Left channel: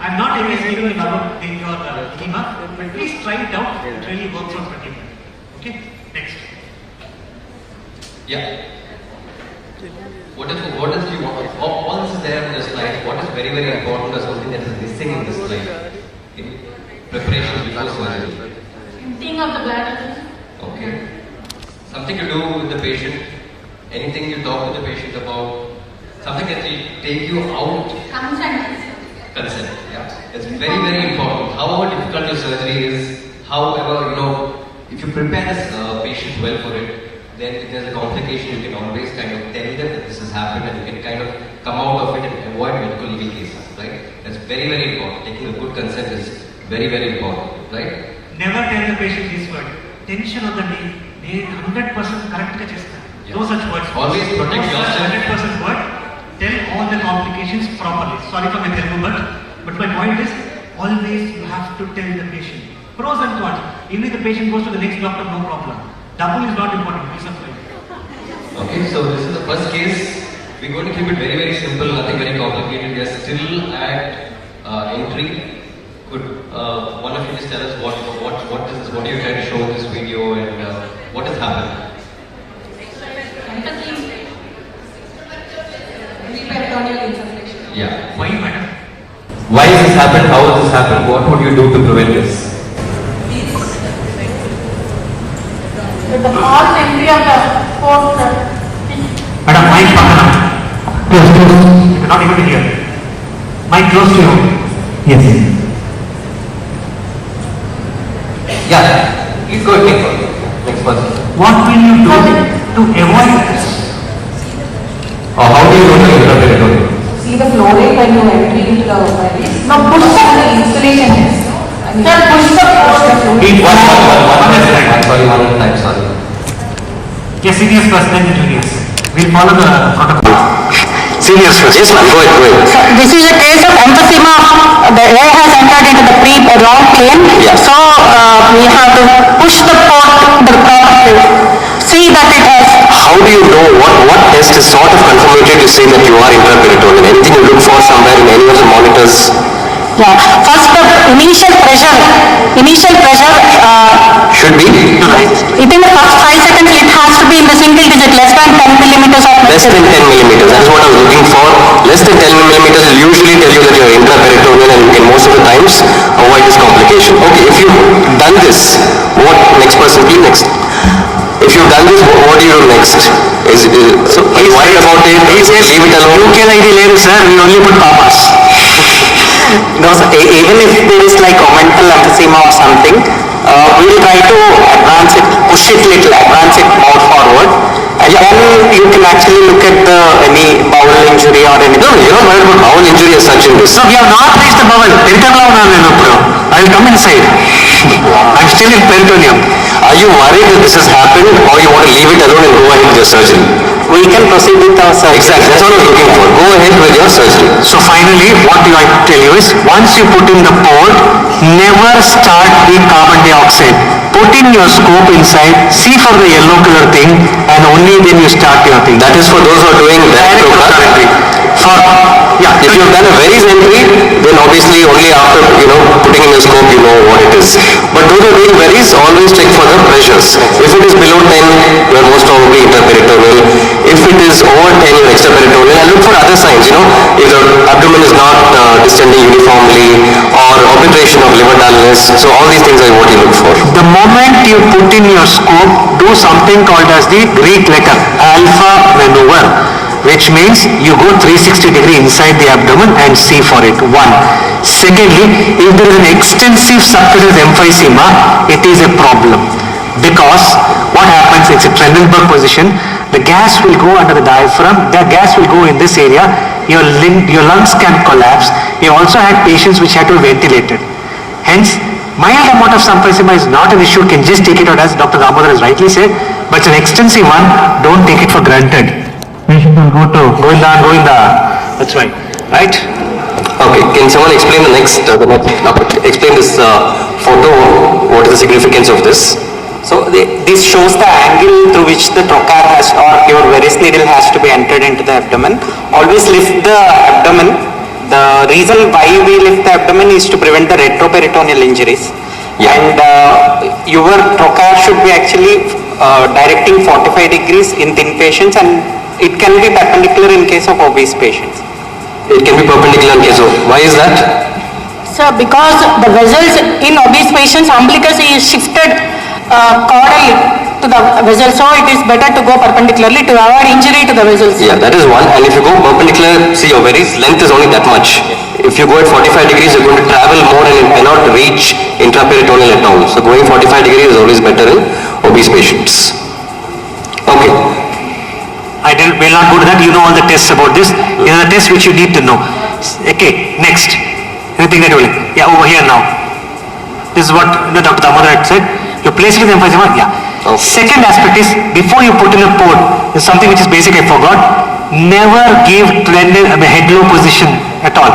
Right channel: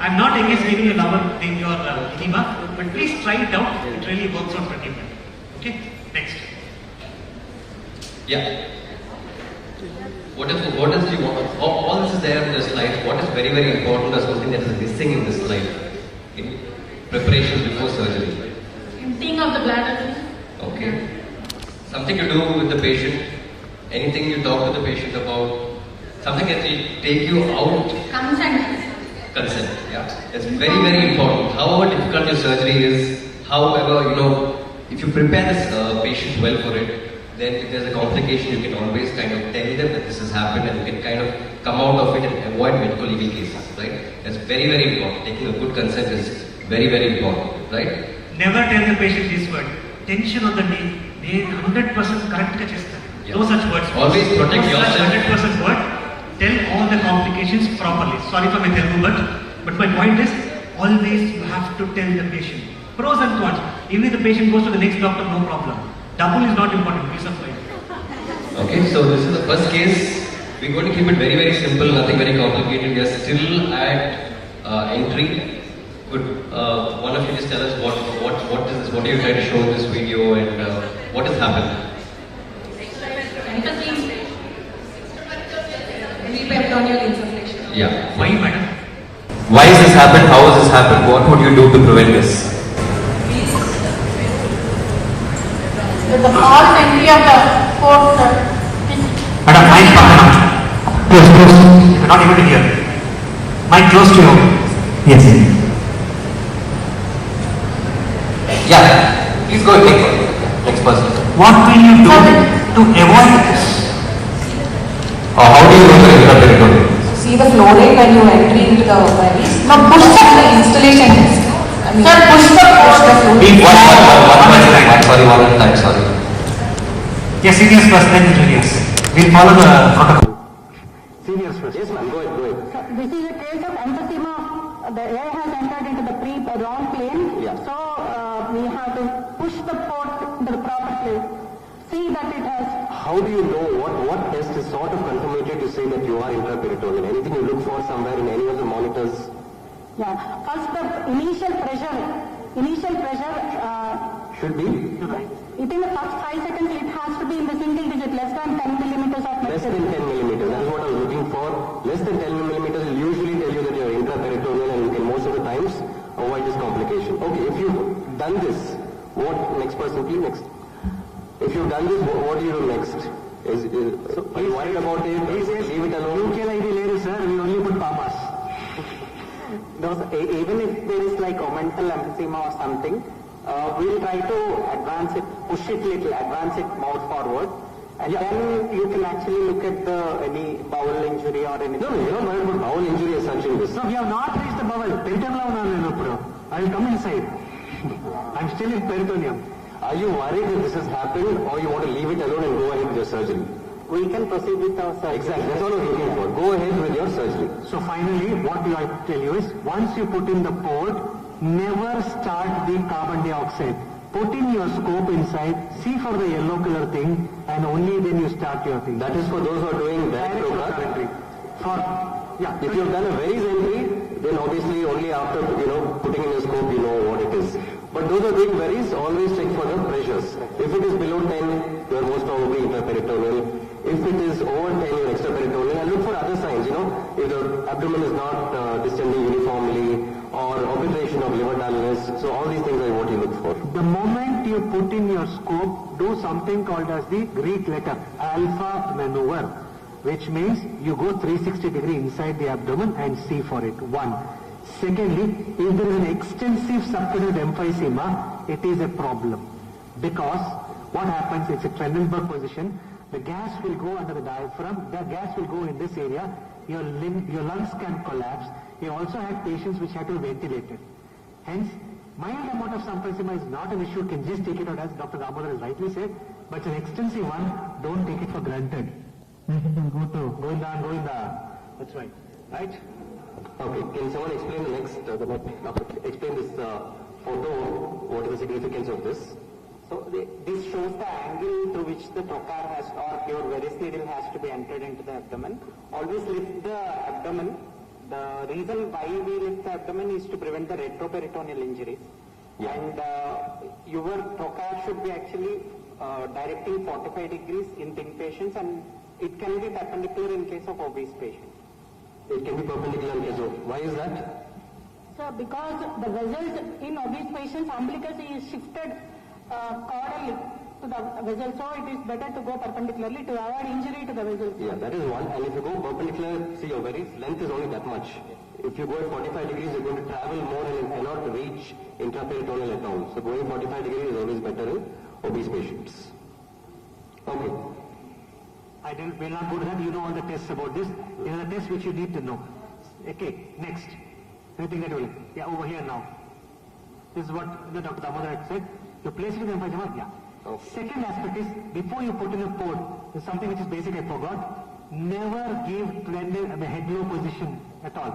I'm not against giving your edema, but please try it out. It really works out pretty well. Okay? Next. Yeah. What is the all this is there in the slide? What is very, very important is something that is missing in this slide. Okay. Preparation before surgery. Emptying of the bladder. Okay. Something to do with the patient. Anything you talk to the patient about. Something that will take you out. Consent. Yeah. It's very, very important. However difficult your surgery is, however, if you prepare this patient well for it, then if there's a complication, you can always kind of tell them that this has happened and you can kind of come out of it and avoid medical legal cases, right? That's very, very important. Taking a good consent is very, very important, right? Never tell the patient this word. Tension on the knee. They 100% correct chestar. No such words. Always protect yourself. 100% word. Tell all the complications properly. Sorry for my Telugu word, but my point is always you have to tell the patient. Pros and cons. Even if the patient goes to the next doctor, no problem. Double is not important. Peace of mind. Okay, so this is the first case. We're going to keep it very, very simple, nothing very complicated. We are still at entry. Could one of you just tell us what is this? What are you trying to show in this video and what has happened? Yeah. Why, madam? Why has this happened? How has this happened? What would you do to prevent this? The false entry of the fourth. Madam, mic close. You're not able to hear. Mic close to you. Yes. Yeah. Please go ahead. Next person. What will you do to avoid this? Or how do you go to interpret it? See the flooring when you entry into the pelvis. Now push the installation. Push the Sorry. Yes, seniors first, then juniors. We'll follow the protocol. Seniors first. Yes, ma'am. Go ahead. So this is a case of emphysema. The air has entered into the wrong plane. Yeah. So we have to push the port the proper. See that it has. How do you know what test is sort of confirmatory to say that you are intraperitoneal? Anything you look for somewhere in any of the monitors? Yeah. First, the initial pressure Should be? within the first 5 seconds, it has to be in the single digit, less than 10 millimeters of Less mercury. than 10 millimeters. That is what I was looking for. Less than 10 millimeters will usually tell you that you are intraperitoneal and you can most of the times avoid this complication. Okay, if you've done this, what next person? Please next. If you've done this, what do you do next? Are you worried about it? Leave it alone. Sir, we only put papas. No, so even if there is like omental emphysema or something, we will try to advance it, push it little, advance it more forward, and then you can actually look at any bowel injury or anything. No, you're not worried about bowel injury as such in this. So we have not reached the bowel. I will come inside. I'm still in peritoneum. Are you worried that this has happened or you want to leave it alone and go ahead with your surgery? We can proceed with our surgery. Exactly, that's what I was looking for. Go ahead with your surgery. So finally, what I tell you is, once you put in the port, never start with carbon dioxide. Put in your scope inside, see for the yellow color thing, and only then you start your thing. That is for those who are doing that program. If you have done a very entry, then obviously only after putting in your scope you know what it is. But those who are doing varies, always check for the pressures. If it is below 10, you are most probably interperitoneal. If it is over 10, you are extraperitoneal. And look for other signs. If the abdomen is not distending uniformly, or obliteration of liver dullness. So all these things are what you look for. The moment you put in your scope, do something called as the Greek letter, alpha maneuver, which means you go 360-degree inside the abdomen and see for it. One. Secondly, if there is an extensive subcutaneous emphysema, it is a problem. Because what happens, it's a Trendelenburg position, the gas will go under the diaphragm, the gas will go in this area, your lungs can collapse. We also had patients which had to be ventilated. Hence, mild amount of emphysema is not an issue, can just take it out as Dr. Damodar has rightly said, but it's an extensive one, don't take it for granted. Patient will go in the, that's right. Right? Okay, can someone explain explain this photo, what is the significance of this? So this shows the angle through which the trocar or your varus needle has to be entered into the abdomen. Always lift the abdomen The reason why we lift the abdomen is to prevent the retroperitoneal injuries. Yeah. And your trocar should be actually directing 45 degrees in thin patients, and it can be perpendicular in case of obese patients. It can be perpendicular in case of, why is that? So because the vessels in obese patients, umbilicus is shifted caudally to the vessel, so it is better to go perpendicularly to avoid injury to the vessels. Yeah, that is one. And if you go perpendicular, see your ovaries length is only that much. If you go at 45 degrees, you're going to travel more and it cannot reach intraperitoneal at all. So going 45 degrees is always better in obese patients. Okay. Will not go to that. You know all the tests about this. These are the tests which you need to know. Okay, next. Anything that you will. Yeah, over here now. This is what Dr. Damodar had said. You place it in the emphysema. Yeah. Okay. Second aspect is, before you put in a port, is something which is basic I forgot. Never give head-low position at all.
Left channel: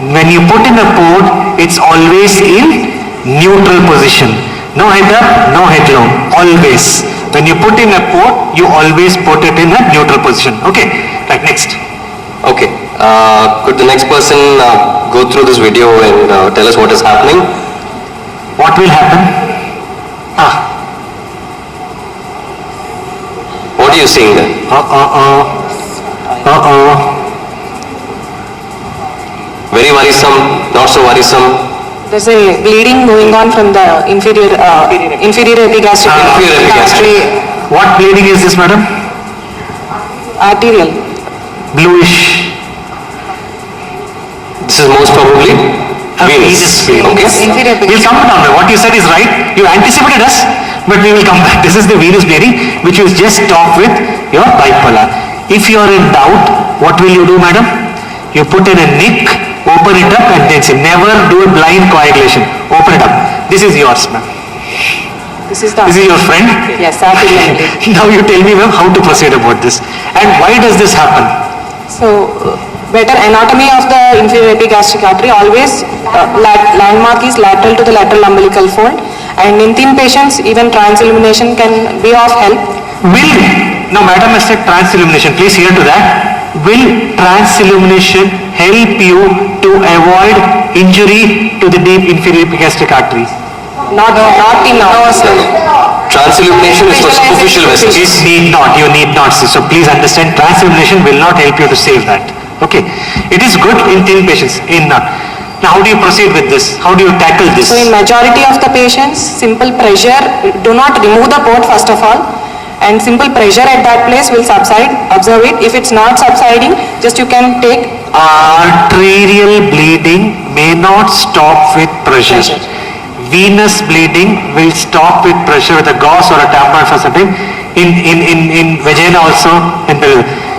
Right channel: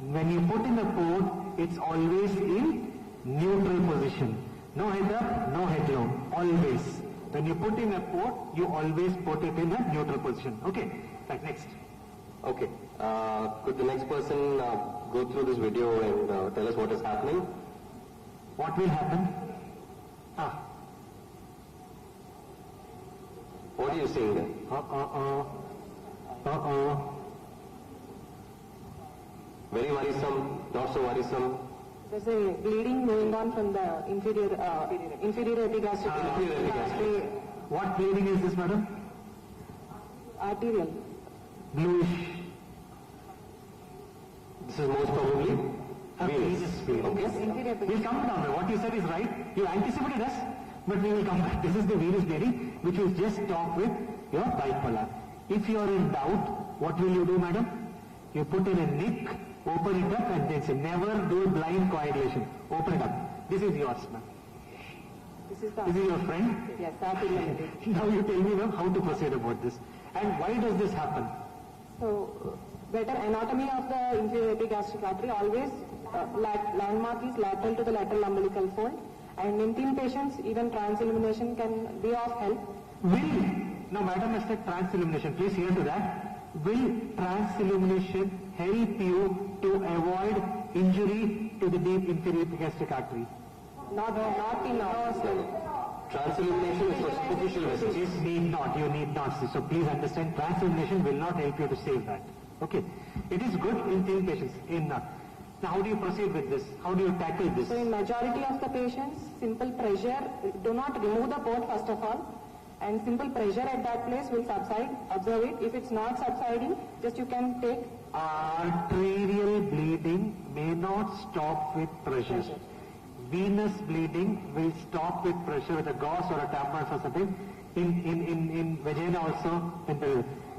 When you put in a port, it's always in neutral position. No head up, no head low. Always. When you put in a port, you always put it in a neutral position. Okay. Right. Next. Okay. Could the next person go through this video and tell us what is happening? What will happen? What are you seeing there? Very worrisome, not so worrisome. There's a bleeding going on from the inferior epigastric. Inferior epigastric. What bleeding is this, madam? Arterial. Bluish. This is most probably venous. Okay. Inferior We'll come down there. What you said is right. You anticipated us, but we will come back. This is the venous bleeding, which you just stop with your bipolar. If you are in doubt, what will you do, madam? You put in a nick, open it up, and then say, never do a blind coagulation. Open it up. This is yours, ma'am. This is your friend? Yes, arterial. Now you tell me, ma'am, how to proceed about this. And why does this happen? So, better anatomy of the inferior epigastric artery, always landmark is lateral to the lateral umbilical fold, and in thin patients even transillumination can be of help. Now madam has said transillumination, please hear to that. Will transillumination help you to avoid injury to the deep inferior epigastric artery? Not in our Transillumination is for superficial vessels. You need not see. So please understand, transillumination will not help you to save that. Okay. It is good in thin patients, in none. Now how do you proceed with this? How do you tackle this? So in majority of the patients, simple pressure, do not remove the port first of all, and simple pressure at that place will subside. Observe it. If it's not subsiding, just you can take arterial bleeding may not stop with pressure. Venous bleeding will stop with pressure with a gauze or a tampon for something. In vagina also,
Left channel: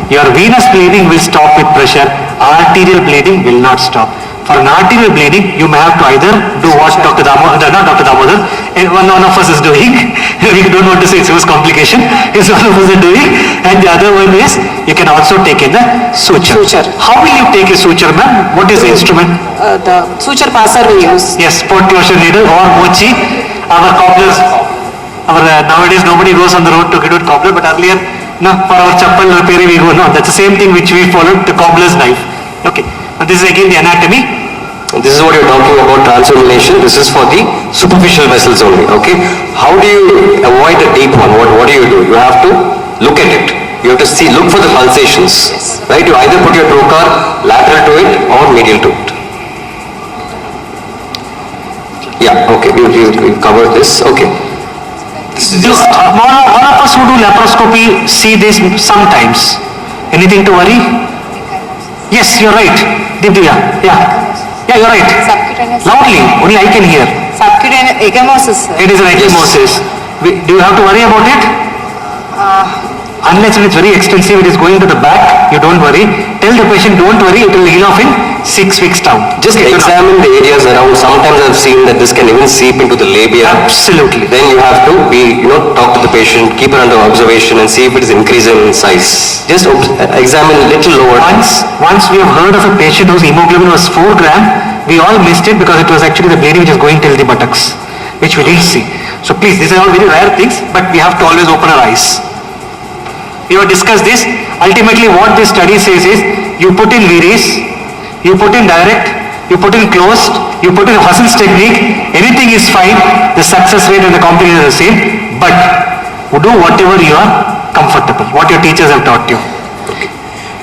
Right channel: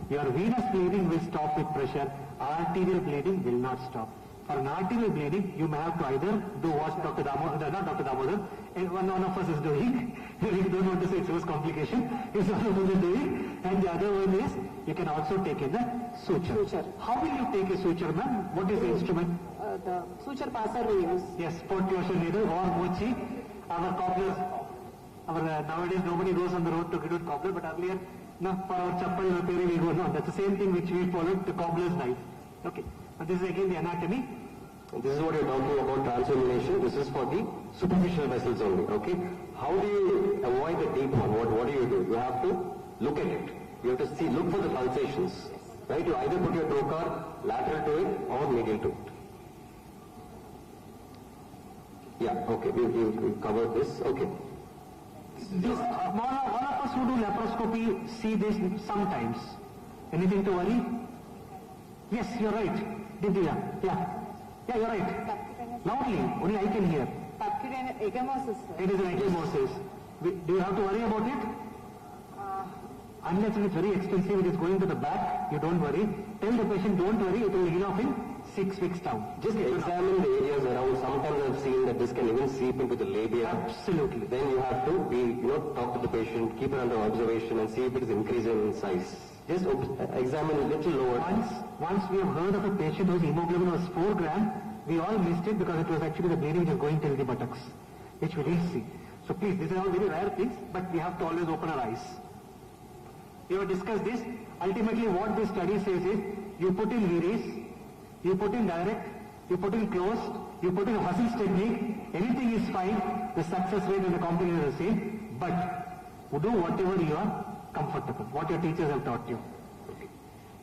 your venous bleeding will stop with pressure. Arterial bleeding will not stop. For an arterial bleeding, you may have to either do what Dr. Damodar, not Dr. Damodar, and one of us is doing. We don't want to say it's a complication. It's one of us is doing, and the other one is you can also take in the suture. How will you take a suture, ma'am? What is the instrument? The suture passer we use. Yes, port closure needle or mochi. Our cobblers. Nowadays nobody goes on the road to get with cobbler, but earlier, no, for our chappal repair we go. No, that's the same thing which we followed, the cobbler's knife. Okay. Now this is again the anatomy. This is what you're talking about, transillumination. This is for the superficial vessels only. Okay. How do you avoid the deep one? What do? You have to look at it. You have to look for the pulsations. Yes. Right? You either put your trocar lateral to it or medial to it. Yeah. Okay. We covered this. Okay. All of us who do laparoscopy see this sometimes. Anything to worry? Yes, you're right. Divya, yeah, you're right. Subcutaneous. Loudly, only I can hear. Subcutaneous ecchymosis. It is an ecchymosis. Do you have to worry about it? Unless it's very extensive, it is going to the back, you don't worry. Tell the patient, don't worry, it will heal off in 6 weeks down. Just examine the areas around. Sometimes I've seen that this can even seep into the labia. Absolutely. Then you have to talk to the patient, keep it under observation and see if it is increasing in size. Just examine a little lower. Once we have heard of a patient whose hemoglobin was 4 gram, we all missed it because it was actually the bleeding which is going till the buttocks, which we didn't see. So please, these are all very rare things, but we have to always open our eyes. We have discussed this. Ultimately what this study says is, you put in Viris, You put in direct, you put in closed, you put in Hassan's technique, anything is fine, the success rate and the complication are the same, but do whatever you are comfortable, what your teachers have taught you.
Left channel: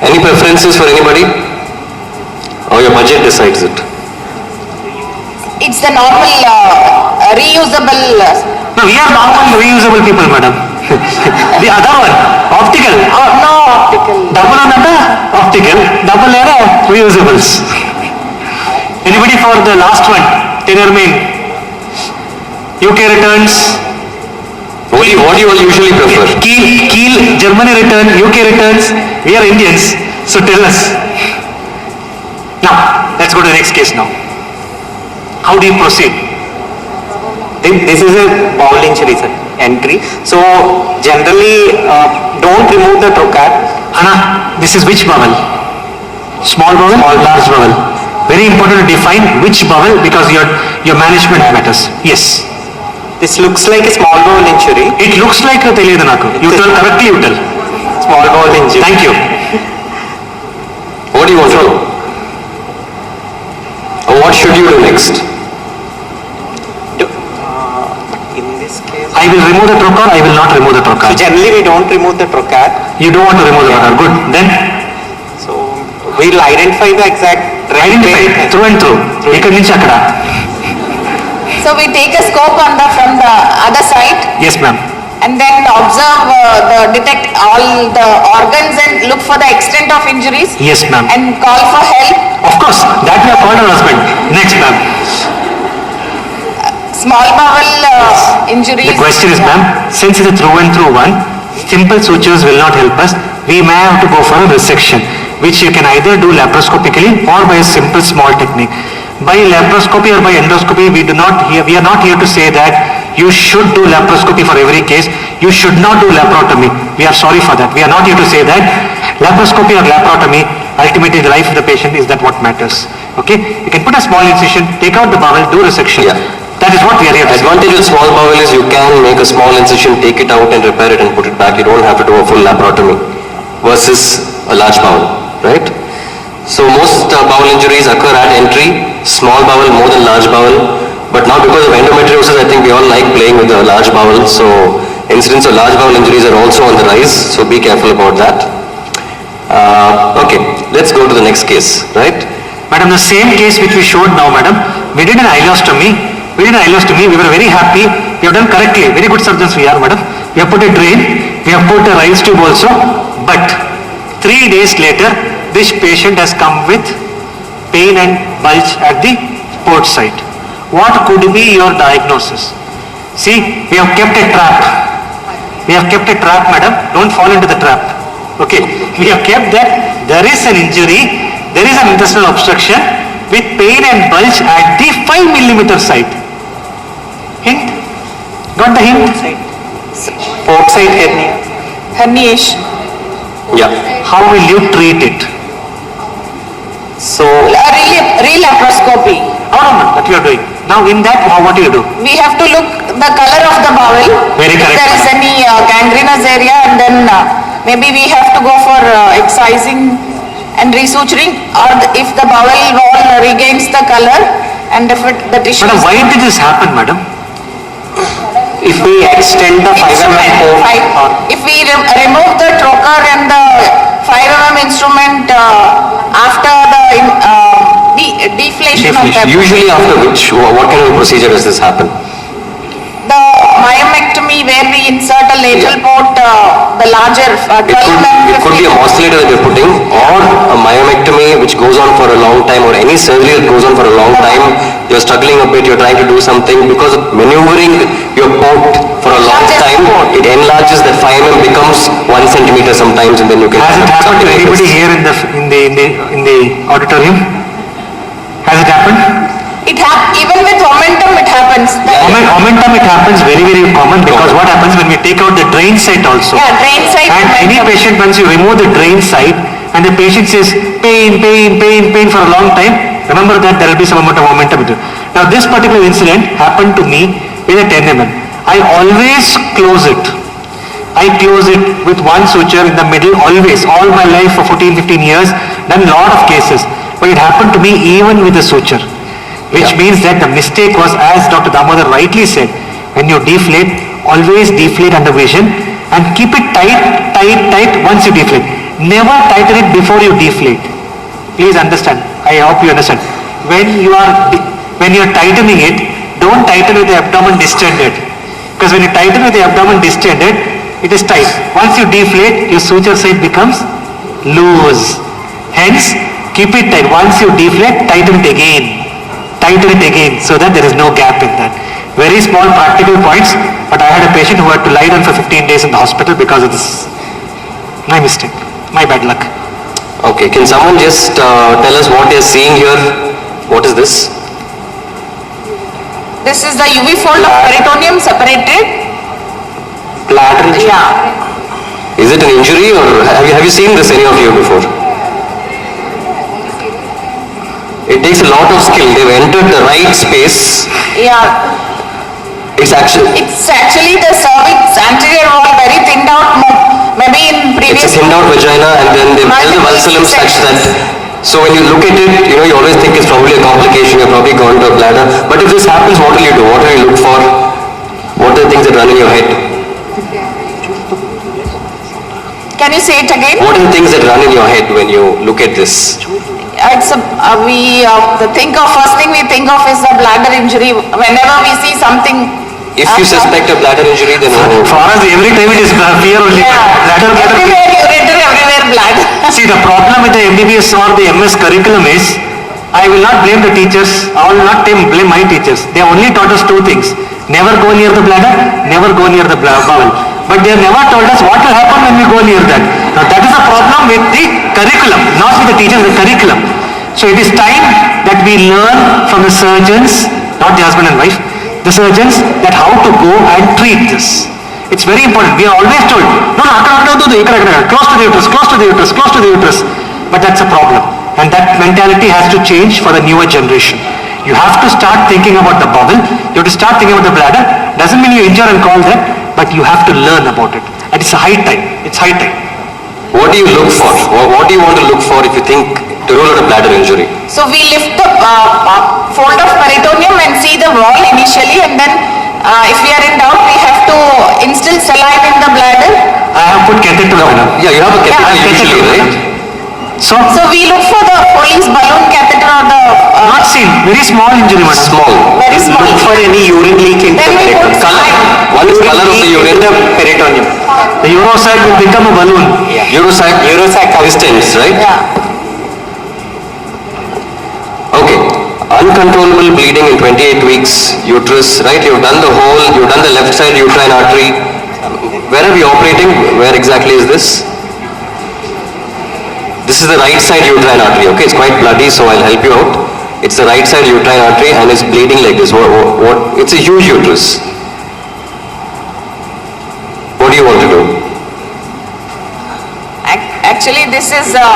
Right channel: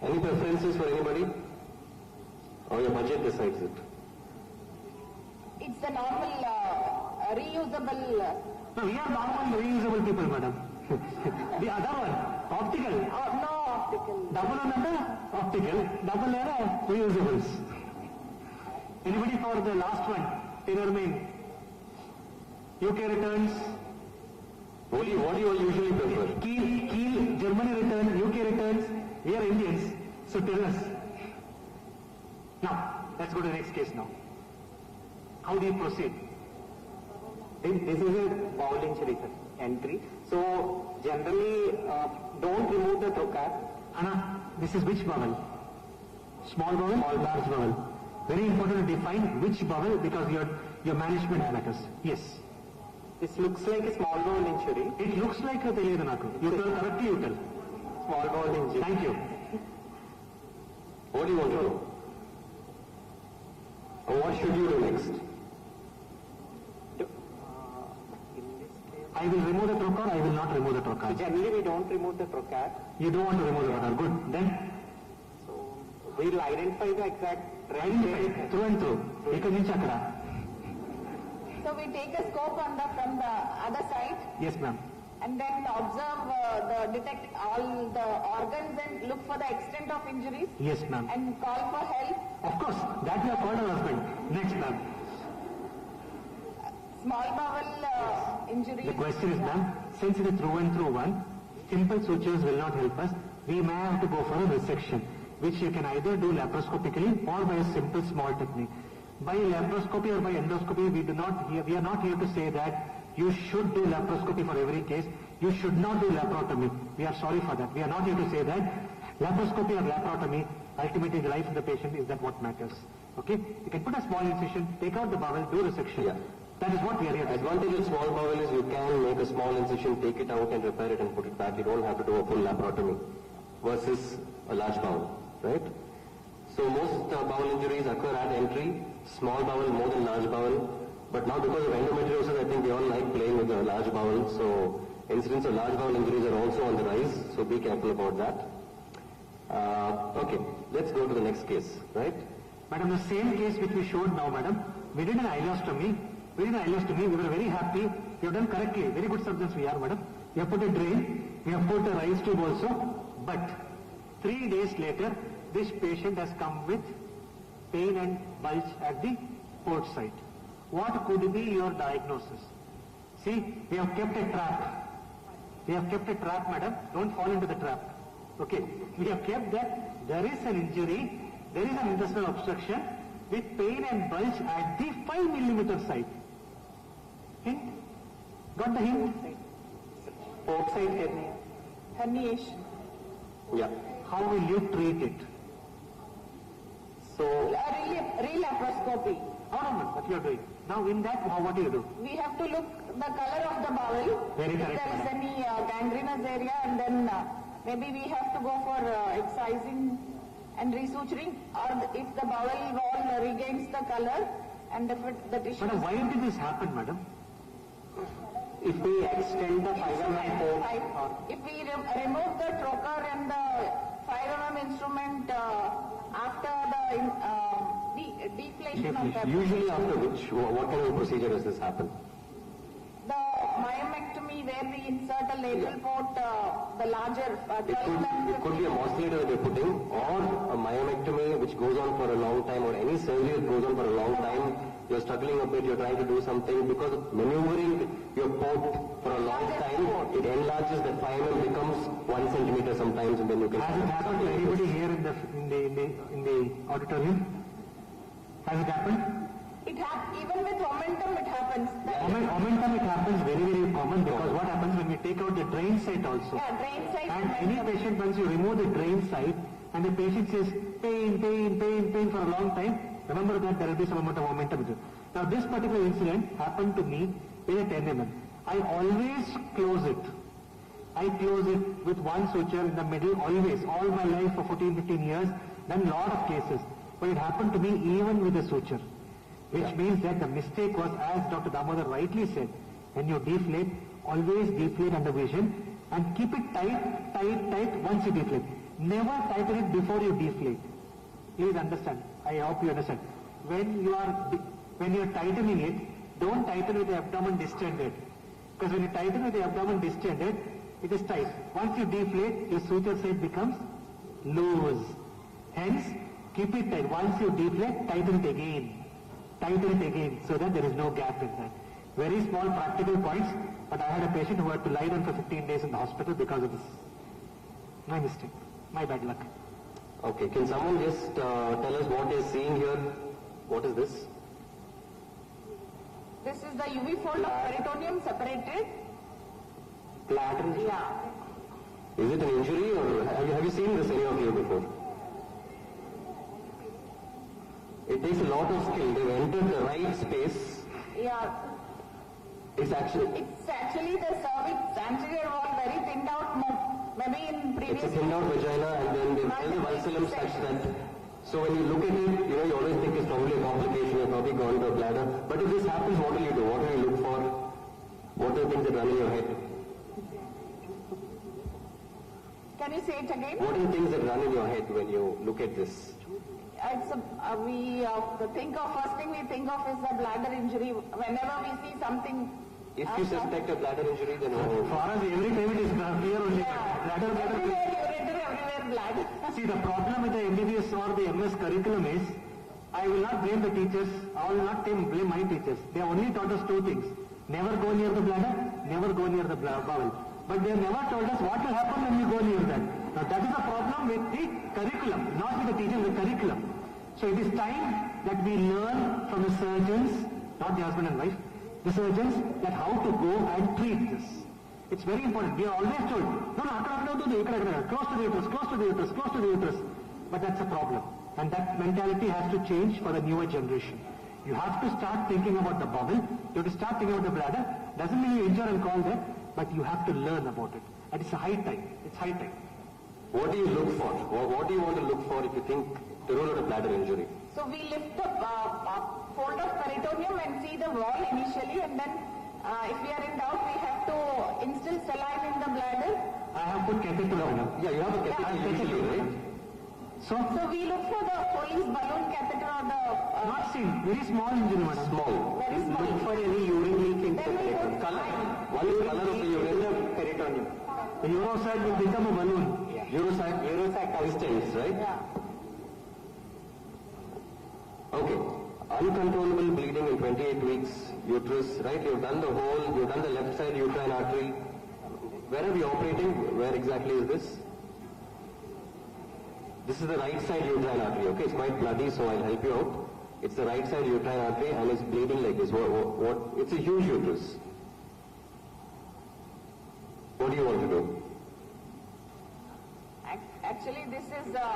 Any preferences for anybody? Or your budget decides it? It's the normal reusable. No, we are normal reusable people, madam. The other one, optical. No optical. Double on that, optical. Double era, reusables. Anybody for the last one? Tenor main. UK returns. What do you all usually prefer? Kiel, Germany return, UK returns. We are Indians, so tell us. Now, let's go to the next case now. How do you proceed? This is a bowel injury, sir, entry. So generally, don't remove the trocar. Hana, this is which bowel? Small bowel or large bowel? Very important to define which bowel because your management matters. Yes. This looks like a small bowel injury. It looks like a teliyadu naku. You tell correctly, you tell. Small bowel injury. Thank you. What do you want to do? Or what should you do next? In this case, I will remove the trocar, I will not remove the so trocar. generally we don't remove the trocar. You don't want to remove the trocar. Good. Then So we'll identify the exact identify through and through. Ikkadi nunchi akkada. So we take a scope from the other side Yes, ma'am. and then observe, detect all the organs and look for the extent of injuries Yes, ma'am. and call for help. Of course, that we have called our husband. Next, ma'am. Small bowel injuries. The question is, ma'am, since it's a through and through one, simple sutures will not help us. We may have to go for a resection, which you can either do laparoscopically or by a simple small technique. By laparoscopy or by endoscopy, we are not here to say that you should do laparoscopy for every case. You should not do laparotomy. We are sorry for that. We are not here to say that laparoscopy or laparotomy, ultimately the life of the patient is that what matters. Okay? You can put a small incision, take out the bowel, do resection. Yeah. That is what we are here to say. Advantage with small bowel is you can make a small incision, take it out and repair it and put it back. You don't have to do a full laparotomy versus a large bowel, right? So most bowel injuries occur at entry, small bowel more than large bowel. But now because of endometriosis, I think we all like playing with the large bowel. So incidents of large bowel injuries are also on the rise. So be careful about that. Okay, let's go to the next case, right? Madam, the same case which we showed now, madam, we did an ileostomy. We were very happy. We have done correctly. Very good surgeons we are, madam. We have put a drain. We have put a rise tube also. But 3 days later, this patient has come with pain and bulge at the port site. What could be your diagnosis? See, we have kept a trap. We have kept a trap, madam. Don't fall into the trap. Okay. We have kept that there is an injury, there is an intestinal obstruction with pain and bulge at the 5 millimeter site. Hint? Got the hint? Port side hernia. Herniation. Yeah. How will you treat it? So Laparoscopy. No, that you are doing. Now in that, what do you do? We have to look the color of the bowel. Very if correct. there is any gangrenous area, and then maybe we have to go for excising and resuturing, or if the bowel wall regains the color and if the tissue Madam, is why did this happen, madam? if we extend the 5 mm port, if we remove the trocar and the 5 mm instrument after the deflation of the Usually after which, what kind of procedure does this happen? the myomectomy, where we insert a lateral port, the larger 12 It could be a oscillator that you're putting, or a myomectomy which goes on for a long time, or any surgery that goes on for a long time. You're struggling a bit, you're trying to do something, because maneuvering your port for a long time, it enlarges. That 5 mm becomes 1 centimeter sometimes, and then you can. Has it happened to anybody here in the auditorium? Has it happened? even with momentum it happens. Momentum, it happens very, very common, because what happens when we take out the drain site also? Yeah, drain site And any momentum. patient, once you remove the drain site and the patient says pain for a long time, remember that there will be some amount of momentum. Now this particular incident happened to me with a 10 mm. I always close it. I close it with one suture in the middle, always, all my life for 14-15 years, done lot of cases. But it happened to me even with the suture, which means that the mistake was, as Dr. Damodar rightly said, when you deflate, always deflate under vision and keep it tight once you deflate. Never tighten it before you deflate. Please understand. I hope you understand. When you are tightening it, don't tighten with the abdomen distended. Because when you tighten with the abdomen distended, it is tight. Once you deflate, your suture side becomes loose. Hence, keep it tight. Once you deflate, tighten it again. Tighten it again so that there is no gap in that. Very small practical points, but I had a patient who had to lie down for 15 days in the hospital because of this. My mistake. My bad luck. Okay, can someone just tell us what you're seeing here? What is this? This is the UV fold of peritoneum separated. Bladder. Yeah. Is it an injury or have you seen this, any of you, before? It takes a lot of skill. They've entered the right space. Yeah. It's actually the cervix anterior wall very thinned out. Maybe in previous. it's a thinned out vagina, and then they've held the valsalum such that. So when you look at it, you always think it's probably a complication. You've probably gone to a bladder. But if this happens, what will you do? What will you look for? What are the things that run in your head? Can you say it again? What are the things that run in your head when you look at this? It's first thing we think of is the bladder injury. Whenever we see something. If you suspect a bladder injury, then For us, every time it is fear only. Bladder. Everywhere ureter, everywhere bladder. See, the problem with the MBBS or the MS curriculum is, I will not blame the teachers, I will not blame my teachers. They only taught us two things. Never go near the bladder, never go near the bowel. But they have never told us what will happen when we go near that. Now that is the problem with the curriculum, not with the teachers, the curriculum. So it is time that we learn from the surgeons, not the husband and wife, the surgeons, that how to go and treat this. It's very important. We are always told, no, close to the uterus, close to the uterus, close to the uterus. But that's a problem. And that mentality has to change for the newer generation. You have to start thinking about the bowel. You have to start thinking about the bladder. Doesn't mean you injure and call that, but you have to learn about it. And it's a high time. It's high time. what do you look for? What do you want to look for if you think to rule out a bladder injury? So we lift the fold of peritoneum and see the wall initially, and then if we are in doubt, we have to instill saline in the bladder. I have put catheter. Yeah, you have a catheter usually, right? So we look for the Foley's balloon catheter or the... not seen. Very small injury, madam. Small. Very small. Look for any urine leak in the Then we put peritoneum. saline. One is color of the urine. The peritoneum. The urosac will become a balloon. Urosac distance, right? Yeah. Okay. Uncontrollable bleeding in 28 weeks, uterus, right? You've done the whole, you've done the left side uterine artery. Where are we operating? Where exactly is this? This is the right side uterine artery, okay? It's quite bloody, so I'll help you out. It's the right side uterine artery and it's bleeding like this. It's a huge uterus. What do you want to do? Actually, this is a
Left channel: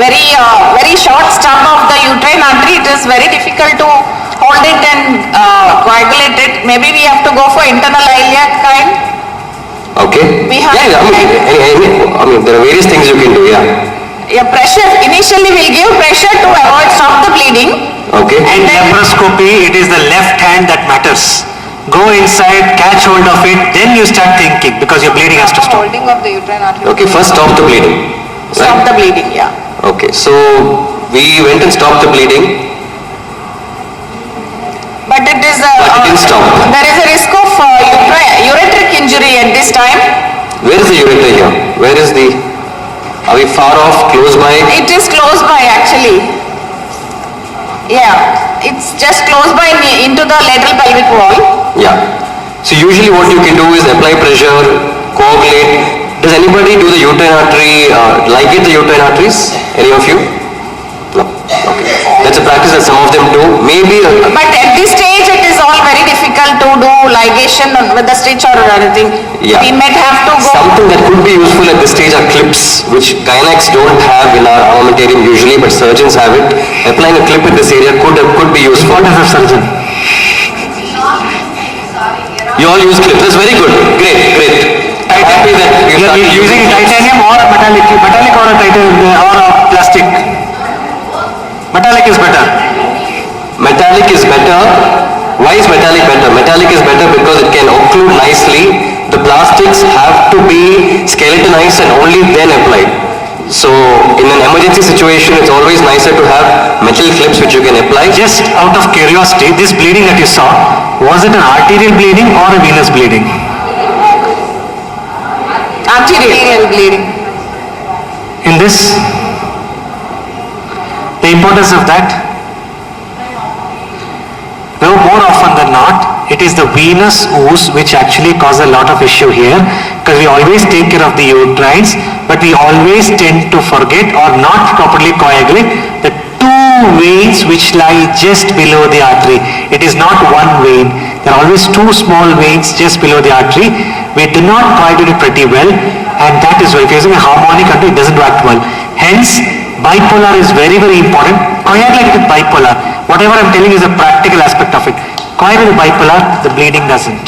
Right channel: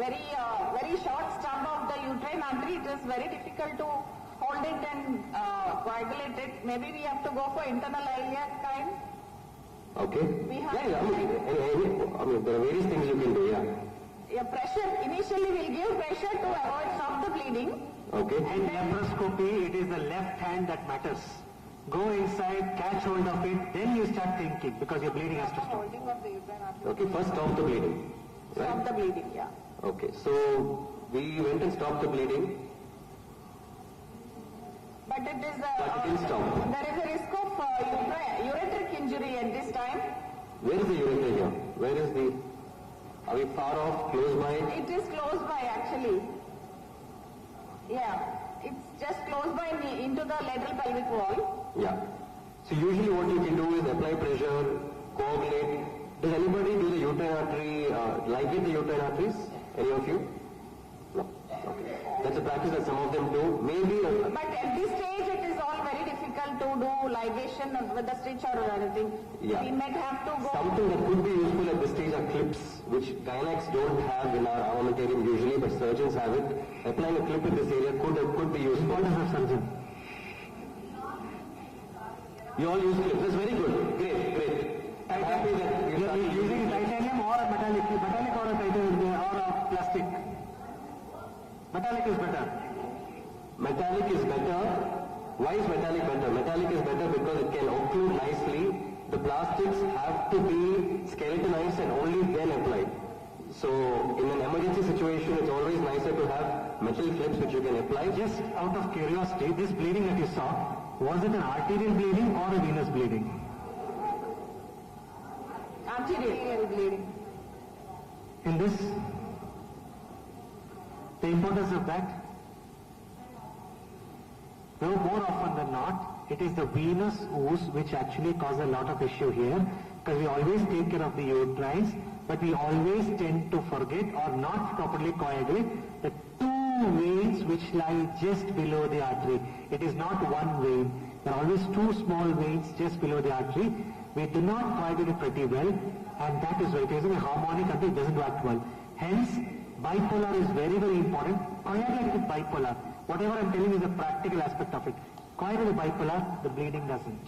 very short stub of the uterine artery. It is very difficult to hold it and coagulate it. Maybe we have to go for internal iliac kind. Okay. We have I mean, there are various things you can do, yeah. Yeah, pressure. Initially, we'll give pressure to stop the bleeding. Okay. And laparoscopy, it is the left hand that matters. Go inside, catch hold of it, then you start thinking, because your bleeding has to stop. Holding of the uterine artery. Okay, first stop the bleeding. Stop Right? the bleeding, yeah. Okay, so we went and stopped the bleeding. But it is But it didn't stop. there is a risk of ureteric injury at this time. Where is the ureter here? Where is the... Are we far off, close by? It is close by actually. Yeah, it's just close by into the lateral pelvic wall. Yeah. So usually what you can do is apply pressure, coagulate. Does anybody do the uterine artery, ligate the uterine arteries? Any of you? No. Okay. That's a practice that some of them do. Maybe... But at this stage, it is all very difficult to do ligation with the stitch or anything. Yeah. We might have to go. Something that could be useful at this stage are clips, which gynacs don't have in our armamentarium usually, but surgeons have it. Applying a clip in this area could be useful. What is a surgeon? You all use clips. That's very good. Great. I'm happy that You are using titanium or metallic or a titanium or a plastic. Metallic is better. Metallic is better. Why is metallic better? Metallic is better because it can occlude nicely. The plastics have to be skeletonized and only then applied. So in an emergency situation, it's always nicer to have metal clips which you can apply. Just out of curiosity, this bleeding that you saw, was it an arterial bleeding or a venous bleeding? Arterial bleeding. In this, the importance of that? No, more often than not, it is the venous ooze which actually causes a lot of issue here, because we always take care of the uterines, but we always tend to forget or not properly coagulate the two veins which lie just below the artery. It is not one vein. There are always two small veins just below the artery. We do not coagulate pretty well, and that is why if you're using a harmonic artery, it doesn't act well. Hence, bipolar is very, very important. Coagulate with bipolar. Whatever I'm telling you is a practical aspect of it. Coagulate with bipolar, the bleeding doesn't.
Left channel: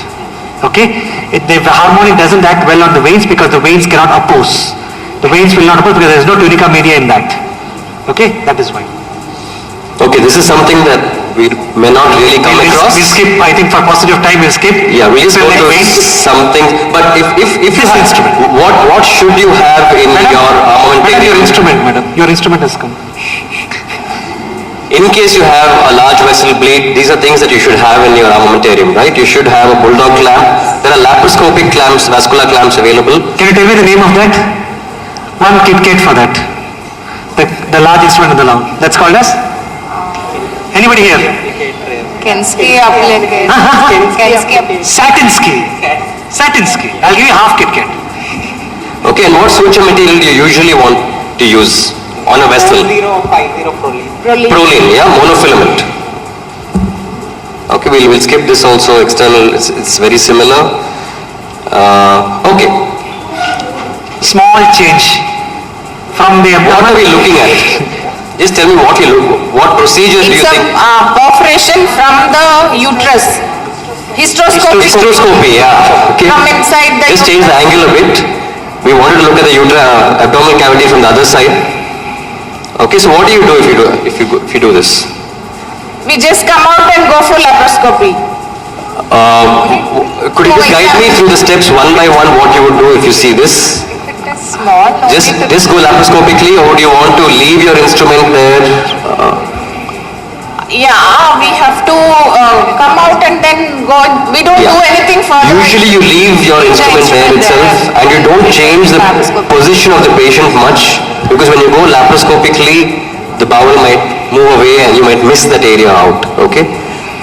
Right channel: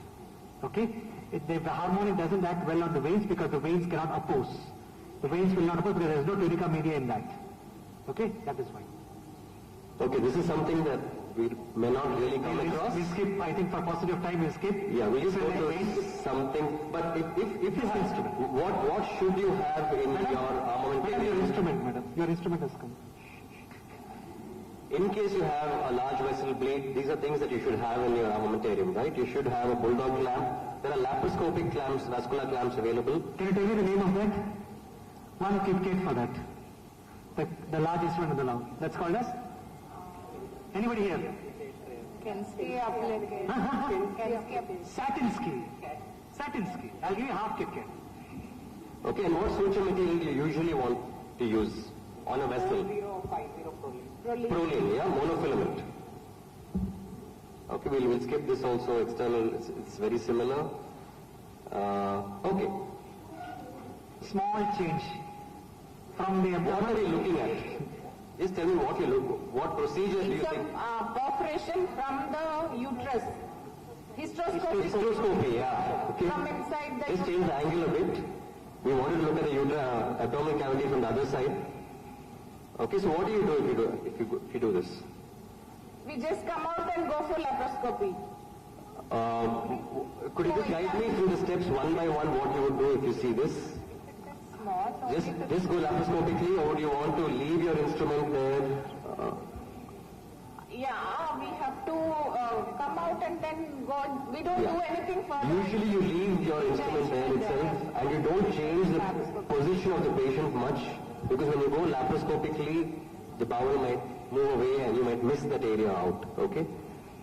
Okay? The harmonic doesn't act well on the veins because the veins cannot oppose. The veins will not oppose because there is no tunica media in that. Okay? That is why. Okay, this is something that we may not really come across. We'll skip, I think for paucity of time we'll skip. Yeah, we'll just go to something. But if you have instrument. What should you have in your Madam, armamentarium? your instrument, madam. Your instrument has come. In case you have a large vessel bleed, these are things that you should have in your armamentarium, right? You should have a bulldog clamp. There are laparoscopic clamps, vascular clamps available. Can you tell me the name of that? One KitKat for that. The large instrument in the lung. That's called as? Anybody here? Kensky applied. Satinsky. Satinsky. I'll give you half KitKat. Okay, and what suture material do you usually want to use on a vessel? 050 Proline, yeah, monofilament. Okay, we'll skip this also, external, it's very similar. Okay, Small change from the what are we looking at? Just tell me what procedure do you It's a think? perforation from the uterus. Hysteroscopy. Hysteroscopy, yeah. Okay. From inside the Just change the angle a bit. We wanted to look at the abdominal cavity from the other side. Okay, so what do you do if you do this? We just come out and go for laparoscopy. Could you just guide me through the steps one by one what you would do if you see this? It is small. Just go laparoscopically, or do you want to leave your instrument there? Yeah, we have to come out and then go. We don't do anything further. Usually you leave your instrument there itself and you don't change the position of the patient much, because when you go laparoscopically, the bowel might move away and you might miss that area out, okay?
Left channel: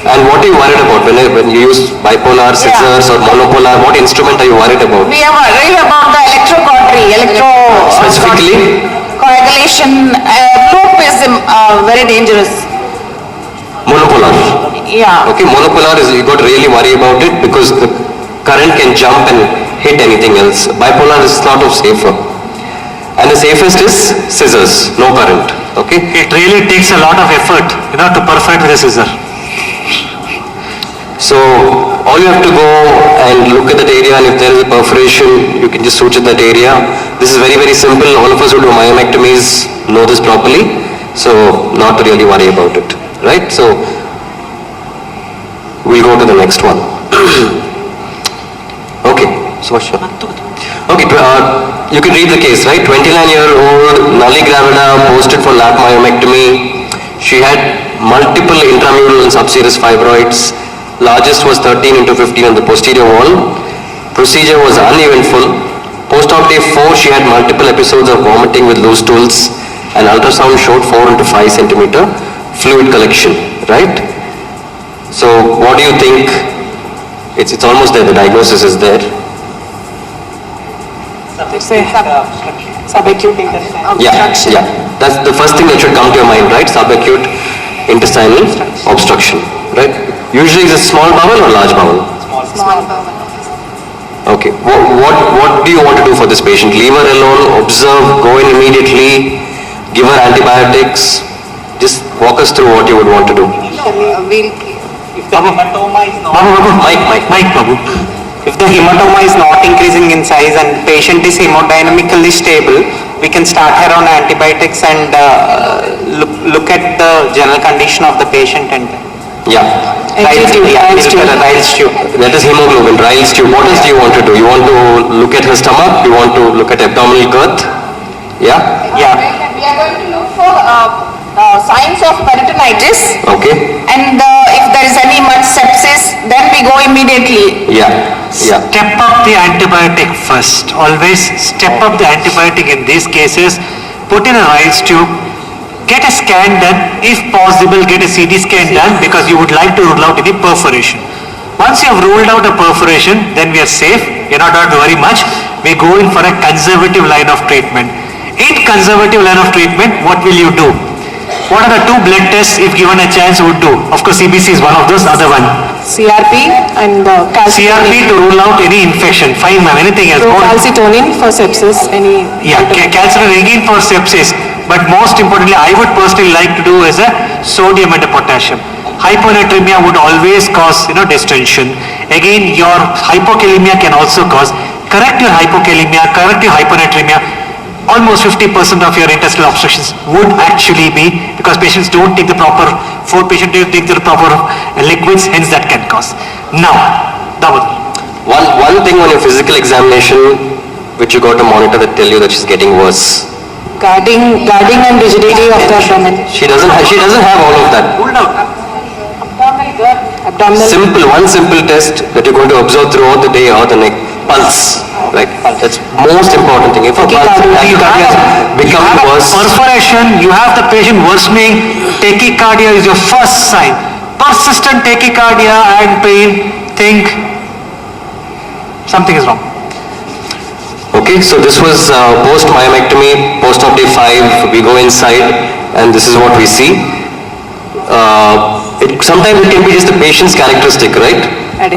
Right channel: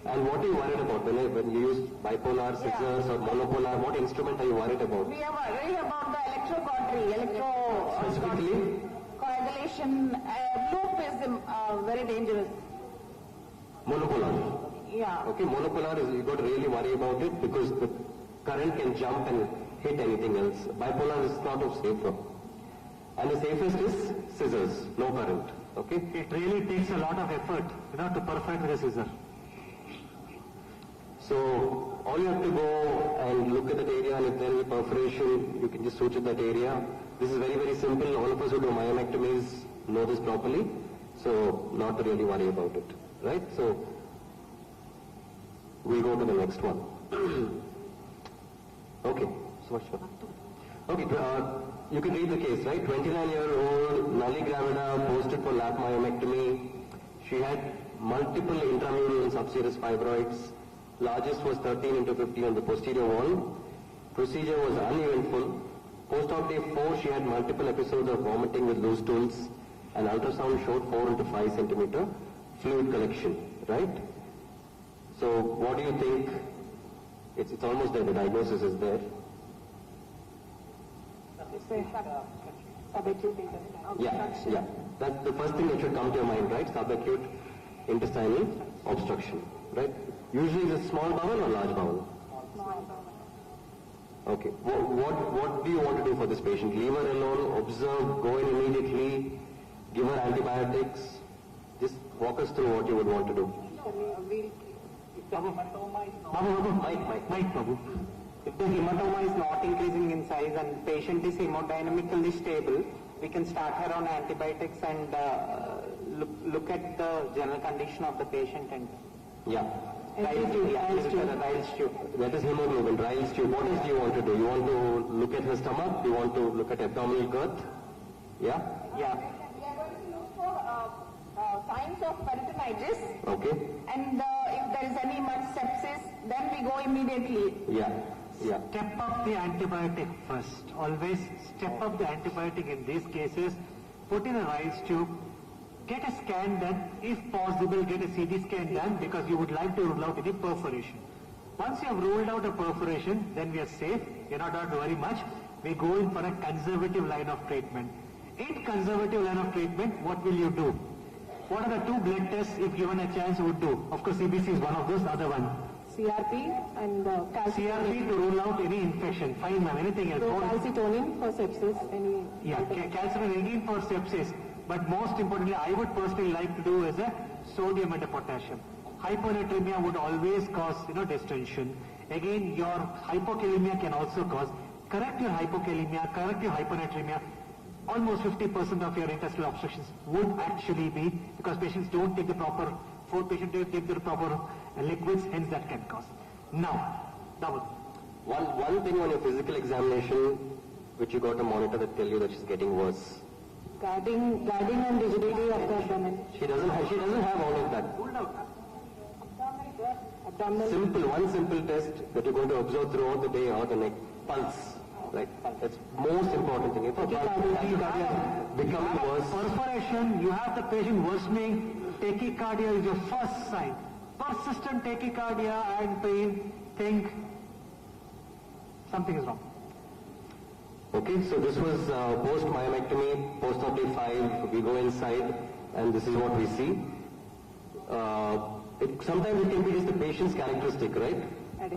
And what are you worried about when you use bipolar, scissors or monopolar? What instrument are you worried about? We are worried about the electrocautery, Specifically? coagulation. Loop is very dangerous. Monopolar. Yeah. Okay, monopolar is, you got to really worry about it because the current can jump and hit anything else. Bipolar is sort of safer. And the safest is scissors, no current. Okay? It really takes a lot of effort, to perforate with a scissor. So all you have to go and look at that area, and if there is a perforation, you can just suture that area. This is very, very simple. All of us who do myomectomies know this properly. So not to really worry about it. Right? So we'll go to the next one. Okay. So okay, you can read the case, right? 29-year-old nulli gravida posted for lap myomectomy. She had multiple intramural and subserous fibroids. Largest was 13 into 15 on the posterior wall. Procedure was uneventful. Post-op day 4, she had multiple episodes of vomiting with loose stools, and ultrasound showed 4 into 5 centimeter fluid collection, right? So what do you think? It's almost there, the diagnosis is there. Subacute intestinal Yeah. That's the first thing that should come to your mind, right? Subacute intestinal obstruction, right? Usually is it small bowel or large bowel? Small bowel. Okay. What do you want to do for this patient? Leave her alone, observe, go in immediately, give her antibiotics. Just walk us through what you would want to do. If the hematoma is not Babu. If the hematoma is not increasing in size and patient is hemodynamically stable, we can start her on antibiotics and look at the general condition of the patient and Riles tube. That is hemoglobin, Riles tube. What else do you want to do? You want to look at her stomach? You want to look at abdominal girth? Yeah? Yeah. We are going to look for signs of peritonitis. Okay. And if there is any much sepsis, then we go immediately. Yeah. Step up the antibiotic first. Always step up the antibiotic in these cases. Put in a Riles tube. Get a scan done. If possible, get a CT scan done because you would like to rule out any perforation. Once you have ruled out a perforation, then we are safe. You're not going to worry much. We go in for a conservative line of treatment. In conservative line of treatment, what will you do? What are the two blood tests, if given a chance, would do? Of course, CBC is one of those, other one. CRP and CRP to rule out any infection. Fine, ma'am. Anything else? calcitonin for sepsis, any... Yeah, calcitonin again for sepsis. But most importantly, I would personally like to do is a sodium and a potassium. Hyponatremia would always cause, distension. Again, your hypokalemia can also cause. Correct your hypokalemia, correct your hyponatremia. Almost 50% of your intestinal obstructions would actually be because patients don't take the proper food, patients don't take the proper liquids, hence that can cause. Now, double. One thing on your physical examination which you got to monitor that tell you that she's getting worse. Guarding and rigidity of the abdomen. She doesn't have all of that. Pulled out. Abdominal. One simple test that you're going to observe throughout the day or the neck. Pulse. Right? That's most important thing. If a pulse tachycardia become worse. Perforation, you have the patient worsening. Tachycardia is your first sign. Persistent tachycardia and pain, think something is wrong. Okay, so this was post-myomectomy, post-op day 5, we go inside and this is what we see. Sometimes it can be just the patient's characteristic, right?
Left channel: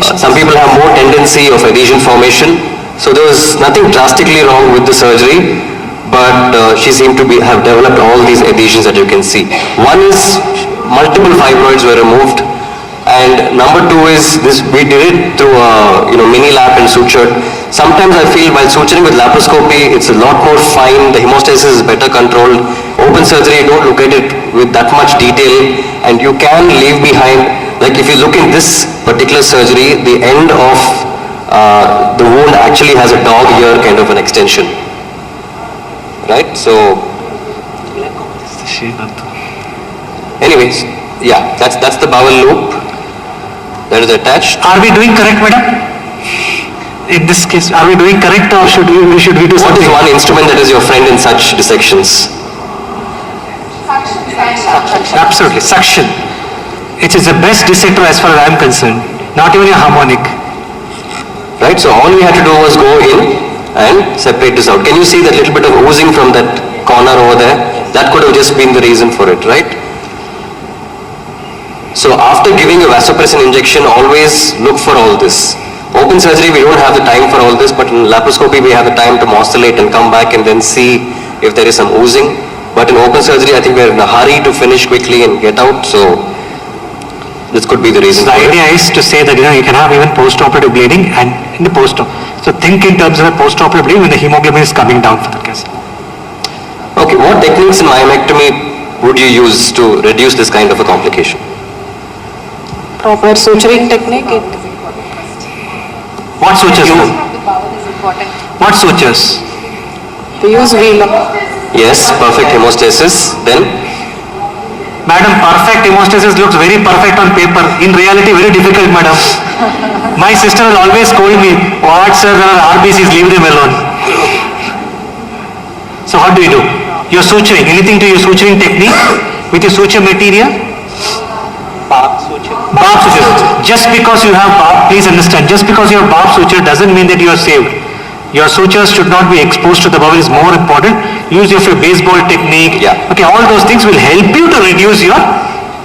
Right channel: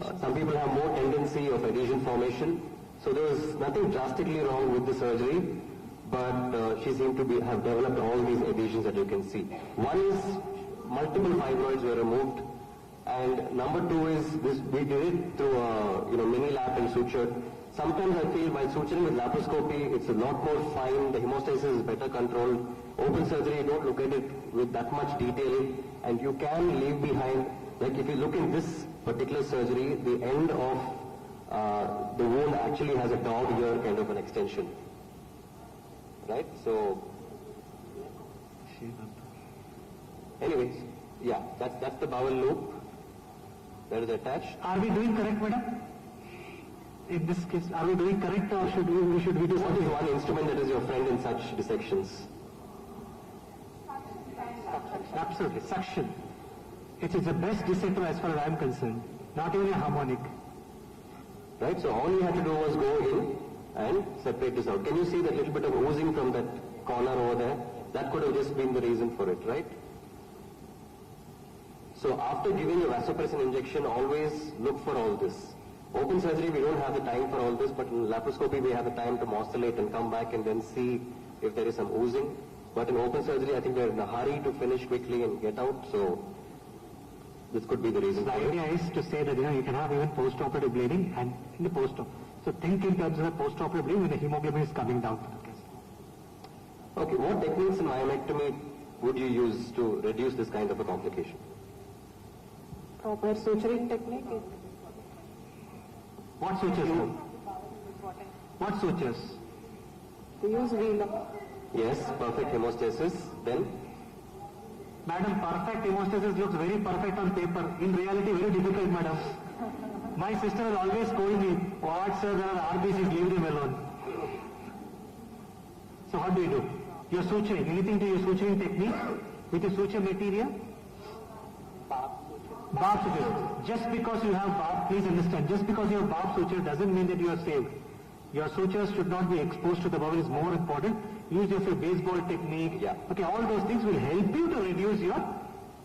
Some people have more tendency of adhesion formation, so there was nothing drastically wrong with the surgery, but she seemed to have developed all these adhesions that you can see. One is multiple fibroids were removed, and number 2 is this, we did it through a mini lap and sutured. Sometimes I feel while suturing with laparoscopy, it's a lot more fine, the hemostasis is better controlled. Open surgery, you don't look at it with that much detail, and you can leave behind, like if you look in this particular surgery, the end of the wound actually has a dog ear kind of an extension. Right? So, anyways, yeah, that's the bowel loop that is attached. Are we doing correct, madam? In this case, are we doing correct or should we do something? What is one instrument that is your friend in such dissections? Absolutely, suction. It is the best dissector as far as I am concerned. Not even a harmonic. Right, so all we had to do was go in and separate this out. Can you see that little bit of oozing from that corner over there? That could have just been the reason for it, right? So after giving a vasopressin injection, always look for all this. Open surgery, we don't have the time for all this, but in laparoscopy, we have the time to oscillate and come back and then see if there is some oozing. But in open surgery, I think we're in a hurry to finish quickly and get out, so this could be the reason. The idea is to say that you can have even post-operative bleeding and in the post-op. So think in terms of a post-operative bleeding when the hemoglobin is coming down for the case. Okay, what techniques in myomectomy would you use to reduce this kind of a complication? Proper suturing technique. What sutures? What sutures? We use wheel. Yes, perfect hemostasis. Then? Madam, perfect hemostasis looks very perfect on paper. In reality, very difficult, madam. My sister will always scold me, what sir, there are RBCs, leave them alone. So what do you do? You're suturing. Anything to your suturing technique with your suture material? Barb suture. Just because you have barb, please understand, just because you have barb suture doesn't mean that you are saved. Your sutures should not be exposed to the bowel is more important. Use your baseball technique. Yeah. Okay, all those things will help you to reduce your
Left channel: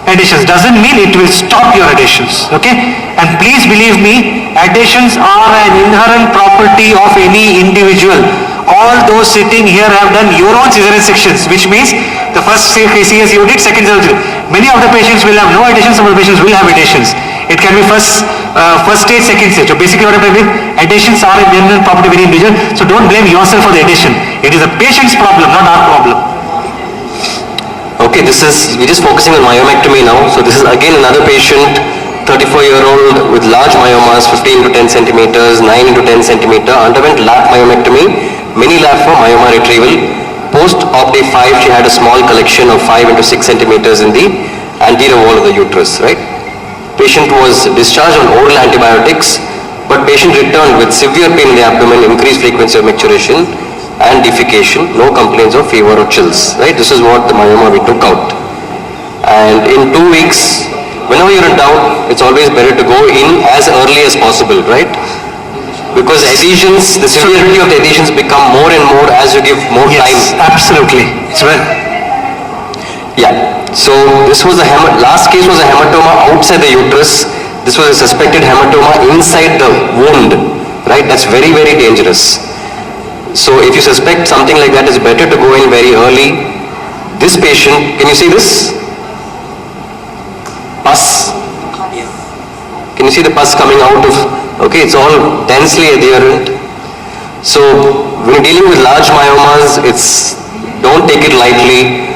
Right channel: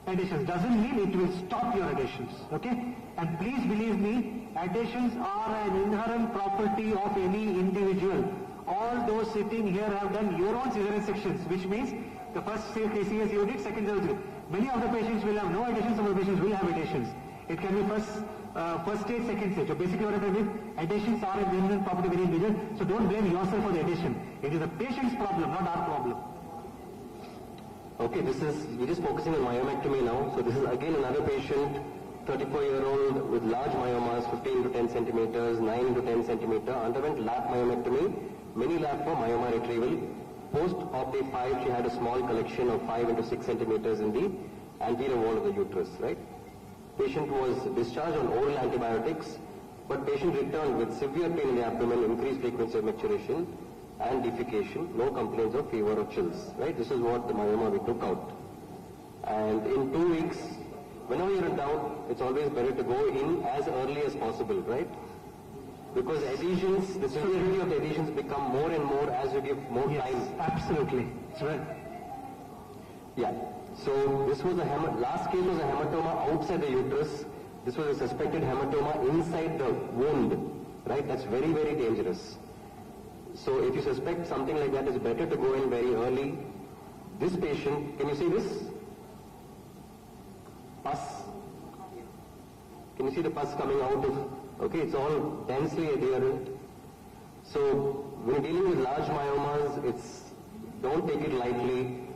adhesions. Doesn't mean it will stop your adhesions. Okay? And please believe me, adhesions are an inherent property of any individual. All those sitting here have done your own cesarean sections, which means the first CS you did, second surgery. Many of the patients will have no adhesions, some of the patients will have adhesions. It can be first stage, second stage. So basically what I mean, adhesions are an inherent property of any individual, so don't blame yourself for the adhesion. It is the patient's problem, not our problem. Okay, we're just focusing on myomectomy now. So this is again another patient, 34-year-old with large myomas, 15 to 10 centimeters, 9 into 10 centimeter, underwent lap myomectomy, mini lap for myoma retrieval. Post-op day 5, she had a small collection of 5 into 6 centimeters in the anterior wall of the uterus, right? Patient was discharged on oral antibiotics, but patient returned with severe pain in the abdomen, increased frequency of micturition and defecation, no complaints of fever or chills, right? This is what the myoma we took out. And in 2 weeks, whenever you're in doubt, it's always better to go in as early as possible, right? Because adhesions, the severity of the adhesions become more and more as you give more time. Yes, absolutely. It's well. Yeah. So this was last case was a hematoma outside the uterus. This was a suspected hematoma inside the wound, right? That's very, very dangerous. So if you suspect something like that, it's better to go in very early. This patient, can you see this? Pus. Can you see the pus coming out of, okay, it's all densely adherent. So when you're dealing with large myomas, don't take it lightly.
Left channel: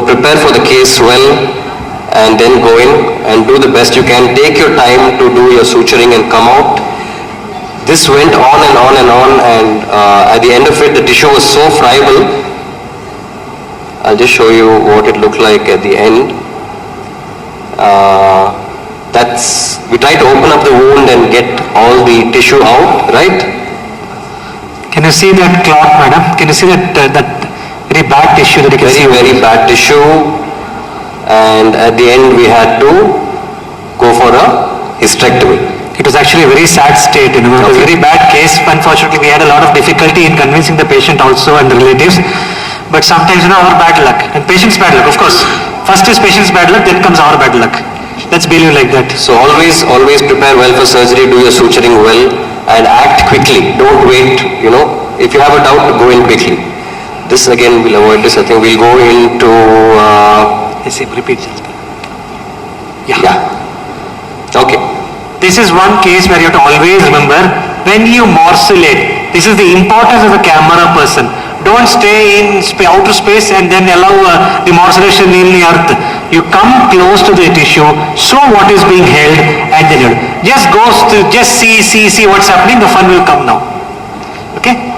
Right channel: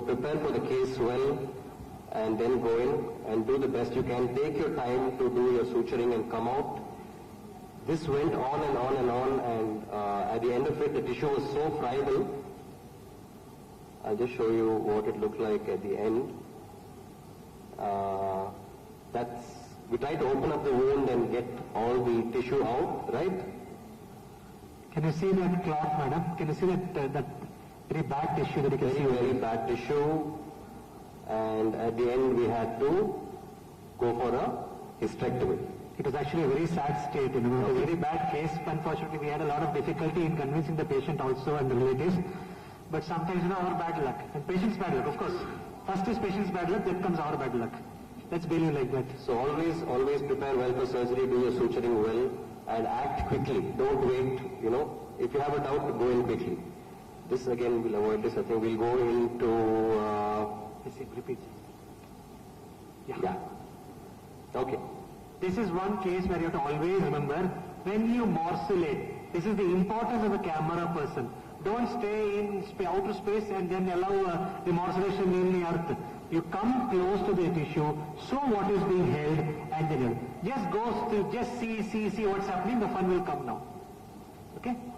Prepare for the case well and then go in and do the best you can. Take your time to do your suturing and come out. This went on and on and on, and at the end of it, the tissue was so friable. I'll just show you what it looked like at the end. We try to open up the wound and get all the tissue out, right? Can you see that clot, madam? Can you see that very bad tissue that you can see? Very bad tissue, and at the end we had to go for a hysterectomy. It was actually a very sad state, It was a very bad case. Unfortunately, we had a lot of difficulty in convincing the patient also and the relatives. But sometimes, our bad luck and patient's bad luck, of course. First is patient's bad luck, then comes our bad luck. Let's believe like that. So always prepare well for surgery, do your suturing well, and act quickly. Don't wait, if you have a doubt, go in quickly. This again, we'll avoid this. I think we'll go into... repeat. Yeah. Okay. This is one case where you have to always remember, when you morcellate, this is the importance of a camera person. Don't stay in outer space and then allow the morcellation in the earth. You come close to the tissue, show what is being held, and then just see what's happening, the fun will come now. Okay?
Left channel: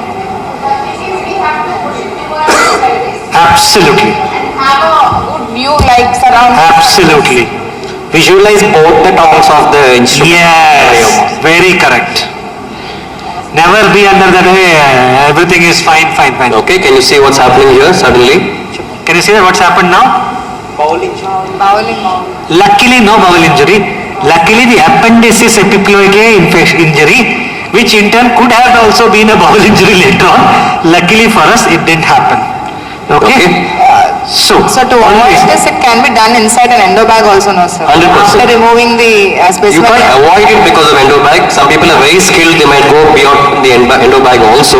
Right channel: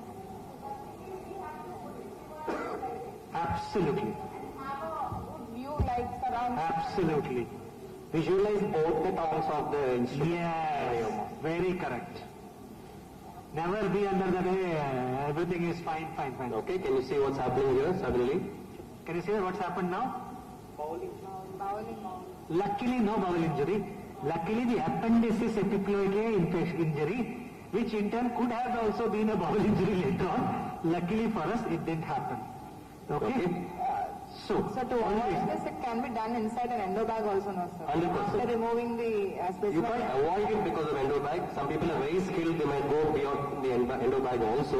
Absolutely. And have a good view like surrounding. Absolutely. Visualize both the tongues of the instrument. Yes, very correct. Never be under that, everything is fine. Okay, can you see what's happening here suddenly? Can you see what's happened now? Bowel injury. Luckily, no bowel injury. Luckily, the appendices epiploic injury, which in turn could have also been a bowel injury later on. Luckily for us, it didn't happen. Okay? So to avoid this, it can be done inside an endobag also, no sir? 100%. After removing the specimen. You can't avoid it because of endobag. Some people are very skilled, they might go beyond the endobag also.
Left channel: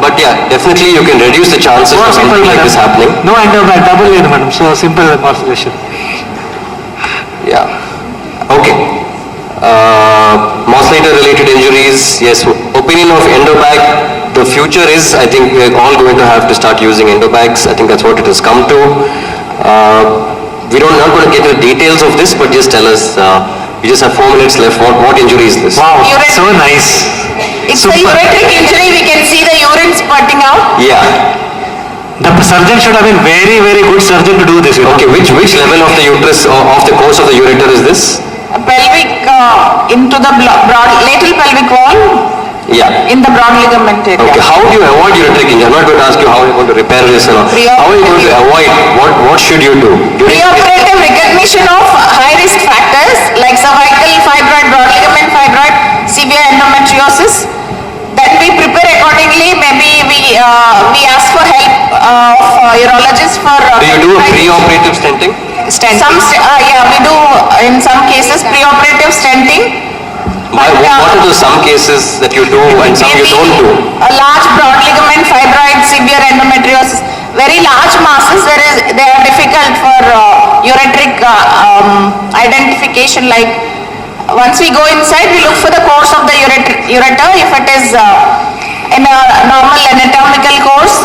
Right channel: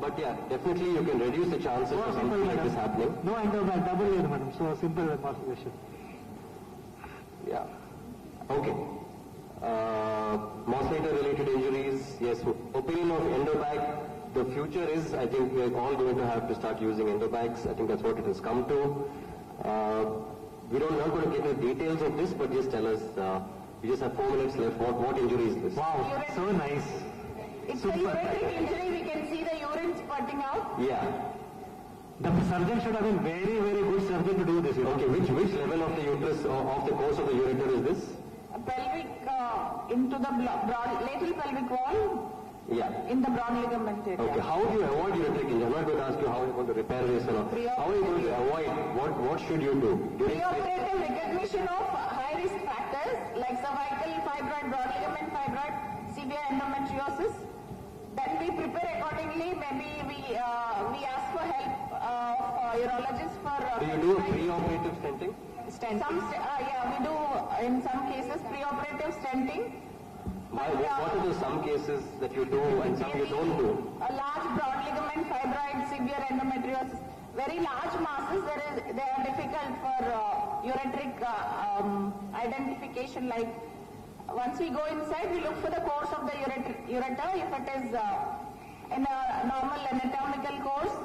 But yeah, definitely you can reduce the chances of something like this happening. No endobag, double layer, madam. So simple morcellation. Yeah. Okay. Morcellator related injuries, yes. Opinion of endobag. The future is, I think we're all going to have to start using endobags. I think that's what it has come to. We're not going to get into the details of this, but just tell us, we just have 4 minutes left. What injury is this? Wow, so nice. It's a ureteric injury, we can see the urine spurting out. Yeah. The surgeon should have been very, very good surgeon to do this. Okay, which level of the uterus, of the course of the ureter is this? Pelvic into the broad lateral pelvic wall. Yeah. In the broad ligament area. Okay, how do you avoid ureteric injury? I'm not going to ask you how you're going to repair this. How are you going to avoid? What should you do? Preoperative recognition of high-risk factors like cervical fibroid, broad ligament fibroid, severe endometriosis. Then we prepare accordingly. Maybe we ask for help of urologists for... do you do a preoperative stenting? Yeah, we do in some cases preoperative stenting. What are the some cases that you do and some you don't do? A large broad ligament fibroid, severe endometriosis, very large masses. They are difficult for ureteric identification. Like once we go inside, we look for the course of the ureter. If it is in a normal anatomical course,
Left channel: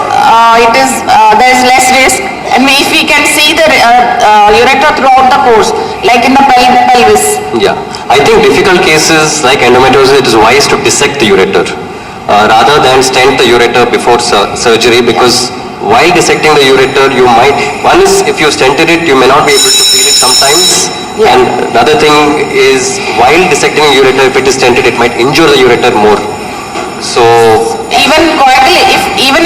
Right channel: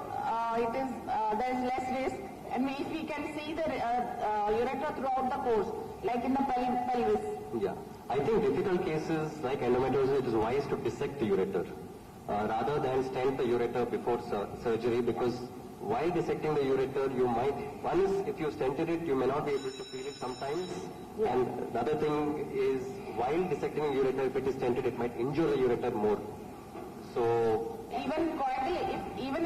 there is less risk. And if we can see the ureter throughout the course, like in the pelvis. Yeah, I think difficult cases like endometriosis, it is wise to dissect the ureter rather than stent the ureter before surgery, because while dissecting the ureter, you might, one is if you stented it, you may not be able to feel it sometimes. Yeah. And the other thing is, while dissecting a ureter, if it is stented, it might injure the ureter more. So Even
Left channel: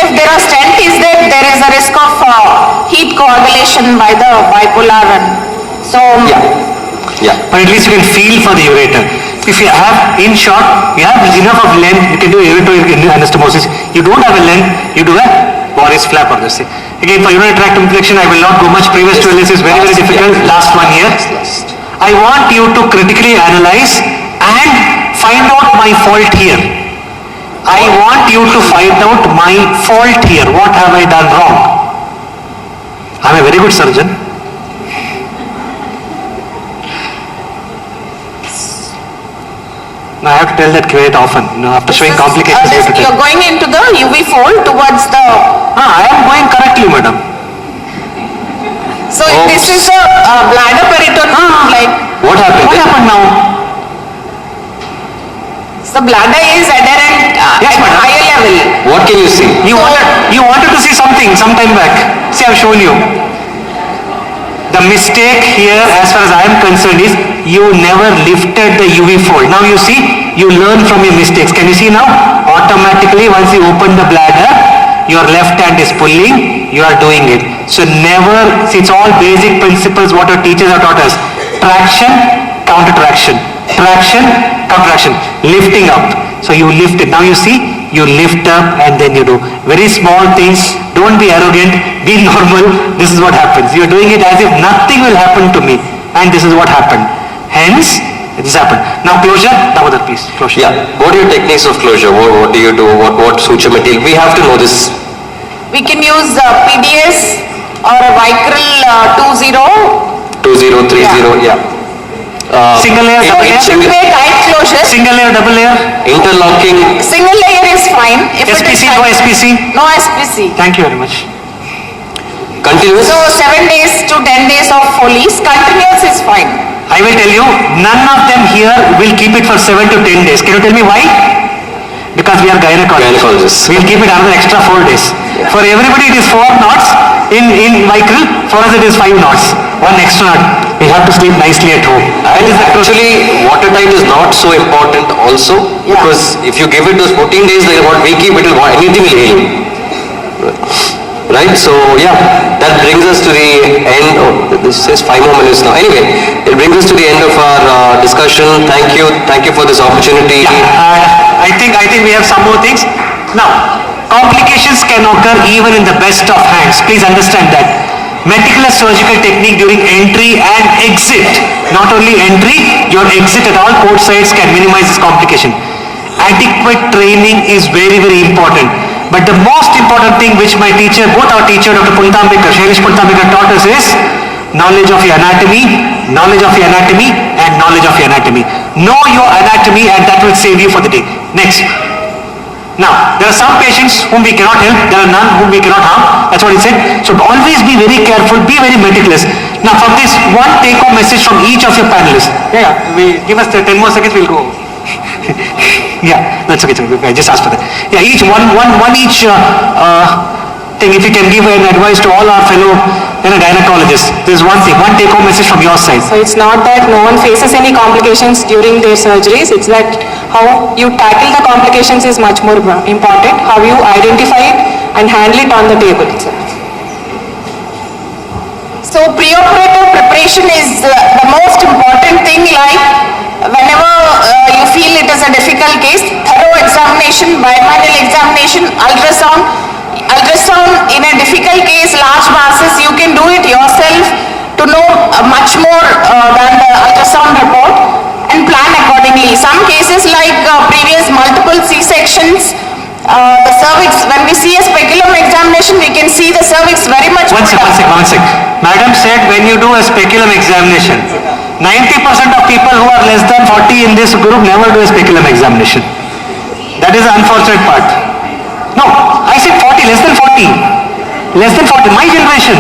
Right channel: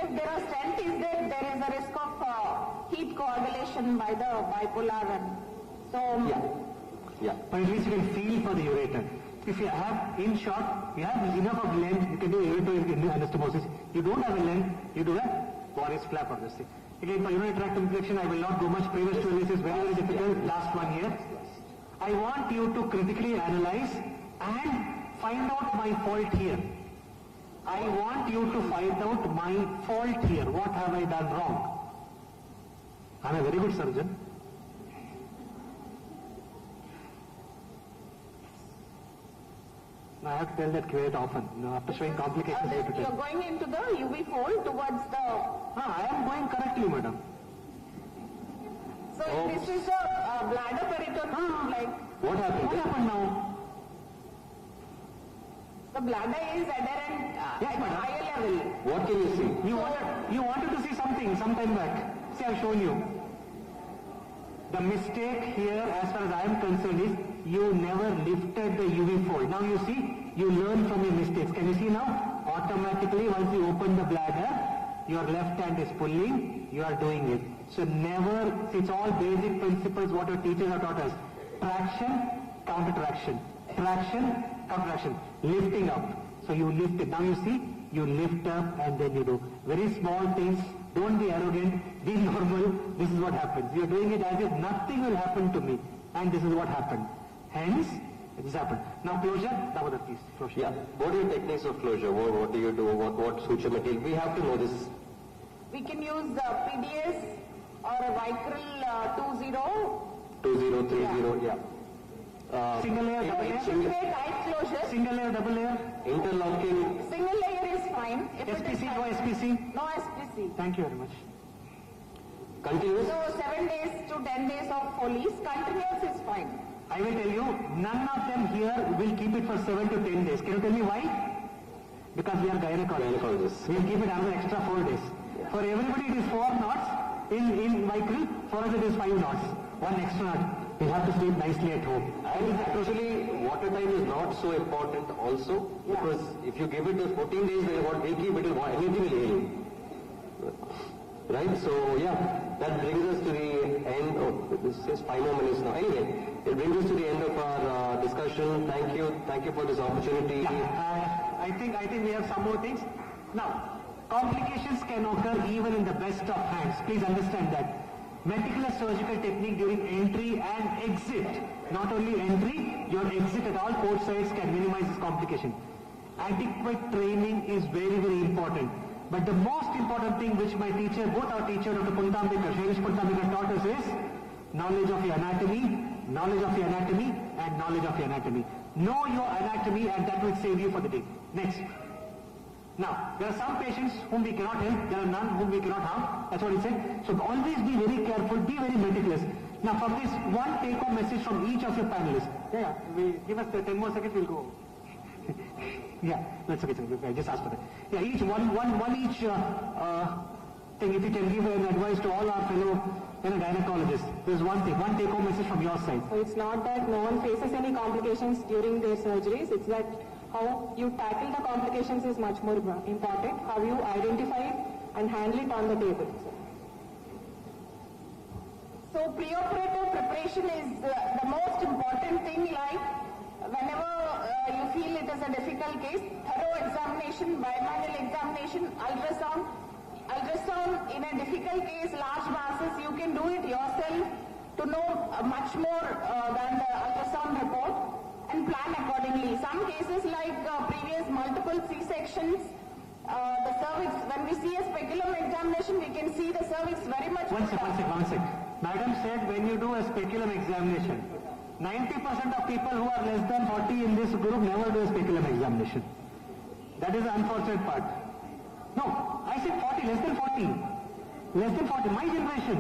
if there are stent is there is a risk of heat coagulation by the bipolar one. So yeah. But at least you can feel for the ureter. If you have, in short, you have enough of length, you can do ureter anastomosis. You don't have a length, you do a Boris flap or this thing. Again, for urinary tract infection, I will not go much. Previous to illness is very, very difficult. Last 1 year. I want you to critically analyze and find out my fault here. I want you to find out my fault here. What have I done wrong? I'm a very good surgeon. Now I have to tell that quite often. After showing complications, I have to tell. you're going into the UV fold towards the. I am going correctly, madam. So this is a bladder peritoneum, like. What happened? What happened now? The bladder is adherent Yes, at madam. higher level. What can you see? You wanted to see something some time back. See, I've shown you. The mistake here, as far as I am concerned, is you never lifted the UV fold. Now you see, you learn from your mistakes. Can you see now? Automatically, once you open the bladder, your left hand is pulling, you are doing it. So never, see, it's all basic principles what our teachers have taught us. Traction, counter traction. Traction, counter traction. Lifting up. So you lift it. Now you see, you lift up and then you do. Very small things. Don't be arrogant. Be normal. This is what happens. You are doing it as if nothing will happen to me. And this is what happened. Hence, this happened. Now closure. Damodar, please. Closure. Yeah. What are your techniques of closure? What do you do? What suture material? We have to know this. We can use PDS or a Vicryl 20. 2030, yeah. Single layer, So double it should be layer. a tight closure. Single layer, double layer. Interlocking. Single layer is fine. If it is SPC, tight- no SPC. No SPC. Thank you very much. Continuous. So 7 days to 10 days of Foley's, continuous is fine. I will tell you, none of them here will keep it for 7 to 10 days. Can you tell me why? Because we are gynecologists. We'll keep it another extra 4 days. For everybody it is 4 knots. In Vicryl, for us it is 5 knots. 1 extra knot. We have to sleep nicely at home. And actually, watertight is not so important also, because if you give it those 14 days, like what we keep, it will anything will heal. Right? So yeah, that brings us to the end. Oh, this says 5 more minutes now. Anyway, it brings us to the end of our discussion. Thank you for this opportunity. I think we have some more things. Now, complications can occur even in the best of hands. Please understand that. Meticulous surgical technique during entry and exit. Not only entry, your exit at all port sites can minimize this complication. Adequate training is very, very important. But the most important thing which my teacher, both our teacher, Dr. Puntambekar, Shailesh Puntambekar taught us is knowledge of your anatomy, and knowledge of your anatomy. Know your anatomy and that will save you for the day. Next. Now, there are some patients whom we cannot help, there are none whom we cannot harm, that's what he said. So always be very careful, be very meticulous. Now from this, one take-home message from each of your panelists. Give us 10 more seconds, we'll go. Yeah, that's okay, I just asked for that. Yeah, each one thing, if you can give an advice to all our fellow gynecologists. There's one thing, one take-home message from your side. So it's not that no one faces any complications during their surgeries, it's that how you tackle the complications is much more important, how you identify it and handle it on the table itself. So preoperative preparation is the most important thing, like whenever you feel it is a difficult case, thorough examination, bimanual examination, ultrasound in a difficult case, large masses, you can do it yourself to know much more than the ultrasound report and plan accordingly. Some cases like previous multiple C-sections, the cervix, when we see a speculum examination, we can see the cervix very much. One sec. Madam said when you do a speculum examination, 90% of people who are less than 40 in this group never do a speculum examination. That is the unfortunate part. 40, less than 40, my generation.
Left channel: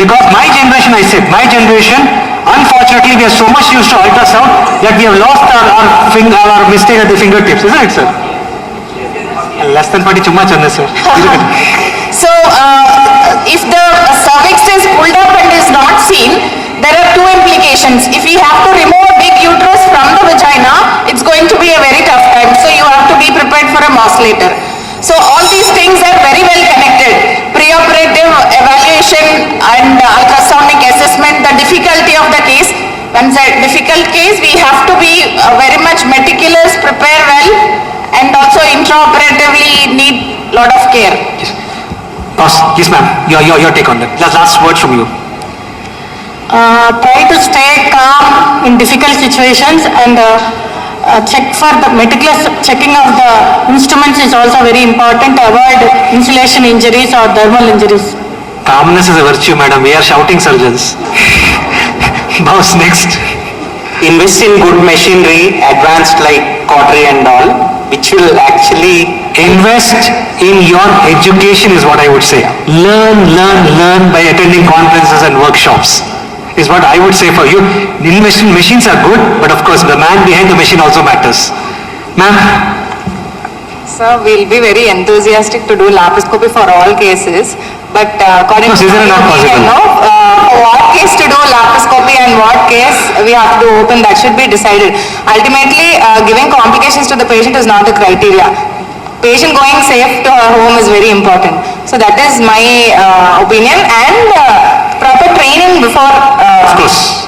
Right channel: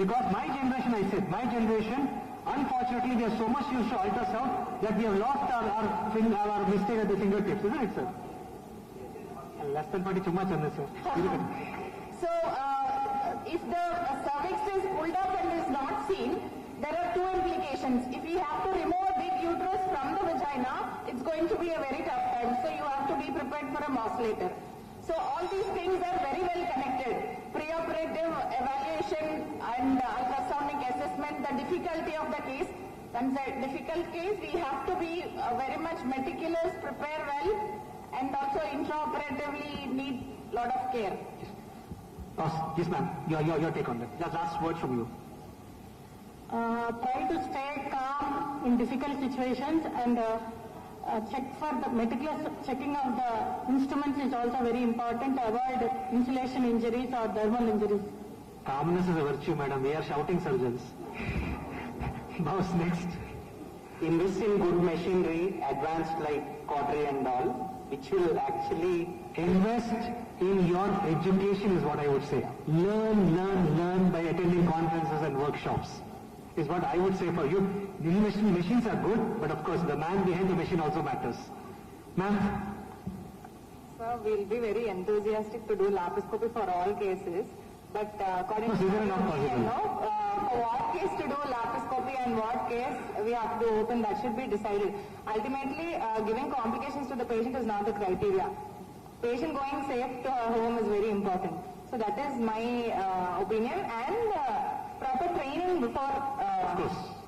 Because my generation, I said, my generation, unfortunately, we are so much used to ultrasound that we have lost our mistake at the fingertips, isn't it, sir? Less than 40, too much on this, sir. So, if the cervix is pulled up and is not seen, there are two implications. If we have to remove a big uterus from the vagina, it's going to be a very tough time. So, you have to be prepared for a MOS later. So, all these things are very well connected. Preoperative evaluation and ultrasonic assessment, the difficulty of the case. When it's a difficult case, we have to be very much meticulous, prepare well, and also intraoperatively need a lot of care. Yes, ma'am. Your take on that. Last word from you. Try to stay calm in difficult situations and check for the meticulous checking of the instruments is also very important to avoid insulation injuries or dermal injuries. Calmness is a virtue, madam. We are shouting surgeons. Boss, next. Invest in good machinery, advanced like cautery and all, which will actually invest in your education is what I would say. Learn by attending conferences and workshops is what I would say for you. Machines are good, but of course the man behind the machine also matters. Ma'am? So we'll be very enthusiastic to do laparoscopy for all cases, but according to these are not possible. For what case to do laparoscopy and what case we have to open, that should be decided. Ultimately, giving complications to the patient is not the criteria. Patient going safe to her home is very important. So that is my opinion, and proper training before. Of course.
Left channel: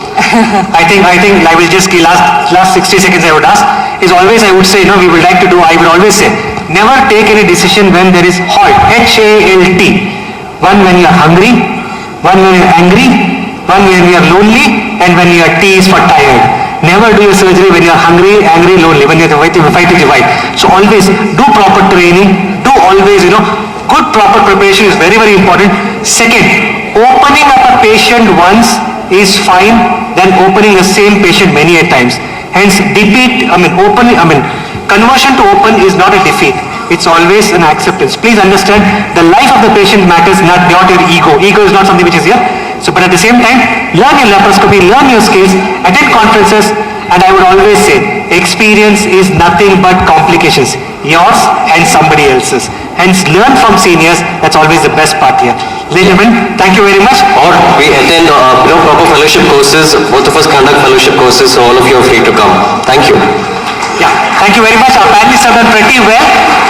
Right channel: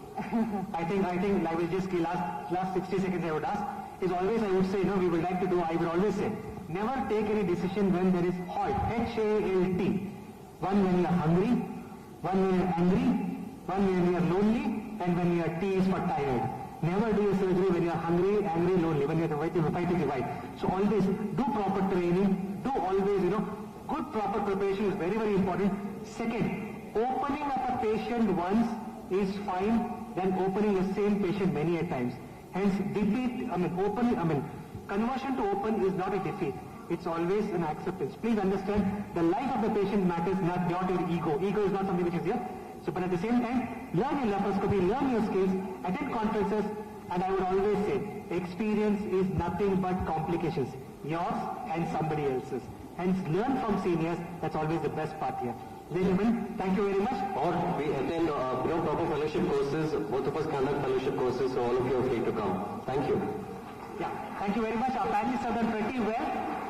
I think I will just last 60 seconds I would ask is always I would say, we would like to do, I would always say, never take any decision when there is HALT, HALT. One when you are hungry, one when you are angry, one when you are lonely, and when your T is for tired. Never do your surgery when you are hungry, angry, lonely, when you are fighting with your wife. So always do proper training, do always, good proper preparation is very, very important. Second, opening up a patient once is fine than opening the same patient many a times. Hence, conversion to open is not a defeat. It's always an acceptance. Please understand, the life of the patient matters, not your ego. Ego is not something which is here. So, but at the same time, learn your laparoscopy, learn your skills, attend conferences, and I would always say, experience is nothing but complications, yours and somebody else's. Hence, learn from seniors. That's always the best part here. Ladies and gentlemen, thank you very much. Or we attend proper fellowship courses. Both of us conduct fellowship courses, so all of you are free to come. Thank you. Yeah, thank you very much. Our panelists have done pretty well.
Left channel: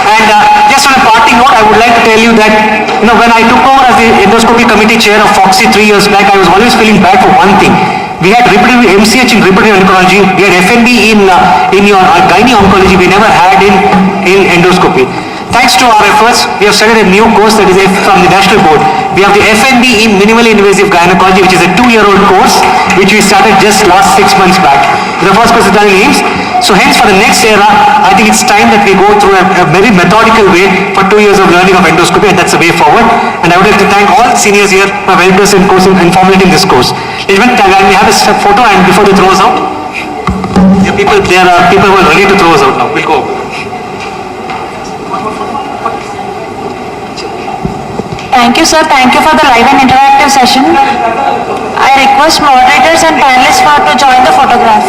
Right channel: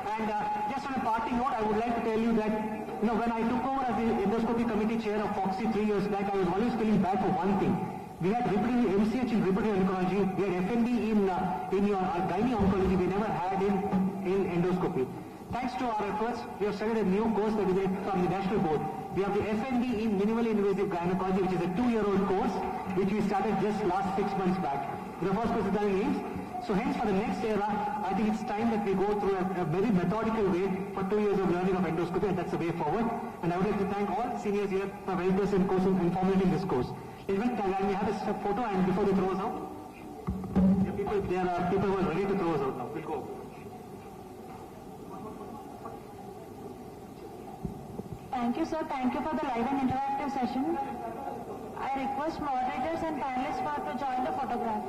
And just on a parting note, I would like to tell you that, when I took over as the endoscopy committee chair of Foxy 3 years back, I was always feeling bad for one thing. We had reproductive MCH in reproductive oncology. We had FNB in your gynae oncology. We never had in endoscopy. Thanks to our efforts, we have started a new course that is from the national board. We have the FNB in minimally invasive gynecology, which is a 2-year-old course, which we started just last 6 months back. The first course is done in AIMS. So hence for the next era, I think it's time that we go through a very methodical way for 2 years of learning of endoscopy, and that's the way forward. And I would like to thank all seniors here who have helped us in formulating this course. Ladies and gentlemen, we have a photo, and before they throw us out, there are people who are ready to throw us out now. We'll go. Thank you, sir. Thank you for the live and interactive session. I request moderators and panelists to join the photograph.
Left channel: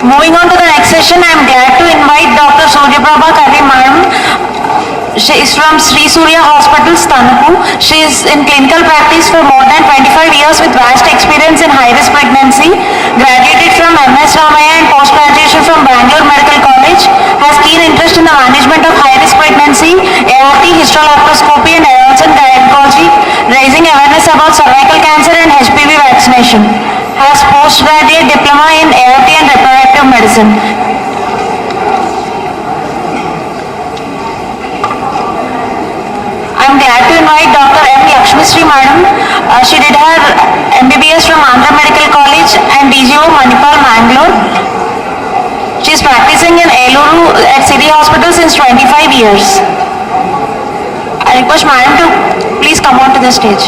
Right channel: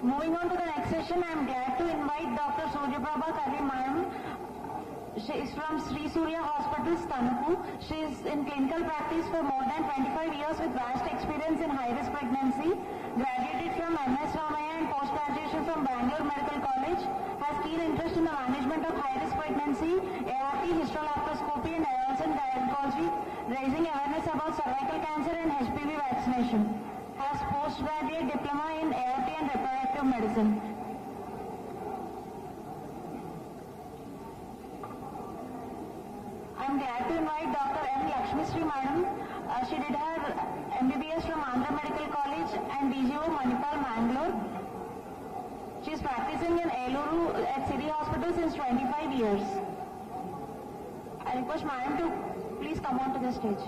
Moving on to the next session, I am glad to invite Dr. Suryaprabha Kari Madam. She is from Sri Surya Hospital, Stanapur. She is in clinical practice for more than 25 years with vast experience in high-risk pregnancy. Graduated from MS Ramaya and post-graduation from Bangalore Medical College. Has keen interest in the management of high-risk pregnancy, ART, hysteroscopy and advanced gynecology, raising awareness about cervical cancer and HPV vaccination. Has postgraduate diploma in ART and reproductive medicine. I am glad to invite Lakshmi Sri Madam. She did her MBBS from Andhra Medical College and DGO Manipal, Mangalore. She is practicing in Eluru at City Hospital since 25 years. I request Madam to please come on to the stage.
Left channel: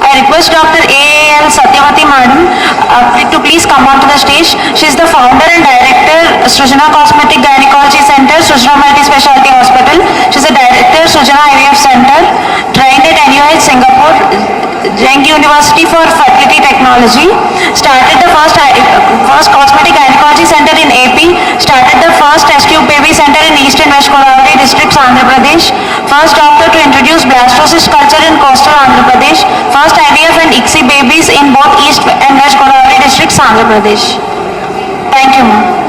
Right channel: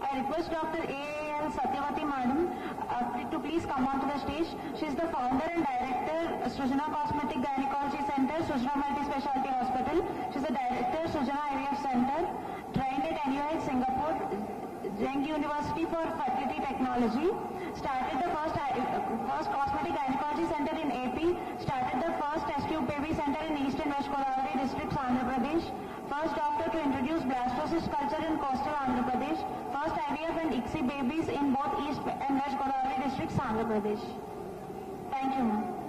I request Dr. A.L. Satyavati Madam to please come on to the stage. She is the founder and director, Srujana Cosmetic Gynecology Center, Srujana Multi-Specialty Hospital. She is the director, Srujana IVF Center, trained at NUH Singapore, Zheng University for Fertility Technology. Started the first Cosmetic Gynecology Center in AP. Started the first test tube baby center in East and West Godavari districts, Andhra Pradesh. First doctor to introduce blastocyst culture in coastal Andhra Pradesh. First IVF and ICSI babies in both East and West Godavari districts, Andhra Pradesh. Thank you, ma'am.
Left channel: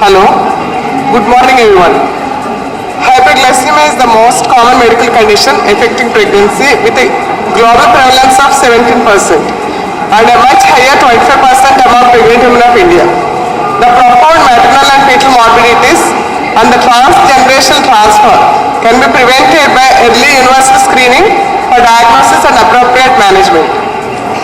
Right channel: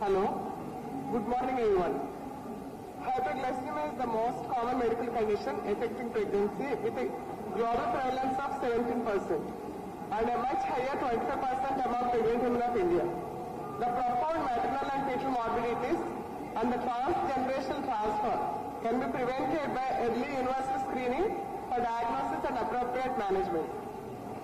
Hello, good morning everyone. Hyperglycemia is the most common medical condition affecting pregnancy with a global prevalence of 17% and a much higher 25% among pregnant women of India. The profound maternal and fetal morbidities and the transgenerational transfer can be prevented by early universal screening for diagnosis and appropriate management.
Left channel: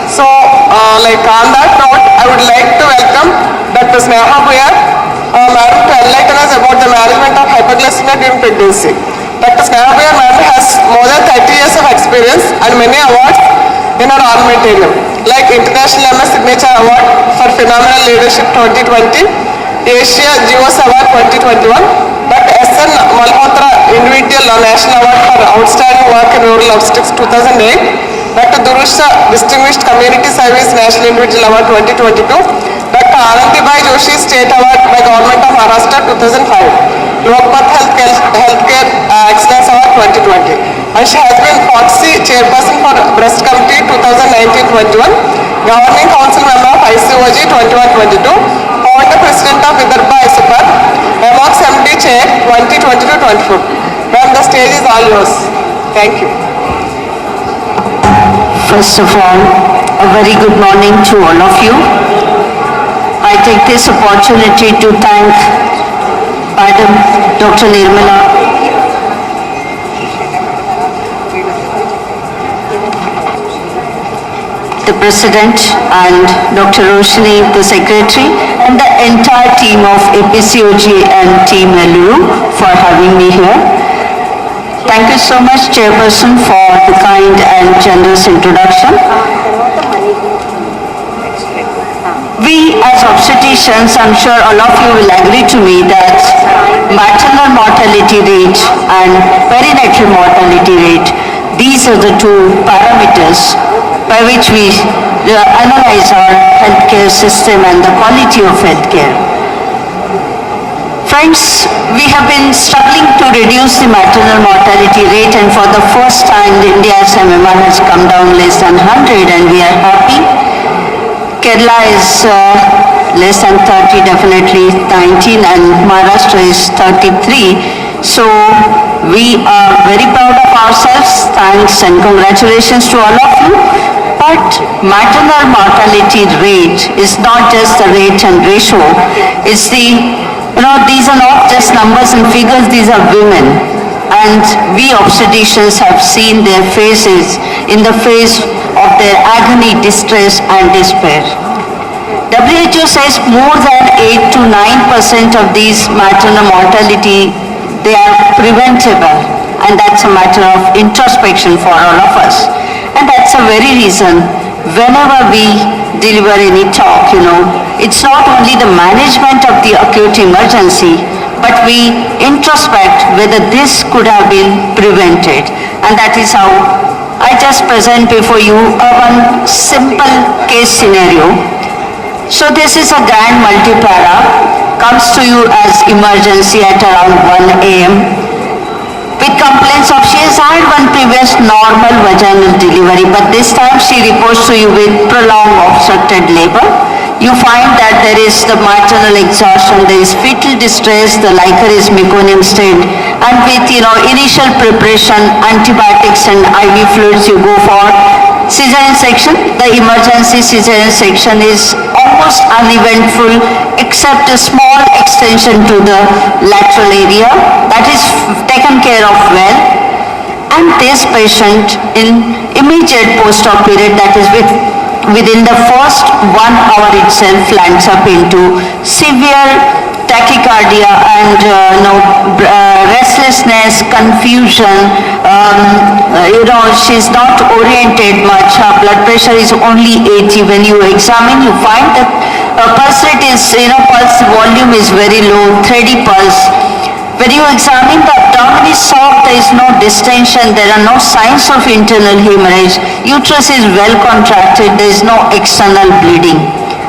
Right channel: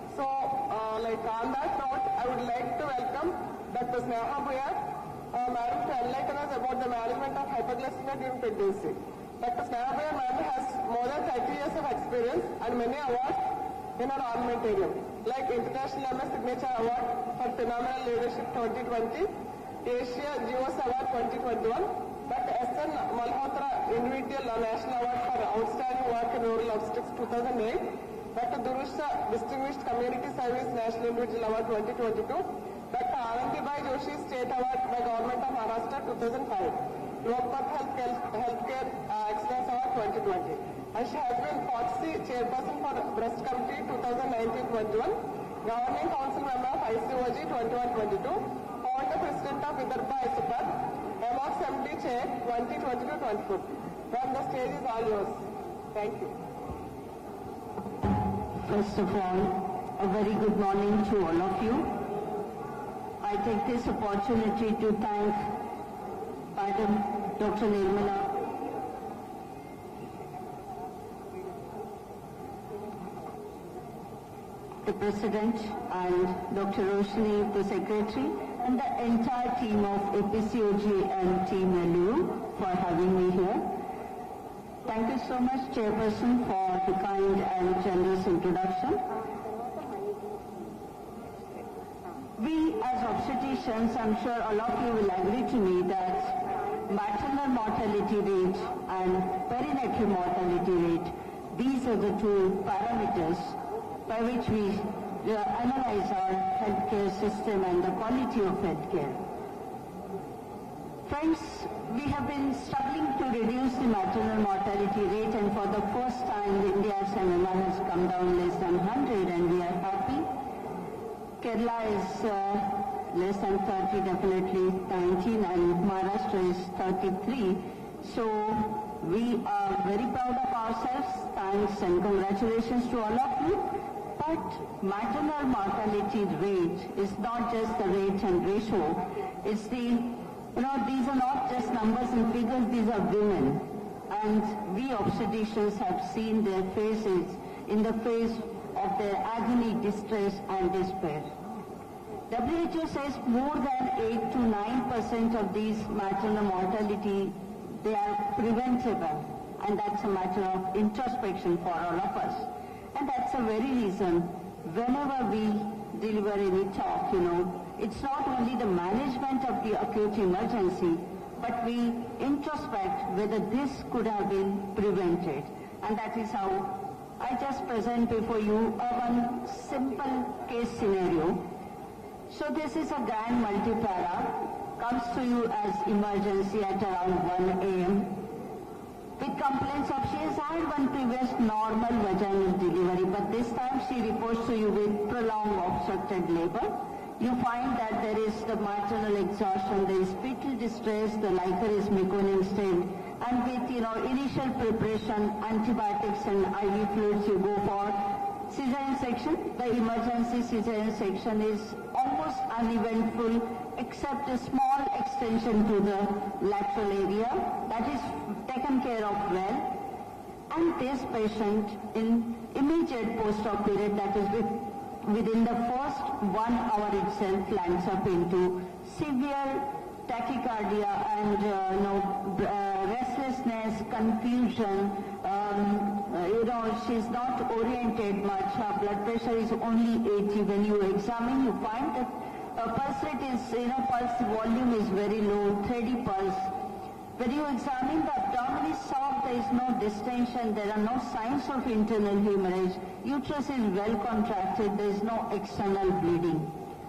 So, on that note, I would like to welcome Dr. Sneha Buyar, Madam, to enlighten us about the management of hyperglycemia during pregnancy. Dr. Sneha Buyar, Madam, has more than 30 years of experience and many awards in her armamentarium, like International MS Signature Award for Phenomenal Leadership 2020, Asia GOS Award 2021, Dr. S.N. Malhotra Individual National Award for Outstanding Work in Rural Obstetrics 2008, Dr. Durusha Distinguished Community Service National Individual Award 2022, Dr. Anandibai Joshi State Award by Government of Maharashtra 2005, Lokpath Healthcare Excellence Award 2020. And she has been FOTC Chairperson for Breast Committee 2019-21, Governing Council Member of ICOG 21-22, Founder President of Vidarbha ISUPAR, MOX MD Chair 2022-24. Ma'am, the stage is all yours. Thank you. First of all, a very good morning to all of you. I take this opportunity to thank Madam Dr. Nirmala, the President, and Dr. Roshni, the Secretary, and the entire team of APCOG and Team Eluru for having me here. Thank you so much, Chairperson, for the kind and generous introduction. We as obstetricians, I'm sure all of you will agree to me that maternal mortality rate and perinatal mortality rate, these are the two parameters by which we analyze our healthcare system and the quality of healthcare. Friends, we have been struggling to reduce the maternal mortality rate, and for the first time India's MMR has come down less than 100, and we are happy. Kerala is less than 30, definitely 19, and Maharashtra is 33. So we are very proud of ourselves. Thanks and congratulations to all of you. But maternal mortality rate is not just the rate and ratio, it's the These are not just numbers and figures, these are women. And we obstetricians have seen their faces in the face of their agony, distress and despair. WHO says more than 8 to 9% of these maternal mortality, they are preventable. And that's a matter of introspection for all of us. And that's the very reason whenever we deliver any talk, it's not only the management of the acute emergency, but we introspect whether this could have been prevented. And that is how I just present before you one simple case scenario. So this is a grand multipara, comes to you as emergency at around 1 a.m. with complaints of she has had one previous normal vaginal delivery, but this time she reports to you with prolonged obstructed labor. You find that there is the maternal exhaustion, there is fetal distress, the liquor is meconium stained, and with initial preparation, antibiotics and IV fluids, you go for cesarean section. The emergency cesarean section is almost uneventful except a small extension to the lateral area that is taken care of well. And this patient in immediate post-op period, that is within the first 1 hour itself, lands up into severe tachycardia and restlessness, confusion. She's not oriented much. Her blood pressure is only 80. When you examine, you find that pulse rate is, pulse volume is very low, 30 pulse. When you examine the abdomen is soft, there is no distension, there are no signs of internal hemorrhage, uterus is well contracted, there is no external bleeding.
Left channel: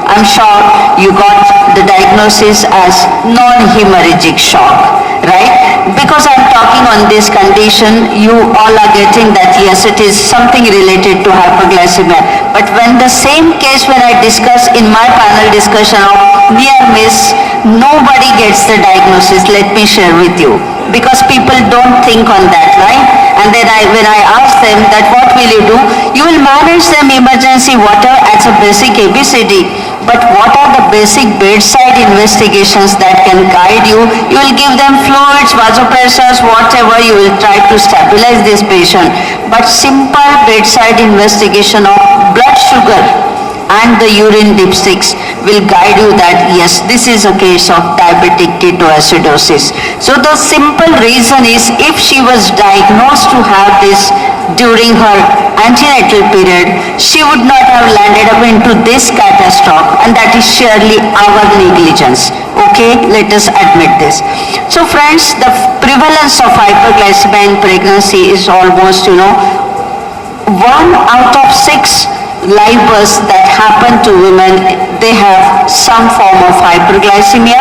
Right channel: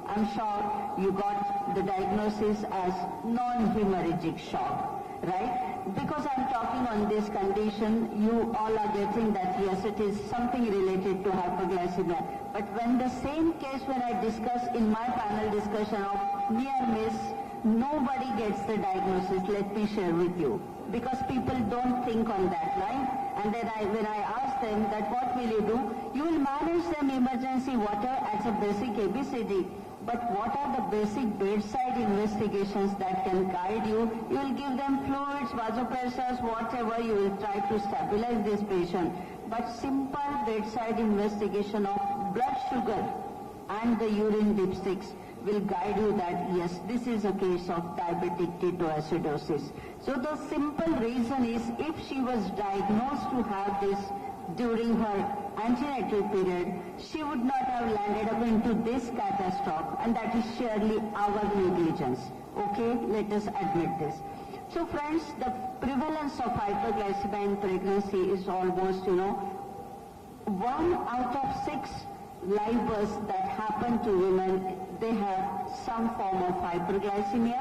I'm sure you got the diagnosis as non-hemorrhagic shock, right? Because I'm talking on this condition, you all are getting that yes, it is something related to hyperglycemia. But when the same case when I discuss in my panel discussion of near miss, nobody gets the diagnosis, let me share with you. Because people don't think on that, right? And then when I ask them that what will you do? You will manage them emergency water as a basic ABCD. But what are the basic bedside investigations that can guide you? You will give them fluids, vasopressors, whatever, you will try to stabilize this patient. But simple bedside investigation of blood sugar and the urine dipsticks will guide you that yes, this is a case of diabetic ketoacidosis. So the simple reason is if she was diagnosed to have this during her antenatal period, she would not have landed up into this catastrophe, and that is surely our negligence. Okay, let us admit this. So friends, the prevalence of hyperglycemia in pregnancy is almost 1 out of 6 live births that happen to women, they have some form of hyperglycemia.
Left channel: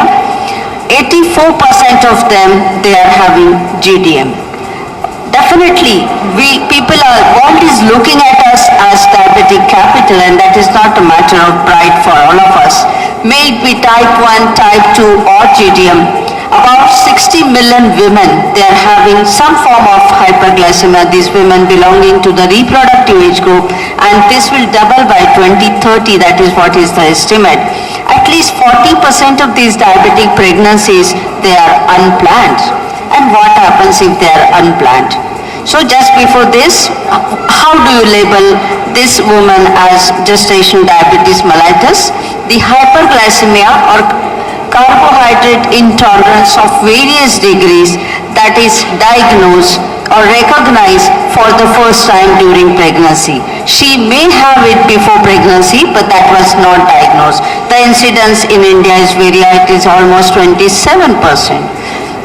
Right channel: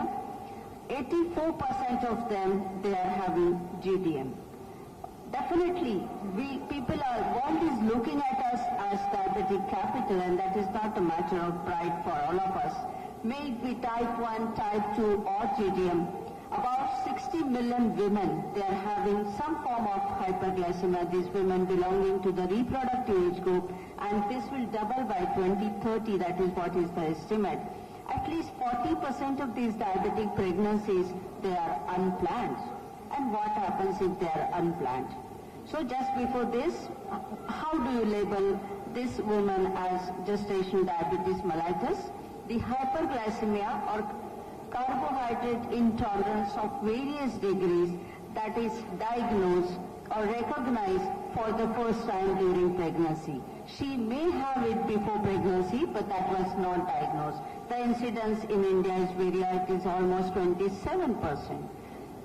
84% of them, they are having GTM. Definitely, world is looking at us as diabetic capital, and that is not a matter of pride for all of us. May it be type 1, type 2 or GTM. About 60 million women, they are having some form of hyperglycemia, these women belonging to the reproductive age group, and this will double by 2030, that is what is the estimate. At least 40% of these diabetic pregnancies, they are unplanned. And what happens if they are unplanned? So just before this, how do you label this woman as gestational diabetes mellitus? The hyperglycemia or carbohydrate intolerance of various degrees that is diagnosed or recognized for the first time during pregnancy. She may have it before pregnancy, but that was not diagnosed. The incidence in India is very high, it is almost 27%.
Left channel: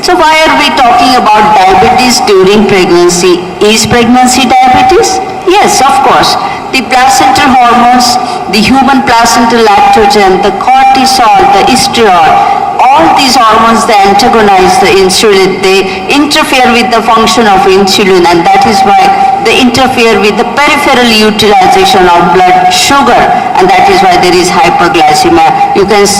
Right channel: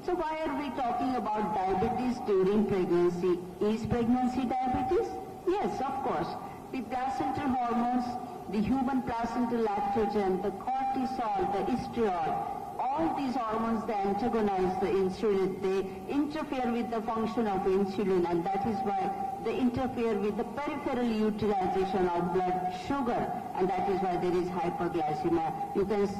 So why are we talking about diabetes during pregnancy? Is pregnancy diabetes? Yes, of course. The placental hormones, the human placental lactogen, the cortisol, the estriol, all these hormones, they antagonize the insulin. They interfere with the function of insulin, and that is why they interfere with the peripheral utilization of blood sugar, and that is why there is hyperglycemia. You can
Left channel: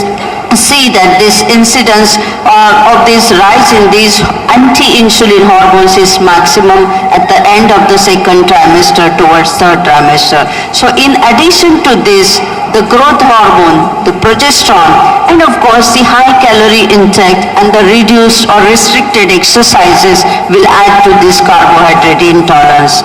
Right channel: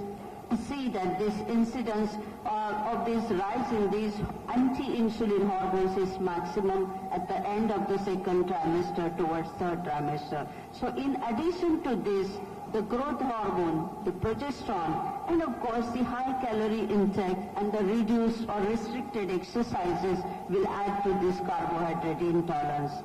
see that this incidence of this rise in these anti-insulin hormones is maximum at the end of the second trimester towards third trimester. So in addition to this, the growth hormone, the progesterone, and of course the high calorie intake and the reduced or restricted exercises will add to this carbohydrate intolerance.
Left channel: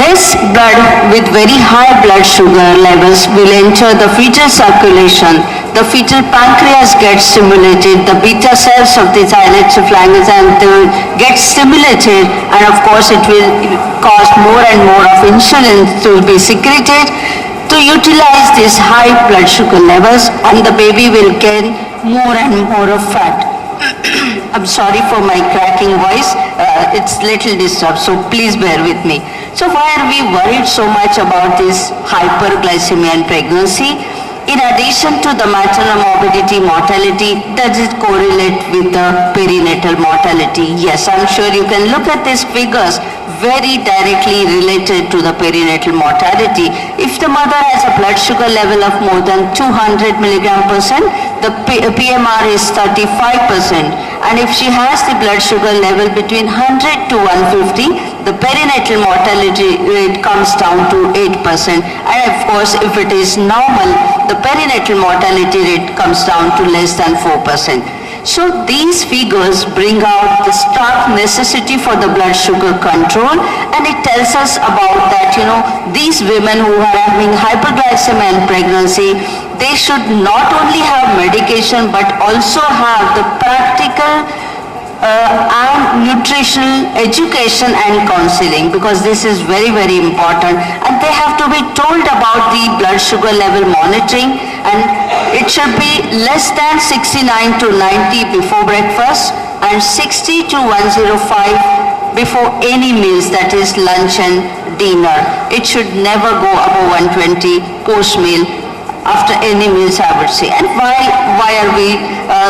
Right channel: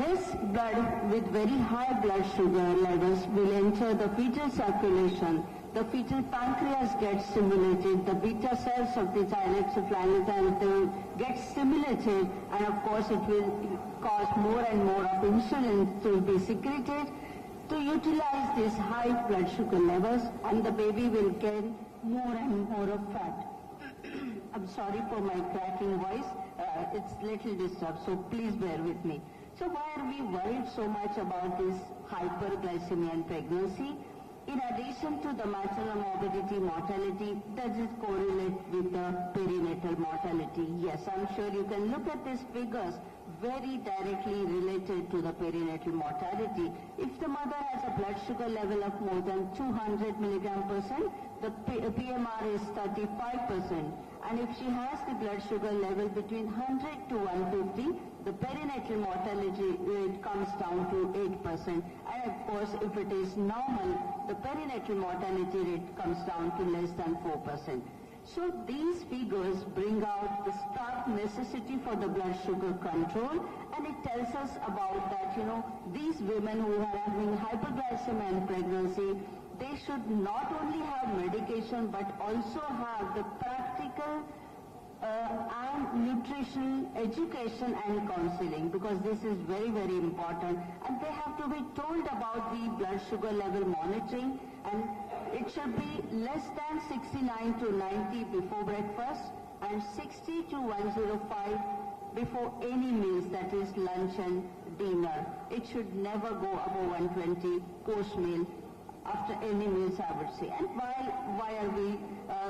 This blood with very high blood sugar levels will enter the fetal circulation. The fetal pancreas gets stimulated, the beta cells of the thyroid will get stimulated, and of course it will cause more and more of insulin to be secreted to utilize these high blood sugar levels, and the baby will gain more and more of fat. I'm sorry for my cracking voice, it's little disturbed, so please bear with me. So why are we worried so much about this hyperglycemia in pregnancy? In addition to the maternal morbidity mortality, does it correlate with the perinatal mortality? Yes, I'm sure you can look at these figures very directly related to the perinatal mortality. If the mother has a blood sugar level of more than 200 mg/%, the PMR is 35%. And if she has the blood sugar level between 100 to 150, the perinatal mortality rate comes down to 8%. And of course, if it is normal, the perinatal mortality rate comes down to less than 4%. So these figures bring out the stark necessity for the blood sugar control, and it tells us about that, these women who are having hyperglycemia in pregnancy, they should not only have medication but also have the practical and nutritional education and counseling, because this is very, very important, and they have to be told about the blood sugar level monitoring, and it should be less than 69 to 90 before breakfast and 60 to 105 before any meals, that is lunch and dinner. It should never go above 120 course meal after any meals, I would say. And why are we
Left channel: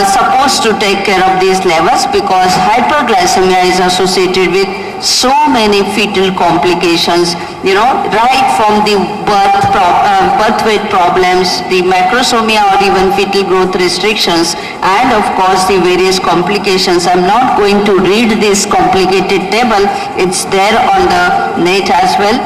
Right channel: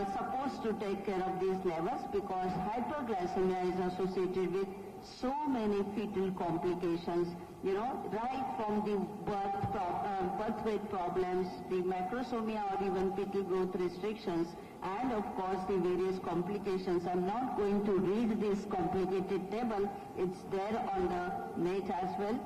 supposed to take care of these levels? Because hyperglycemia is associated with so many fetal complications, right from the birth weight problems, the macrosomia or even fetal growth restrictions, and of course the various complications. I'm not going to read this complicated table, it's there on the net as well.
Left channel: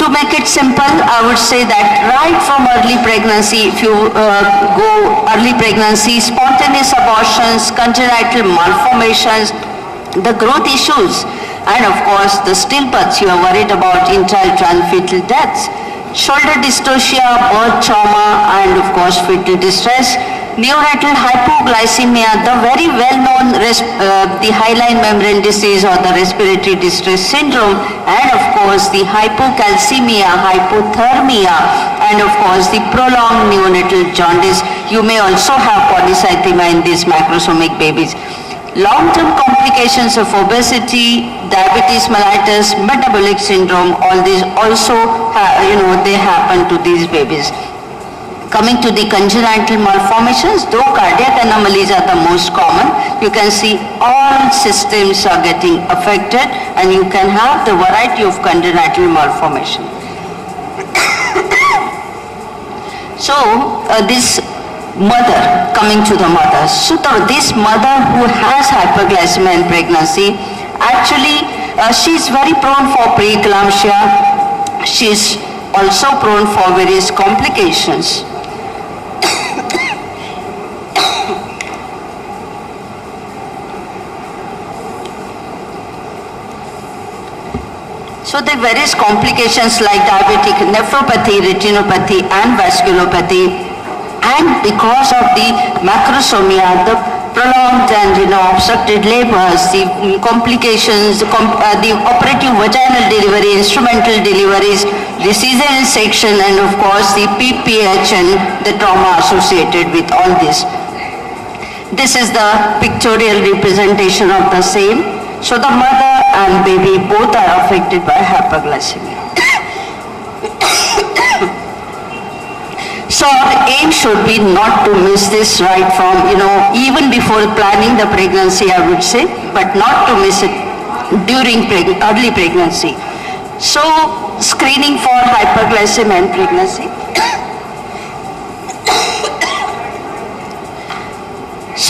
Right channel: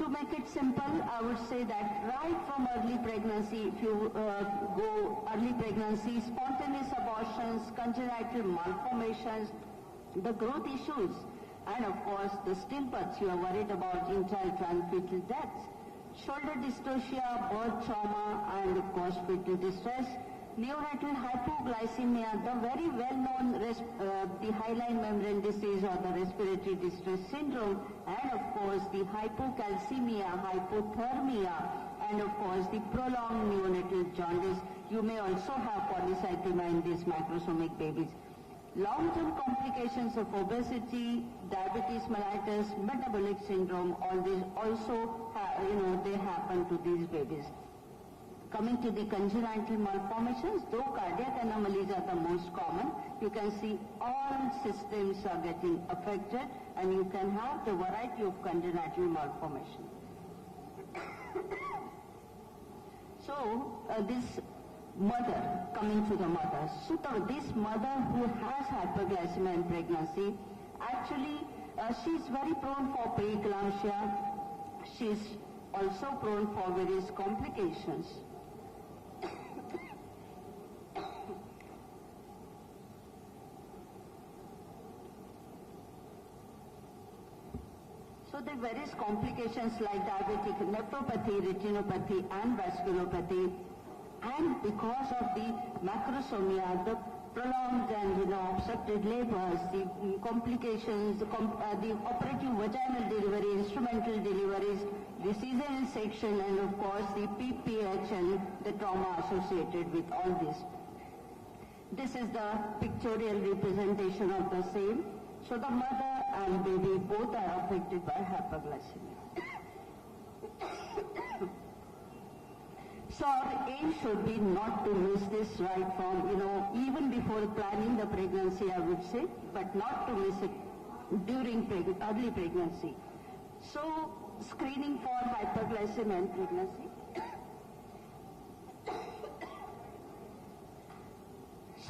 To make it simple, I would say that right from early pregnancy, if you go early pregnancy, spontaneous abortions, congenital malformations, the growth issues, and of course the stillbirths, you are worried about intra-uterine fetal deaths, shoulder dystocia, birth trauma, and of course fetal distress, neonatal hypoglycemia, the very well-known the hyaline membrane disease or the respiratory distress syndrome, and of course the hypocalcemia, hypothermia, and of course the prolonged neonatal jaundice. You may also have polycythemia in these macrosomic babies. Long-term complications of obesity, diabetes mellitus, metabolic syndrome, all these also, they happen to these babies. Coming to the congenital malformations, though cardiac anomalies are the most common, you can see all systems are getting affected, and you can have the variety of congenital malformation. So this mother, coming to the mother, so this mother who has hyperglycemia in pregnancy, actually she is very prone for preeclampsia. She is also prone for various complications. So the various complications like diabetic nephropathy, retinopathy, and vasculopathy, and because of the macrosomia, the prolonged and obstructed labors, the complications, the operative vaginal delivery, instrumental deliveries, the cesarean section, and of course the PPH and the trauma associated with all this. This is the pictorial representation of the same. So the mother and baby both are affected by hyperglycemia. So our aim should be not to miss this right from, even before planning the pregnancy, I would say, but not to miss it during early pregnancy. So screening for hyperglycemia in pregnancy.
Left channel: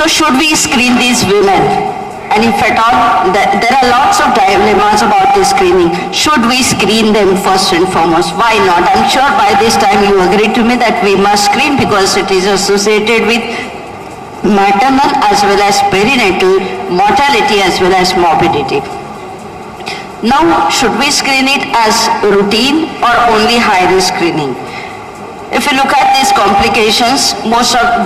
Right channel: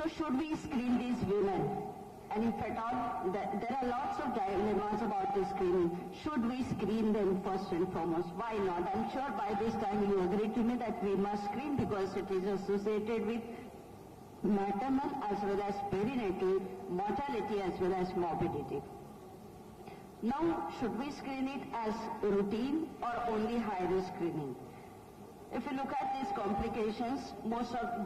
So should we screen these women? And if at all, there are lots of dilemmas about this screening. Should we screen them first and foremost? Why not? I'm sure by this time you agree to me that we must screen because it is associated with maternal as well as perinatal mortality as well as morbidity. Now, should we screen it as routine or only high-risk screening? If you look at these complications,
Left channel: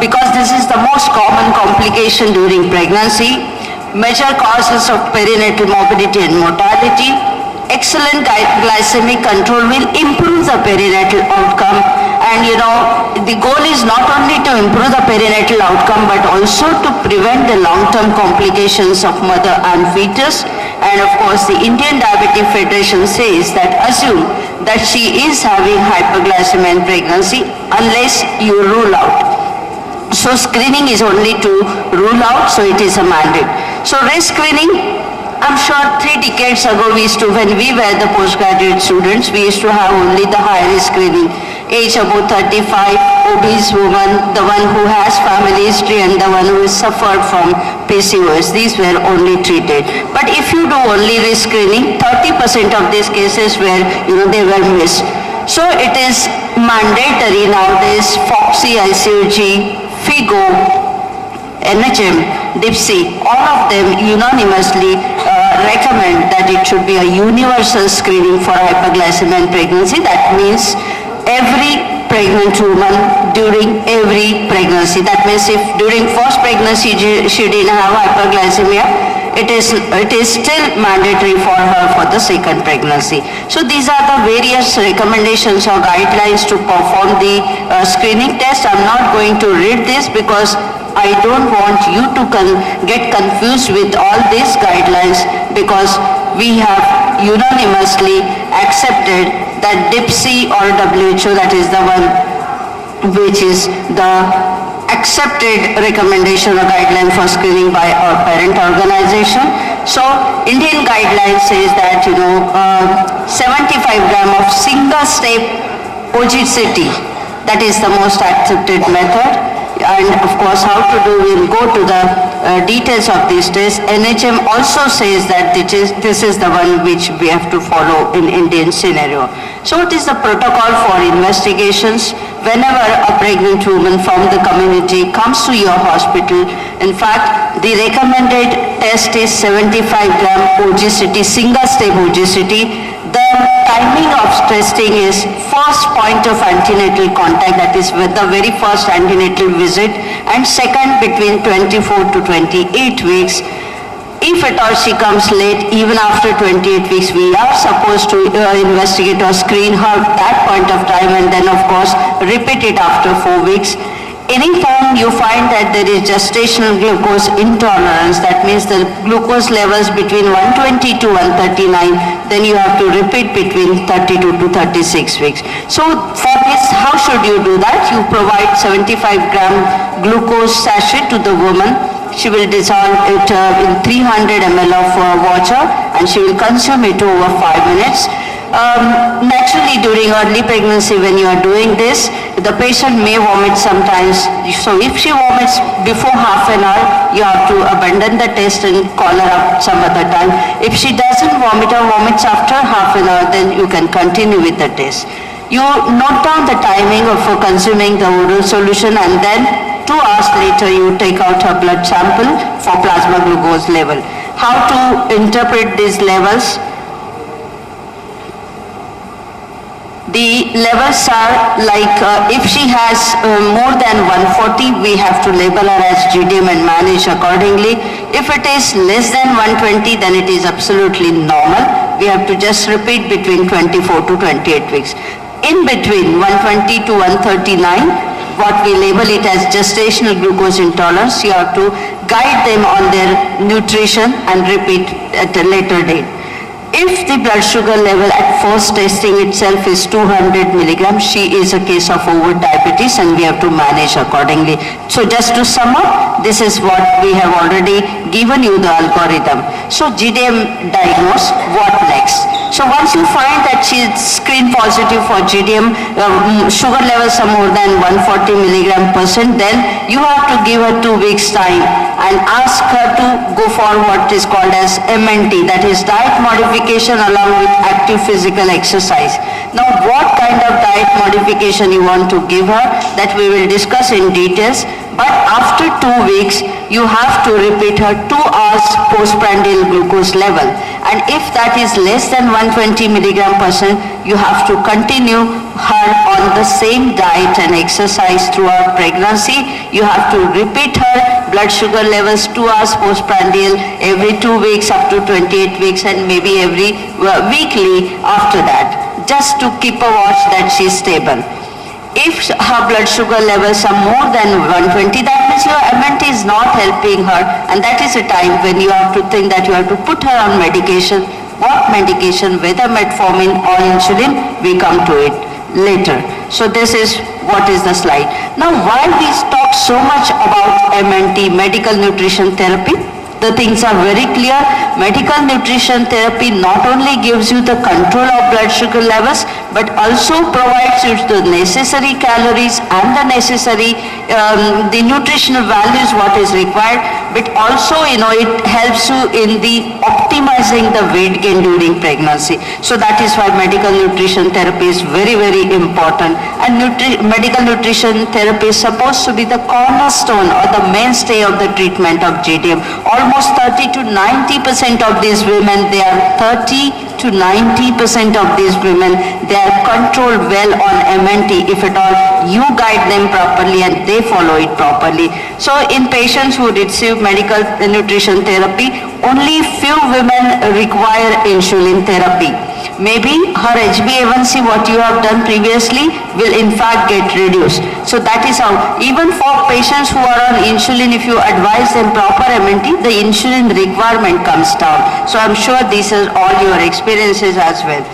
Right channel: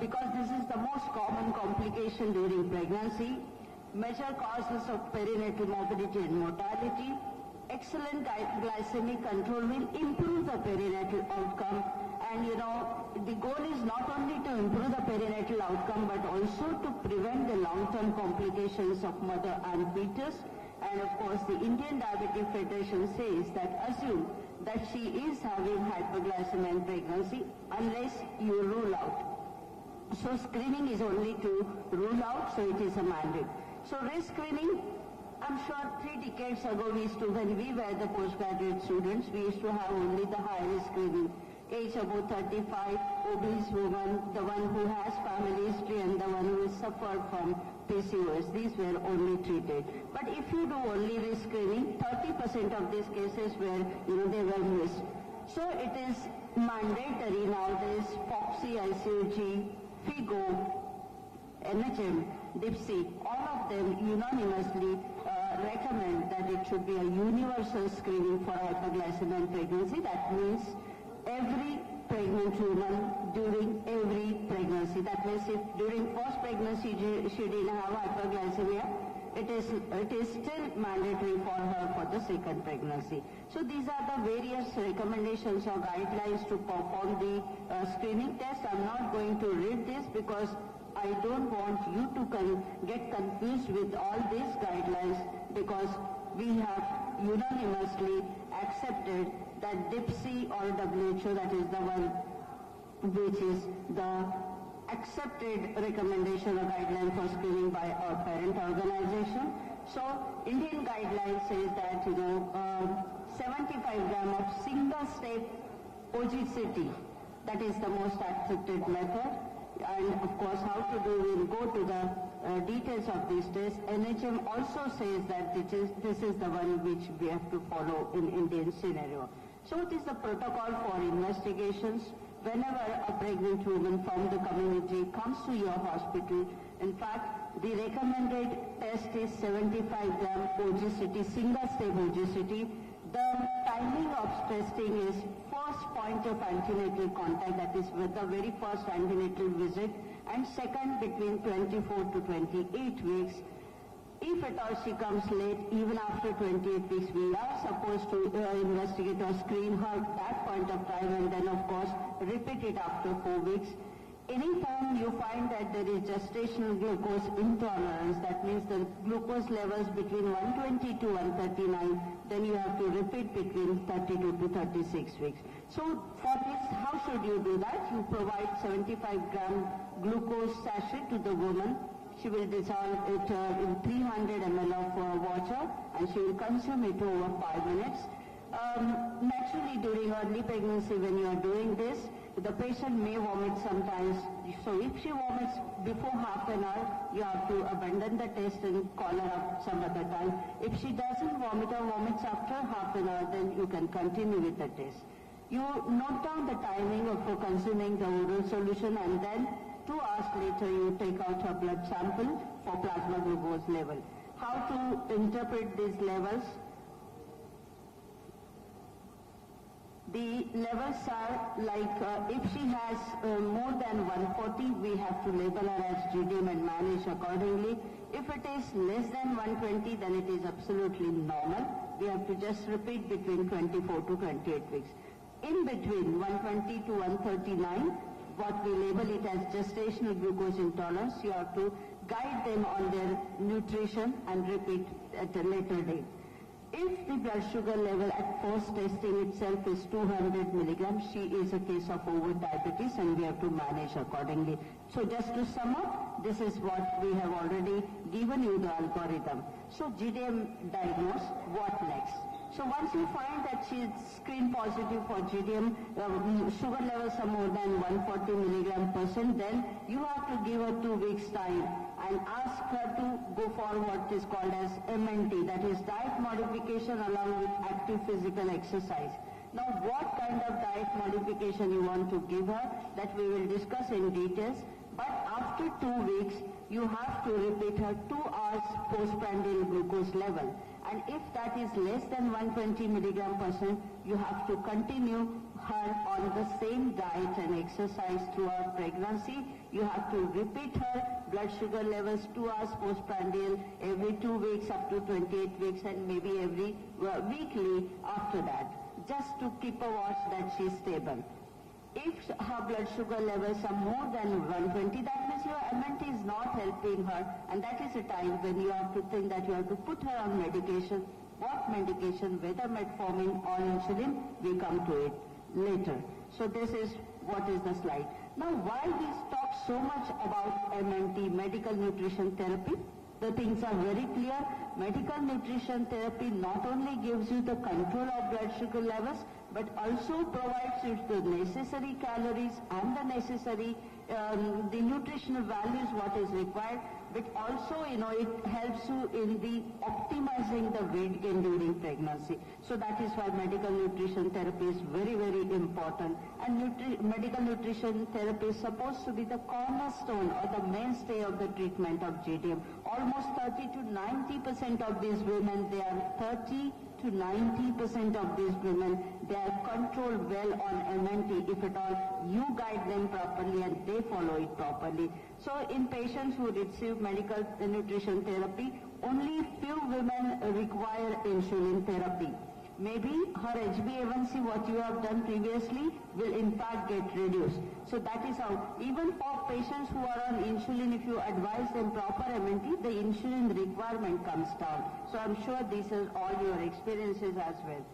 because this is the most common complication during pregnancy, major causes of perinatal morbidity and mortality, excellent glycemic control will improve the perinatal outcome. And the goal is not only to improve the perinatal outcome but also to prevent the long-term complications of mother and fetus. And of course the Indian Diabetic Federation says that assume that she is having hyperglycemia in pregnancy unless you rule out. So screening is only to rule out, so it is a mandate. So risk screening, I'm sure 3 decades ago when we were the postgraduate students, we used to have only the high risk screening. Age above 35, obese woman, the one who has family history and the one who has suffered from PCOS, these were only treated. But if you do only risk screening, 30% of these cases were, they were missed. So it is mandatory nowadays, FOXY, ICOG, FIGO, NHM, DIPSY, all of them unanimously recommend that it should be a universal screening for hyperglycemia in pregnancy. That means every pregnant woman during every pregnancy. That means if during first pregnancy she didn't have hyperglycemia, it is still mandatory for her for the second pregnancy. So these are the various recommendations or guidelines to perform the screening test. I'm not going to read this because I don't want you to get confused with all these guidelines, because we have unanimously accepted that DIPSY or WHO, that is the one which is the accepted recommendation or guideline for screening by our parent organization. So Indian guideline says that 75 gram of single step OGCT, that is the most accepted method. And of course how to do, we'll go to the details of these tests. NHM also says that this is the one which we have to follow in Indian scenario. So what is the protocol for investigations? Whenever a pregnant woman from the community comes to your hospital, in fact the recommended test is 75 gram OGCT, single step OGCT. The timing of testing is first point of antenatal contact, that is with the very first antenatal visit, and second between 24 to 28 weeks. If at all she comes late, even after 28 weeks, we are supposed to investigate or screen her at that point of time, and then of course repeat it after 4 weeks. Anytime you find that there is gestational glucose intolerance, that means the glucose levels between 120 to 139, then you have to repeat between 32 to 36 weeks. So for this, how should you do that? You provide 75 gram glucose sachet to the woman. She will dissolve it in 300 ml of water and she will consume it over 5 minutes. Naturally, during early pregnancy, when you are doing this, the patient may vomit sometimes. So if she vomits before half an hour, you have to abandon the test and call her up some other time. If she doesn't vomit or vomits after half an hour, then you can continue with the test. You note down the timing of consuming the oral solution, and then 2 hours later you take out her blood sample for plasma glucose level. How to interpret these levels? The levels are like if she has more than 140, we have to label her as GTM and manage accordingly. If it is less than 120, then it is absolutely normal. We have to just repeat between 24 to 28 weeks. In between 120 to 139, what we label it as gestational glucose intolerance, you have to guide them on their nutrition and repeat at a later date. If the blood sugar level at first testing itself is 200 milligrams, she is a case of over diabetes and we have to manage accordingly. So just to sum up, this is what we have already given you the algorithm. So GTM diagnosed, what next? So once you find that she's screen positive for GTM, sugar levels are more than 140 mg/%, then you have to give her 2 weeks time and ask her to go for what is called as MNT, that is diet modification along with active physical exercise. Now what kind of diet modification you want to give her, that we will discuss in details, but after 2 weeks you have to repeat her 2 hours postprandial glucose level, and if that is less than 120 mg/%, you have to continue her on the same diet and exercise throughout pregnancy. You have to repeat her blood sugar levels 2 hours postprandial every 2 weeks up to 28 weeks, and maybe every weekly after that, just to keep a watch that she is stable. If her blood sugar levels are more than 120, that means your MNT is not helping her, and that is a time when you have to think that you have to put her on medication. What medication, whether metformin or insulin, we come to it later. So this is what is the slide. Now why we talk so much about MNT, medical nutrition therapy? The things are very clear. Medical nutrition therapy not only gives you the control of blood sugar levels, but also provides you the necessary calories and the necessary the nutritional values what is required, but also it helps you in the optimizing the weight gain during pregnancy. So that is why medical nutrition therapy is very, very important, and medical nutrition therapy is supposed to be the cornerstone or the mainstay of the treatment of GTM. Almost 30 to 90% of these women, they are 30 to 90% of these women, they are controlled well on MNT if at all you guide them properly and they follow it properly. So in patients who receive medical nutrition therapy, only few women require insulin therapy. Maybe her HbA1c, what you have done previously, will in fact get reduced. So that is how, even for patients who are on insulin, if you advise them proper MNT, the insulin requirement comes down. So I'm sure these are all your experiences as well.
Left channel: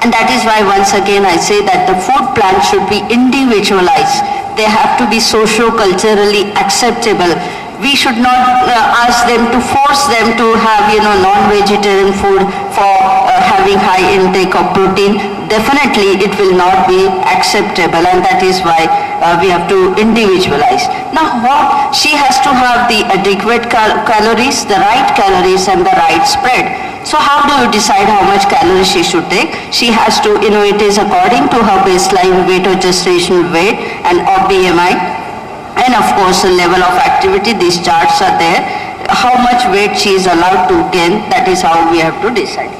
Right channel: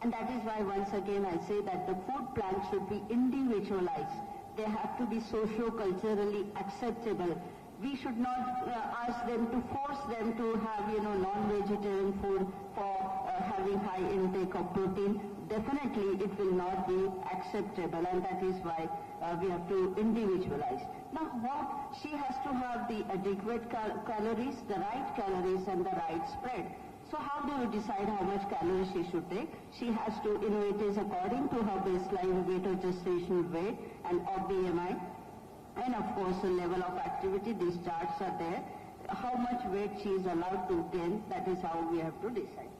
And that is why once again I say that the food plan should be individualized. They have to be socio-culturally acceptable. We should not ask them to force them to have non-vegetarian food for having high intake of protein. Definitely it will not be acceptable, and that is why we have to individualize. Now she has to have the adequate calories, the right calories and the right spread. So how do you decide how much calories she should take? She has to, it is according to her baseline weight or gestational weight and or BMI, and of course the level of activity. These charts are there. How much weight she is allowed to gain, that is how we have to decide.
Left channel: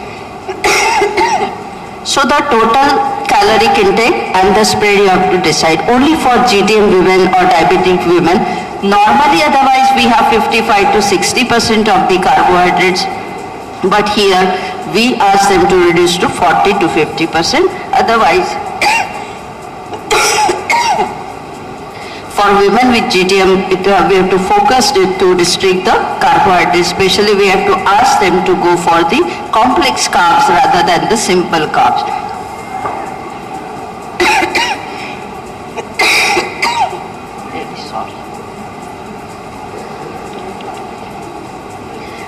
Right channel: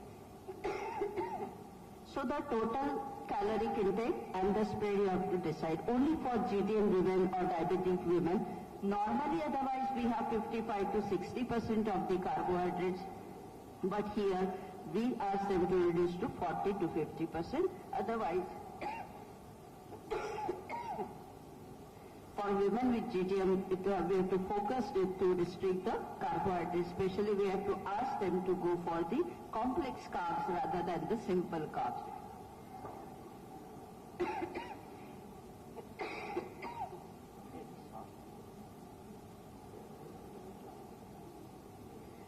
So the total caloric intake and the spread you have to decide only for GTM women or diabetic women. Normally otherwise we have 55 to 60% of the carbohydrates, but here we ask them to reduce to 40 to 50%. Otherwise for women with GTM, we have to focus it to restrict the carbohydrates. Especially we have to ask them to go for the complex carbs rather than the simple carbs.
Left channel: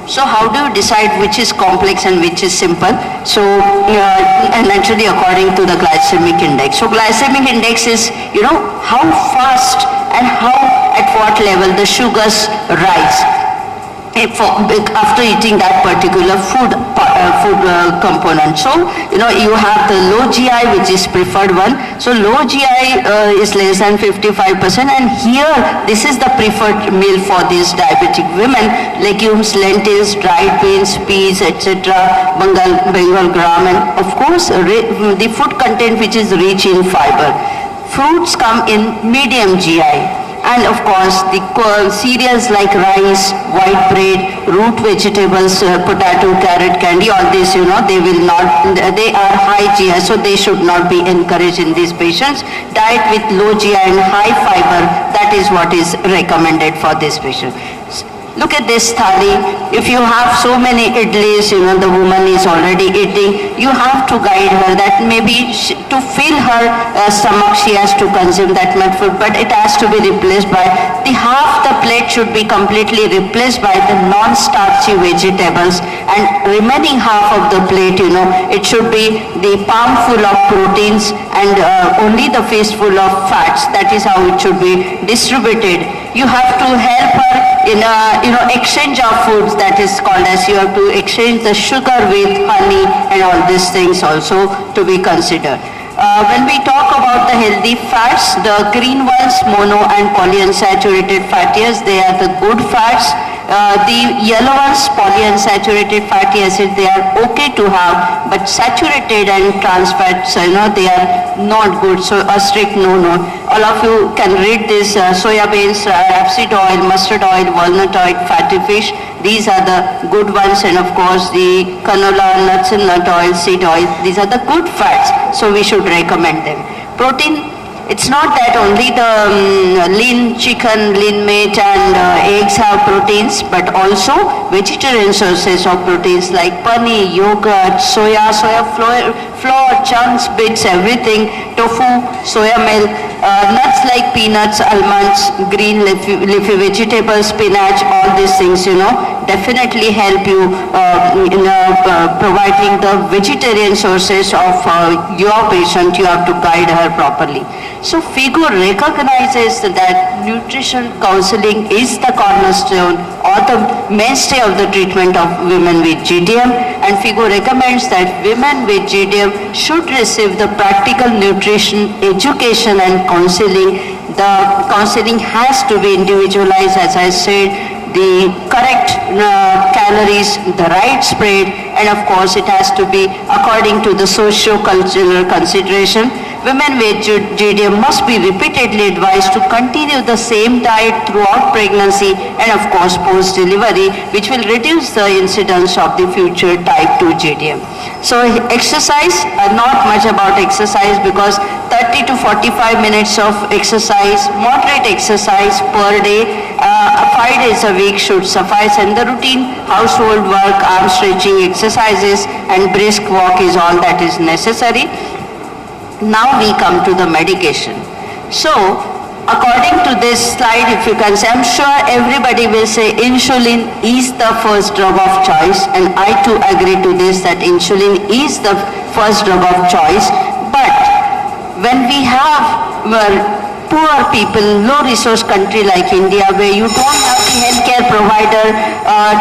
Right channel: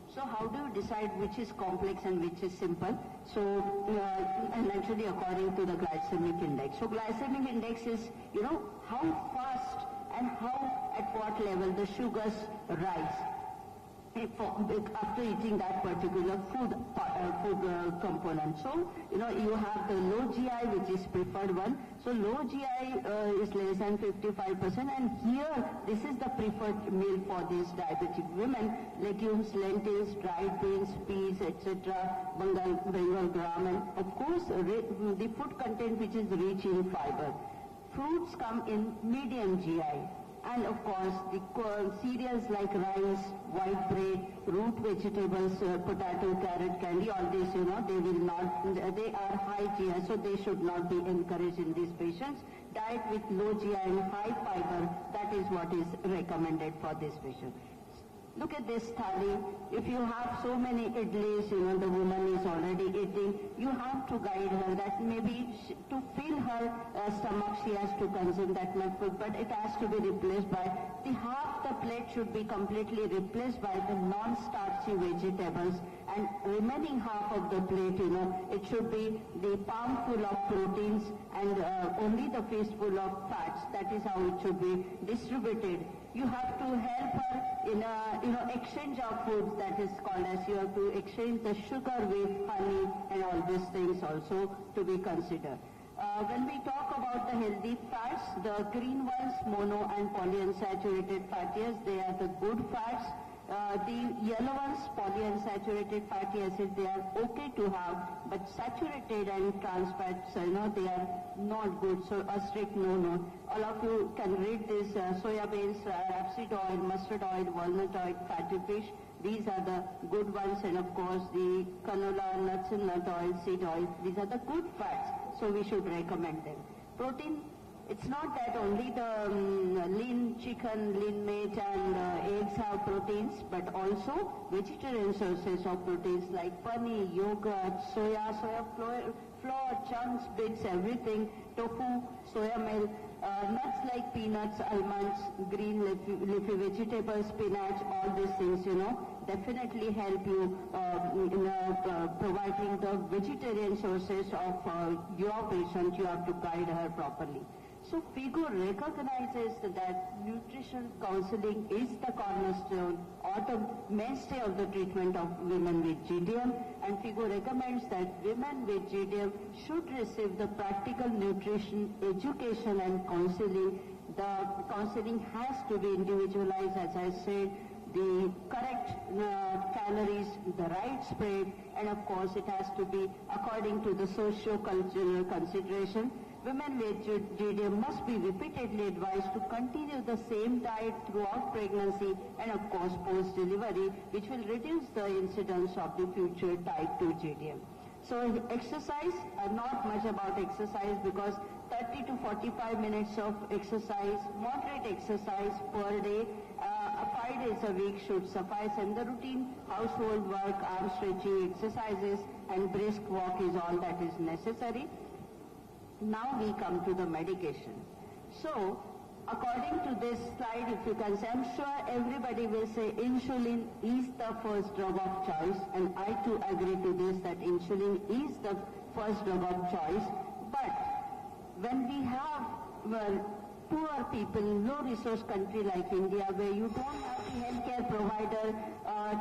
So how do you decide which is complex and which is simple? So and naturally according to the glycemic index. So glycemic index is how fast and at what level the sugars rise after eating that particular food component. So you have the low GI, which is preferred one. So low GI is less than 55%, and here this is the preferred meal for these diabetic women: legumes, lentils, dried beans, peas, etc., Bengal gram, and of course the food content which is rich in fiber. Fruits come in medium GI. And of course the cereals like rice, white bread, root vegetables, potato, carrot, candy, all this they are high GI, so they should not be encouraged in these patients. Diet with low GI and high fiber, that is what is recommended for this patient. Look at this thali. If you have so many idlis, the woman is already eating, you have to guide her that maybe to fill her stomach she has to consume that much food, but it has to be replaced by half the plate should be completely replaced by the non-starchy vegetables, and remaining half of the plate, it should be the palm full of proteins and only the fistful of fats. That is how it should be distributed. You have to help her in exchange of foods, that is called as you have to exchange the sugar with honey, and all these things also to be considered. When we talk about the healthy fats, the green ones, mono and polyunsaturated fatty acids, they are the good fats. The yellow ones, polyunsaturated fatty acids, they are okay to have, but saturated and trans fats, they are not good. So a strict no. All of you can read this: soya beans, rapeseed oil, mustard oil, walnut oil, fatty fish. These are the good ones, and of course the canola, nuts and nut oil, seed oil. These are the good fats, so we should recommend them. Protein. It's not that only the lean chicken, lean meat and eggs have proteins, but also vegetarian sources of proteins like paneer, yogurt, soya flour, chunks, bits, everything, tofu, soya milk, nuts like peanuts, almonds, green leafy vegetables, spinach, all these things, definitely help you in providing the vegetarian sources of your patient. You have to guide her properly. So FIGO recognizes that nutrition counseling is the cornerstone or the mainstay of the treatment of women with GTM, and FIGO recommends that women with GTM should receive the practical nutrition education and counseling. The counseling has to be individualized, as I said, the correct calories, the right spread, and of course it has to be according to the socio-cultural consideration. Women with GTM must be repeatedly advised to continue the same diet throughout pregnancy and of course post-delivery, which will reduce the incidence of the future type 2 GTM. So exercise, not much about exercise because 30 to 45 minutes of exercise, moderate exercise per day, 5 days a week should suffice, and the routine household work, arm stretching exercises and brisk walk is all that is necessary. Now we come to the medication. So according to this slide, if you can see, I'm sure everybody will say insulin is the first drug of choice, and I too agree to this that insulin is the first drug of choice. But when we have poor people, low resource country like India, where you don't have the healthcare provider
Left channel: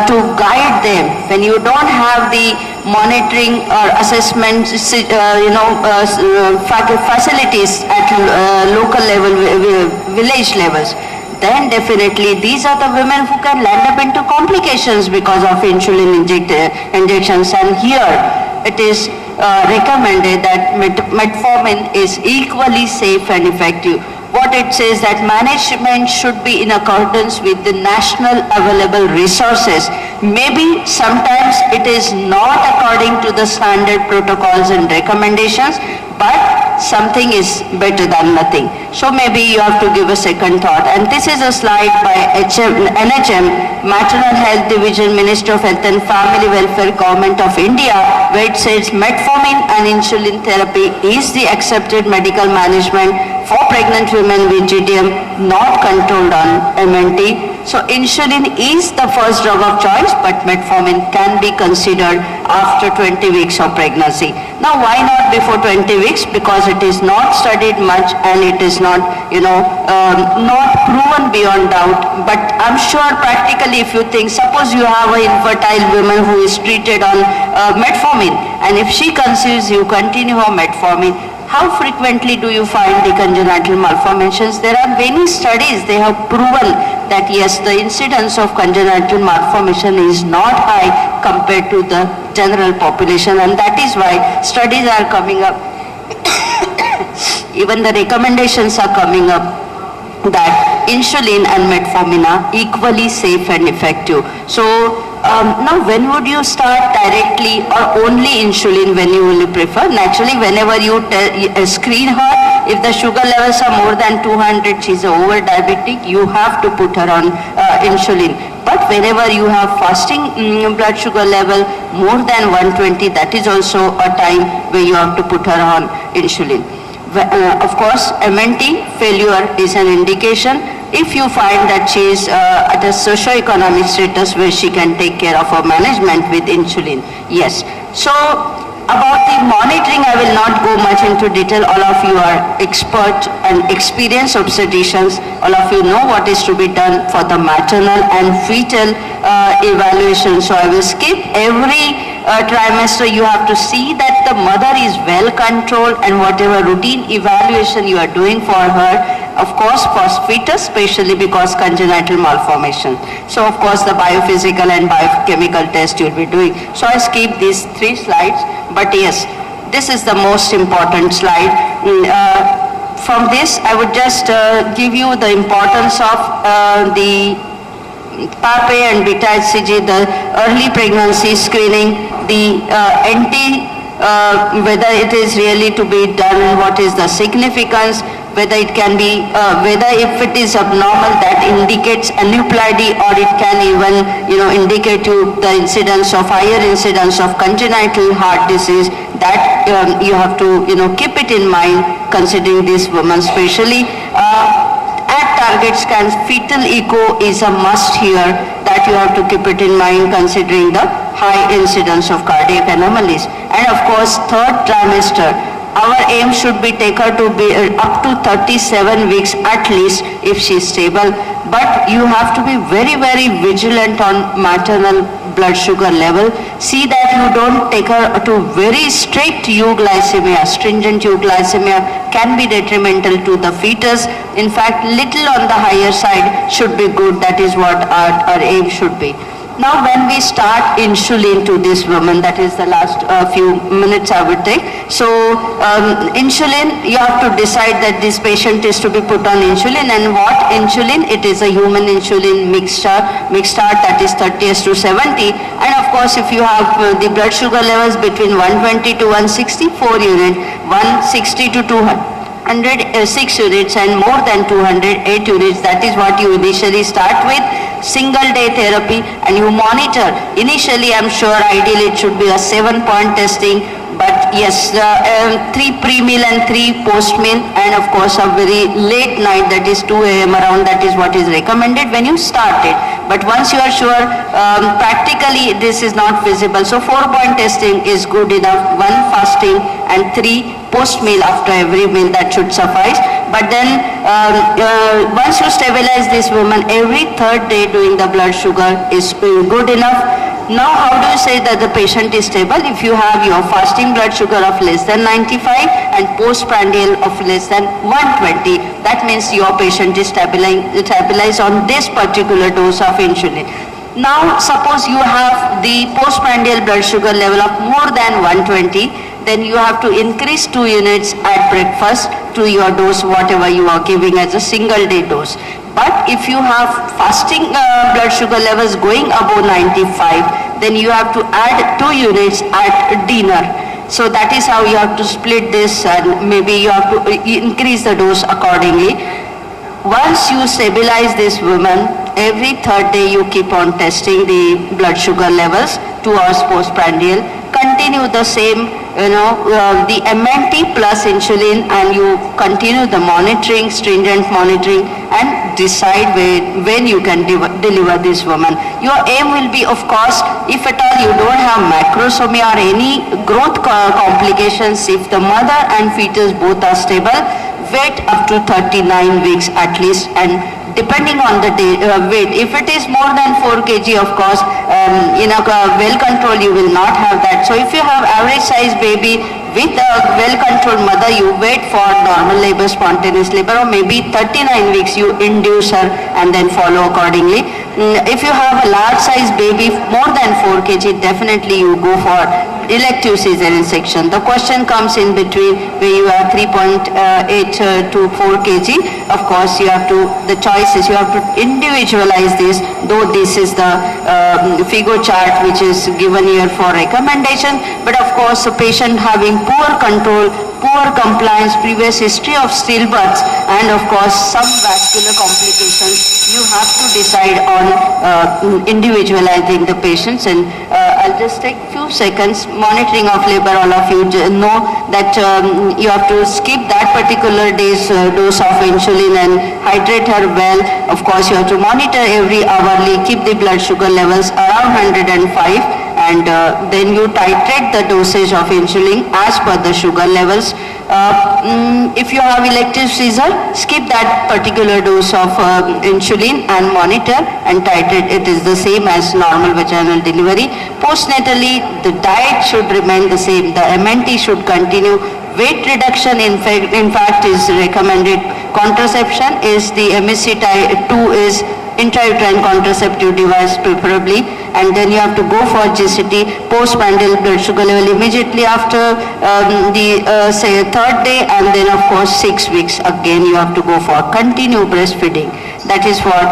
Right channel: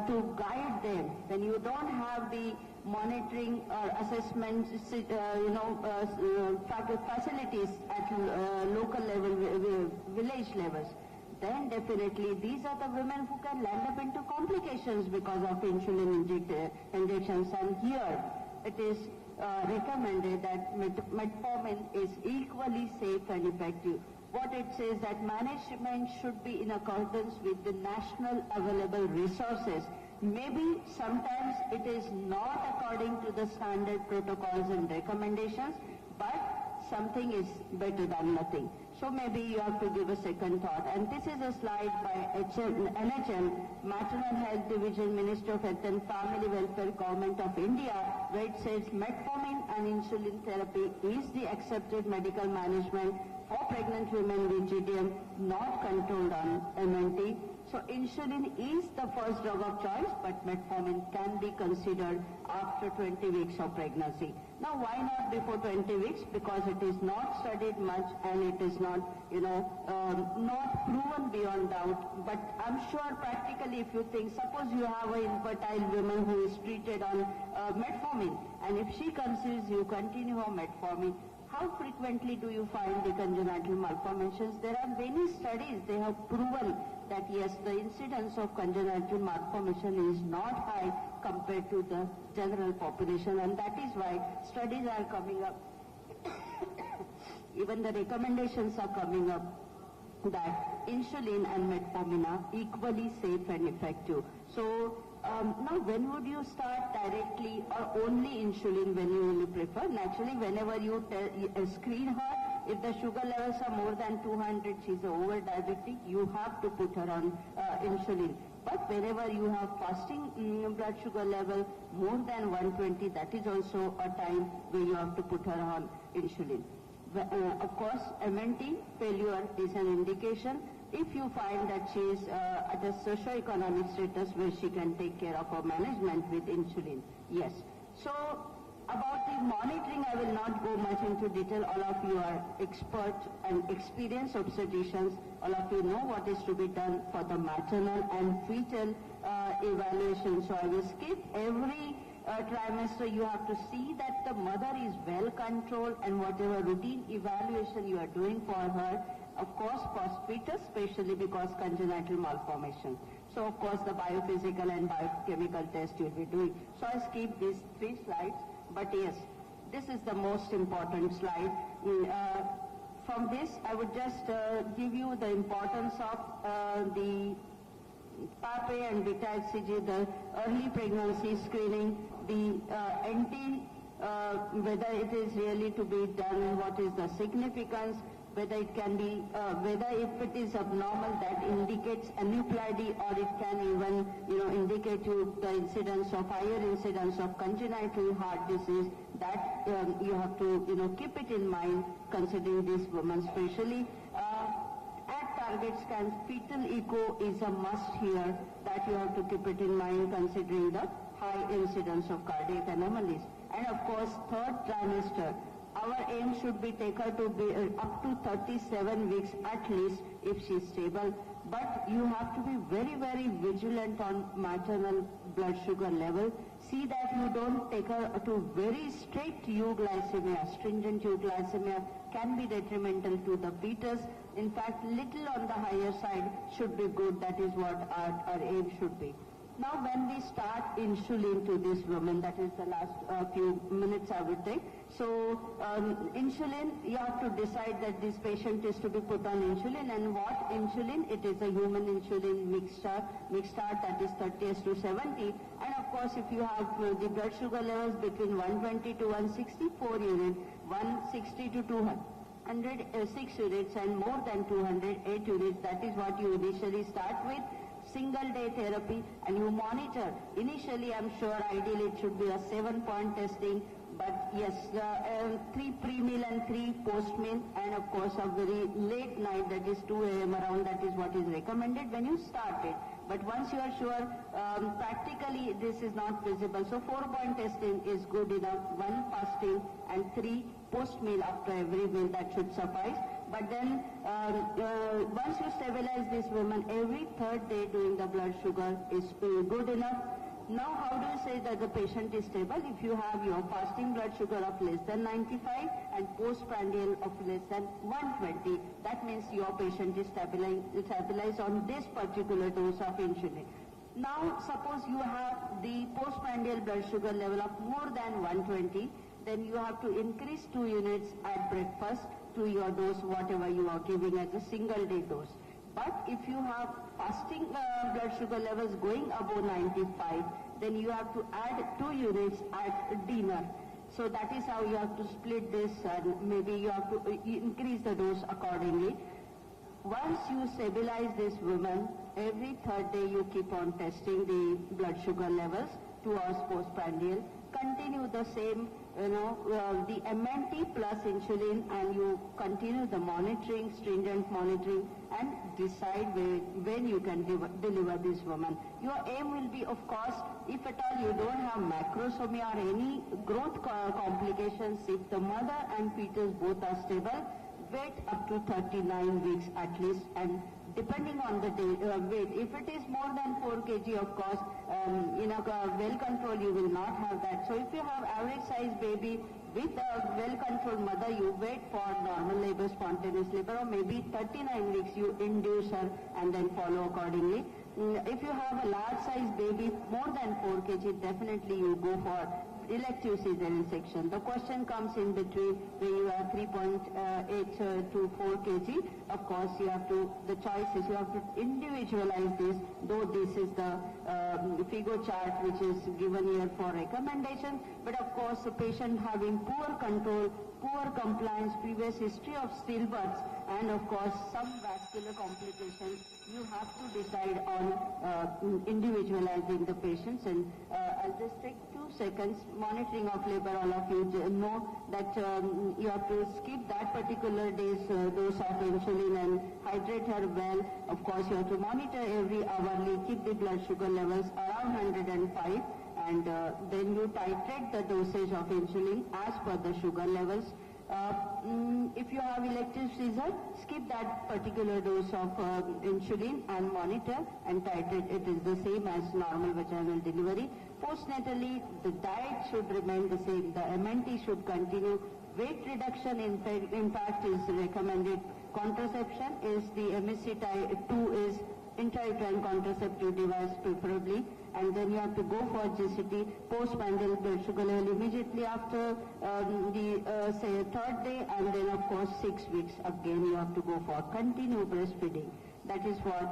to guide them, when you don't have the monitoring or assessment facilities at local level, village levels, then definitely these are the women who can land up into complications because of insulin injections. And here it is recommended that metformin is equally safe and effective. What it says that management should be in accordance with the national available resources. Maybe sometimes it is not according to the standard protocols and recommendations, but something is better than nothing. So maybe you have to give a second thought. And this is a slide by NHM, Maternal Health Division, Minister of Health and Family Welfare, Government of India, where it says metformin and insulin therapy is the accepted medical management for pregnant women with GTM, not controlled on MNT. So insulin is the first drug of choice, but metformin can be considered after 20 weeks of pregnancy. Now why not before 20 weeks? Because it is not studied much and it is not, not proven beyond doubt. But I'm sure practically if you think, suppose you have an infertile woman who is treated on metformin, and if she conceives, you continue her metformin. How frequently do you find the congenital malformations? There are many studies, they have proven that yes, the incidence of congenital malformation is not high compared to the general population, and that is why studies are coming up. Even the recommendations are coming up that insulin and metformin are equally safe and effective. So now when would you start directly or only insulin when you will prefer? Naturally, whenever you screen her, if the sugar levels are more than 200, she's over diabetic, you have to put her on insulin. But whenever you have fasting blood sugar level more than 120, that is also a time where you have to put her on insulin. Of course, MNT failure is an indication. If you find that she is at a socio-economic status where she can take care of her management with insulin, yes. So about the monitoring, I will not go much into detail. All of you are expert and experienced obstetricians. All of you know what is to be done for the maternal and fetal evaluation. So I will skip every trimester. You have to see that the mother is well controlled and whatever routine evaluation you are doing for her, of course for fetus, especially because congenital malformation. So of course the biophysical and biochemical test you will be doing. So I skip these 3 slides, but yes, this is the most important slide. From this I would just give you the importance of the PAPA and beta HCG, the early pregnancy screening, the whether it is really to be done, what is the significance, whether it can be, whether if it is abnormal that indicates aneuploidy, or it can even, indicate you the incidence of, higher incidence of congenital heart disease, that you have to, keep it in mind considering this woman especially. At target scans, fetal echo is a must here, that you have to keep it in mind considering the high incidence of cardiac anomalies. And of course, 3rd trimester, our aim should be take her to be up to 37 weeks at least if she is stable. But you have to be very, very vigilant on maternal blood sugar level. See that you don't take her to very strict euglycemia. Stringent euglycemia can be detrimental to the fetus. In fact, little on the higher side should be good. That is what our aim should be. Now when we start insulin to this woman, that is the last few minutes I would take. So insulin, you have to decide that this patient is to be put on insulin, and what insulin? It is a human insulin mixed start, that is 30:70. And of course if you have the blood sugar levels between 120 to 160, 4 units, 160 to 200, 6 units, and more than 200, 8 units. That is what you initially start with. Single day therapy, and you monitor. Initially I'm sure ideally it should be a 7-point testing, but yes, 3 pre-meal and 3 post-meal, and of course a very late night, that is 2 a.m. around, that is what is recommended when you start it. But once you are sure, practically this is not feasible. So 4-point testing is good enough, 1 fasting and 3 post-meal after every meal, that should suffice. But then once you stabilize this woman, every 3rd day doing the blood sugar is good enough. Now how do you say that the patient is stable? If you have your fasting blood sugar of less than 95 and postprandial of less than 120, that means your patient is stabilized on this particular dose of insulin. Now suppose you have the postprandial blood sugar level of more than 120, then you have to increase 2 units at breakfast to your dose, whatever you are giving as a single day dose. But if you have fasting blood sugar levels going above 95, then you have to add 2 units at dinner. So that is how you have to split this, and maybe you have to increase the dose accordingly. Once you stabilize this woman, every 3rd day you keep on testing the blood sugar levels, 2 hours postprandial. Continue the same, the MNT plus insulin, and you continue the monitoring, stringent monitoring, and decide when you can deliver this woman. Your aim will be, of course, if at all you don't have macrosomia or any growth complications, if the mother and fetus both are stable, wait up to 39 weeks at least, and depending on the weight. If it is more than 4 kg, of course, well controlled, you will not have that. So if you have average size baby with a well controlled mother, you wait for normal labor, spontaneous labor, or maybe 39 weeks you induce her and then follow accordingly. If you have a large size baby more than 4 kg, definitely you go for elective cesarean section. The question comes in between where you are 3.8 to 4 kg. Of course, you have to, the choice is you have to individualize this, though this is the FIGO chart which is given here for recommendation. But of course, a patient having poor control, poor compliance, previous history of stillbirths, and of course some vascular complications you have to decide on individualizing the patients. And I'll just take few seconds. Monitoring of labor, all of you know that you have to skip that particular day's dose of insulin and hydrate her well. Of course, you have to monitor every hourly, keep the blood sugar levels around 105, and then you titrate the dosage of insulin as per the sugar levels. If you have elective seizure, skip that particular dose of insulin and monitor and titrate. It is the same as normal vaginal delivery. Postnatally, the diet should remain the same. The MNT should continue. Weight reduction, in fact, is recommended. Contraception is the MSC type 2 is intrauterine contraceptive device preferably, and then you have to go for GCT, postprandial blood sugar level immediately after the say third day, and then of course 6 weeks again you have to go for continued breastfeeding. That is what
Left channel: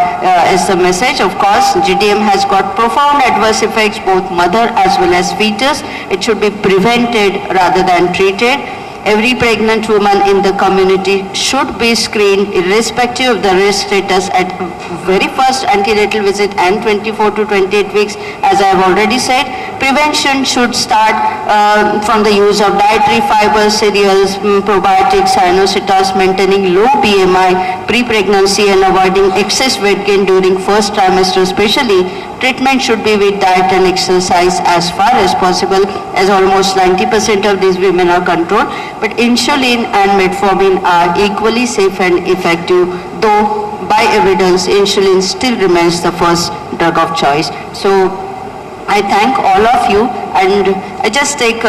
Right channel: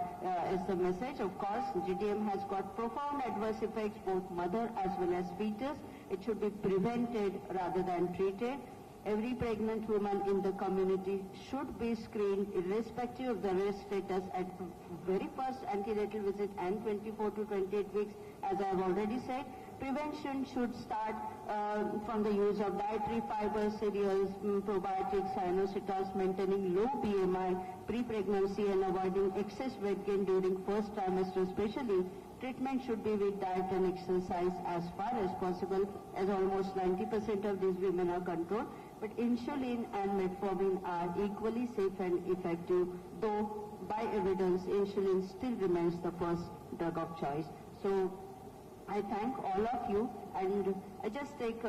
is the message. Of course, GTM has got profound adverse effects, both mother as well as fetus. It should be prevented rather than treated. Every pregnant woman in the community should be screened irrespective of the risk status at very first antenatal visit and 24 to 28 weeks. As I have already said, prevention should start from the use of dietary fibers, cereals, probiotics, inositol, maintaining low BMI, pre-pregnancy, and avoiding excess weight gain during first trimester especially. Treatment should be with diet and exercise as far as possible, as almost 90% of these women are controlled. But insulin and metformin are equally safe and effective, though by evidence insulin still remains the first drug of choice. So I thank all of you, and I just take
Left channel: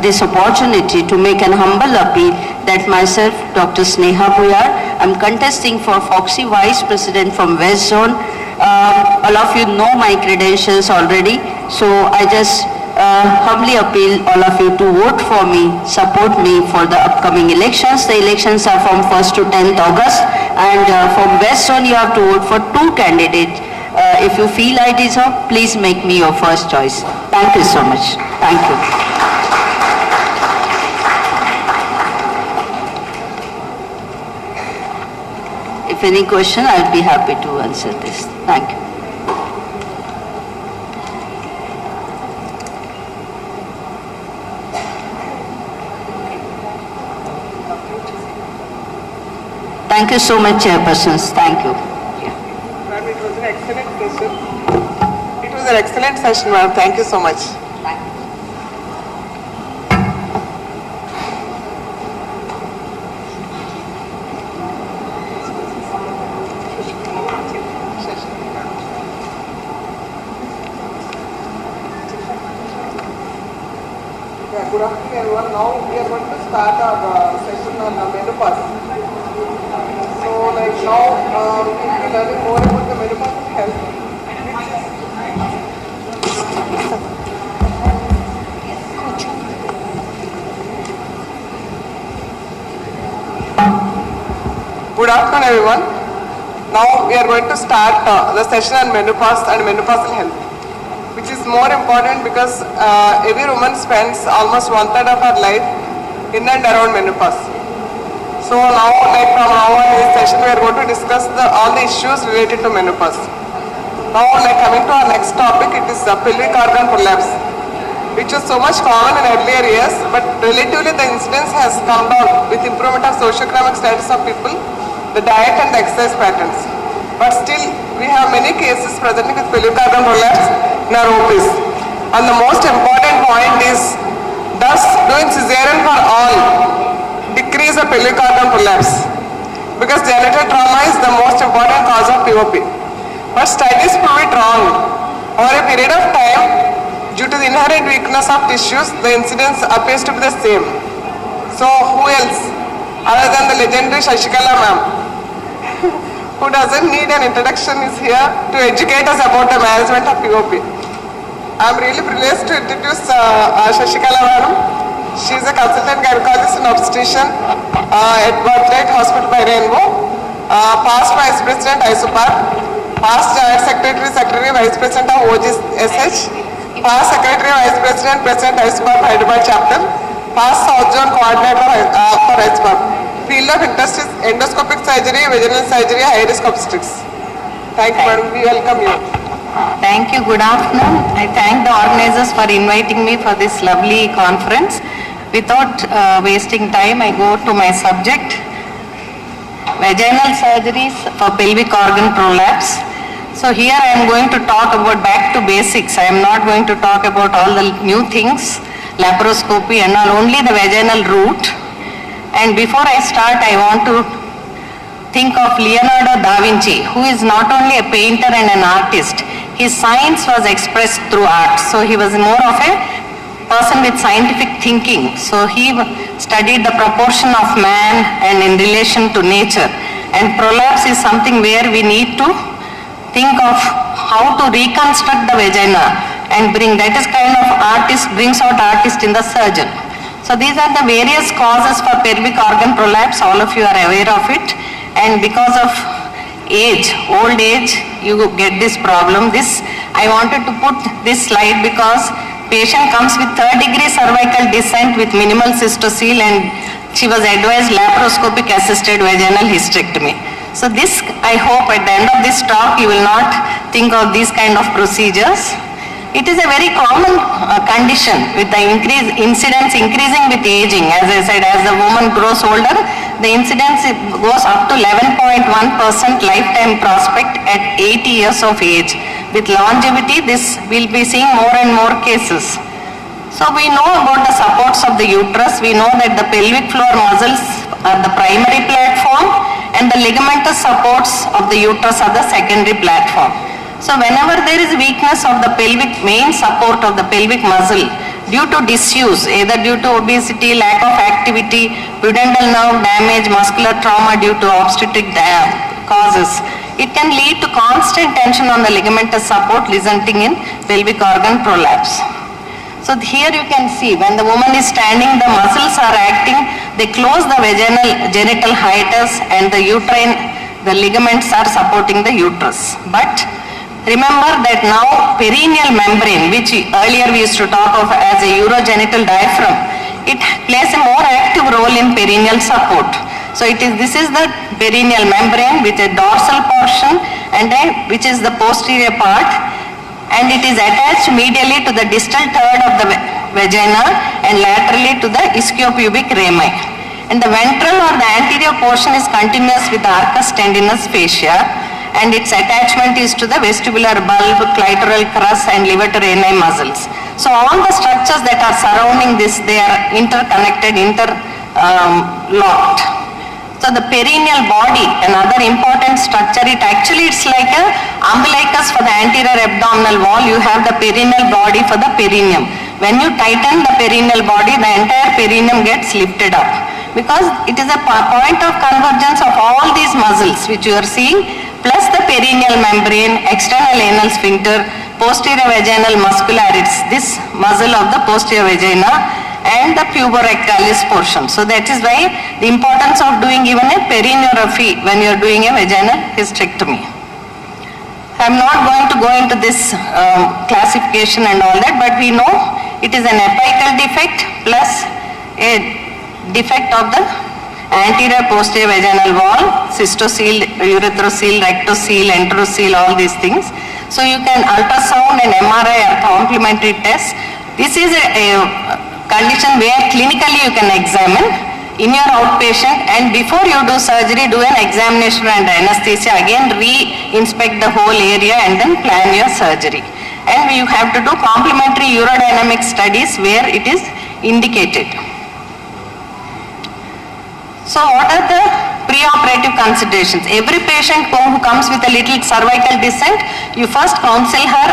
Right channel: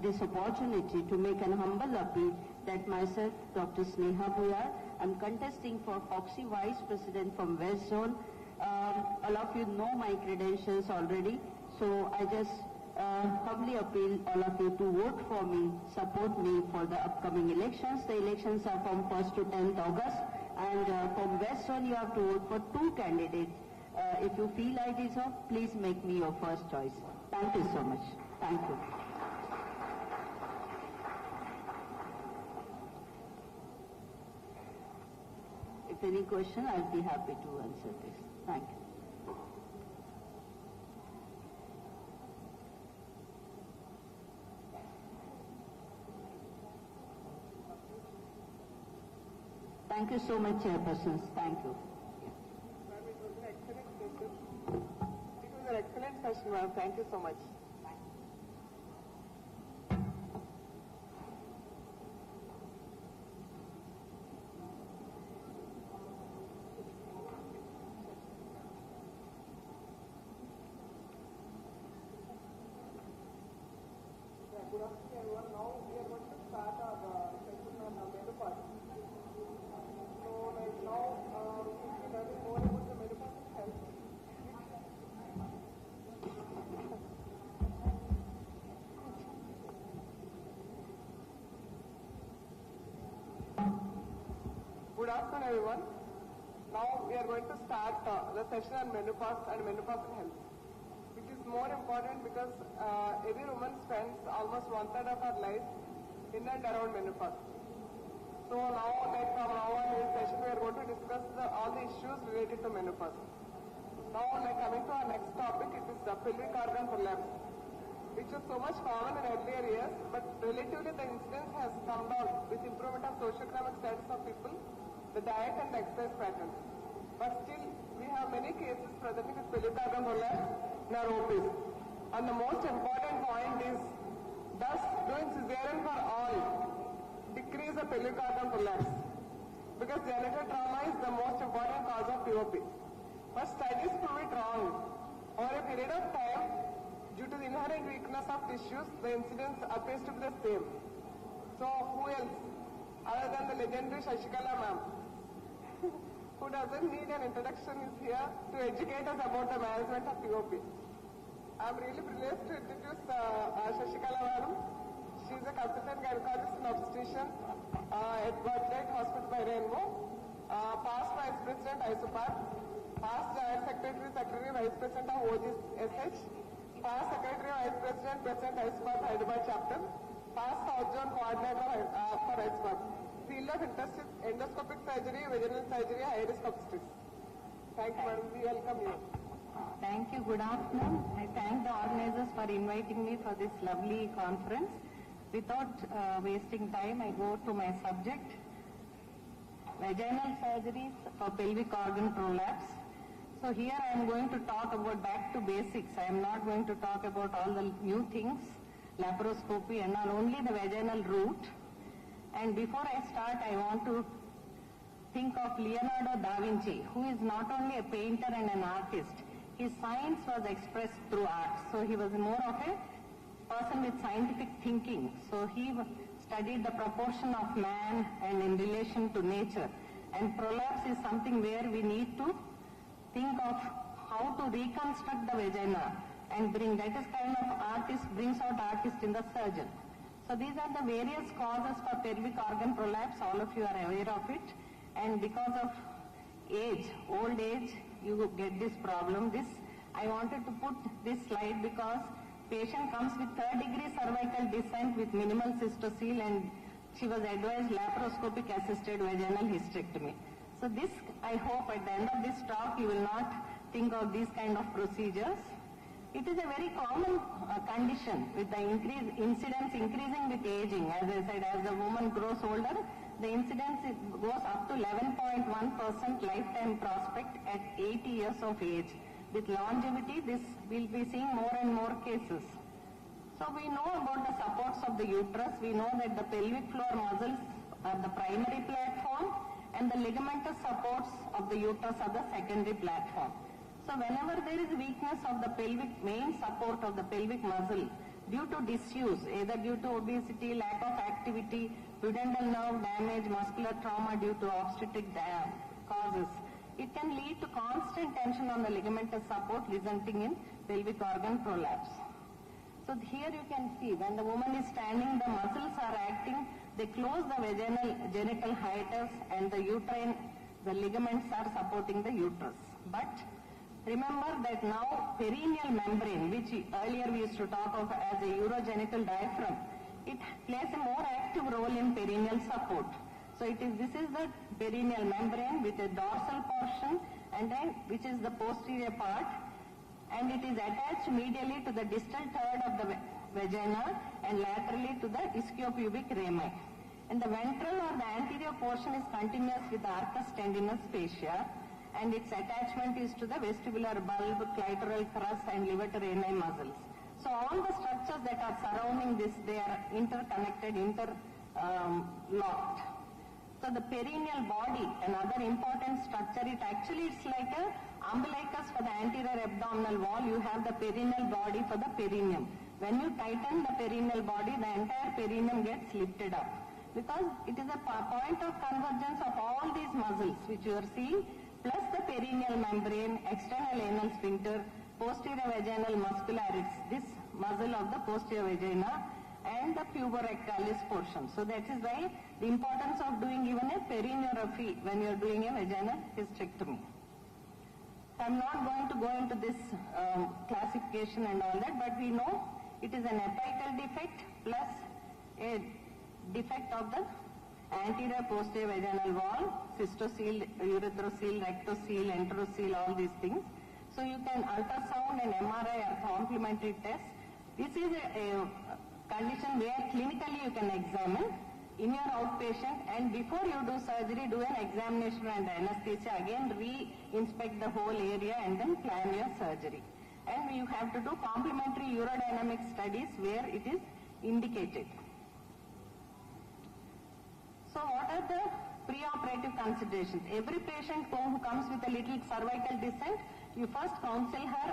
this opportunity to make an humble appeal that myself, Dr. Sneha Buyar, I'm contesting for Foxy Vice President from West Zone. All of you know my credentials already, so I just humbly appeal all of you to vote for me, support me for the upcoming elections. The elections are from 1st to 10th August, and from West Zone you have to vote for 2 candidates. If you feel I deserve, please make me your first choice. Thank you so much. Thank you. If any question, I'll be happy to answer this. Thank you. Thank you so much, Chairpersons. Thank you. Ma'am, it was an excellent session. It was an excellent session, ma'am. Thank you so much. Good afternoon, everyone. Now we are going to start our session on menopause. So, like now, we will be learning more about the menopausal health. Good afternoon, everyone. Now we are going to start the session on menopause and menopausal health, which is more important because every woman spends almost 1/3 of her life in and around menopause. So now, like from now on in this session, we are going to discuss all the issues related to menopause. Now, like coming to our next topic, it is pelvic organ prolapse, which was so much common in earlier years, but relatively the incidence has come down with improvement of socioeconomic status of people, the diet and the exercise patterns. But still, we have many cases presenting with pelvic organ prolapse in our OPs. And the most important point is, does doing cesarean for all decrease the pelvic organ prolapse? Because genital trauma is the most important cause of POP. But studies prove it wrong. Over a period of time, due to the inherent weakness of tissues, the incidence appears to be the same. So who else other than the legendary Shashikala ma'am, who doesn't need an introduction, is here to educate us about the management of POP. I am really privileged to introduce Shashikala madam. She is a consultant gynecologist and obstetrician at Bladder Hospital by Rainbow, past Vice President ISOPAR, past Joint Secretary, Vice President of OGSH, past Secretary, Vice President, President ISOPAR Hyderabad Chapter, past South Zone Coordinator for ISOPAR. Field of interest is endoscopic surgery, vaginal surgery, high-risk obstetrics. Thank you, madam. We welcome you. Thank you. Good afternoon. I thank the organizers for inviting me for this lovely conference. Without wasting time, I go to my subject. Vaginal surgeries for pelvic organ prolapse. So here I am going to talk about back to basics. I am not going to talk about all the new things, laparoscopy and all, only the vaginal route. And before I start, I want to think of Leonardo da Vinci, who is not only a painter and an artist. His science was expressed through art. So he was more of a person with scientific thinking. So he studied the proportion of man and in relation to nature. And prolapse is something where we need to think of how to reconstruct the vagina and bring, that is kind of artist, brings out artist in the surgeon. So these are the various causes for pelvic organ prolapse, all of you are aware of it. And because of age, old age, you get this problem. I wanted to put this slide because patient comes with 3rd-degree cervical descent with minimal cystocele and she was advised laparoscopic assisted vaginal hysterectomy. So this, I hope at the end of this talk, you will not think of these kind of procedures. It is a very common condition with the incidence increasing with aging. As I said, as the woman grows older, the incidence goes up to 11.1% lifetime prospect at 80 years of age. With longevity, this will be seeing more and more cases. So we know about the supports of the uterus. We know that the pelvic floor muscles are the primary platform and the ligamentous supports of the uterus are the secondary platform. So whenever there is weakness of the pelvic main support of the pelvic muscle due to disuse, either due to obesity, lack of activity, pudendal nerve damage, muscular trauma due to obstetric causes, it can lead to constant tension on the ligamentous support resulting in pelvic organ prolapse. So here you can see when the woman is standing, the muscles are acting, they close the vaginal genital hiatus and the uterine, the ligaments are supporting the uterus. But remember that now perineal membrane, which earlier we used to talk of as a urogenital diaphragm, it plays a more active role in perineal support. So this is the perineal membrane with a dorsal portion and which is the posterior part, and it is attached medially to the distal third of the vagina and laterally to the ischiopubic rami. And the ventral or the anterior portion is continuous with the arcus tendinous fascia, and its attachment is to the vestibular bulb, clitoral crus and levator ani muscles. So all the structures that are surrounding this, they are interconnected, interlocked. So the perineal body, another important structure, it's like a umbilicus for the anterior abdominal wall. You have the perineal body for the perineum. When you tighten the perineal body, the entire perineum gets lifted up because it is a point of convergence of all these muscles which you are seeing, plus the perineal membrane, external anal sphincter, posterior vaginal muscularis, this muscle of the posterior vagina, and the puborectalis portion. So that is why the importance of doing even a perineuraphy when you are doing a vaginal hysterectomy. I am not going to go into this classification and all that, but we know it is an apical defect plus a defect of the anterior posterior vaginal wall, cystocele, urethrocele, rectocele, enterocele, all these things. So you can ultrasound and MRI are complementary tests. This is a condition where clinically you can examine in your outpatient, and before you do surgery, do an examination and anesthesia, again re-inspect the whole area and then plan your surgery. And you have to do complementary urodynamic studies where it is indicated. So what are the preoperative considerations? Every patient who comes with a little cervical descent, you first counsel her,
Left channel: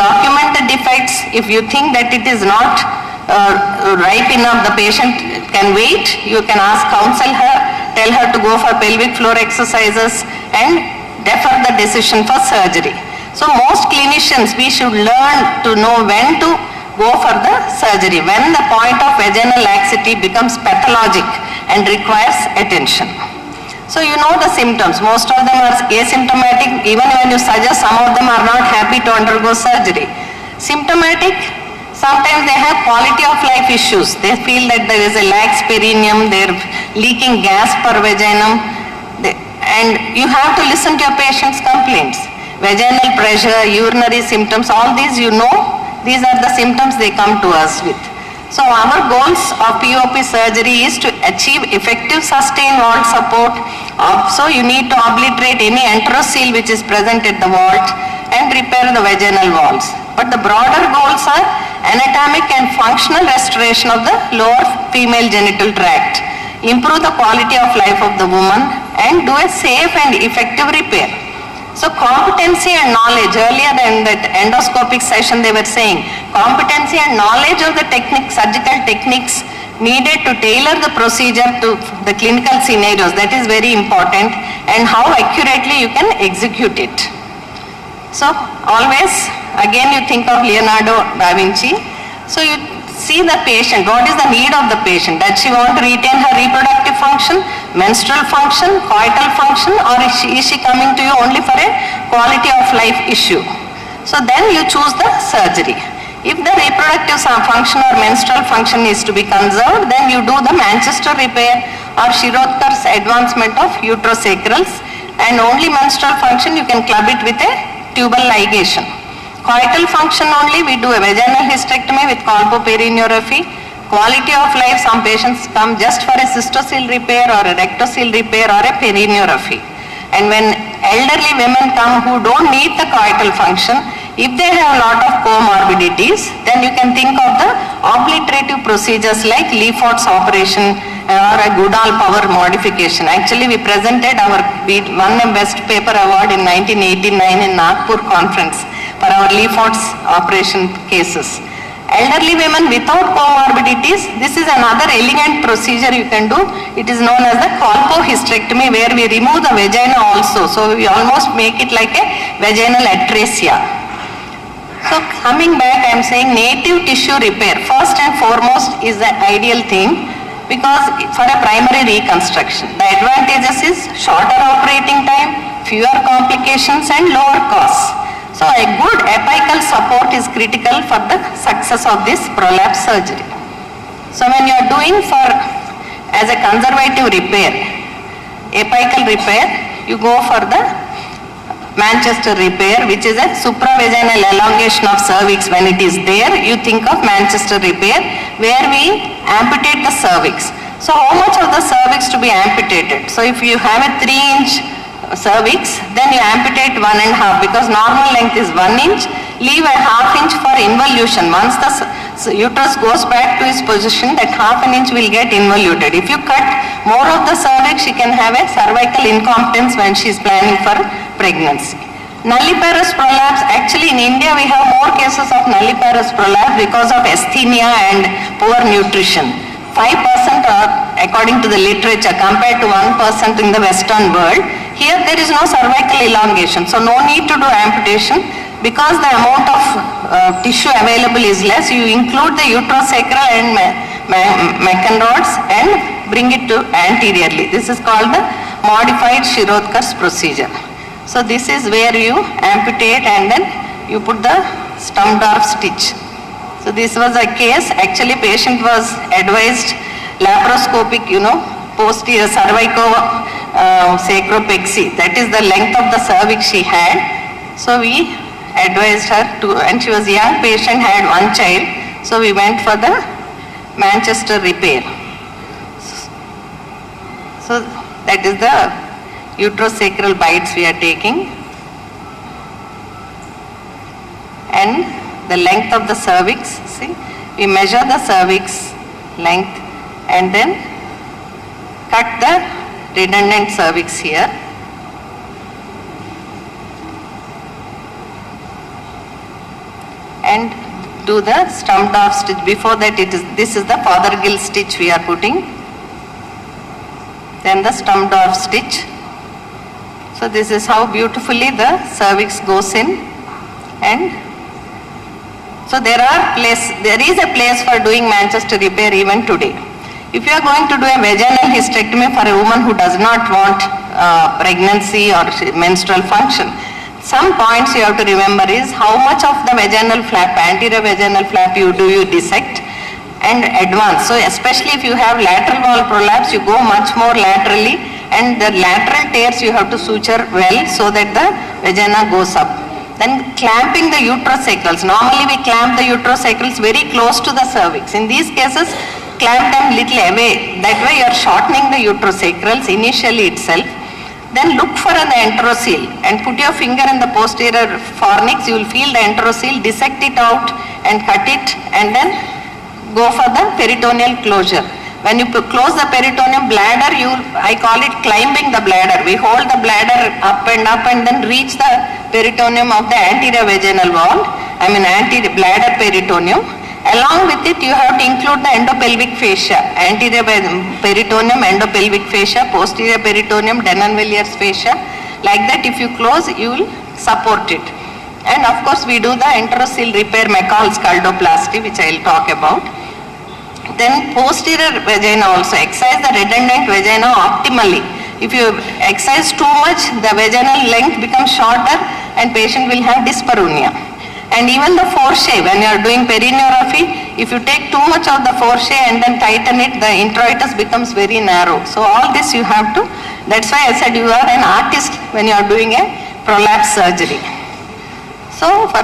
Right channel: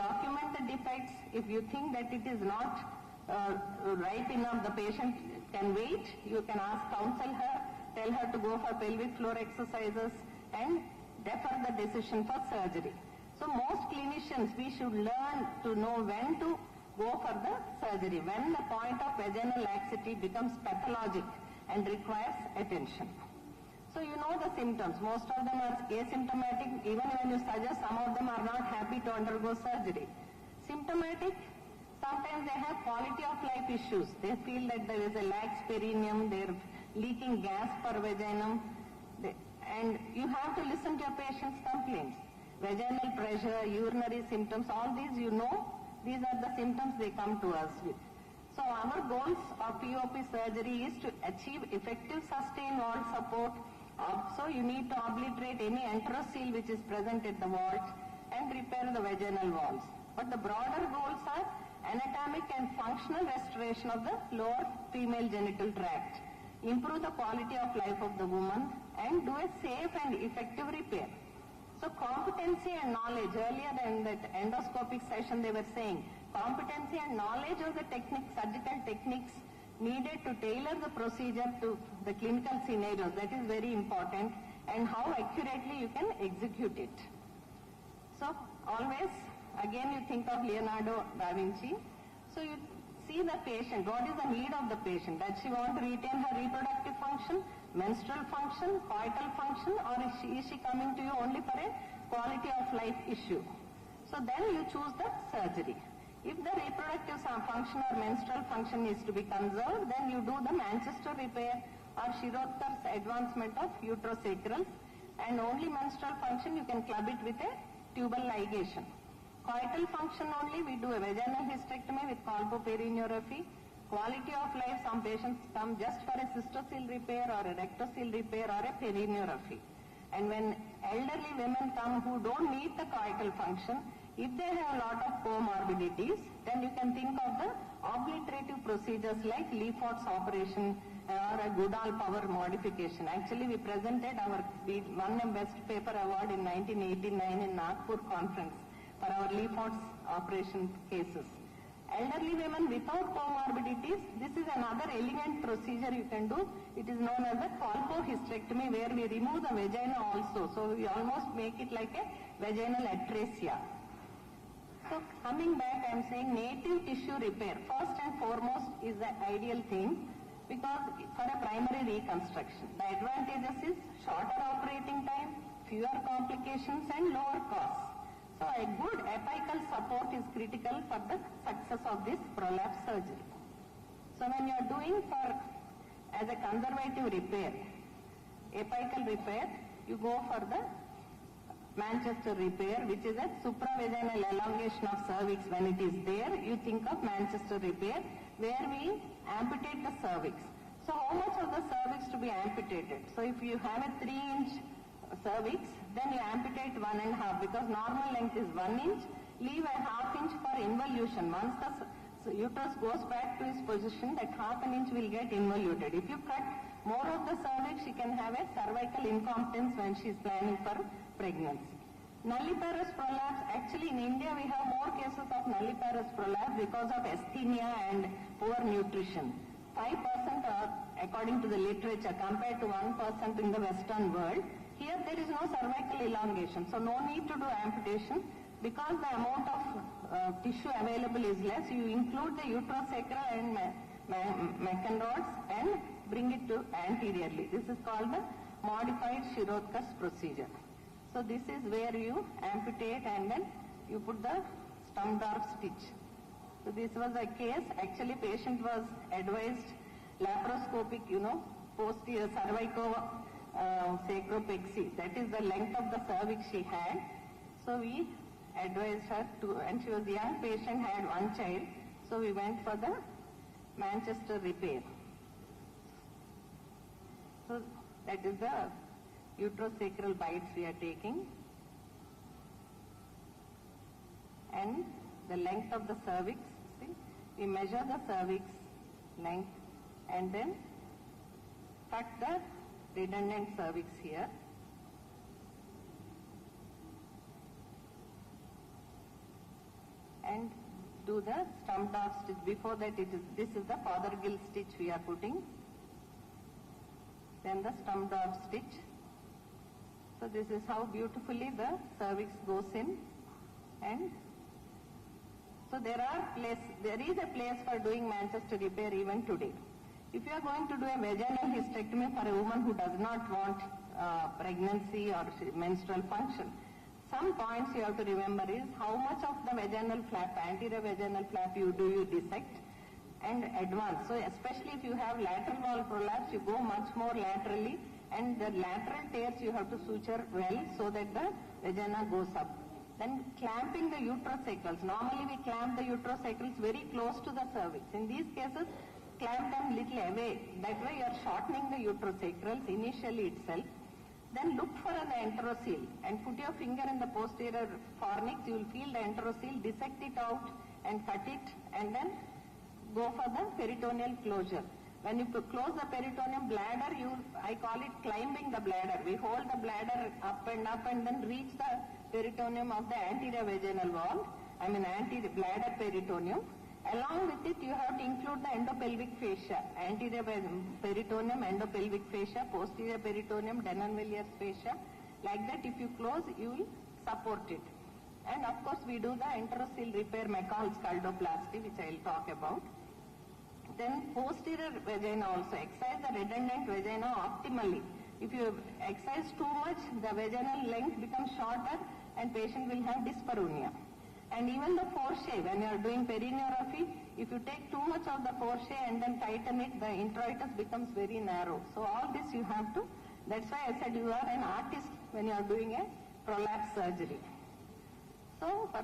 document the defects. If you think that it is not ripe enough, the patient can wait, you can counsel her, tell her to go for pelvic floor exercises and defer the decision for surgery. So most clinicians, we should learn to know when to go for the surgery, when the point of vaginal laxity becomes pathologic and requires attention. So you know the symptoms, most of them are asymptomatic, even when you suggest, some of them are not happy to undergo surgery. Symptomatic, Sometimes they have quality of life issues. They feel that there is a lax perineum, they're leaking gas per vaginum, and you have to listen to your patient's complaints. Vaginal pressure, urinary symptoms, all these you know, these are the symptoms they come to us with. So our goals of POP surgery is to achieve effective sustained vault support. So you need to obliterate any enterocoel which is present at the vault and repair the vaginal walls. But the broader goals are anatomic and functional restoration of the lower female genital tract, improve the quality of life of the woman, and do a safe and effective repair. So competency and knowledge, earlier in that endoscopic session they were saying, competency and knowledge of the surgical techniques needed to tailor the procedure to the clinical scenarios, that is very important, and how accurately you can execute it. So always, again you think of Leonardo da Vinci, so you see the patient, what is the need of the patient? Does she want to retain her reproductive function, menstrual function, coital function, or is she coming to you only for a quality of life issue? So then you choose the surgery. If the reproductive function or menstrual function is to be conserved, then you do the Manchester repair or Shirotkar's advancement of uterosacrals, and only menstrual function you can club it with a tubal ligation. Coital function only, we do a vaginal hysterectomy with colpoperineorrhaphy. Quality of life, some patients come just for a cystocele repair or a rectocele repair or a perineorrhaphy. And when elderly women come who don't need the coital function, if they have a lot of comorbidities, then you can think of the obliterative procedures like Lefort's operation or a Goodall power modification. Actually, we presented we won a best paper award in 1989 in Nagpur conference for our Lefort's operation cases. Elderly women without comorbidities, this is another elegant procedure you can do. It is known as the colpohysterectomy, where we remove the vagina also. So we almost make it like a vaginal atresia. So coming back, I am saying native tissue repair, first and foremost, is the ideal thing, because for a primary reconstruction, the advantages is shorter operating time, fewer complications, and lower costs. So a good apical support is critical for the success of this prolapse surgery. So when you are doing as a conservative repair, apical repair, you go for the Manchester repair, which is a supravaginal elongation of cervix. When it is there, you think of Manchester repair, where we amputate the cervix. So how much of the cervix to be amputated? So if you have a 3-inch cervix, then you amputate 1.5, because normal length is 1 inch, leave a 1/2 inch for involution. Once the uterus goes back to its position, that 1/2 inch will get involuted. If you cut more of the cervix, she can have a cervical incompetence when she is planning for pregnancy. Nulliparous prolapse, actually in India we have more cases of nulliparous prolapse because of asthenia and poor nutrition. 5% are, according to the literature, compared to 1% in the Western world. Here there is no cervical elongation, so no need to do amputation. Because the amount of tissue available is less, you include the uterosacral and Meccan rods and bring it to anteriorly. This is called the modified Shirotkar's procedure. So this is where you amputate and then you put the Stumdorf stitch. So this was a case, actually patient was advised laparoscopic, posterior cervicosacropexy. That is the length of the cervix she had. So we advised her to, and she was a young patient, had 1 child. So we went for the Manchester repair. So that is the uterosacral bites we are taking. And the length of the cervix, see, we measure the cervix length and then cut the redundant cervix here. And do the Stumdorf stitch. Before that, this is the Fothergill stitch we are putting. Then the Stumdorf stitch. So this is how beautifully the cervix goes in. And so there is a place for doing Manchester repair even today. If you are going to do a vaginal hysterectomy for a woman who does not want pregnancy or menstrual function, Some points you have to remember is how much of the vaginal flap, anterior vaginal flap you dissect and advance. So especially if you have lateral wall prolapse, you go much more laterally, and the lateral tears you have to suture well so that the vagina goes up. Then clamping the uterosacrals. Normally we clamp the uterosacrals very close to the cervix. In these cases, clamp them little away. That way you are shortening the uterosacrals initially itself. Then look for an enterocele and put your finger in the posterior fornix. You will feel the enterocele, dissect it out and cut it, and then go for the peritoneal closure. When you close the peritoneum, bladder, I call it climbing the bladder. We hold the bladder up and then reach the peritoneum of the anterior vaginal wall, anterior bladder peritoneum. Along with it, you have to include the endopelvic fascia, anterior peritoneum, endopelvic fascia, posterior peritoneum, Denonvillier's fascia. Like that, if you close, you will support it. And of course, we do the enterocele repair, McCall's scaldoplasty, which I will talk about. Then posterior vagina also, exercise the redundant vagina optimally. If you exercise too much, the vaginal length becomes shorter and patient will have dyspareunia. And even the foreshape, when you are doing perineuraphy, if you take too much of the foreshape and then tighten it, the introitus becomes very narrow. So all this you have to, that's why I said you are an artist when you are doing a prolapse surgery. So for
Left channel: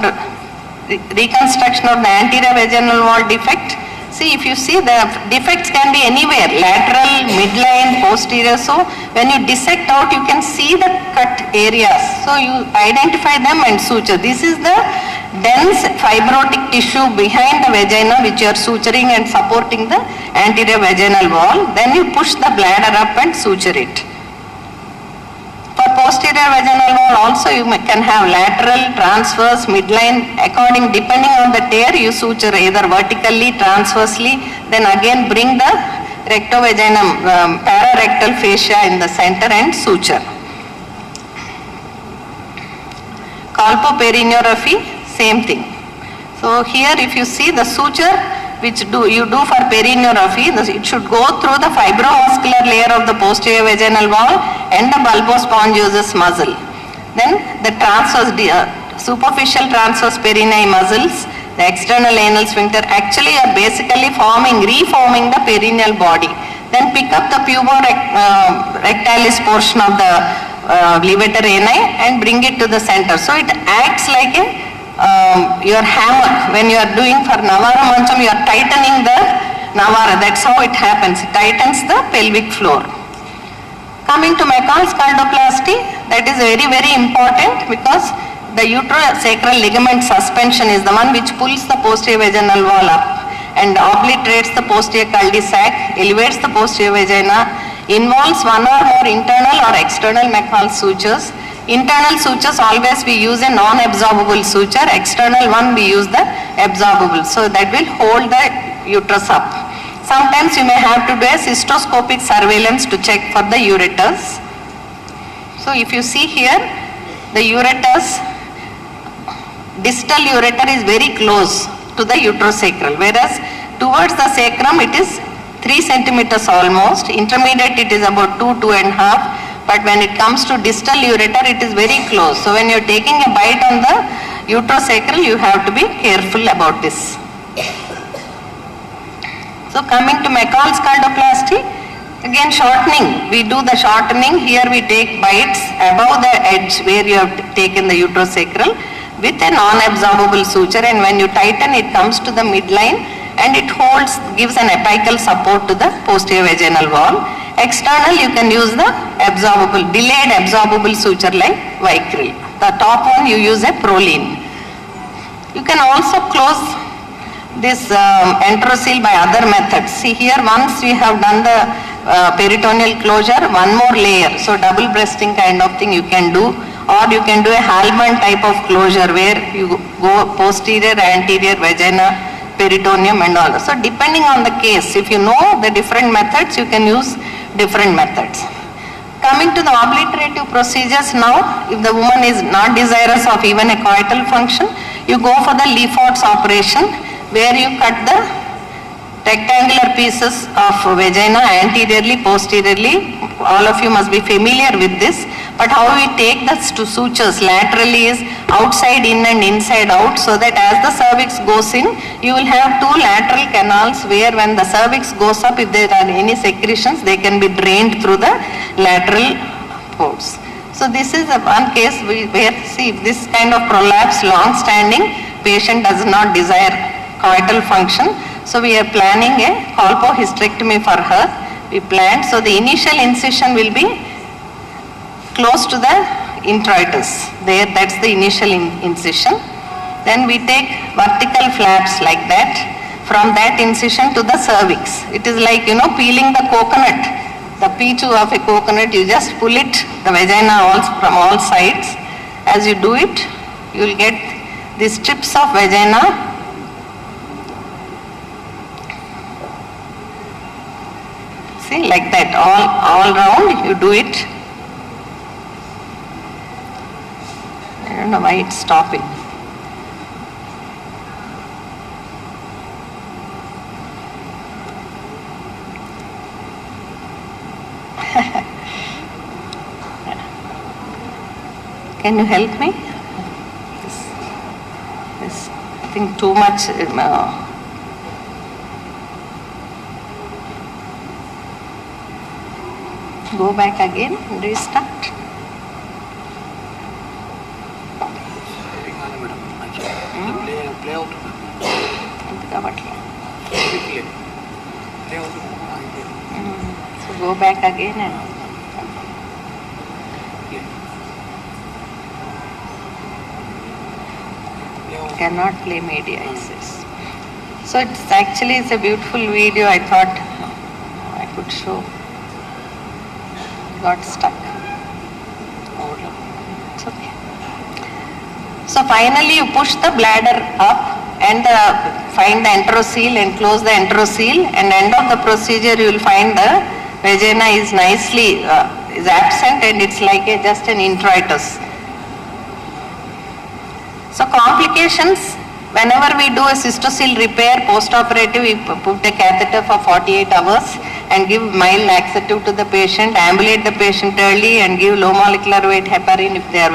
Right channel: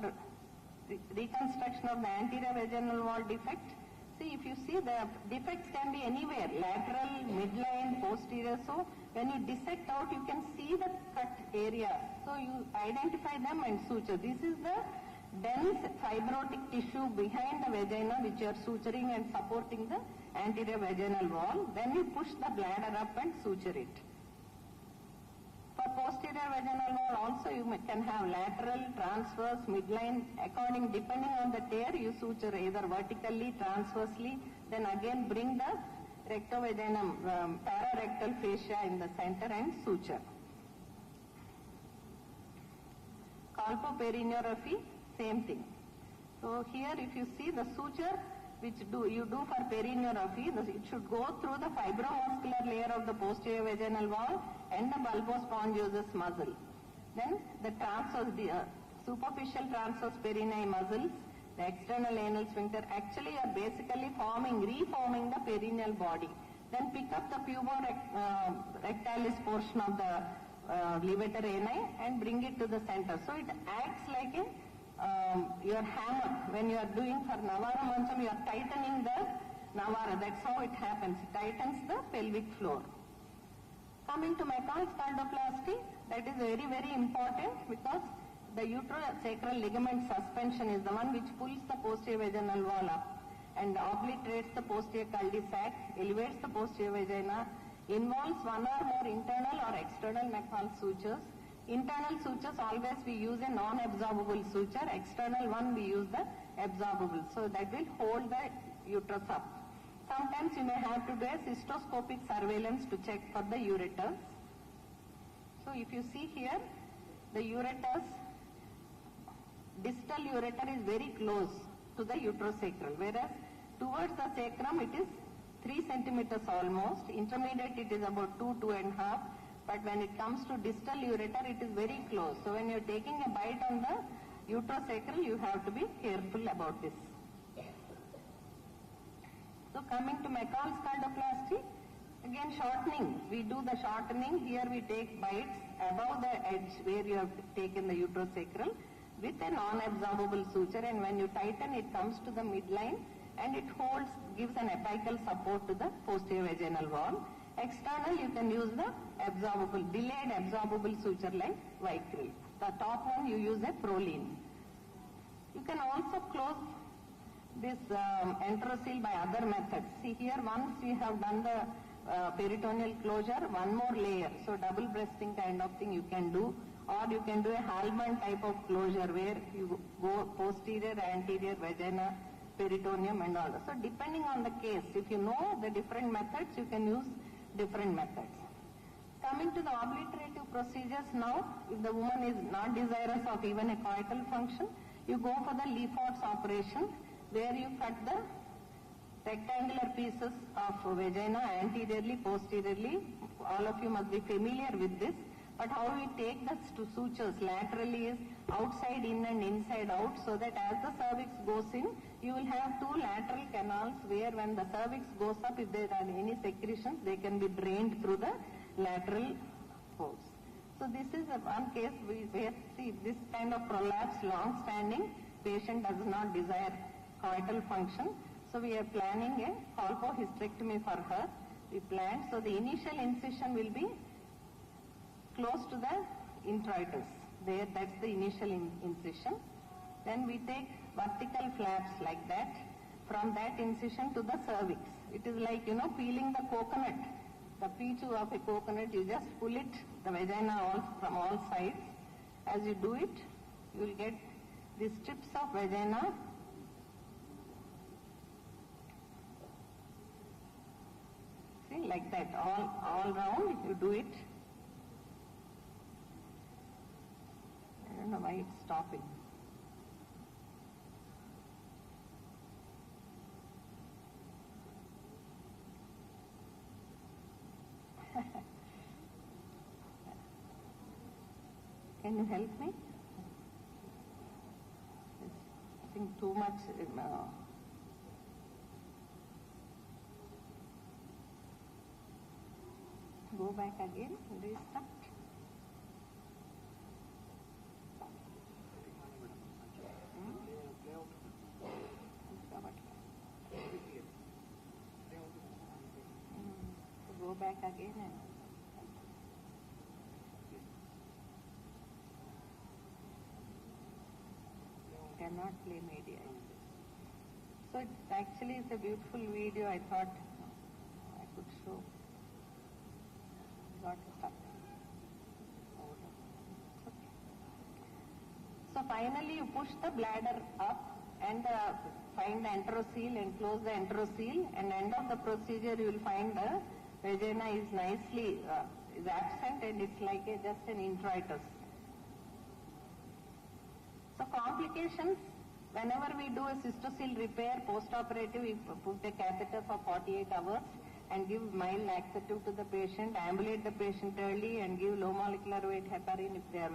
reconstruction of the anterior vaginal wall defect, see, if you see, the defects can be anywhere, lateral, midline, posterior. So when you dissect out, you can see the cut areas. So you identify them and suture. This is the dense fibrotic tissue behind the vagina which you are suturing and supporting the anterior vaginal wall. Then you push the bladder up and suture it. For posterior vaginal wall also you can have lateral, transverse, midline, depending on the tear you suture either vertically, transversely, then again bring the rectovaginum, pararectal fascia in the center and suture. Colpoperineuraphy, same thing. So here if you see the suture which you do for perineuraphy, it should go through the fibrovascular layer of the posterior vaginal wall and the bulbospongiosus muscle. Then the superficial transverse perineal muscles, the external anal sphincter actually are basically reforming the perineal body. Then pick up the puborectalis portion of the levator ani and bring it to the center. So it acts like your hammer. When you are doing for Navara Mancham, you are tightening the Navara. That's how it happens. It tightens the pelvic floor. Coming to McCall's scaldoplasty, that is very, very important because the uterosacral ligament suspension is the one which pulls the posterior vaginal wall up and obliterates the posterior cul-de-sac, elevates the posterior vagina, involves one or more internal or external McCall's sutures. Internal sutures always we use a non-absorbable suture, external one we use the absorbable. So that will hold the uterus up. Sometimes you may have to do a cystoscopic surveillance to check for the ureters. So if you see here, the ureters, distal ureter is very close to the uterosacral, whereas towards the sacrum it is 3 centimeters almost, intermediate it is about 2.5, but when it comes to distal ureter it is very close. So when you are taking a bite on the uterosacral, you have to be careful about this. So coming to McCall's scaldoplasty, again shortening, we do the shortening. Here we take bites above the edge where you have taken the uterosacral with a non-absorbable suture, and when you tighten it comes to the midline and it holds, gives an apical support to the posterior vaginal wall. External you can use the absorbable, delayed absorbable suture like Vicryl. The top one you use a Proline. You can also close this enterocele by other methods. See here, once we have done the peritoneal closure, one more layer. So double breasting kind of thing you can do, or you can do a Hallman type of closure where you go posterior, anterior, vagina, peritoneum and all. So depending on the case, if you know the different methods, you can use different methods. Coming to the obliterative procedures now, if the woman is not desirous of even a coital function, you go for the Lefort's operation where you cut the rectangular pieces of vagina anteriorly, posteriorly. All of you must be familiar with this. But how we take the sutures laterally is outside in and inside out, so that as the cervix goes in, you will have two lateral canals where when the cervix goes up, if there are any secretions, they can be drained through the lateral ports. So this is one case where, see, if this kind of prolapse long standing, patient does not desire coital function. So we are planning a colpohysterectomy for her. We planned, so the initial incision will be close to the introitus. There, that's the initial incision. Then we take vertical flaps like that. From that incision to the cervix. It is like, peeling the coconut. The P2 of a coconut, you just pull it, the vagina from all sides. As you do it, you will get these strips of vagina. See, like that, all round, you do it. I don't know why it's stopping. Can you help me? This, I think too much. Go back again and restart. Play out. So go back again and cannot play media, it says. So it's a beautiful video. I thought I could show. Got stuck. It's okay. So finally you push the bladder up and find the enterocoel and close the enterocoel, and end of the procedure you will find the vagina is nicely is absent and it's like just an introitus. So complications, whenever we do a cystocele repair post-operative, we put a catheter for 48 hours and give mild laxative to the patient, ambulate the patient early and give low molecular weight heparin if they are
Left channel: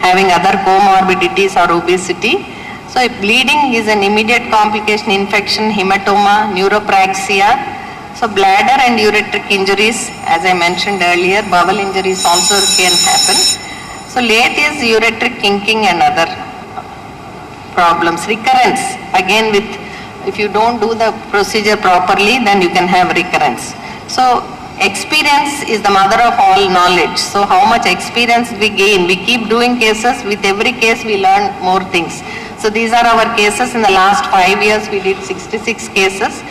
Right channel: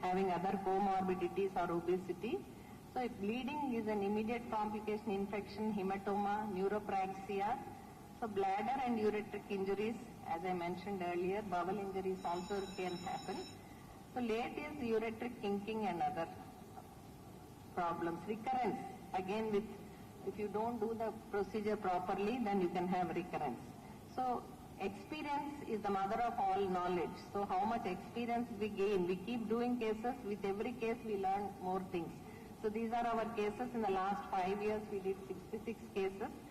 having other comorbidities or obesity. So if bleeding is an immediate complication, infection, hematoma, neuropraxia. So bladder and ureteric injuries, as I mentioned earlier, bowel injuries also can happen. So late is ureteric kinking and other problems. Recurrence, again if you don't do the procedure properly, then you can have recurrence. So experience is the mother of all knowledge. So how much experience we gain, we keep doing cases, with every case we learn more things. So these are our cases. In the last 5 years we did 66 cases.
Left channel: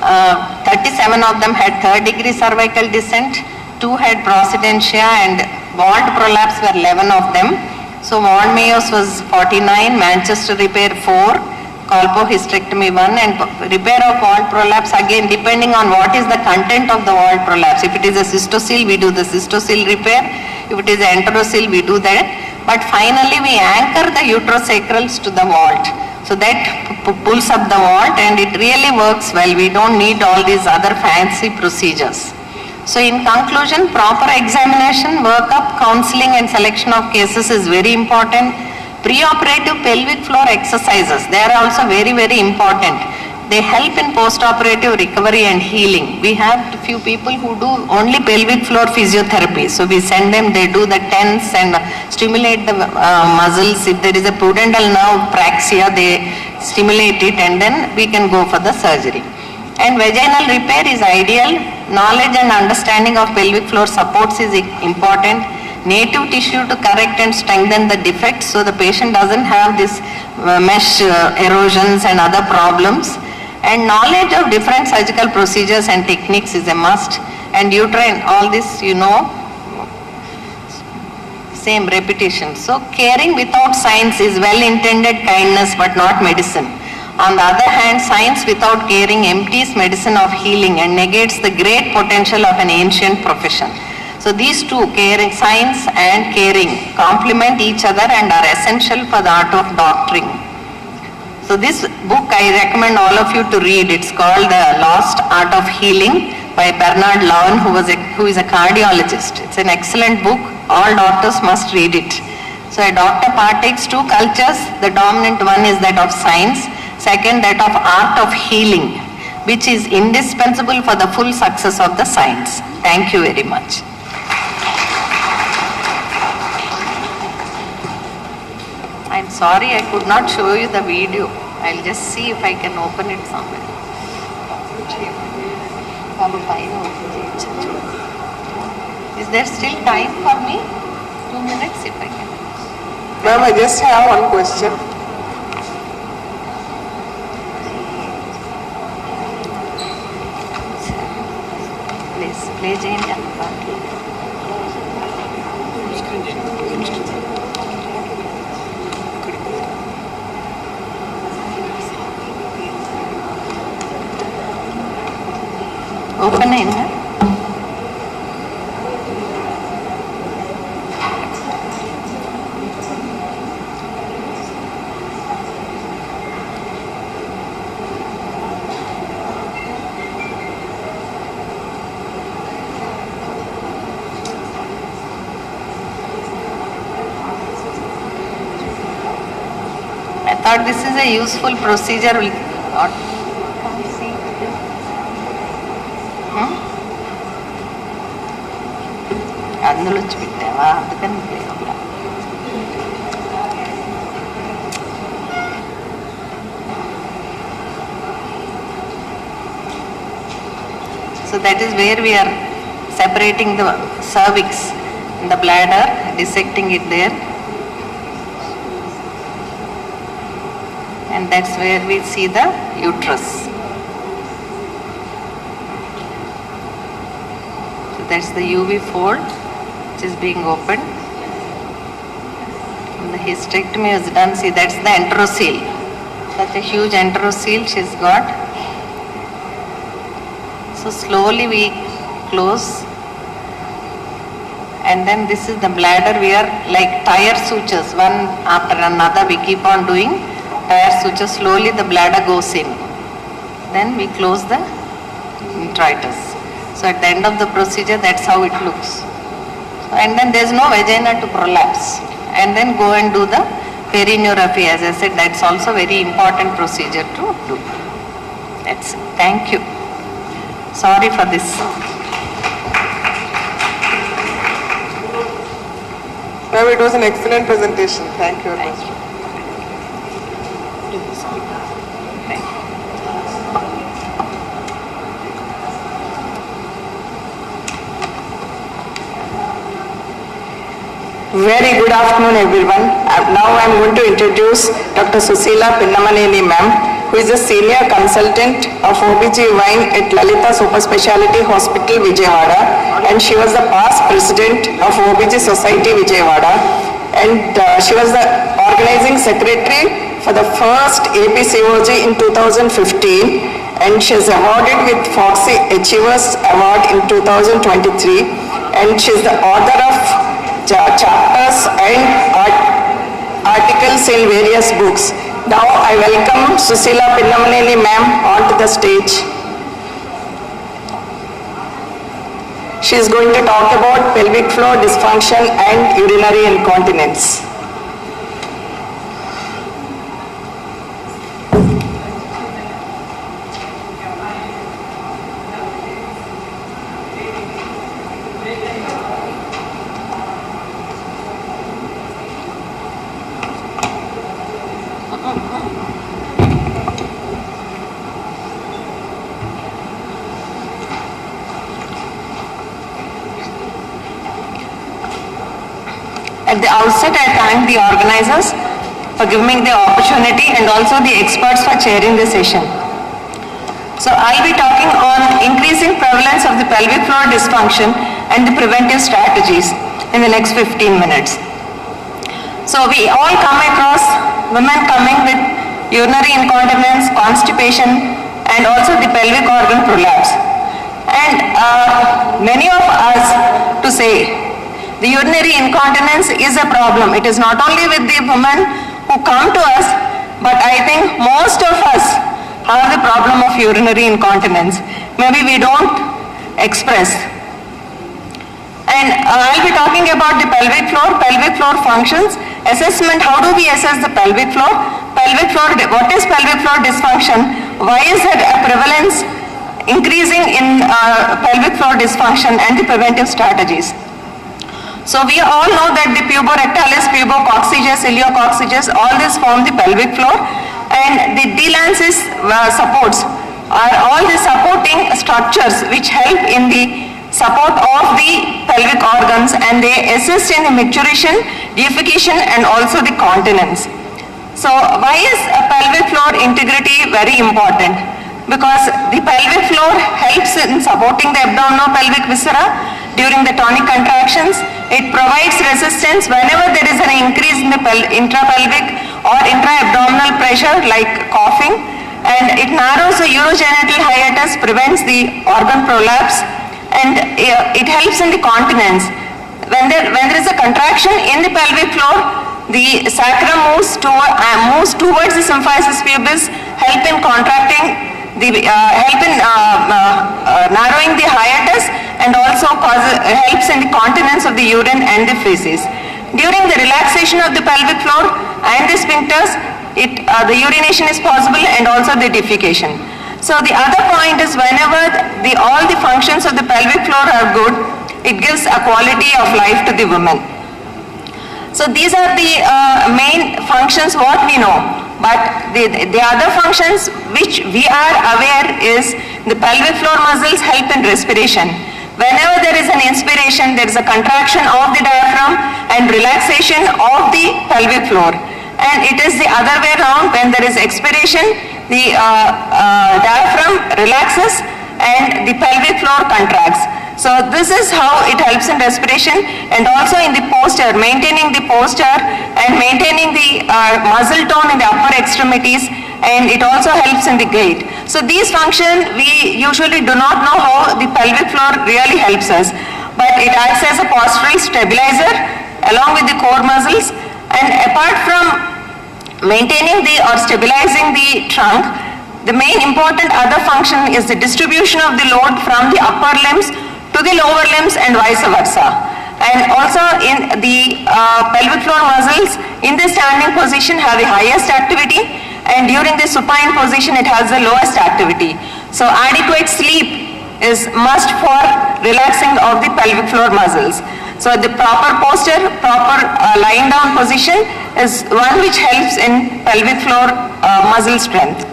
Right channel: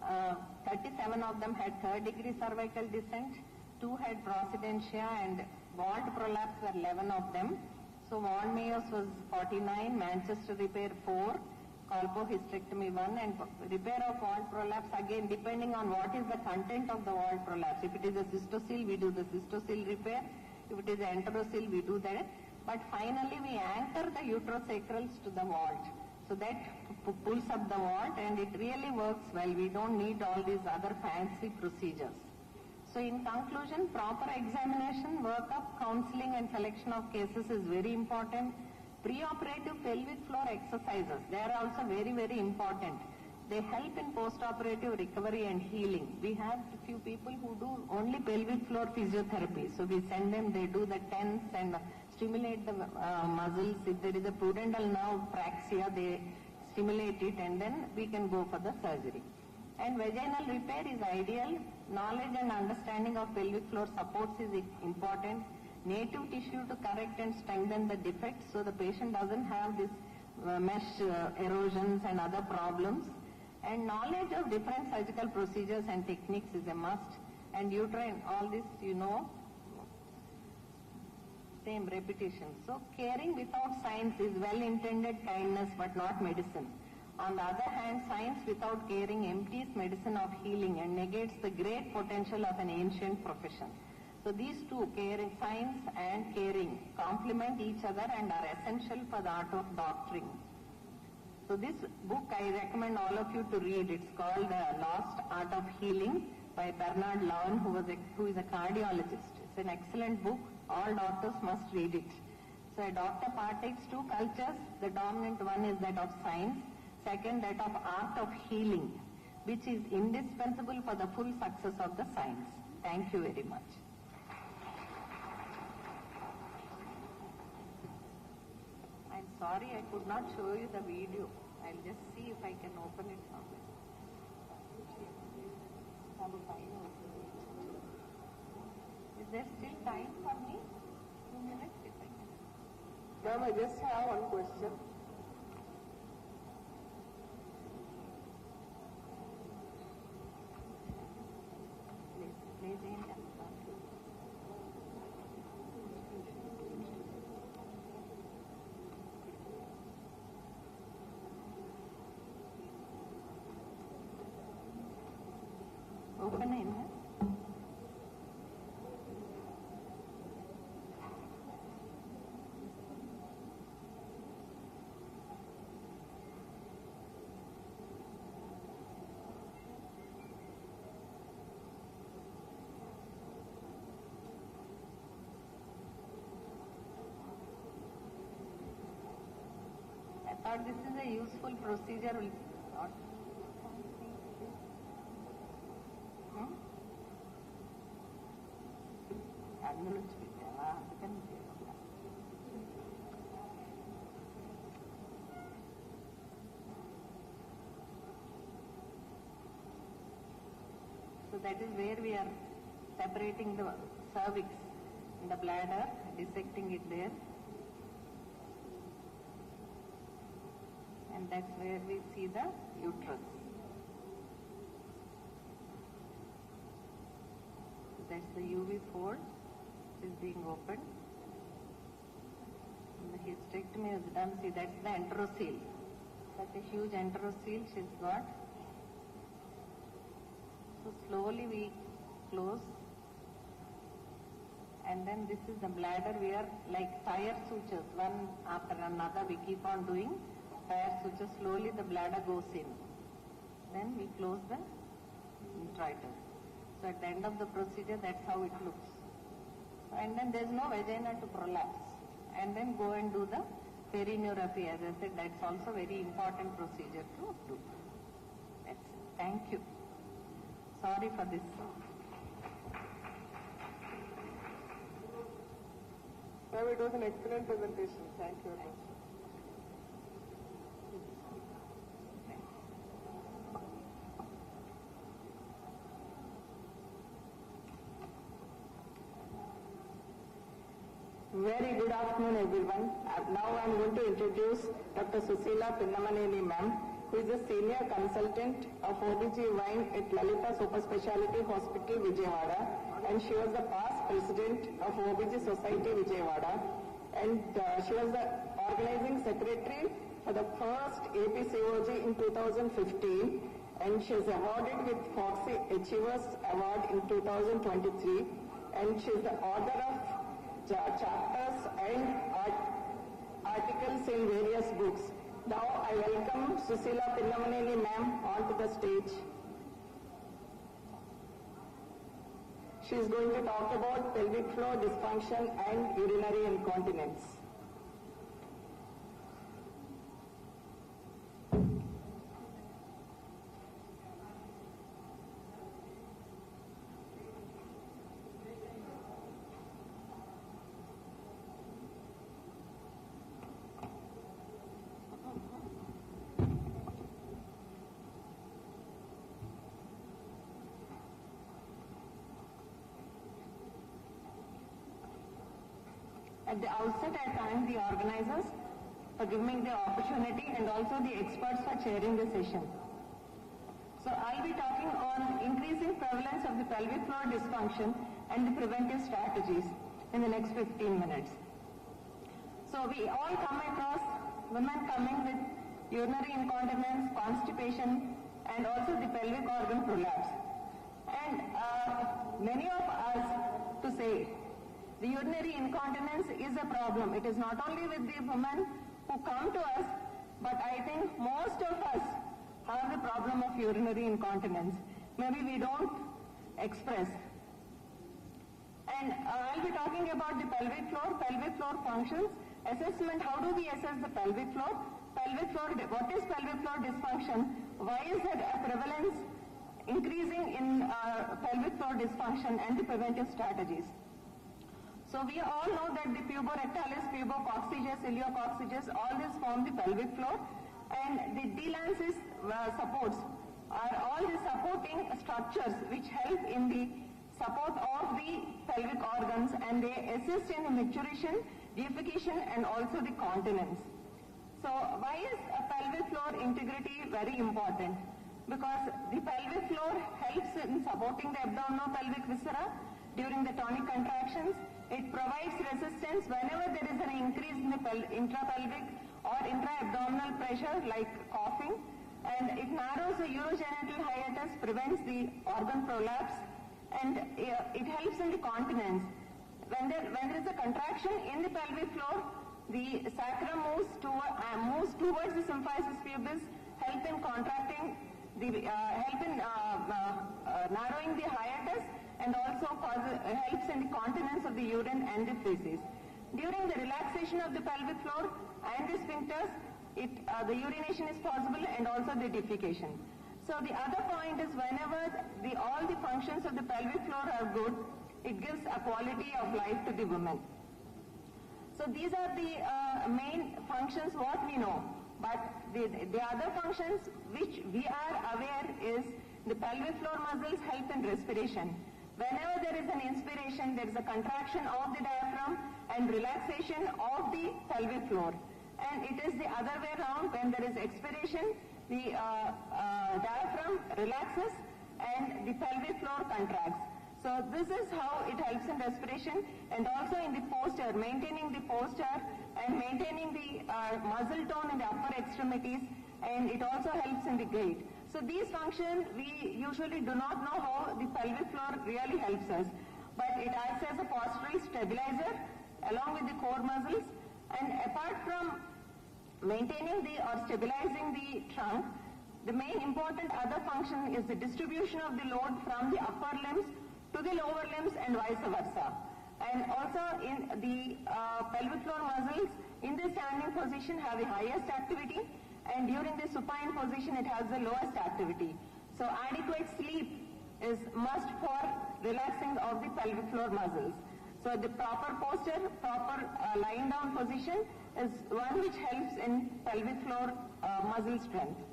37 of them had third-degree cervical descent, 2 had procedentia, and walled prolapse were 11 of them. So walled Mayos was 49, Manchester repair 4, colpohysterectomy 1, and repair of walled prolapse, again depending on what is the content of the walled prolapse. If it is a cystocele, we do the cystocele repair. If it is an enterocele, we do that. But finally we anchor the uterosacrals to the vault. So that pulls up the vault and it really works well. We don't need all these other fancy procedures. So in conclusion, proper examination, workup, counseling and selection of cases is very important. Preoperative pelvic floor exercises, they are also very, very important. They help in post-operative recovery and healing. We have a few people who do only pelvic floor physiotherapy. So we send them, they do the TENS and stimulate the muscles. If there is a pudendal nerve praxia, they stimulate it and then we can go for the surgery. And vaginal repair is ideal. Knowledge and understanding of pelvic floor supports is important. Native tissue to correct and strengthen the defects so the patient doesn't have this mesh erosions and other problems. And knowledge of different surgical procedures and techniques is a must. And uterine, all this same repetition. So caring without science is well-intended kindness but not medicine. On the other hand, science without caring empties medicine of healing and negates the great potential of an ancient profession. So these two, caring, science and caring, complement each other and are essential for the art of doctoring. So this book I recommend all of you to read. It's called The Lost Art of Healing by Bernard Lowen, who is a cardiologist. It's an excellent book. all doctors must read it. So a doctor partakes 2 cultures. The dominant one is that of science, second that of art of healing, which is indispensable for the full success of the science. Thank you very much. I'm sorry I could not show you the video. I'll just see if I can open it somewhere. Is there still time for me? 2 minutes if I can. Ma'am, I just have one question. Please, play Jane. Open in. I thought this is a useful procedure. అందులో పెట్టావా అందుకని So that is where we are separating the cervix and the bladder, dissecting it there. And that's where we see the uterus. So that's the UV fold which is being opened. And the hysterectomy is done. See, that's the enterocoel. Such a huge enterocoel she's got. So slowly we close. And then this is the bladder. We are like tire sutures, one after another. We keep on doing tire sutures. Slowly the bladder goes in. Then we close the introitus. So at the end of the procedure, that's how it looks. And then there's no vagina to prolapse. And then go and do the perineuraphy. As I said, that's also very important procedure to do. That's it. Thank you. Sorry for this. Ma'am, it was an excellent presentation. Thank you very much. Very good afternoon, everyone. Now I am going to introduce Dr. Susila Pinnamaneni ma'am, who is a senior consultant of OBGYN at Lalita Super Speciality Hospital, Vijayawada, and she was the past president of OBG Society, Vijayawada, and she was the organizing secretary for the first APCOG in 2015, and she is awarded with Foxy Achievers Award in 2023, and she is the author of chapters and articles in various books. Now I welcome Susila Pinnamaneni ma'am onto the stage. She is going to talk about pelvic floor dysfunction and urinary incontinence. At the outset, I thank the organizers for giving me the opportunity and also the experts for chairing the session. So I'll be talking on increasing prevalence of the pelvic floor dysfunction and the preventive strategies in the next 15 minutes. So we all come across women coming with urinary incontinence, constipation, and also the pelvic organ prolapse. And many of us to say, the urinary incontinence is a problem. It is not only with the women who come to us, but I think most of us have the problem of urinary incontinence. Maybe we don't express. And I'll be talking about the pelvic floor functions, assessment, how do we assess the pelvic floor? Pelvic floor, what is pelvic floor dysfunction? Why is there a prevalence increasing in pelvic floor dysfunction and the preventive strategies? So we all know that the puborectalis, pubococcygeus, iliococcygeus, all this form the pelvic floor, and the delancis supports are all the supporting structures which help in the support of the pelvic organs, and they assist in the maturation, deification, and also the continence. So why is pelvic floor integrity very important? Because the pelvic floor helps in supporting the abdominopelvic viscera during the tonic contractions. It provides resistance whenever there is an increase in the intrapelvic or intra-abdominal pressure like coughing, and it narrows the urogenital hiatus, prevents the organ prolapse, and it helps in the continence. When there is a contraction in the pelvic floor, the sacrum moves towards the symphysis pubis, help in contracting, help in narrowing the hiatus, and also helps in the continence of the urine and the feces. During the relaxation of the pelvic floor and the sphincters, the urination is possible and also the defecation. So the other point is whenever all the functions of the pelvic floor are good, it gives a quality of life to the woman. So these are the main functions what we know. But the other functions which we are aware is the pelvic floor muscles help in respiration. Whenever there is an inspiration, there is a contraction of the diaphragm and relaxation of the pelvic floor. And it is the other way around, when there is expiration, the diaphragm relaxes and the pelvic floor contracts. So this is how it helps in respiration, and also in the posture, maintaining the posture and maintaining the muscle tone in the upper extremities, and it also helps in the gait. So these functions, we usually do not know how the pelvic floor really helps us, but it acts as a postural stabilizer along with the core muscles, and apart from maintaining or stabilizing the trunk, the main important other function is the distribution of the load from the upper limbs to the lower limbs and vice versa. And also in the pelvic floor muscles in the standing position have the highest activity, and during the supine position it has the lowest activity. So adequate sleep is must for relaxing of the pelvic floor muscles. So the proper posture, proper lying down position is one which helps in pelvic floor muscle strength.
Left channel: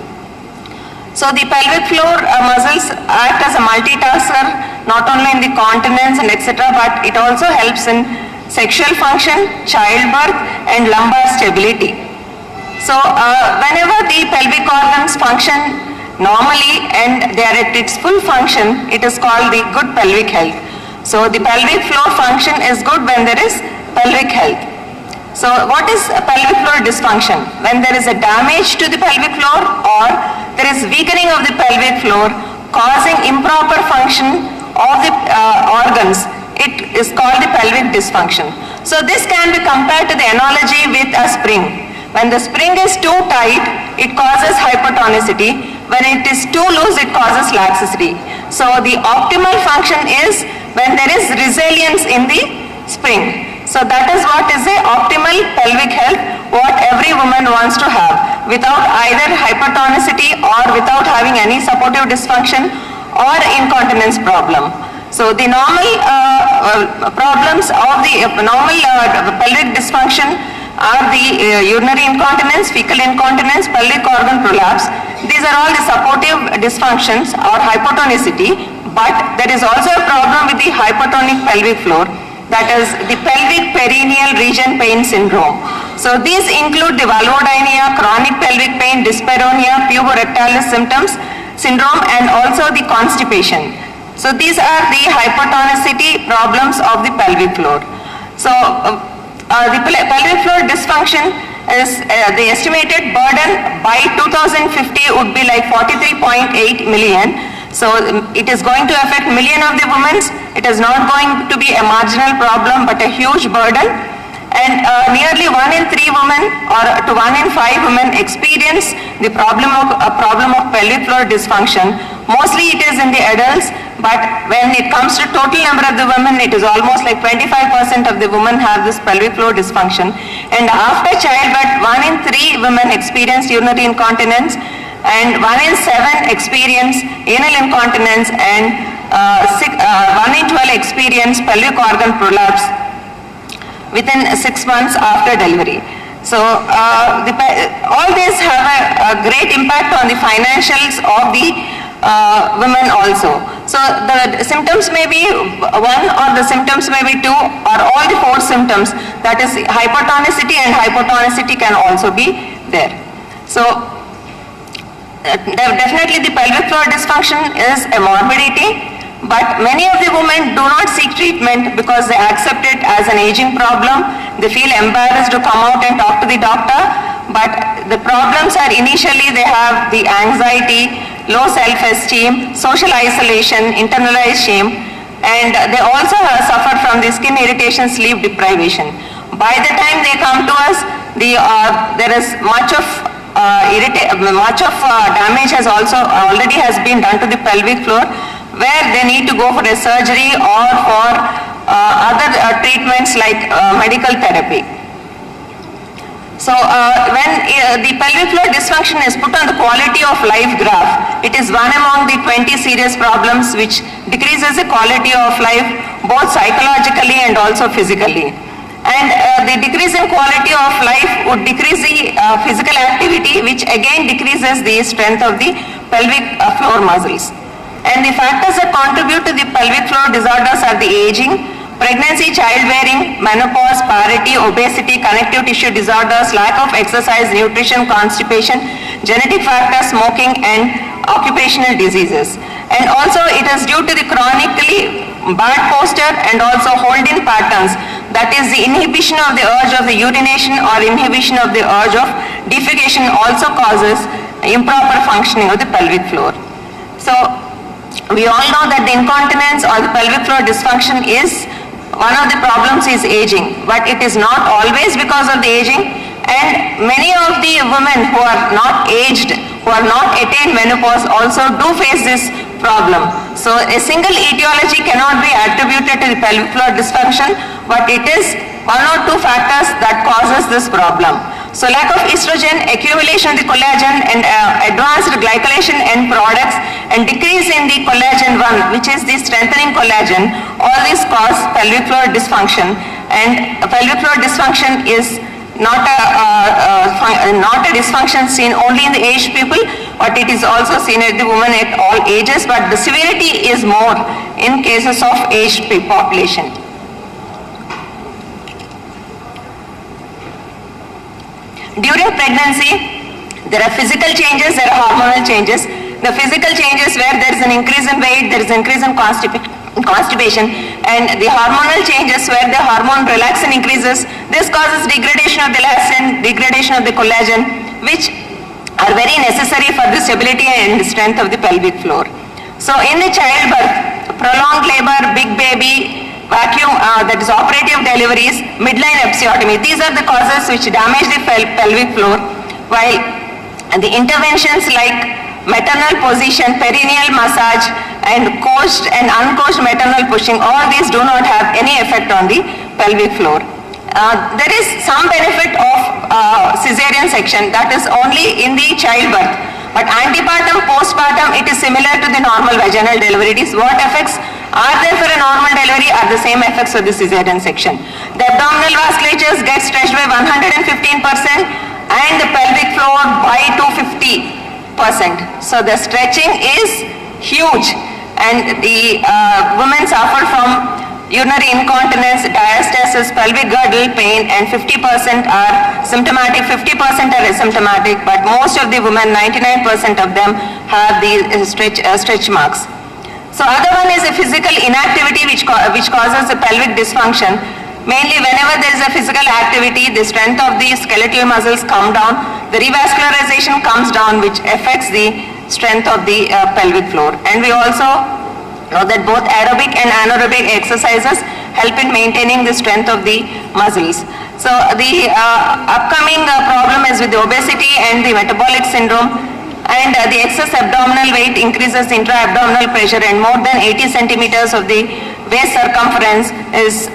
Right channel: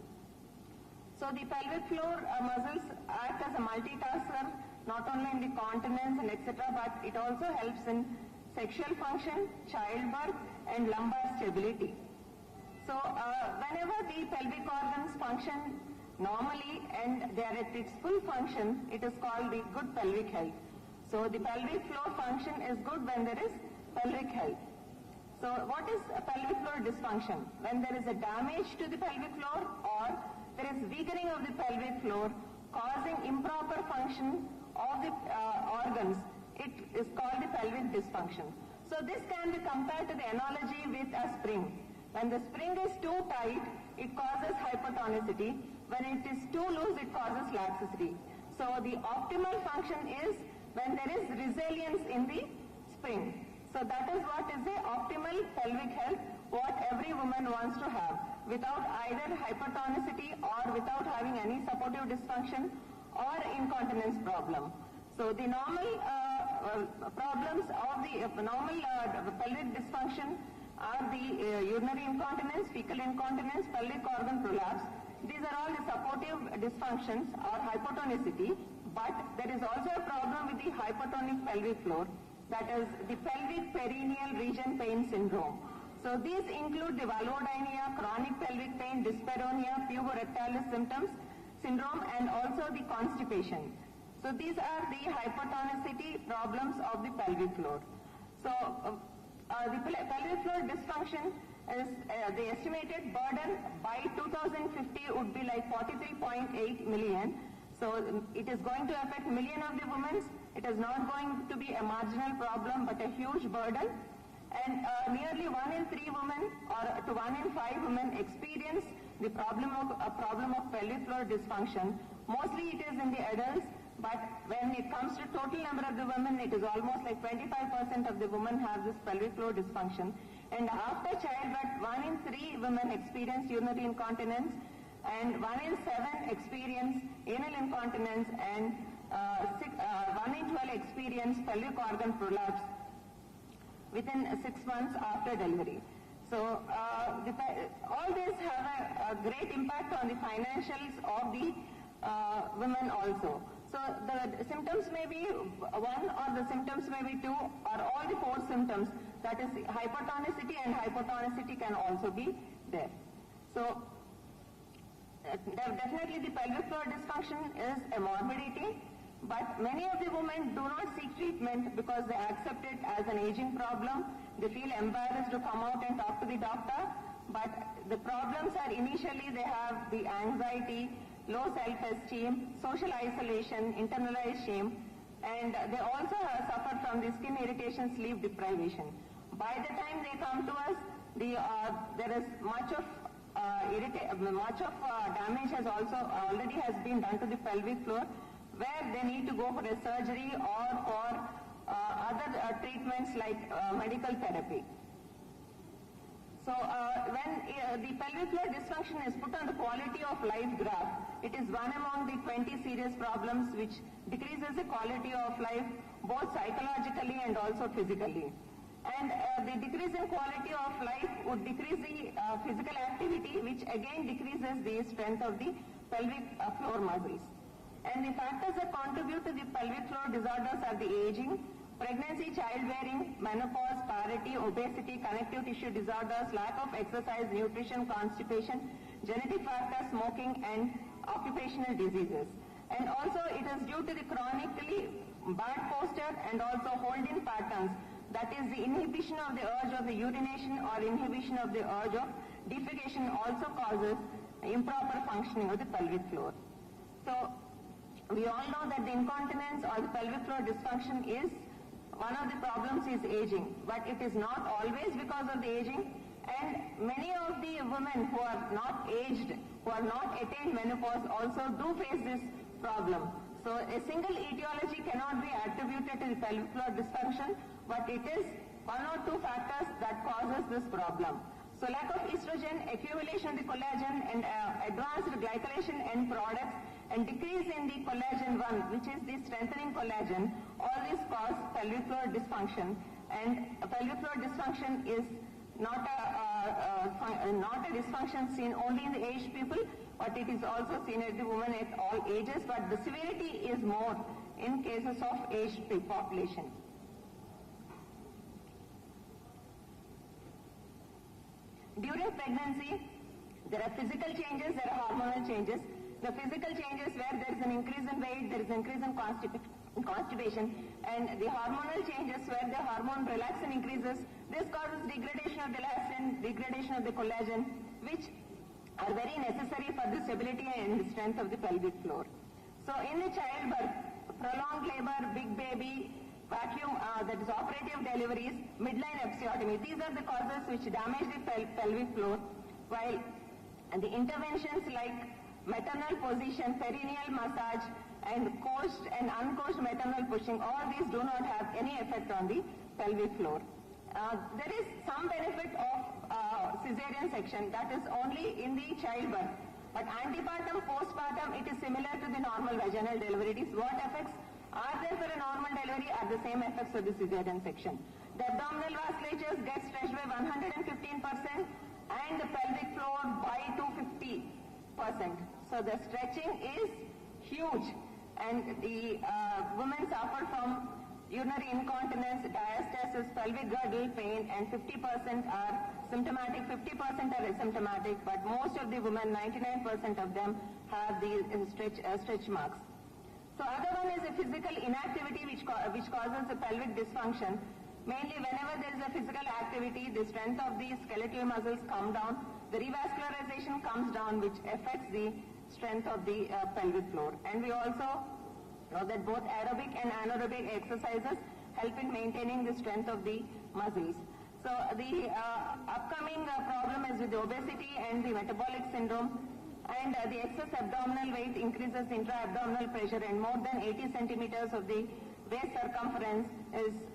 So the pelvic floor muscles act as a multitasker, not only in the continence and etc., but it also helps in sexual function, childbirth, and lumbar stability. So whenever the pelvic organs function normally and they are at its full function, it is called the good pelvic health. So the pelvic floor function is good when there is pelvic health. So what is a pelvic floor dysfunction? When there is a damage to the pelvic floor or there is weakening of the pelvic floor causing improper function of the organs, it is called the pelvic dysfunction. So this can be compared to the analogy with a spring. When the spring is too tight, it causes hypertonicity. When it is too loose, it causes laxity. So the optimal function is when there is resilience in the spring. So that is what is the optimal pelvic health, what every woman wants to have, without either hypertonicity or without having any supportive dysfunction or incontinence problem. So the normal problems of the normal pelvic dysfunction are the urinary incontinence, fecal incontinence, pelvic organ prolapse. These are all the supportive dysfunctions or hypotonicity, but there is also a problem with the hypertonic pelvic floor, that is the pelvic perineal region pain syndrome. So these include the vulvodynia, chronic pelvic pain, dyspareunia, puborectalis syndrome, and also the constipation. So these are the hypertonicity problems of the pelvic floor. So the pelvic floor dysfunction is the estimated burden by 2050 would be like 43.8 million. So it is going to affect million of the women. It is not going to be a marginal problem but a huge burden. And nearly 1 in 3 women or to 1 in 5 women experience the problem of pelvic floor dysfunction. Mostly it is in the adults, but when it comes to total number of the women, it is almost like 25% of the women have this pelvic floor dysfunction. And after childbirth, 1 in 3 women experience urinary incontinence, and 1 in 7 experience anal incontinence, and 1 in 12 experience pelvic organ prolapse within 6 months after delivery. So all these have a great impact on the financials of the women also. So the symptoms may be 1 or the symptoms may be 2 or all the 4 symptoms, that is hypertonicity, and hypotonicity can also be there. So definitely the pelvic floor dysfunction is a morbidity, but many of the women do not seek treatment because they accept it as an aging problem. They feel embarrassed to come out and talk to the doctor, but the problems are initially they have the anxiety, low self-esteem, social isolation, internalized shame, and they also suffer from the skin irritation, sleep deprivation. By the time they come to us, there is much of damage has also already has been done to the pelvic floor, where they need to go for a surgery or for other treatments like medical therapy. So when the pelvic floor dysfunction is put on the quality of life graph, it is one among the 20 serious problems which decreases the quality of life both psychologically and also physically. And the decrease in quality of life would decrease the physical activity, which again decreases the strength of the pelvic floor muscles. And the factors that contribute to the pelvic floor disorders are the aging, pregnancy, childbearing, menopause, parity, obesity, connective tissue disorders, lack of exercise, nutrition, constipation, genetic factors, smoking, and occupational diseases. And also it is due to the chronically bad posture and also hold-in patterns, that is the inhibition of the urge of the urination or inhibition of the urge of defecation also causes improper functioning of the pelvic floor. So we all know that the incontinence or the pelvic floor dysfunction is one of the problems is aging, but it is not always because of the aging, and many of the women who are not aged, who are not attained menopause also do face this problem. So a single etiology cannot be attributed to the pelvic floor dysfunction, but it is 1 or 2 factors that causes this problem. So lack of estrogen, accumulation of the collagen, and advanced glycolation end products, and decrease in the collagen 1, which is the strengthening collagen, all these cause pelvic floor dysfunction. And pelvic floor dysfunction is not a dysfunction seen only in the aged people, but it is also seen at the women at all ages, but the severity is more in cases of aged population. During pregnancy, there are physical changes, there are hormonal changes. The physical changes where there is an increase in weight, there is an increase in constipation, and the hormonal changes where the hormone relaxin increases. This causes degradation of the elastin, degradation of the collagen, which are very necessary for the stability and strength of the pelvic floor. So in the childbirth, prolonged labor, big baby, vacuum, that is operative deliveries, midline episiotomy, these are the causes which damage the pelvic floor, while the interventions like maternal position, perineal massage, and coached and uncoached maternal pushing, all these do not have any effect on the pelvic floor. There is some benefit of cesarean section, that is only in the childbirth, but antepartum, postpartum, it is similar to the normal vaginal delivery. It is what effects are there for a normal delivery are the same effects for the cesarean section. The abdominal vasculatures get stretched by 115% and the pelvic floor by 250%. So the stretching is huge, and the women suffer from urinary incontinence, diastasis, pelvic girdle pain, and 50% are symptomatic, 50% are asymptomatic, but most of the women, 99% of them, have the stretch marks. So other one is a physical inactivity which causes the pelvic dysfunction. Mainly whenever there is a physical activity, the strength of the skeletal muscles come down, the revascularization comes down, which affects the strength of the pelvic floor. And we also know that both aerobic and anaerobic exercises help in maintaining the strength of the muscles. So the upcoming problem is with the obesity and the metabolic syndrome, and the excess abdominal weight increases intra-abdominal pressure, and more than 80 centimeters of the waist circumference is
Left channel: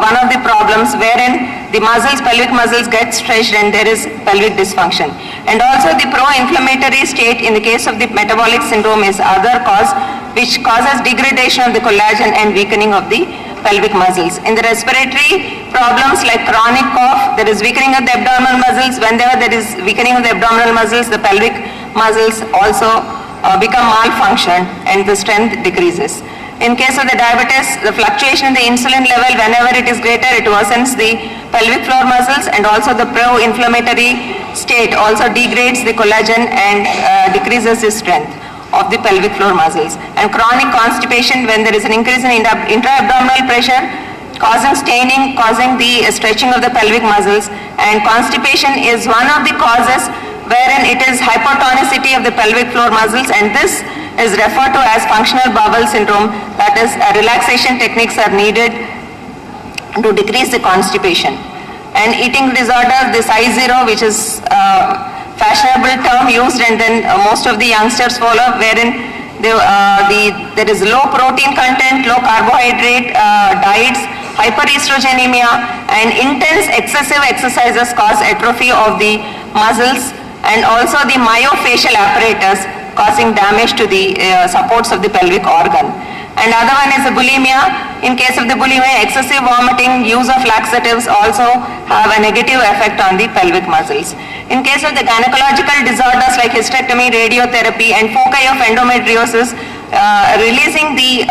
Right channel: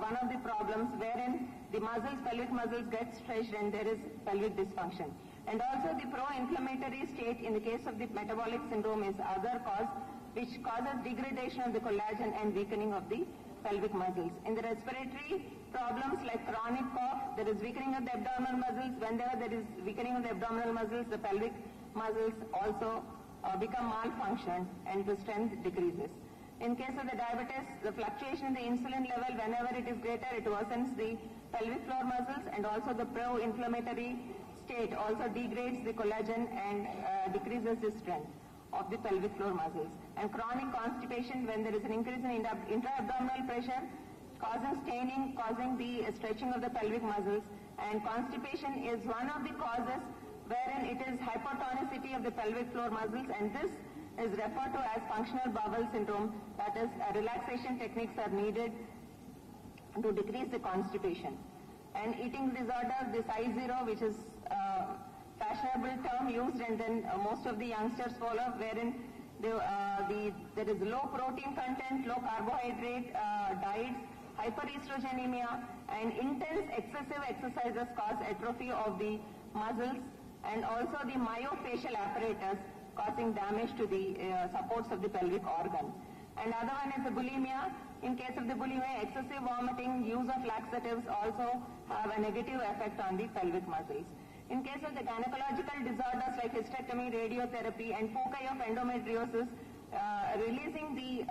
one of the problems wherein the muscles, pelvic muscles get stretched and there is pelvic dysfunction. And also the pro-inflammatory state in the case of the metabolic syndrome is other cause which causes degradation of the collagen and weakening of the pelvic muscles. In the respiratory problems like chronic cough, there is weakening of the abdominal muscles. Whenever there is weakening of the abdominal muscles, the pelvic muscles also become malfunctioned and the strength decreases. In case of the diabetes, the fluctuation in the insulin level, whenever it is greater, it worsens the pelvic floor muscles, and also the pro-inflammatory state also degrades the collagen and decreases the strength of the pelvic floor muscles. And chronic constipation, when there is an increase in intra-abdominal pressure, causing staining, causing the stretching of the pelvic muscles, and constipation is one of the causes wherein it is hypertonicity of the pelvic floor muscles, and this is referred to as functional bowel syndrome. That is, relaxation techniques are needed to decrease the constipation. And eating disorders, this I0, which is fashionable term used and then most of the youngsters follow, wherein there is low protein content, low carbohydrate diets, hyperestrogenemia, and intense excessive exercises cause atrophy of the muscles, and also the myofascial apparatus, causing damage to the supports of the pelvic organ. And other one is the bulimia. In case of the bulimia, excessive vomiting, use of laxatives also have a negative effect on the pelvic muscles. In case of the gynecological disorders like hysterectomy, radiotherapy, and foci of endometriosis, releasing the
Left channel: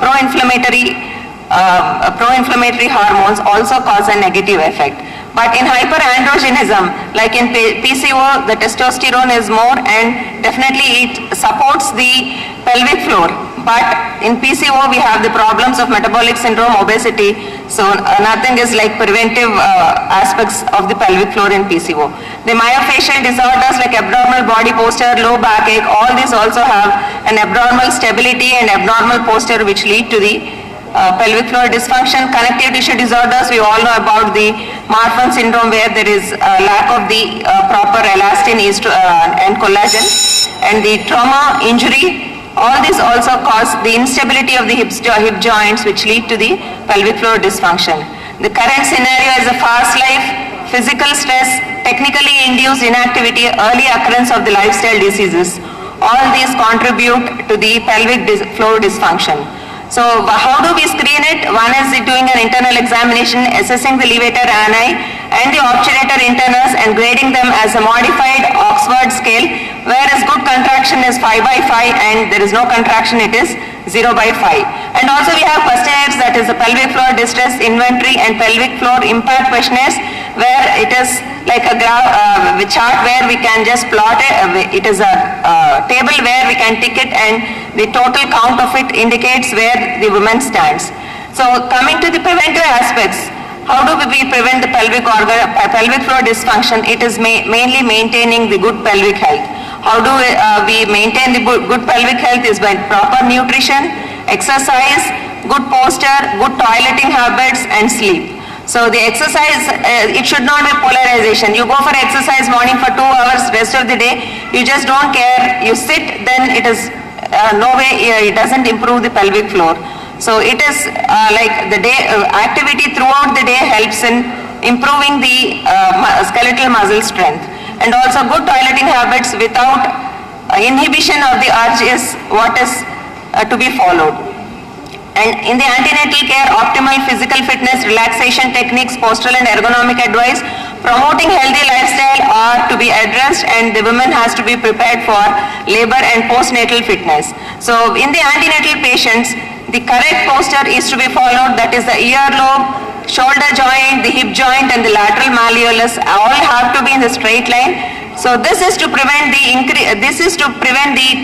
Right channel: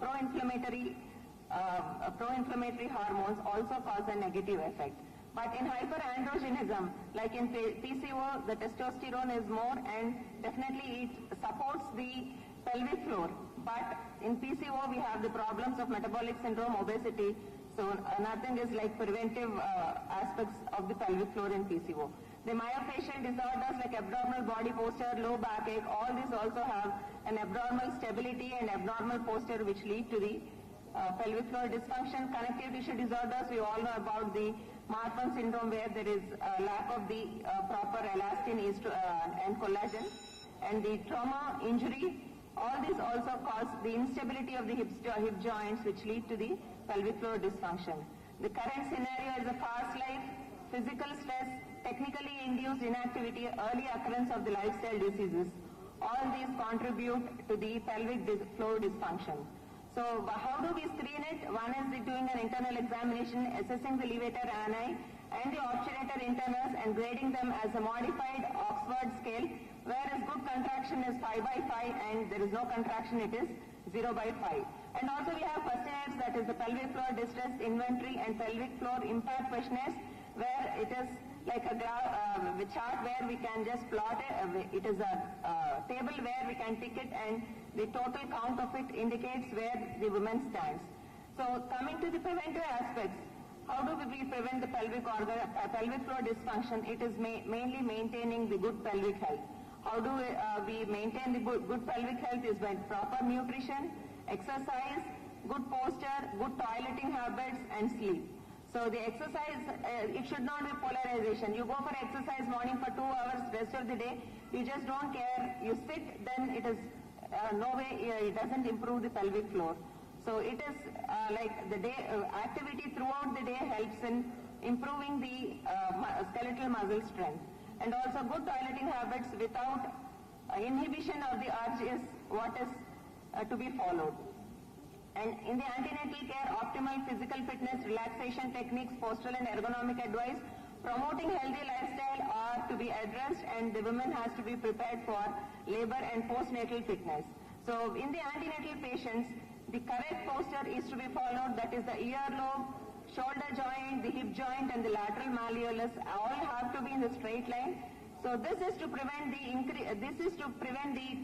pro-inflammatory hormones also cause a negative effect. But in hyperandrogenism, like in PCO, the testosterone is more and definitely it supports the pelvic floor. But in PCO, we have the problems of metabolic syndrome, obesity. So nothing is like preventive aspects of the pelvic floor in PCO. The myofascial disorders like abdominal body posture, low backache, all these also have an abdominal stability and abnormal posture which lead to the pelvic floor dysfunction. Connective tissue disorders, we all know about the Marfan syndrome where there is a lack of the proper elastin and collagen, and the trauma, injury, all these also cause the instability of the hip joints which lead to the pelvic floor dysfunction. The current scenario is a fast life, physical stress, technically induced inactivity, early occurrence of the lifestyle diseases. All these contribute to the pelvic floor dysfunction. So how do we screen it? One is doing an internal examination, assessing the levator ani and the obturator internus and grading them as a modified Oxford scale, whereas good contraction is 5/5 and there is no contraction, it is 0/5. And also we have questionnaires, that is the pelvic floor distress inventory and pelvic floor impact questionnaires, where it is like a chart where we can just plot it. It is a table where we can tick it and the total count of it indicates where the woman stands. So coming to the preventive aspects, how do we prevent the pelvic floor dysfunction? It is mainly maintaining the good pelvic health. How do we maintain the good pelvic health is by proper nutrition, exercise, good posture, good toileting habits, and sleep. So the exercise, it should not be polarization. You go for exercise morning for 2 hours, rest of the day, you just don't care, you sit, then it is no way, it doesn't improve the pelvic floor. So it is like the day activity throughout the day helps in improving the skeletal muscle strength. And also good toileting habits without inhibition of the urge is what is to be followed. And in the antenatal care, optimal physical fitness, relaxation techniques, postural and ergonomic advice, promoting healthy lifestyle are to be addressed, and the woman has to be prepared for labor and postnatal fitness. So in the antenatal patients, the correct posture is to be followed, that is the earlobe, shoulder joint, the hip joint and the lateral malleolus all have to be in the straight line. So this is to prevent the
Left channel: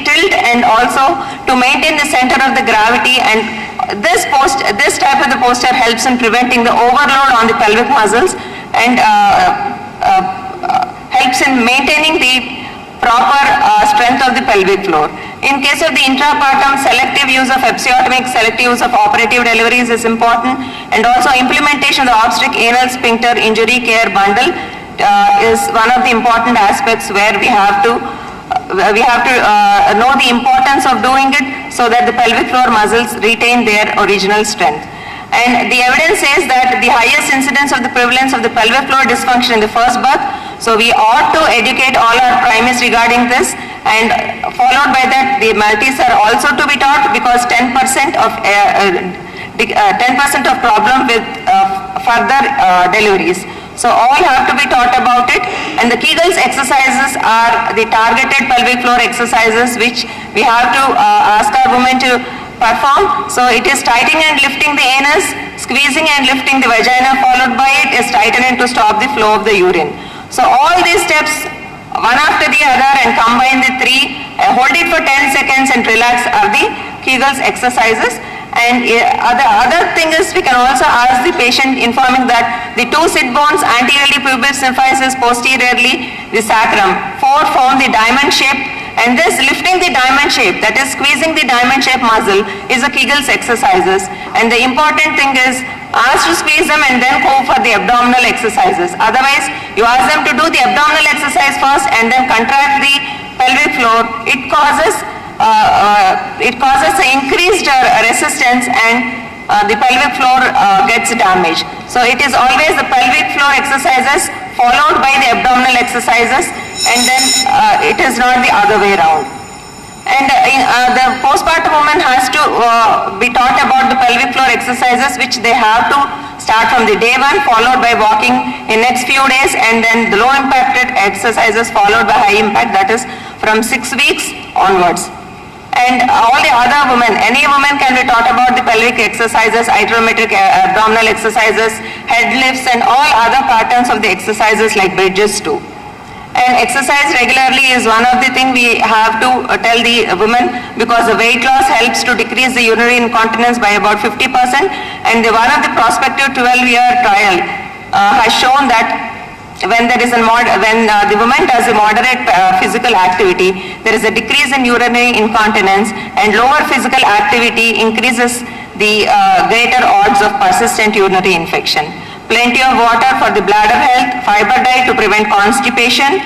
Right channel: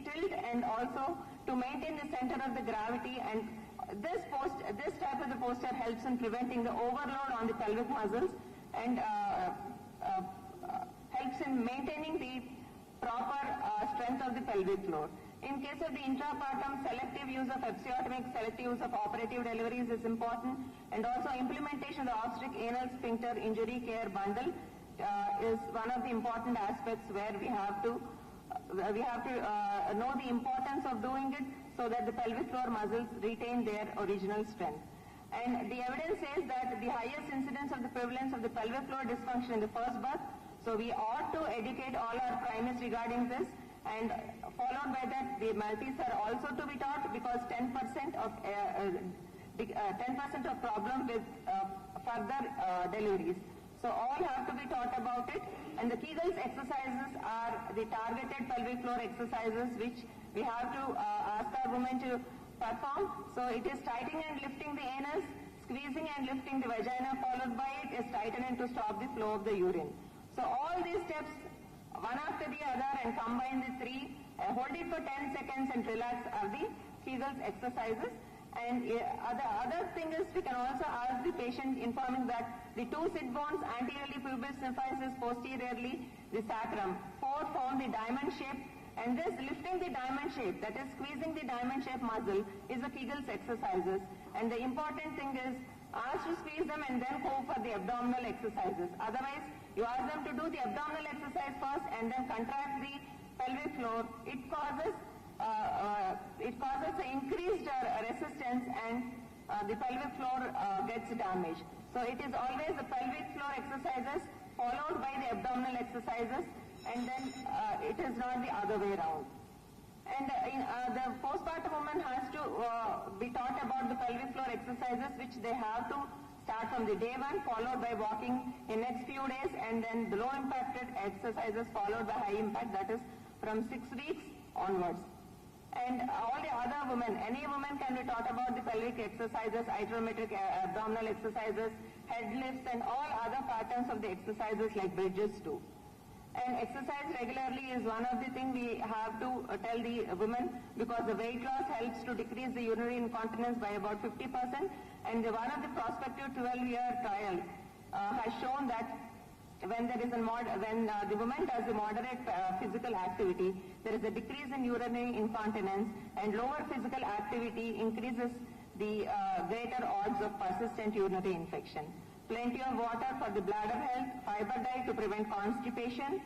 tilt and also to maintain the center of the gravity, and this type of the posture helps in preventing the overload on the pelvic muscles and helps in maintaining the proper strength of the pelvic floor. In case of the intrapartum, selective use of episiotomic, selective use of operative deliveries is important, and also implementation of the obstetric anal sphincter injury care bundle is one of the important aspects where we have to know the importance of doing it so that the pelvic floor muscles retain their original strength. And the evidence says that the highest incidence of the prevalence of the pelvic floor dysfunction in the first birth, so we ought to educate all our primaries regarding this, and followed by that the multis are also to be taught, because 10% of problem with further deliveries. So all have to be taught about it, and the Kegels exercises are the targeted pelvic floor exercises which we have to ask our women to perform. So it is tightening and lifting the anus, squeezing and lifting the vagina, followed by it is tightening to stop the flow of the urine. So all these steps, one after the other, and combine the three, hold it for 10 seconds and relax, are the Kegels exercises. And other thing is, we can also ask the patient, informing that the two sit bones anteriorly pubis symphysis, posteriorly the sacrum, form the diamond shape, and this lifting the diamond shape, that is squeezing the diamond shape muscle, is a Kegels exercises. And the important thing is, ask to squeeze them and then go for the abdominal exercises. Otherwise, you ask them to do the abdominal exercise first and then contract the pelvic floor. It causes increased resistance, and the pelvic floor gets damaged. So it is always the pelvic floor exercises followed by the abdominal exercises, and then it is not the other way around. And the postpartum woman has to be taught about the pelvic floor exercises, which they have to start from the day one, followed by walking in next few days, and then the low impacted exercises followed by high impact, that is from 6 weeks onwards. And all the other women, any woman can be taught about the pelvic exercises, isometric abdominal exercises, head lifts, and all other patterns of the exercises like bridges too. And exercise regularly is one of the things we have to tell the women, because the weight loss helps to decrease the urinary incontinence by about 50%. And one of the prospective 12-year trial has shown that when the woman does a moderate physical activity, there is a decrease in urinary incontinence, and lower physical activity increases the greater odds of persistent urinary infection. Plenty of water for the bladder health, fiber diet to prevent constipation,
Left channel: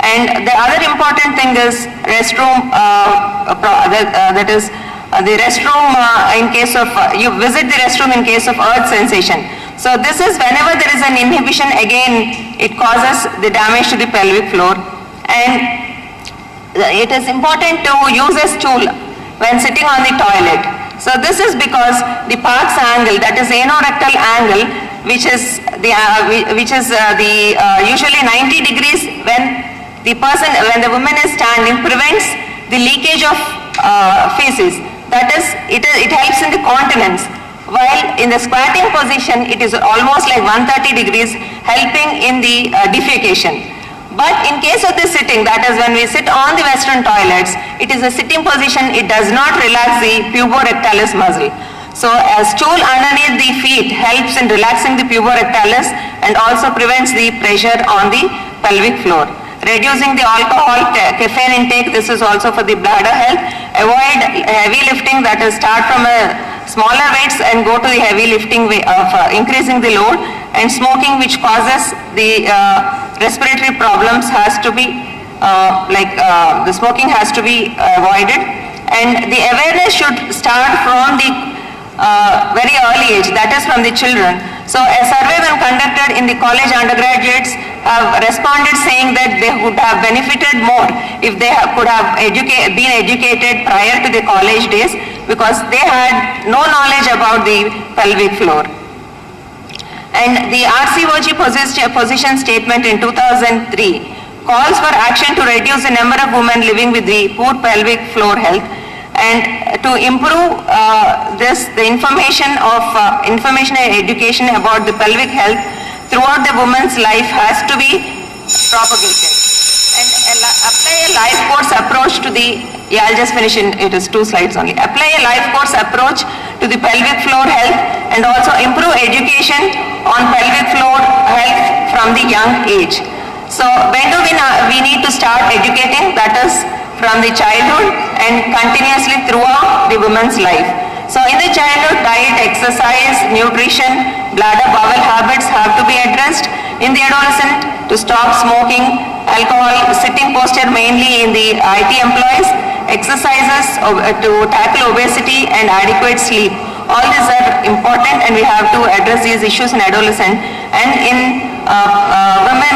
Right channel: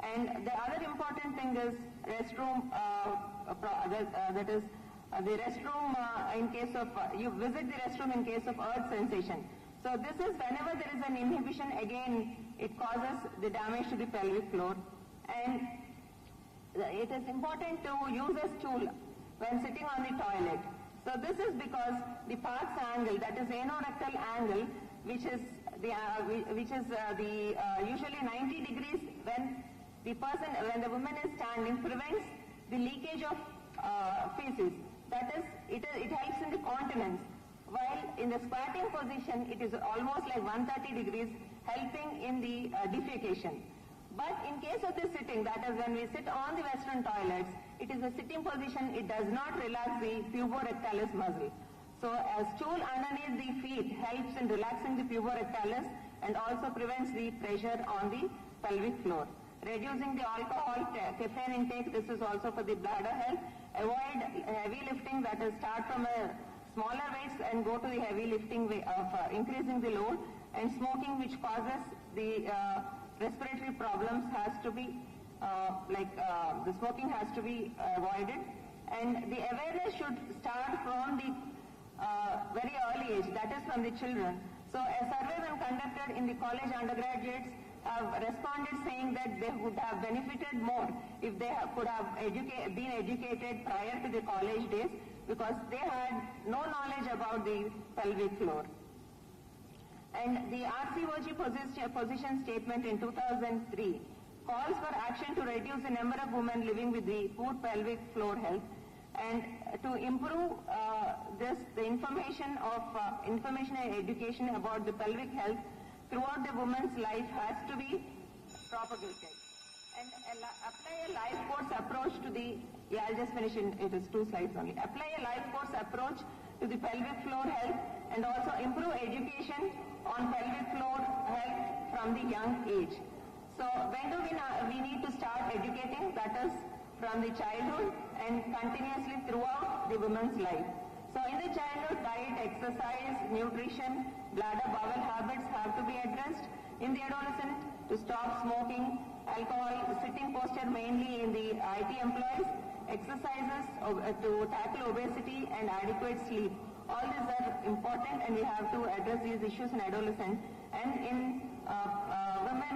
and the other important thing is restroom, that is the restroom in case of, you visit the restroom in case of urge sensation. So this is whenever there is an inhibition, again it causes the damage to the pelvic floor. And it is important to use a stool when sitting on the toilet. So this is because the Parkes angle, that is anorectal angle, which is usually 90 degrees when the woman is standing, prevents the leakage of feces. That is, it helps in the continence. While in the squatting position, it is almost like 130 degrees, helping in the defecation. But in case of the sitting, that is when we sit on the Western toilets, it is a sitting position, it does not relax the puborectalis muscle. So a stool underneath the feet helps in relaxing the puborectalis and also prevents the pressure on the pelvic floor. Reducing the alcohol, caffeine intake, this is also for the bladder health. Avoid heavy lifting, that is start from smaller weights and go to the heavy lifting way of increasing the load. And smoking, which causes the respiratory problems, has to be the smoking has to be avoided. And the awareness should start from the very early age, that is from the children. So a survey when conducted in the college undergraduates have responded saying that they would have benefited more if they could have been educated prior to the college days, because they had no knowledge about the pelvic floor. And the RCOG position statement in 2003 calls for action to reduce the number of women living with the poor pelvic floor health, and to improve the information and education about the pelvic health throughout the woman's life has to be propagated. And apply a life course approach to the, I'll just finish it is 2 slides only. Apply a life course approach to the pelvic floor health, and also improve education on pelvic floor health from the young age. So when do we need to start educating? That is from the childhood and continuously throughout the woman's life. So in the childhood, diet, exercise, nutrition, bladder, bowel habits have to be addressed. In the adolescent, to stop smoking, alcohol, sitting posture mainly in the IT employees, exercises to tackle obesity and adequate sleep. All these are important and we have to address these issues in adolescent. And in women,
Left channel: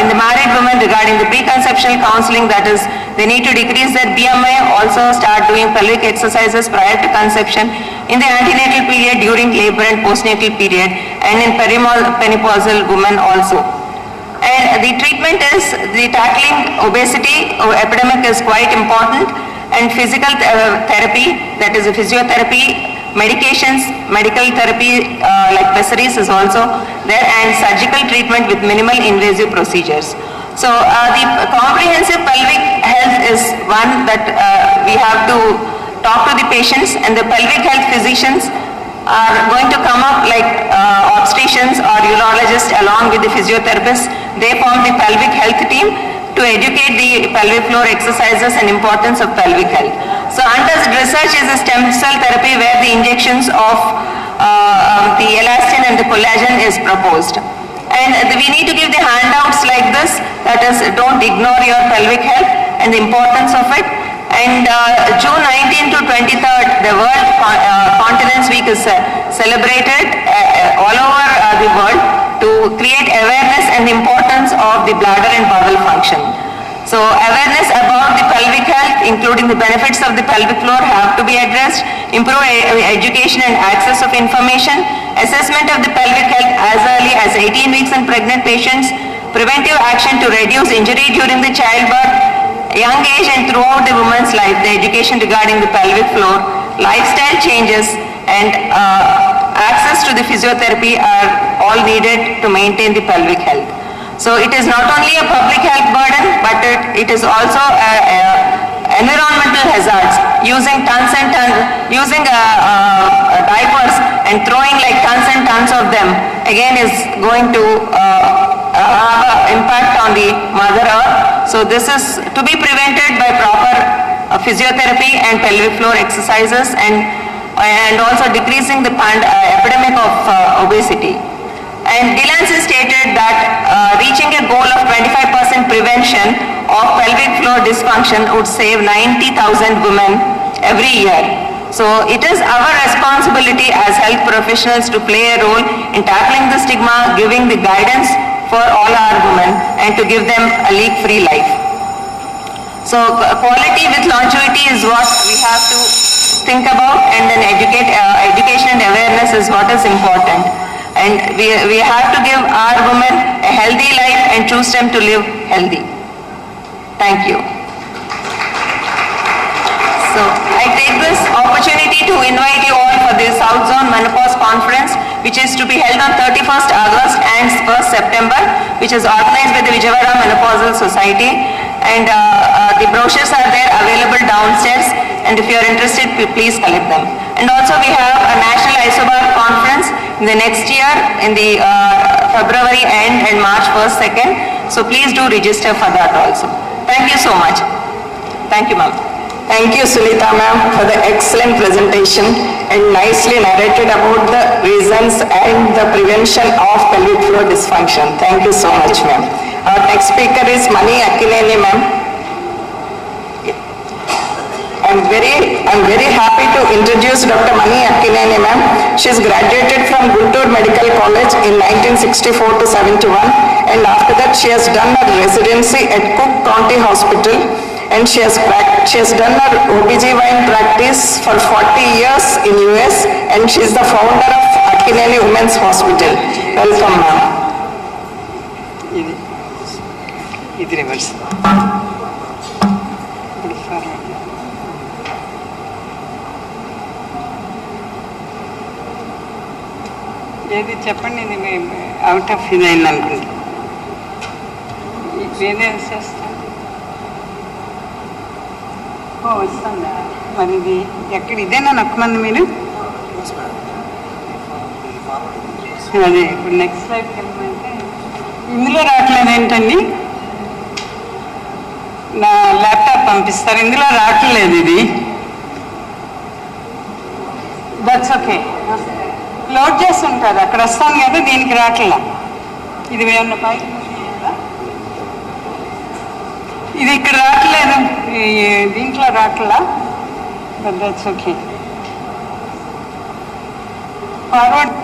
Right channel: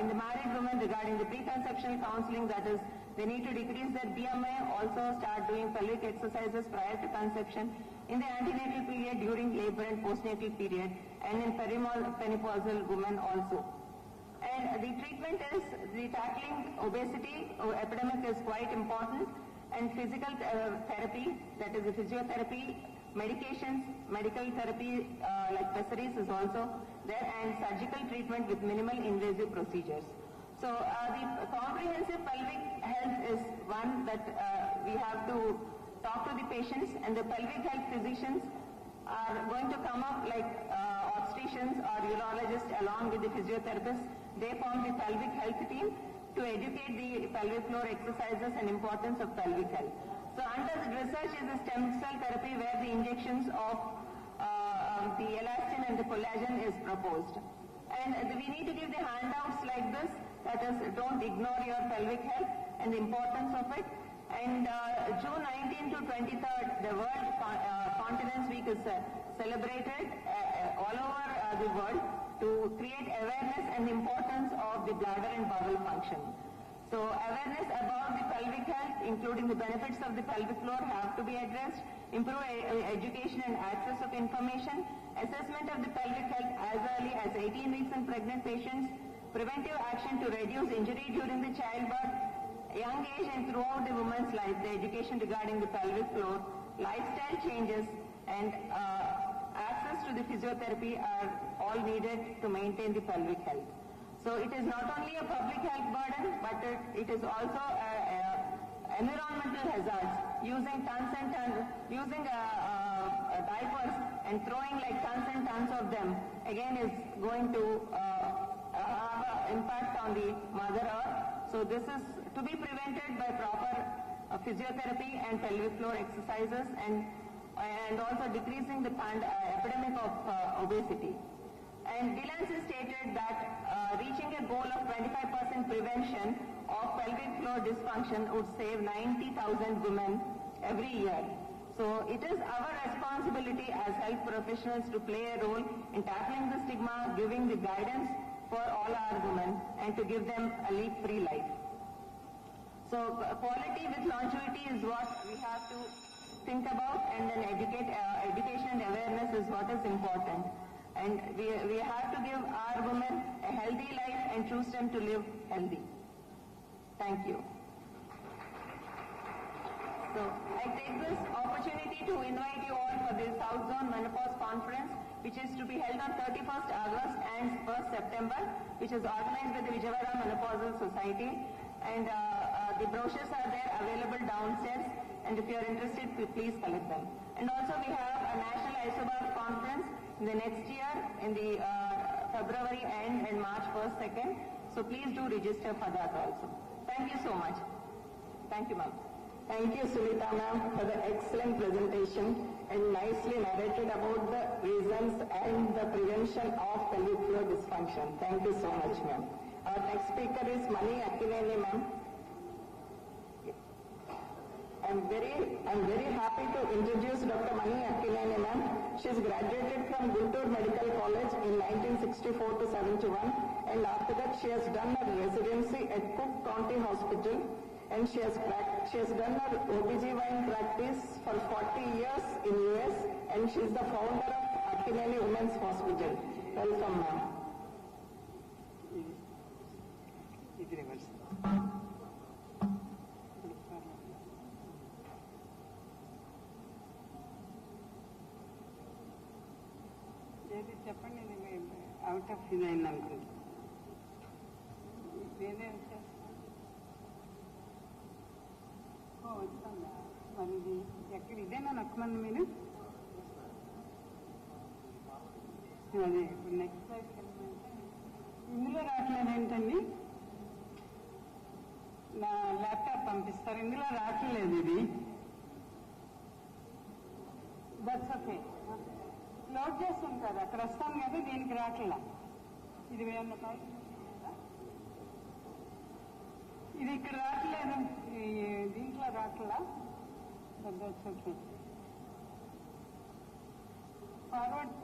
in the married women regarding the preconceptional counseling, that is, they need to decrease their BMI, also start doing pelvic exercises prior to conception, in the antenatal period, during labor and postnatal period, and in perimenopausal women also. And the treatment is, the tackling obesity epidemic is quite important, and physical therapy, that is a physiotherapy, medications, medical therapy like pessaries is also there, and surgical treatment with minimal invasive procedures. So the comprehensive pelvic health is one that we have to talk to the patients, and the pelvic health physicians are going to come up like obstetricians or urologists along with the physiotherapists. They form the pelvic health team to educate the pelvic floor exercises and importance of pelvic health. So under research is a stem cell therapy where the injections of the elastin and the collagen is proposed. And we need to give the handouts like this, that is, don't ignore your pelvic health and the importance of it. And June 19 to 23rd, the World Continence Week is celebrated all over the world to create awareness and the importance of the bladder and bowel function. So awareness about the pelvic health, including the benefits of the pelvic floor, have to be addressed. Improve education and access of information. Assessment of the pelvic health as early as 18 weeks in pregnant patients. Preventive action to reduce injury during the childbirth. Young age and throughout the woman's life, the education regarding the pelvic floor. Lifestyle changes and access to the physiotherapy are all needed to maintain the pelvic health. So it is not only a public health burden, but it is also environmental hazards. Using tons and tons, using diapers and throwing like tons and tons of them, again is going to have an impact on the Mother Earth. So this is to be prevented by proper physiotherapy and pelvic floor exercises, and also decreasing the epidemic of obesity. And Delancey stated that reaching a goal of 25% prevention of pelvic floor dysfunction would save 90,000 women every year. So it is our responsibility as health professionals to play a role in tackling the stigma, giving the guidance for all our women, and to give them a leak-free life. So quality with longevity is what we have to think about, and then education and awareness is what is important. And we have to give our women a healthy life and choose them to live healthy. Thank you. So I take this opportunity to invite you all for the South Zone Menopause Conference, which is to be held on 31st August and 1st September, which is organized by the Vijayawada Menopausal Society. And the brochures are there available downstairs, and if you are interested, please collect them. And also we have a National Isobar Conference in the next year in the February end and March 1st, 2nd. So please do register for that also. Thank you so much. Thank you, ma'am. Thank you, Sunita ma'am, for the excellent presentation and nicely narrated about the reasons and the prevention of pelvic floor dysfunction. Thank you so much, ma'am. Our next speaker is Mani Akkineni ma'am. I'm very happy to introduce Dr. Mani Akkineni ma'am. She is graduated from Guntur Medical College in 1964 to 71, and after that she has done her residency at Cook County Hospital, and she has done her OBGYN practice for 40 years in US, and she is the founder of Akkineni Women's Hospital. Welcome ma'am. Reverse. ఏది చెప్పండి, ఇది out of ఇది అయింది అనుకుంటా. వేరే చేస్తాను. వస్తుందా మరి? ఇది ఎక్కడ ఇదేనా నొక్కమంది మీరు? అదే ఇప్పుడు నెక్స్ట్ స్లైడ్కి వెళ్ళమంటే ఇందులో రావట్లేదు ఏంటండి? నా ల్యాప్టాప్ పంపిస్తారు, ఇందులో రావట్లేదు ఇది. దట్స్ ఓకే, లోడ్ చేస్తుంటారు, అక్కడ వస్తాను కదా, దీనికి రావట్లా. ఇది ఏమన్నా పైకి ఇది ఇక్కడ రావట్లేదు, దీంట్లో రావట్లా. But that's okay. Forward.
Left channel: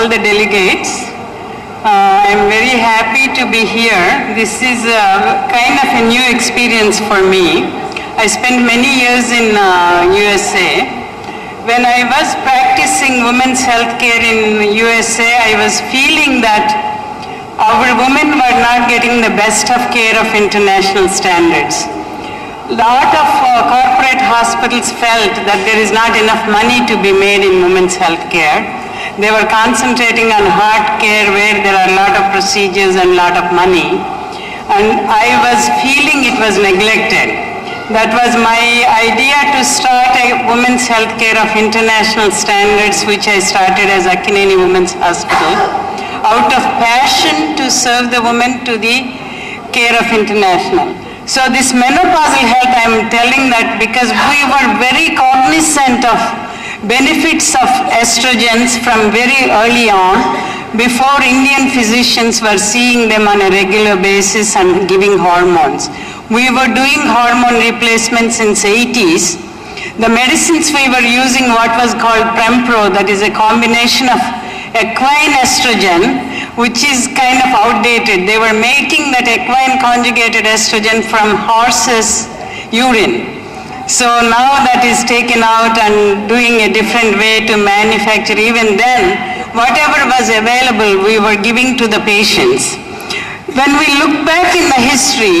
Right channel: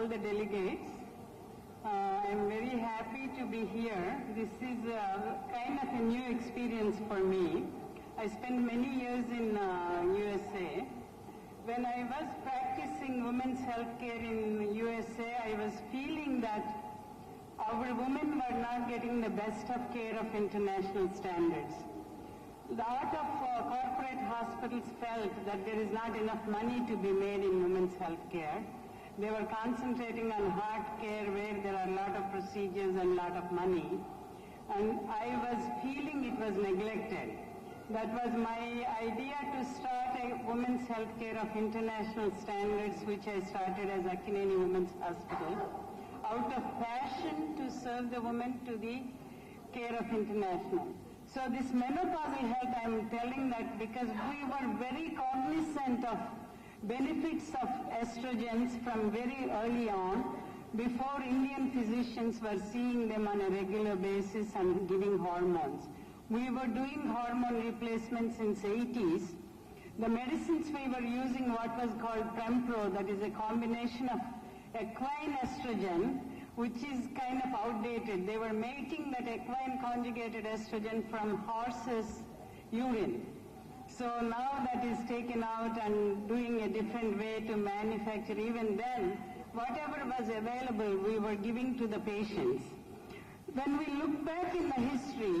All the delegates, I am very happy to be here. This is kind of a new experience for me. I spent many years in USA. When I was practicing women's health care in USA, I was feeling that our women were not getting the best of care of international standards. A lot of corporate hospitals felt that there is not enough money to be made in women's health care. They were concentrating on heart care where there are a lot of procedures and a lot of money. And I was feeling it was neglected. That was my idea to start a women's health care of international standards, which I started as Akineni Women's Hospital, out of passion to serve the women to the care of international. So this menopausal health, I am telling that because we were very cognizant of benefits of estrogens from very early on, before Indian physicians were seeing them on a regular basis and giving hormones. We were doing hormone replacements since 80s. The medicines we were using what was called Prempro, that is a combination of equine estrogen, which is kind of outdated. They were making that equine conjugated estrogen from horses' urine. So now that is taken out and doing a different way to manufacture. Even then, whatever was available, we were giving to the patients. When we look back in the history,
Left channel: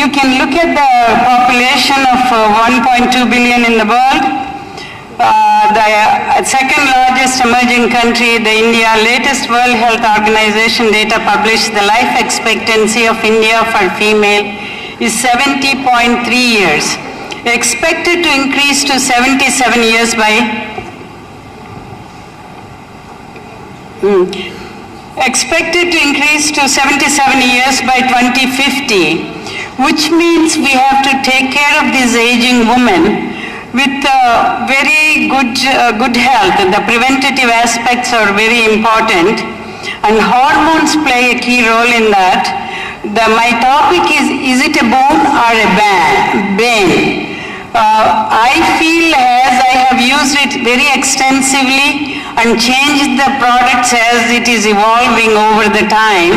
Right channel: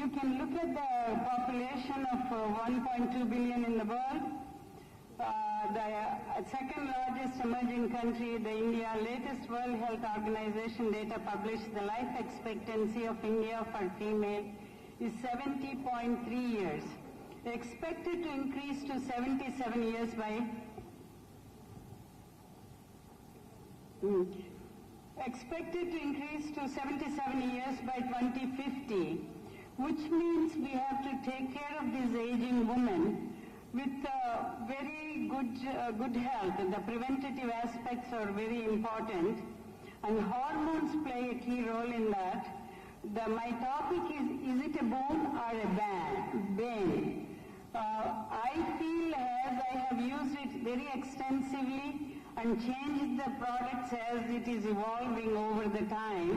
you can look at the population of 1.2 billion in the world. The second largest emerging country, the India, latest World Health Organization data published, the life expectancy of India for female is 70.3 years, expected to increase to 77 years by expected to increase to 77 years by 2050, which means we have to take care of these aging women with very good health. The preventative aspects are very important, and hormones play a key role in that. My topic is it a boon or a bane? I feel as I have used it very extensively and changed the products as it is evolving over the time,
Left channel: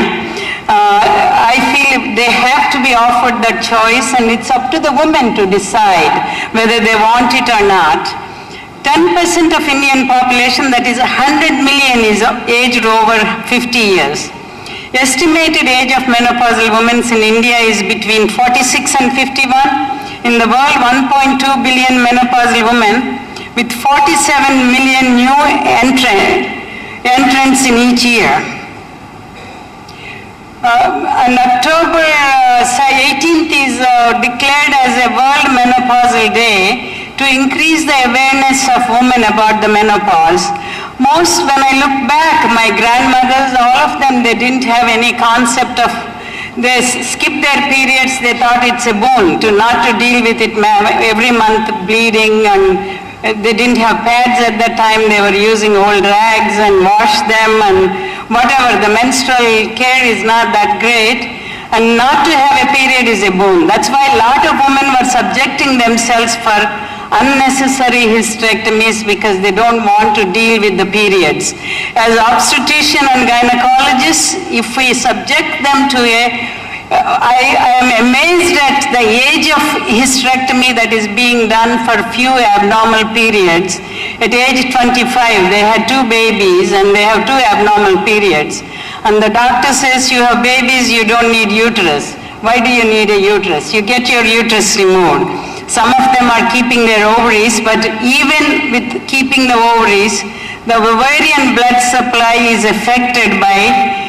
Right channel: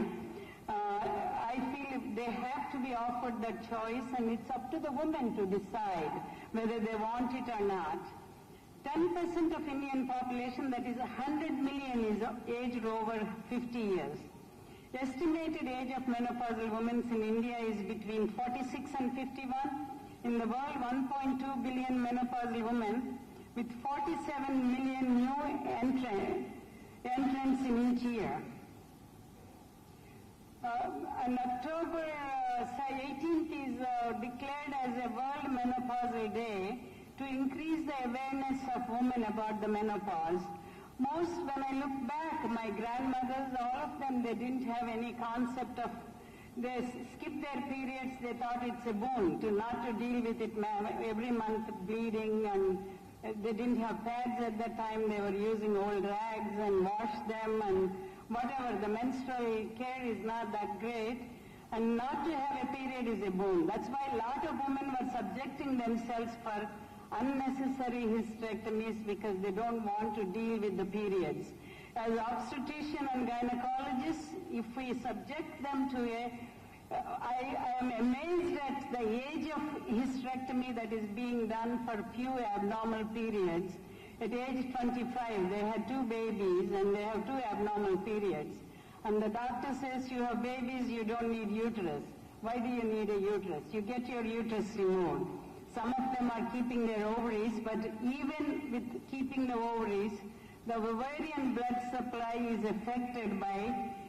I feel they have to be offered that choice, and it's up to the women to decide whether they want it or not. 10% of Indian population, that is 100 million, is aged over 50 years. Estimated age of menopausal women in India is between 46 and 51. In the world, 1.2 billion menopausal women with 47 million new entrants in each year. On October 18th is declared as a World Menopausal Day to increase the awareness of women about the menopause. Most, when I look back, my grandmothers, all of them, they didn't have any concept of, they skipped their periods, they thought it's a boon to not to deal with it every month bleeding, and they didn't have pads at that time, they were using old rags and washed them and whatever, the menstrual care is not that great, and not to have a period is a boon. That's why a lot of women were subjecting themselves for unnecessary hysterectomies because they don't want to deal with the periods. As obstetrician and gynecologists, if we subject them to I am amazed at the age of hysterectomy that is being done for few abnormal periods. At age 25, they had 2 babies and they have 2 abnormal periods. And the doctor says, you have babies, you don't need uterus. Why do you need a uterus? You get your uterus removed. Some of them are keeping their ovaries, but even with keeping the ovaries, the ovarian blood supply is affected by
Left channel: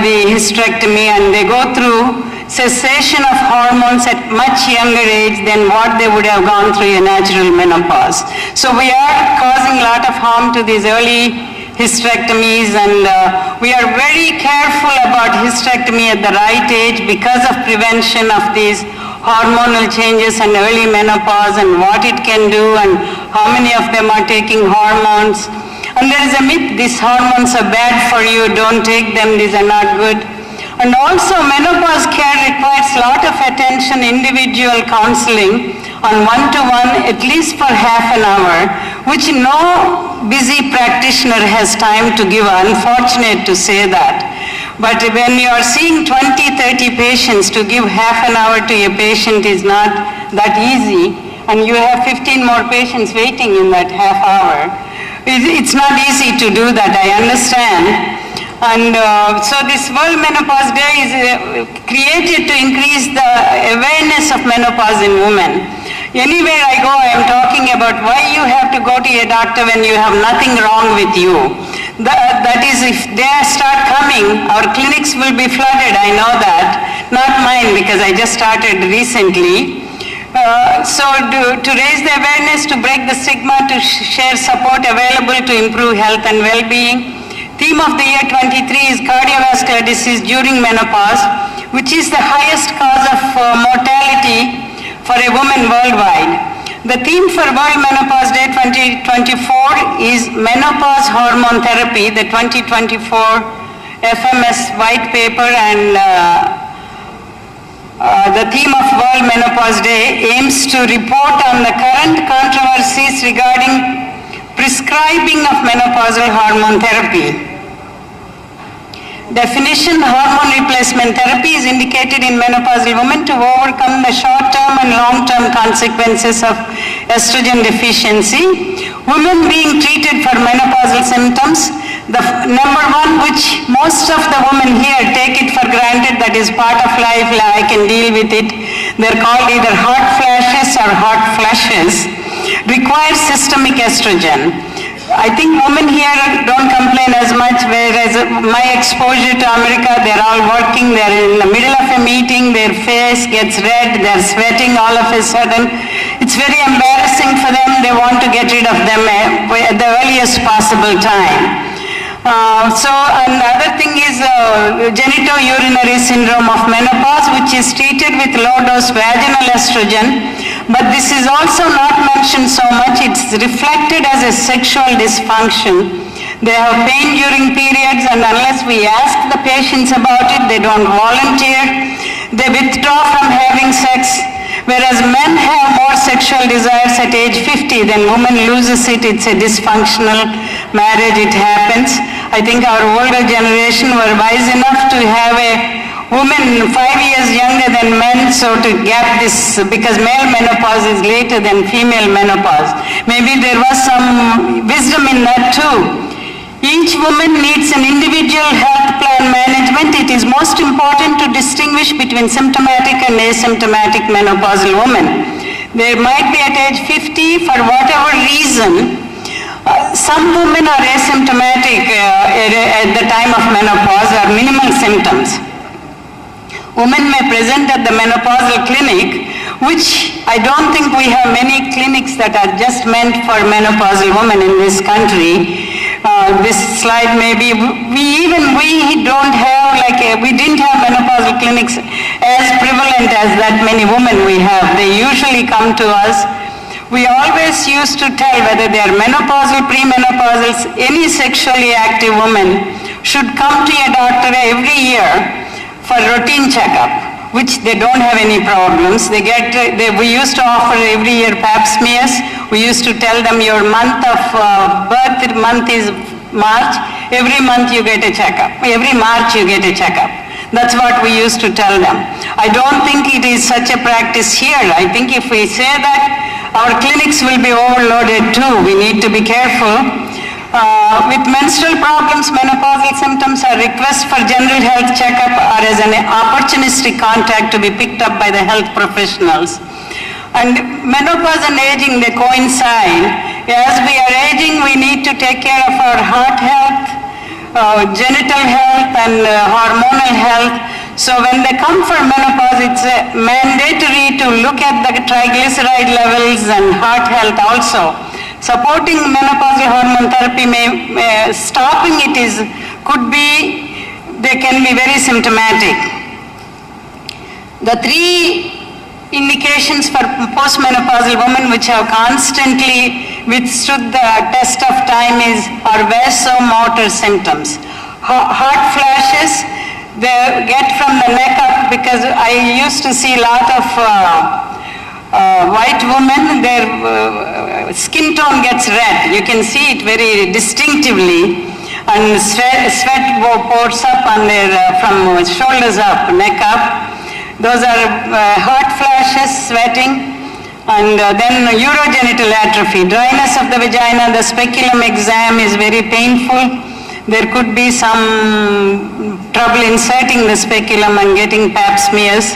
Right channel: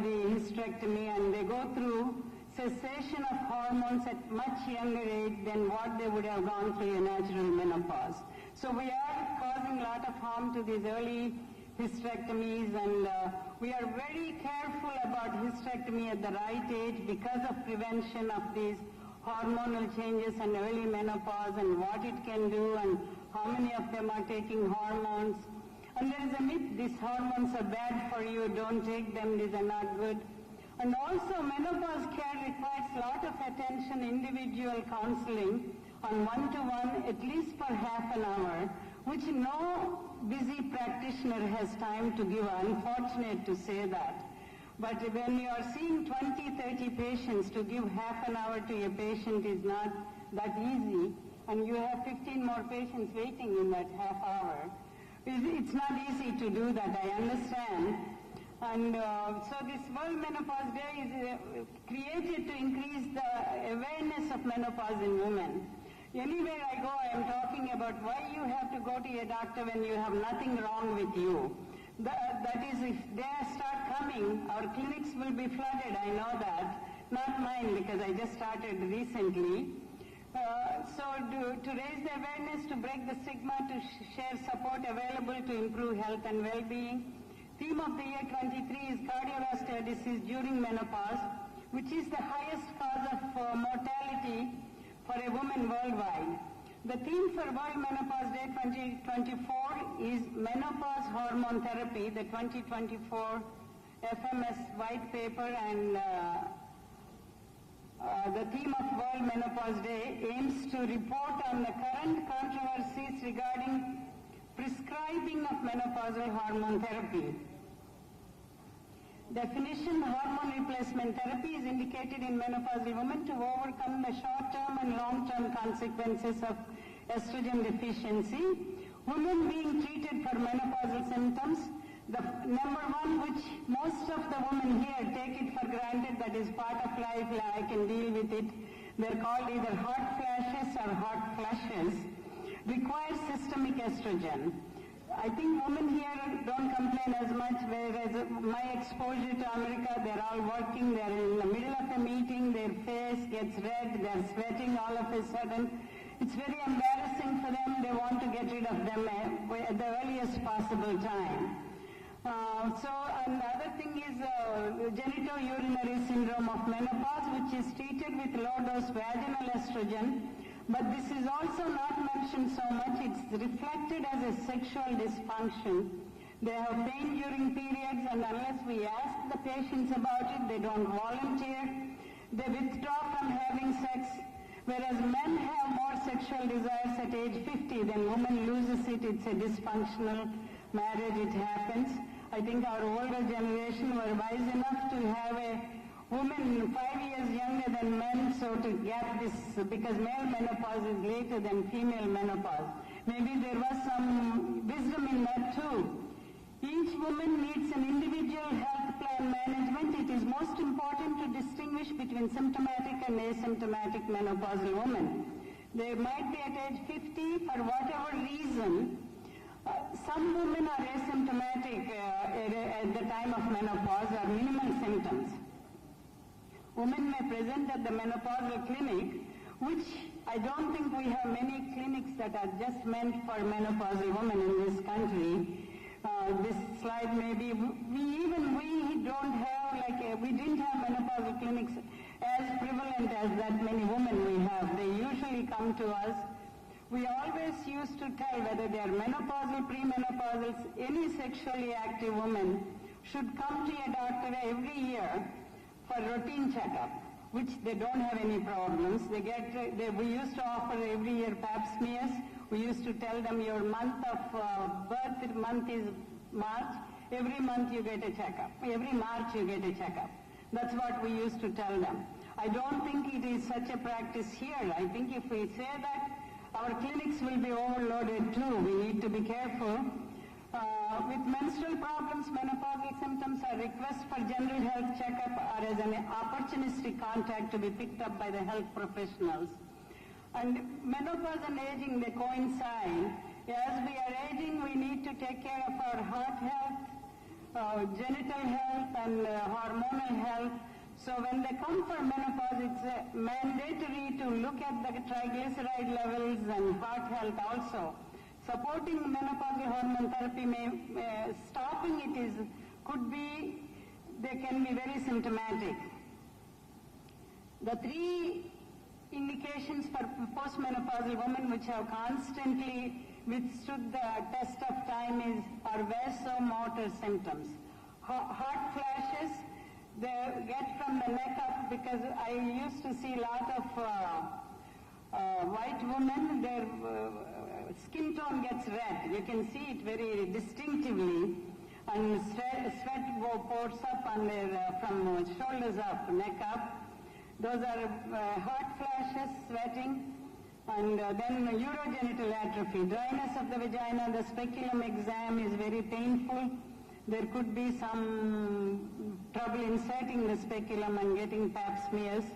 the hysterectomy, and they go through cessation of hormones at much younger age than what they would have gone through a natural menopause. So we are causing a lot of harm to these early hysterectomies, and we are very careful about hysterectomy at the right age because of prevention of these hormonal changes and early menopause and what it can do and how many of them are taking hormones. And there is a myth, these hormones are bad for you, don't take them, these are not good. And also menopause care requires a lot of attention, individual counseling on one-to-one, at least for half an hour, which no busy practitioner has time to give. Unfortunate to say that. But when you are seeing 20, 30 patients, to give half an hour to a patient is not that easy, and you have 15 more patients waiting in that half hour. It's not easy to do that, I understand. And so this World Menopause Day is created to increase the awareness of menopause in women. Anywhere I go, I am talking about why you have to go to a doctor when you have nothing wrong with you. That is, if they start coming, our clinics will be flooded, I know that. Not mine, because I just started recently. So to raise the awareness, to break the stigma, to share support available to improve health and well-being. Theme of the year 23 is cardiovascular disease during menopause, which is the highest cause of mortality for a woman worldwide. The theme for World Menopause Day 2024 is Menopause Hormone Therapy, the 2024 FMS white paper, and the theme of World Menopause Day aims to report on the current controversies regarding prescribing of menopausal hormone therapy. Definition: hormone replacement therapy is indicated in menopausal women to overcome the short-term and long-term consequences of estrogen deficiency. Women being treated for menopausal symptoms, the number one, which most of the women here take it for granted, that is part of life, I can deal with it. They're called either hot flashes or hot flushes, requires systemic estrogen. I think women here don't complain as much, whereas my exposure to America, they're all working, they're in the middle of a meeting, their face gets red, they're sweating all of a sudden. It's very embarrassing for them, they want to get rid of them at the earliest possible time. And the other thing is genitourinary syndrome of menopause, which is treated with low-dose vaginal estrogen. But this is also not mentioned so much. It's reflected as a sexual dysfunction. They have pain during periods, and unless we ask the patients about it, they don't volunteer. They withdraw from having sex. Whereas men have more sexual desires at age 50, then women loses it. It's a dysfunctional marriage, it happens. I think our older generation were wise enough to have a woman 5 years younger than men, so to gap this, because male menopause is later than female menopause. Maybe there was some wisdom in that too. Each woman needs an individual health plan management. It is most important to distinguish between symptomatic and asymptomatic menopausal women. They might be at age 50 for whatever reason. Some women are asymptomatic at the time of menopause, or or minimal symptoms. Women may present at the menopausal clinic, which I don't think we have many clinics that are just meant for menopausal women in this country. This slide maybe, we don't have, we didn't have menopausal clinics as prevalent as that many women we have. They usually come to us. We always used to tell whether they are menopausal, premenopausals, any sexually active woman should come to a doctor every year for routine checkup, which they don't have any problems. We used to offer every year pap smears. We used to tell them your month of birth month is March. Every month you get a checkup. Every March you get a checkup. That's what we used to tell them. I don't think it is such a practice here. I think if we say that, our clinics will be overloaded too. We need to be careful. With menstrual problems, menopausal symptoms, a request for general health checkup or as an opportunistic contact to be picked up by the health professionals. And menopause and aging, they coincide. As we are aging, we need to take care of our heart health, genital health, and hormonal health. So when they come for menopause, it's mandatory to look at the triglyceride levels and heart health also. Supporting menopausal hormone therapy stopping it they can be very symptomatic. The three indications for postmenopausal women which have constantly withstood the test of time are vasomotor symptoms. Hot flashes, they get from the neck up, because I used to see a lot of white women, their skin tone gets red. You can see it very distinctively, and sweat pours up on from shoulders up, neck up. Those are hot flashes, sweating, and then urogenital atrophy, dryness of the vagina. The speculum exam is very painful. There could be some trouble inserting the speculum and getting pap smears.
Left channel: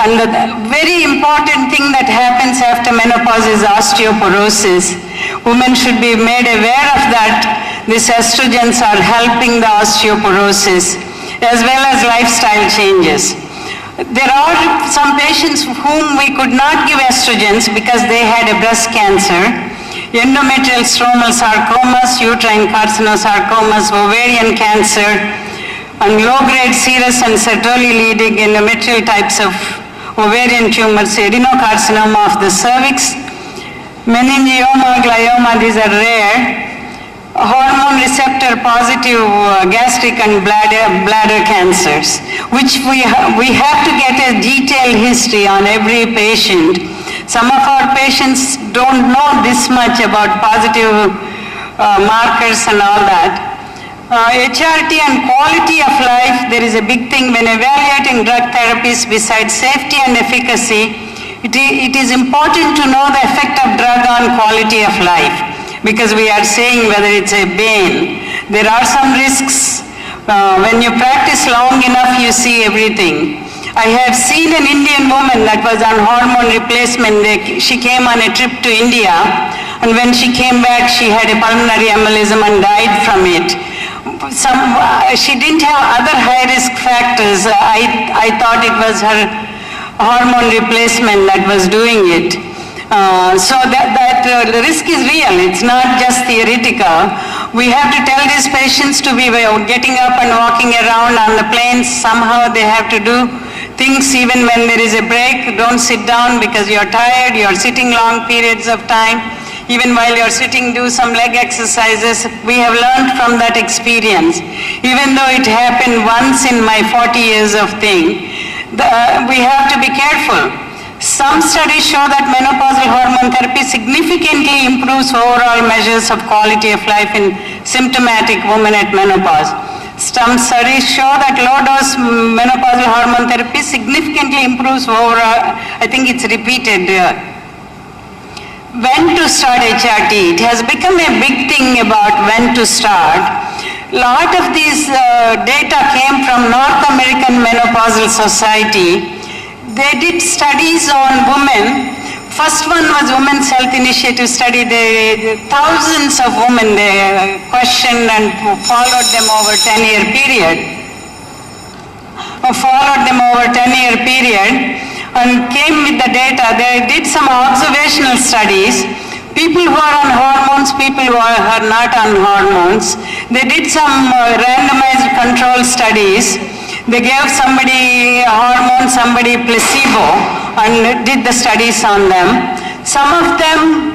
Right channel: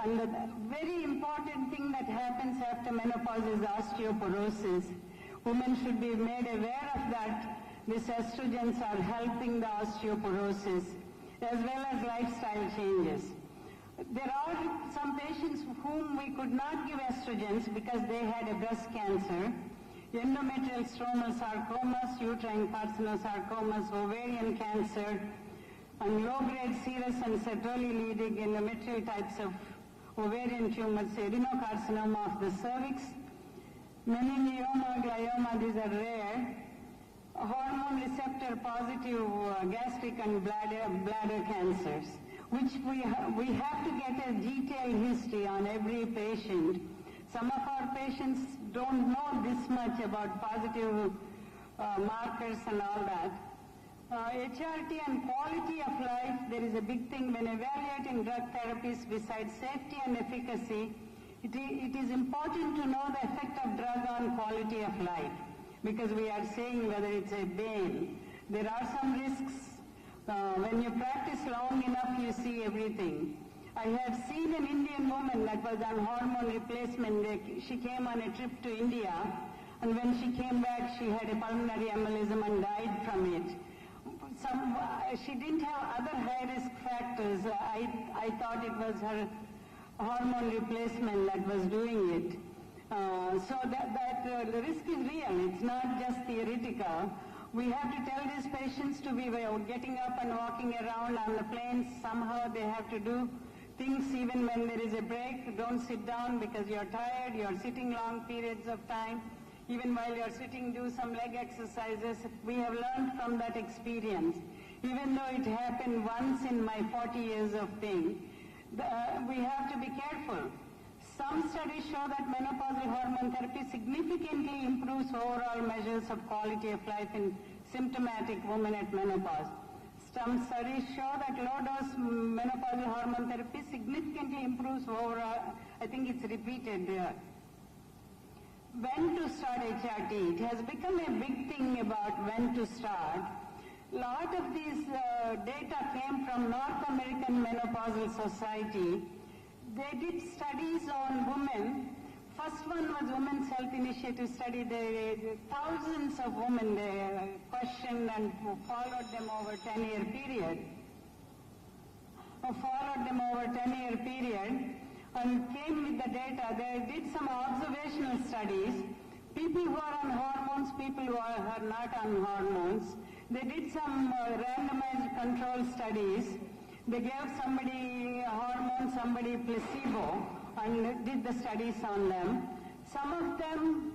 And the very important thing that happens after menopause is osteoporosis. Women should be made aware of that. These estrogens are helping the osteoporosis, as well as lifestyle changes. There are some patients whom we could not give estrogens because they had a breast cancer, endometrial stromal sarcomas, uterine carcinosarcomas, ovarian cancer, and low-grade serous and sertoli leading endometrial types of ovarian tumors, adenocarcinoma of the cervix, meningioma, glioma, these are rare, hormone receptor positive gastric and bladder cancers, which we have to get a detailed history on every patient. Some of our patients don't know this much about positive markers and all that. HRT and quality of life, there is a big thing when evaluating drug therapies. Besides safety and efficacy, it is important to know the effect of drug on quality of life, because we are saying whether it's a bane. There are some risks. When you practice long enough, you see everything. I have seen an Indian woman that was on hormone replacement. She came on a trip to India, and when she came back, she had a pulmonary embolism and died from it. She didn't have other high-risk factors. I thought it was her hormone replacement that was doing it. So the risk is real. It's not just theoretical. We have to tell these patients to be getting up and walking around on the planes. Somehow they have to do things even when there is a break. Don't sit down because you're tired. You're sitting long periods of time. Even while you're sitting, do some leg exercises. We have learned from that experience. Even though it happened once in my 40 years of thing, we have to be careful. Some studies show that menopausal hormone therapy significantly improves overall measures of quality of life in symptomatic women at menopause. Some studies show that low-dose menopausal hormone therapy significantly improves overall, I think it's repeated. When to start HRT? It has become a big thing about when to start. A lot of these data came from North American Menopausal Society. They did studies on women. First one was Women's Health Initiative study. Thousands of women they questioned and followed them over 10-year period. followed them over 10-year period and came with the data. They did some observational studies. People who are on hormones, people who are not on hormones. They did some randomized control studies. They gave somebody hormone, somebody placebo, and did the studies on them. Some of them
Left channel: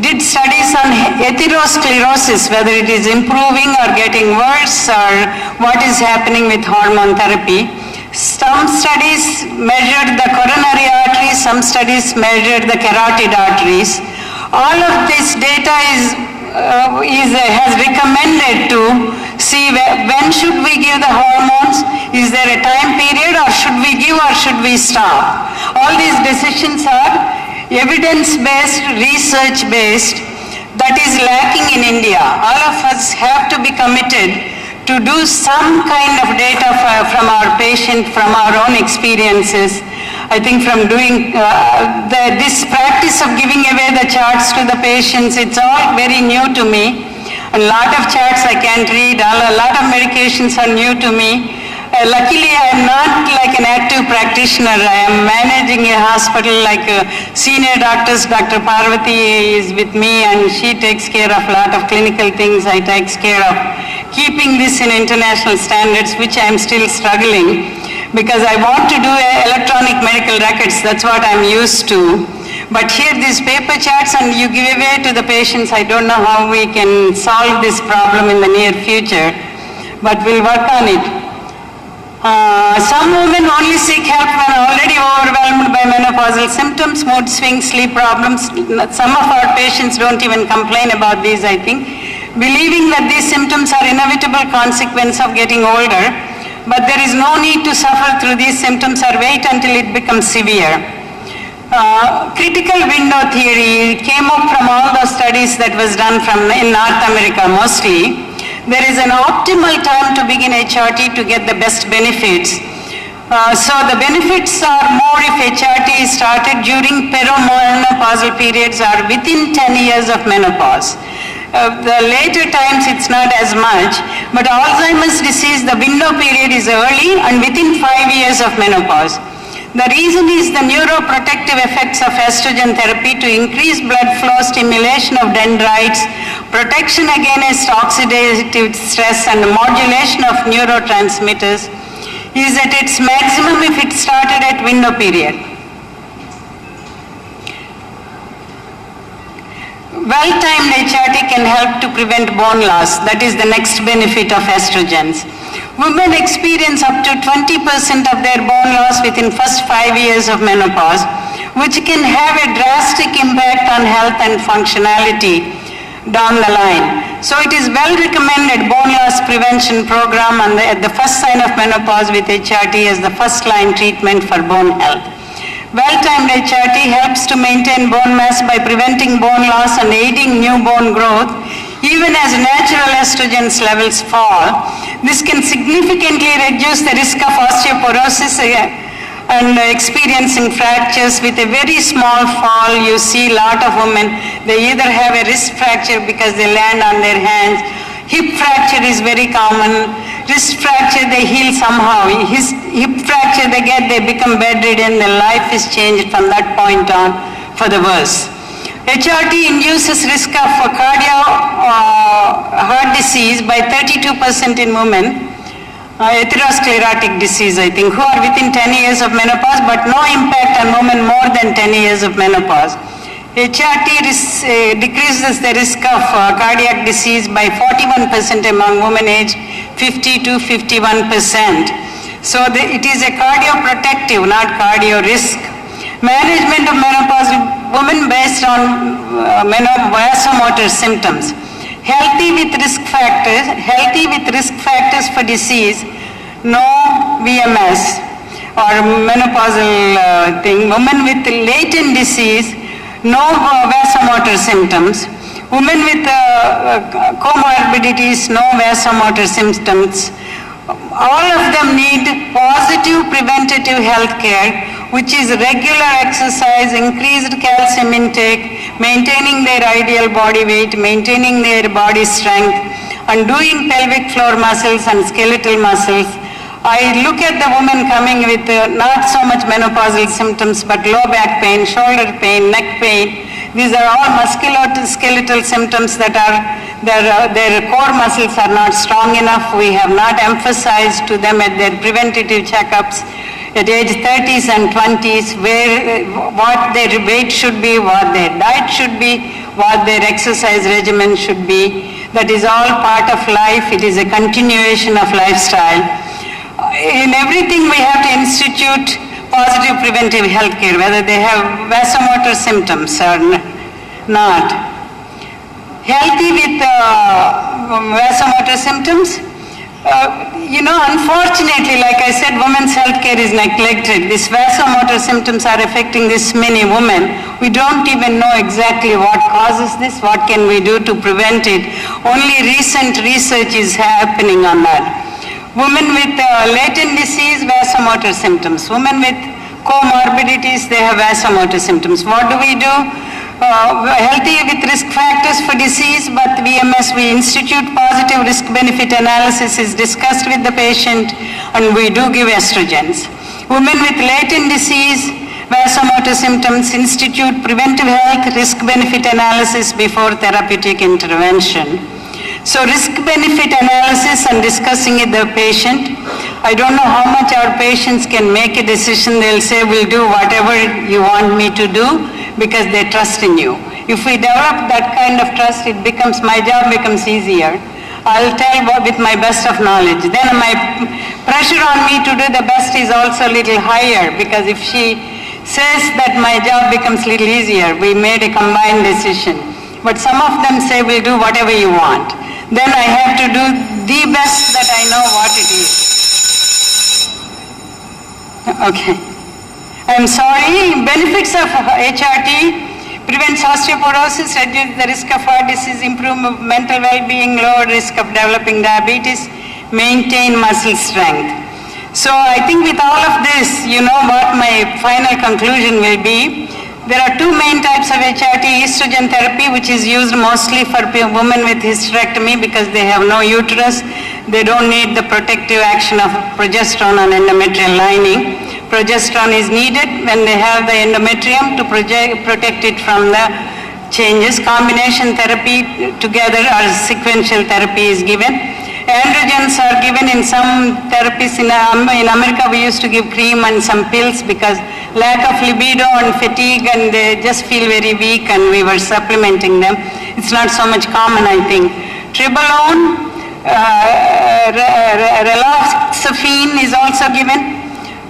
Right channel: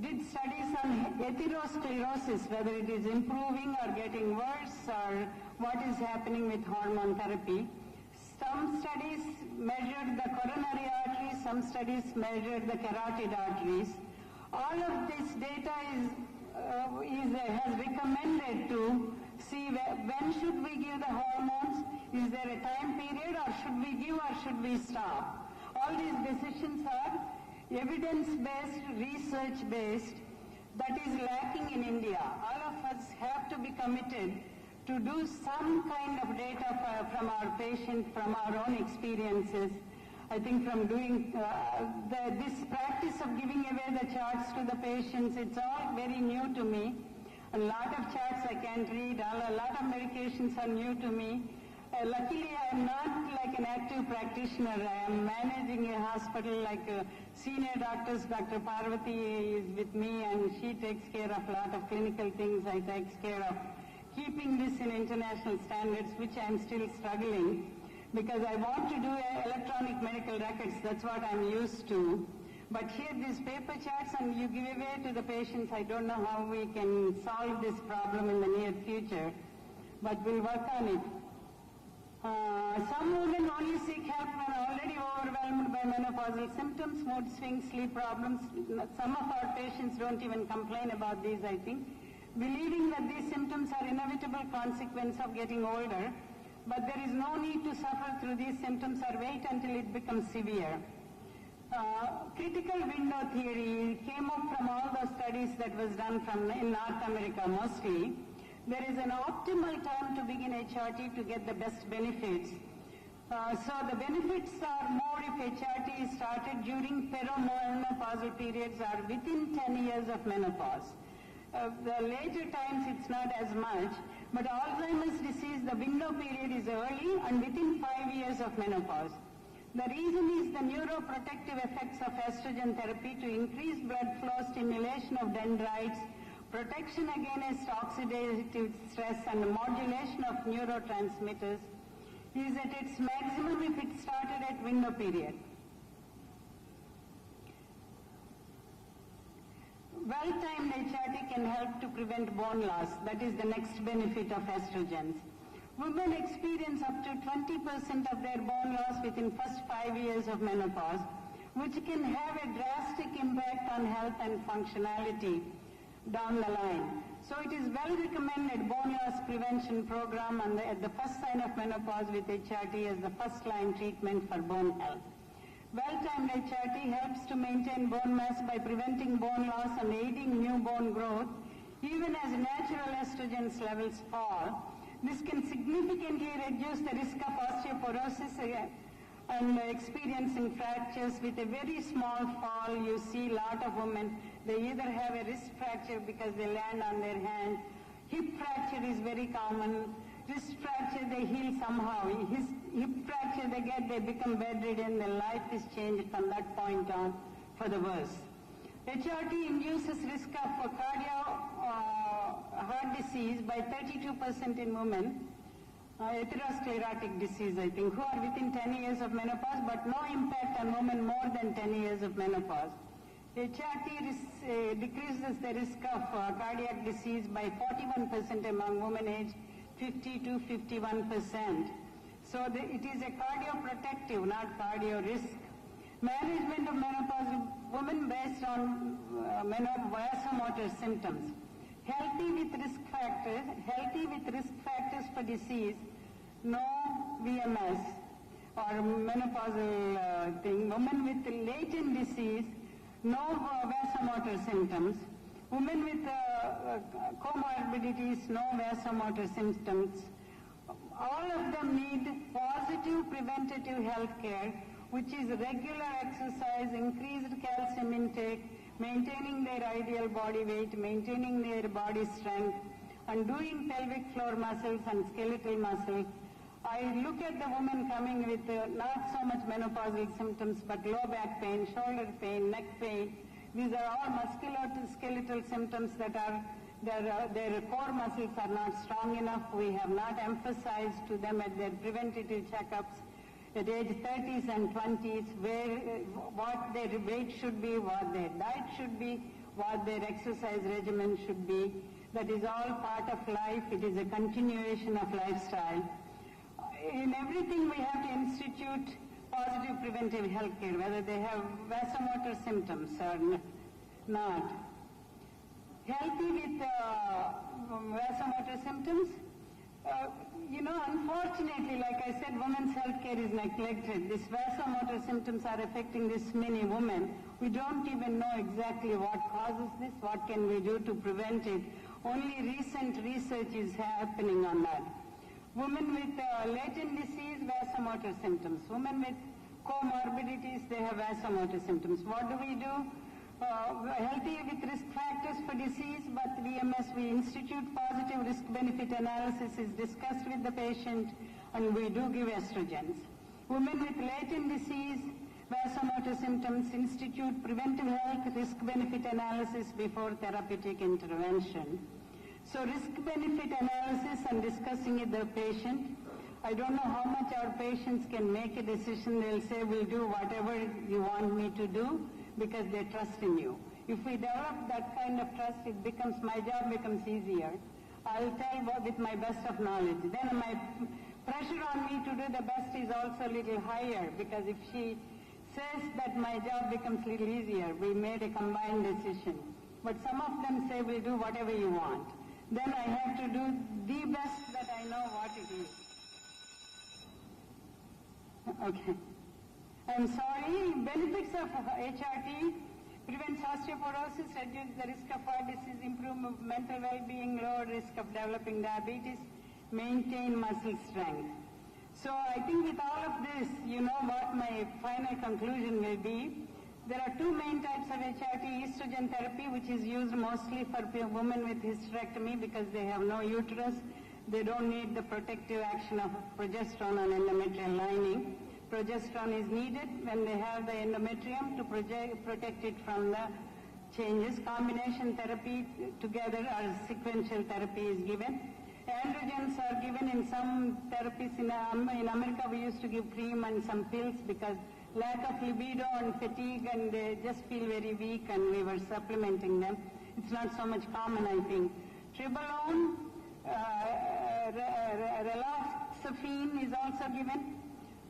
did studies on atherosclerosis, whether it is improving or getting worse or what is happening with hormone therapy. Some studies measured the coronary arteries, some studies measured the carotid arteries. All of this data has recommended to see when should we give the hormones, is there a time period, or should we give or should we stop. All these decisions are evidence-based, research-based, that is lacking in India. All of us have to be committed to do some kind of data from our patient, from our own experiences. I think from doing this practice of giving away the charts to the patients, it's all very new to me. A lot of charts I can't read, a lot of medications are new to me. Luckily, I am not like an active practitioner. I am managing a hospital like senior doctors. Dr. Parvati is with me and she takes care of a lot of clinical things. I take care of keeping this in international standards, which I am still struggling, because I want to do electronic medical records. That's what I'm used to. But here these paper charts and you give away to the patients. I don't know how we can solve this problem in the near future, but we'll work on it. Some women only seek help when already overwhelmed by menopausal symptoms, mood swings, sleep problems. Some of our patients don't even complain about these, I think, believing that these symptoms are inevitable consequence of getting older. But there is no need to suffer through these symptoms or wait until it becomes severe. Critical window theory came up from all the studies that was done in North America mostly. There is an optimal time to begin HRT to get the best benefits. So the benefits are more if HRT is started during perimenopausal periods or within 10 years of menopause. The later times it's not as much, but Alzheimer's disease, the window period is early and within 5 years of menopause. The reason is the neuroprotective effects of estrogen therapy to increase blood flow, stimulation of dendrites, protection against oxidative stress, and modulation of neurotransmitters is at its maximum if it started at window period. Well-timed HRT can help to prevent bone loss. That is the next benefit of estrogens. Women experience up to 20% of their bone loss within first 5 years of menopause, which can have a drastic impact on health and functionality down the line. So it is well recommended bone loss prevention program at the first sign of menopause with HRT as the first line treatment for bone health. Well-timed HRT helps to maintain bone mass by preventing bone loss and aiding new bone growth, even as natural estrogens levels fall. This can significantly reduce the risk of osteoporosis and experiencing fractures. With a very small fall, you see a lot of women, they either have a wrist fracture because they land on their hands. Hip fracture is very common. Wrist fracture, they heal somehow. Hip fracture they become bedridden. Their life is changed from that point on for the worse. HRT induces risk of heart disease by 32% in women. Atherosclerotic disease, I think, who are within 10 years of menopause, but no impact on women more than 10 years of menopause. HRT decreases the risk of cardiac disease by 41% among women aged 50 to 51%. So it is a cardioprotective, not cardio risk. Management of menopausal women based on vasomotor symptoms. Healthy with risk factors for disease, no VMS or menopausal thing. Women with latent disease, no vasomotor symptoms. Women with comorbidities, no vasomotor symptoms. All of them need positive preventative health care, which is regular exercise, increased calcium intake, maintaining their ideal body weight, maintaining their body strength, and doing pelvic floor muscles and skeletal muscles, I look at the woman coming with not so much menopausal symptoms, but low back pain, shoulder pain, neck pain. These are all musculoskeletal symptoms that are, their core muscles are not strong enough. We have not emphasized to them at their preventative checkups at age 30s and 20s what their weight should be, what their diet should be, what their exercise regimen should be. That is all part of life. It is a continuation of lifestyle. In everything we have to institute positive preventive health care, whether they have vasomotor symptoms or not. Healthy with vasomotor symptoms, unfortunately, like I said, women's health care is neglected. These vasomotor symptoms are affecting this many women. We don't even know exactly what causes this, what can we do to prevent it. Only recent research is happening on that. Women with latent disease, vasomotor symptoms. Women with comorbidities, they have vasomotor symptoms. What do? Healthy with risk factors for disease, but VMS, we institute positive risk-benefit analysis is discussed with the patient, and we do give estrogens. Women with latent disease, vasomotor symptoms, institute preventive health risk-benefit analysis before therapeutic intervention. So risk-benefit analysis and discussing with the patient. I don't know how much our patients can make a decision. They'll say, we'll do whatever you want me to do because they trust in you. If we develop that kind of trust, my job becomes easier. I'll tell with my best of knowledge. Then my pressure on me to do the best is also a little higher, because if she says that my job becomes a little easier, we made a combined decision. But some of them say, we'll do whatever you want. Then I have to do the best that I know what it is. Okay. I'm sorry. Benefits of HRT: prevents osteoporosis, reduce the risk of heart disease, improve mental well-being, lower risk of developing diabetes, maintain muscle strength. So I think with all of this, you know what my final conclusion will be. There are two main types of HRT: estrogen therapy, which is used mostly for women with hysterectomy because they have no uterus. They don't need the protective action of progesterone on endometrial lining. Progesterone is needed when they have the endometrium to protect it from the changes. Combination therapy together or sequential therapy is given. Androgens are given in some therapies. In America, we used to give cream and some pills because lack of libido and fatigue, and they just feel very weak, and we were supplementing them. It's not so much common, I think. Tribolone, raloxifene is also given.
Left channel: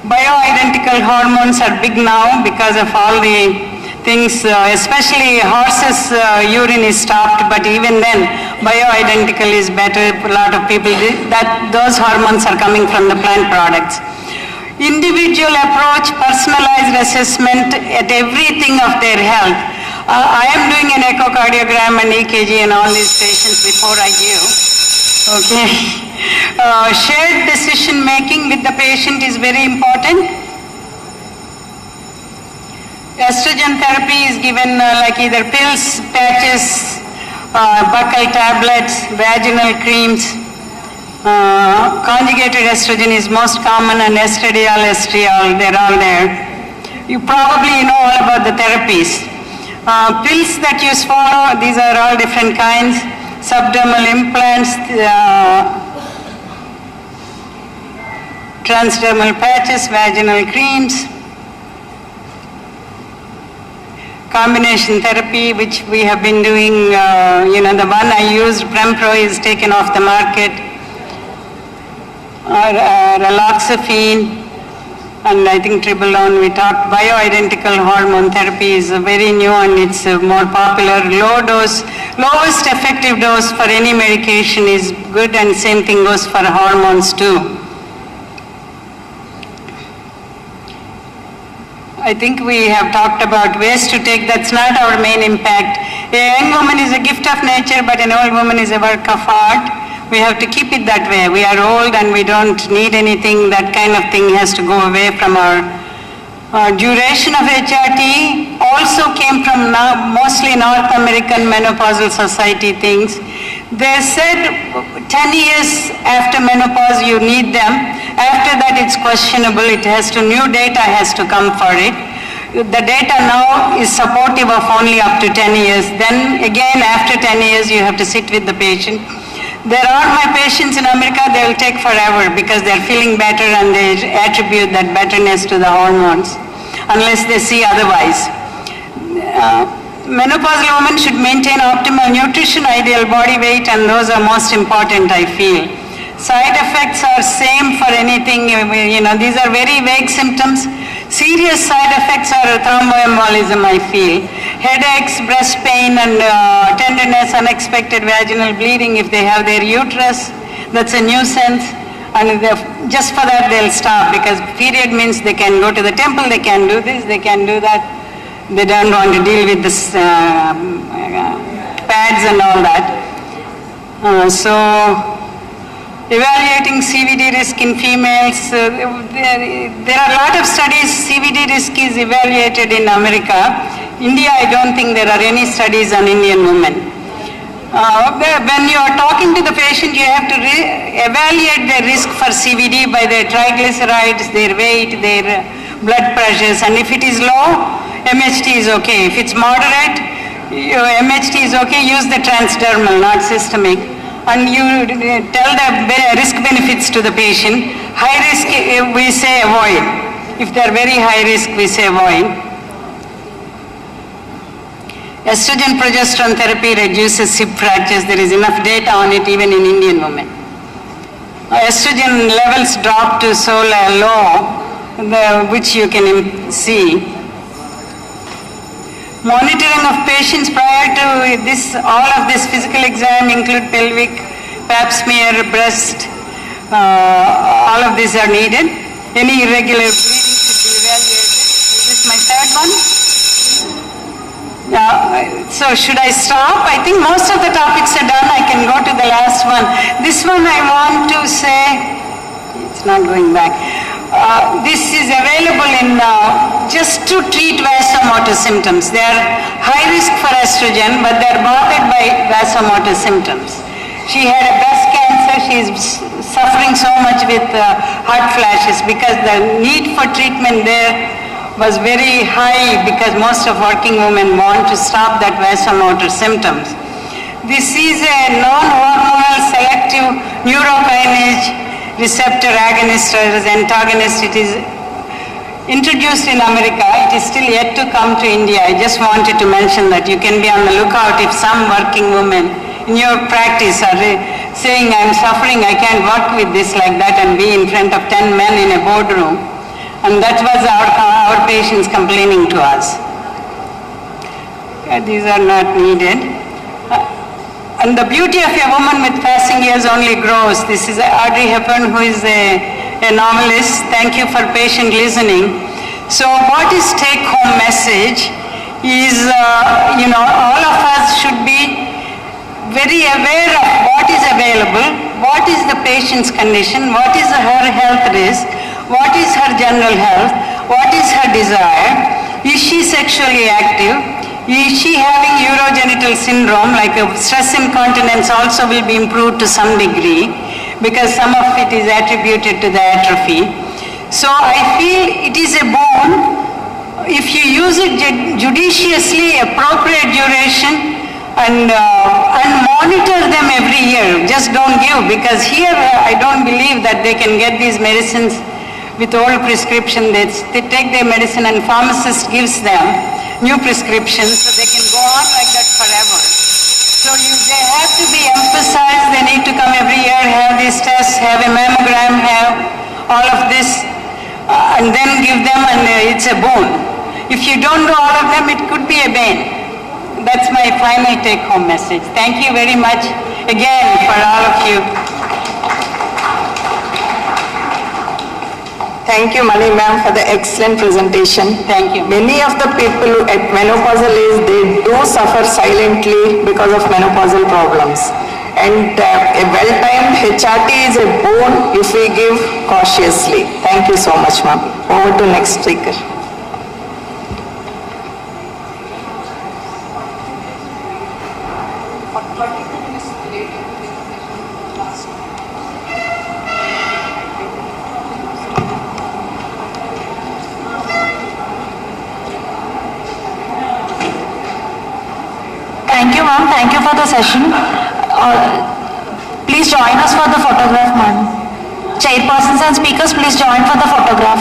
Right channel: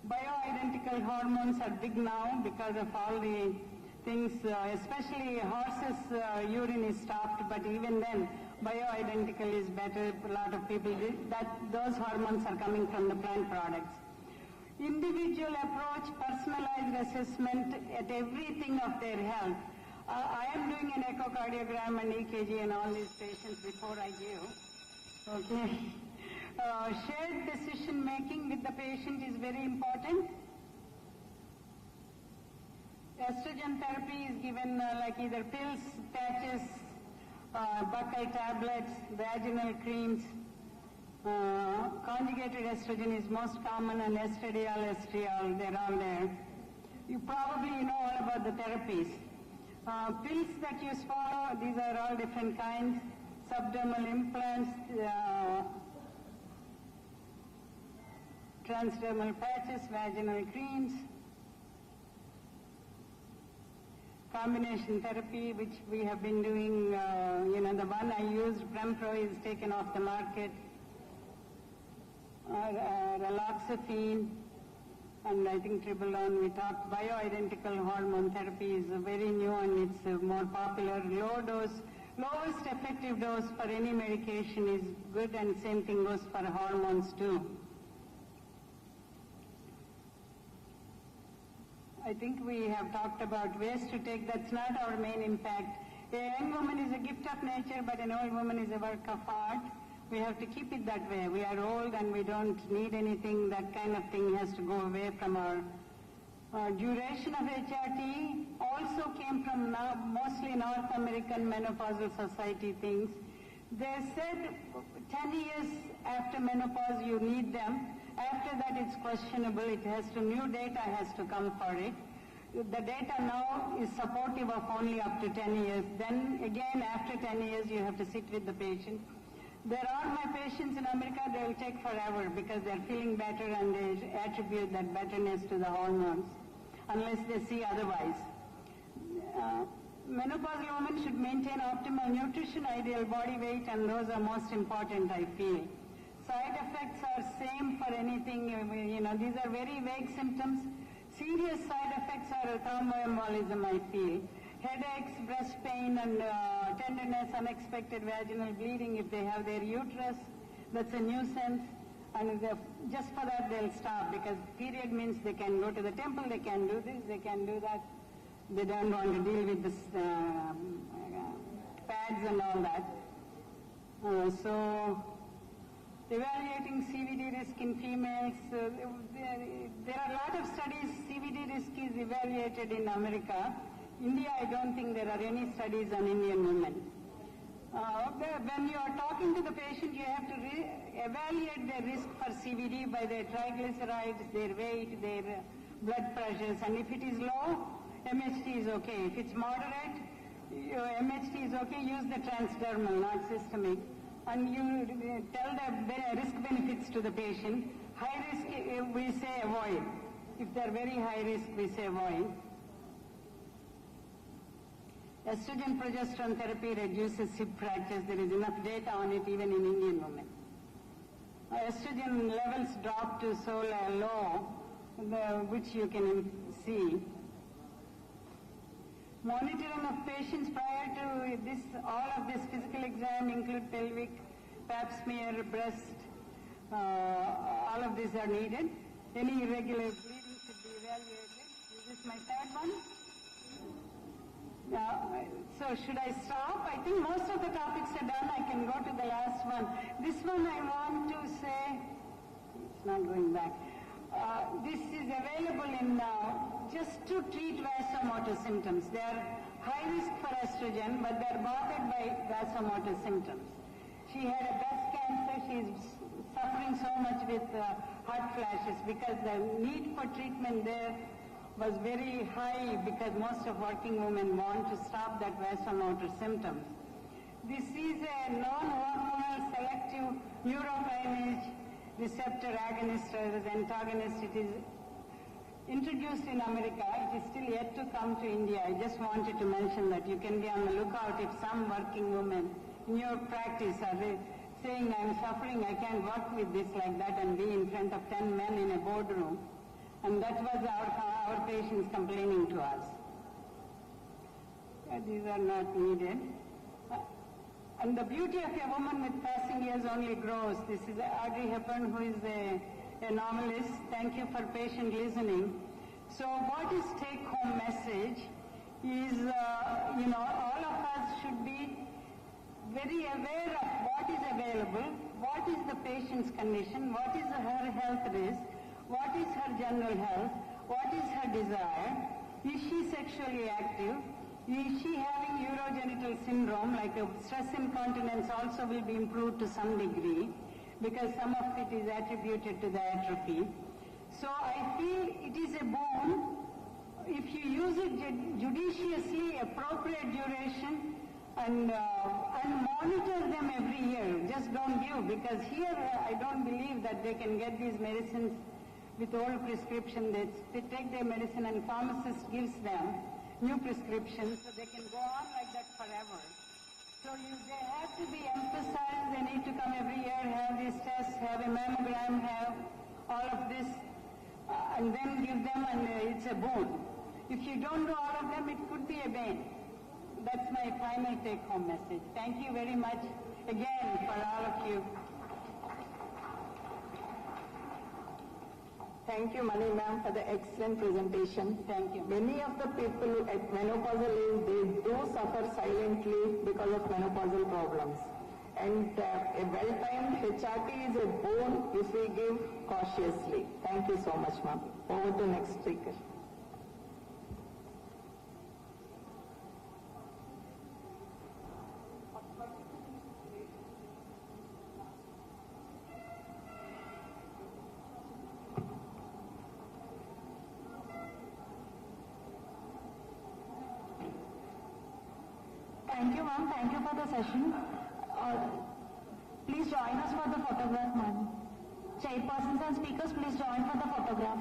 Bioidentical hormones are big now because of all the things, especially horses' urine is stopped, but even then, bioidentical is better. A lot of people, those hormones are coming from the plant products. Individual approach, personalized assessment at everything of their health. I am doing an echocardiogram and EKG and all these patients before I give. Okay. Shared decision making with the patient is very important. Estrogen therapy is given like either pills, patches, buccal tablets, vaginal creams. Conjugated estrogen is most common, and estradiol, estriol, they're all there. You probably know all about the therapies. Pills that you swallow, these are all different kinds. Subdermal implants, transdermal patches, vaginal creams. Combination therapy, which we have been doing, the one I used, Prempro, is taken off the market. Raloxifene, and I think tribolone, we talked. Bioidentical hormone therapy is very new, and it's more popular. Lowest effective dose for any medication is good, and same thing goes for hormones too. I think we have talked about ways to take. That's not our main impact. A young woman is a gift of nature, but an old woman is a work of art. We have to keep it that way. We are old and we don't need anything. That kind of thing has to go away from our duration of HRT. Also came from mostly North American Menopausal Society things. They said 10 years after menopause you need them. After that, it's questionable. New data has to come for it. The data now is supportive of only up to 10 years. Then again, after 10 years, you have to sit with the patient. There are my patients in America, they will take forever because they're feeling better and they attribute that betterness to the hormones, unless they see otherwise. Menopausal women should maintain optimal nutrition, ideal body weight, and those are most important, I feel. Side effects are same for anything, these are very vague symptoms. Serious side effects are thromboembolism, I feel. Headaches, breast pain, and tenderness, unexpected vaginal bleeding if they have their uterus. That's a nuisance. And just for that, they'll stop because period means they can go to the temple, they can do this, they can do that. They don't want to deal with this pads and all that. Evaluating CVD risk in females, there are a lot of studies. CVD risk is evaluated in America. India, I don't think there are any studies on Indian women. When you are talking to the patient, you have to evaluate their risk for CVD by their triglycerides, their weight, their blood pressures, and if it is low, MHT is okay. If it's moderate, MHT is okay, use the transdermal, not systemic. And you tell the risk benefits to the patient. High risk, we say avoid. If they're very high risk, we say avoid. Estrogen progesterone therapy reduces hip fractures. There is enough data on it even in Indian women. Estrogen levels drop to so low, which you can see. Monitoring of patients prior to this, all of this physical exam include pelvic, pap smear, breast, all of these are needed. Any irregular bleeding should be evaluated. Is this my third one? So should I stop? I think most of the topics are done. I can go to the last one. This one I want to say, it's not going back. This is available in just to treat vasomotor symptoms. They are high risk for estrogen, but they are bothered by vasomotor symptoms. She had a breast cancer. She is suffering so much with hot flashes because the need for treatment there was very high because most of working women want to stop that vasomotor symptoms. This is a non-hormonal selective neurokinase receptor agonist or antagonist. It is introduced in America. It is still yet to come to India. I just wanted to mention that you can be on the lookout if some working women in your practice are saying, I'm suffering, I can't work with this like that and be in front of 10 men in a boardroom. And that was our patients complaining to us. These are not needed. And the beauty of a woman with passing years only grows. This is Audrey Hepburn, who is a novelist. Thank you for patient listening. So what is take-home message is, all of us should be very aware of what is available, what is the patient's condition, what is her health risk, what is her general health, what is her desire, is she sexually active, is she having urogenital syndrome, like stress incontinence also will be improved to some degree because some of it is attributed to the atrophy. So I feel it is a boon if you use it judiciously, appropriate duration, and monitor them every year. Just don't give, because here I don't believe that they can get these medicines with old prescription. They take their medicine and pharmacist gives them new prescriptions so they can go on like that forever. So they have to be emphasized. They need to come every year, have these tests, have a mammogram, have all of this, and then give them, and it's a boon. If you don't do all of them, it could be a bane. That's my final take-home message. Thank you very much again for all of you. Thank you, Mani ma'am, for the excellent presentation. Thank you. Many of the people at menopausal age, they do suffer silently because of menopausal problems. And a well-timed HRT is a boon if we give cautiously. Thank you so much, ma'am. Over to next speaker. ma'am. Thank you for the session. Please join us for the photograph, ma'am. Chairpersons and speakers, please join for the photograph.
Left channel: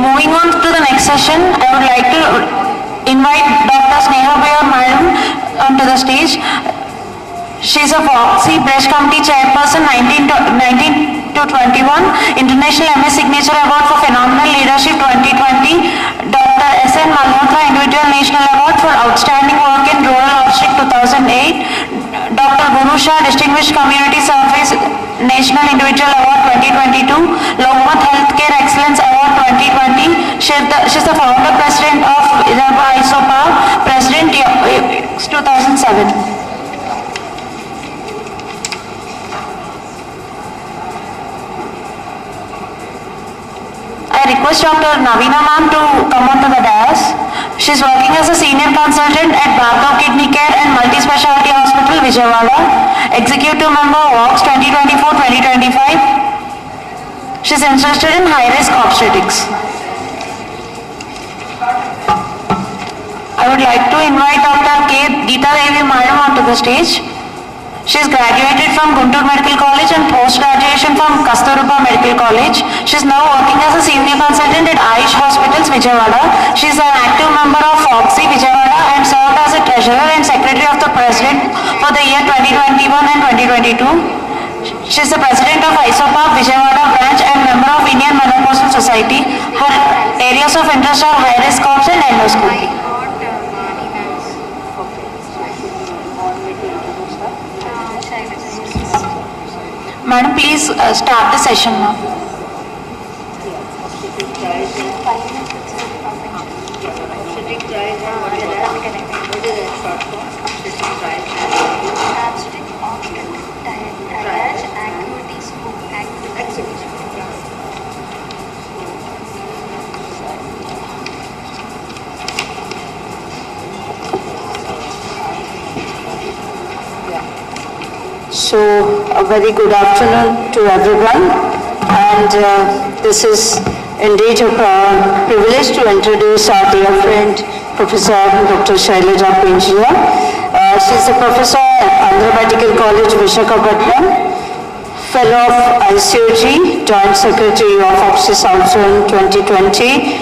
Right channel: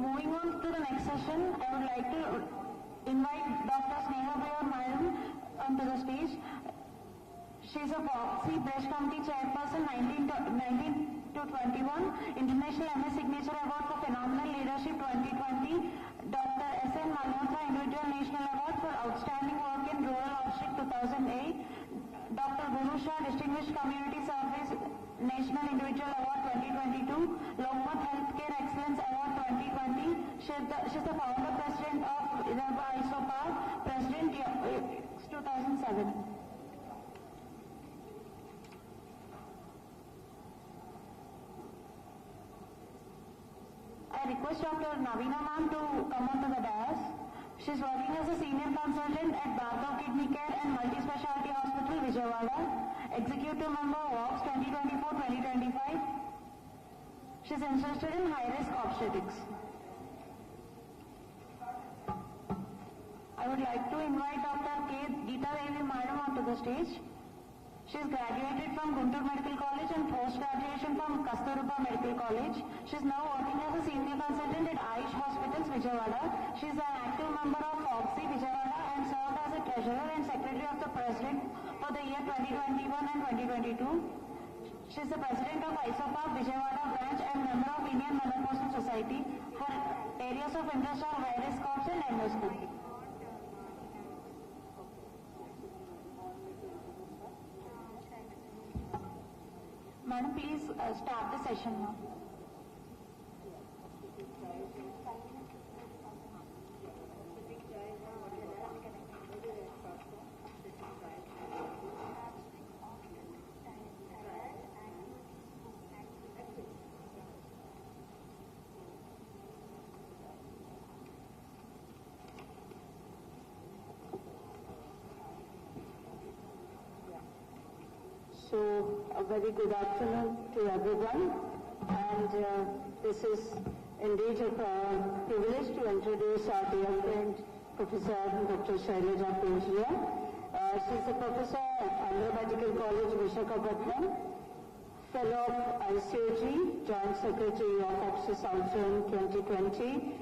Moving on to the next session, I would like to invite Dr. Sneha Madam onto the stage. She is a FOXY Breast Committee Chairperson 19 to 21, International MS Signature Award for Phenomenal Leadership 2020, Dr. S.N. Malhotra Individual National Award for Outstanding Work in Rural Obstetric 2008, Dr. Guru Shah Distinguished Community Service National Individual Award 2022, Lokmat Healthcare Excellence Award 2020. She's the founder president of ISOPA, President 2007. I request Dr. Navina ma'am to come onto the dais. She's working as a senior consultant at Bhargav Kidney Care and Multi-Speciality Hospital, Vijayawada, executive member WOX 2024-2025. She's interested in high-risk obstetrics. I would like to invite Dr. K. Geeta Devi Madam onto the stage. She is graduated from Guntur Medical College and post-graduation from Kasturba Medical College. She is now working as a senior consultant at Ayush Hospitals, Vijayawada. She is an active member of FOXY, Vijayawada, and served as a treasurer and secretary of the president for the year 2021 and 2022. She is the president of ISOPA, Vijayawada branch, and member of Indian Menopausal Society. Her areas of interest are high-risk ops and endoscopy. Madam, please start the session now. So, a very good afternoon to everyone, and this is indeed a privilege to introduce our dear friend, Professor Dr. Shailaja Pinjia. She is a professor at Andhrapradesh Medical College, Visakhapatnam, fellow of ICOG, Joint Secretary of Obstetrics also in 2020.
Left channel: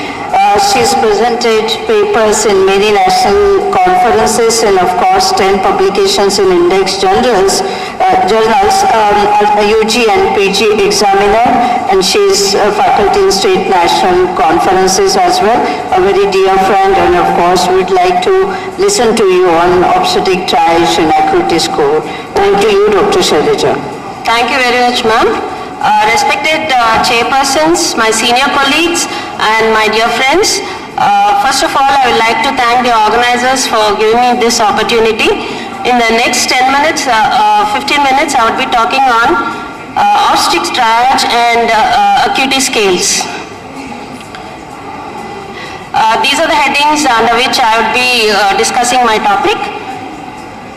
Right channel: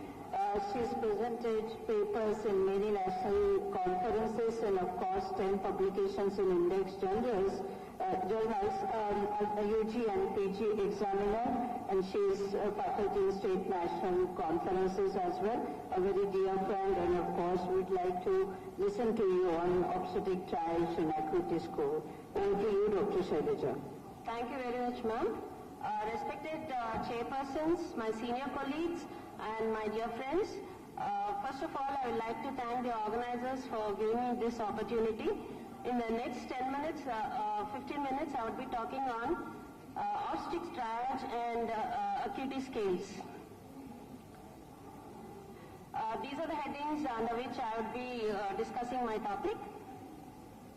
She's presented papers in many national conferences and of course 10 publications in index journals, UG and PG examiner, and she's a faculty in state national conferences as well, a very dear friend, and of course we'd like to listen to you on obstetric triage and acuity score. Over to you, Dr. Shailaja. Thank you very much, ma'am. Respected chairpersons, my senior colleagues, and my dear friends, first of all, I would like to thank the organizers for giving me this opportunity. In the next 10 minutes, 15 minutes, I would be talking on obstetric triage and acuity scales. These are the headings under which I would be discussing my topic.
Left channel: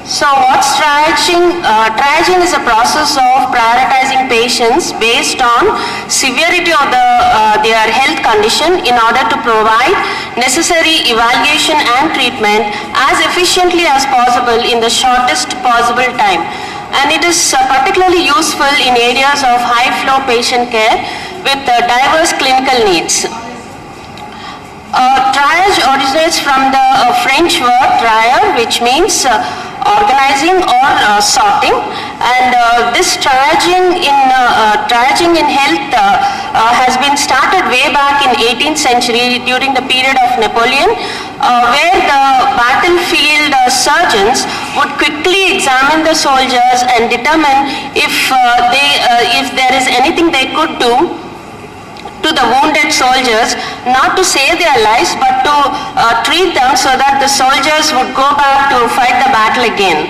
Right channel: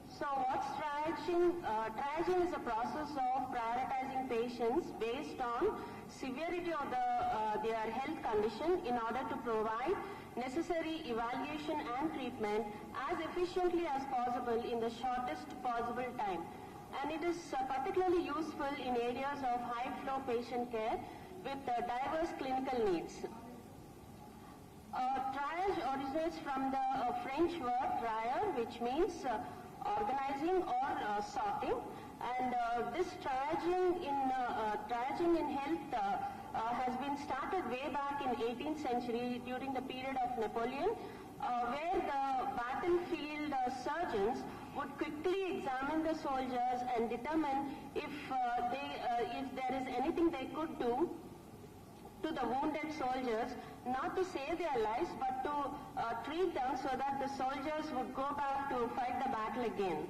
So what's triaging? Triaging is a process of prioritizing patients based on severity of their health condition in order to provide necessary evaluation and treatment as efficiently as possible in the shortest possible time. and it is particularly useful in areas of high flow patient care with diverse clinical needs. Triage originates from the French word trier, which means organizing or sorting, and this triaging in health has been started way back in 18th century during the period of Napoleon, where the battlefield surgeons would quickly examine the soldiers and determine if there is anything they could do to the wounded soldiers, not to save their lives but to treat them so that the soldiers would go back to fight the battle again.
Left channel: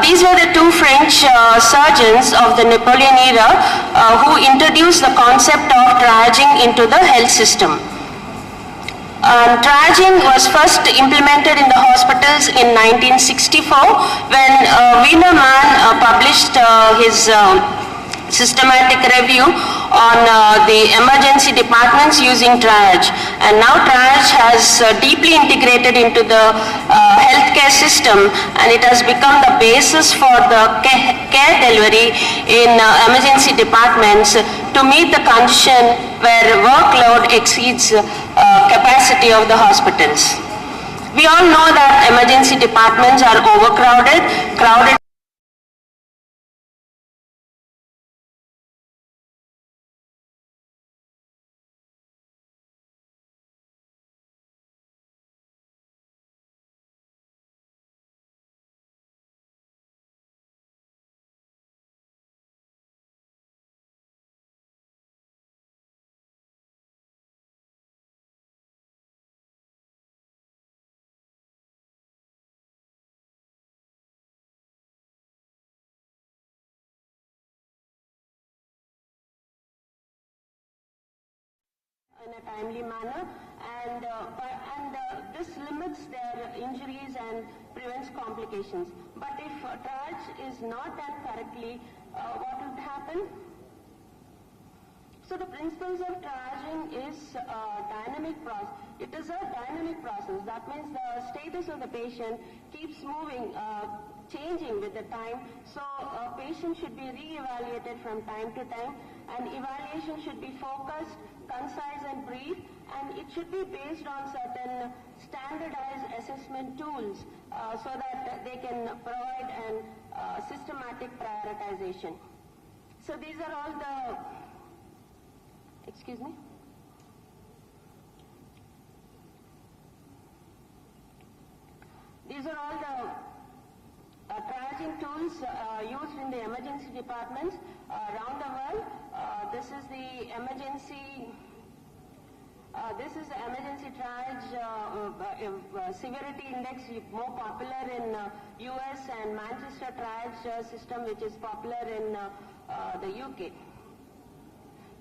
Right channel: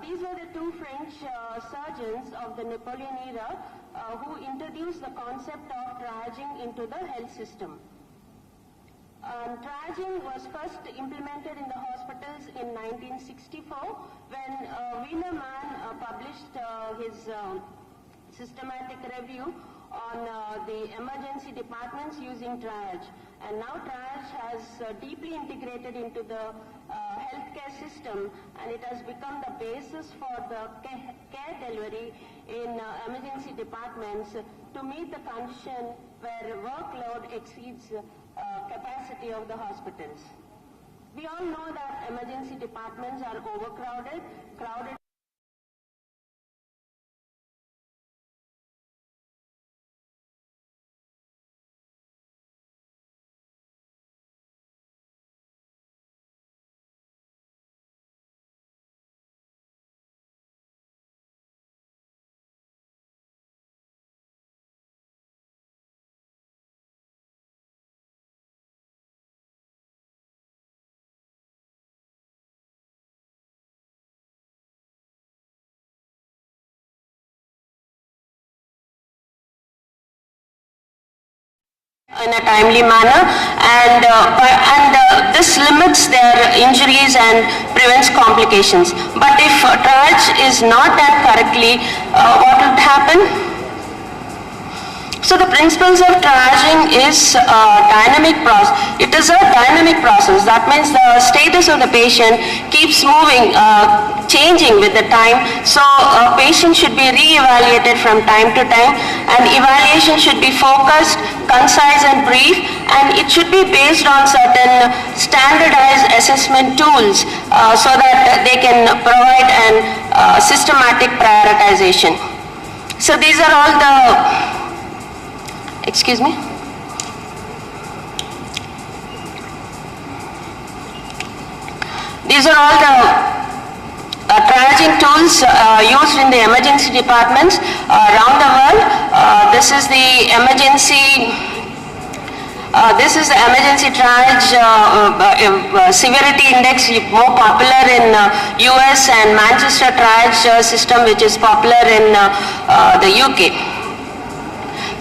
These were the two French surgeons of the Napoleon era who introduced the concept of triaging into the health system. Triaging was first implemented in the hospitals in 1964 when Wienerman published his systematic review on the emergency departments using triage, and now triage has deeply integrated into the healthcare system, and it has become the basis for the care delivery in emergency departments to meet the condition where workload exceeds capacity of the hospitals. We all know that emergency departments are overcrowded, crowded in a timely manner, and this limits their injuries and prevents complications. But if triage is not done correctly, what would happen? So the principles of triaging is dynamic process. It is a dynamic process. That means the status of the patient keeps moving, changing with the time. So a patient should be re-evaluated from time to time, and evaluation should be focused, concise and brief, and it should be based on certain standardized assessment tools so that they can provide an systematic prioritization. So these are all the Excuse me? These are all the triaging tools used in the emergency departments around the world. This is the emergency triage severity index, more popular in US, and Manchester triage system, which is popular in the UK.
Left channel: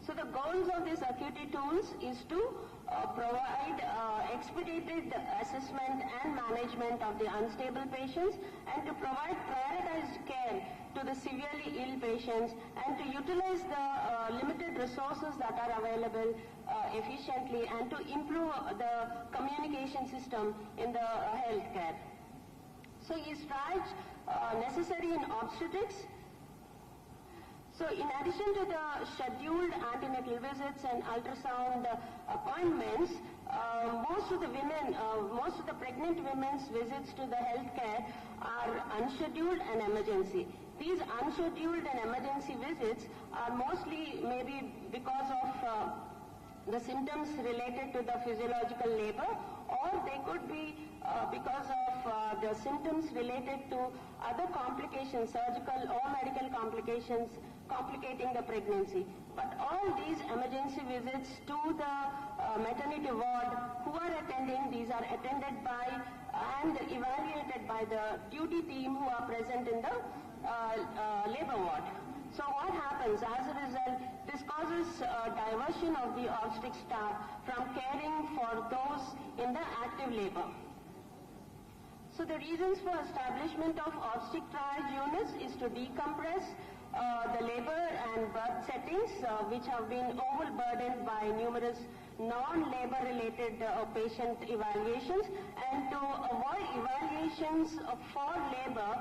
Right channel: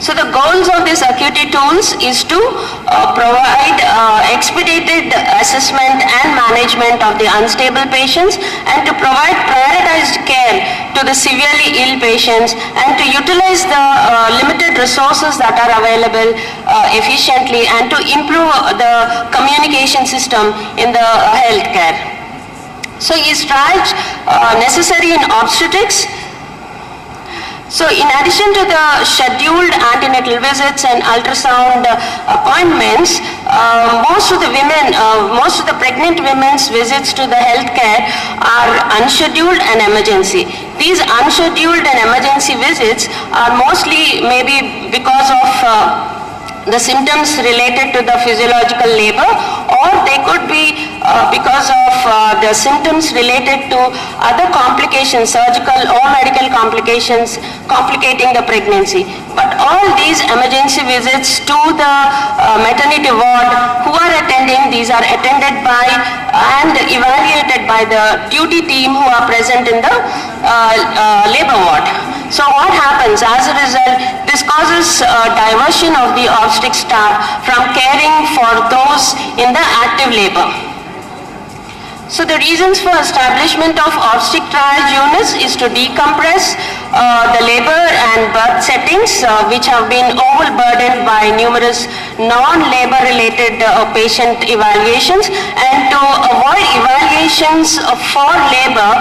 So the goals of these acuity tools is to provide expedited assessment and management of the unstable patients, and to provide prioritized care to the severely ill patients, and to utilize the limited resources that are available efficiently, and to improve the communication system in the healthcare. So is triage necessary in obstetrics? So in addition to the scheduled antenatal visits and ultrasound appointments, most of the pregnant women's visits to the healthcare are unscheduled and emergency. These unscheduled and emergency visits are mostly maybe because of the symptoms related to the physiological labor, or they could be because of the symptoms related to other complications, surgical or medical complications complicating the pregnancy. But all these emergency visits to the maternity ward, who are attending, these are attended by and evaluated by the duty team who are present in the labor ward. So what happens as a result? This causes diversion of the obstetric staff from caring for those in the active labor. So the reasons for establishment of obstetric triage units is to decompress, the labor and birth settings which have been overburdened by numerous non-labor related patient evaluations, and to avoid evaluations for labor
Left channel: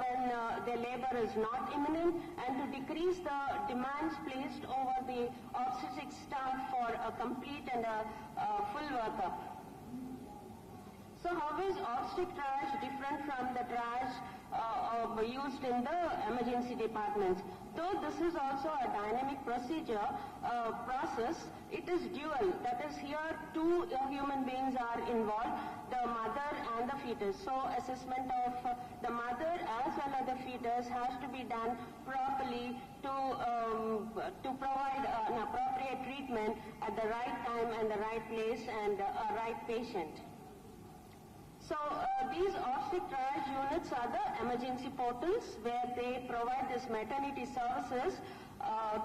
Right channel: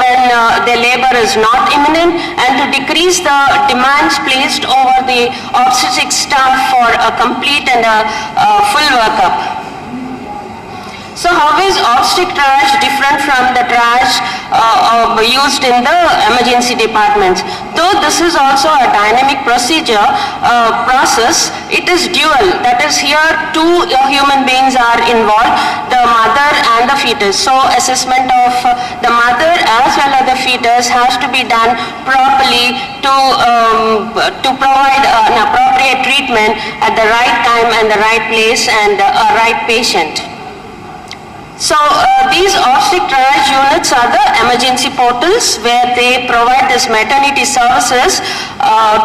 when the labor is not imminent, and to decrease the demands placed over the obstetric staff for a complete and a full workup. So how is obstetric triage different from the triage used in the emergency departments? Though this is also a dynamic process, it is dual. That is, here two human beings are involved, the mother and the fetus. So assessment of the mother as well as the fetus has to be done properly to provide an appropriate treatment at the right time and the right place and a right patient. So these obstetric triage units are the emergency portals where they provide this maternity services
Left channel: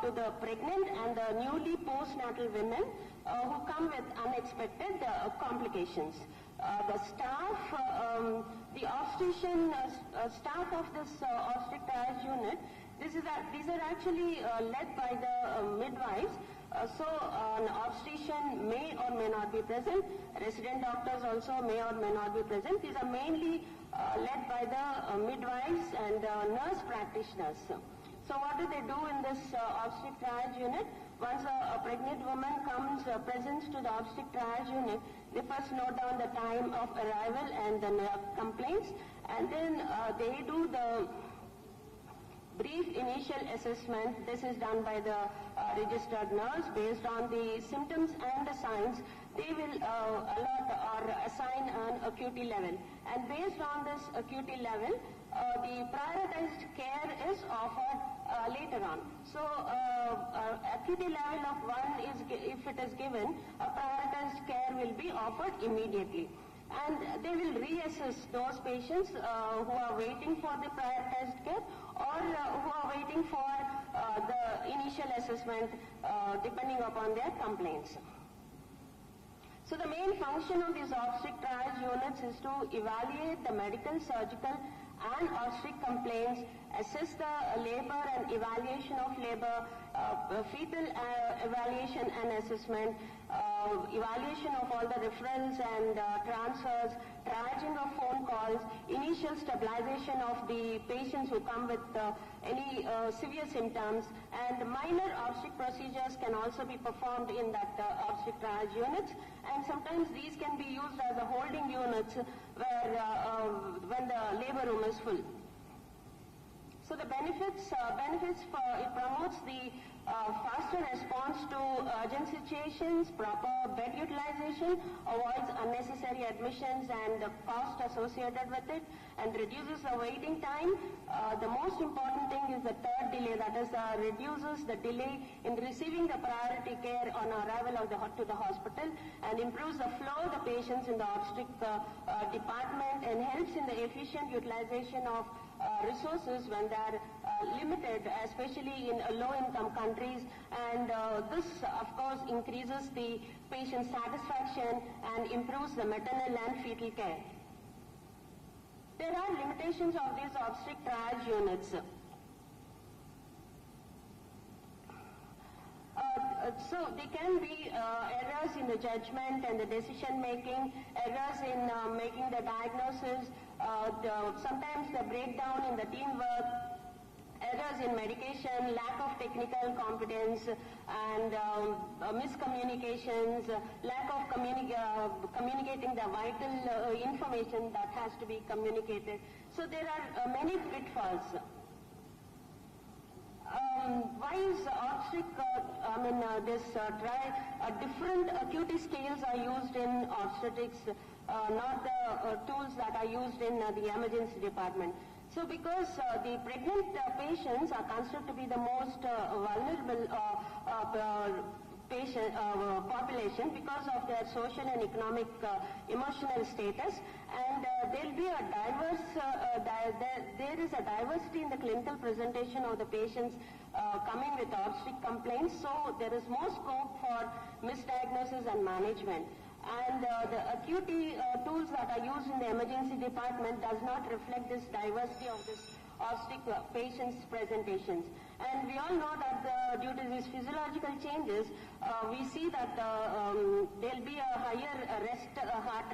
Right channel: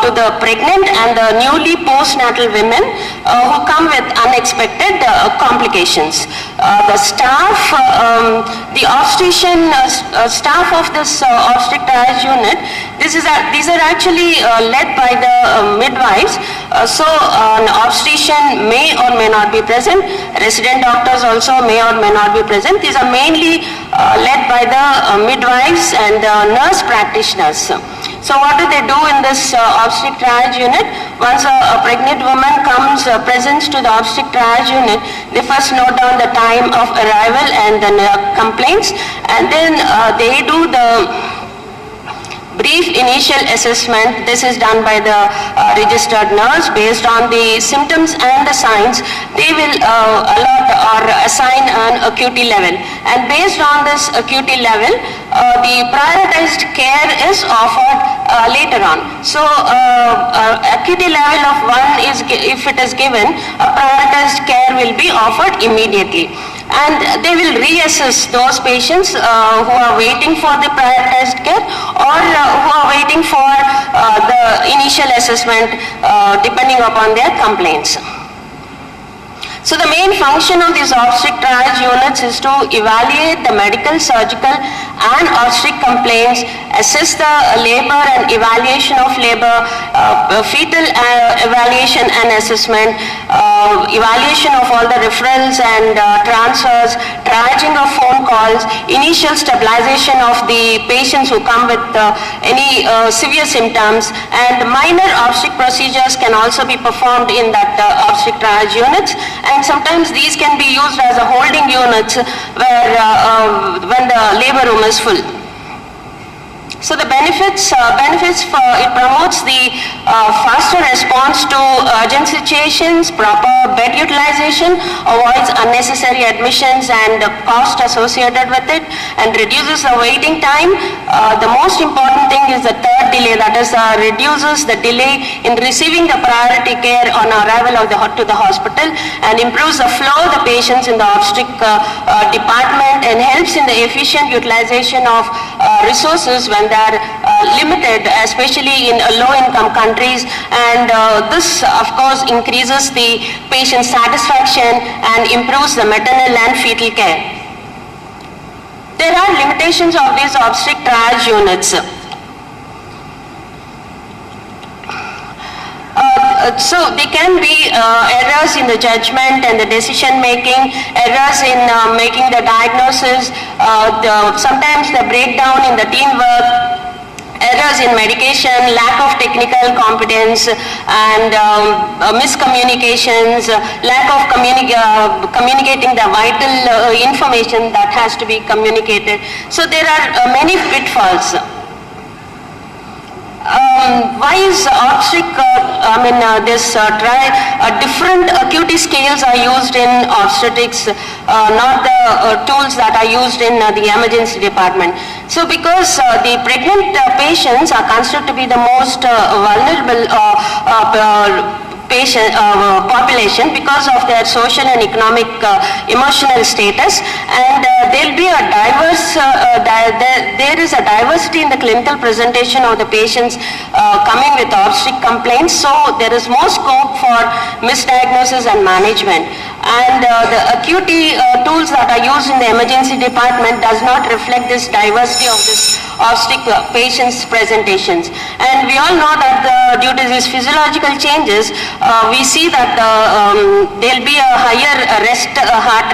to the pregnant and the newly postnatal women who come with unexpected complications. The staff, the obstetrician staff of this obstetric triage unit, these are actually led by the midwives. So an obstetrician may or may not be present. Resident doctors also may or may not be present. These are mainly led by the midwives and nurse practitioners. So what do they do in this obstetric triage unit? Once a pregnant woman presents to the obstetric triage unit, they first note down the time of arrival and the complaints, and then they do the brief initial assessment. This is done by the registered nurse. Based on the symptoms and the signs, they will allot or assign an acuity level. And based on this acuity level, the prioritized care is offered later on. So acuity level of 1 is, if it is given, a prioritized care will be offered immediately. And they will reassess those patients who are waiting for the prioritized care or who are waiting for the initial assessment depending upon their complaints. So the main function of these obstetric triage units is to evaluate the medical, surgical and obstetric complaints, assess the labor and evaluation of labor, fetal evaluation and assessment, evaluation of all the referrals and transfers, triaging of phone calls, initial stabilization of the patients who come with any severe symptoms, and minor obstetric procedures can also be performed in that obstetric triage units. And sometimes these can be used as a holding units where when the labor room is full. So the benefits for it promotes the faster response to urgent situations, proper bed utilization, avoids unnecessary admissions and the cost associated with it, and reduces the waiting time. The most important thing is the third delay, that is reduces the delay in receiving the priority care on arrival of to the hospital, and improves the flow of the patients in the obstetric department, and helps in the efficient utilization of resources when they are limited, especially in low-income countries, and this of course increases the patient satisfaction and improves the maternal and fetal care. There are limitations of these obstetric triage units. So there can be errors in the judgment and the decision making, errors in making the diagnosis, sometimes the breakdown in the teamwork, errors in medication, lack of technical competence, and miscommunications, lack of communicating the vital information that has to be communicated. So there are many pitfalls. Why is obstetric, different acuity scales are used in obstetrics, not the tools that are used in the emergency department. So because the pregnant patients are considered to be the most vulnerable population because of their social and economic emotional status, and there will be a diverse, there is a diversity in the clinical presentation of the patients coming with obstetric complaints, so there is more scope for misdiagnosis and management. And the acuity tools that are used in the emergency department does not reflect this diversity of this obstetric patients' presentations. And we all know that due to these physiological changes, we see that there will be a higher resting heart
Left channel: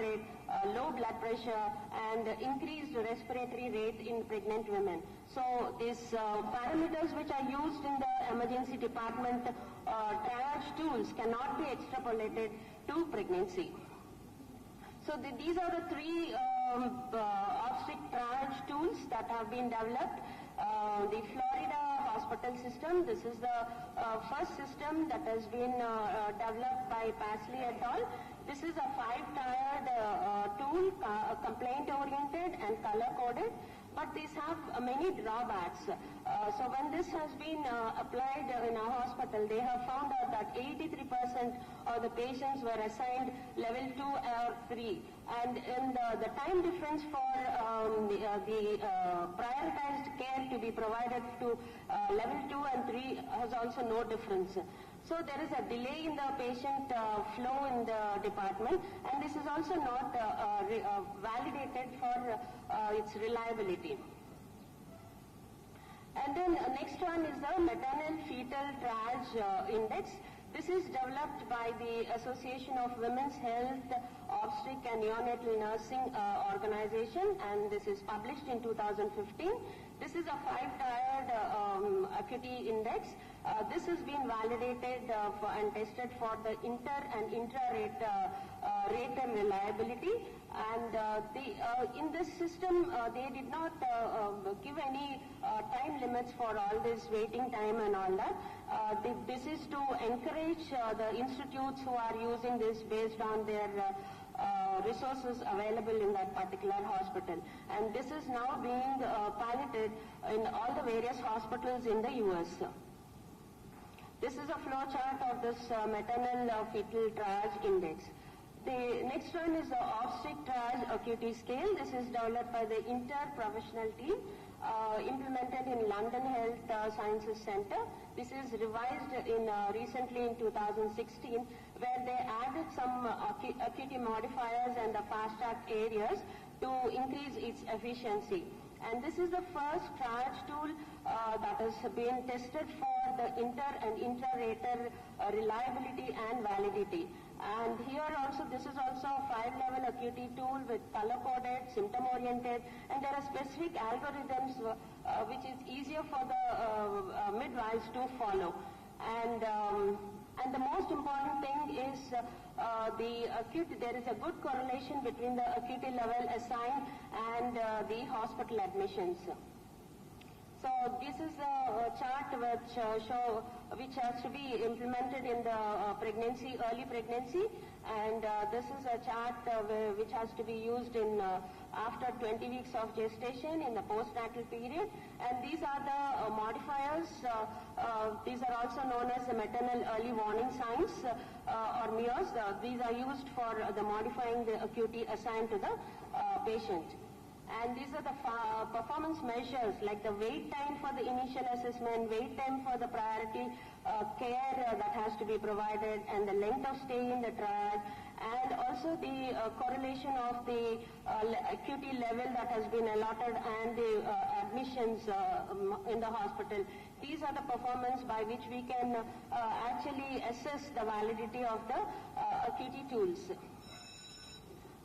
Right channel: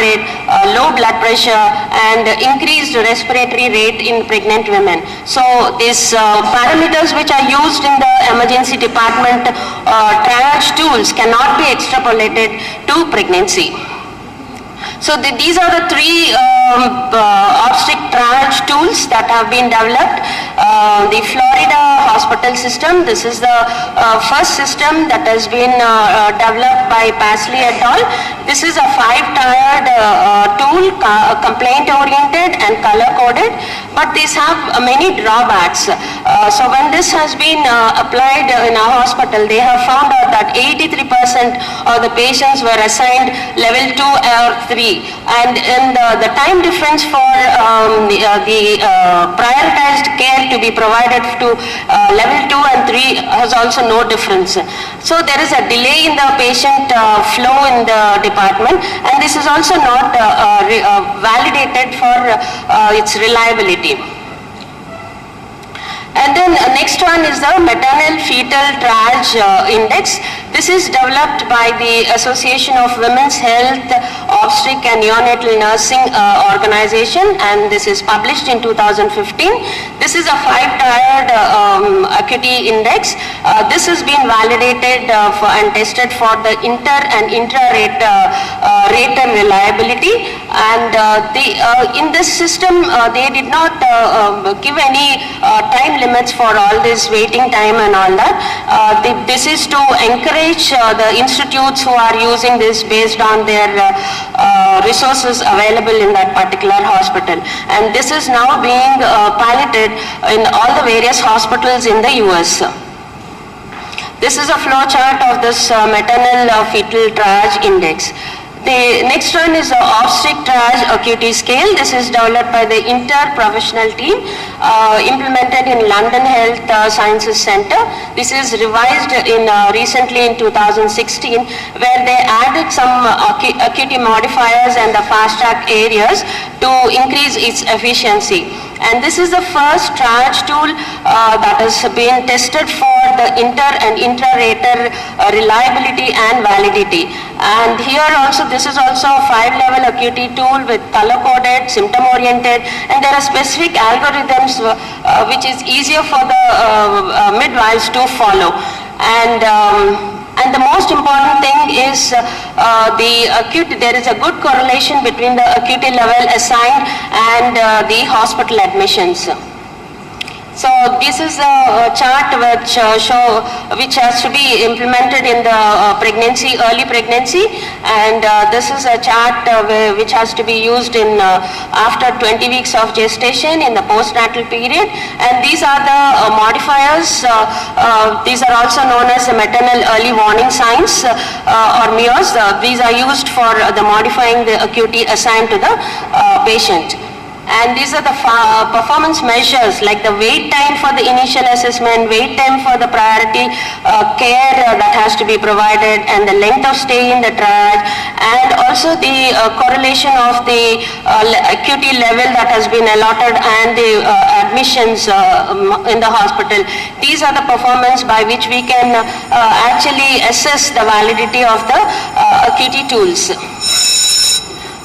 rate, low blood pressure, and increased respiratory rate in pregnant women. So these parameters which are used in the emergency department triage tools cannot be extrapolated to pregnancy. So these are the three obstetric triage tools that have been developed. The Florida hospital system, this is the first system that has been developed by Pasley et al. This is a 5-tiered tool, complaint-oriented and color-coded, but these have many drawbacks. So when this has been applied in our hospital, they have found out that 83% of the patients were assigned level 2 or 3. And the time difference for the prioritized care to be provided to level 2 and 3 has also no difference. So there is a delay in the patient flow in the department, and this is also not validated for its reliability. And then next one is the maternal fetal triage index. This is developed by the Association of Women's Health, Obstetric and Neonatal Nursing Organization, and this is published in 2015. This is a 5-tiered acuity index. This has been validated and tested for the inter and intra-rater reliability. And in this system, they did not give any time limits for all this waiting time and all that. This is to encourage the institutes who are using this based on their resources available in that particular hospital. And this is now being piloted in all the various hospitals in the US. This is a flow chart of this maternal fetal triage index. The next one is the obstetric triage acuity scale. This is developed by the inter-professional team, implemented in London Health Sciences Centre. This is revised recently in 2016, where they added some acuity modifiers and the fast track areas to increase its efficiency. And this is the first triage tool that has been tested for the inter and intra-rater reliability and validity. And here also, this is also a 5-level acuity tool with color-coded, symptom-oriented, and there are specific algorithms which is easier for the midwives to follow. And the most important thing is there is a good correlation between the acuity level assigned and the hospital admissions. So this is a chart which has to be implemented in the early pregnancy, and this is a chart which has to be used in after 20 weeks of gestation in the postnatal period. And these are the modifiers. These are also known as the maternal early warning signs or MIOs. These are used for the modifying the acuity assigned to the patient. And these are the performance measures, like the wait time for the initial assessment, wait time for the priority care that has to be provided, and the length of stay in the triage, and also the correlation of the acuity level that has been allotted and the admissions in the hospital. These are the performance by which we can actually assess the validity of the acuity tools.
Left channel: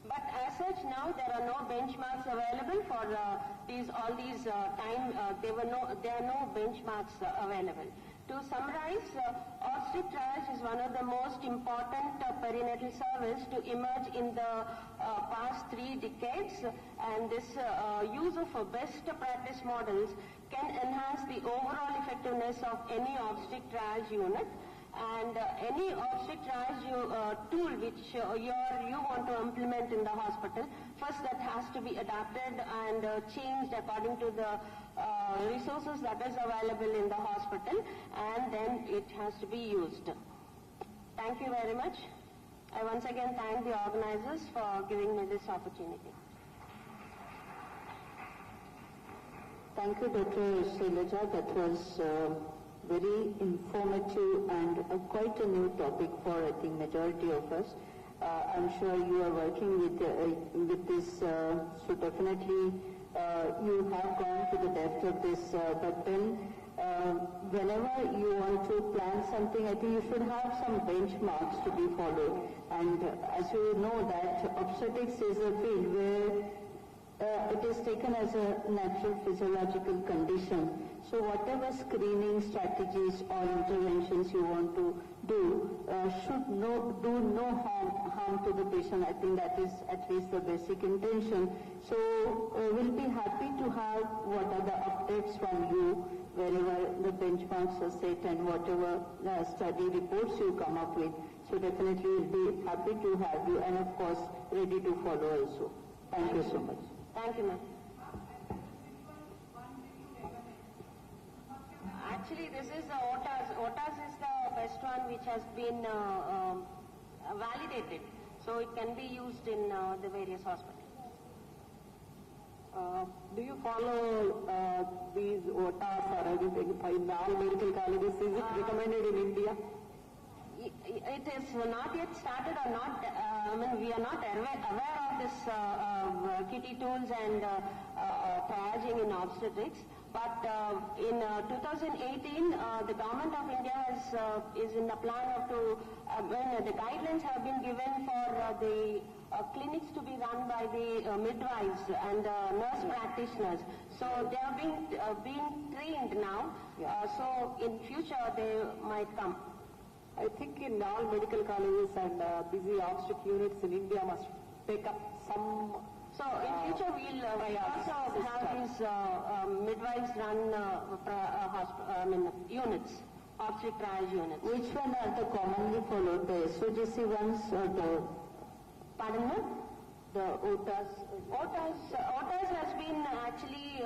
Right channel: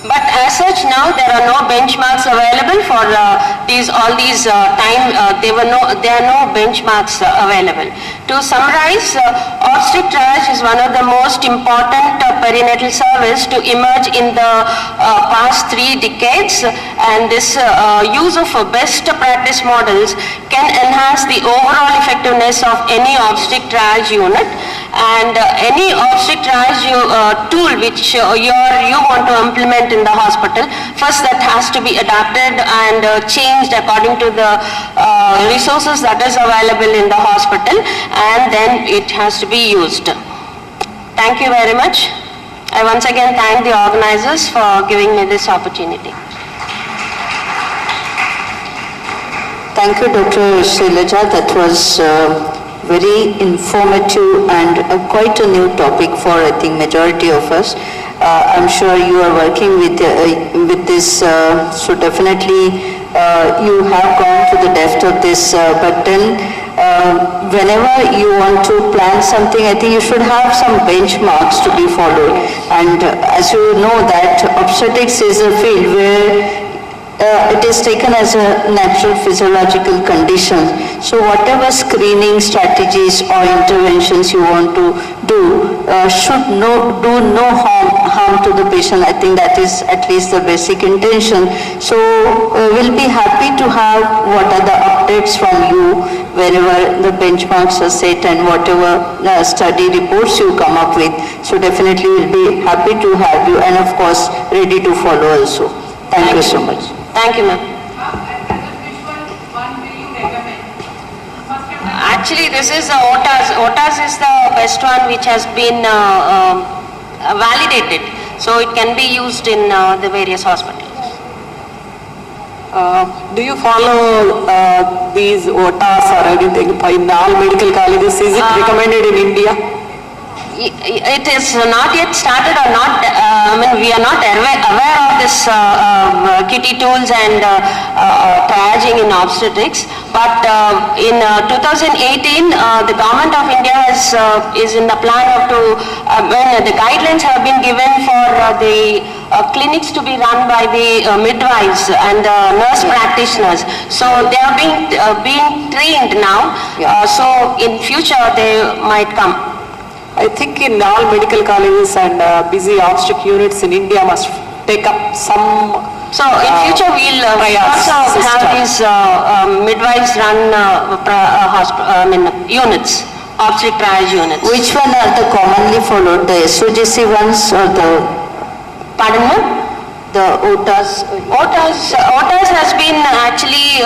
But as such, now there are no benchmarks available for all these time. There are no benchmarks available. To summarize, obstetric triage is one of the most important perinatal service to emerge in the past 3 decades, and this use of best practice models can enhance the overall effectiveness of any obstetric triage unit. And any obstetric triage tool which you want to implement in the hospital, first that has to be adapted and changed according to the resources that is available in the hospital, and then it has to be used. Thank you very much. I once again thank the organizers for giving me this opportunity. Thank you, Dr. Shailaja. That was very informative and quite a new topic for, I think, majority of us. I'm sure you are working with this, so definitely you have gone to the depth of this, but then whenever you want to plan something, I think you should have some benchmarks to be followed. And as you know that obstetrics is a field where it is taken as a natural physiological condition. So whatever screening strategies or interventions you want to do should do no harm to the patient. I think that is at least the basic intention. So we'll be happy to have what are the updates from you whenever the benchmarks are set and whatever study reports you come up with. So definitely we'll be happy to have you, and of course ready to follow also. Thank you so much. Thank you, ma'am. Actually, this is the OTAS. OTAS is the best one which has been validated. So it can be used in the various hospitals. Do you follow these OTAs or anything in all medical colleges? Is it recommended in India? It is not yet started or not, we are not aware of this kitty tools and triaging in obstetrics, but in 2018 the government of India is in the plan of when the guidelines have been given for the clinics to be run by the midwives and nurse practitioners. So they are being trained now, so in future they might come. I think in all medical colleges and busy obstetric units in India must take up some. So in future we'll also have these midwives run units, obstetric triage units. Which one are the commonly followed, the SOGC ones or the? Pardon me? The OTAS. OTAS has been actually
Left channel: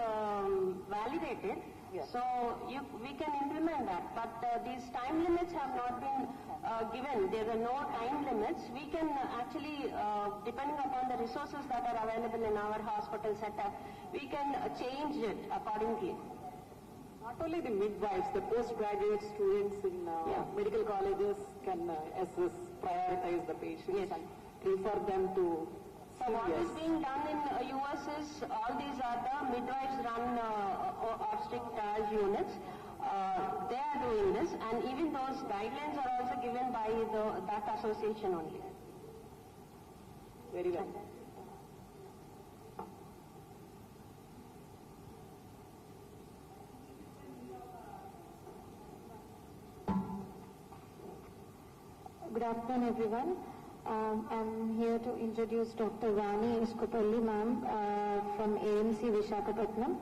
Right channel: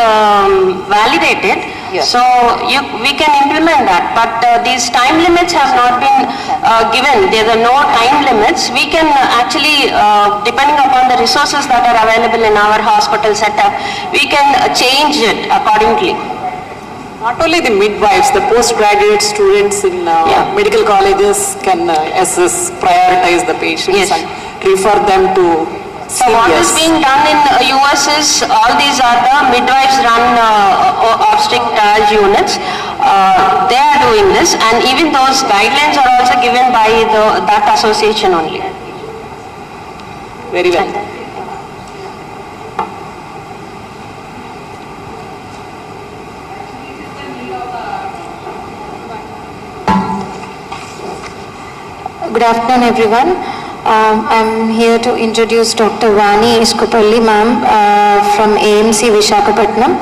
validated. Yeah. So we can implement that, but these time limits have not been given. There are no time limits. We can actually, depending upon the resources that are available in our hospital setup, we can change it accordingly. Not only the midwives, the postgraduate students in medical colleges can prioritize the patients and refer them to. So what is being done in US is all these are the midwives run obstetric triage units. They are doing this, and even those guidelines are also given by that association only. Very well. Good afternoon, everyone. I'm here to introduce Dr. Vani Iskupalli, ma'am, from AMC Visakhapatnam.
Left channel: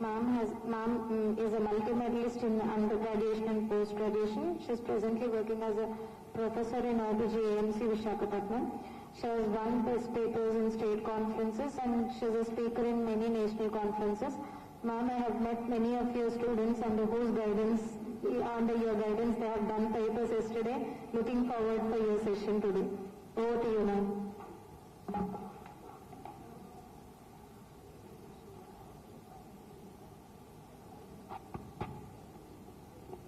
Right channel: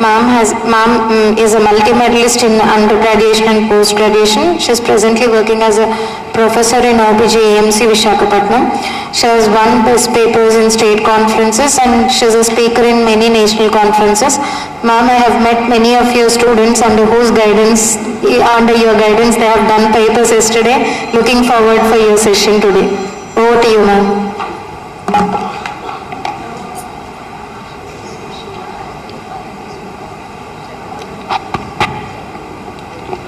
Ma'am is a multi-medalist in undergraduation and post-graduation. She's presently working as a professor in OBG AMC Visakhapatnam. She has won best papers in state conferences and she's a speaker in many national conferences. Ma'am, I have met many of your students under your guidance, they have done papers yesterday. Looking forward for your session today. Over to you, ma'am.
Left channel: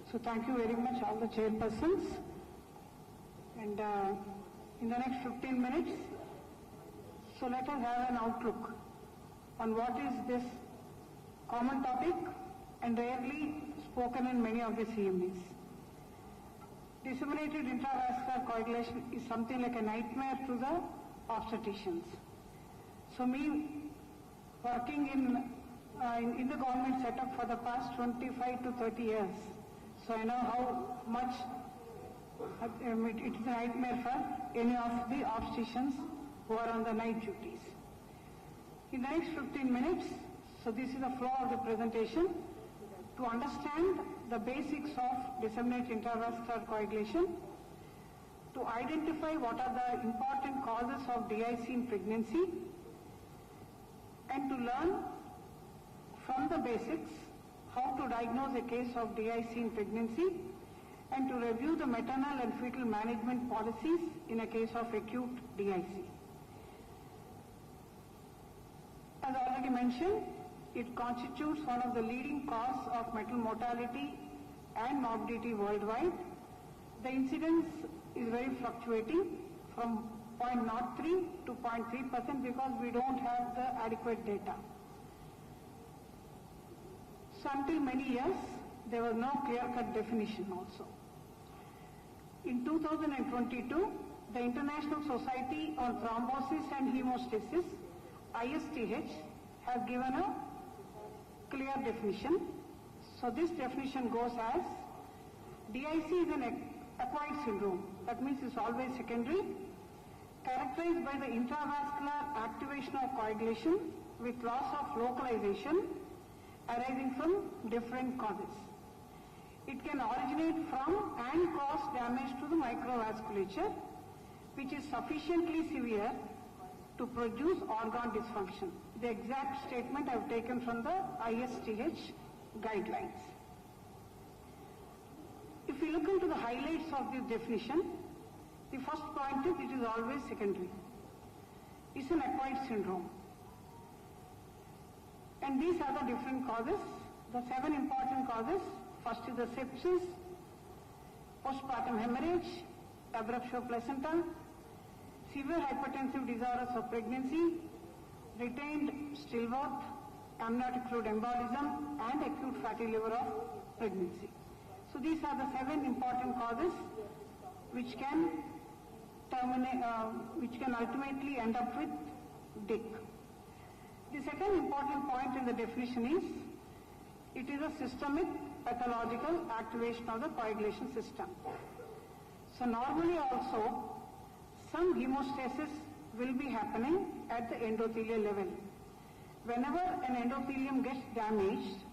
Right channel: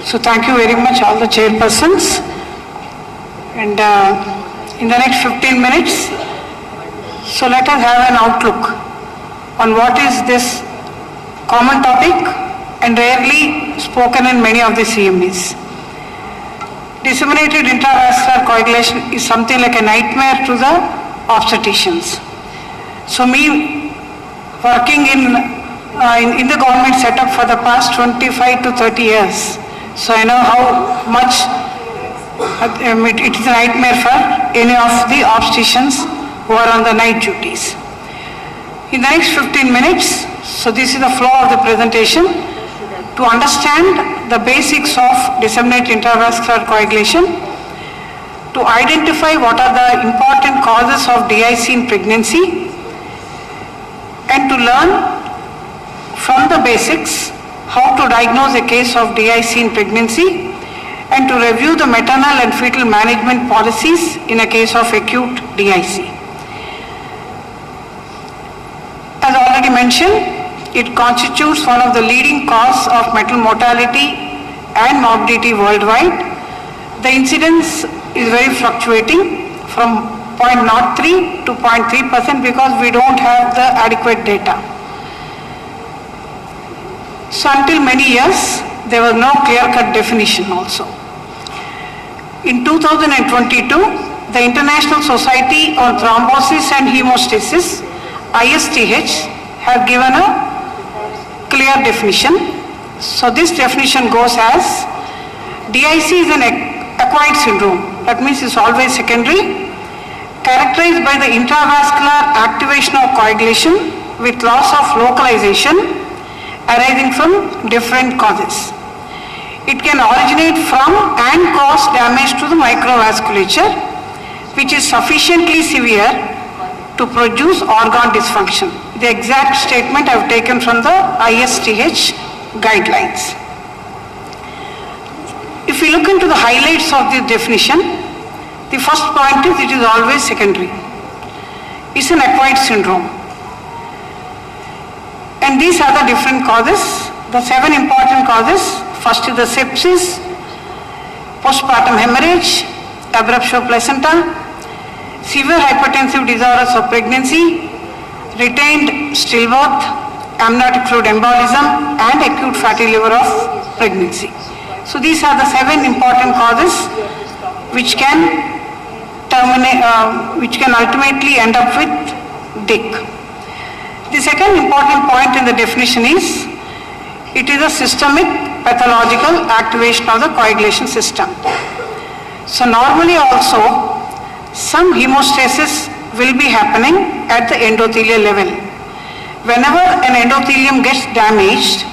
So thank you very much, all the chairpersons. And in the next 15 minutes, so let us have an outlook on what is this common topic and rarely spoken in many of the CMEs. Disseminated intravascular coagulation is something like a nightmare to the obstetricians. So me working in the government setup for the past 25 to 30 years, so I know how much it is a nightmare for any of the obstetricians who are on the night duties. In the next 15 minutes, so this is the flow of the presentation. To understand the basics of disseminated intravascular coagulation, to identify what are the important causes of DIC in pregnancy, and to learn from the basics how to diagnose a case of DIC in pregnancy, and to review the maternal and fetal management policies in a case of acute DIC. As already mentioned, it constitutes one of the leading causes of maternal mortality and morbidity worldwide. The incidence is very fluctuating from 0.03 to 0.3% because we don't have the adequate data. So until many years, there was no clear-cut definition also. In 2022, the International Society on Thrombosis and Hemostasis, ISTH, have given a clear definition. So this definition goes as, DIC is an acquired syndrome, that means it's always secondary, characterized by the intravascular activation of coagulation with loss of localization arising from different causes. It can originate from and cause damage to the microvasculature, which is sufficiently severe to produce organ dysfunction. The exact statement I have taken from the ISTH guidelines. If we look into the highlights of this definition, the first point is it is always secondary. It's an acquired syndrome. And these are the different causes, the 7 important causes. First is the sepsis, postpartum hemorrhage, abruptio placenta, severe hypertensive disorders of pregnancy, retained stillbirth, amniotic fluid embolism, and acute fatty liver of pregnancy. So these are the 7 important causes which can ultimately end up with DIC. The second important point in the definition is, it is a systemic pathological activation of the coagulation system. So normally also, some hemostasis will be happening at the endothelial level. Whenever an endothelium gets damaged,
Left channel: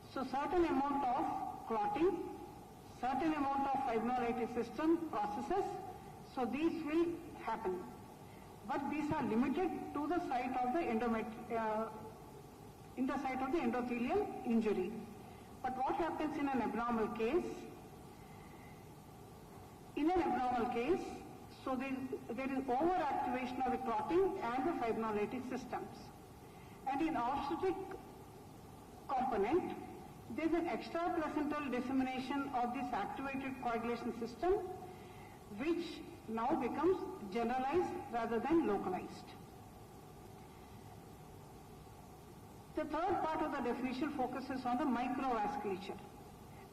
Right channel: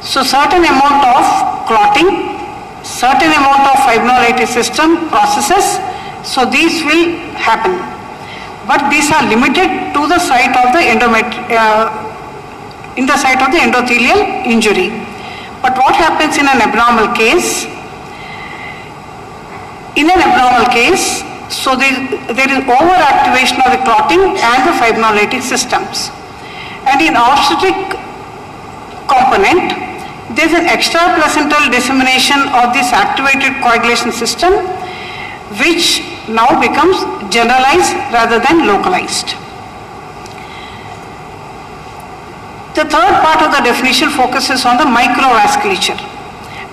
so certain amount of clotting, certain amount of fibrinolytic system processes, so these will happen. But these are limited to the site of the endothelial injury. But what happens in an abnormal case? In an abnormal case, so there is overactivation of the clotting and the fibrinolytic systems. And in obstetric component, there is an extraplacental dissemination of this activated coagulation system, which now becomes generalized rather than localized. The third part of the definition focuses on the microvasculature.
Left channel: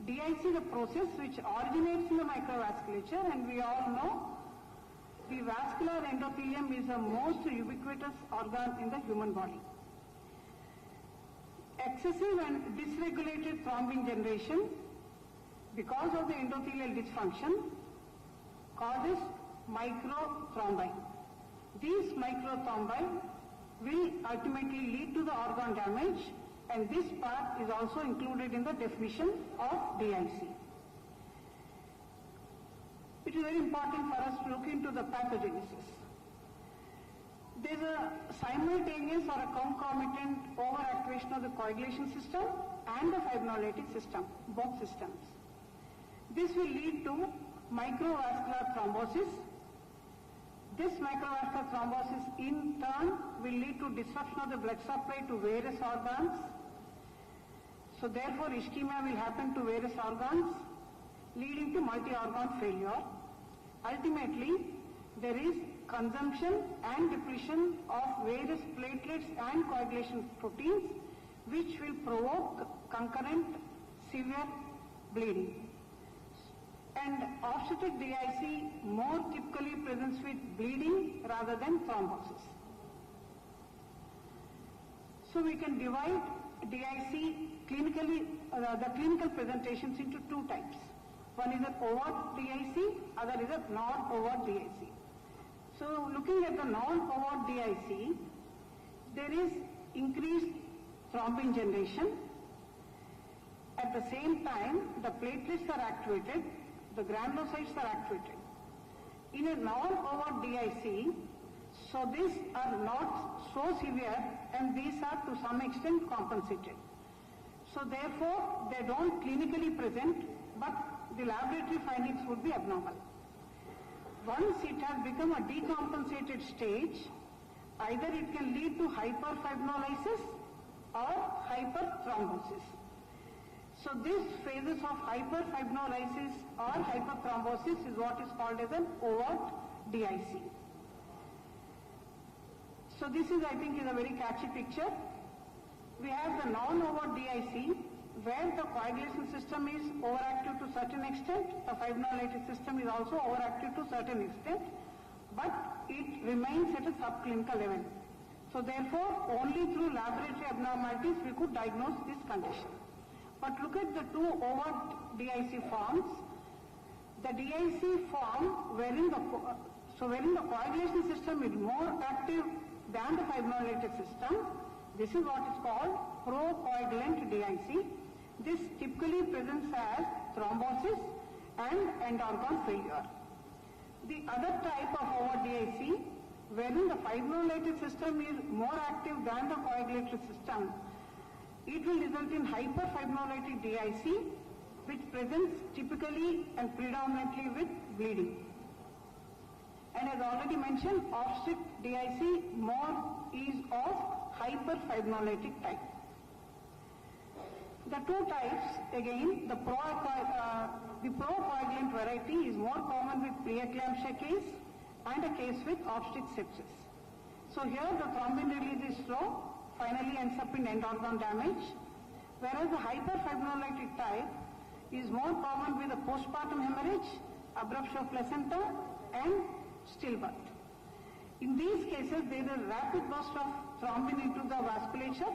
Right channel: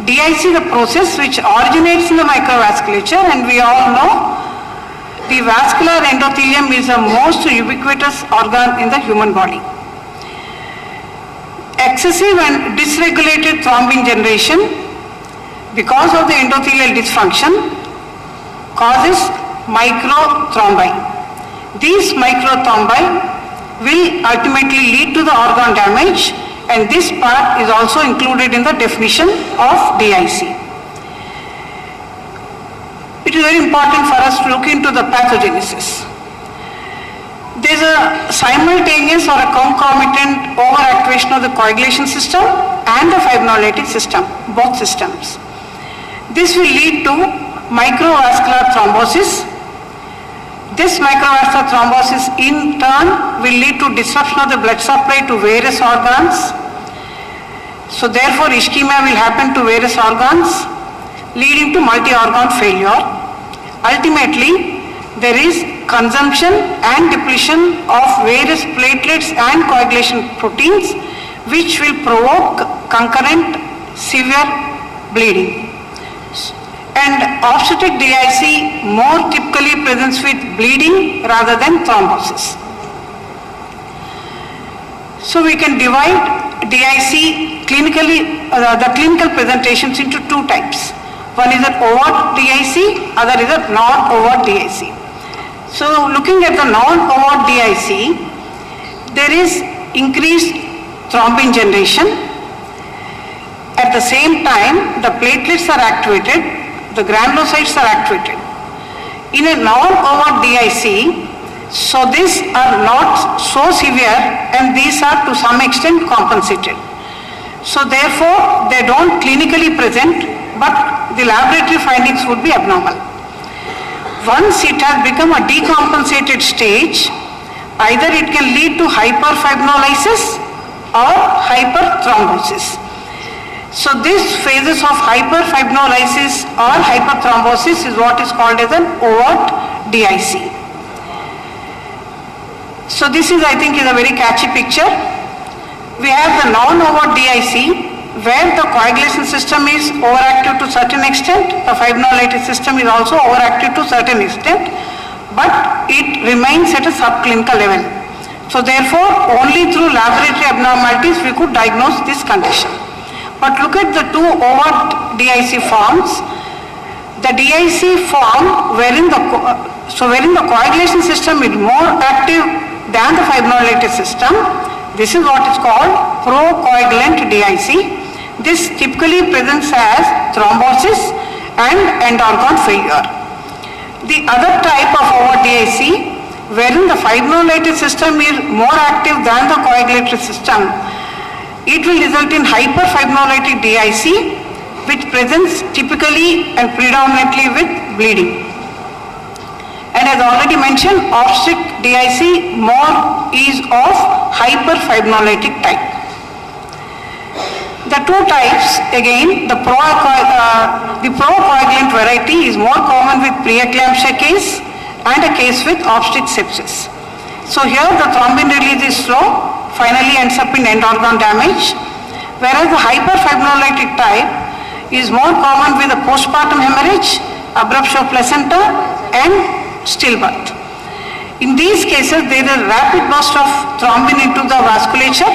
DIC is the process which originates in the microvasculature, and we all know the vascular endothelium is the most ubiquitous organ in the human body. Excessive and dysregulated thrombin generation because of the endothelial dysfunction causes microthrombi. These microthrombi will ultimately lead to the organ damage, and this part is also included in the definition of DIC. It is very important for us to look into the pathogenesis. There is a simultaneous or a concomitant overactivation of the coagulation system and the fibrinolytic system, both systems. This will lead to microvascular thrombosis. This microvascular thrombosis in turn will lead to disruption of the blood supply to various organs. So therefore ischemia will happen to various organs, leading to multi-organ failure. Ultimately, there is consumption and depletion of various platelets and coagulation proteins, which will provoke concurrent severe bleeding. And obstetric DIC more typically presents with bleeding rather than thrombosis. So we can divide DIC clinically, the clinical presentations into 2 types. One is an overt DIC, other is a non-overt DIC. So looking at the non-overt DIC, there is increased thrombin generation. At the same time, the platelets are activated, the granulocytes are activated. In a non-overt DIC, so these are not so severe, and these are to some extent compensated. So therefore, they don't clinically present, but the laboratory findings would be abnormal. Once it has become a decompensated stage, either it can lead to hyperfibrinolysis or hyperthrombosis. So this phases of hyperfibrinolysis or hyperthrombosis is what is called as an overt DIC. So this is, I think, is a very catchy picture. We have the non-overt DIC where the coagulation system is overactive to certain extent, the fibrinolytic system is also overactive to certain extent, but it remains at a subclinical level. So therefore, only through laboratory abnormalities we could diagnose this condition. But look at the two overt DIC forms. The DIC form wherein the coagulation system is more active than the fibrinolytic system, this is what is called procoagulant DIC. This typically presents as thrombosis and end organ failure. The other type of overt DIC, wherein the fibrinolytic system is more active than the coagulatory system, it will result in hyperfibrinolytic DIC, which presents typically and predominantly with bleeding. And as already mentioned, obstetric DIC more is of hyperfibrinolytic type. The two types, again, the procoagulant variety is more common with preeclampsia case and a case with obstetric sepsis. So here the thrombin release is slow, finally ends up in end organ damage, whereas the hyperfibrinolytic type is more common with a postpartum hemorrhage, abruptio of placenta and stillbirth. In these cases, there is a rapid burst of thrombin into the vasculature,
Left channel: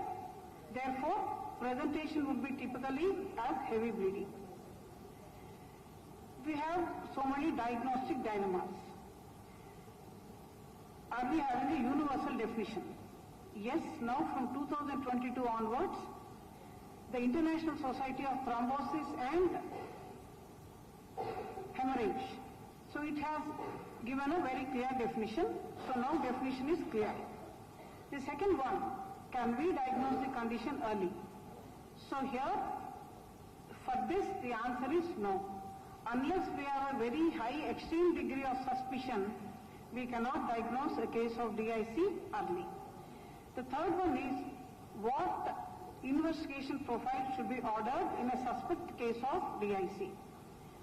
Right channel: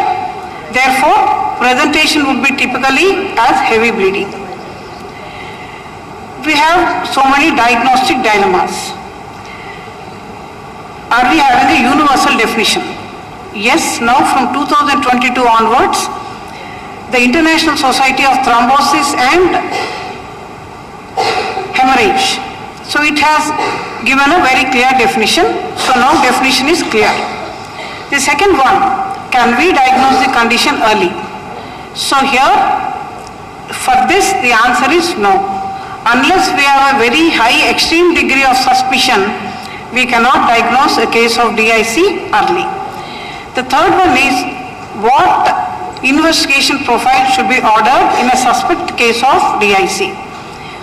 therefore presentation would be typically as heavy bleeding. We have so many diagnostic dilemmas. Are we having a universal definition? Yes, now from 2022 onwards, the International Society of Thrombosis and Hemorrhage, so it has given a very clear definition, so now definition is clear. The second one, can we diagnose the condition early? So here, for this the answer is no. Unless we have a very high extreme degree of suspicion, we cannot diagnose a case of DIC early. The third one is what investigation profile should be ordered in a suspect case of DIC.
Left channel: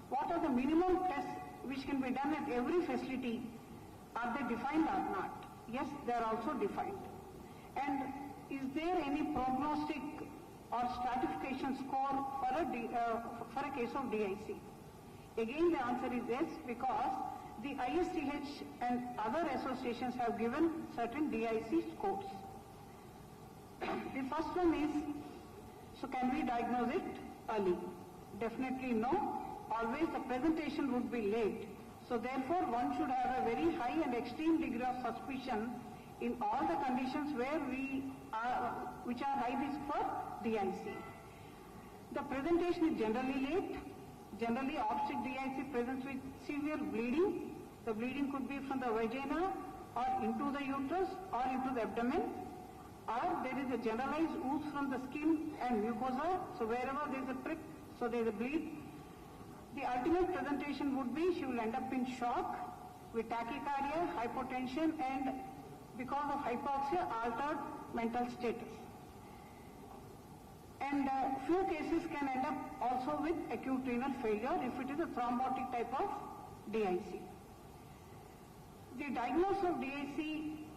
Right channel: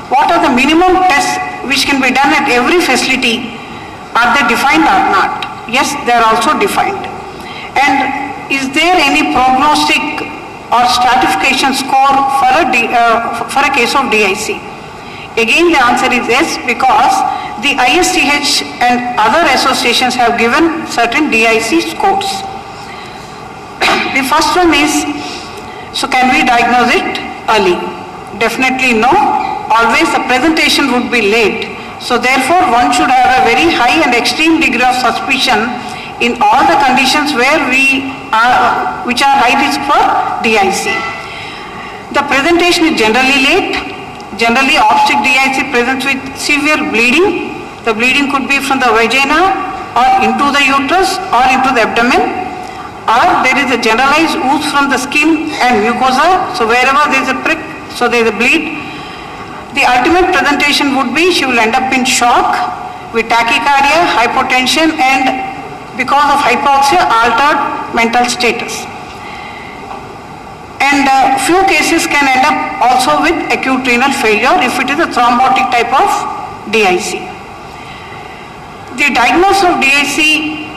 What are the minimum tests which can be done at every facility? Are they defined or not? Yes, they are also defined. And is there any prognostic or stratification score for a case of DIC? Again, the answer is yes, because the ISTH and other associations have given certain DIC scores. The first one is, so can we diagnose it early? Definitely no. Always the presentation would be late. So therefore, one should have a very high and extreme degree of suspicion in all the conditions where which are high risk for DIC. The presentation is generally late. Generally, obstetric DIC presents with severe bleeding. The bleeding could be from the vagina or into the uterus or into the abdomen, or there is a generalized ooze from the skin and mucosa. So wherever there is a prick, so there is a bleed. The ultimate presentation would be she will end up in shock with tachycardia, hypotension, and because of hypoxia, altered mental status. And few cases can end up also with acute renal failure if it is a thrombotic type of DIC. The diagnosis of DIC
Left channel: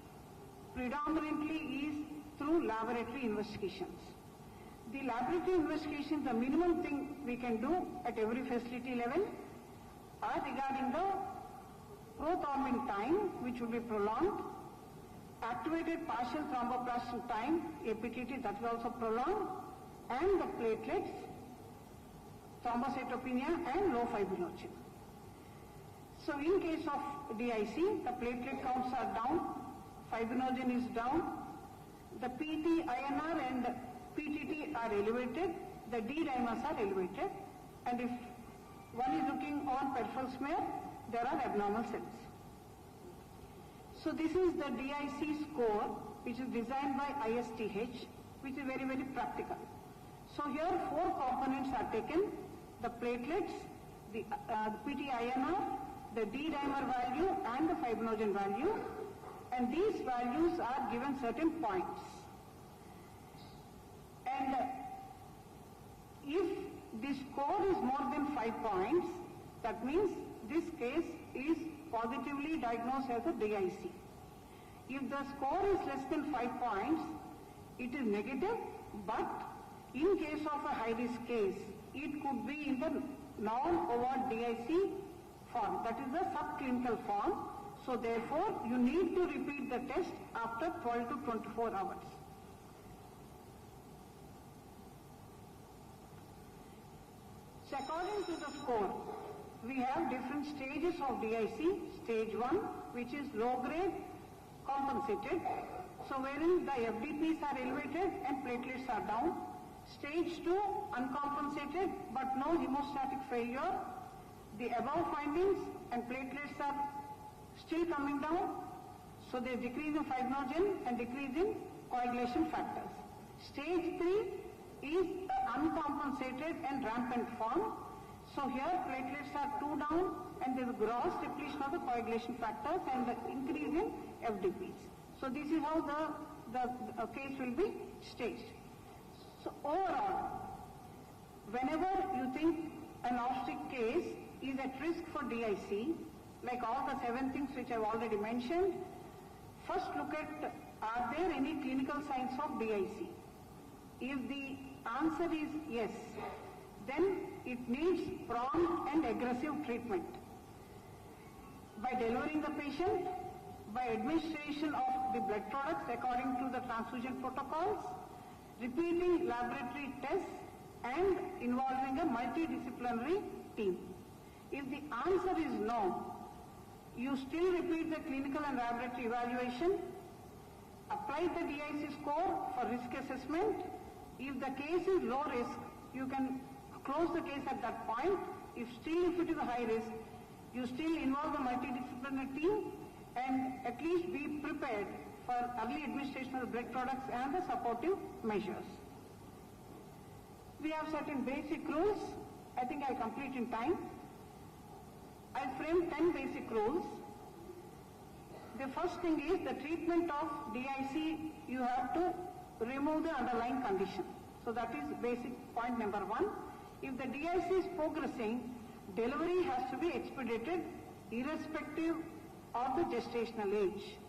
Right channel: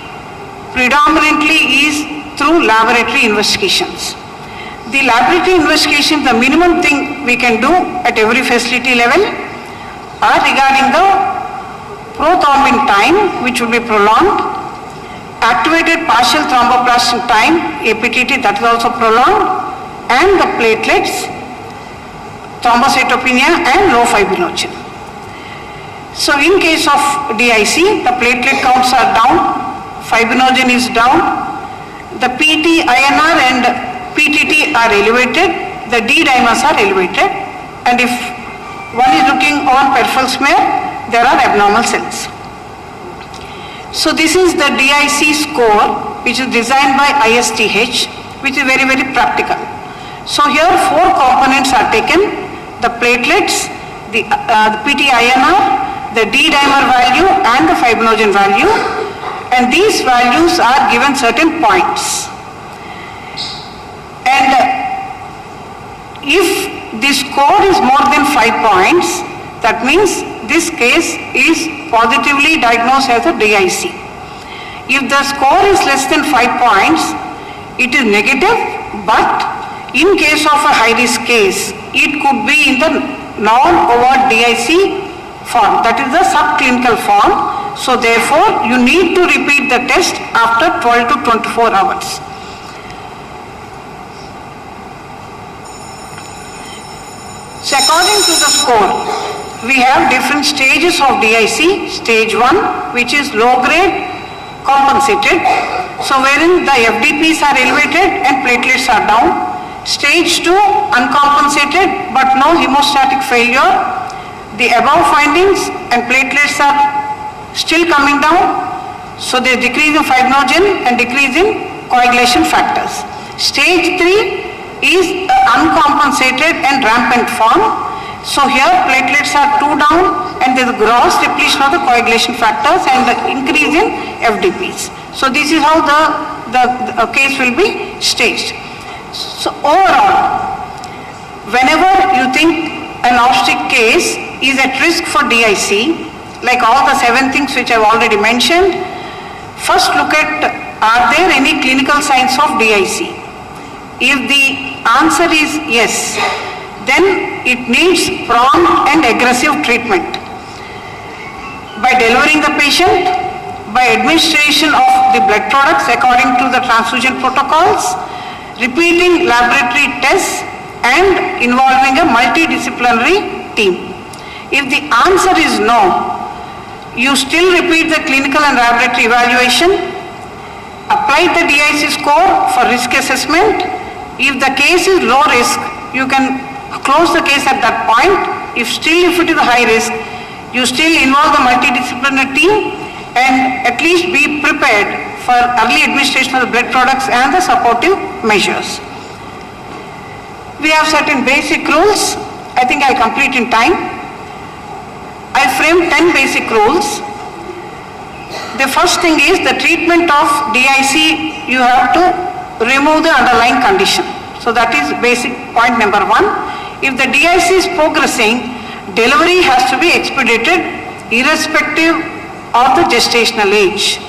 predominantly is through laboratory investigations. The laboratory investigation, the minimum thing we can do at every facility level are regarding the prothrombin time, which will be prolonged, activated partial thromboplastin time, APTT, that is also prolonged, and the platelets, thrombocytopenia and low fibrinogen. So in case of DIC, the platelet counts are down, fibrinogen is down, the PT, INR and PTT are elevated, the D dimers are elevated, and if one is looking on peripheral smear, there are abnormal cells. So this is the DIC score which is designed by ISTH, which is very, very practical. So here 4 components are taken, the platelets, the PT-INR, the D-dimer value and the fibrinogen value, and these values are given certain points. And If the score is more than 5 points, that means this case is positively diagnosed as a DIC. If the score is less than 5 points, it is negative, but in case of a high-risk case, it could be in the non-overt DIC form, that is the subclinical form. So therefore, you need to repeat the test after 12 to 24 hours. So according to the score, we have different stages of DIC. Stage 1, which is low grade compensated, so wherein the FDPs are elevated and platelets are down. Stage 2, uncompensated but no hemostatic failure. The above findings and platelets are still coming down, so there is decrease in fibrinogen and decrease in coagulation factors. Stage 3 is uncompensated and rampant form. So here platelets are 2 down and there is gross depletion of the coagulation factors and the increase in FDPs. So this is how the case will be staged. So overall, whenever you think an obstetric case is at risk for DIC, like all the 7 things which I have already mentioned, first look at, are there any clinical signs of DIC? If the answer is yes, then it needs prompt and aggressive treatment. By delivering the patient, by administration of the blood products according to the transfusion protocols, repeating laboratory tests and involving a multidisciplinary team. If the answer is no, you still repeat the clinical and laboratory evaluation, apply the DIC score for risk assessment. If the case is low risk, you can close the case at that point. If it is high risk, you still involve the multidisciplinary team and at least be prepared for early administration of the blood products and the supportive measures. We have certain basic rules. I think I'll complete in time. I framed 10 basic rules. The first thing is the treatment of DIC, you have to remove the underlying condition. So that is basic point number 1. If the DIC is progressing, delivery has to be expedited irrespective of the gestational age.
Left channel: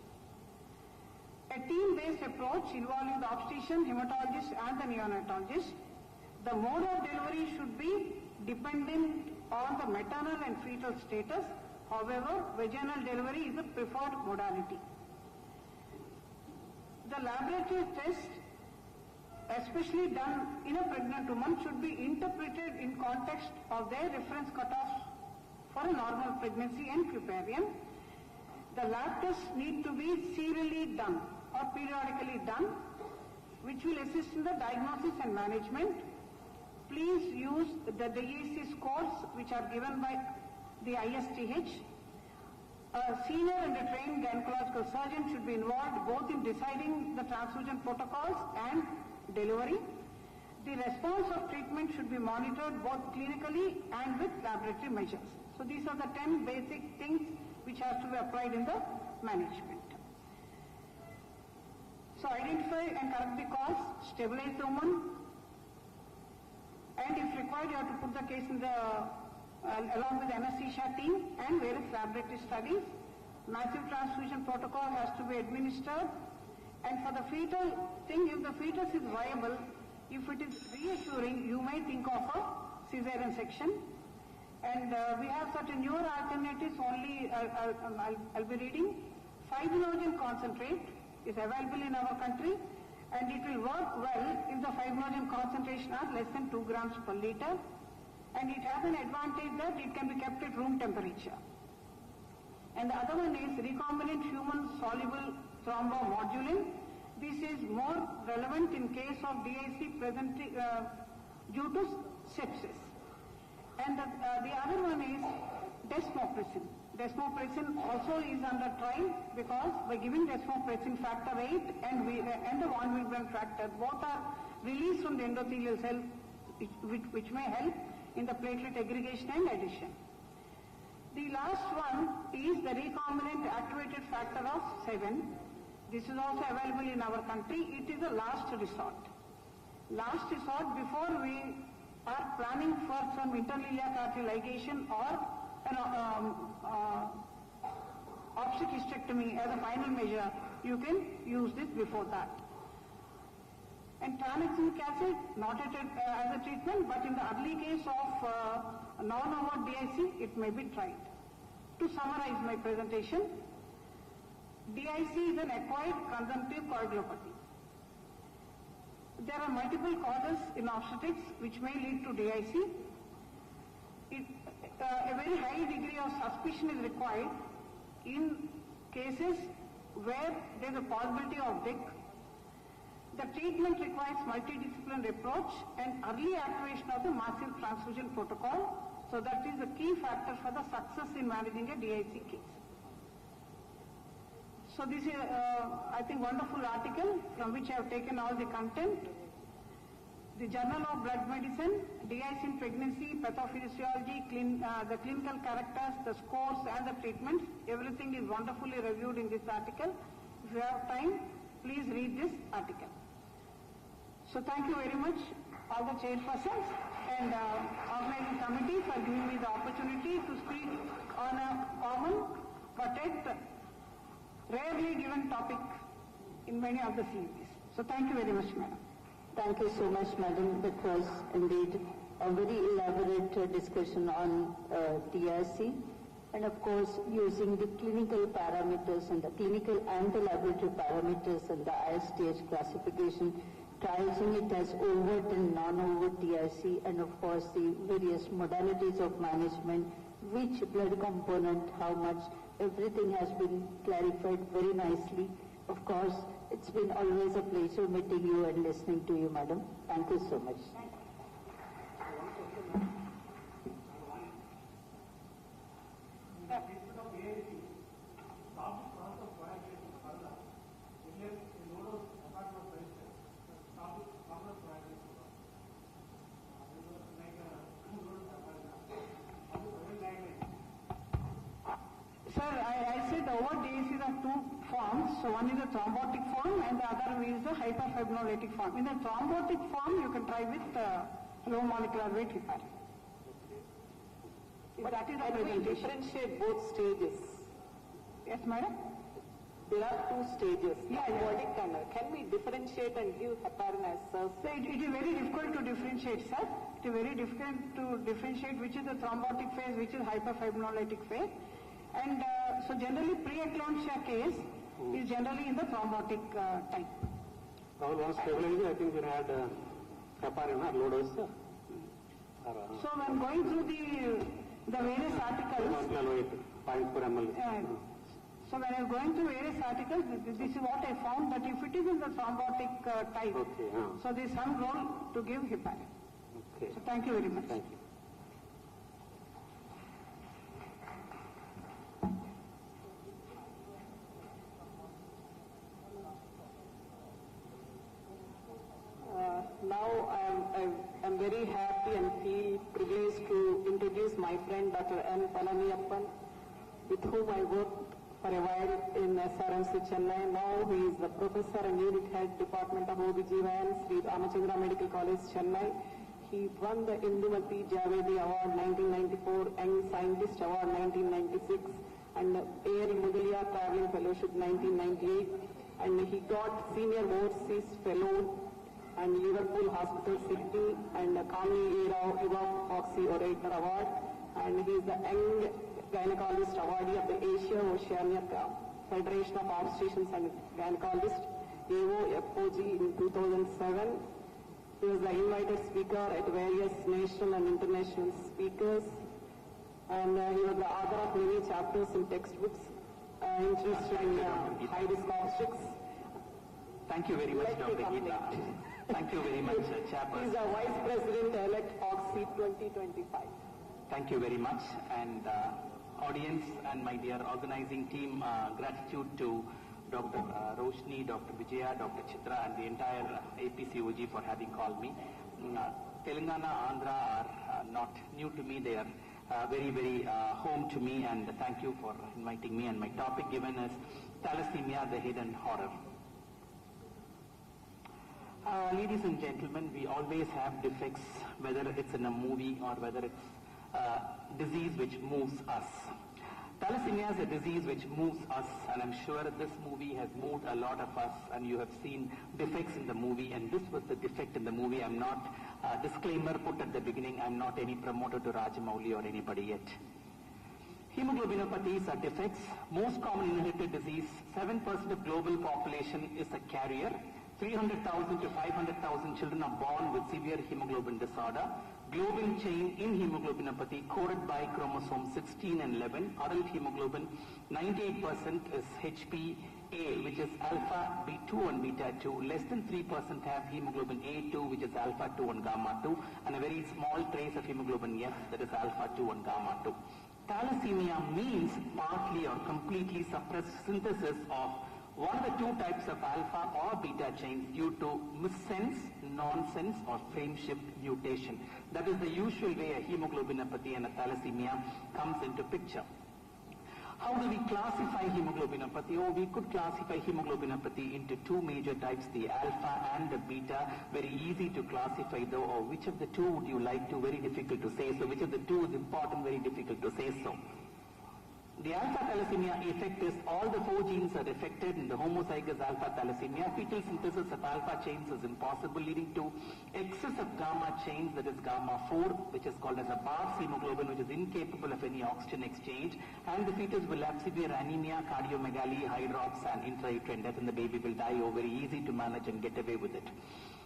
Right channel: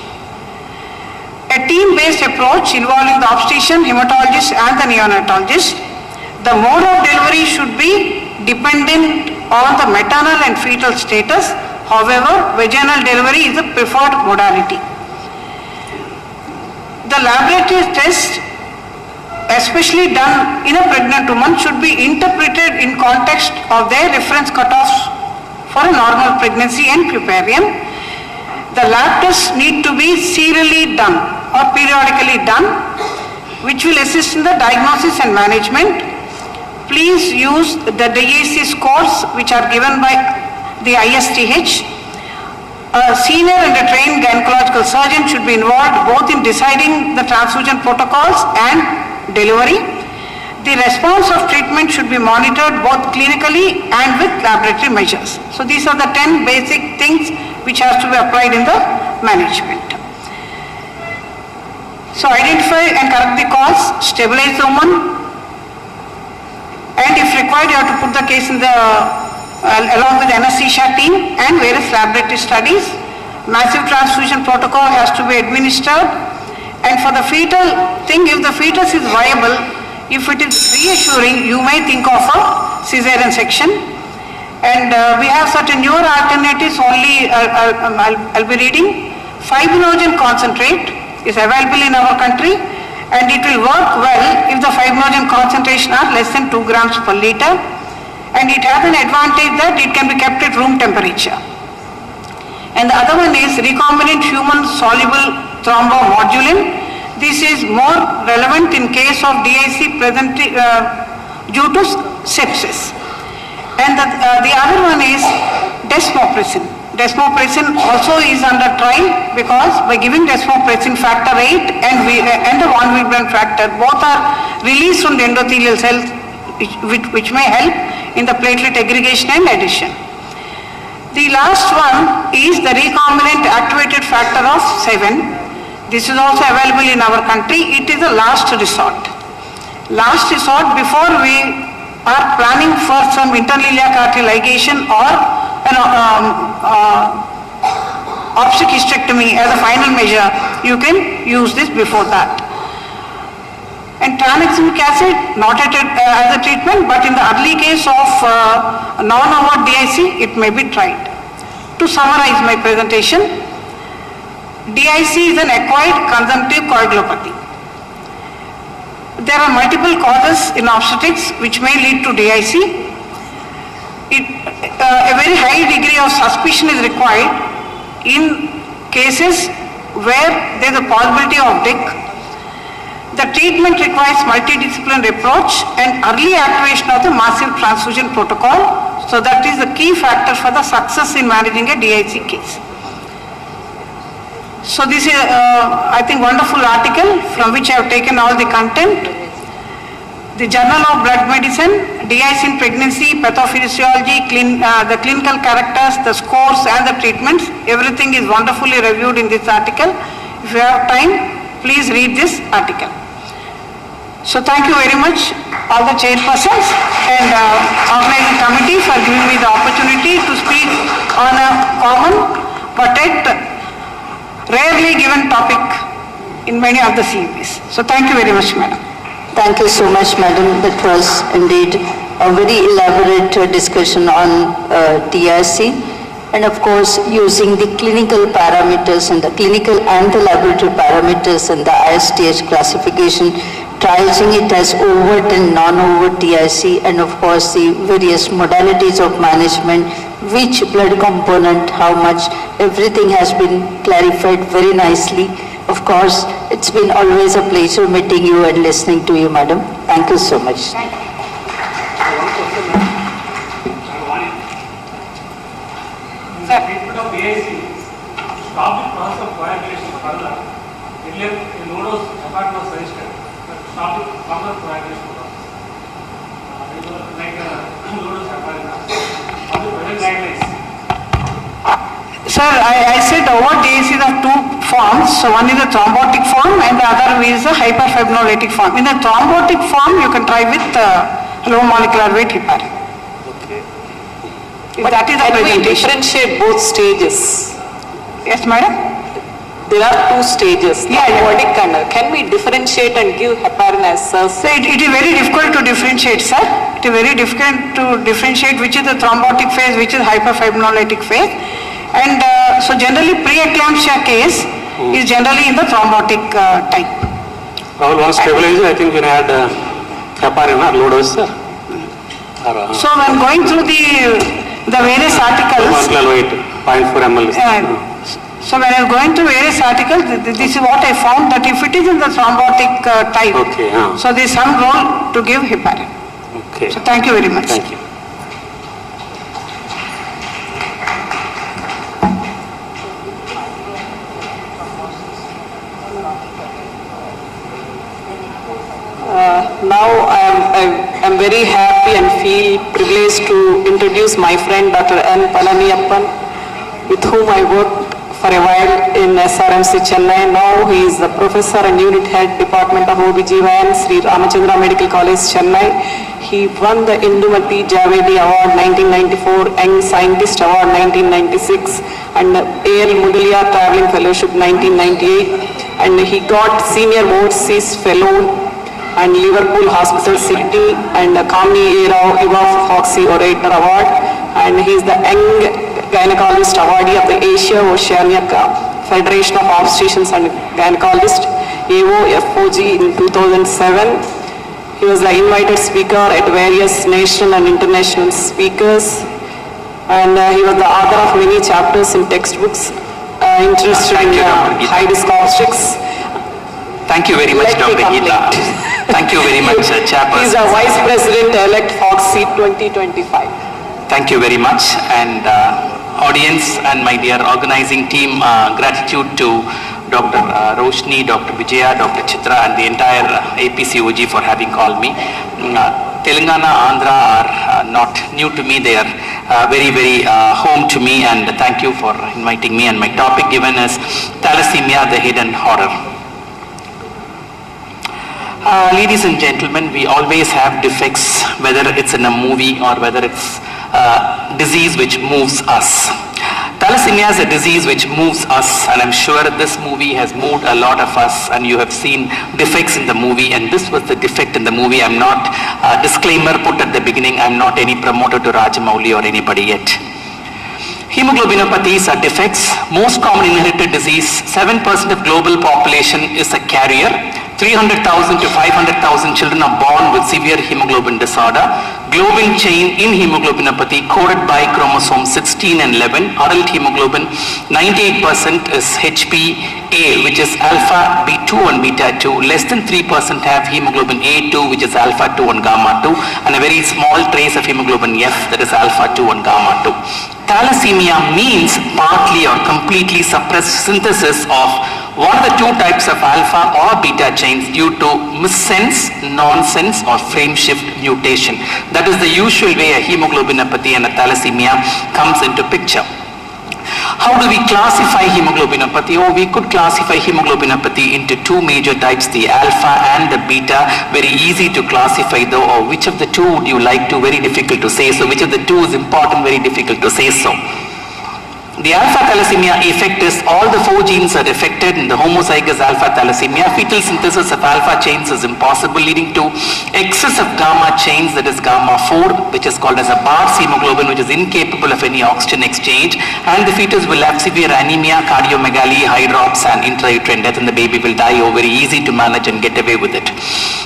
A team-based approach involving the obstetrician, hematologist and the neonatologist. The mode of delivery should be dependent on the maternal and fetal status. However, vaginal delivery is the preferred modality. The laboratory test, especially done in a pregnant woman, should be interpreted in context of their reference cutoffs for a normal pregnancy and puerperium. The lab tests need to be serially done or periodically done, which will assist in the diagnosis and management. Please use the DIC scores which are given by the ISTH. A senior and a trained gynecological surgeon should be involved both in deciding the transfusion protocols and delivery. The response of treatment should be monitored both clinically and with laboratory measures. So these are the 10 basic things which has to be applied in the management. So identify and correct the cause, stabilize the woman, and if required you have to put the case in the along with anesthesia team and various laboratory studies. Massive transfusion protocol has to be administered, and for the fetal thing, if the fetus is viable, if it is reassuring, you may think of a cesarean section. And we have certain newer alternatives only. I'll be reading. Fibrinogen concentrate is available in our country, and it will work well if the fibrinogen concentration are less than 2 grams per liter. And it has an advantage that it can be kept at room temperature. And the other one is recombinant human soluble thrombomodulin. This is more relevant in case of DIC present due to sepsis. And the other one is desmopressin. Desmopressin also is under trial because by giving desmopressin factor 8 and the von Willebrand factor, both are released from the endothelial cells, which may help in the platelet aggregation and addition. The last one is the recombinant activated factor of 7. This is also available in our country. It is a last resort. Last resort before we are planning for some interiliac artery ligation or obstetric hysterectomy as a final measure, you can use this before that. And tranexamic acid, not as a treatment, but in the early case of non-overt DIC, it may be tried. To summarize my presentation, DIC is an acquired consumptive coagulopathy. There are multiple causes in obstetrics which may lead to DIC. A very high degree of suspicion is required in cases where there is a possibility of DIC. The treatment requires multidisciplinary approach and early activation of the massive transfusion protocol. So that is the key factor for the success in managing a DIC case. So this is, I think, wonderful article from which I have taken all the content. The Journal of Blood Medicine, DIC in pregnancy, pathophysiology, the clinical characters, the scores and the treatments, everything is wonderfully reviewed in this article. If you have time, please read this article. So thank you very much, all the chairpersons and organizing committee for giving me the opportunity to speak on a common but yet rarely given topic in many of the CEPs. So thank you very much, madam. Thank you so much, madam. That was indeed a very elaborate discussion on DIC. And of course, using the clinical parameters and the clinical and the laboratory parameters and the ISTH classification, triaging it as overt and non-overt DIC, and of course the various modalities of management, which blood component, how much, everything has been clarified very nicely. Of course, it's been always a pleasure meeting you and listening to you, madam. Thank you so much. Treatment of DIC, stop the process of coagulation further. Earlier, in low-dose heparin was suggested, but stop the further coagulation process. Like low-dose heparin. How the present guidelines? Sir, I said overt DIC is of two forms. So one is a thrombotic form and the other is a hyperfibrinolytic form. In the thrombotic form, you can try with low molecular weight heparin. But that is the can we presentation. differentiate both stages? Yes, madam? There are two stages. Yeah. Can we differentiate and give heparin as such? So it is very difficult to differentiate, sir. It is very difficult to differentiate which is the thrombotic phase, which is hyperfibrinolytic phase. And so generally pre-eclampsia case is generally in the thrombotic type. Rahul, one stabilizer, I think we had heparin or low dose, sir. So when going through the various articles, 0.4 ml. so when I was going through various articles, this is what I found, that if it is in the thrombotic type, so there is some role to give heparin. Okay. So thank you very much. Thank you. Now I am very happy and feel privileged to introduce my friend Dr. N. Palaniyappan, with whom I worked for a while in SRMC Chennai. Now he is the professor and unit head Department of OBGYN, Sri Ramachandra Medical College, Chennai. He won the Indumati Javedi Award 1994, Young Scientist Award 1996, and A.L. Mudalia Traveling Fellowship 1998, and he got Senior Overseas Fellow and Liverpool Hospital Sydney and Kamini Era Eva Foxy Ureter Award, and he is the Young Gynecologist Awardee of the Asia Oceania Federation of Obstetricians and Gynecologists, AOFOG, in 2007. He was the invited speaker at various national and international speakers, and he was the author of many chapters in textbooks interested in high-risk obstetrics. Thank you very much, Dr. Geeta. Thank you very much, Chairperson. He is a Vice President-elect Foxy 2025. Thank you very much, and audience and my dear organizing team, gratitude to Dr. Roshni, Dr. Vijaya, Dr. Chitra and the entire APCOG for having called me. Telangana, Andhra are not new to me, they are very, very home to me, and thank you for inviting me. And my topic given is Thalassemia, the hidden horror. Ladies and gentlemen, we always have defects, whether it's in a movie or whether it's a disease which moves us. Thalassemia is a disease which moves us, and I'm sure this movie has moved a lot of us, and you have seen defects in the movie, and this was the defect in the movie. I'm not, disclaimer put at the beginning, I'm not any promoter to Rajamouli or anybody yet. Hemoglobinopathies are defects. Most common inherited disease, 7% of global population is a carrier. 300,000 to 500,000 children are born with severe hemoglobin disorder. Globin chain in hemoglobinopathy coded by chromosomes 16 and 11. Adult hemoglobin, 98% is HPA, which is alpha B2 and beta 2. Less than 3% have hemoglobin A2, which is alpha 2 and gamma 2, and a very small trace of hemoglobin F, that is alpha 2 and gamma 2. Thalassemia means partly or completely suppressed synthesis of one of the two types of alpha or beta chains due to missense, nonsense, or frame shift mutation. That is the usual way a hemoglobinopathy and a thalassemia comes into picture. How do we classify hemoglobinopathy? We could classify hemoglobinopathy into two major types, the alpha and the beta. Very easy to classify though, or which of the two would you like to? Very difficult to say. So which of the two is important? Very difficult to say so. The alpha thalassemia effect is all the 4 genes are affected in the homozygous alpha thalassemia. Fetal synthesis of alpha chains is impossible, leading to excess of gamma chains, that is gamma 4, which is called as a Bart's hemoglobin, which is incapable of any oxygen exchange, and the fetus will have severe anemia, cardiomegaly, hydrops, and intrauterine death, and the baby will die. Very easy to manage and get away with it.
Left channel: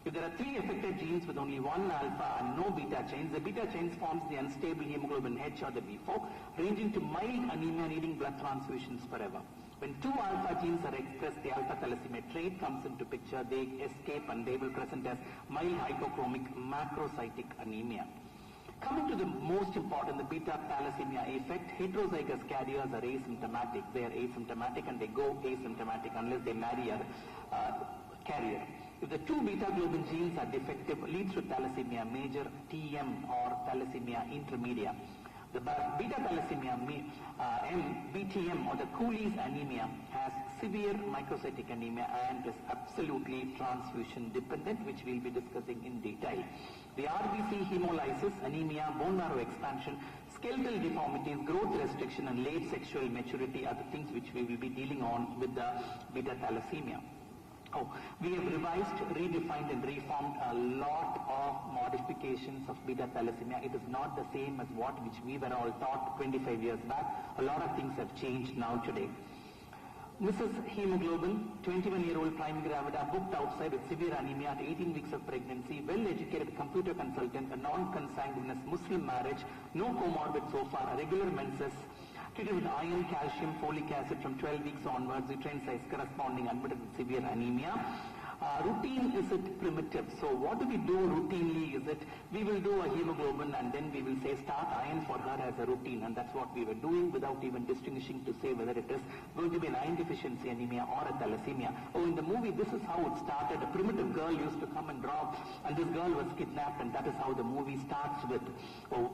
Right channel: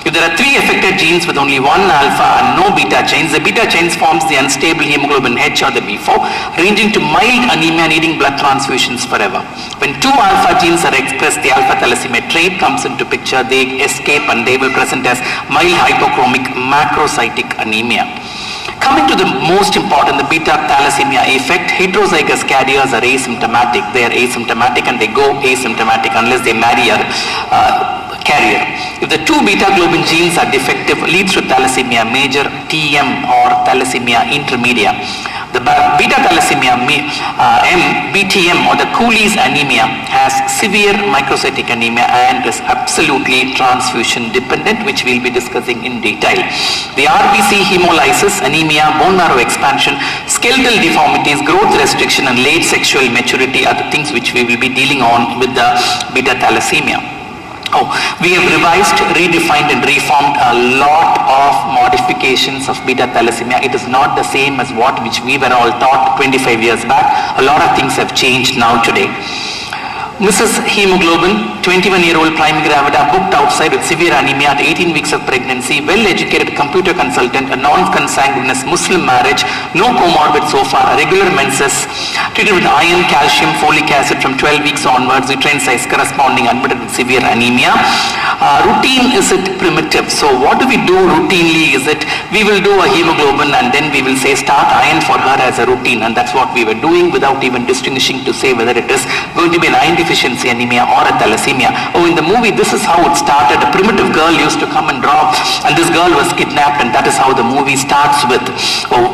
If there are 3 affected genes with only 1 alpha and no beta chains, the beta chains forms the unstable hemoglobin H or the B4, ranging to mild anemia needing blood transfusions forever. When 2 alpha genes are expressed, the alpha thalassemia trait comes into picture. They escape and they will present as mild hypochromic macrocytic anemia. Coming to the most important, the beta thalassemia effect, heterozygous carriers are asymptomatic. They are asymptomatic and they go asymptomatic unless they marry a carrier. If the 2 beta globin genes are defective, leads to thalassemia major, TM, or thalassemia intermedia. The beta thalassemia BTM, or the Cooley's anemia, has severe microcytic anemia and is absolutely transfusion dependent, which we'll be discussing in detail. The RBC hemolysis, anemia, bone marrow expansion, skeletal deformities, growth restriction, and late sexual maturity are the things which we will be dealing on with the beta thalassemia. We have revised, redefined, and reformed a lot of modifications of beta thalassemia. It is not the same as which we were all taught 25 years back. A lot of things have changed now today. Mrs. Hemoglobin, 21-year-old prime gravida, booked outside with severe anemia at 18 weeks of pregnancy, well-educated computer consultant, a non-consanguineous Muslim marriage, no comorbid so far, a regular menses, treated with iron, calcium, folic acid from 12 weeks onwards, uterine size corresponding, admitted with severe anemia. Routine, is it primitive? So what do we do routinely? Is it, we will do a hemoglobin and then we will say start iron for her as a routine, and that's what we were doing without even distinguishing to say whether it is going to be an iron deficiency anemia or a thalassemia. In the movie, this is how it started. A primitive girl used to come and draw, and this girl was kidnapped, and that is how the movie starts with.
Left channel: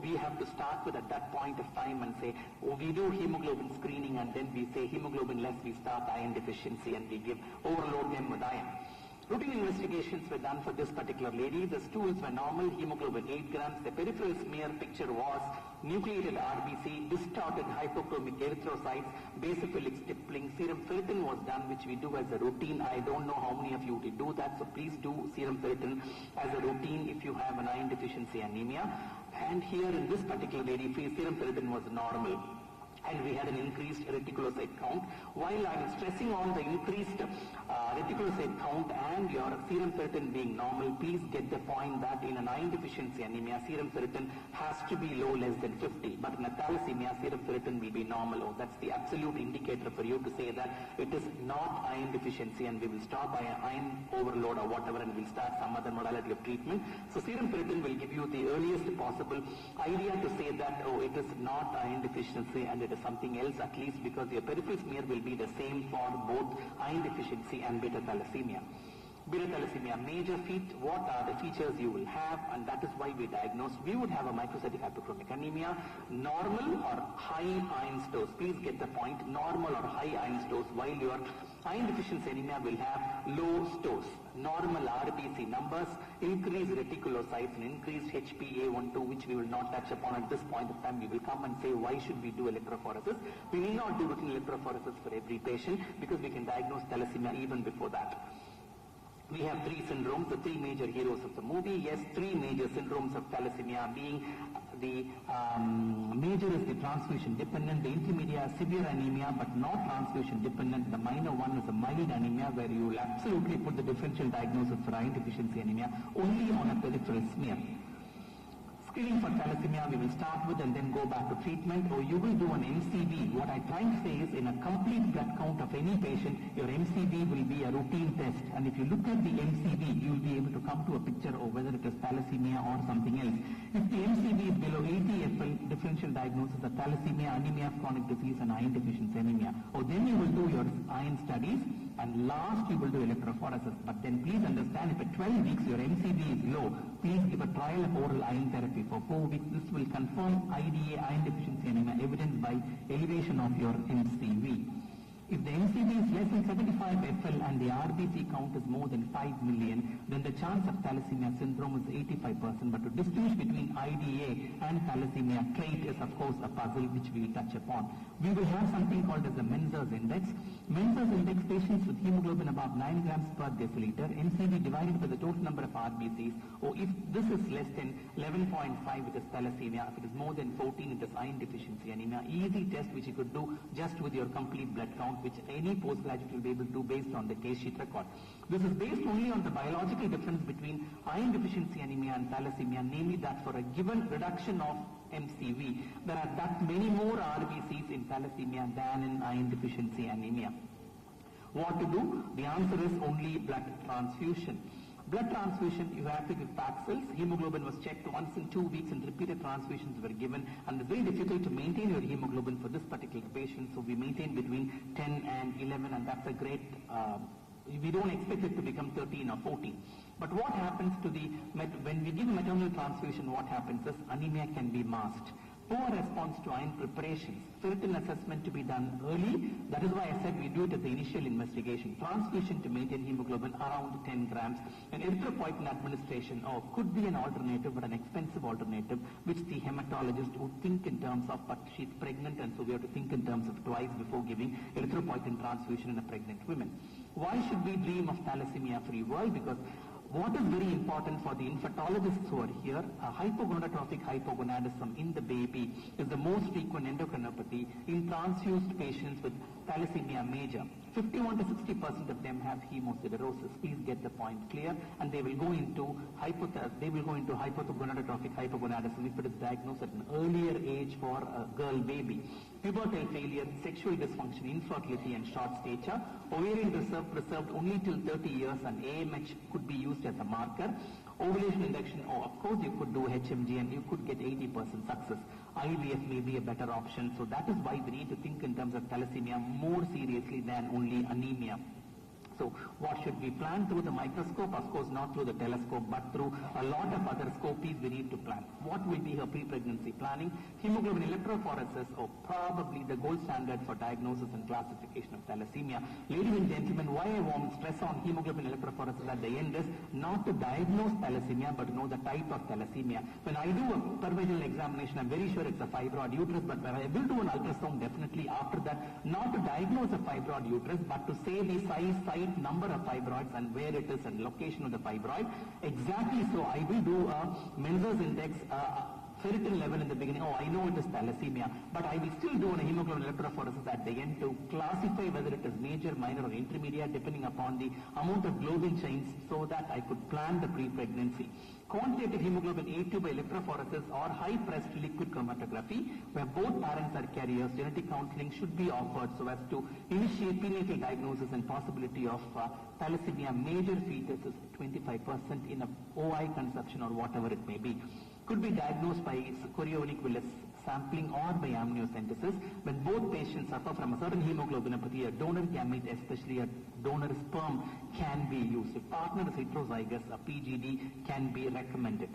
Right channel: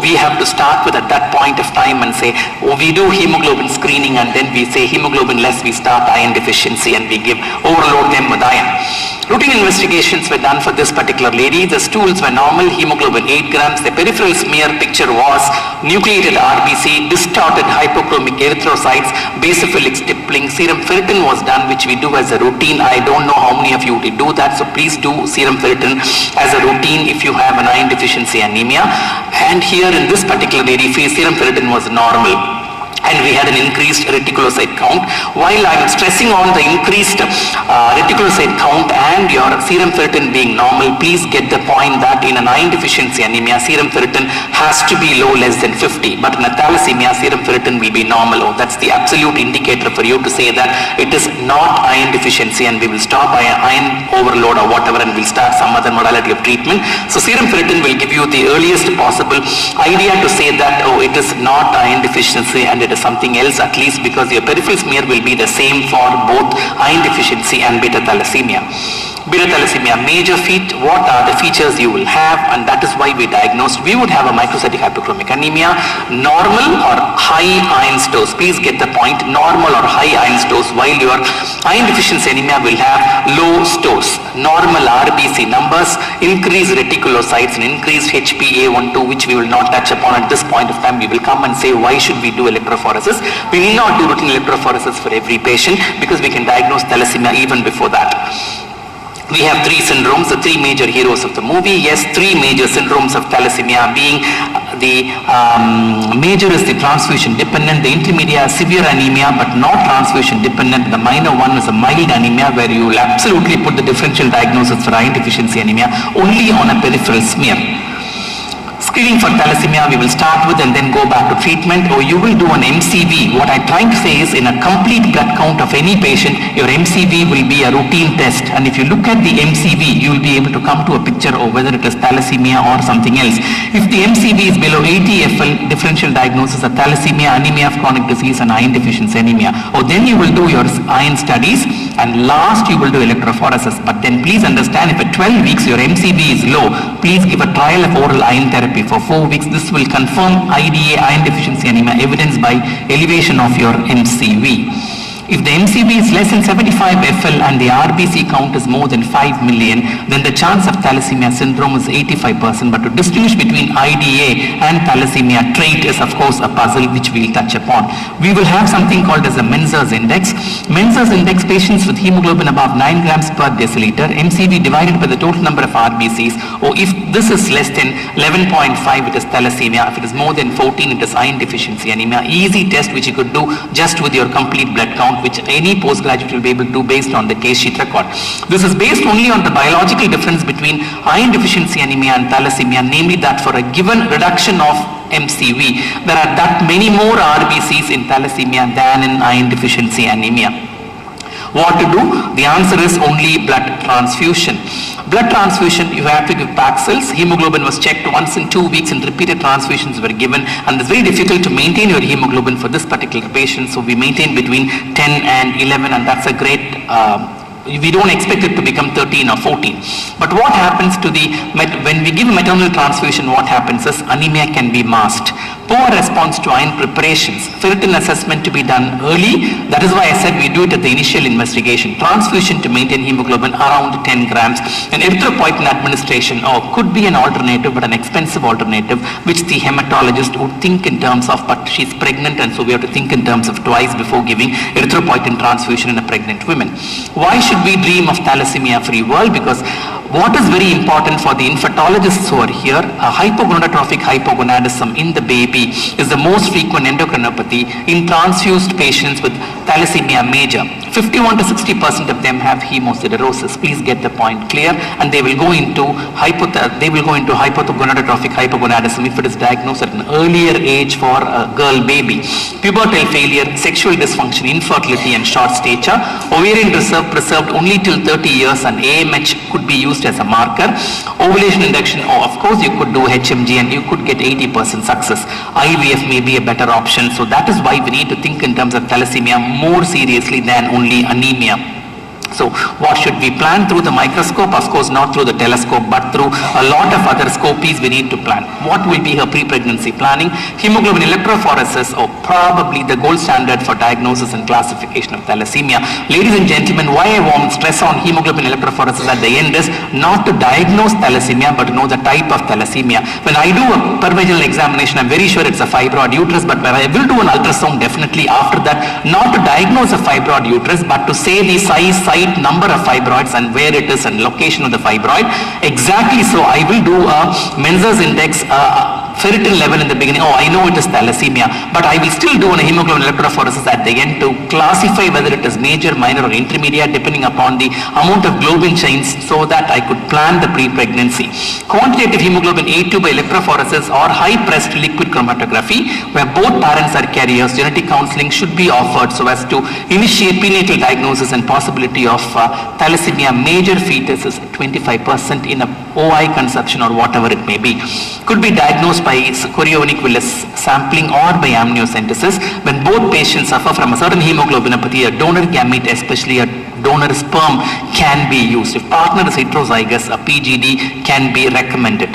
We have to start with at that point of time and say, we do hemoglobin screening, and then we say hemoglobin less, we start iron deficiency, and we overload them with iron. Routine investigations were done for this particular lady. The stools were normal, hemoglobin 8 grams. The peripheral smear picture was nucleated RBC, distorted hypochromic erythrocytes, basophilic stippling. Serum ferritin was done, which we do as a routine. I don't know how many of you would do that, so please do serum ferritin as a routine if you have an iron deficiency anemia. And here in this particular lady, serum ferritin was normal, and we had an increased reticulocyte count. While I am stressing on the increased reticulocyte count and your serum ferritin being normal, please get the point that in an iron deficiency anemia, serum ferritin has to be low, less than 50, but in a thalassemia, serum ferritin will be normal. That's the absolute indicator for you to say that it is not iron deficiency, and we will stop iron overload or whatever, and we'll start some other modality of treatment. So serum ferritin will give you the earliest possible idea to say that, it is not iron deficiency and it is something else, at least because your peripheral smear will be the same for both iron deficiency and beta thalassemia. Beta thalassemia, major feat, what are the features you will have, and that is why we diagnosed. We would have a microcytic hypochromic anemia, normal or high iron stores. Please get the point, normal or high iron stores, while your iron deficiency anemia will have low stores. Normal RBC numbers, increased reticulocytes and increased HbA1/2, which we will not touch upon at this point of time. We will come and say why should we do electrophoresis. We need not do routine electrophoresis for every patient because we can diagnose thalassemia even before that. We have three syndromes, the three major heroes of the movie. Yes, three major syndromes of thalassemia being the major is the transfusion dependent, the intermediate severe anemia but not transfusion dependent, the minor one is a mild anemia where you will absolutely put the differential diagnosis for iron deficiency anemia only on a peripheral smear. Screening for thalassemia we will start with and then go back to treatment, or you will do an MCV. What I'm trying to say is in a complete blood count of any patient, your MCV will be a routine test, and if you look at the MCV, you will be able to come to a picture of whether it is thalassemia or something else. If the MCV is below 80 FL, differential diagnosis of thalassemia, anemia of chronic disease and iron deficiency anemia. Or then you will do your iron studies and last you will do electrophoresis. But then please understand, if at 12 weeks your MCV is low, please give a trial of oral iron therapy for 4 weeks. This will confirm IDA, iron deficiency anemia, evidenced by elevation of your MCV. If the MCV is less than 75 FL and the RBC count is more than 5 million, then the chance of thalassemia syndrome is 85%. But to distinguish between IDA and thalassemia trait is of course a puzzle which we will touch upon. We will have something called as a Menzer's index. Menzer's index, patients with hemoglobin above 9 grams per deciliter, MCV divided by the total number of RBCs, or if this is less than 11.5 it is thalassemia, if it is more than 14 it is iron deficiency anemia. Easy test which you could do just with your complete blood count, which any postgraduate will be able to do based on the case sheet record. This is based only on the biological difference between iron deficiency anemia and thalassemia, namely that for a given reduction of MCV, there are that many more RBCs in thalassemia than in iron deficiency anemia. What to do? The answer is only blood transfusion. Blood transfusion, you have to give packed cells. Hemoglobin was checked once in 2 weeks and repeated transfusions were given, and it's very difficult to maintain your hemoglobin for this particular patient, so we maintain between 10 and 11, and that's a great we don't expect it to become 13 or 14. But what happens to when we give maternal transfusion, what happens is anemia can be masked. Poor response to iron preparations, ferritin assessment to be done early. That is why I said we do it at the initial investigation. Transfusion to maintain hemoglobin around 10 grams. And erythropoietin administration could be an alternative, but an expensive alternative, which the hematologist would think in terms of, but she's pregnant and so we have to think in terms of twice before giving erythropoietin transfusion in a pregnant woman. Why should we dream of thalassemia-free world? Because what is very important for the infertologists who are here, a hypogonadotrophic hypogonadism in the baby is the most frequent endocrinopathy in transfused patients with thalassemia major. 51 to 60% of them have hemosiderosis. Please get the point clear, and they will go into hypogonadotrophic hypogonadism if it is diagnosed at an earlier age for a girl baby. Pubertal failure, sexual dysfunction, infertility and short stature. Ovarian reserve preserved only till 30 years and AMH could be used as a marker. Ovulation induction, of course you could do HMG and you could get 80% success. IVF may be a better option, so that is why we need to think in terms of thalassemia more seriously than only anemia. So what should we plan? Through the microscope? Of course not through the telescope, but through a lot of other scopies we need to plan. What will be her pre-pregnancy planning? Hemoglobin electrophoresis, or probably the gold standard for diagnosis and classification of thalassemia. Ladies and gentlemen, why I want to stress on hemoglobin electrophoresis at the end is not to diagnose thalassemia, but to know the type of thalassemia. When I do a per-vaginal examination, I'm very sure it's a fibroid uterus, but when I will do an ultrasound definitely after that, not to diagnose a fibroid uterus, but to say the size, number of fibroids and where it is and location of the fibroid. Exactly so, I will do a Menzer's index, ferritin level in the beginning. I know it is thalassemia, but I will still do a hemoglobin electrophoresis at the end to classify whether it is major, minor or intermediate depending upon the amount of globin chains, so that I could plan the pre-pregnancy. Quantitative hemoglobin A2 by electrophoresis or high-pressed liquid chromatography, where both parents are carriers. Genetic counseling should be offered so as to initiate prenatal diagnosis and possibility of thalassemia major fetus is 25% in a OI conception or whatever it may be. Could be diagnosed by chorionic villus sampling or by amniocentesis when both patients suffer from a certain hemoglobinopathy, a donor gamete, especially a donor sperm can be used. If partner is heterozygous, a PGD can be recommended.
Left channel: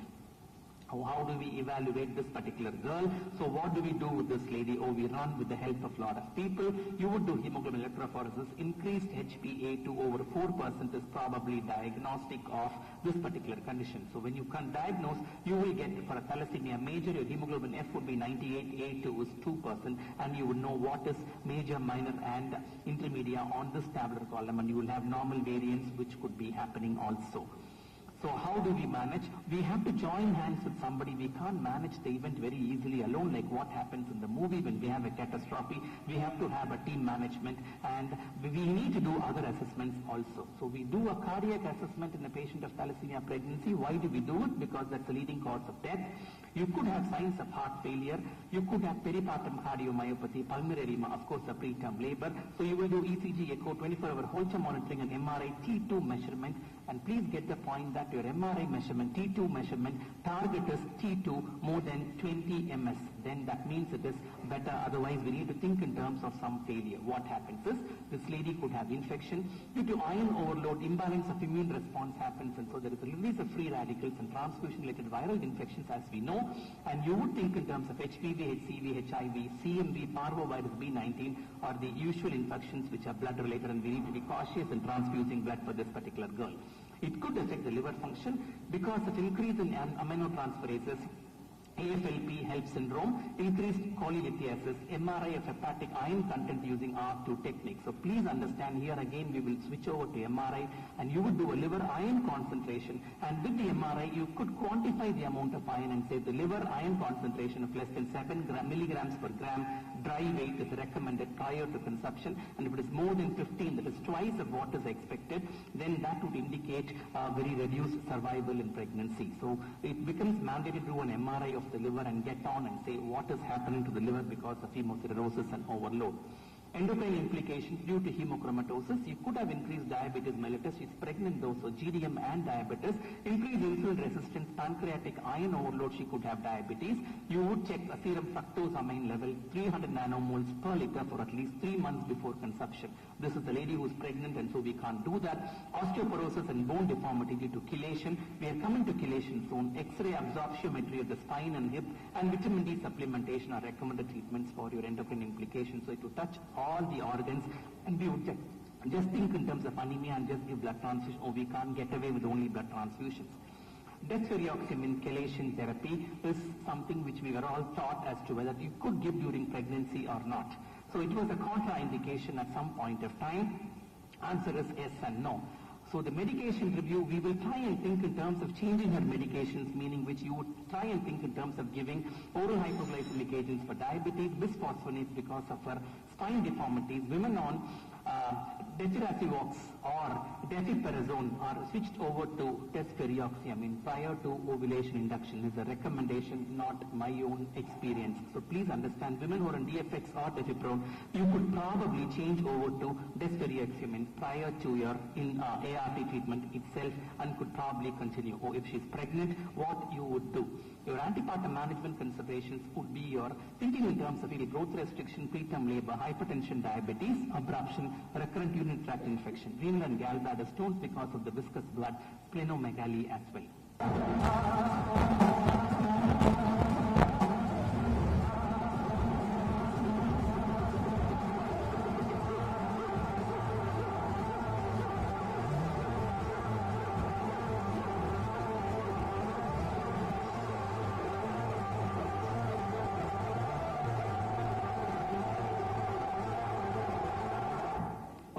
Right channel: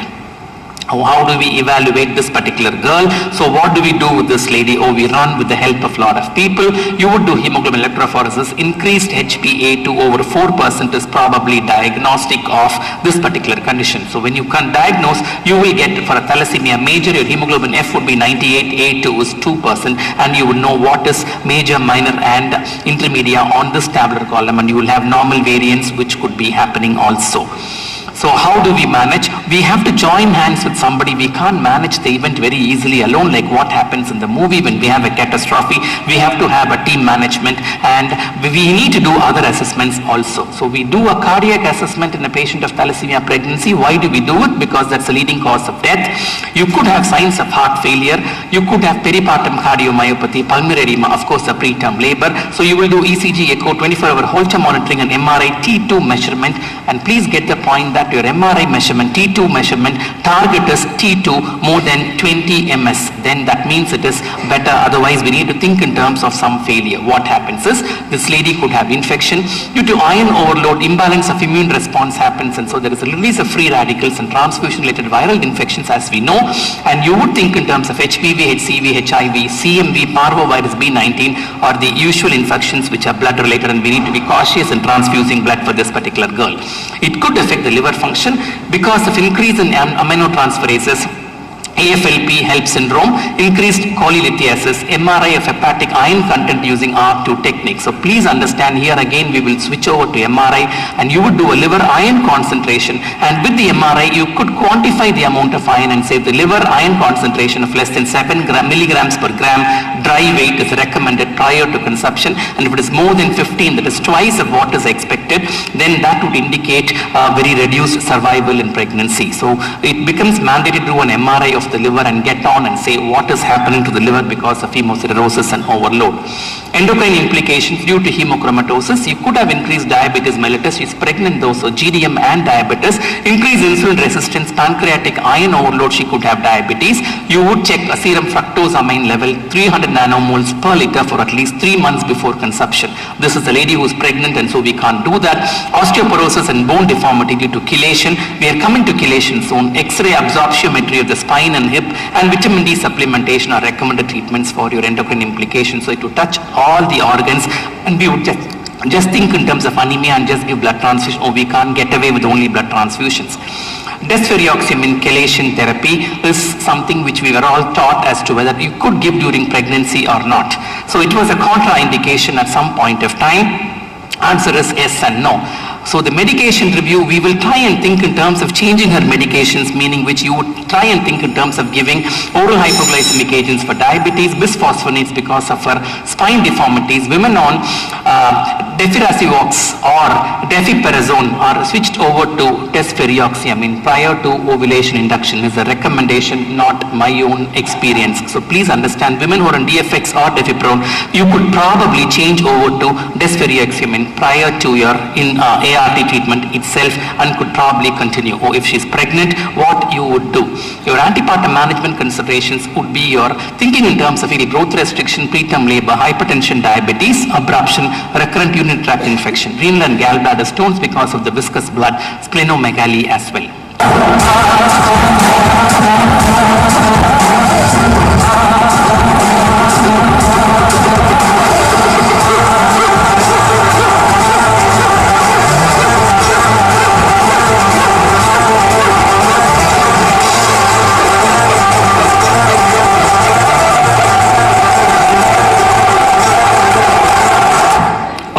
How do we evaluate this particular girl? So what do we do with this lady? We run with the help of a lot of people. You would do hemoglobin electrophoresis. Increased HbA to over 4% is probably diagnostic of this particular condition. So when you can diagnose, you will get for a thalassemia major, your hemoglobin F would be 98, A2 is 2%, and you would know what is major, minor and intermedia on this tabular column, and you will have normal variants which could be happening also. So how do we manage? We have to join hands with somebody. We can't manage the event very easily alone, like what happens in the movie when we have a catastrophe. We have to have a team management, and we need to do other assessments also. So we do a cardiac assessment in a patient of thalassemia pregnancy. Why do we do it? Because that's the leading cause of death. You could have signs of heart failure. You could have peripartum cardiomyopathy, pulmonary edema, of course, a preterm labor. So you will do ECG, echo, 24-hour Holter monitoring, and MRI T2 measurement. And please get the point that your MRI measurement, T2 measurement, target is T2 more than 20 ms. Then that means it is better. Otherwise, we need to think in terms of some failure. What happens is, this lady could have infection. Due to iron overload, imbalance of immune response happens, and so there is a release of free radicals and transfusion-related viral infections, as we know. And you would think in terms of HPV, HCV, HIV, CMV, parvovirus B19, or the usual infections which are blood-related, and we need to be cautious in transfusing blood for this particular girl. It could affect the liver function because of increase in aminotransferases, AFLP HELP syndrome, increased cholelithiasis, MRI of hepatic iron content using R2 technique. So please understand, here again we will switch over to MRI, and you would do a liver iron concentration, and with the MRI you could quantify the amount of iron and say the liver iron concentration of less than 7 milligrams per gram dry weight is recommended prior to conception, and if it is more than 15, that is twice of what is expected, then that would indicate very reduced survival in pregnancy. So it becomes mandatory to do an MRI of the liver and get on and say what is happening to the liver because of hemocirrhosis and overload. Endocrine implications due to hemochromatosis. You could have increased diabetes mellitus. She's pregnant though, so GDM and diabetes. Increased insulin resistance, pancreatic iron overload, she could have diabetes. You would check a serum fructosamine level 300 nanomoles per liter for at least 3 months before conception. This is a lady who is pregnant, and so we can't do that. Osteoporosis and bone deformity due to chelation. We are coming to chelation soon. X-ray absorptiometry of the spine and hip, and vitamin D supplementation are recommended treatments for your endocrine implications. So it would touch all the organs, and we would just think in terms of anemia and just give blood transfusion. We can't get away with only blood transfusions. Desferrioxamine chelation therapy is something which we were all taught as to whether you could give during pregnancy or not. So it was a contraindication at some point of time. Answer is yes and no. So the medication review, we will try and think in terms of changing her medications, meaning which you would try and think in terms of giving oral hypoglycemic agents for diabetes, bisphosphonates because of her spine deformities. Women on defirasivox or defiperazone are switched over to desferrioxamine prior to ovulation induction. Is a recommendation, not my own experience. So please understand, women who are on DFX or defiprone, you could probably change over to desferrioxamine prior to your ART treatment itself, and could probably continue. Or if she's pregnant, what you would do. Your antepartum management considerations would be your thinking in terms of any growth restriction, preterm labor, hypertension, diabetes, abruption, recurrent urinary tract infection, renal and gallbladder stones because of the viscous blood, splenomegaly as well.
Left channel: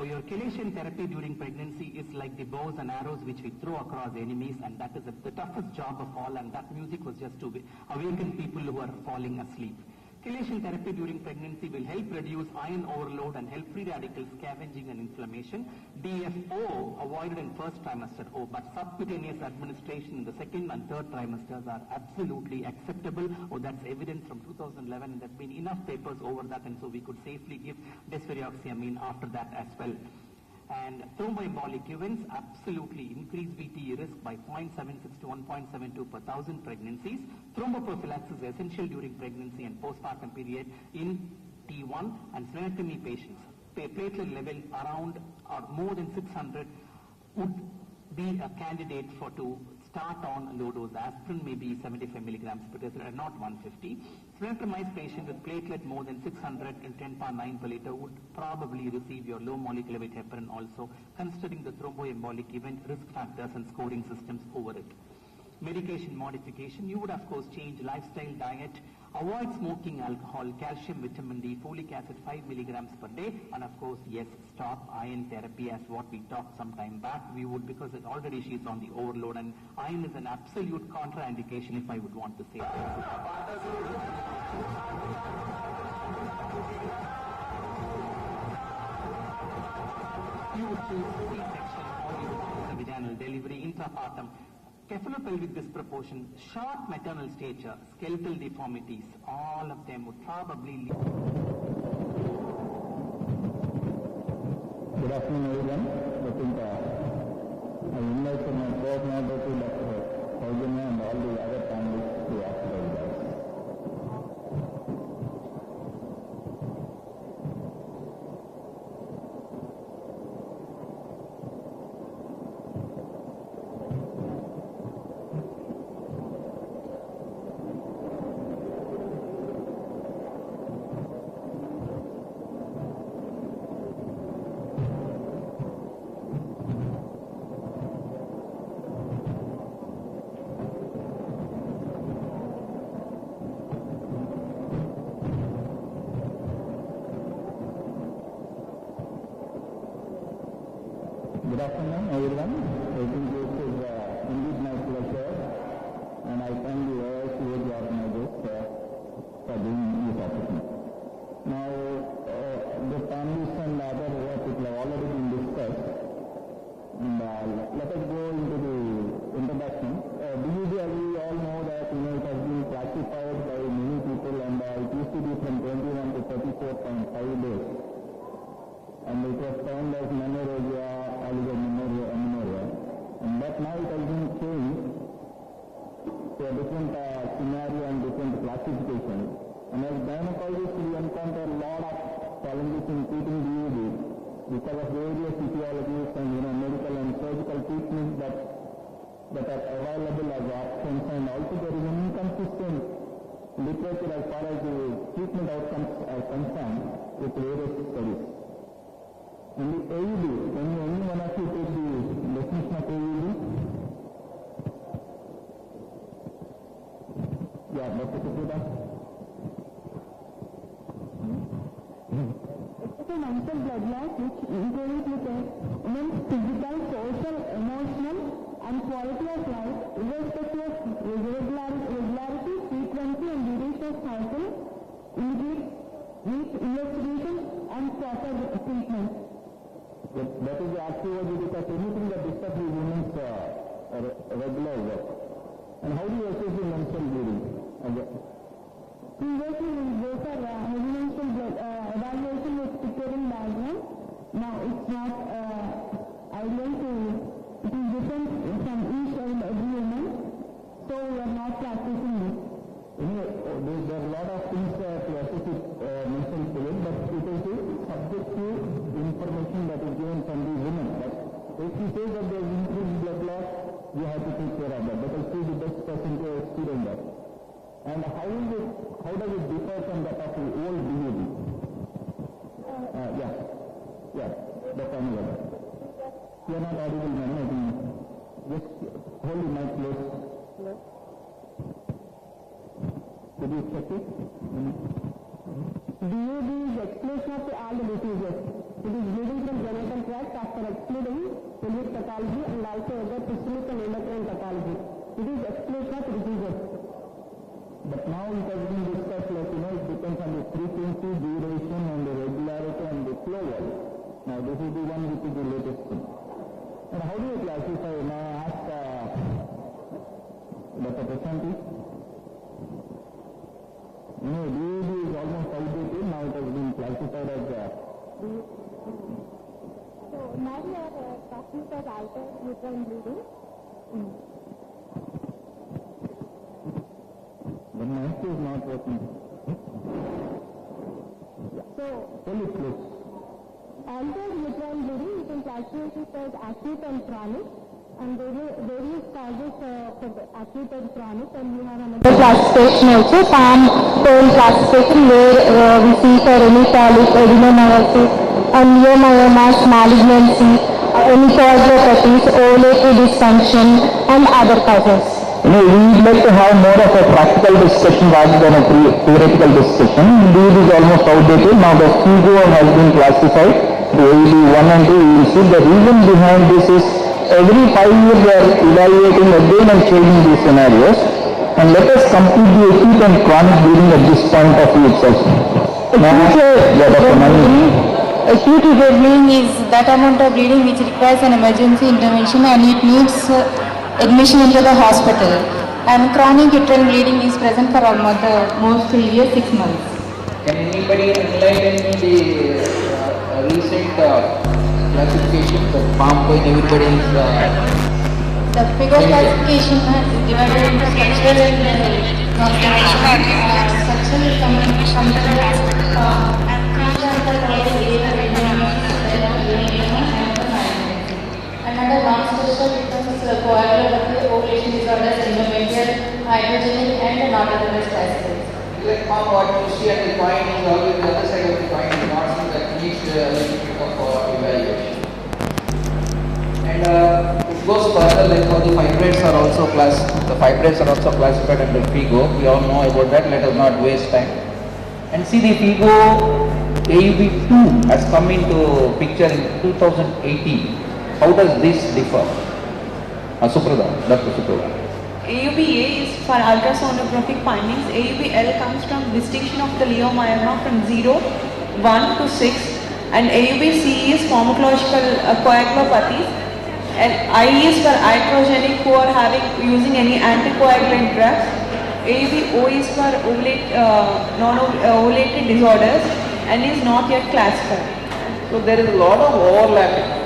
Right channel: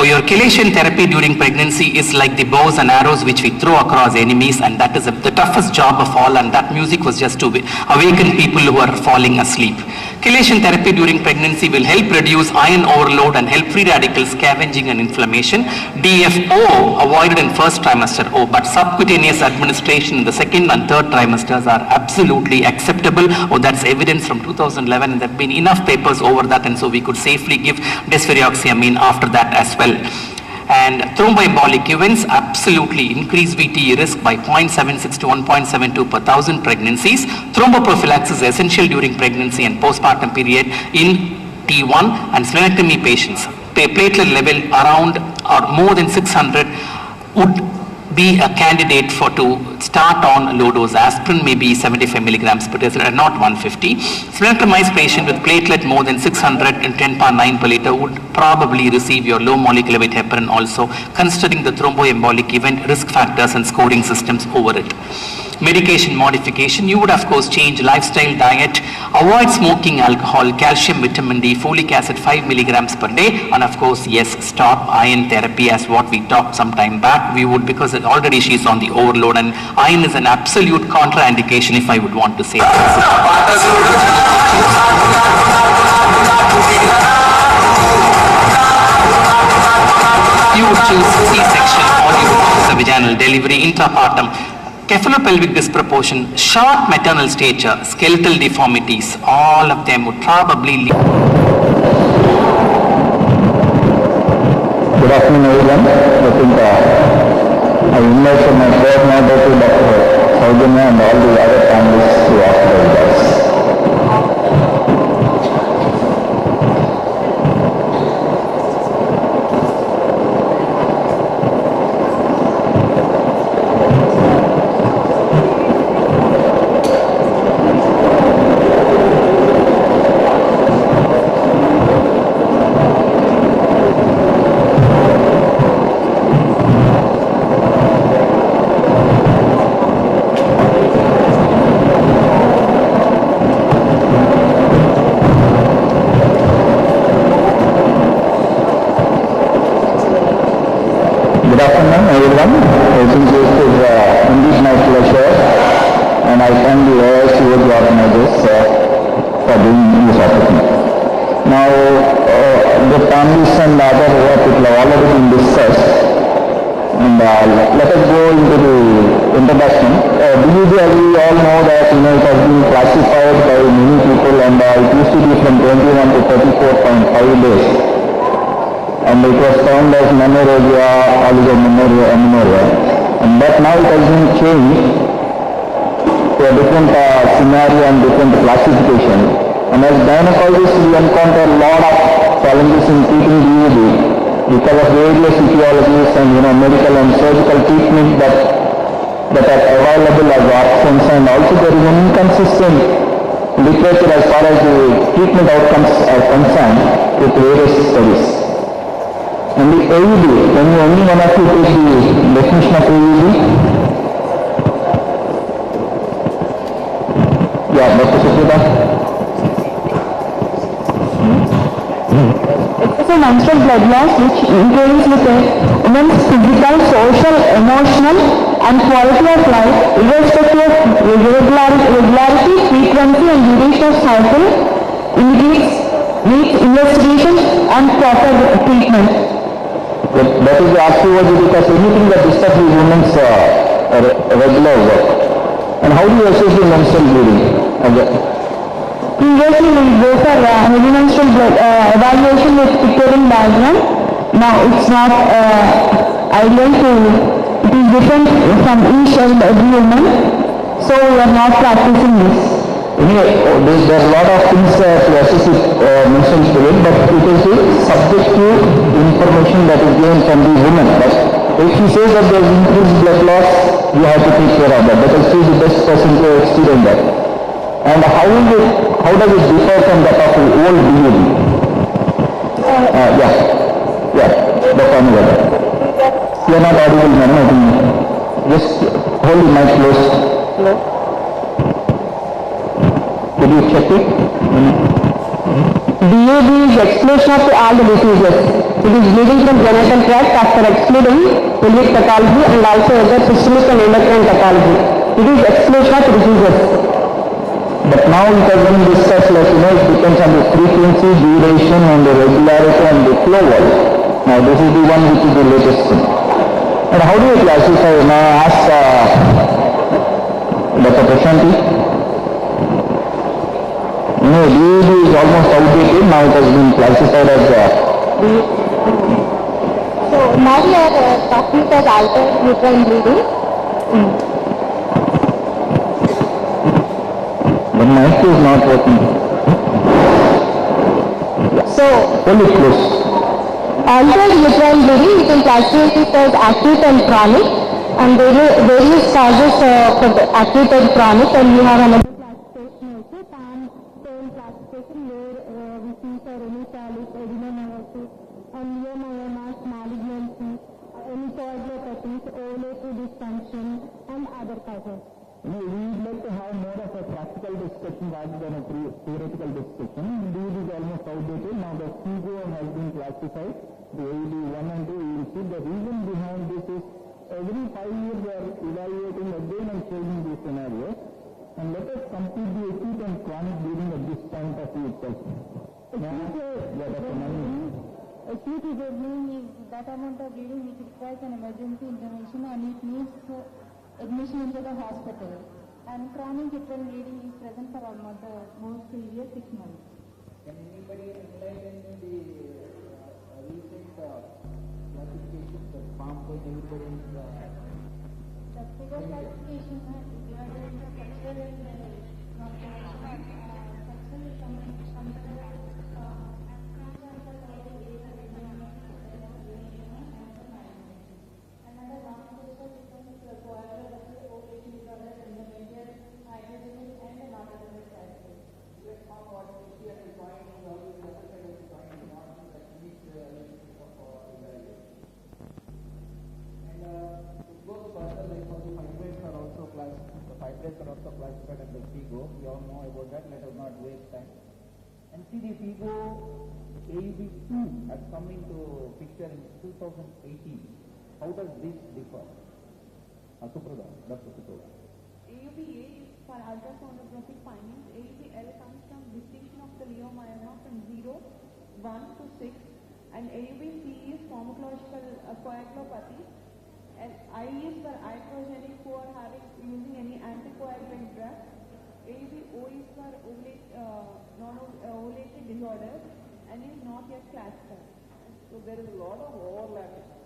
Your chelation therapy during pregnancy is like the bows and arrows which we throw across enemies, and that is the toughest job of all, and that music was just to awaken people who are falling asleep. Chelation therapy during pregnancy will help reduce iron overload and help free radical scavenging and inflammation. DFO avoided in first trimester, but subcutaneous administration in the second and third trimesters are absolutely acceptable. That's evidence from 2011, and there have been enough papers over that, and so we could safely give desferrioxamine after that as well. And thromboembolic events absolutely increase VTE risk by 0.76 to 1.72 per thousand pregnancies. Thromboprophylaxis is essential during pregnancy and postpartum period in T1 and splenectomy patients. Platelet level around or more than 600 would be a candidate for to start on low dose aspirin, maybe 75 milligrams per deciliter, not 150. Splenectomized patient with platelet more than 600 and 10.9 per liter would probably receive your low molecular weight heparin also, considering the thromboembolic event risk factors and scoring systems over it. Medication modification, you would of course change lifestyle, diet, avoid smoking, alcohol, calcium, vitamin D, folic acid 5 milligrams per day, and of course yes, stop iron therapy as what we talked some time back. We would, because already she's on the overload, and iron is an absolute contraindication if I would want to say that. You would choose C-section or you would choose a vaginal delivery, intrapartum. Cephalopelvic disproportion, short maternal stature, skeletal deformities, all of them would probably lead. Good afternoon everyone. I think I invite my coordinator to Dr. Saujanya and all the other panelists to ask the results. Good afternoon everyone. I think this is indeed my pleasure, and I thank the AICOG organizers for doing this opportunity. Now the panelists and other people have already been discussed, and let us go into the introduction. BUG, as we all know that it has been classified by many people, and it used to be from 21 to 34.5 days. And it was found as menorrhagia, oligomenorrhea, amenorrhea. But now it has been changed to a different scenario and different classification. And as gynecologists, we encounter a lot of challenges in treating BUG because of various etiologies and medical and surgical treatment that are available as options, and also there is an inconsistent literature as far as the treatment outcomes are concerned with various studies. And the AUD, can you any one of you take the definition of AUD? Yeah, Dr. Suprita. It is a menstrual blood loss which interferes with a woman's physical, social, emotional and quality of life, irrespective of regularity, frequency and duration of cycle, needs investigation and proper treatment. That is the archaeology, because anything that disturbs the women's regular work. And how do you assess the menstrual bleeding? Previously we go for heavy menstrual blood evaluation with pictorial diagram. Now it's not ideal to, it is different from each and every woman. So we are not practicing this. Anyway, there are a lot of things to assess menstrual bleeding, but it is the subjective information that is given from the woman. But if she says that there is increased blood loss, you have to take care of that, because she is the best person to experience that. And how does it differ from that of the old BUD? Dr. Anwar. You are not audible, madam. I think just hold the mic close. Hello. Could you check it? BUD is exclusion of all the diseases. It is bleeding from genital tract after excluding pelvic pathology and also other systemic and endocrine pathology. It is exclusion of diseases. But now it has been discussed, it depends on the frequency, duration and the regularity and the flow wall. Now this is the one which is the latest thing. And how do you classify? Now I ask Dr. Prashanti. BUD is almost outdated, now it has been classified as So now we are talking about altered uterine bleeding. The mic is not working. So hold it close. altered uterine bleeding, we can classify it as acute and chronic, and various causes for the acute and chronic, and we have another classification also, palm tone classification, where we see for any polyp, adenomyosis, and myomyomas, malignancy, any coagulopathies, ovulatory dysfunction, and other causes. We would like to have more of a practical discussion rather than a theoretical discussion. Indeed, it is almost outdated. Now the FIGO has been classified to AED 1 and 2. You will see the reason behind this is every 5 years we are evaluating again and changing these scenarios. And let us complete the acute and chronic bleeding at this point of view itself. Acute uterine bleeding is that amount of bleeding which requires an emergency intervention and it needs admission into the hospital. And chronic uterine bleeding is present for almost the most severe 6 months. Can anybody enlighten me the recent classification of palm point? Everybody is the FIGO classification is divided into structural and non-structural. Structural is another non-structural becomes coagulopathy, ovulation disorders, endometrial, hydrogenic, and non-autonomous classifications. Like what you see at the point is always the other side of the point, not something that needs a little bit of evaluation. And it goes further, like how the fibroids are also classified under FIGO. We all know about that, let us not waste time. And see, the FIGO AUB2 has come into picture in 2018. How does this differ? Suprada, Dr. Suprada. AUB-A is for ultrasonographic findings. AUB-L comes from distinction of the leiomyoma from 0, 1 to 6, and AUB-C is pharmacological coagulopathies, and I is for iatrogenic who are using any anticoagulant drugs. AUB-O is for non-ovulated disorders and is not yet classified. So there is a lot of overlapping.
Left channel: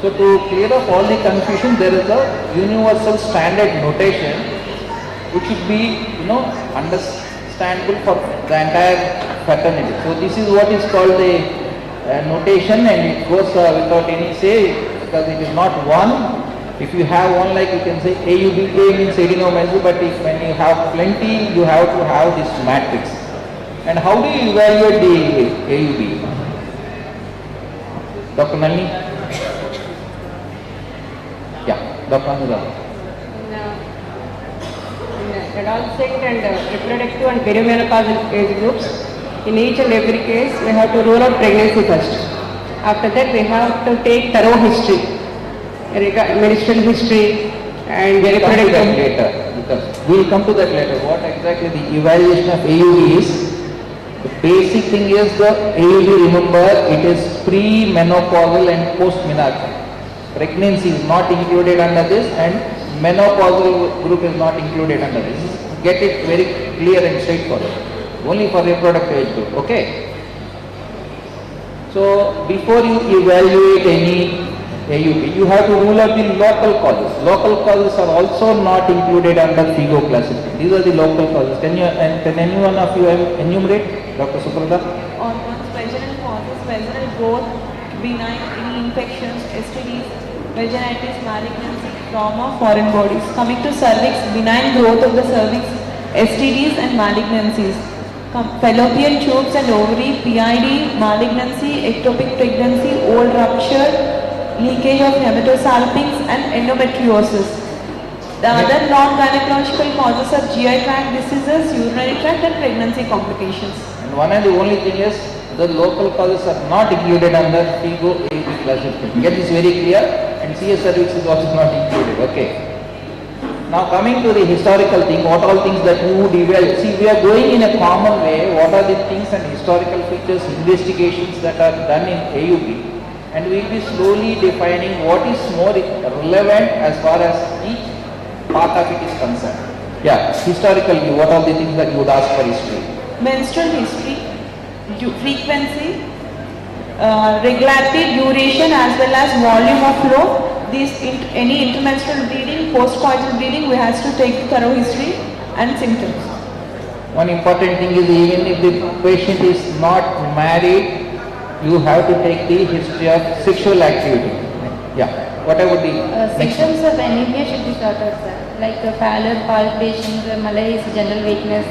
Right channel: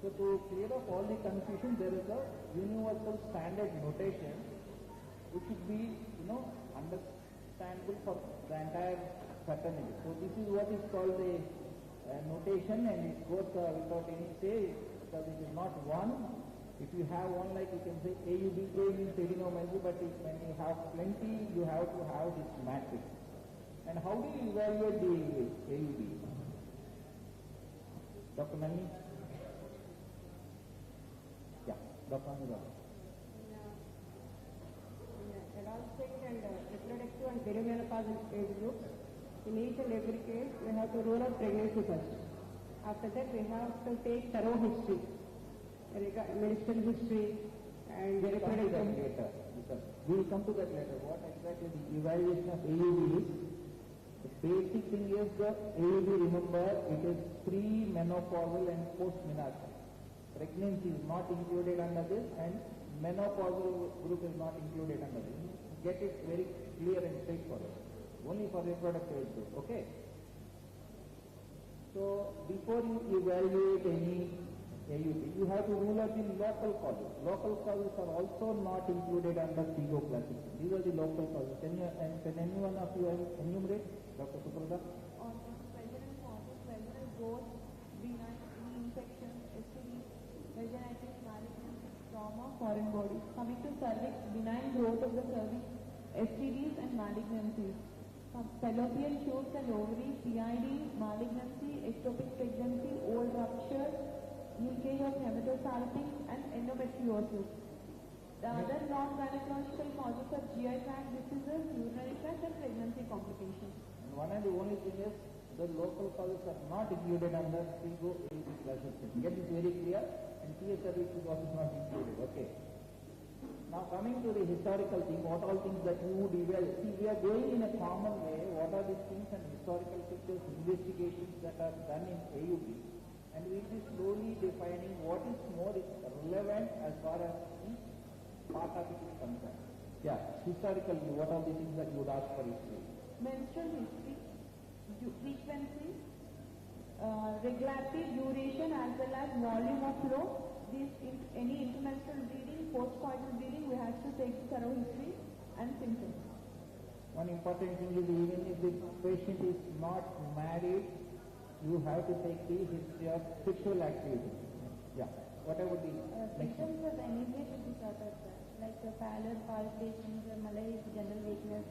So to clear up all the confusion, there is a universal standard notation which should be, understandable for the entire fraternity. So this is what is called the notation, and it goes without any say because it is not one. If you have one, like you can say AUB-A means adenomyosis, but when you have plenty, you have to have this matrix. And how do you evaluate the AUB? Dr. Nalini? Yeah, Dr. Anurag. In adolescent and reproductive and perimenopausal age groups, in each and every case, we have to rule out pregnancy first. After that, we have to take thorough history, menstrual history and reproductive. Later, because we will come to that later. What exactly the evaluation of AUB is? The basic thing is the AUB, remember, it is pre-menopausal and post-menopause. Pregnancy is not included under this and menopausal group is not included under this. Get it very clear and straightforward. Only for reproductive age group, okay? So before you evaluate any AUB, you have to rule out the local causes. Local causes are also not included under FIGO classification. These are the local causes. Can any one of you enumerate, Dr. Suprada? On vaginal causes, vaginal growth, benign any infections, STDs, vaginitis, malignancy, trauma, foreign bodies. Coming to cervix, benign growth of the cervix, STDs and malignancies. Fallopian tubes and ovary, PID, malignancy, ectopic pregnancy, old rupture, leakage of hematosalpinx and endometriosis. The other non-gynecological causes are GI tract diseases, urinary tract and pregnancy complications. And one and the only thing is the local causes are not included under FIGO AUB classification. Get this very clear, and CS cervix is also not included. Okay. Now coming to the historical thing, what all things that you would evaluate. See, we are going in a common way. What are the things and historical features, investigations that are done in AUB, and we will be slowly defining what is more relevant as far as each part of it is concerned. Yeah, historical view, what are the things that you would ask for history? Menstrual history, frequency, regularity, duration as well as volume of flow. Any intermenstrual bleeding, postcoital bleeding, we have to take thorough history and symptoms. One important thing is even if the patient is not married, you have to take the history of sexual activity. Yeah. What about the next one? Symptoms of anemia should be sorted, sir, like pallor, palpitations, malaise, general weakness.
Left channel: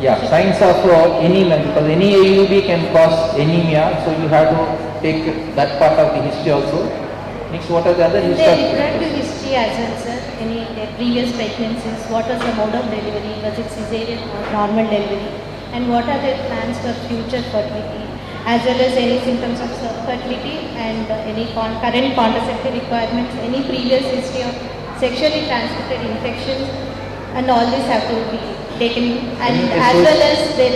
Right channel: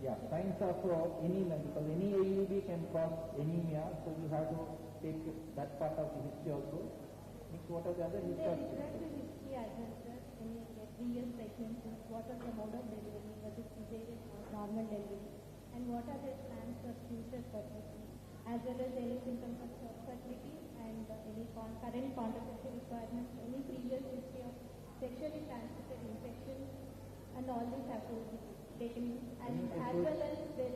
Yeah, signs of anemia, because any AUB can cause anemia, so you have to take that part of the history also. Next, what are the other In the history? reproductive history as well, sir, any previous pregnancies, what was the mode of delivery, was it cesarean or normal delivery, and what are their plans for future fertility, as well as any symptoms of fertility and any current contraceptive requirements, any previous history of sexually transmitted infections, and all this have to be taken, and as well as their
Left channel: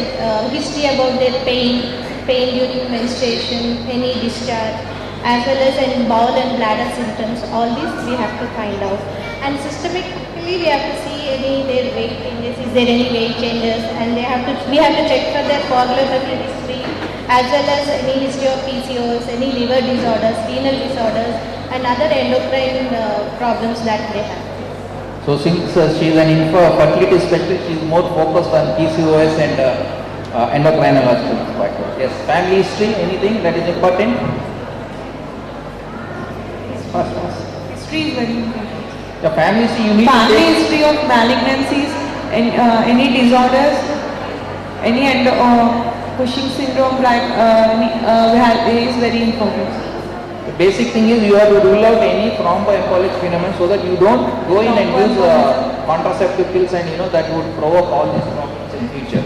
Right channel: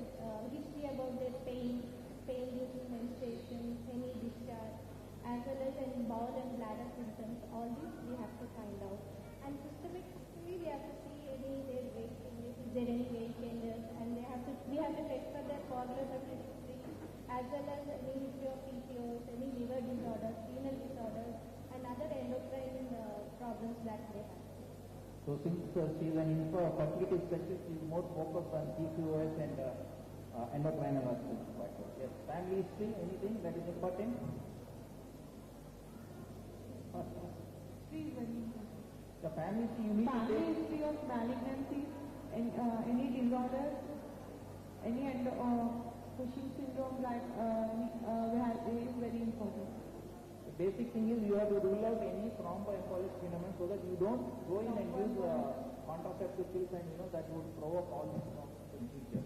history about their pain during menstruation, any discharge, as well as any bowel and bladder symptoms. All these we have to find out, and systemically we have to see any their weight changes, is there any weight changes, and we have to check for their coagulatory history, as well as any history of PCOS, any liver disorders, renal disorders, and other endocrine problems that they have. So since she is an infertility specialist, she is more focused on PCOS and endocrinological factors. Yes, family history, anything that is important? Fast. History is very important. The family history you need Family to take. history of malignancies, any disorders, any Cushing syndrome, like is very important. The basic thing is you have to rule out any thromboembolic phenomenon so that you don't go in and use contraceptive pills, and that would provoke all these problems in future.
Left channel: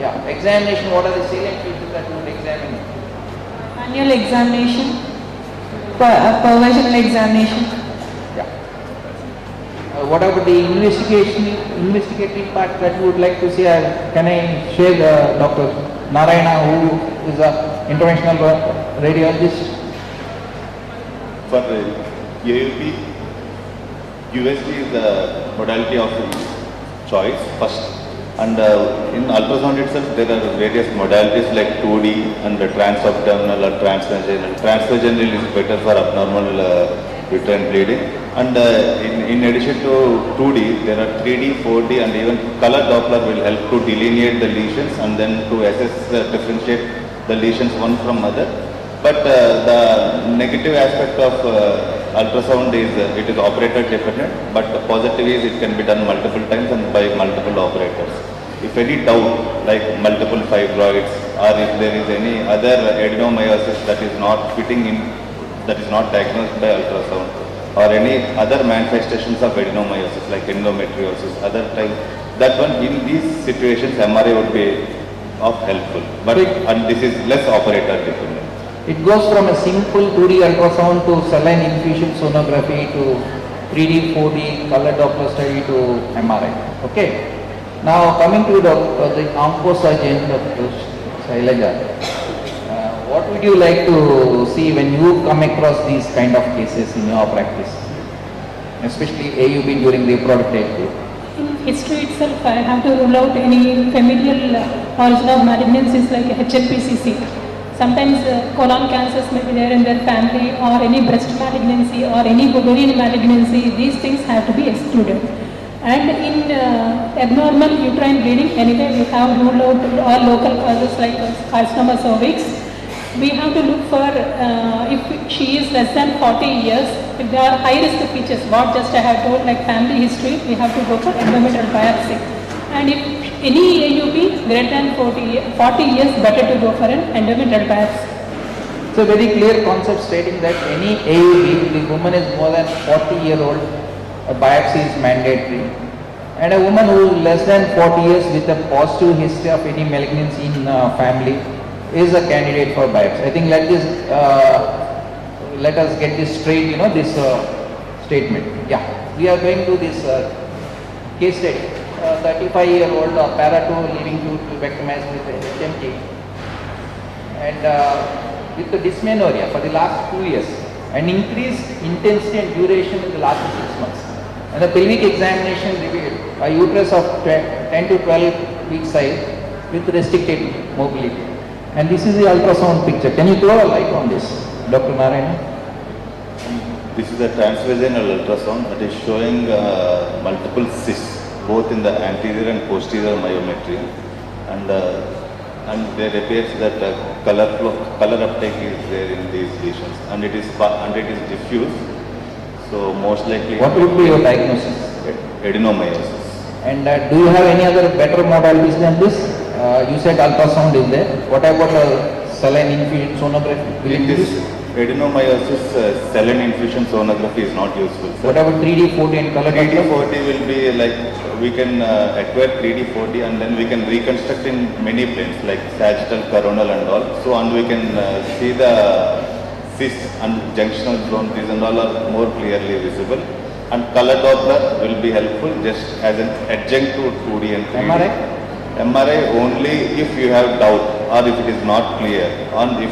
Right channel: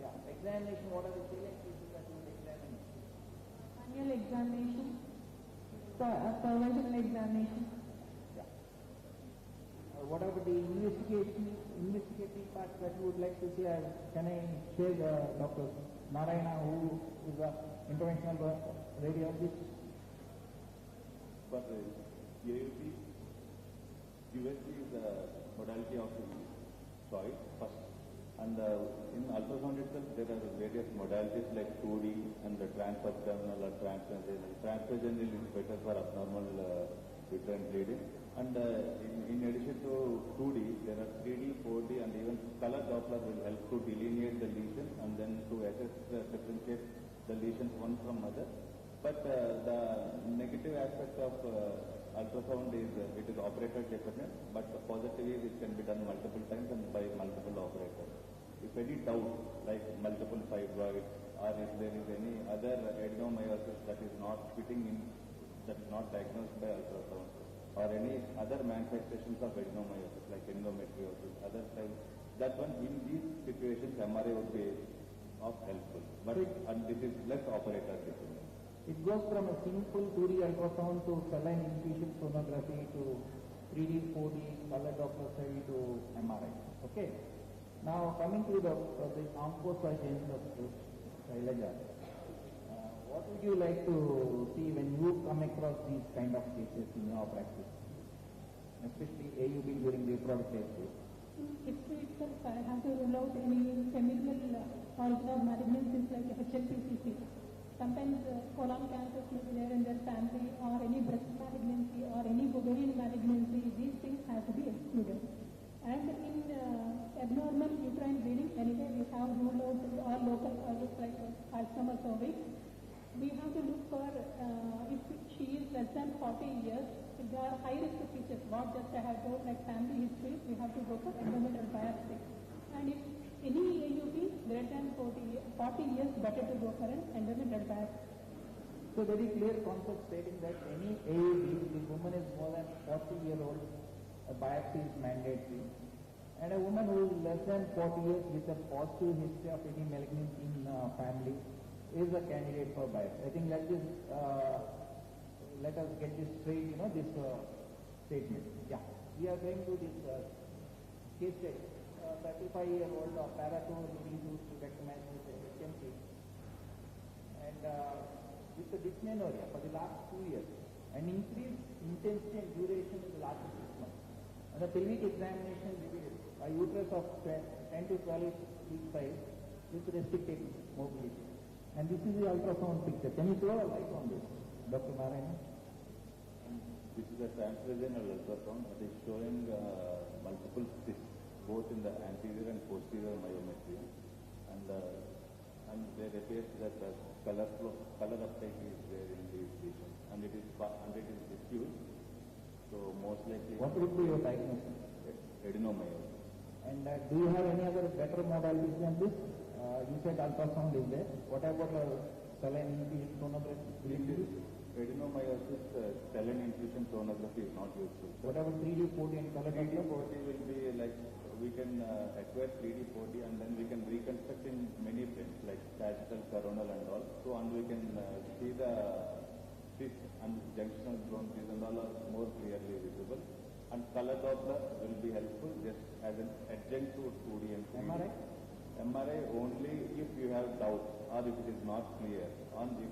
Yeah, examination, what are the salient features that you would examine? Annual examination, pervaginal examination. What about the investigative part that you would like to see? Can I share Dr. Narayana, who is an interventional radiologist? For AUP, USG is the modality of choice first, and in ultrasound itself there are various modalities like 2D and the transabdominal or transvaginal. Transvaginal is better for abnormal uterine bleeding, and in addition to 2D there are 3D, 4D, and even color Doppler will help to delineate the lesions and then to assess, differentiate the lesions one from other. But the negative aspect of ultrasound is it is operator dependent, but the positive is it can be done multiple times and by multiple operators. If any doubt like multiple fibroids, or if there is any other adenomyosis that is not fitting in, that is not diagnosed by ultrasound, or any other manifestations of adenomyosis like endometriosis, other type, that one in these situations MRI would be of helpful, but and this is less operator dependent. It goes from a simple 2D ultrasound to saline infusion sonography to 3D, 4D, color Doppler study to MRI. Okay. Now coming to the oncosurgeon, Dr. Shailaja, what would you like to see when you come across these kind of cases in your practice, especially AUB during reproductive age? In history itself, I have to rule out any familial origin of malignancies like HLPCC. Sometimes colon cancers may be there in their family, or any breast malignancy or any ovarian malignancy. These things have to be excluded. And in abnormal uterine bleeding, anyway we have ruled out all local causes like carcinoma cervix. We have to look for if she is less than 40 years, if there are high risk features, what just I have told like family history, we have to go for endometrial biopsy. And if any AUP greater than 40 years, better to go for an endometrial biopsy. It's a very clear concept stating that any AUB, if the woman is more than 40-year-old, a biopsy is mandatory. And a woman who is less than 40 years with a positive history of any malignancy in family is a candidate for biopsy. I think let us get this straight, this statement. Yeah, we are going to this case study. 35-year-old para-2 leading to pulvectomized with HMT, and with the dysmenorrhea for the last 2 years, and increased intensity and duration in the last 6 months. And the pelvic examination revealed a uterus of 10 to 12 week size with restricted mobility. And this is the ultrasound picture. Can you throw a light on this, Dr. Narayana? This is a transvaginal ultrasound that is showing multiple cysts, both in the anterior and posterior myometrium, and and there appears that color uptake is there in these lesions, and it is diffuse. So most likely. What would be your diagnosis? Adenomyosis. And do you have any other better modalities than this? You said ultrasound is there. What about saline infusion sonography? In this adenomyosis, saline infusion sonography is not useful. Sir. What about 3D, 4D and color? 3D, 4D will be like, we can acquire 3D, 4D and then we can reconstruct in many planes like sagittal, coronal and all. So, and we can see the cysts and junctional zone, these and all are more clearly visible. And color Doppler will be helpful just as an adjunct to 2D and 3D. MRI? MRI only if you have doubt or if it is not clear, and if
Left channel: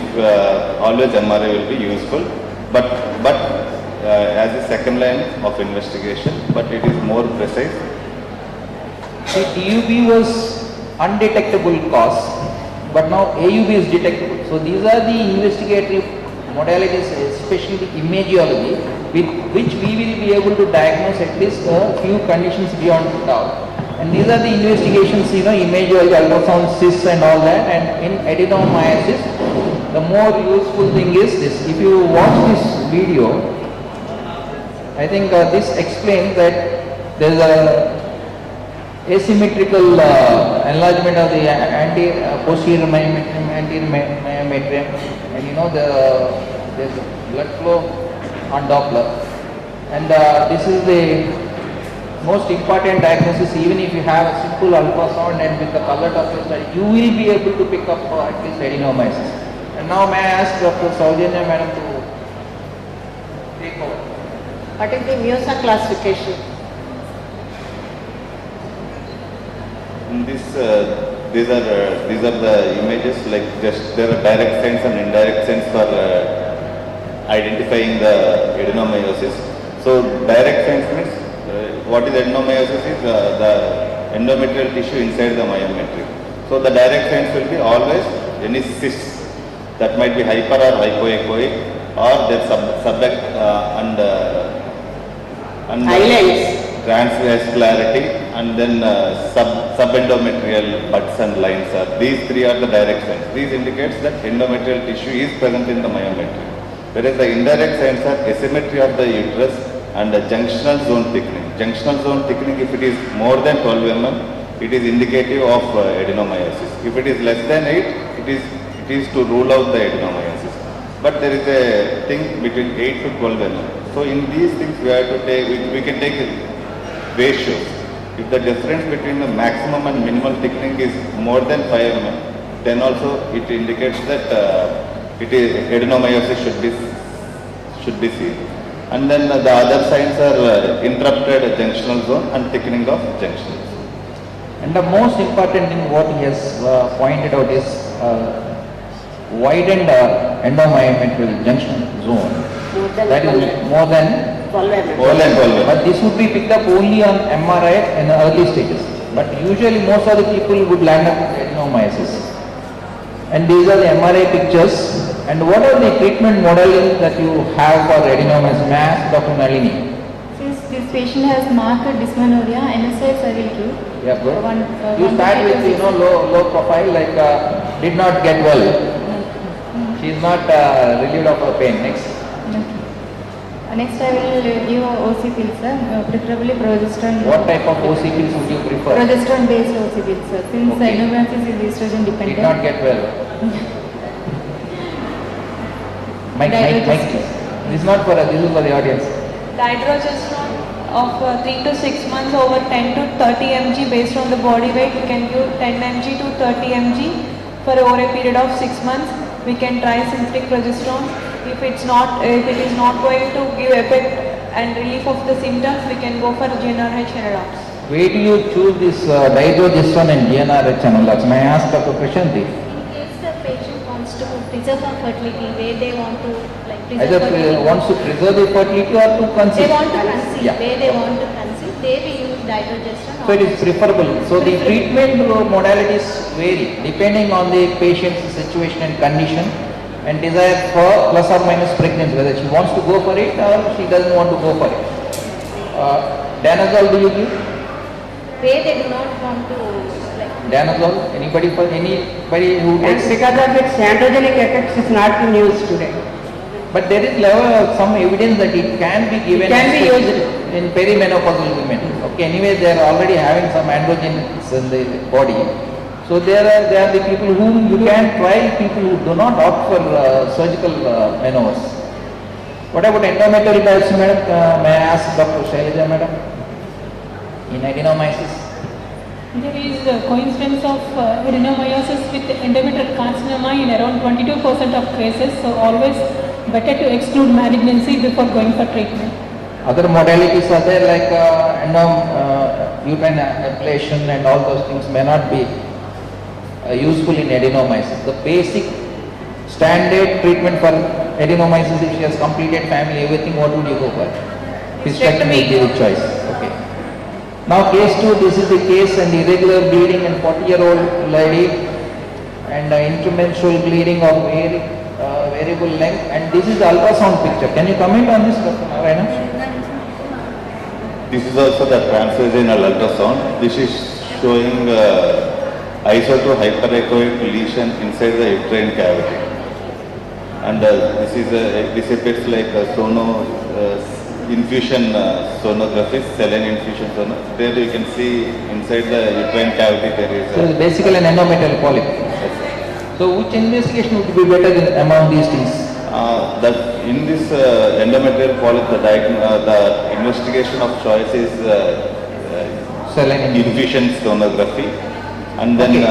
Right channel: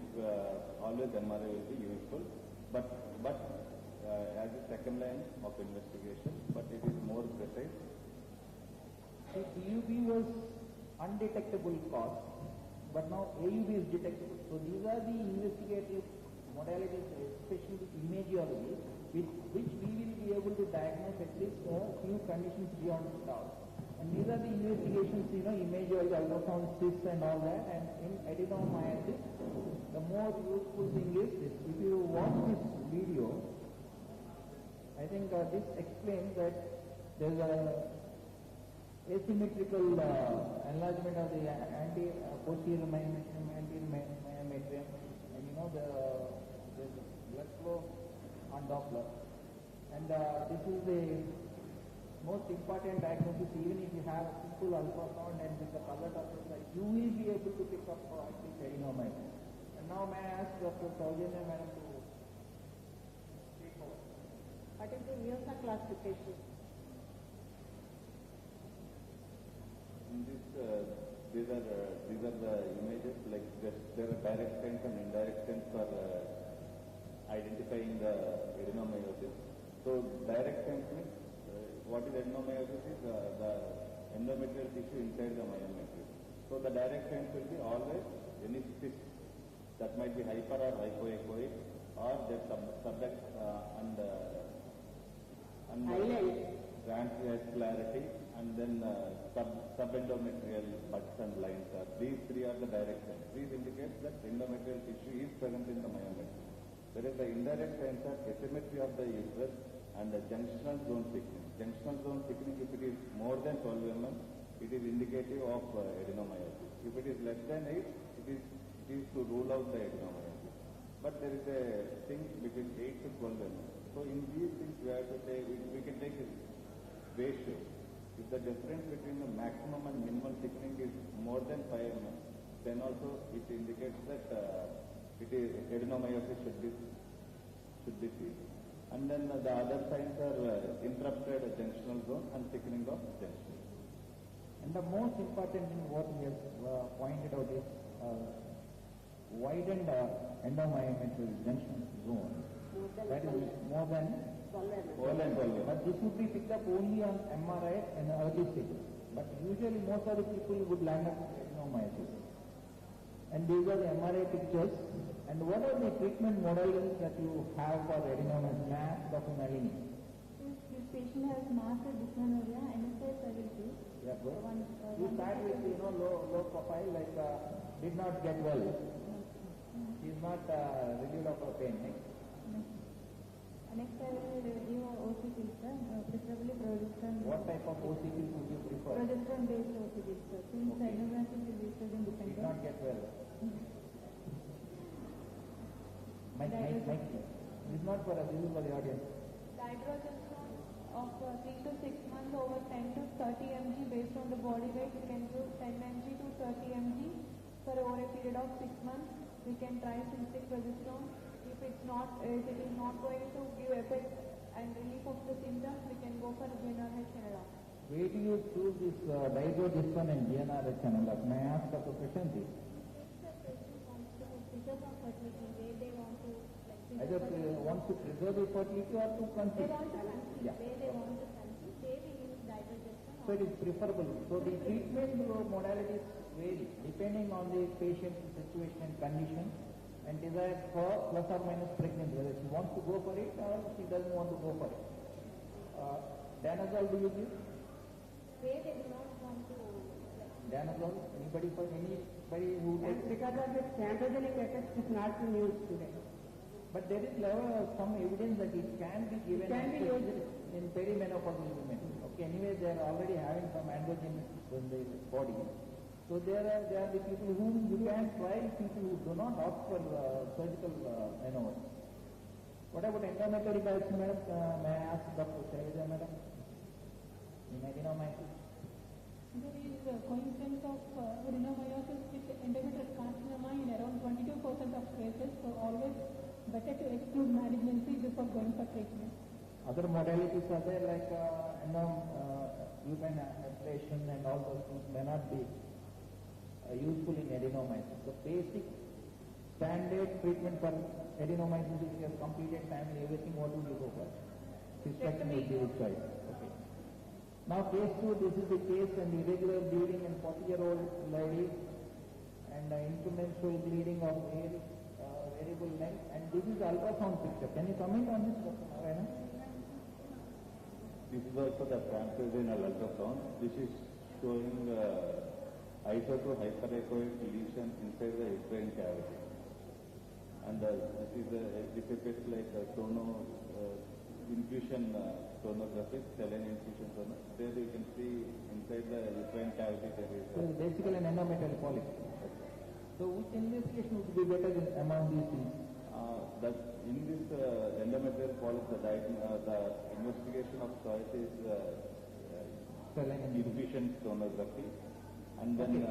always MRI will be useful, but as a second line of investigation, but it is more precise. See, DUB was undetectable cause, but now AUB is detectable. So these are the investigatory modalities, especially the imagiology, with which we will be able to diagnose at least a few conditions beyond doubt. And these are the investigations, imagiology, ultrasound, cysts and all that. And in adenomyosis, the more useful thing is this. If you watch this video, I think this explains that there is a asymmetrical enlargement of the posterior myometrium, anterior myometrium, and there's blood flow on Doppler. And this is the most important diagnosis. Even if you have a simple ultrasound and with the color Doppler study, you will be able to pick up at least adenomyosis. And now may I ask Dr. Saujanya Madam to take over. What is the Miosa classification? In this, these are the images, like just there are direct signs and indirect signs for identifying the adenomyosis. So direct signs means what is adenomyosis is the endometrial tissue inside the myometrium. So the direct signs will be always any cysts that might be hyper or hypoechoic, or their and transvascularity, and then subendometrial buds and lines are. These three are the direct signs. These indicates that endometrial tissue is present in the myometrium. Whereas the indirect signs are asymmetry of the uterus and the junctional zone thickening. Junctional zone thickening, if it is more than 12 mm, it is indicative of adenomyosis. If it is less than 8, it is to rule out the adenomyosis. But there is a thing between 8 to 12 mm. So in these things we have to take, we can take ratios. If the difference between the maximum and minimal thickening is more than 5 mm, then also it indicates that adenomyosis should be seen. And then the other signs are interrupted junctional zone and thickening of junctions. And the most important thing what he has pointed out is widened endomyometrial junction zone. That is more than 12 mm. More than 12 mm. But this would be picked up only on MRI in the early stages. But usually most of the people would land up with adenomyosis. And these are the MRI pictures. And what are the treatment modalities that you have for adenomyosis? May I ask Dr. Nalini? Since this patient has marked dysmenorrhea, NSAIDs I will give. Yeah, good. You start with low profile, like did not get well. She is not relieved of her pain. Next. Next I will give OC pills, sir, preferably progesterone. What type of OC pills would you prefer? Progesterone based OC pills, sir. Since adenomyosis is estrogen dependent. Did not get well. Mike, this is not for us, this is for the audience. Dydrogesterone of 3 to 6 months over 10 to 30 mg based on the body weight. We can give 10 mg to 30 mg for over a period of 6 months. We can try synthetic progesterone. If it is not going to give effect and relief of the symptoms, we can go for GnRH analogs. Where do you choose this dydrogesterone and GnRH analogs? May I ask Dr. Prashanti? The patient wants to preserve her fertility, where they want to preserve Either fertility. wants to preserve the fertility or to conceive. They want to conceive, Yeah. where they want to conceive, they will use dydrogesterone. So it is preferable. So the treatment modalities vary depending on the patient's situation and condition and desire for plus or minus pregnancy, whether she wants to go for it or she doesn't want to go for it. Danazol do you give? Where they do not want to Danazol, anybody who And takes? because of its androgenic effects, it's not in use today. But there is level of some evidence that it can be given. It can be used in perimenopausal women. Okay, anyway, they are already having some androgens in the body. So there are the people whom you can try, people who do not opt for surgical menopause. What about endometrial biopsy, madam? May I ask Dr. Shailaja, madam? In adenomyosis? There is a coincidence of adenomyosis with endometrial carcinoma in around 22% of cases, so always better to exclude malignancy before going for treatment. Other modalities are there like uterine ablation and all those things may not be useful in adenomyosis. The basic standard treatment for adenomyosis, if she has completed family, everything, what would you go for? Hysterectomy will be the choice. Okay. Now case 2, this is the case and irregular bleeding in 40-year-old lady and intermenstrual bleeding of variable length, and this is the ultrasound picture. Can you comment on this, Dr. Narayana? This is also the transvaginal ultrasound. This is showing ISO to hyperechoic lesion inside the uterine cavity. And this appears like infusion sonography, saline infusion sonography. There you can see inside the uterine cavity there is. So it's basically an endometrial polyp. So which investigation would be better among these things? That in this endometrial polyp, the investigation of choice is saline infusion sonography, and then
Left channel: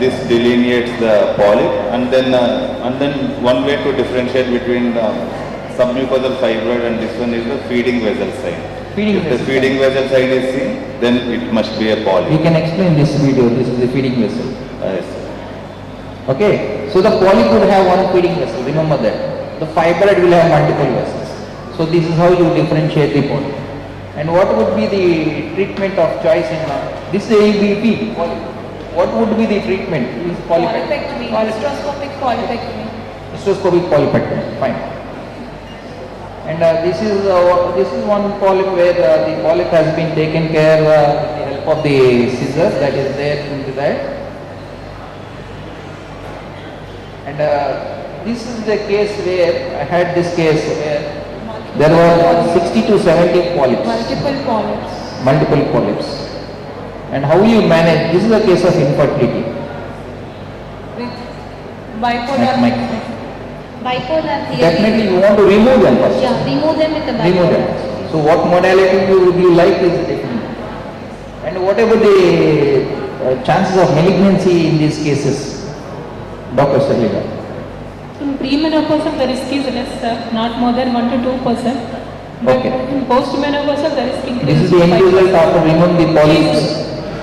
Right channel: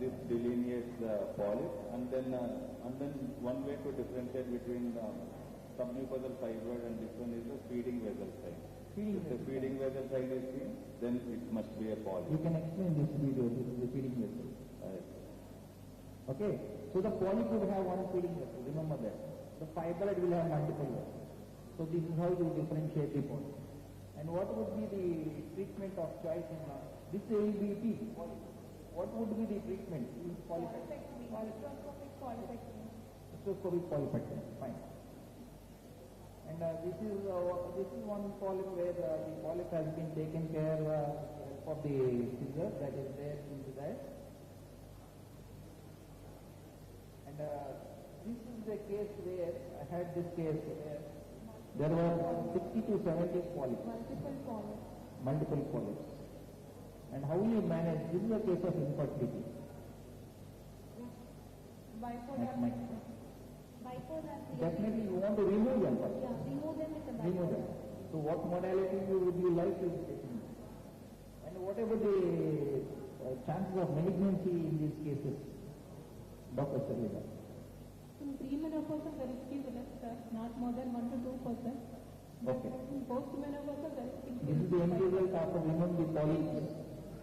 this delineates the polyp, and then one way to differentiate between submucosal fibroid and this one is the feeding vessel sign. If the feeding vessel sign is seen, then it must be a polyp. You can explain this video. This is the feeding vessel. Yes. Okay. So the polyp would have one feeding vessel. Remember that. The fibroid will have multiple vessels. So this is how you differentiate the polyp. And what would be the treatment of choice in this is ABP polyp. What would be the treatment? Is Polypectomy, hysteroscopic polypectomy. Hysteroscopic polypectomy. Fine. And this is one polyp where the polyp has been taken care with the help of the scissors that is there in the diet. And this is the case where I had this case where there were 60 to 70 polyps. Multiple polyps. Multiple polyps. And how will you manage? This is a case of infertility. With bipolar. Bipolar theory. Definitely you want to remove them first. Yeah, remove them with the bipolar. Remove them. So what modality would you like is different. And what about the chances of malignancy in these cases? Dr. Salida. In premenopausal, the risk is less, sir, not more than 1 to 2%. But in postmenopausal, the risk increases. This is the end result after removing the polyps.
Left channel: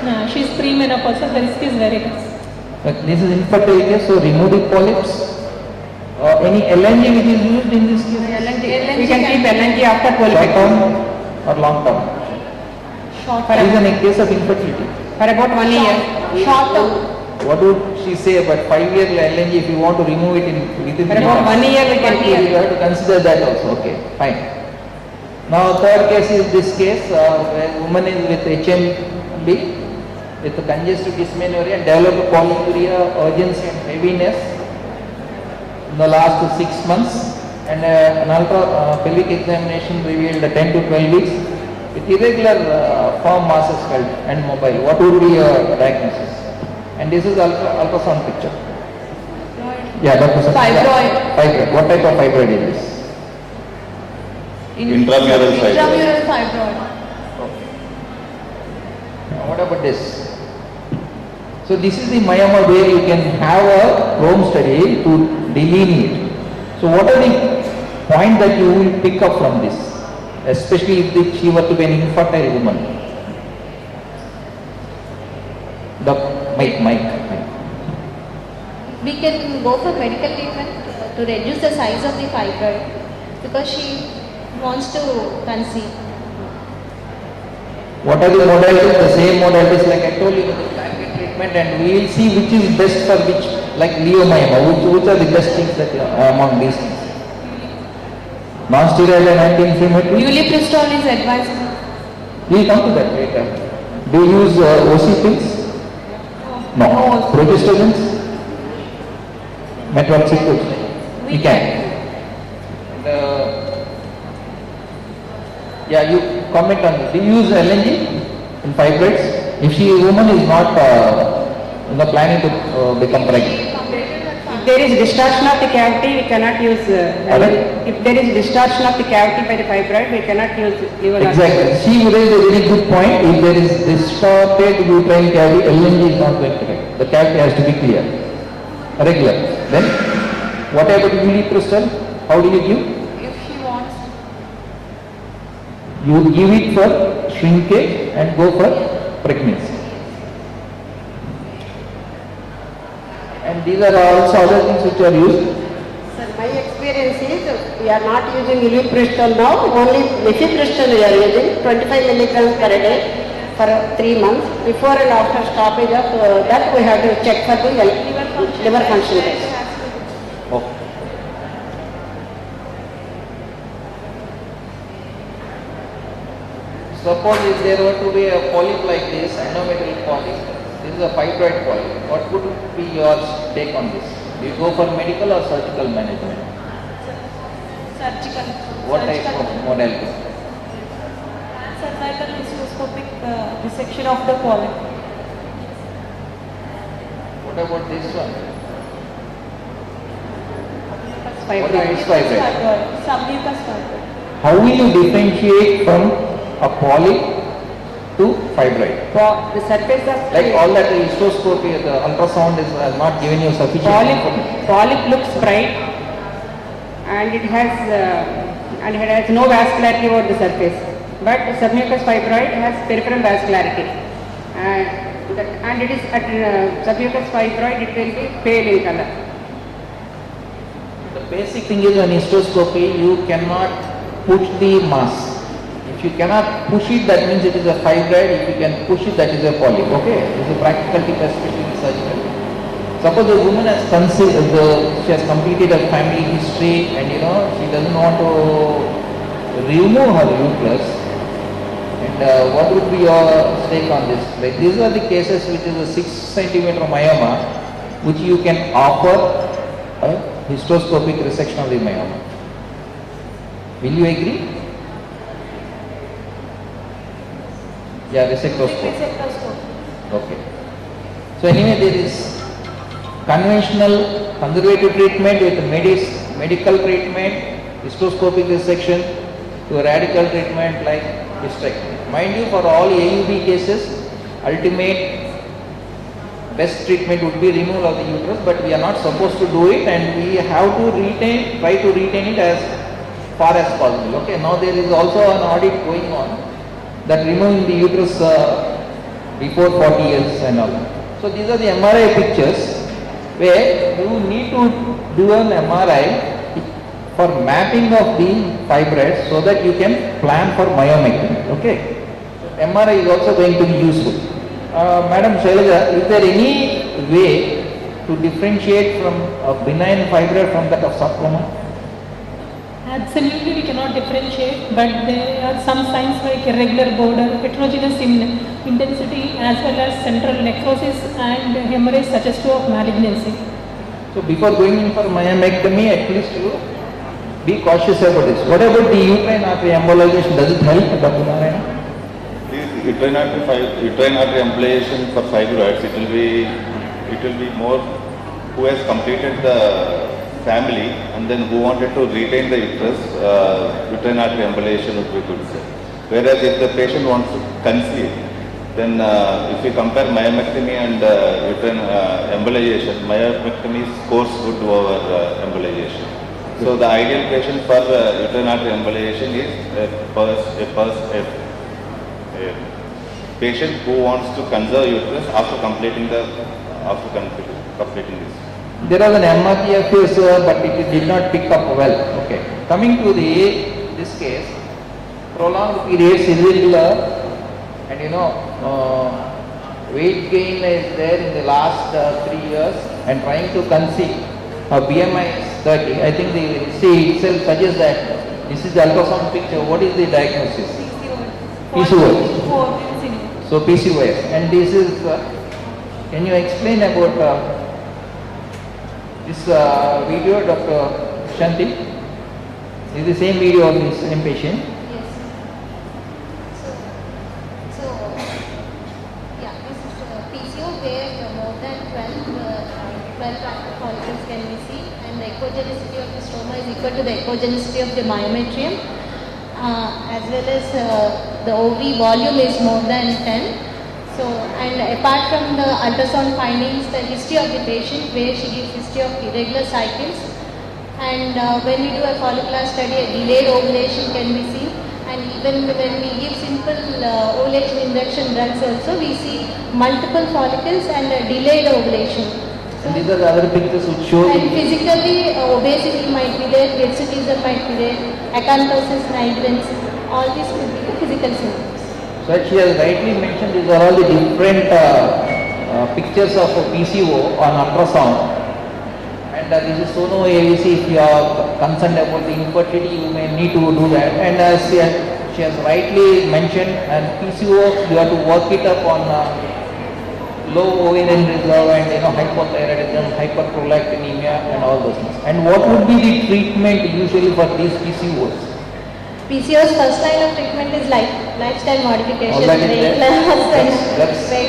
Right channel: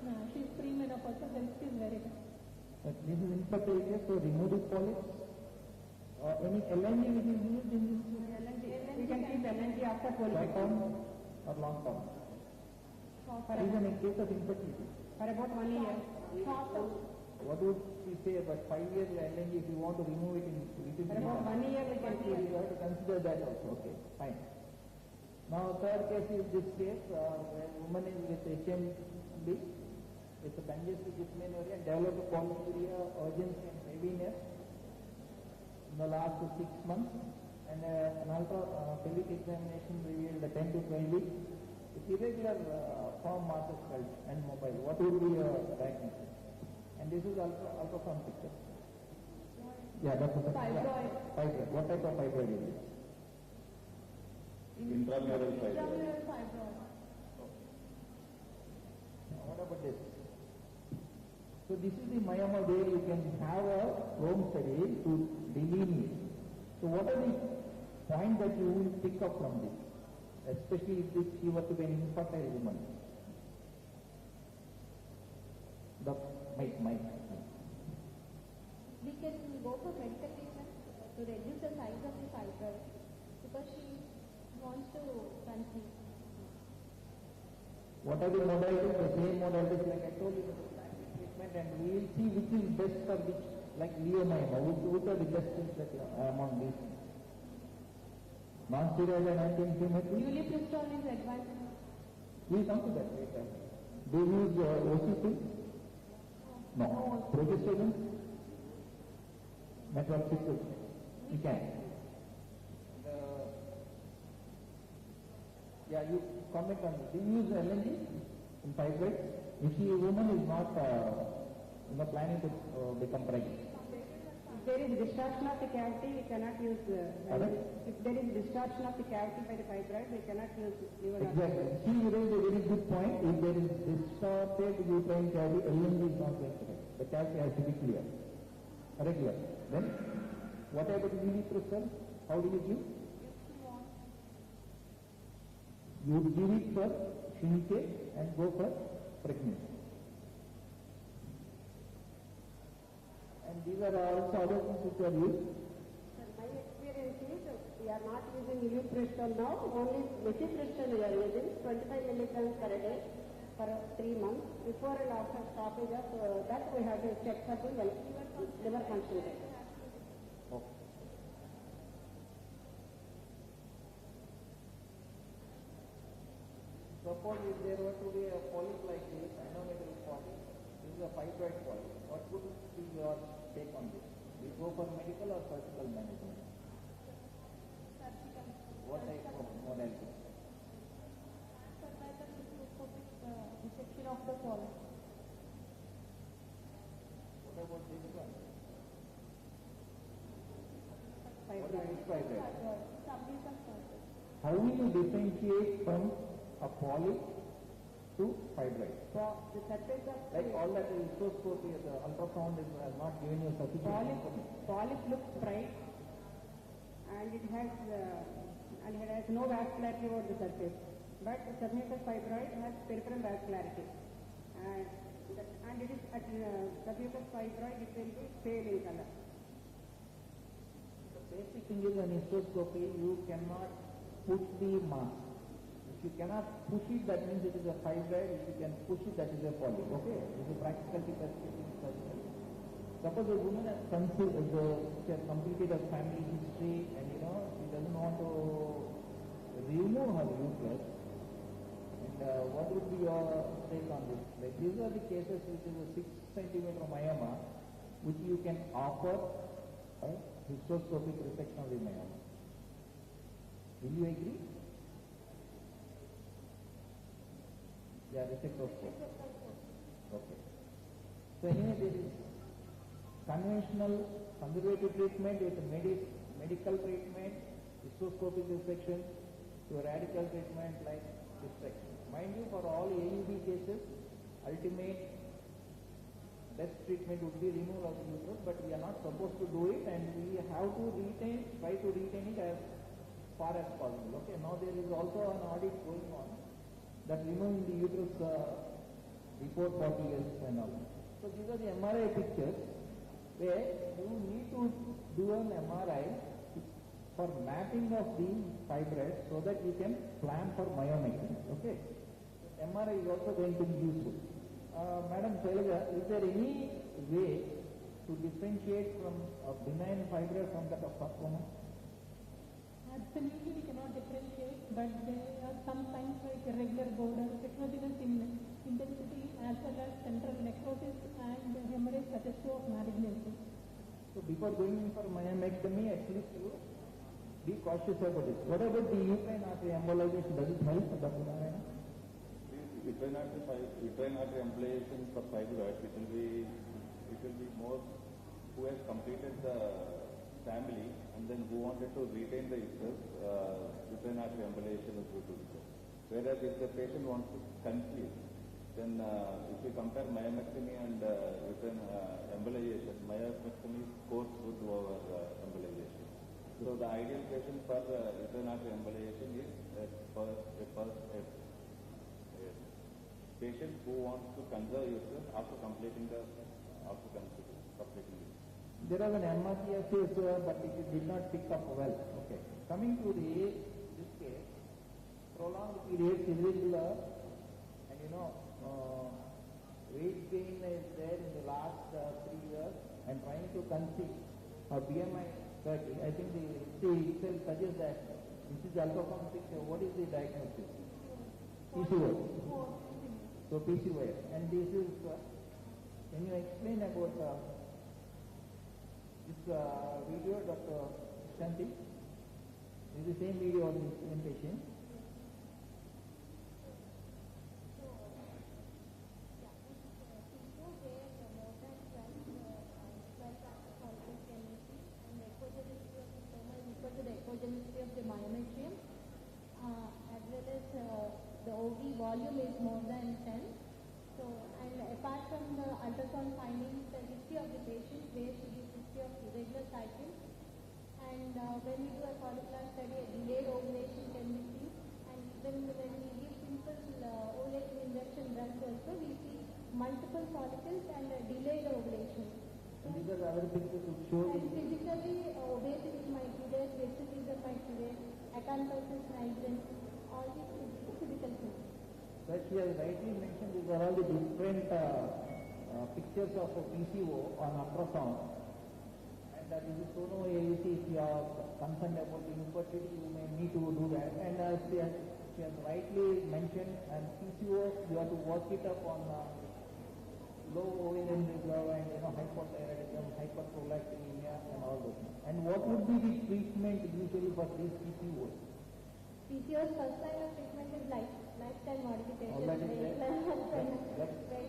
No, she is premenopausal, the risk is very less. But this is infertility, so remove the polyps. Any LNG which is used in this case? LNG. We can keep LNG after Short term or long term? Short term. This is a case of infertility. For about 1 year. Short term. What would she say about 5-year LNG if you want to remove it within For about 1 year we can keep. You have to consider that also. Okay, fine. Now third case is this case where woman is with HMB with congestive dysmenorrhea and developed polyuria, urgency and heaviness in the last 6 months, and an ultra pelvic examination revealed 10 to 12 weeks with irregular firm masses felt and mobile. What would be your diagnosis? And this is ultrasound picture. Yeah, Dr. Fibroid. Fibroid. What type of fibroid is this? Intramural fibroid. Intramural fibroid. Now what about this? So this is the myoma where you can have a home study to delineate. So what are the points that you will pick up from this? Especially if she were to be an infertile woman. Mike. We can go for medical treatment to reduce the size of the fibroid because she wants to conceive. What are the modalities? The same modalities like I told you with the primary treatment, and we will see which is best for which, like leiomyoma, which are the best things that among these things. Non-steroidal and anti-inflammatory? Ulipristal is advisable. We will come to that later. Do you use OC pills? No. Progestations? Metroxycyl? We can. Yeah, you comment on it. Do you use LNG in fibroids? If a woman is not planning to become pregnant. If there is distortion of the cavity, we cannot use if there is distortion of the cavity by the fibroid, we cannot use liver. Exactly. She raised a very good point. If there is distorted uterine cavity, LNG is not going to help. The cavity has to be clear, regular. Then, what about uniprostal? How do you give? If she wants. You give it for shrinkage and go for pregnancy. And these are also other things which are used. Sir, my experience is we are not using uniprostal now, only mifepristol we are using 25 milligrams per day for 3 months. Before and after stoppage of that we have to check for the liver function test. Okay. Suppose if there were to be a polyp like this, endometrial polyp, this is a fibroid polyp, what would be your take on this? Do you go for medical or surgical management? Surgical. What type of modality? Cervical hysteroscopic dissection of the polyp. What about this one? What is fibroid? Submucous fibroid. How will you differentiate from a polyp to fibroid? The surface of like all that hysteroscopy, the ultrasound has not given you sufficient information. Polyp looks bright and it has no vascularity over the surface. But submucous fibroid has peripheral vascularity, and it is at submucous fibroid it will be pale in color. The basic thing is on hysteroscopy you cannot push the mass. If you cannot push it, that means it is a fibroid. If you can push it, that is a polyp. Okay, this is a practical tip, especially in surgery. Suppose the woman has she has completed a family history, and she doesn't want to remove her uterus. And what would be your take on this? Like these are the cases which is a 6 centimeter myoma, which you can offer a hysteroscopic resection of the myoma. Will you agree? Yeah, resectoscope. Okay. So anyway, there is conventional conservative treatment with medical treatment, hysteroscopic resection, to radical treatment like hysterectomy. Mind you, for all AUB cases, ultimate best treatment would be removal of the uterus, but we are not supposed to do it, and we have to try to retain it as far as possible. Okay. Now there is also an audit going on that removing the uterus before 40 years and all. So these are the MRI pictures where you need to do an MRI for mapping of the fibroids so that you can plan for myomectomy. Okay. MRI is also going to be useful. Madam Shailaja, is there any way to differentiate from a benign fibroid from that of sarcoma? Absolutely, we cannot differentiate, but there are some signs like irregular border, heterogeneous in intensity, as well as central necrosis and hemorrhage suggestive of malignancy. So before going in for myomectomy, at least you be cautious about this. What about the uterine artery embolization? Does it help, Dr. Narayana? Uterine artery embolization for fibroids, it will be more who has completed the family and then who wanted to retain the uterus, uterine artery embolization would be good. Whereas if the patient wants to conceive, then if we compare myomectomy and uterine embolization, myomectomy scores good over embolization. So the ideal patient for uterine artery embolization is a patient who wants to conserve uterus after completing this. There was an MRT case, but it did not pick up well. Okay. Coming to this case, prolonged periods, irregular, and weight gain is there in the last 3 years, and trying to conceive. BMI is 30. I think the C itself suggests that this is the ultrasound picture. What is the diagnosis? PCOS. So PCOS, and this is Can you explain about this video, Dr. Shanti? Is the same video of the same patient? PCO where more than 12 active follicles can be seen, and the echogenicity of the stroma is equal to the echogenicity of the myometrium, as well as the ovary volume is more than 10. So, and apart from the ultrasound findings, the history of the patient where she gives history of irregular cycles, and when we do a follicular study, a delayed ovulation can be seen. And even when we give simple ovulation induction drugs also, we see multiple follicles and a delayed ovulation. And these are the other pictures which show. And physically, obesity might be there, hirsutism might be there, acanthosis nigrans, all these could be the physical symptoms. So she has rightly mentioned these are all the different pictures of PCO on ultrasound. And this is Sono AVC. If you are concerned about the infertility, you may need to do that. And as she has rightly mentioned, and PCO, you have to work it up on low ovarian reserve and hypothyroidism, hyperprolactinemia, and all those things. And what would be the treatment usually for these PCOs? PCOS first line of treatment is lifestyle modification, weight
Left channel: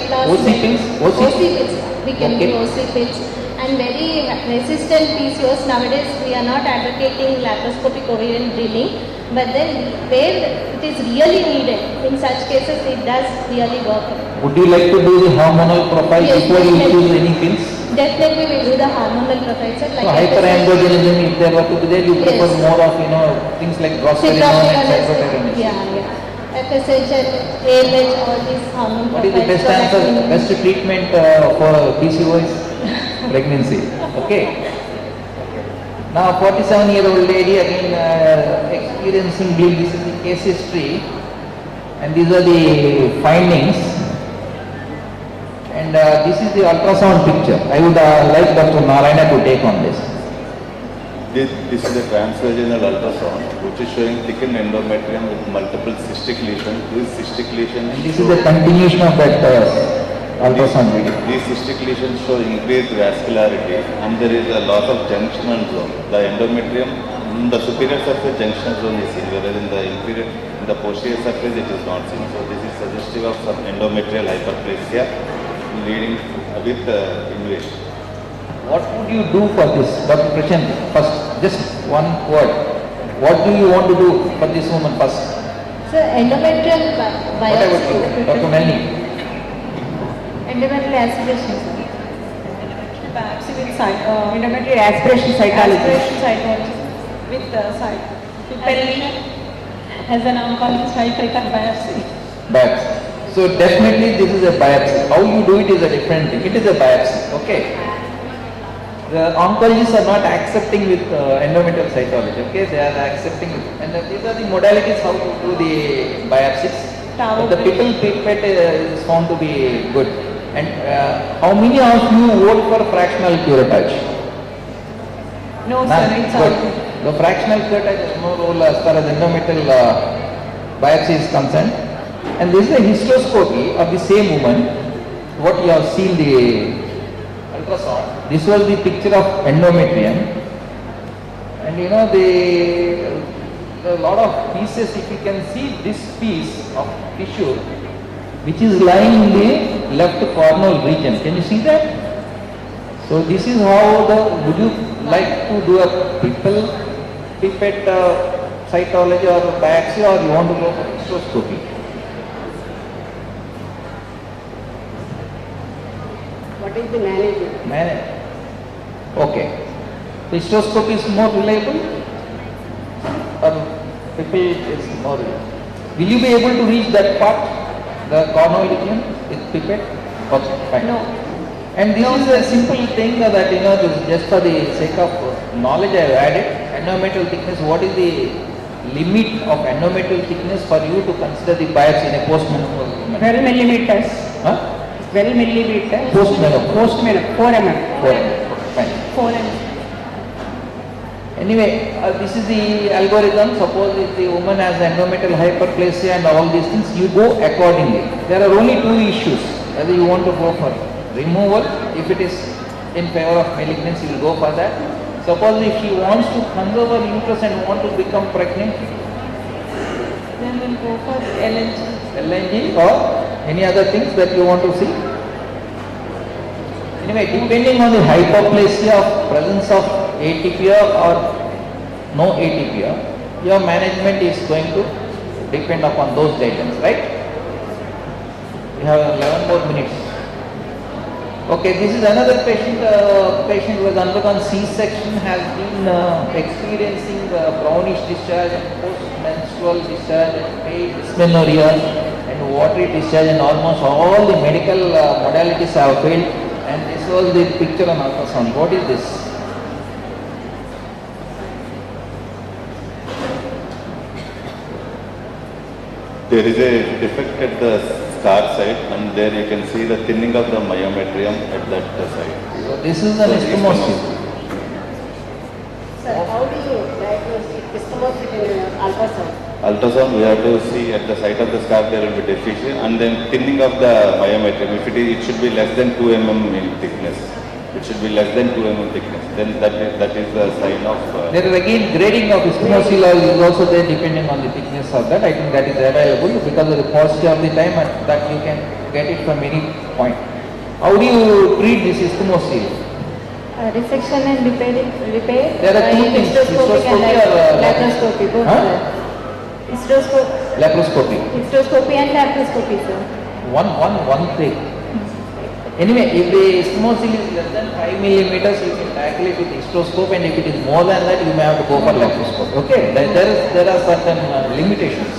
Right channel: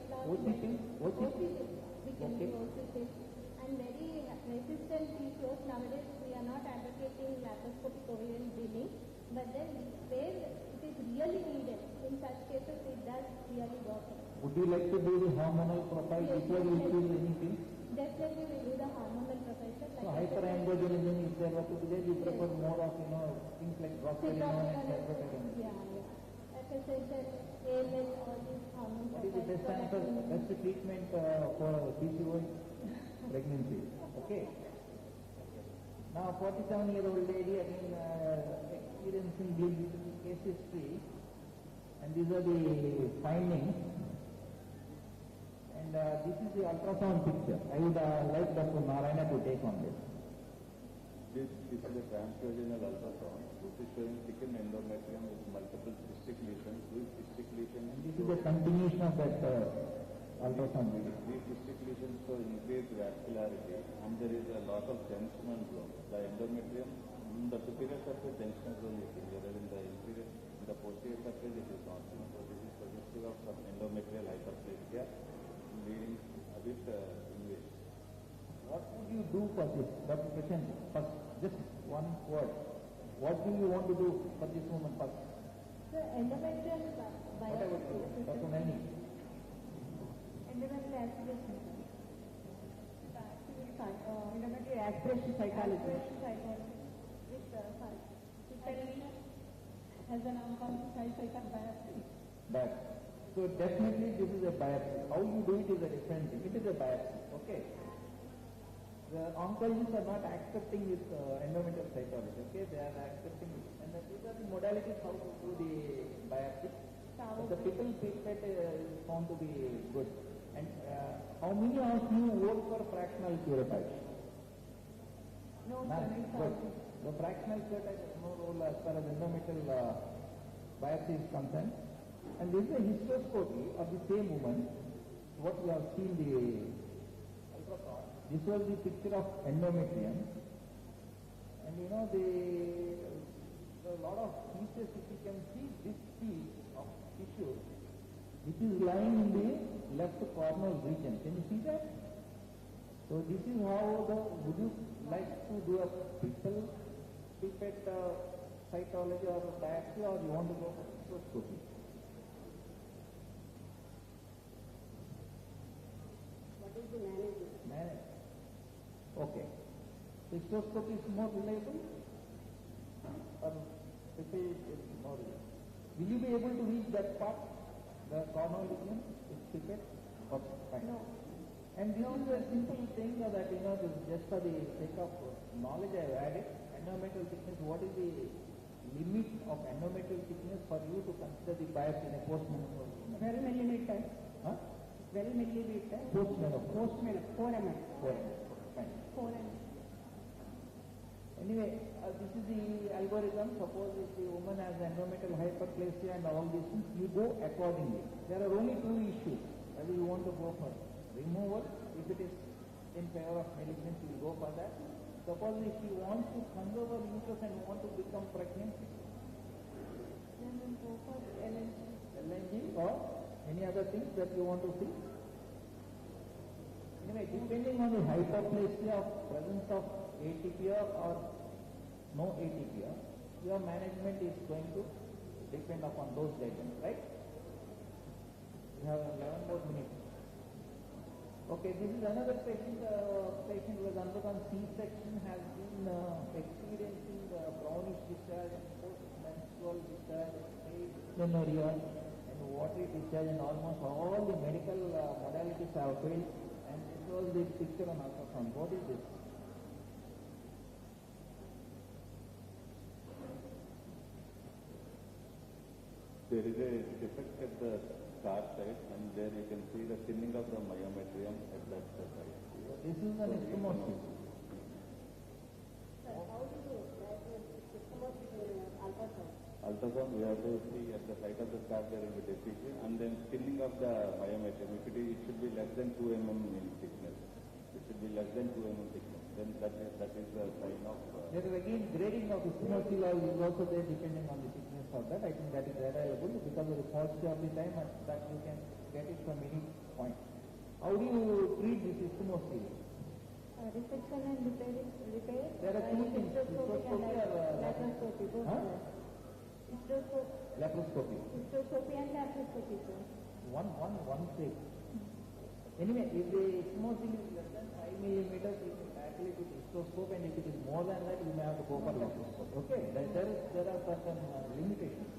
loss, OC pills? OC pills. We can do OC pills. And very resistant PCOS, nowadays we are not advocating laparoscopic ovarian drilling, but then where it is really needed, in such cases it does really work. Would you like to do the hormonal profile before you choose any pills? Definitely we will do the hormonal profile. So hyperandrogenism, if there were to be there, you prefer more of things like progesterone and cyclothyroid. Yeah. FSH and ALH, all these hormone profiles. What is the best answer, best treatment for PCOS? Pregnancy. Okay. Now 47-year-old lady again experiencing bleed. This is the case history and these are the findings. And this is the ultrasound picture. I would like Dr. Narayana to take on this. This is a transvaginal ultrasound which is showing thickened endometrium with multiple cystic lesions. This cystic lesion. And this is a continuation of that ultrasound video. These cystic lesions show increased vascularity and there is a loss of junctional zone. The endometrium in the superior surface junctional zone is seen, whereas in the posterior surface it is not seen. So this is suggestive of some endometrial hyperplasia leading with invasion. What would you do for this, Dr. Krishan? First, just one word. What do you want to do for this woman first? So endometrial biopsy. What about you, Dr. Melanie? Endometrial aspiration. Endometrial biopsy with endometrial aspiration cytology. With Pelvic. As an oncologist, I prefer biopsy. Biopsy. So definitely this is a biopsy. How you do it is a different thing. It is a biopsy. Okay. The oncologists are not accepting with endometrial cytology. Okay, they are accepting it. And these are the modalities how to do the biopsies. The pickle pipette is found to be good. And how many of you vote for fractional curettage? No, sir, it's good. The fractional curettage has no role as far as endometrial biopsy is concerned. And this is a hysteroscopy of the same woman. What you have seen the ultrasound. This was the picture of endometrium. And a lot of pieces, if you can see this piece of tissue, which is lying in the left cornal region. Can you see that? So this is how would you like to do a pipette cytology or biopsy, or you want to go for hysteroscopy? What is the management? Okay. Hysteroscopy is more reliable or pipette is more reliable? Will you be able to reach that part, the cornal region with pipette? Okay, fine. No. And this is a simple thing that this is just for the sake of knowledge I have added. Endometrial thickness, what is the limit of endometrial thickness for you to consider the biopsy in a post-menopausal woman? 12 millimeters. Huh? 12 millimeters. Post-menopausal. Post-menopausal. 4 mm. 4 mm. Fine. 4 mm. Anyway, this is the algorithm. Suppose if the woman has endometrial hyperplasia and all these things, you go accordingly. There are only two issues whether you want to go for removal. If it is in favor of malignancy, you will go for that. Suppose if she wants to conserve her uterus and want to become pregnant, Then we'll go for LNG or any other things that you want to see. Anyway, depending on the hypoplasia of presence of atypia or no atypia, your management is going to depend upon those guidelines, right? We have 11 more minutes. Okay, this is another patient. Patient who has undergone C-section, has been experiencing brownish discharge and post-menstrual discharge and pale dysmenorrhea and watery discharge, and almost all the medical modalities have failed. And this was the picture on ultrasound. What is this? There is a defect at the scar side, and there you can see the thinning of the myometrium at that side. So this is an ischemosity. Sir, how do you diagnose ischemosity in ultrasound? Ultrasound, we have to see at the site of the scar there will be deficiency, and then thinning of the myometrium. If it should be less than 2 mm in thickness. It should be less than 2 mm thickness. Then that is the sign of. There is again grading of ischemosity is also there depending on the thickness of that. I think that is available because of the paucity of the time, and that you can get it from any point. How do you treat this ischemosity? Resection and repair. There are two things, hysteroscopy or laparoscopy. Both laparoscopy. Hysteroscopy and laparoscopy, sir. One thing. Anyway, if the ischemosity is less than 5 millimeters, you can tackle it with hysteroscope, and if it is more than that, you may have to go for laparoscopy. Okay, there are certain limitations.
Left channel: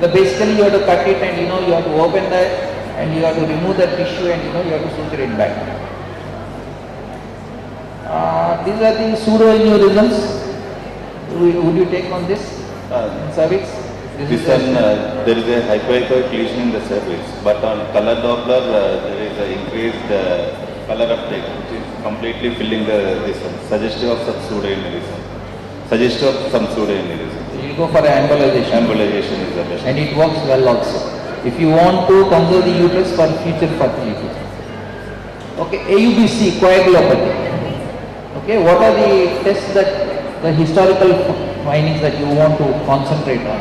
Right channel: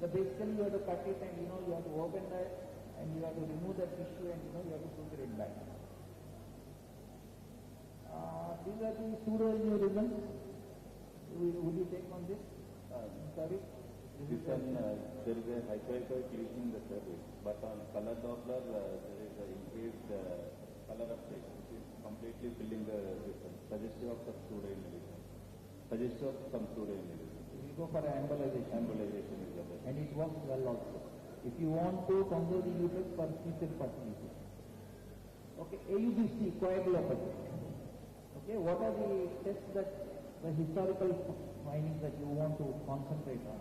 Basically, you have to cut it, and you have to open that, and you have to remove the tissue, and you have to suture it back. These are the pseudoaneurysms. Would you take on this cervix? This one, there is a hypoechoic lesion in the cervix, but on color Doppler there is an increased color uptake, which is completely filling this one, suggestive of some pseudoaneurysm. You will go for embolization. Embolization is the best. And it works well also. If you want to conserve the uterus for future fertility. Okay, AUBC, coagulopathy. Okay, what are the tests the historical findings that you want to concentrate on?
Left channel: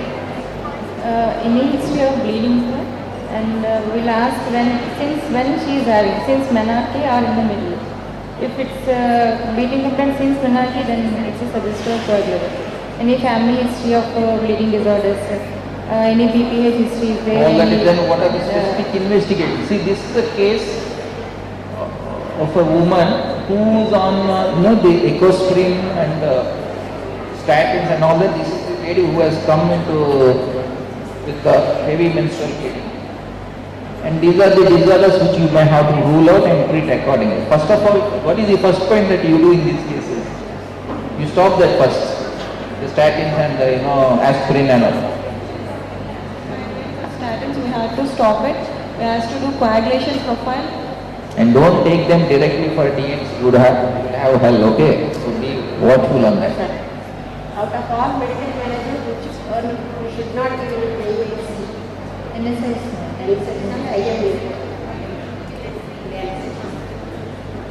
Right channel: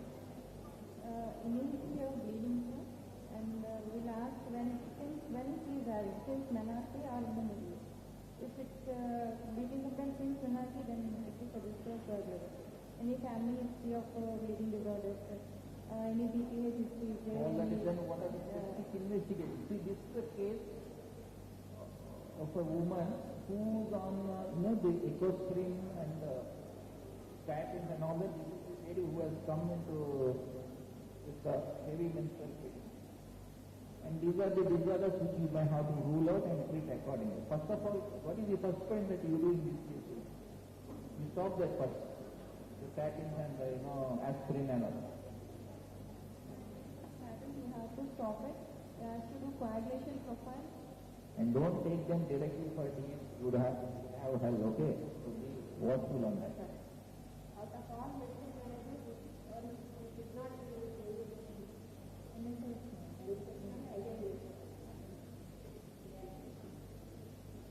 Any history of bleeding, sir, and we'll ask since when she is having, since menarche or in the middle. If it's bleeding complaint since menarche, then it's a suggestive of coagulopathy. Any family history of bleeding disorders, any BPH history is there. All that is then what are the specific investigations? See, this is a case of a woman who is on the ecosprin and statins and all that. This is the lady who has come with the heavy menstrual bleeding. And these are the disorders which you may have to rule out and treat accordingly. First of all, what is the first point that you do in these cases? You stop that first, the statins and the aspirin and all. statins, we have to stop it. We have to do coagulation profile. And don't take them directly for DNC. You would have hell, okay? So be watchful on that. Out of all medical management, which we should not give any NSS and IMA.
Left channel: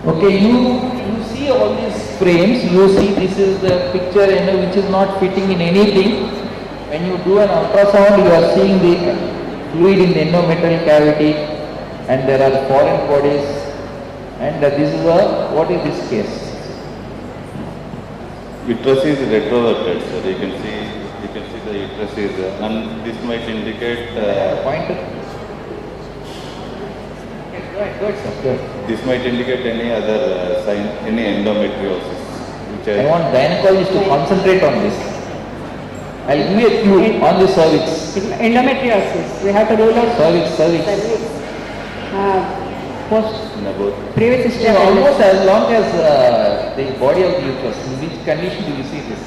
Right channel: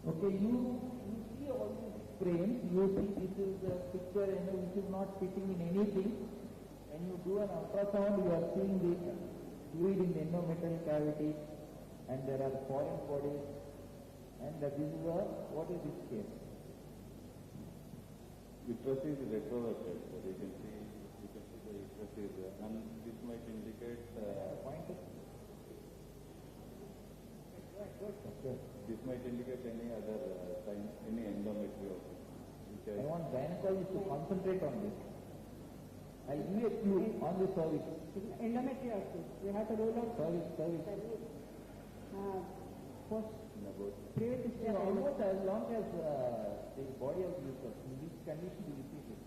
Okay, you see all these frames, you see this is the picture which is not fitting in anything. When you do an ultrasound, you are seeing the fluid in the endometrial cavity, and there are foreign bodies, and this is what is this case? Uterus is retroverted, sir. You can see the uterus is, and this might indicate. Pointer. Go ahead, sir. This might indicate any other sign, any endometriosis. I want gynecologists to concentrate on this. I'll give you a clue on the cervix. Endometriosis. We have to rule out cervix. Previous history. Almost as long as the body of the uterus. In which condition do you see this?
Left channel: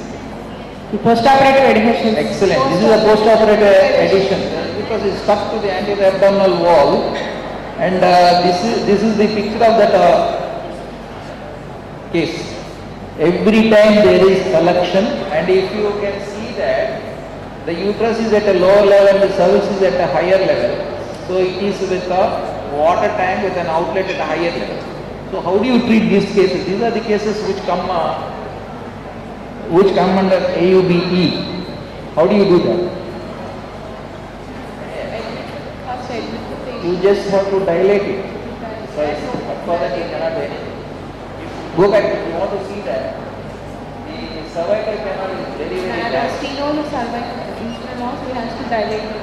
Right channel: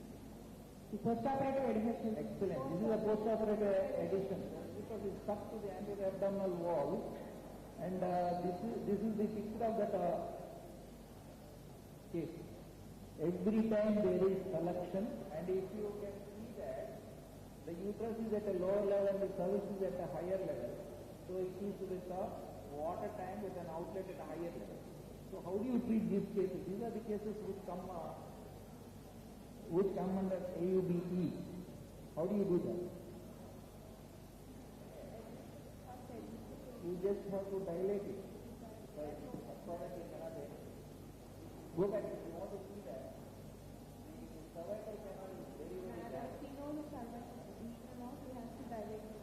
Postoperative adhesion. Excellent. This is a postoperative adhesion. Because it's stuck to the anterior abdominal wall, and this is the picture of that case. Every time there is collection, and if you can see that the uterus is at a lower level and the cervix is at a higher level, so it is with a water tank with an outlet at a higher level. So how do you treat these cases? These are the cases which come under AUBE. How do you do that? You just have to dilate it. For that you cannot do anything. Go back if you want to see that. The cervical canal is very, very bad. Steno cervical internal loss, we have to dilate it.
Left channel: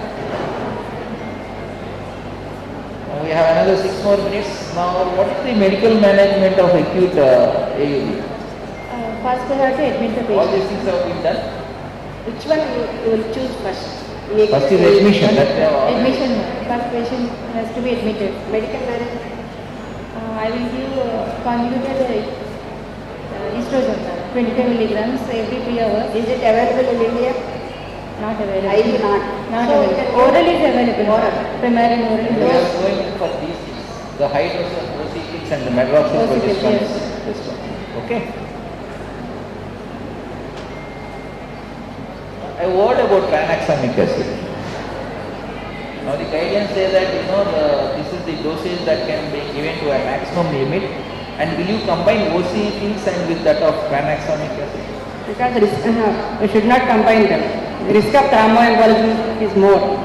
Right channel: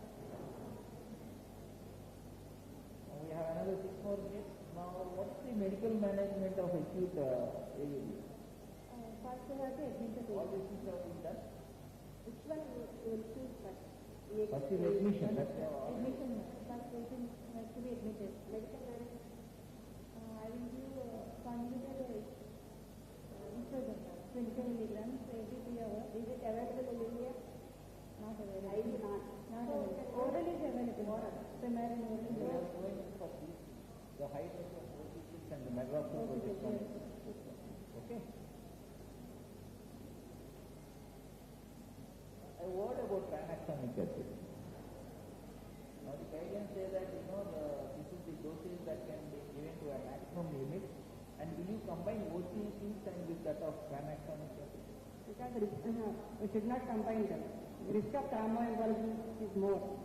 We have another 6 more minutes. Now, what is the medical management of acute AUB? First we have to admit the patient. All these things have been done. Which one you will choose first? First is admission. Admission. First patient has to be admitted. Medical management. I will give conjugated estrogen, 25 milligrams every 3 hours. Is it available in India? Not available. IV not. Not So available. Oral is available. Oral. Primary and oral. We are going for these things. The high dose of OCPs and the medroxyprogesterone. Okay. A word about tranexamic acid. Now the guidelines say that this is the dosage that can be given to a maximum limit, and will you combine OCPs and with that of tranexamic acid? Because we should not combine them. The risk of thromboembolism is more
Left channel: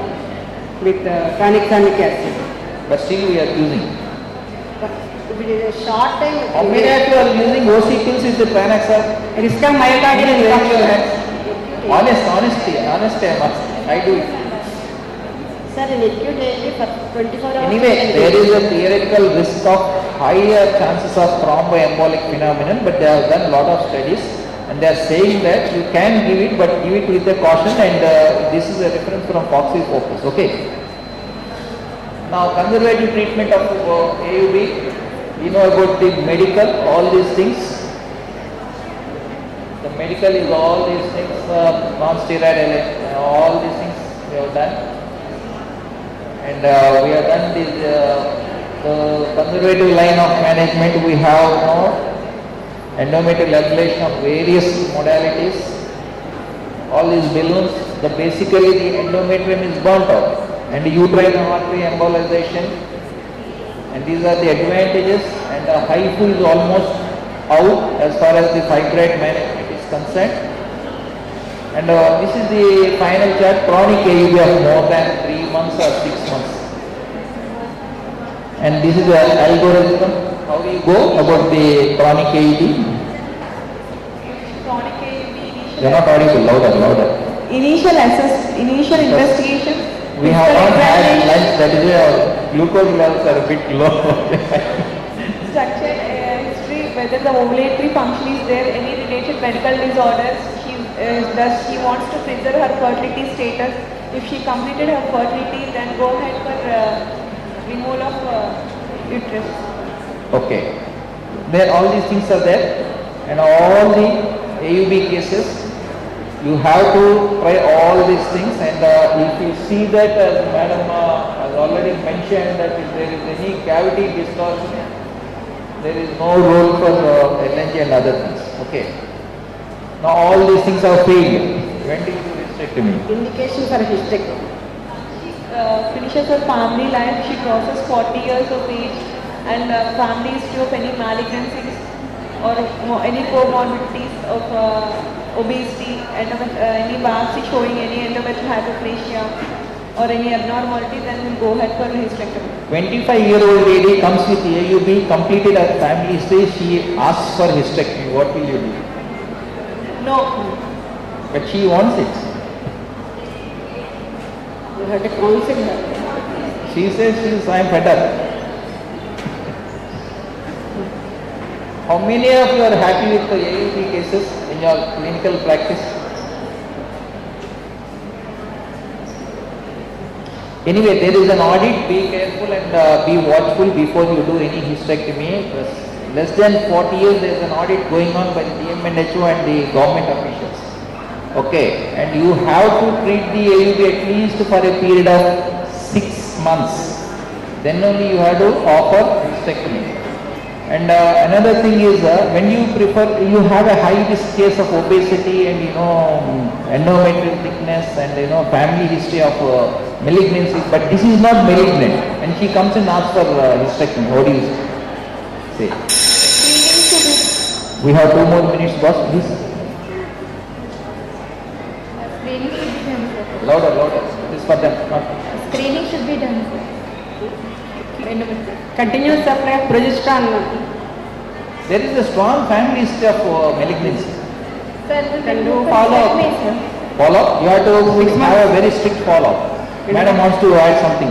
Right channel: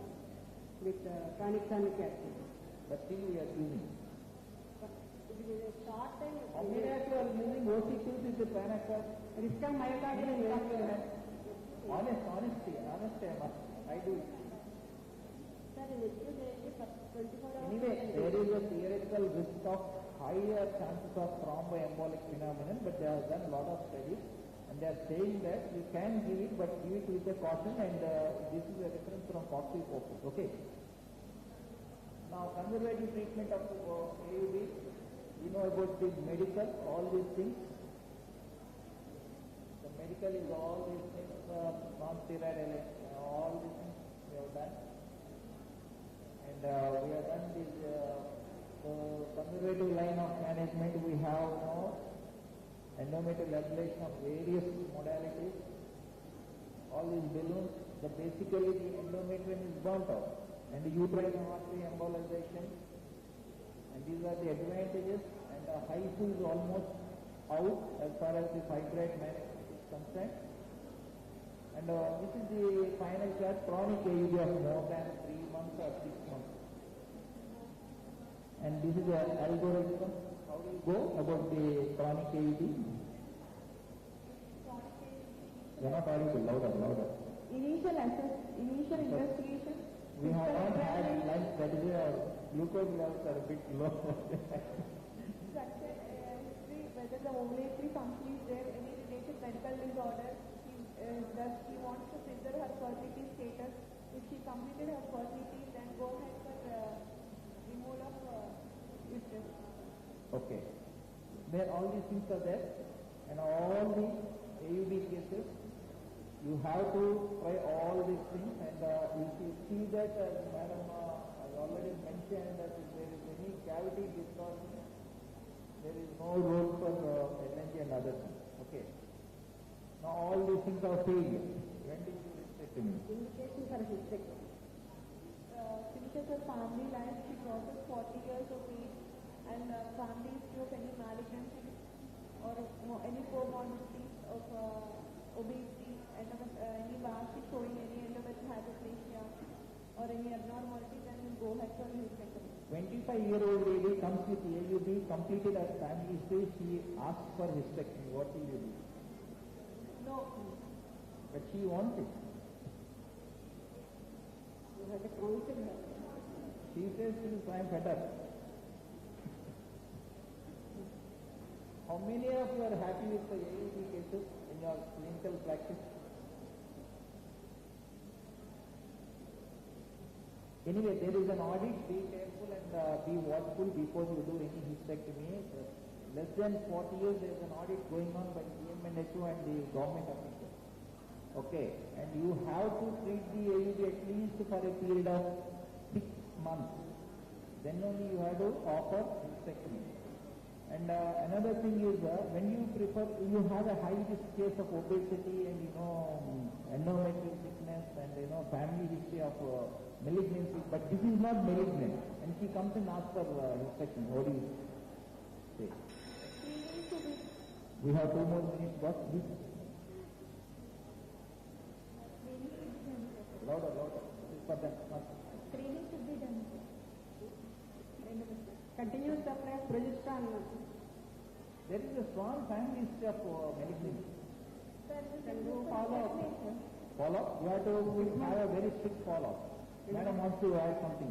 with tranexamic acid. But still we are using. But if it is a short time, How many of you are using OCPs with the tranexamic? Risk of myocardial infarction. Honesty, I do it. sir, in acute ALD for 24 hours. Anyway, there is a theoretical risk of higher chances of thromboembolic phenomenon, but they have done a lot of studies and they are saying that you can give it, but give it with a caution, and this is a reference from Foxy Focus. Okay. Now, conservative treatment of AUB, you know about the medical, all these things. The medical is all these things, non-steroidal, all these things we have done. And we have done this, the conservative line of management. We have endometrial ablation of various modalities. All these balloons, basically the endometrium is burnt out, and uterine artery embolization. And these are the advantages, and the HIFU is almost out as far as the fibroid management concerned. And this is the final chart, chronic AUB of more than 3 months or 6 months. And this is the algorithm. How do you go about the chronic AUB? Chronic AUB They are not audible, louder. Initial investigation. We have not had lunch, that is why our glucose levels are a bit low. Structured history, whether the ovulatory function is there, any related medical disorders. She wants to preserve her fertility status. If she completed her fertility, then go ahead for removal of uterus. Okay. There all these things are there, and all the AUB cases, you have to try all these things, and if you see that, as Madam has already mentioned, that if there is any cavity distortion, there is no role for LNG and other things. Okay. Now all these things are failed. When do you do hysterectomy? Indication for hysterectomy. She finishes her family life, she crosses 40 years of age, and family history of any malignancies or any comorbidities of obesity, and any biopsy showing any endometrial hyperplasia or any abnormality, then we'll go ahead for hysterectomy. 25-year-old lady comes with AUB, completed her family history, she asks for hysterectomy. What will you do? No. But she wants it. You have to counsel her. She says I am fed up. How many of you are happy with the AUB cases in your clinical practice? Anyway, there is an audit. Be careful and be watchful before you do any hysterectomy. Less than 40 years, there is an audit going on by the DMNHO and the government officials. Okay, and you have to treat the AUB at least for a period of 6 months. Then only you have to offer hysterectomy. And another thing is when you have a high risk case of obesity and endometrial thickness and family history of malignancy, but this is not malignant, and she comes and asks for hysterectomy. What do you say? We have 2 more minutes, boss, please. Screening should be done, sir. Louder. This is for them. Screening should be done, sir. Continuous supply of progesterone. There is a strong family history of malignancy. Sir, Can do follow-up. Follow-up? You have to have a very strict follow-up. Madam wants to add something.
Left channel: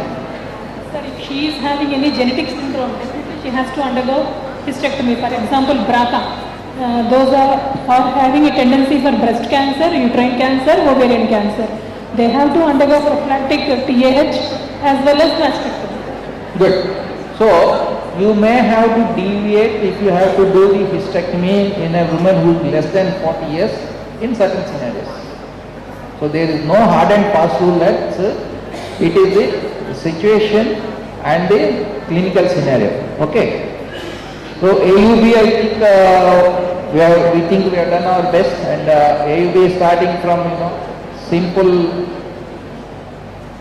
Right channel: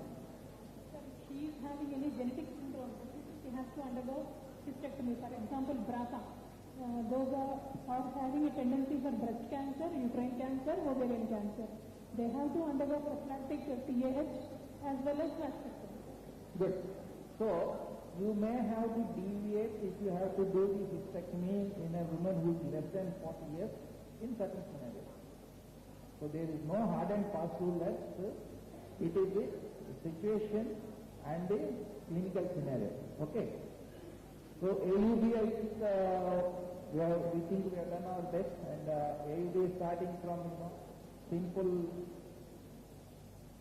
Sir, if she is having any genetic syndrome, definitely she has to undergo hysterectomy. For example, BRCA. Those are having a tendency for breast cancer, uterine cancer, ovarian cancer. They have to undergo prophylactic TAH as well as mastectomy. Good. So, you may have to deviate if you have to do the hysterectomy in a woman who is less than 40 years in certain scenarios. So, there is no hard and fast rule that it is the situation and the clinical scenario. Okay. So, AUB, I think we think we have done our best, and AUB is starting from simple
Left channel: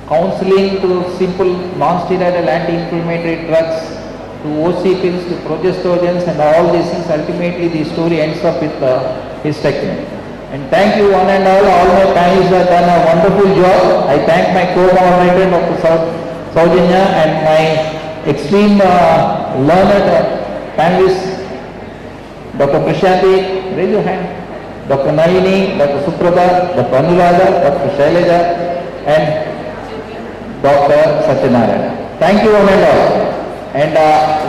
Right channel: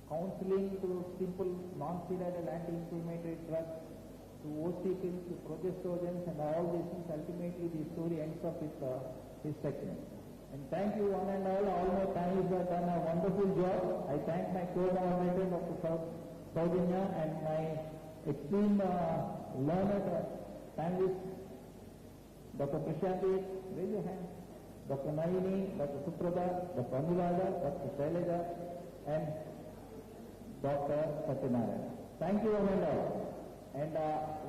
counseling to simple non-steroidal anti-inflammatory drugs to OC pills to progestogens and all these things. Ultimately the story ends up with hysterectomy. And thank you one and all my panelists have done a wonderful job. I thank my co-moderator Dr. Saujanya and my extreme learned panelists, Dr. Prashanti, raise your hand, Dr. Nalini, Dr. Suprabha, Dr. Anuradha, Dr. Shailaja and Dr. Satyanarayana. Thank you one and all. And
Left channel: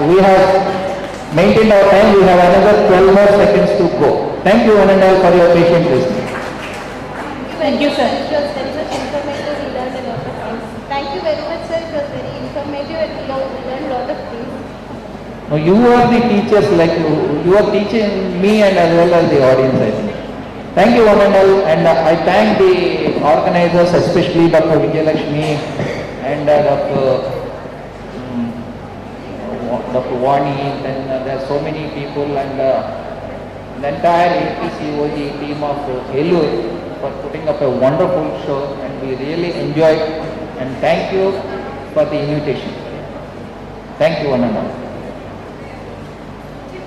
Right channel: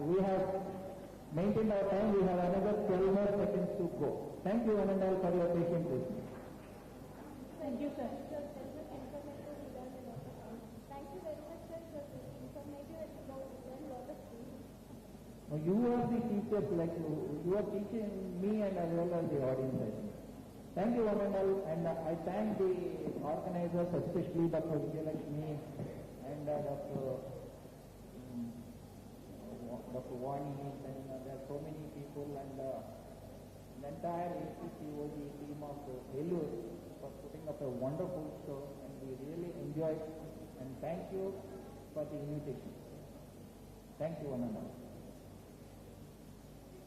we have maintained our time. We have another 12 more seconds to go. Thank you one and all for your patient listening. Thank you, sir. It was very much informative. We learned a lot of things. Thank you very much, sir. It was very informative and we learned a lot of things. Now you are the teachers, like you are teaching me and as well as the audience, I think. Thank you one and all, and I thank the organizers, especially Dr. Vijayalakshmi and Dr. Vani, and there are so many people, and the entire APCOG team of Helur for putting up a wonderful show, and we really enjoyed, and thank you for the invitation. Thank you one and all.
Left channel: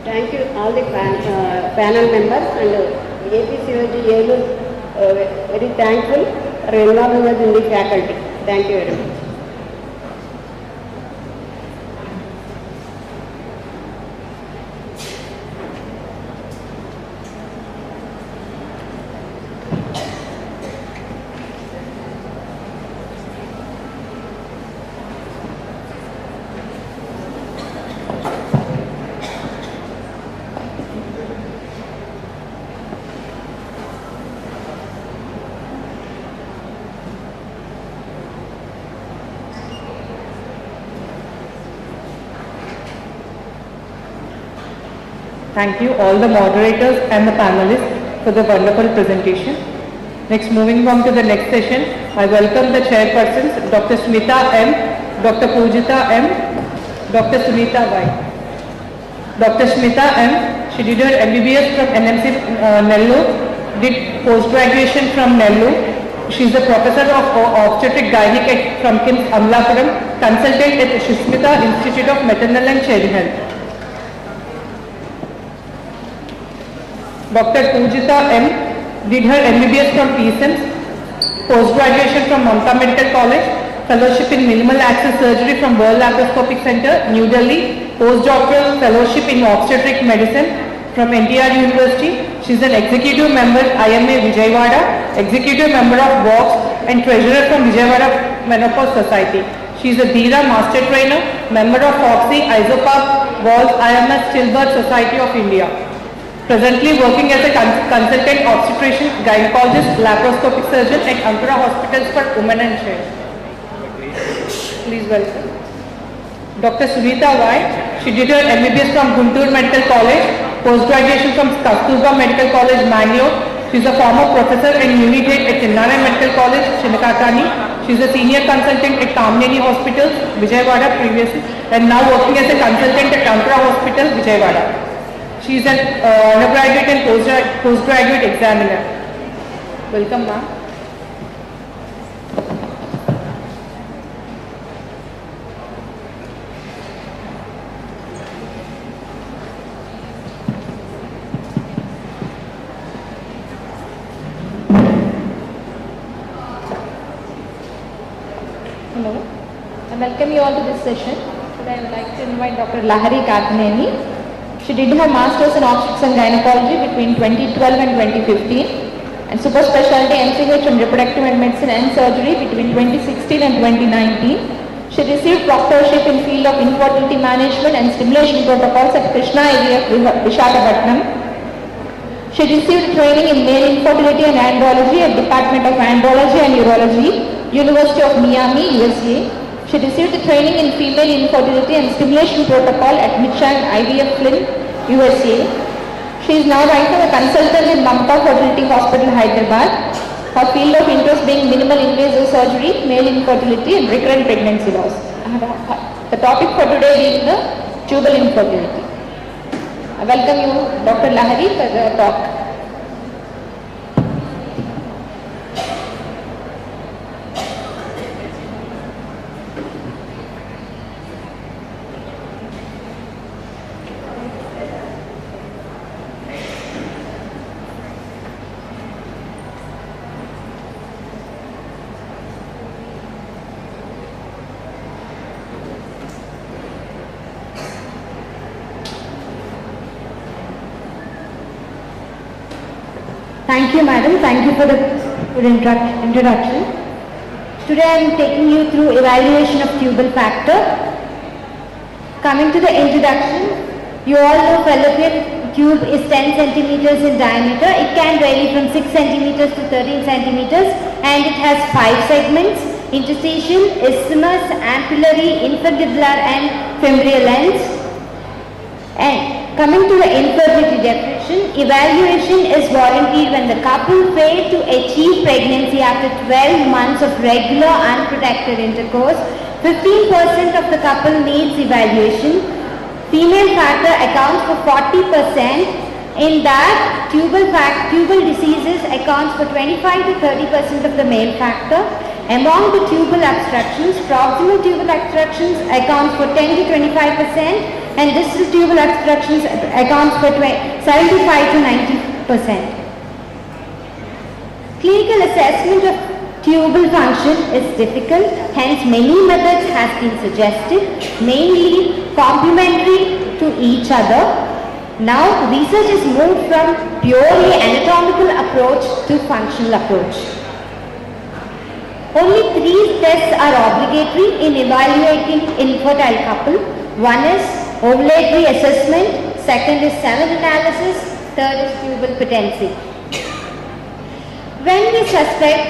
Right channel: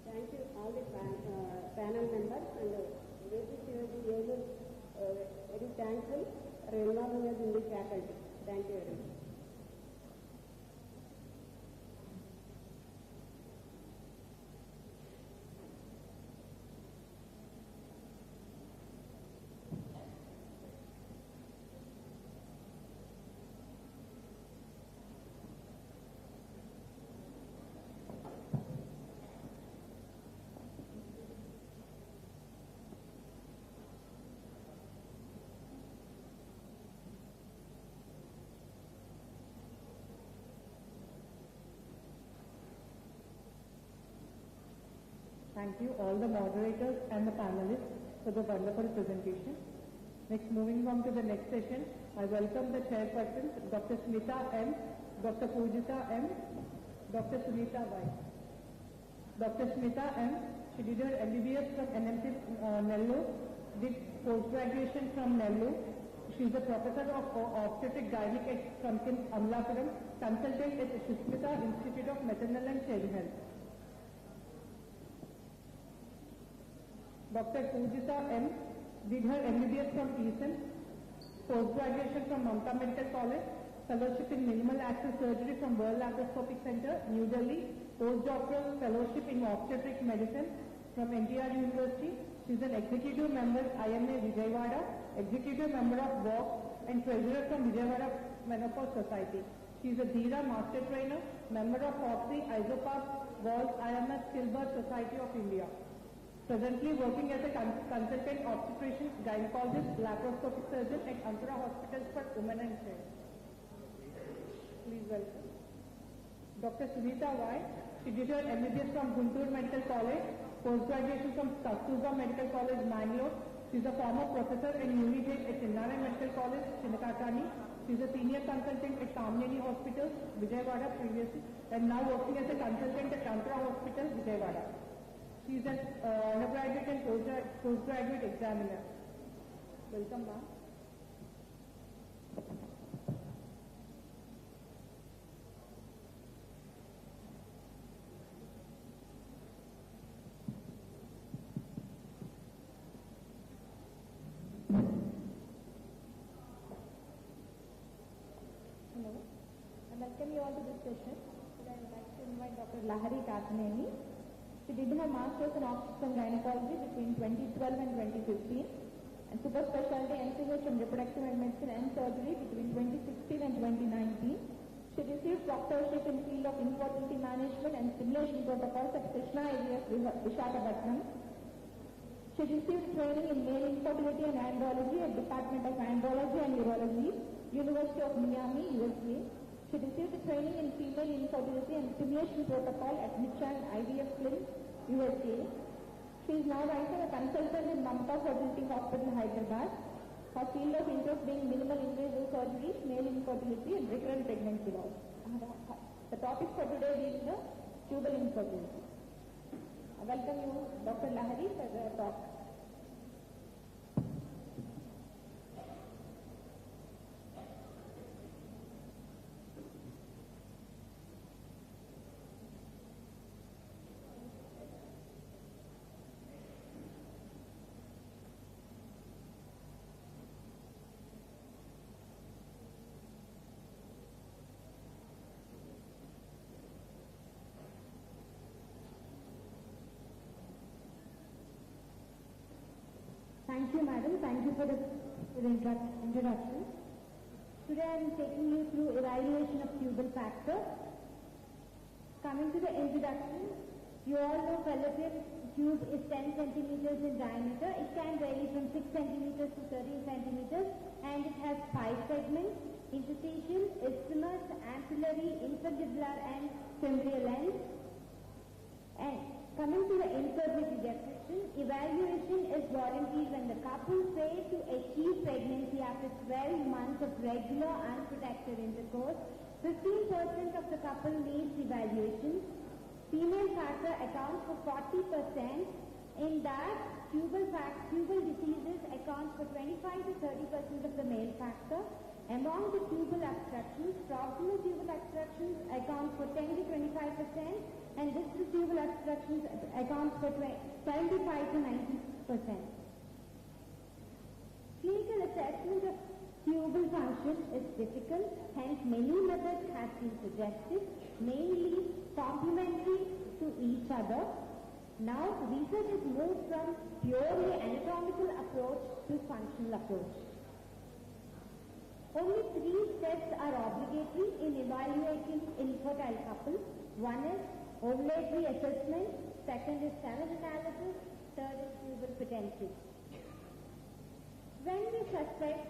Thank you all the panel members and APCOG Helur, very thankful for involving us in the faculty. Thank you very much. Thank you all the moderators and the panelists for the wonderful presentation. Next, moving on to the next session, I welcome the chairpersons, Dr. Smita M, Dr. Pujita M, Dr. Sunita Y. Dr. Smita M, she did her MBBS from NMC Nellore, did post-graduation from Nellore. She is a professor of Obstetric Gynaecological from KIMS Amlapuram, consultant at Shishmita Institute of Maternal and Child Health. Dr. Pujita M did her MBBS from PCOS, post-graduation from Mamta Medical College, fellowship in minimal access surgery from World Laparoscopic Center, New Delhi, postdoctoral fellowship in obstetric medicine from NTR University. She is an executive member IMA Vijayawada, executive member of WOX and treasurer from Vijayawada Menopause Society. She is a DIRA master trainer, member of FOXY, ISOPAC, WALS, IMS Stillbirth Society of India. Presently working as a consultant obstetrician, gynecologist, laparoscopic surgeon at Ankara Hospitals for Women and Child. Please welcome. Dr. Sunita Y. She did her MBBS from Guntur Medical College, post-graduation from Kasturba Medical College, Mangalore. She is a former professor and unit head at Chennai Medical College, Chinnakatani. She's a senior consultant at Kamneni Hospital, Vijayawada previously, and now working as a consultant at Andhra Hospital, Vijayawada. She is an undergraduate and postgraduate examiner. Welcome, ma'am. Hello. I welcome you all to this session. Today I would like to invite Dr. Lahari Kathneni. She did her Masters in Obstetrics and Gynecology between 2012 and 2015 and Super Specialty MCH in Reproductive and Medicine and Surgery between 2016 and 2019. She received proctorship in field of infertility management and stimulation protocols at Krishna IVF Visakhapatnam. She received training in male infertility and andrology at Department of Andrology and Urology, University of Miami, USA. She received training in female infertility and stimulation protocol at Mitchell IVF Flynn, USA. She is now right now a consultant in Mamta Fertility Hospital, Hyderabad. Her field of interest being minimal invasive surgery, male infertility and recurrent pregnancy loss. The topic for today being the tubal infertility. I welcome you, Dr. Lahari, for the talk. Thank you, madam. Thank you for the good introduction. Today I am taking you through evaluation of tubal factor. Coming to the introduction, you all know fallopian tube is 10 centimeters in diameter. It can vary from 6 centimeters to 13 centimeters and it has 5 segments: interstitial, isthmus, ampullary, infundibular and femoral ends. And coming to the infertility definition, evaluation is warranted when the couple fail to achieve pregnancy after 12 months of regular unprotected intercourse. 15% of the couple needs evaluation. Female factor accounts for 40%. In that, tubal diseases accounts for 25 to 30% of the male factor. Among the tubal obstructions, proximal tubal obstructions accounts for 10 to 25%. And distal tubal obstructions accounts for 75 to 90%. Clinical assessment of tubal function is difficult, hence many methods have been suggested, mainly complementary to each other. Now research is moved from purely anatomical approach to functional approach. Only 3 tests are obligatory in evaluating infertile couple. One is ovulatory assessment, second is semen analysis, third is tubal patency. When we suspect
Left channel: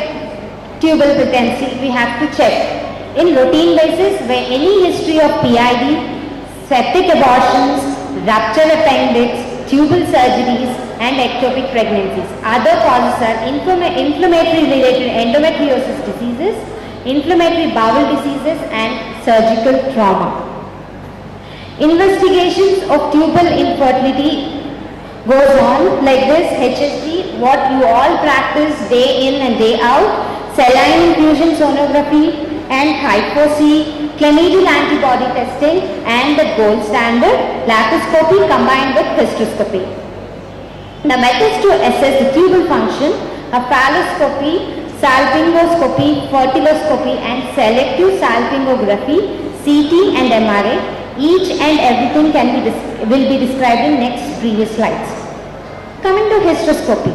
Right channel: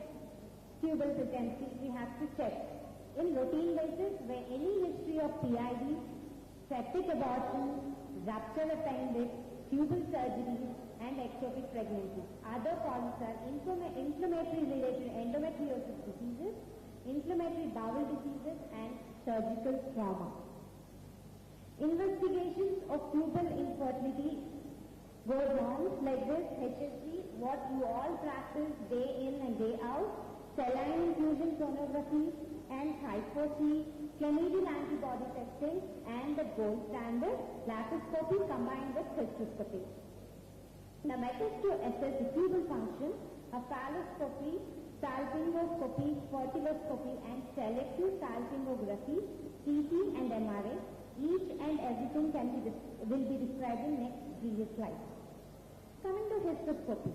tubal patency, we have to check in routine basis where any history of PID, septic abortions, ruptured appendix, tubal surgeries and ectopic pregnancies. Other causes are inflammatory related endometriosis diseases, inflammatory bowel diseases and surgical trauma. Investigations of tubal infertility goes on like this: HSG, what you all practice day in and day out, saline infusion sonography and hypo-C, chlamydial antibody testing and the gold standard, laparoscopy combined with hysteroscopy. The methods to assess the tubal function are phalloscopy, salpingoscopy, fertiloscopy and selective salpingography, CT and MRA. Each and everything will be described in next previous slides. Coming to hysteroscopy,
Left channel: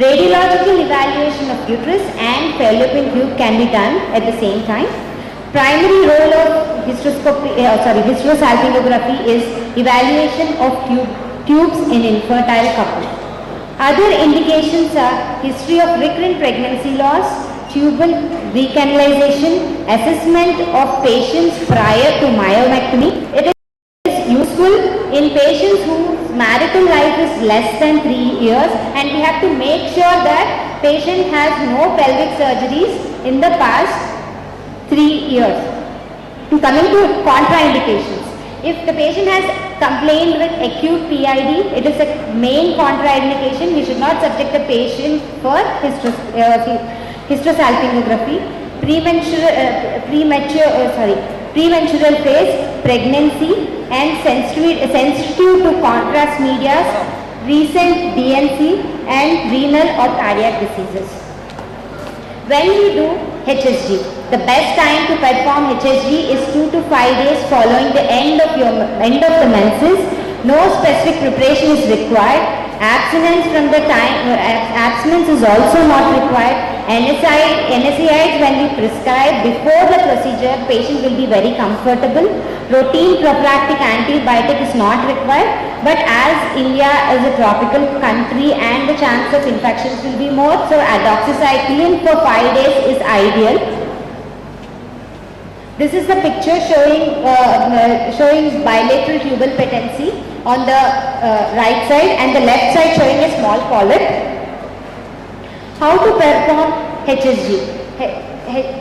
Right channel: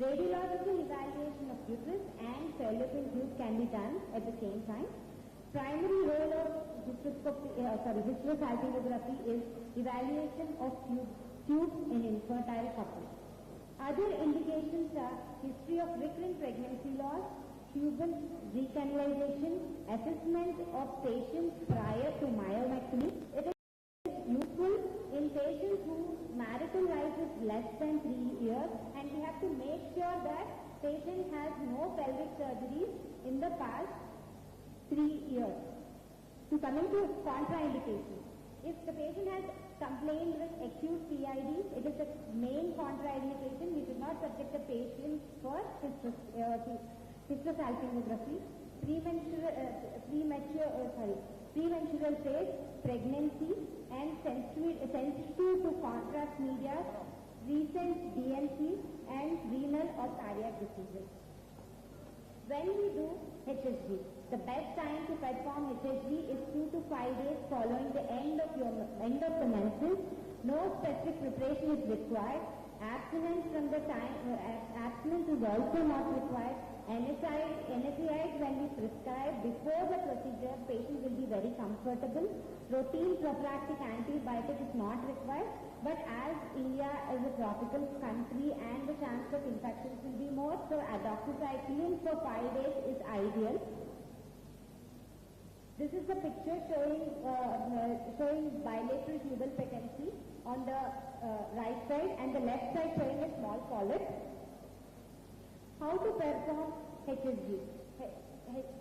radiological evaluation of uterus and fallopian tube can be done at the same time. Primary role of hysterosalpingography is evaluation of tubes in infertile couple. Other indications are history of recurrent pregnancy loss, tubal recanalization, assessment of patients prior to myomectomy. It is useful in patients whose marital life is less than 3 years and we have to make sure that patient has no pelvic surgeries in the past 3 years. Coming to contraindications. If the patient has complained with acute PID, it is a main contraindication. We should not subject the patient for hysterosalpingography. Premenstrual phase, pregnancy, and sensitive to contrast media, recent DNC, and renal or cardiac diseases. When you do HSG, the best time to perform HSG is 2 to 5 days following the end of the menses. No specific preparation is required. Abstinence is also not required. NSAIDs when we prescribe before the procedure, patient will be very comfortable. Routine prophylactic antibiotic is not required, but as India is a tropical country and the chance of infections will be more, so doxycycline for 5 days is ideal. This is the picture showing bilateral tubal patency on the right side and the left side showing a small polyp. How to perform HSG?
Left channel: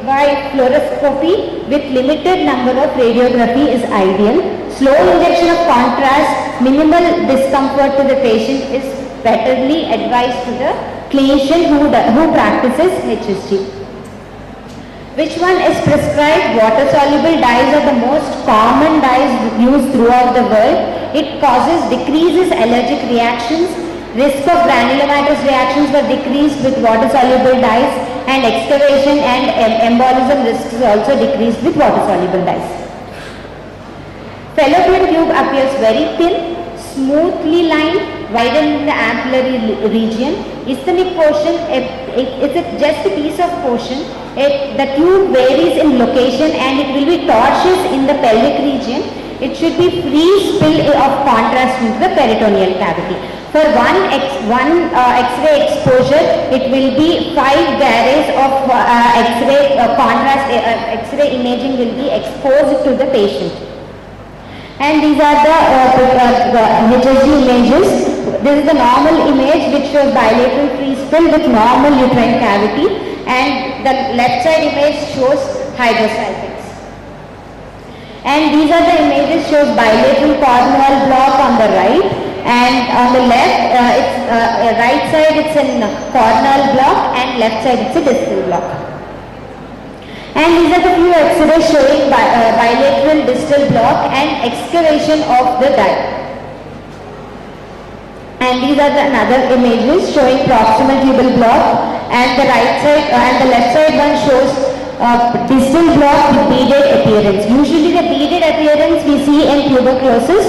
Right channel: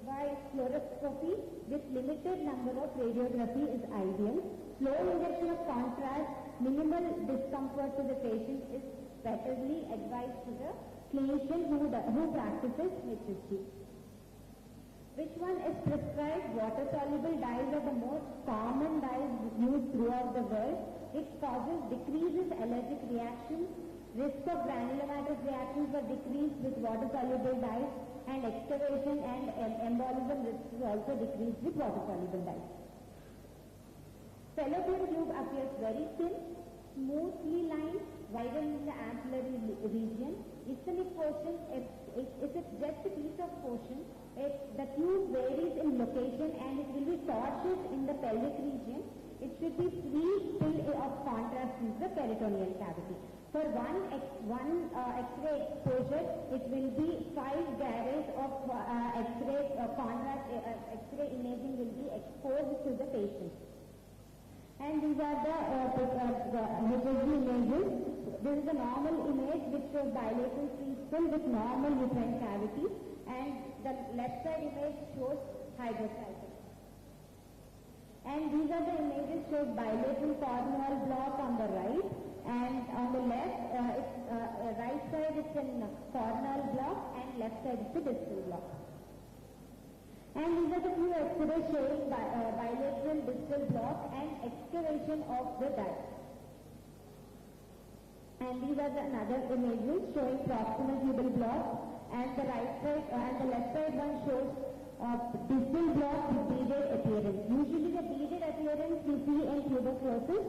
By fluoroscopy with limited number of radiography is ideal. Slow injection of contrast, minimal discomfort to the patient is betterly advised to the clinician who practices HSG. Which one is prescribed? Water-soluble dyes are the most common dyes used throughout the world. It decreases allergic reactions. Risk of granulomatous reactions were decreased with water-soluble dyes, and excavation and embolism risks also decreased with water-soluble dyes. Fallopian tube appears very thin, smoothly lined, widened in the ampullary region. Isthmic portion, it's just a piece of portion. The tube varies in location and it will be tortuous in the pelvic region. It should be free spill of contrast into the peritoneal cavity. For one X-ray exposure, it will be 5 garrays of X-ray contrast. X-ray imaging will be exposed to the patient. And these are the HSG images. This is the normal image which shows bilateral free spill with normal uterine cavity, and the left side image shows hydrosalpinx. And these are the images shows bilateral corneal block on the right, and on the left, right side it's a corneal block and left side it's a distal block. And these are the few X-rays showing bilateral distal block and excavation of the duct. And these are the another images showing proximal tubal block, and the right side and the left side one shows distal block with beaded appearance. Usually the beaded appearance we see in tuberculosis.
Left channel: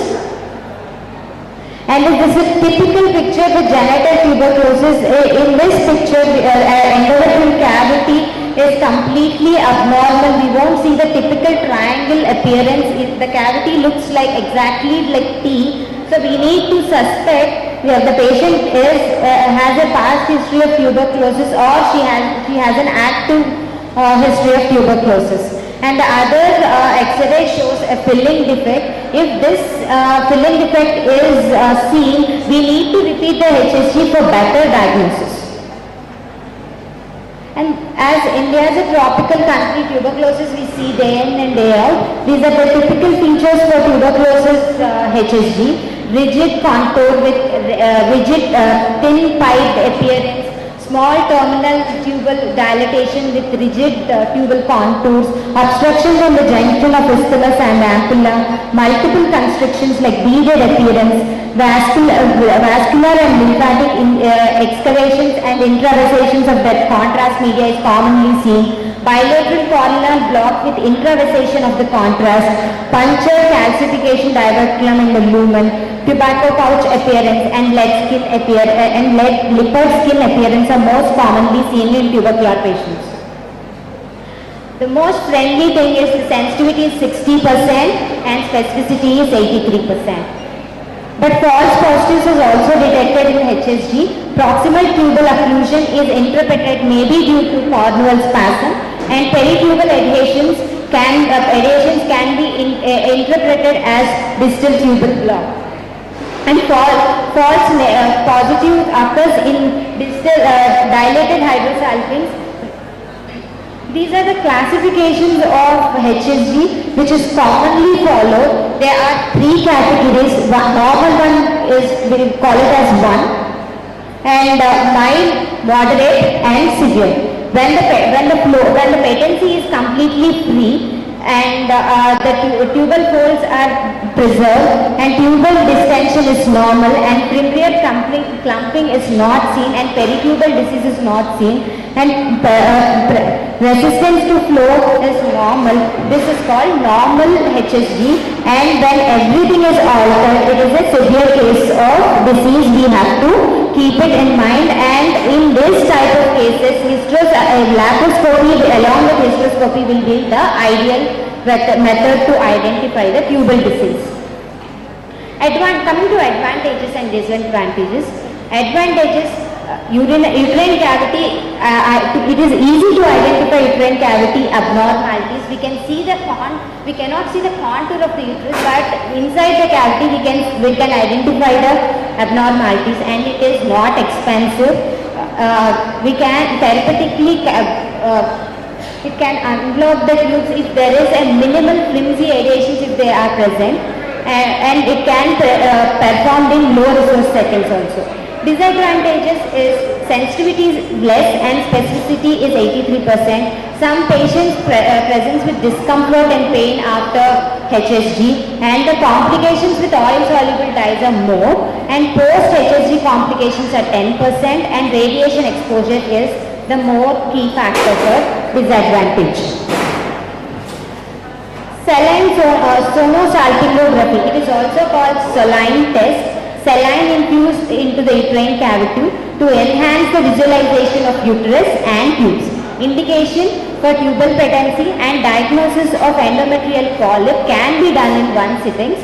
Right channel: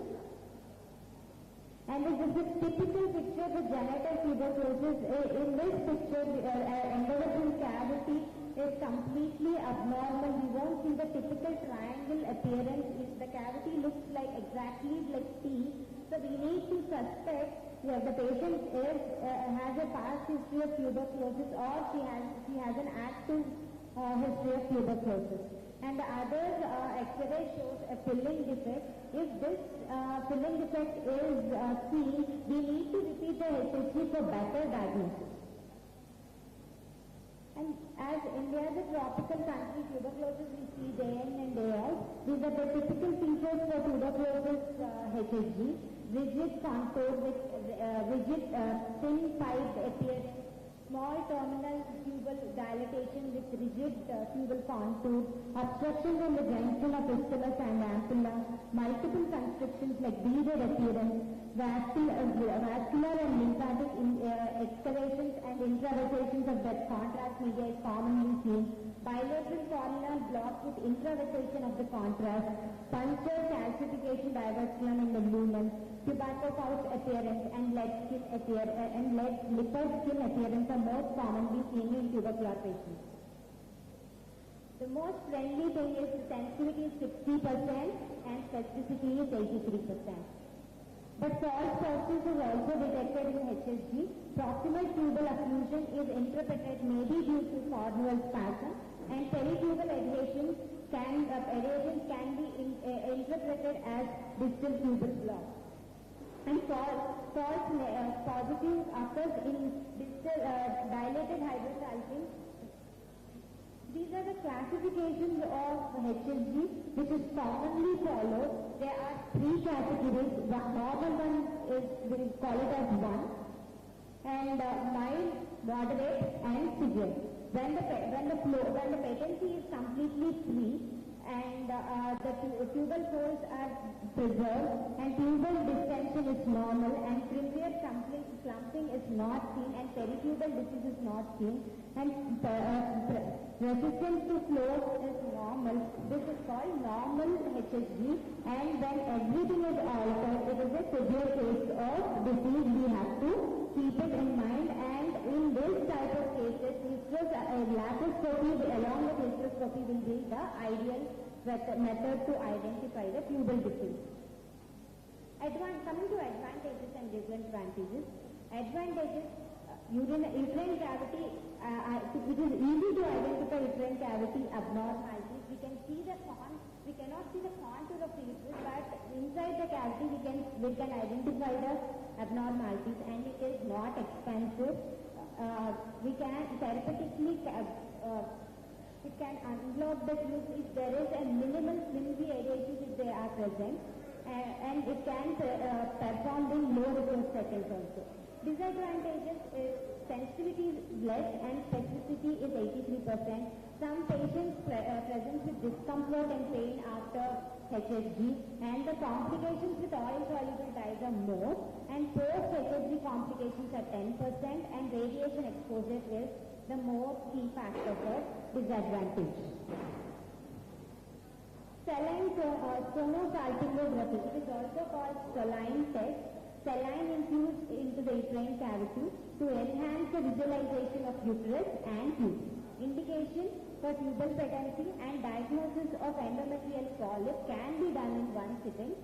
And this is a typical picture with genital tuberculosis. In this picture, endometrial cavity is completely abnormal. We won't see the typical triangle appearance. The cavity looks like exactly like T. So we need to suspect the patient has a past history of tuberculosis, or she has an active history of tuberculosis. And the other X-ray shows a filling defect. If this filling defect is seen, we need to repeat the HSG for better diagnosis. And as India is a tropical country, tuberculosis we see day in and day out. These are the typical features for tuberculosis HSG. Rigid contour with rigid thin piped appearance, small terminal tubal dilatation with rigid tubal contours, obstructions on the junction of isthmus and ampulla, multiple constrictions like beaded appearance, vascular and lymphatic excavations and intravassations of that contrast media is commonly seen. Bilateral corneal block with intravasation of the contrast, puncture, calcification, diverculum in the lumen, tobacco pouch appearance and lead lipid skin appearance are most commonly seen in tubercular patients. The most friendly thing is the sensitivity is 60% and specificity is 83%. But false positives is also detected in HSG. Proximal tubal occlusion is interpreted maybe due to corneal spasm, and peritubal adhesions can be interpreted as distal tubal block. And false positive occurs in distal dilated hydrosalpinx These are the classifications of HSG which is commonly followed. There are 3 categories. Normal one is, we call it as 1, and mild, moderate and severe. When the patency is completely free and the tubal folds are preserved and tubal distension is normal and primary clumping is not seen and peritubal disease is not seen and resistance to flow is normal, this is called normal HSG, and when everything is altered, it is a severe case of disease. We have to keep it in mind, and in this type of cases, laparoscopy along with hysteroscopy will be the ideal method to identify the tubal disease. Coming to advantages and disadvantages. Advantages, uterine cavity, it is easy to identify uterine cavity abnormalities. We can see we cannot see the contour of the uterus, but inside the cavity we can identify the abnormalities, and it is not expensive. We can therapeutically it can unblock the tubes if there is a minimal flimsy adhesions if they are present, and it can performed in low resource settings also. Disadvantages is sensitivity is less and specificity is 83%. Some patients presents with discomfort and pain after HSG, and the complications with oil soluble dyes are more, and post HSG complications are 10%, and radiation exposure is the more key factor for disadvantage. Saline sonosalpingography, it is also called saline test. Saline infused into the uterine cavity to enhance the visualization of uterus and tubes. Indication for tubal patency and diagnosis of endometrial polyp can be done in one sitting,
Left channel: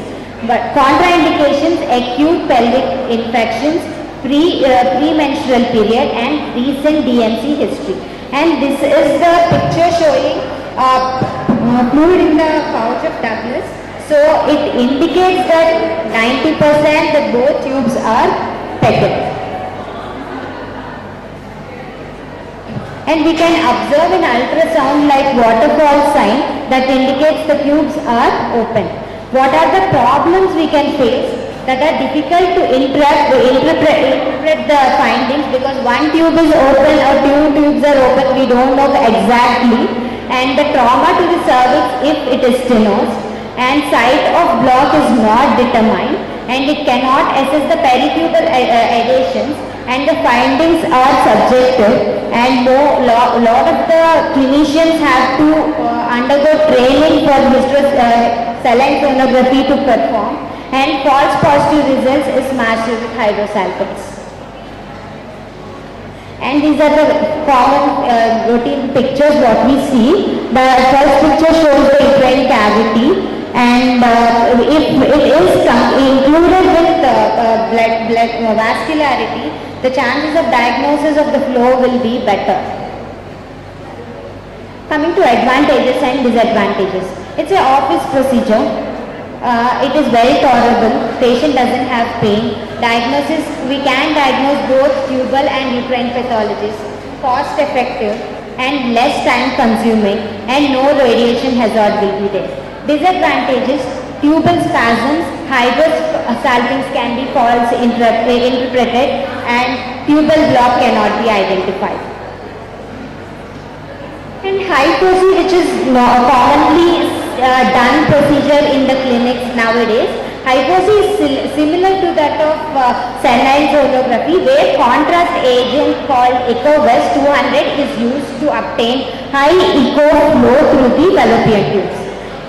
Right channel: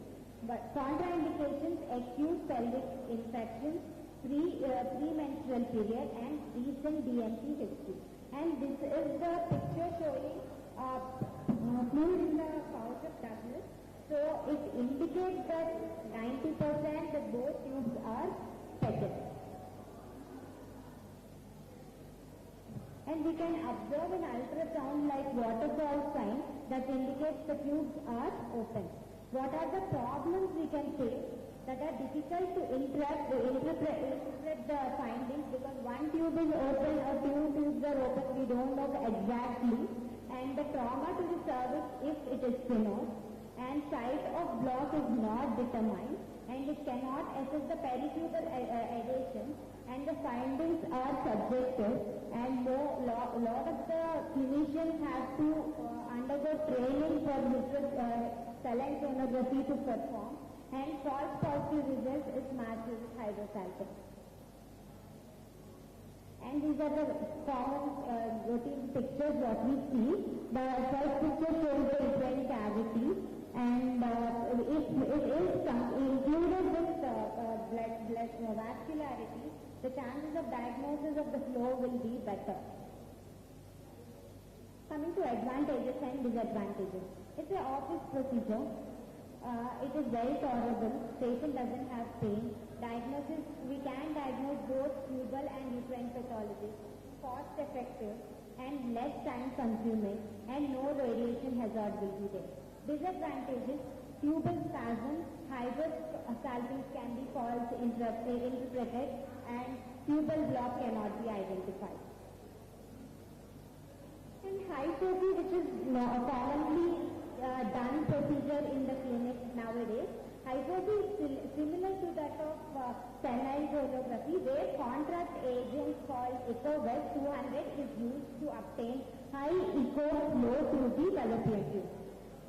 but contraindications, acute pelvic infections, premenstrual period and recent DMC history. And this is the picture showing fluid in the pouch of Douglas. So it indicates that 90% that both tubes are patent. And we can observe in ultrasound like waterfall sign that indicates the tubes are open. What are the problems we can face that are difficult to interpret the findings, because one tube is open or 2 tubes are open, we don't know exactly, and the trauma to the cervix if it is stenosed, and site of block is not determined, and it cannot assess the peritubal adhesions, and the findings are subjective, and lot of the clinicians have to undergo training for saline sonography to perform, and false positive results is matched with hydrosalpinx. And these are the common routine pictures what we see. The first picture shows the uterine cavity, and if it is included with blood vascularity, the chances of diagnosis of the flow will be better. Coming to advantages and disadvantages. It's an office procedure. It is very tolerable. Patient doesn't have pain. Diagnosis, we can diagnose both tubal and uterine pathologies. Cost effective and less time consuming, and no radiation hazard will be there. Disadvantages, tubal spasms, hydrosalpinx can be false interpreted, and tubal block cannot be identified. And hysteroscopy, which is commonly done procedure in the clinics nowadays. Hysteroscopy is similar to that of saline sonography, where contrast agent called EcoVest 200 is used to obtain high echo flow through the fallopian tubes.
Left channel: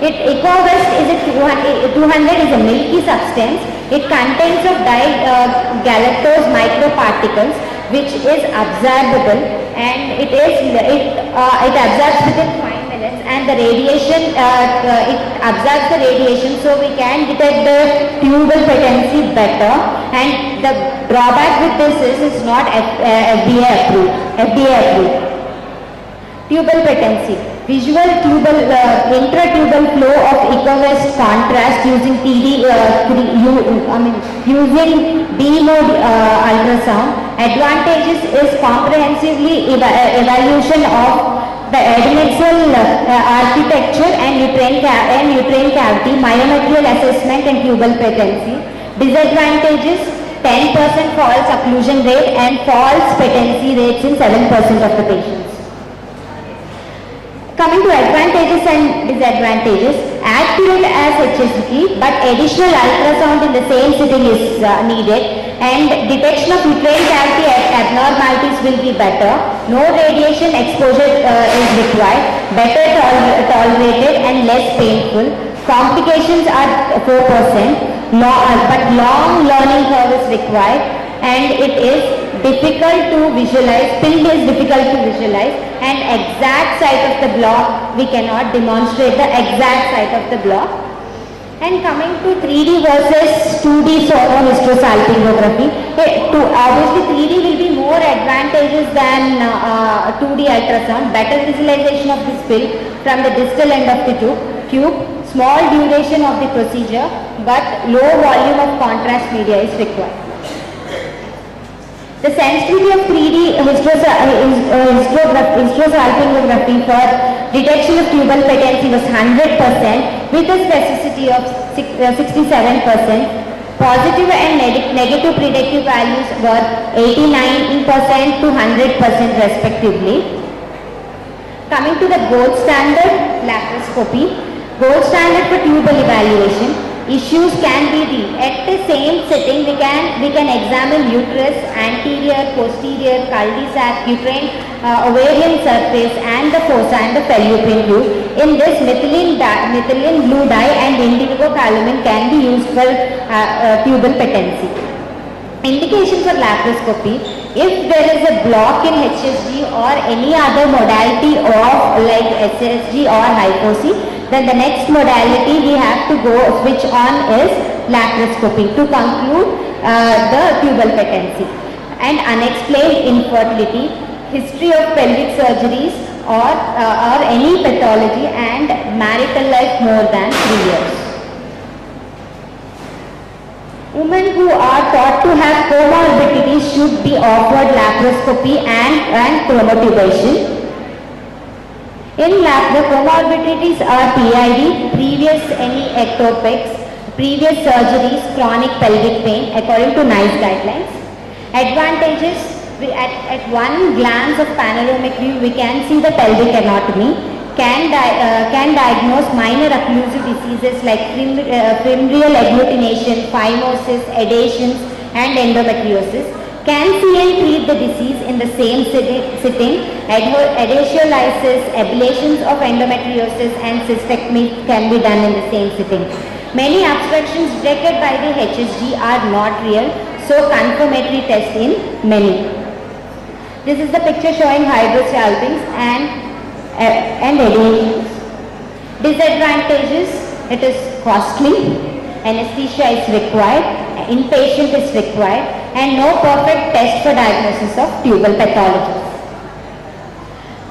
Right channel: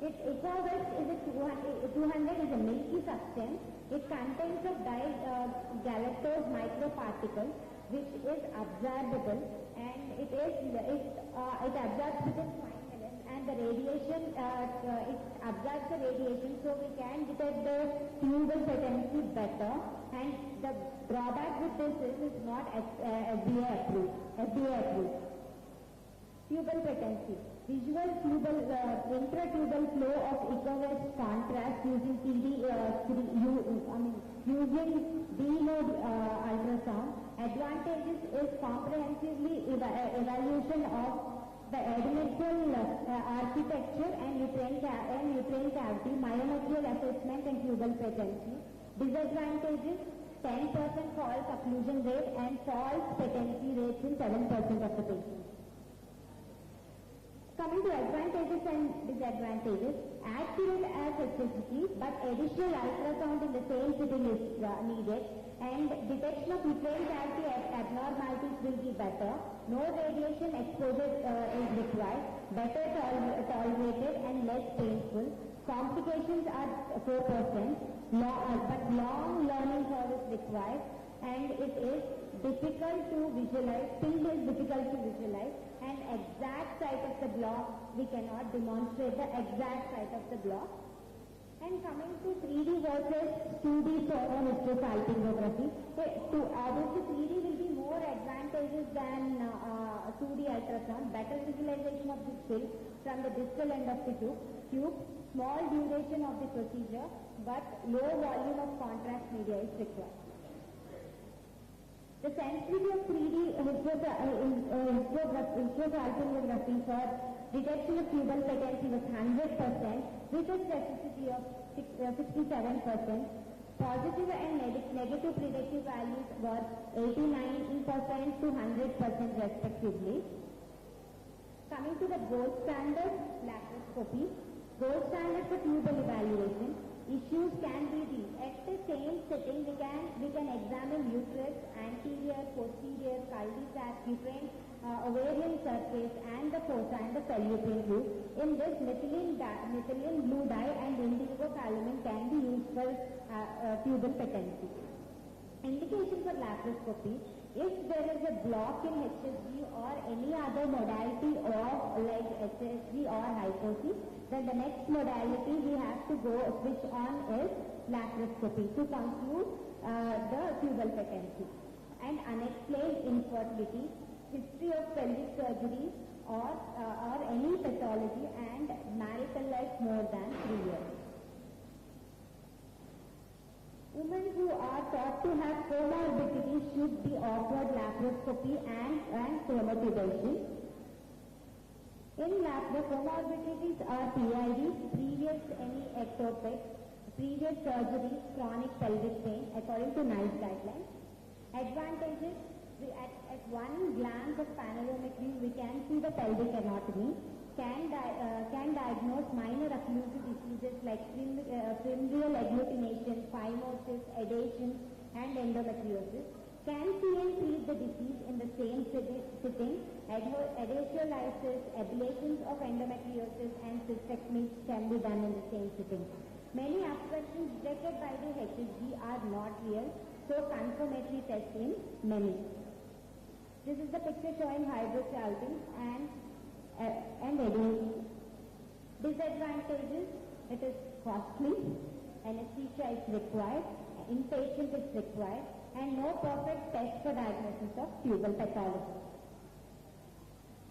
EcoVest is 200 is a milky substance. It contains of galactose microparticles, which is absorbable, and it absorbs within 5 minutes, and the radiation it absorbs the radiation, so we can detect the tubal patency better. And the drawback with this is it's not FDA approved. Tubal patency. Visual tubal intratubal flow of EcoVest contrast using using D-mode ultrasound. Advantages is comprehensively evaluation of the adnexal architecture and uterine cavity, myometrial assessment and tubal patency. Disadvantages: 10% false occlusion rate and false patency rates in 7% of the patients. Coming to advantages and disadvantages, accurate as HSG, but additional ultrasound in the same sitting is needed, and detection of uterine cavity abnormalities will be better. No radiation exposure is required, better tolerated and less painful. Complications are 4%, but long learning curve is required, and it is difficult to visualize, pill is difficult to visualize, and exact site of the block, we cannot demonstrate the exact site of the block. And coming to 3D versus 2D sonohysterosalpingography, obviously 3D will be more advantageous than 2D ultrasound, better visualization of this pill from the distal end of the tube, small duration of the procedure, but low volume of contrast media is required. The sensitivity of 3D hysterosalpingography for detection of tubal patency was 100% with a specificity of 67%. Positive and negative predictive values were 89% to 100% respectively. Coming to the gold standard, laparoscopy. Gold standard for tubal evaluation. Issues can be at the same sitting we can examine uterus, anterior, posterior, cul-de-sac, uterine, ovarian surface and the fossa and the fallopian tube. In this, methylene blue dye and indigo calamine can be used for tubal patency. Indications for laparoscopy: if there is a block in HSG or any other modality of like SSG or hypoxia, then the next modality we have to go switch on is laparoscopy to conclude the tubal patency. And unexplained infertility, history of pelvic surgeries or any pathology, and marital life more than 3 years. Women who are thought to have comorbidities should be offered laparoscopy and chromotubation. In lab, the comorbidities are PID, previous any ectopics, previous surgeries, chronic pelvic pain according to NICE guidelines. Advantages: at one glance of panoramic view we can see the pelvic anatomy, can diagnose minor occlusive diseases like fimbrial agglutination, phimosis, adhesions and endometriosis. Can see and treat the disease in the same sitting. Adhesiolysis, ablations of endometriosis and cystectomy can be done in the same sitting. Many obstructions detected by the HSG are not real, so confirmatory test in many. This is the picture showing hydrosalpings and adhesions. Disadvantages: it is costly, anesthesia is required, inpatient is required, and no perfect test for diagnosis of tubal pathology.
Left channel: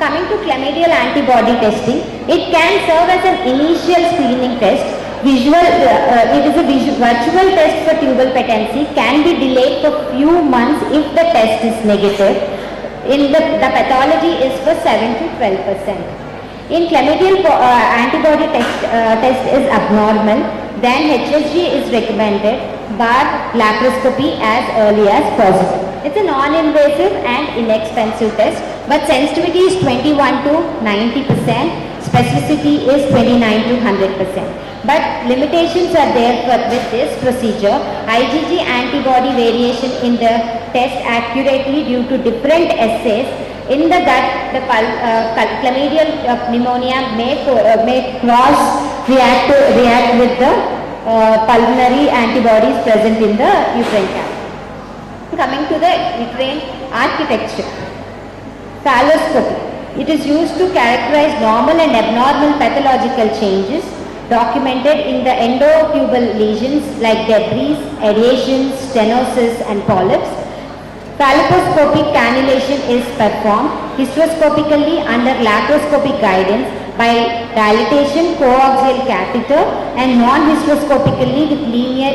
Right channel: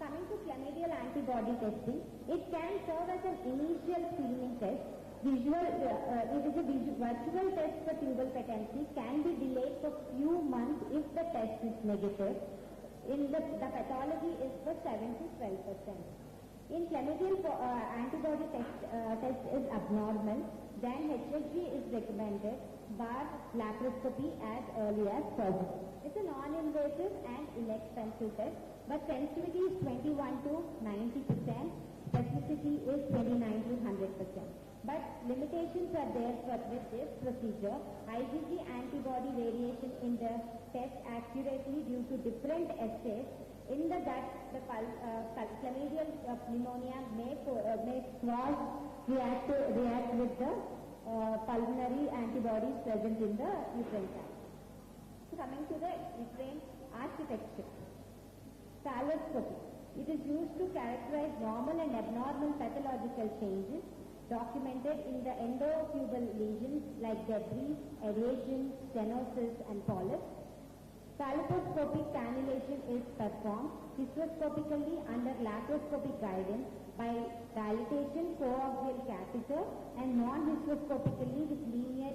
Coming to chlamydial antibody testing, it can serve as an initial screening test. It is a virtual test for tubal patency, can be delayed for few months if the test is negative. The pathology is for 7 to 12%. In chlamydial antibody test is abnormal, then HSG is recommended, but laparoscopy as early as possible. It's a non-invasive and inexpensive test, but sensitivity is 21 to 90%, specificity is 29 to 100%. But limitations are there with this procedure. IgG antibody variation in the test accurately due to different assays. In the gut, the chlamydial pneumonia may cross-react with the pulmonary antibodies present in the uterine cavity. Coming to the uterine architecture. Thalassemia. It is used to characterize normal and abnormal pathological changes documented in the endotubal lesions like debris, adhesions, stenosis and polyps. Laparoscopic cannulation is performed hysteroscopically under laparoscopic guidance by dilatation coaxial catheter and non-hysteroscopically with linear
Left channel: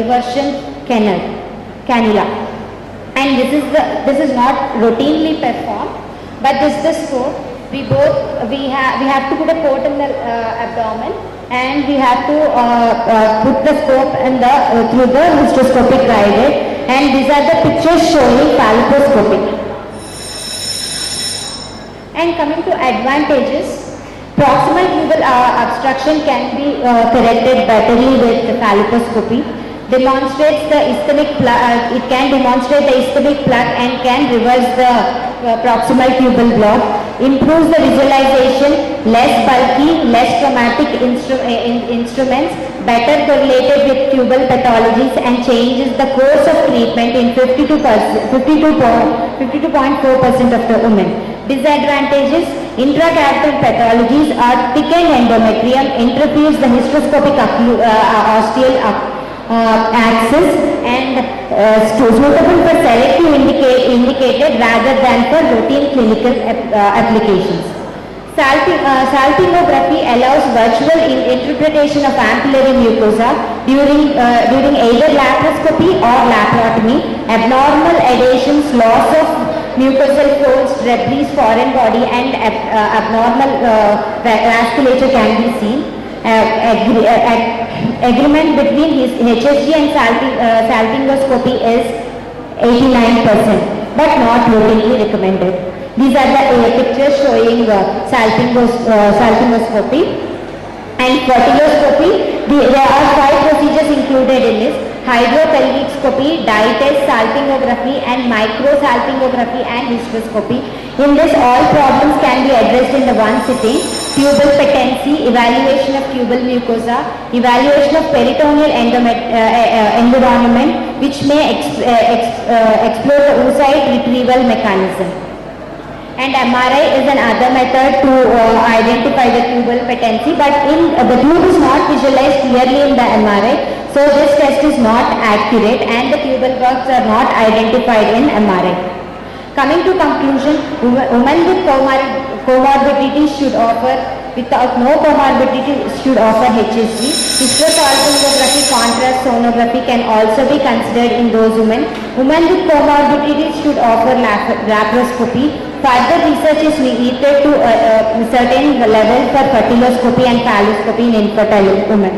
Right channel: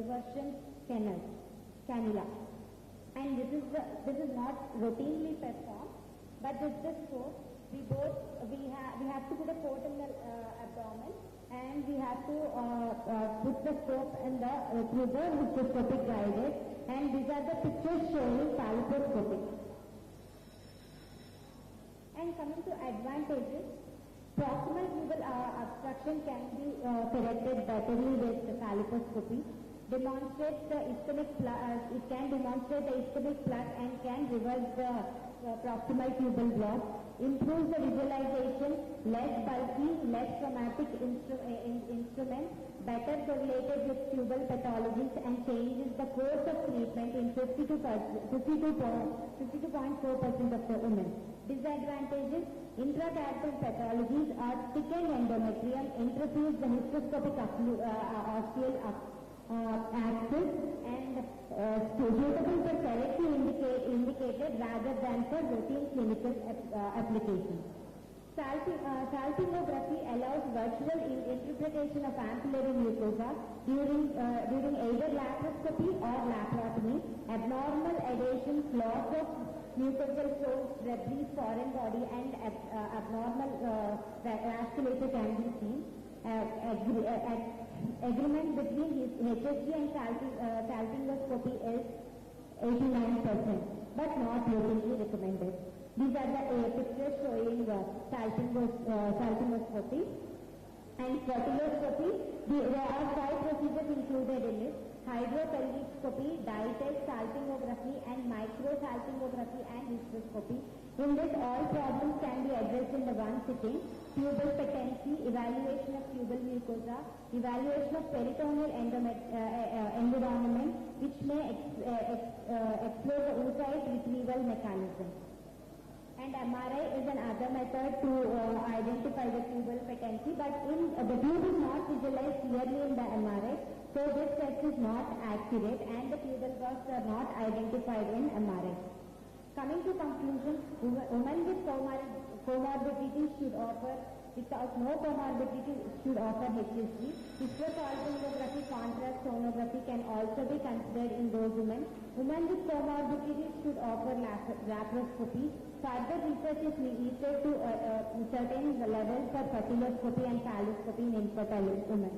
eversion cannula. And this is not routinely performed, but this is the scope. We have to put a port in the abdomen, and we have to put the scope and through the hysteroscopic guided, and these are the pictures showing laparoscopic. And coming to advantages, proximal tubal obstruction can be corrected betterly with laparoscopy. Demonstrates the ischemic plug. It can demonstrate the ischemic plug and can reverse the proximal tubal block. Improves the visualization, less bulky, less traumatic instruments, better correlated with tubal pathologies, and changes the course of treatment in 52.4% of the women. Disadvantages: intracapital pathologies are thickened endometrium, interferes the hysteroscopic osteal axis, and suitable for selective indicated rather than for routine clinical applications. Salpingography allows virtual interpretation of ampullary mucosa during either laparoscopy or laparotomy. Abnormal adhesions, loss of mucosal folds, debris, foreign body, and abnormal vasculature can be seen. Agreement between HSG and salpingoscopy is 89%, but not routinely recommended. These are the pictures showing salpingoscopy and fertiloscopy. There are 5 procedures included in this: hydropelvicscopy, dye test, salpingography, and microsalpingography and hysteroscopy. In this, all problems can be addressed in the one sitting: tubal patency, evaluation of tubal mucosa, evaluation of peritoneal environment, which may explore the oocyte retrieval mechanism. And MRI is another method to identify the tubal patency, but the tube is not visualized clearly in the MRI, so this test is not accurate and the tubal works are not identified in MRI. Coming to conclusion, women with comorbidities should offer, without no comorbidity should offer HSG. Hysterosalpingography, contrast sonography can also be considered in those women. Women with comorbidities should offer laparoscopy. Further research is needed to a certain level for fertiloscopy and phalloscopy in infertile women.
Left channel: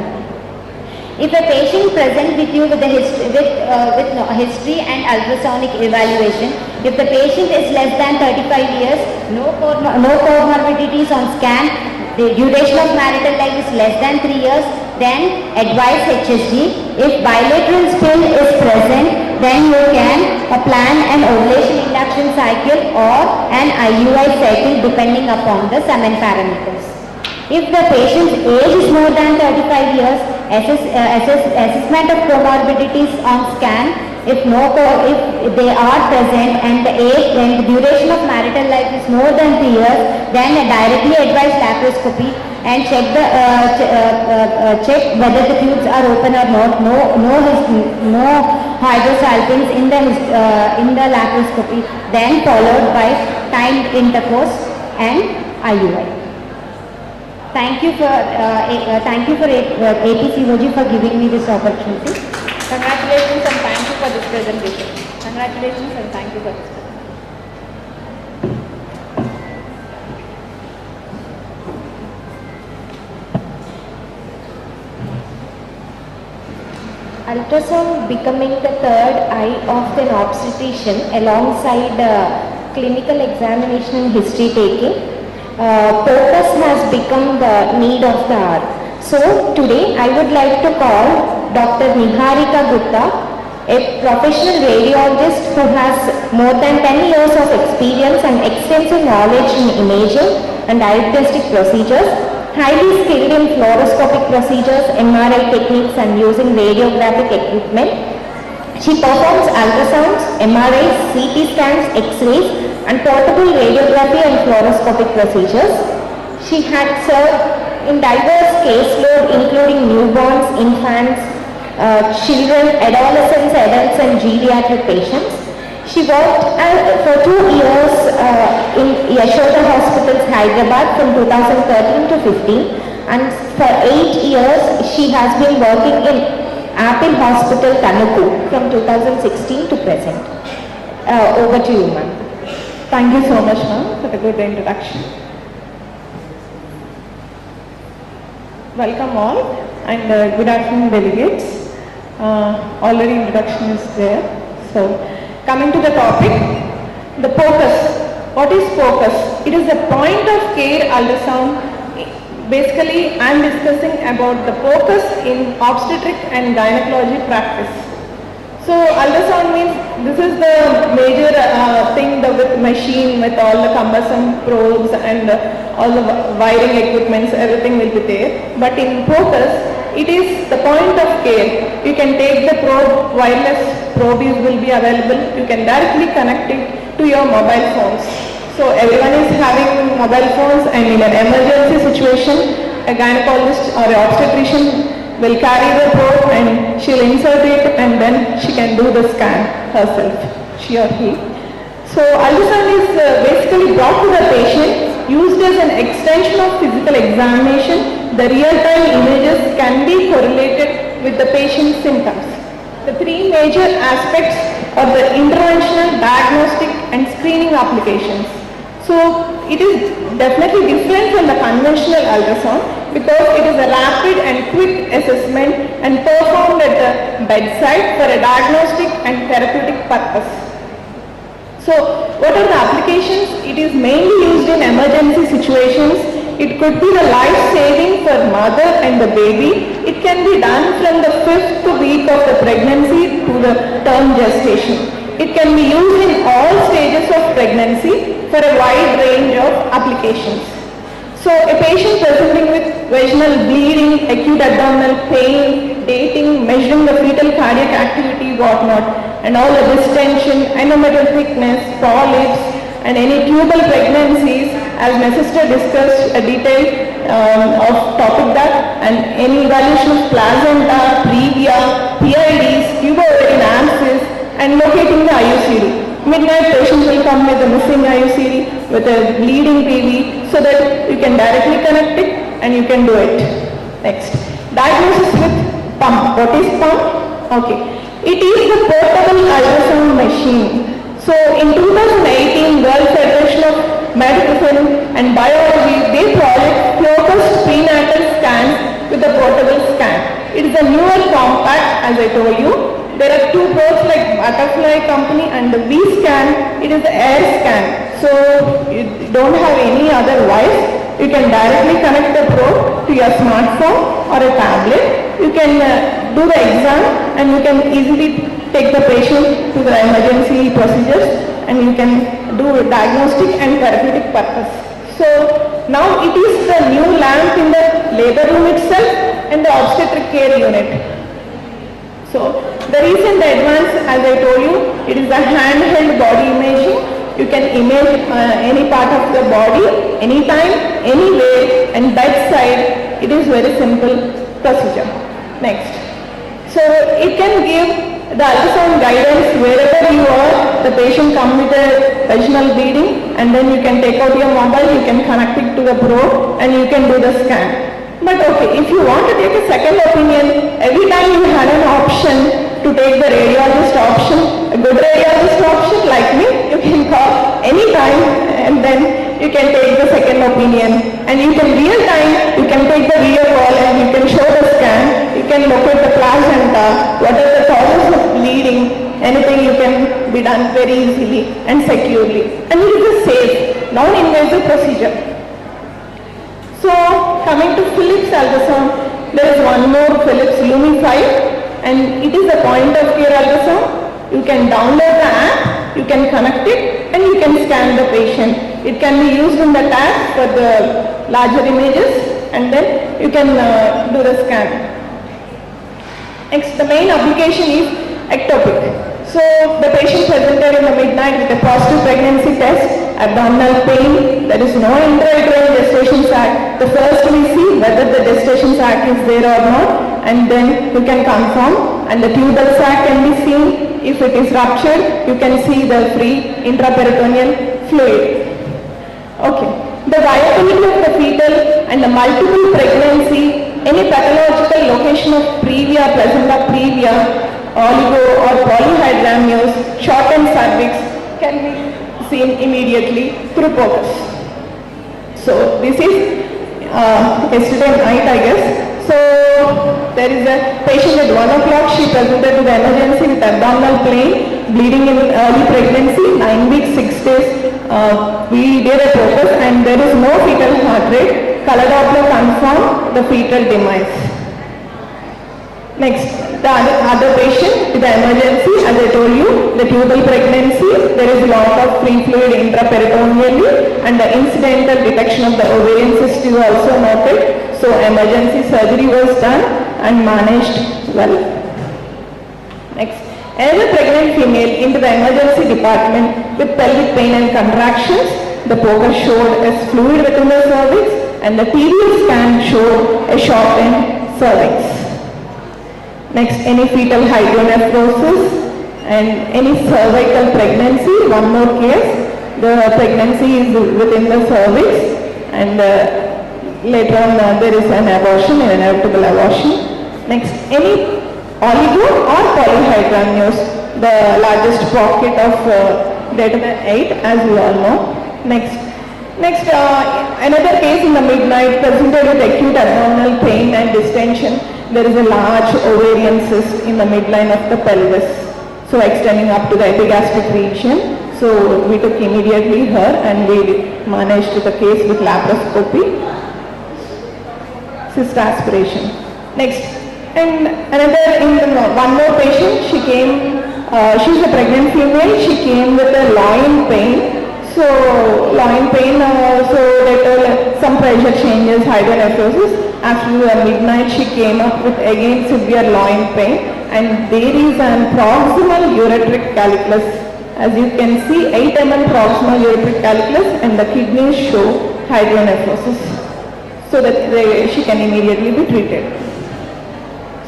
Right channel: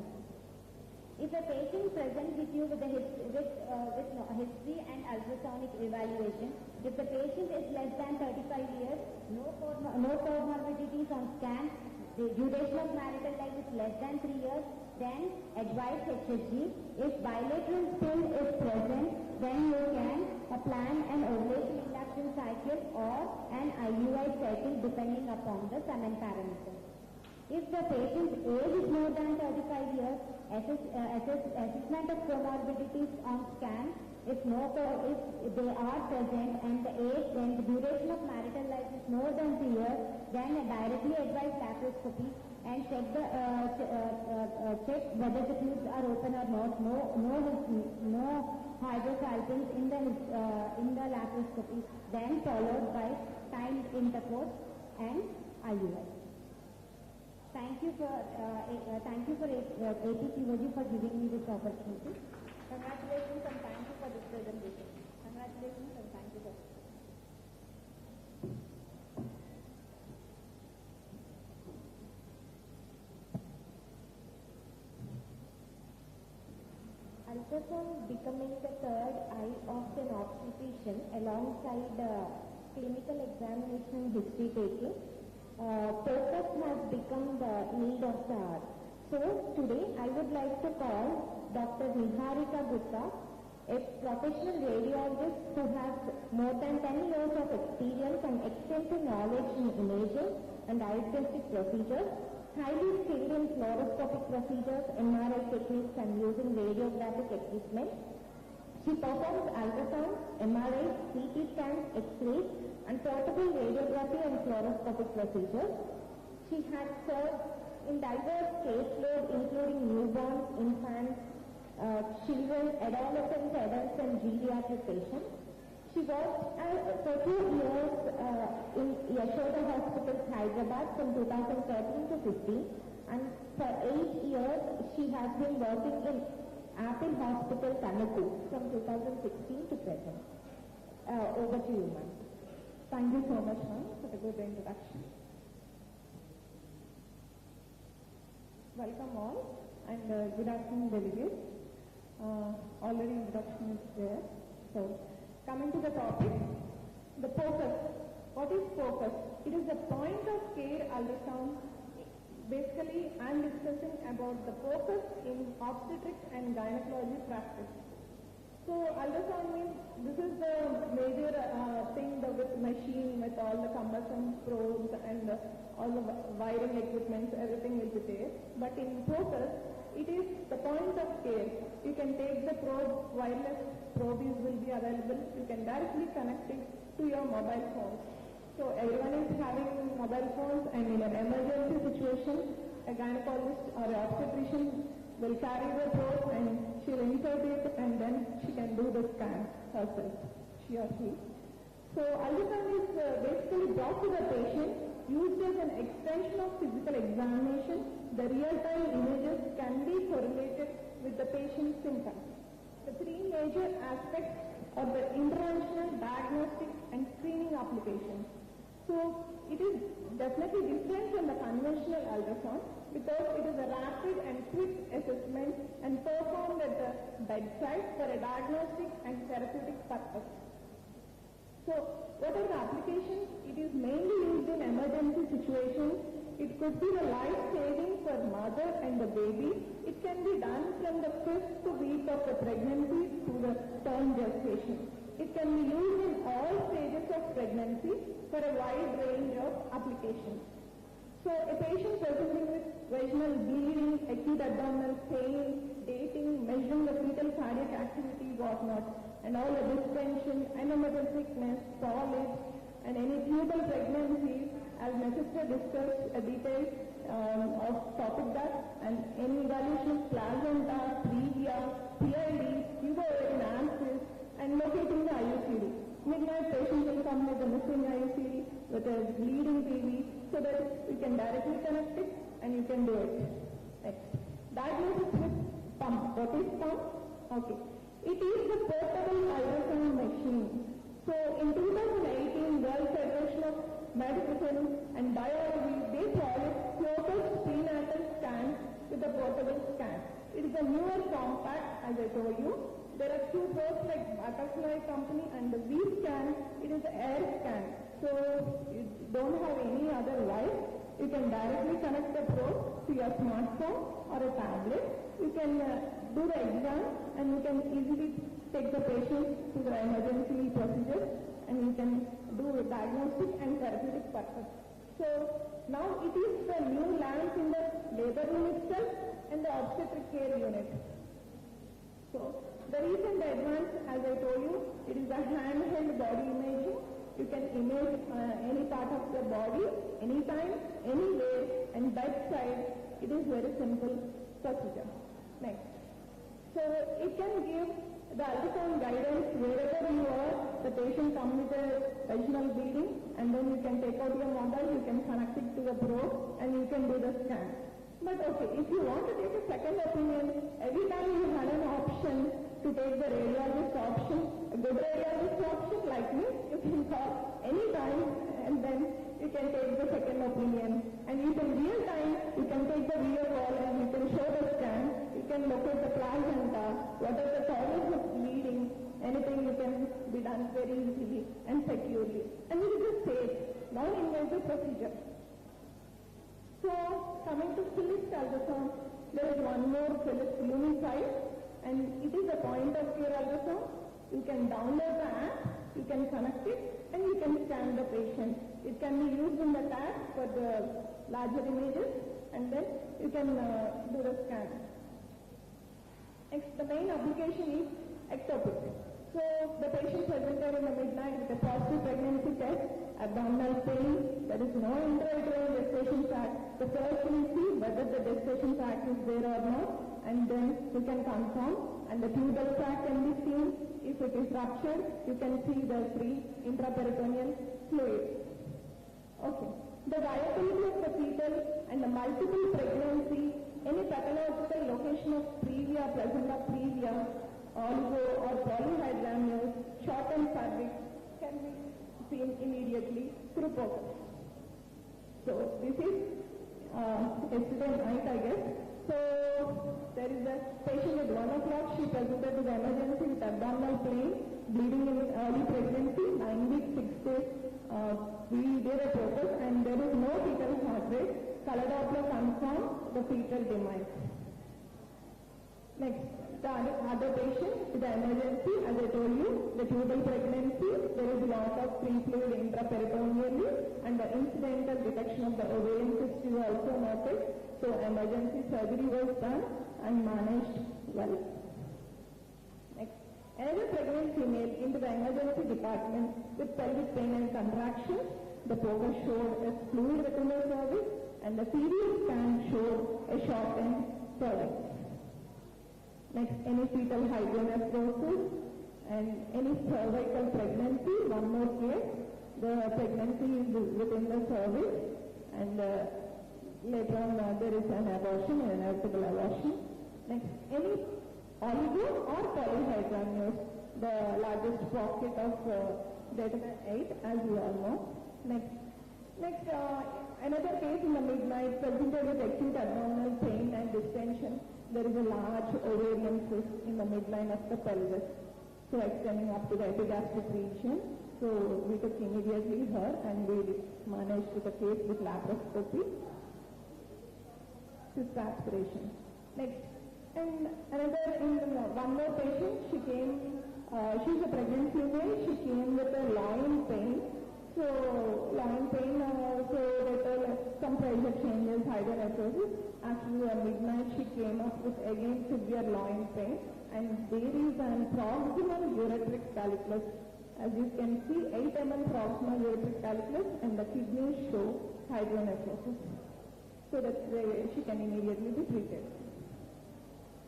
If a patient present with you with history and ultrasonic evaluation, if the patient is less than 35 years, no comorbidities on scan, the duration of marital life is less than 3 years, then advise HSG. If bilateral spill is present, then you can plan an ovulation induction cycle or an IUI cycle depending upon the semen parameters. If the patient's age is more than 35 years, assessment of comorbidities on scan. If they are present and the age and the duration of marital life is more than 3 years, then directly advise laparoscopy and check whether the tubes are open or not. No hydrosalpings in the laparoscopy. Then followed by timed intercourse and IUI. Thank you for APCOG for giving me this opportunity. Congratulations and thank you for this presentation. Congratulations and thank you for this presentation. Ultrasound becoming the third eye of an obstetrician alongside clinical examination and history taking. Focus has become the need of the hour. So today I would like to call Dr. Niharika Gupta, a professional radiologist who has more than 10 years of experience and extensive knowledge in imaging and diagnostic procedures, highly skilled in fluoroscopic procedures, MRI techniques and using radiographic equipment. She performs ultrasounds, MRIs, CT scans, X-rays and portable radiography and fluoroscopic procedures. She had served in diverse caseload including newborns, infants, children, adolescents, adults and geriatric patients. She worked for 2 years in Yashoda Hospitals, Hyderabad from 2013 to 15, and for 8 years she has been working in Apple Hospital, Tanuku from 2016 to present. Over to you, ma'am. Thank you so much, ma'am, for the good introduction. Welcome all and good afternoon delegates. Already introduction is there. So coming to the topic, the PCOS. What is PCOS? It is a point of care ultrasound. Basically I am discussing about the PCOS in obstetric and gynecology practice. So ultrasound means this is the major thing with machine with all the cumbersome probes and all the wiring equipments, everything will be there. But in PCOS, it is the point of care. You can take the probe, wireless probes will be available. You can directly connect it to your mobile phones. So everyone is having mobile phones and in an emergency situation, a gynecologist or an obstetrician will carry the probe and she'll insert it and then she can do the scan herself, she or he. So ultrasound is basically brought to the patient, used as an extension of physical examination. The real-time images can be correlated with the patient's symptoms. The three major aspects are the interventional, diagnostic and screening applications. So it is definitely different from the conventional ultrasound because it is a rapid and quick assessment and performed at the bedside for a diagnostic and therapeutic purpose. So what are the applications? It is mainly used in emergency situations. It could be the life-saving for mother and the baby. It can be done from the 5th week of the pregnancy to the term gestation. It can be used in all stages of pregnancy for a wide range of applications. So a patient presenting with vaginal bleeding, acute abdominal pain, dating, measuring the fetal cardiac activity, whatnot, and all the distension, endometrial thickness, polyps, and any tubal pregnancies, as my sister discussed a detail of topic that, and any evaluation of placenta, previa, PIDs, tubo-ovarian abscess, and locating the IUCD. Midnight patient will come with a missing IUCD with a bleeding PV so that you can directly connect it and you can do it. Next, diagnosis with pump. What is pump? Okay, it is the portable ultrasound machine. So in 2018, World Federation of Medicine and Biology, they project focused prenatal scans with a portable scan. It is a newer compact, as I told you. There are two probes like Butterfly company and the V-scan, it is the air scan. So you don't have any other wires. You can directly connect the probe to your smartphone or a tablet. You can do the exam and you can easily take the patient to the emergency procedures and you can do diagnostic and therapeutic purpose. So now it is the new lamp in the labor room itself and the obstetric care unit. So the recent advance, as I told you, it is a handheld body imaging. You can image any part of the body, anytime, anywhere, and bedside. It is very simple procedure. Next. So it can give the ultrasound guidance wherever you are. The patient comes with a vaginal bleeding and then you can take out your mobile, you can connect it to the probe and you can do the scan. But okay, if you want to take a second opinion, every time you had an option to take the radiologist option, a good radiologist option like me, you can call anytime and then you can take the second opinion. And you can real time, you can take the video call and you can show the scan, you can locate the placenta, what are the causes of bleeding, anything you can be done very easily and securely. And it is a safe, non-invasive procedure. So coming to Philips ultrasound, there is one more Philips Lumi 5 and it is a point of care ultrasound. You can download the app, you can connect it and you can scan the patient. It can be used in the tab for the larger images and then you can do the scan. Next, the main application is ectopic. So the patient presented in the midnight with a positive pregnancy test, abdominal pain, there is no intrauterine gestation sac. The first we see whether the gestation sac is there or not and then you can confirm and the tubal sac can be seen. If it is ruptured, you can see the free intraperitoneal fluid. Okay. The viability of the fetal and the multiple pregnancy, any pathological location of previa, placenta previa, oligo or polyhydramnios, shortened cervix can be seen immediately through PCOS. So this is yesterday night, I guess. there is a patient at 1 o'clock, she presented to the emergency with abdominal pain, bleeding in early pregnancy, 9 weeks, 6 days. We did a focus and there is no fetal heart rate. Color Doppler confirmed the fetal demise. Next, the other patient with the emergency, as I told you, the tubal pregnancy, there is a lot of free fluid intraperitoneally and the incidental detection of the ovarian cyst is also noted. So emergency surgery was done and managed well. Next, another pregnant female into the emergency department with pelvic pain and contractions. The poker showed a fluid within the cervix and the TDL scan showed a shortened cervix. Next, any fetal hydronephrosis and any cervical pregnancy. One more case, the pregnancy is within the cervix and later on there is an abortion, an inevitable abortion. Next, any oligo or polyhydramnios, the largest pocket of greater than 8 as we all know. Next, another case in the midnight presented with acute abdominal pain and distension. There is a large ovarian cyst in the midline of the pelvis, so extending up to the epigastric region. So we took immediately her and we managed the case with laparoscopy, cyst aspiration. Next, and one more patient, she came, she's a pregnant female, she came with a loin pain. So loin pain, so later some pressure changes, hydronephrosis. After midnight she came up with again severe loin pain and there is an proximal ureteric calculus. As you can see, 8 mm proximal ureteric calculus and the kidneys show hydronephrosis. So that she can immediately be treated.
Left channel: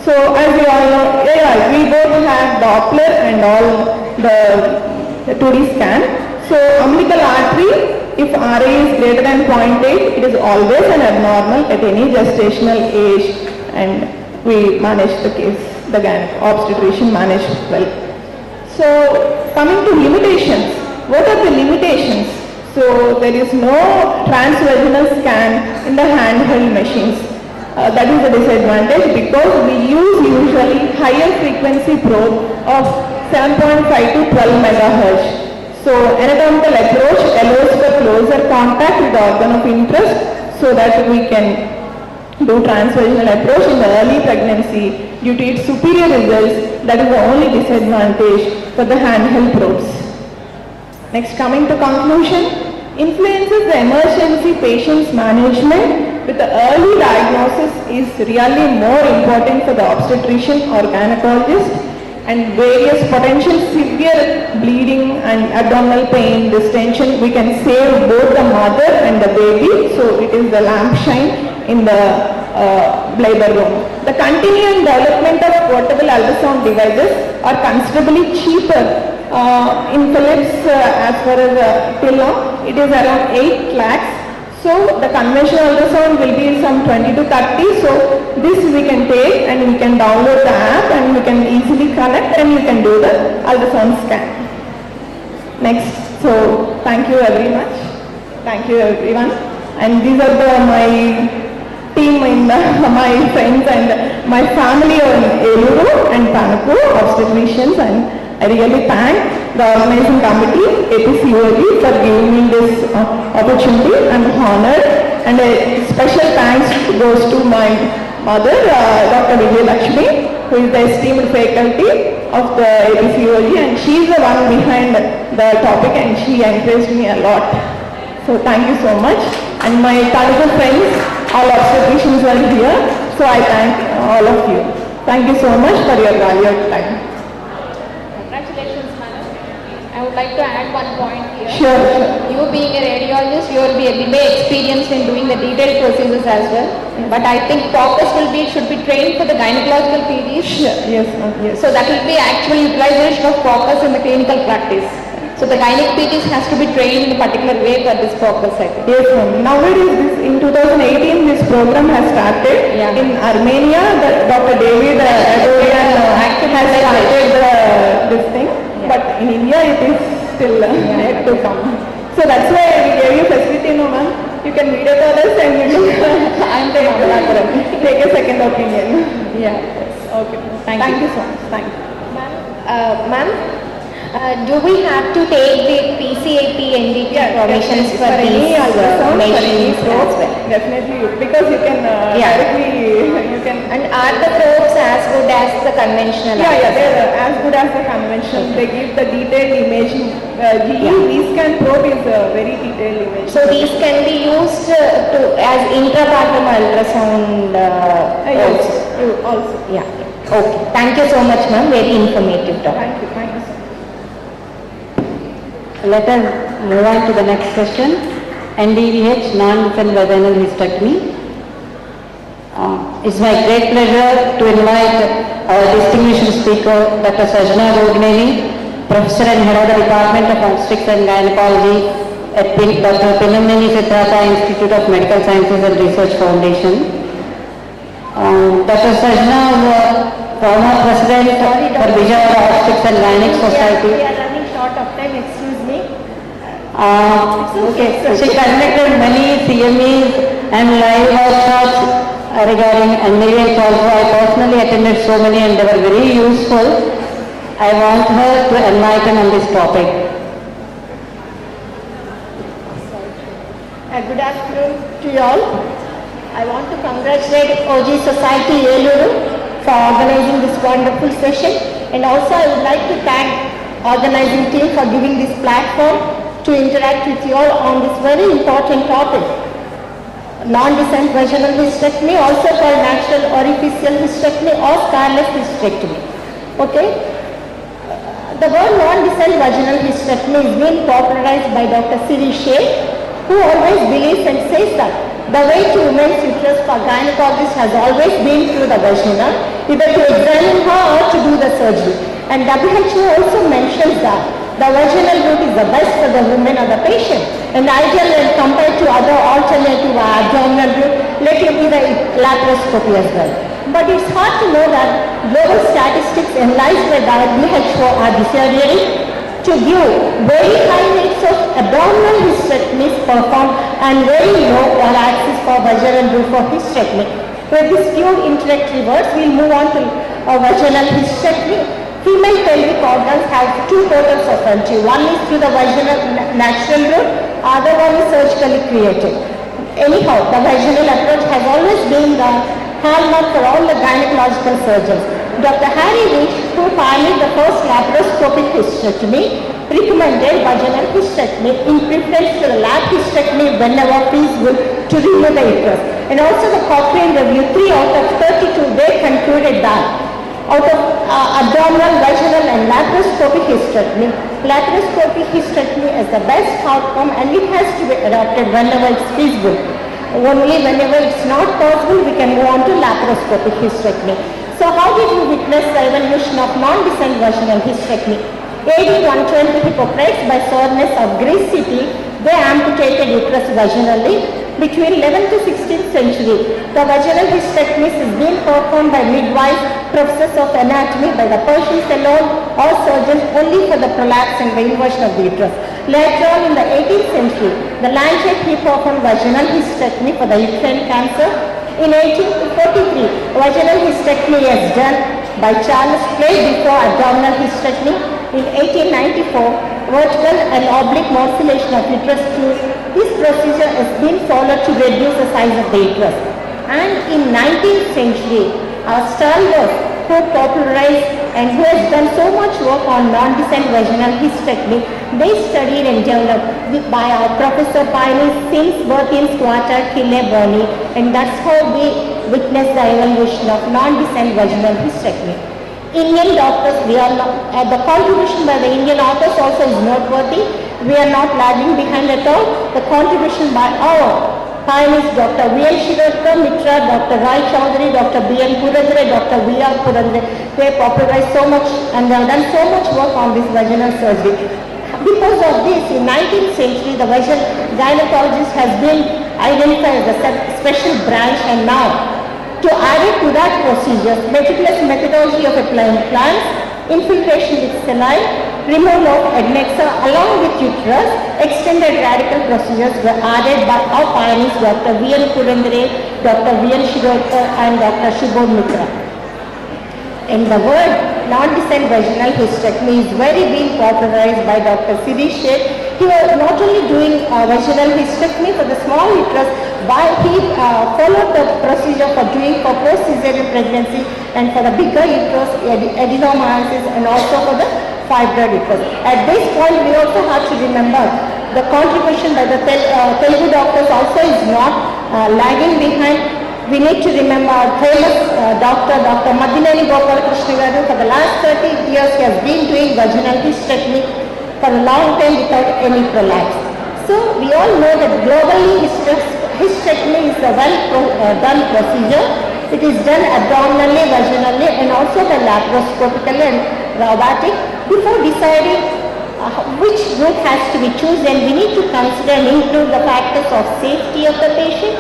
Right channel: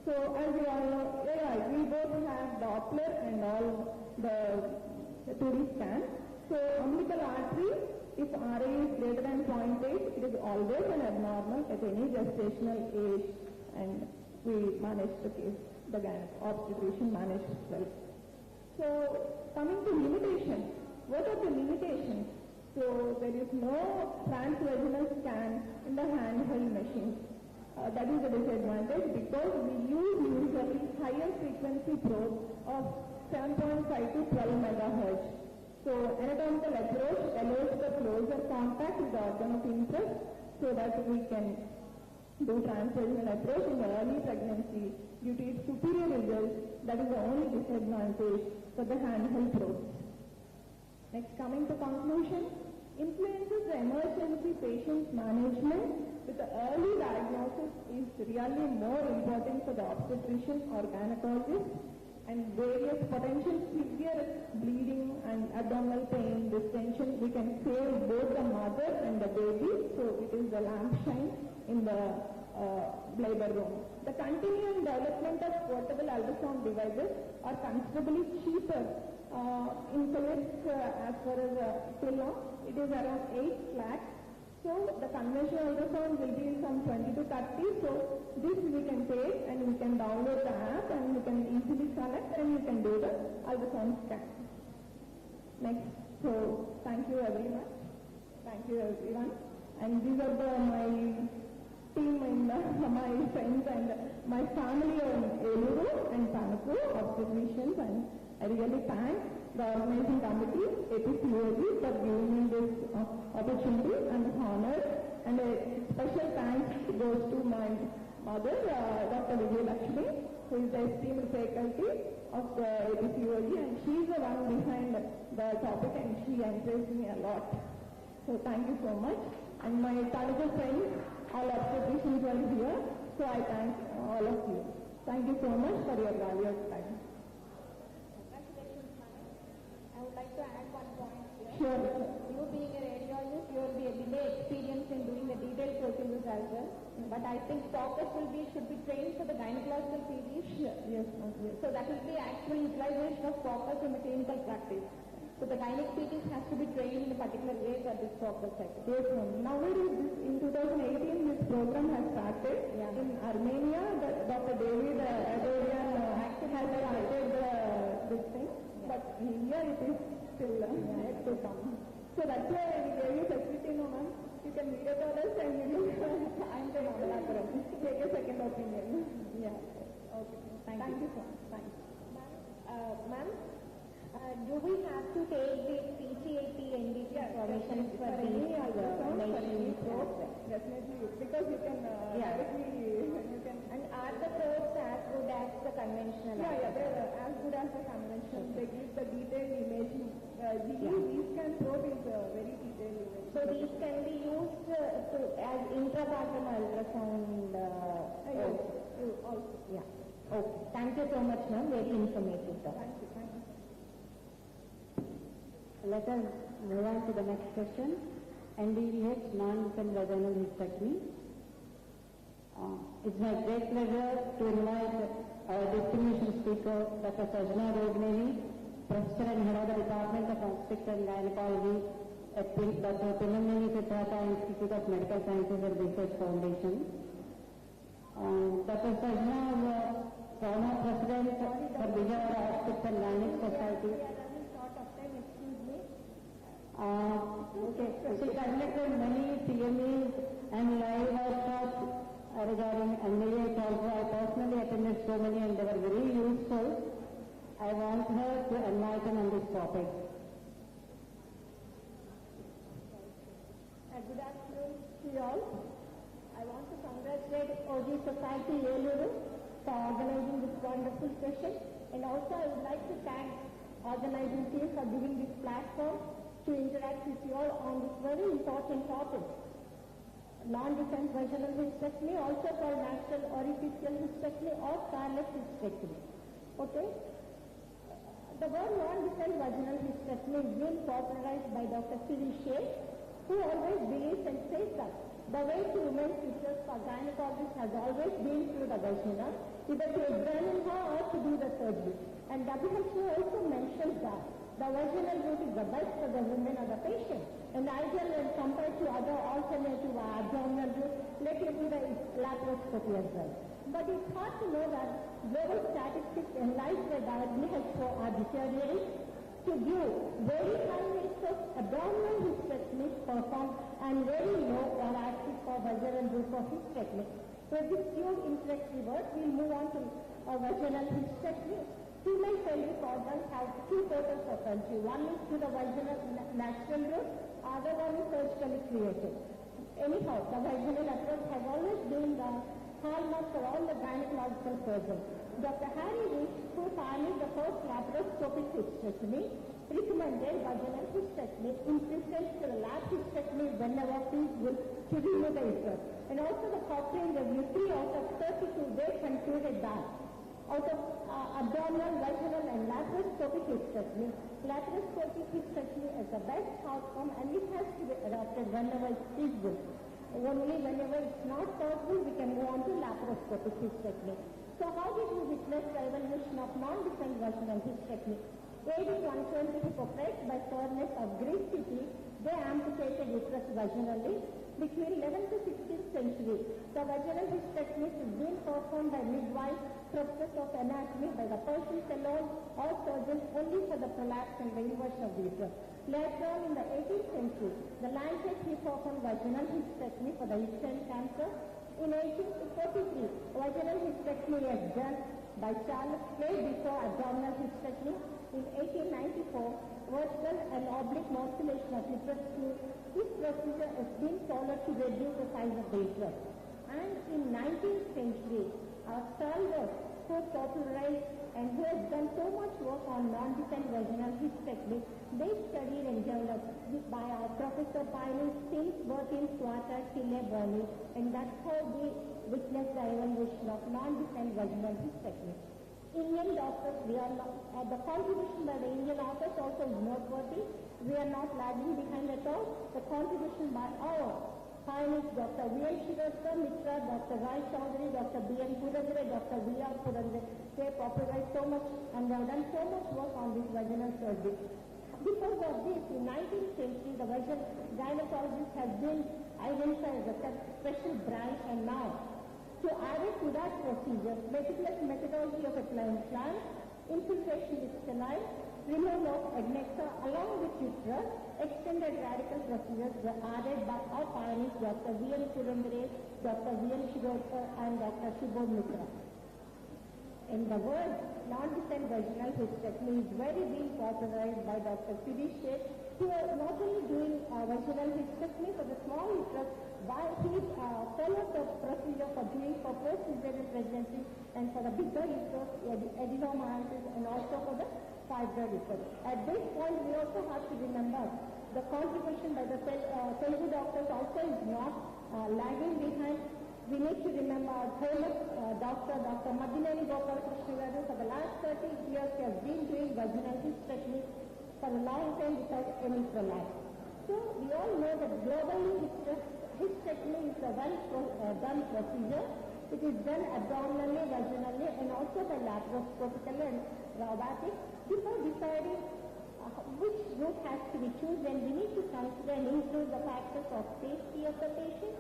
So as we all know, we both have Doppler and all the 2D scan. So umbilical artery, if RA is greater than 0.8, it is always an abnormal at any gestational age and we managed the case, the obstetrician managed well. So coming to limitations, what are the limitations? So there is no transvaginal scan in the handheld machines. That is a disadvantage because we use usually higher frequency probe of 7.5 to 12 megahertz. So anatomical approach allows for closer contact with the organ of interest so that we can do transvaginal approach in the early pregnancy due to its superior results. That is the only disadvantage for the handheld probes. Next, coming to conclusion, influences the emergency patient's management with the early diagnosis is really more important for the obstetrician or gynecologist. And various potential severe bleeding and abdominal pain, distension, we can save both the mother and the baby. So it is the lamp shine in the labor room. The continuing development of portable ultrasound devices are considerably cheaper. In Philips, as far as till now, it is around 8 lakhs. So the conventional ultrasound will be some 20 to 30. So this we can take and we can download the app and we can easily connect and you can do the ultrasound scan. Next, so thank you very much. Thank you everyone. And these are my team in my friends and my family in Eluru and Tanaku, obstetricians, and I really thank the organizing committee, APCOG, for giving me this opportunity. I'm honored and a special thanks goes to my mother, Dr. Vijay Lakshmi, who is the esteemed faculty of the APCOG, and she is the one behind the topic and she encouraged me a lot. So thank you so much. And my Tanaku friends, all obstetricians are here, so I thank all of you. Thank you so much for your valued time. Congratulations, madam. I would like to add one point here. Sure. You being a radiologist, you will be a bit experienced in doing the detailed procedures as well. But I think focus should be trained for the gynecological PDs. Sure. Yes, yes. So that will be actual utilization of focus in the clinical practice. So the gynec PTs has to be trained in a particular way for this focus, I think. Yes, ma'am. Nowadays, in 2018, this program has started. Yeah. In Armenia, Dr. David Adorian has started this thing. Yeah. But in India, it is still yet to come. So that's why we gave you facility, no ma'am. you can video call us and you can, I'm the Mamalapuram. Take a second opinion. Yeah. Okay. Thank you so much. Thank you. Ma'am, do we have to take the PCAP NDT informations for any these ultrasound, for any machines probe, as well? definitely, because you can directly, you can... And are the probes as good as the conventional? Yeah, they're as good as the conventional. They give the detailed imaging. V-scan probe is a very detailed image. So these can be used as intrapartum ultrasound also. Yeah. Okay. Thank you so much, ma'am. Very informative talk. Thank you so much. Let us move on to the next session. NDVH, non-defense vaginal hysterectomy. It's my great pleasure to invite our distinguished speaker, Dr. Sajna Rogneni, Professor and Head of the Department of Obstetrics and Gynecology at Dr. Pinnamneni Siddhartha Institute of Medical Sciences and Research Foundation. Dr. Sajna was former president for Vijayawada Obstetrics and Gynec Society. We are running short of time, excuse me. Okay, so she conducted many CMEs and live workshops regarding NDVH also. I personally attended so many and they were very useful. I want her to enlighten on this topic. Good afternoon to you all. I want to congratulate OG Society Eluru for organizing this wonderful session, and also I would like to thank organizing team for giving this platform to interact with you all on this very important topic. Non-descent vaginal hysterectomy, also called natural orificial hysterectomy or scarless hysterectomy. Okay? The word non-descent vaginal hysterectomy is being popularized by Dr. Siri Shea, who always believes and says that the way to women's uterus for gynecologists has always been through the vagina, either to examine her or to do the surgery. And WHO also mentions that the vaginal route is the best for the woman or the patient, and ideal when compared to other alternative abdominal route, let it be the laparoscopy as well. But it's hard to know that global statistics analyzed by the WHO are deteriorating to give very high rates of abdominal hysterectomies performed and very low axis for vaginal route for hysterectomy. With this few introductory words, we'll move on to vaginal hysterectomy. Female pelvic organs have two portals of entry. One is through the vaginal natural route, other one is surgically created. Anyhow, the vaginal approach has always been the hallmark for all the gynecological surgeons. Dr. Harry Rich, who pioneered the first laparoscopic hysterectomy, recommended vaginal hysterectomy in preference to the lap hysterectomy whenever feasible to remove the uterus. And also the Cochrane review, 3 out of 32, they concluded that out of abdominal, vaginal and laparoscopic hysterectomy, laparoscopic hysterectomy is the best outcome and it has to be adopted whenever it's feasible. Only whenever it's not possible, we can move on to laparoscopic hysterectomy. So how did we witness the evolution of non-descent vaginal hysterectomy? AD 120 Hippocrates, by soreness of Greece city, they amputated uterus vaginally. Between 11th to 16th century, the vaginal hysterectomy is being performed by midwives, professors of anatomy, by the Persians alone, or surgeons only for the prolapse and the inversion of the uterus. Later on in the 18th century, the Lancet he performed vaginal hysterectomy for the uterine cancer. In 1843, vaginal hysterectomy is done by Charles Clay before abdominal hysterectomy. In 1894, vertical and oblique morcellation of uterus tube. This procedure has been followed to reduce the size of the uterus. And in 19th century, Starlov, who popularized and who has done so much work on non-descent vaginal hysterectomy, they studied and developed by our professor pioneers since birth in Squatter, Kille, Boni, and that's how we witnessed the evolution of non-descent vaginal hysterectomy. Indian doctors, we are not, the contribution by the Indian authors also is noteworthy. We are not lagging behind at all. The contribution by our pioneers, Dr. V.N. Shirokar Mitra, Dr. Rai Chaudhary, Dr. B.N. Purandare, Dr. V.R. Purandare, they popularized so much and they have done so much work on this vaginal surgery. Because of this, in 19th century, the vaginal gynecologist has been identified as a special branch, and now to add it to that procedure, meticulous methodology of applying plants, infiltration with saline, removal of adnexa along with uterus, extended radical procedures were added by our pioneers Dr. V.N. Purandare, Dr. V.N. Ureter and Dr. Shubham Mitra. In the word, non-descent vaginal hysterectomy is very being popularized by Dr. Sirish Sheth. He was not only doing vaginal hysterectomy for the small uterus, but he followed the procedure for doing for post-cesarean pregnancy and for the bigger uterus, adenomyosis, and also for the fibroid uterus. At this point, we also have to remember the contribution by the Telugu doctors also is not lagging behind. We need to remember our famous Dr. Madineni Gopal Krishna Garu. For the last 30 years, he has been doing vaginal hysterectomy for a long time without any prolapse. So we all know that globally hysterectomy is a well-done procedure. It is done abdominally, vaginally, and also by laparoscopically and robotic. Before deciding which route has to be chosen, we need to consider and include the factors of safety of the patient,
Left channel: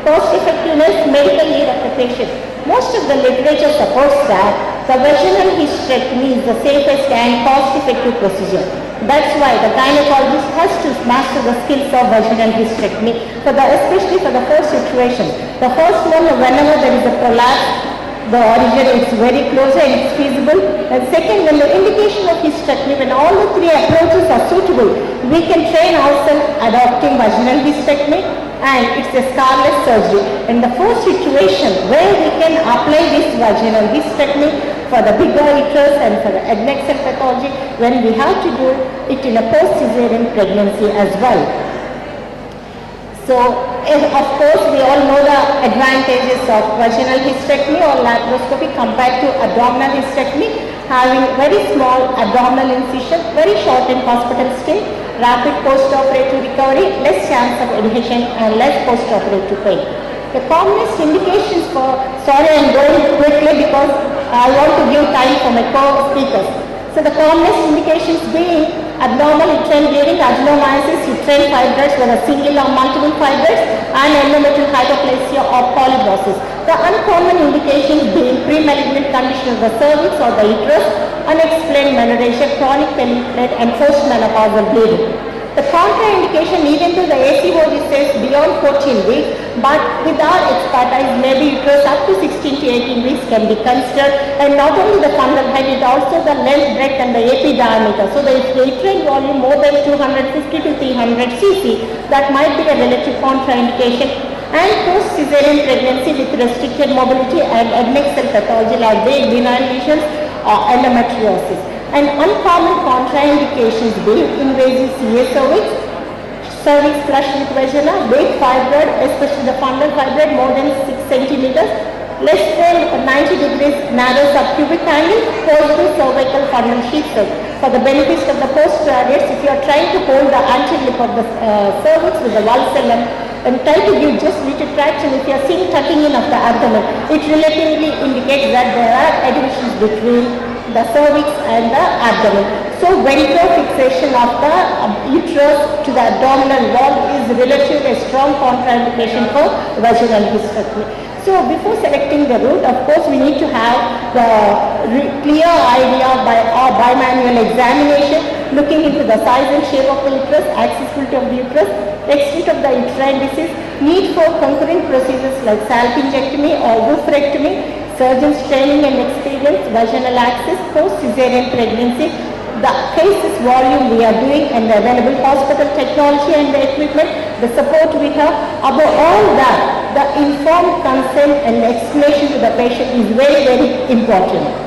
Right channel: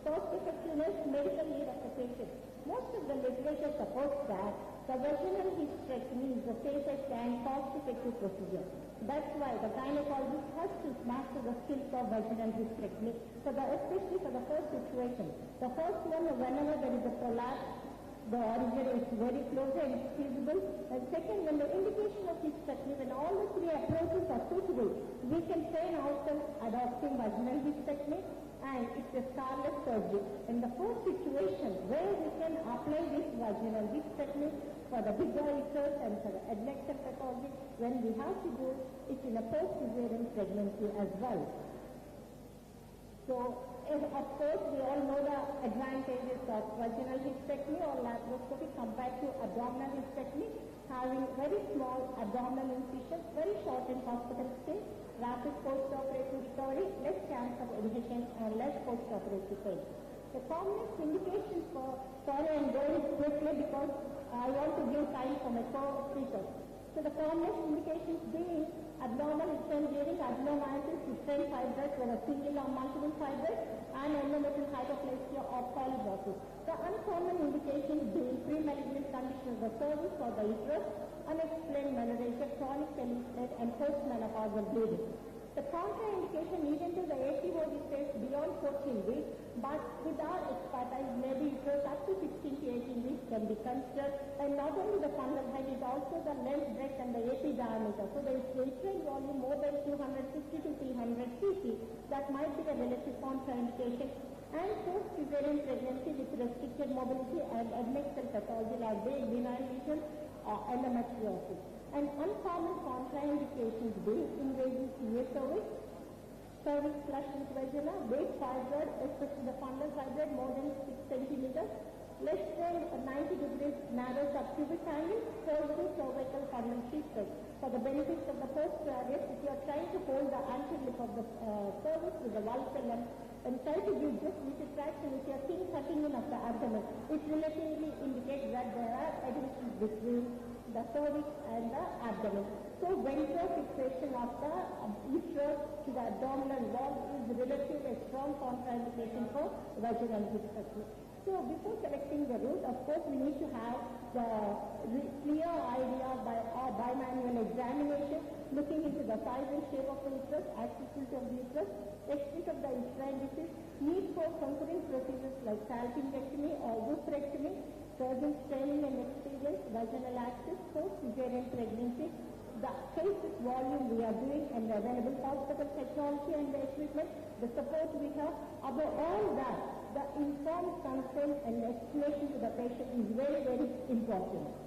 cost effectiveness, medical need of the patient. Most of the literature supports that the vaginal hysterectomy is the safest and cost-effective procedure. That's why the gynecologist has to master the skills of vaginal hysterectomy, especially for the first situation. The first one, whenever there is a prolapse, the origin is very close and it's feasible. And second, when the indication of hysterectomy, when all the three approaches are suitable, we can train ourselves adopting vaginal hysterectomy, and it's a scarless surgery. In the first situation where we can apply this vaginal hysterectomy for the bigger uterus and for the adnexal pathology, when we have to do it in a post-cesarean pregnancy as well. So, of course, we all know the advantages of vaginal hysterectomy or laparoscopy compared to abdominal hysterectomy, having very small abdominal incision, very short in hospital stay, rapid post-operative recovery, less chance of adhesion and less post-operative pain. The commonest indications for, sorry I'm going quickly because I want to give time for my co-speakers. So the commonest indications being abnormal uterine bleeding, adenomyosis, uterine fibroids, whether single or multiple fibroids, and endometrial hyperplasia or polyposis. The uncommon indications being pre-malignant condition of the cervix or the uterus, unexplained menorrhagia, chronic pelvic and post-menopausal bleeding. The contraindication, even though the ACOG says beyond 14 weeks, but with our expertise, maybe uterus up to 16 to 18 weeks can be considered, and not only the fundal height, it also the length, breadth and the AP diameter. So the uterine volume more than 250 to 300 cc, that might be a relative contraindication. And post-cesarean pregnancy with restricted mobility and adnexal pathology like vague benign lesions or endometriosis. And uncommon contraindications being invasive CA cervix flushed with vagina, big fibroid, especially the fundal fibroid more than 6 centimeters, less than 90 degrees narrow subcubic angle, positive cervical fundal sheath cell. For the benefit of the postgraduates, if you are trying to hold the anterior lip of the cervix with the valsalem and try to give just little traction, if you are seeing tucking in of the abdomen, it relatively indicates that there are adhesions between the cervix and the abdomen. So ventral fixation of the uterus to the abdominal wall is relatively a strong contraindication for vaginal hysterectomy. So before selecting the route, of course, we need to have the clear idea by our bimanual examination, looking into the size and shape of the uterus, accessibility of the uterus, extent of the uterine disease, need for concurrent procedures like salpingectomy or oophorectomy, surgeon's training and experience, vaginal access, post-cesarean pregnancy, the cases volume we are doing and the available hospital technology and the equipment, the support we have. Above all that, the informed consent and explanation to the patient is very, very important.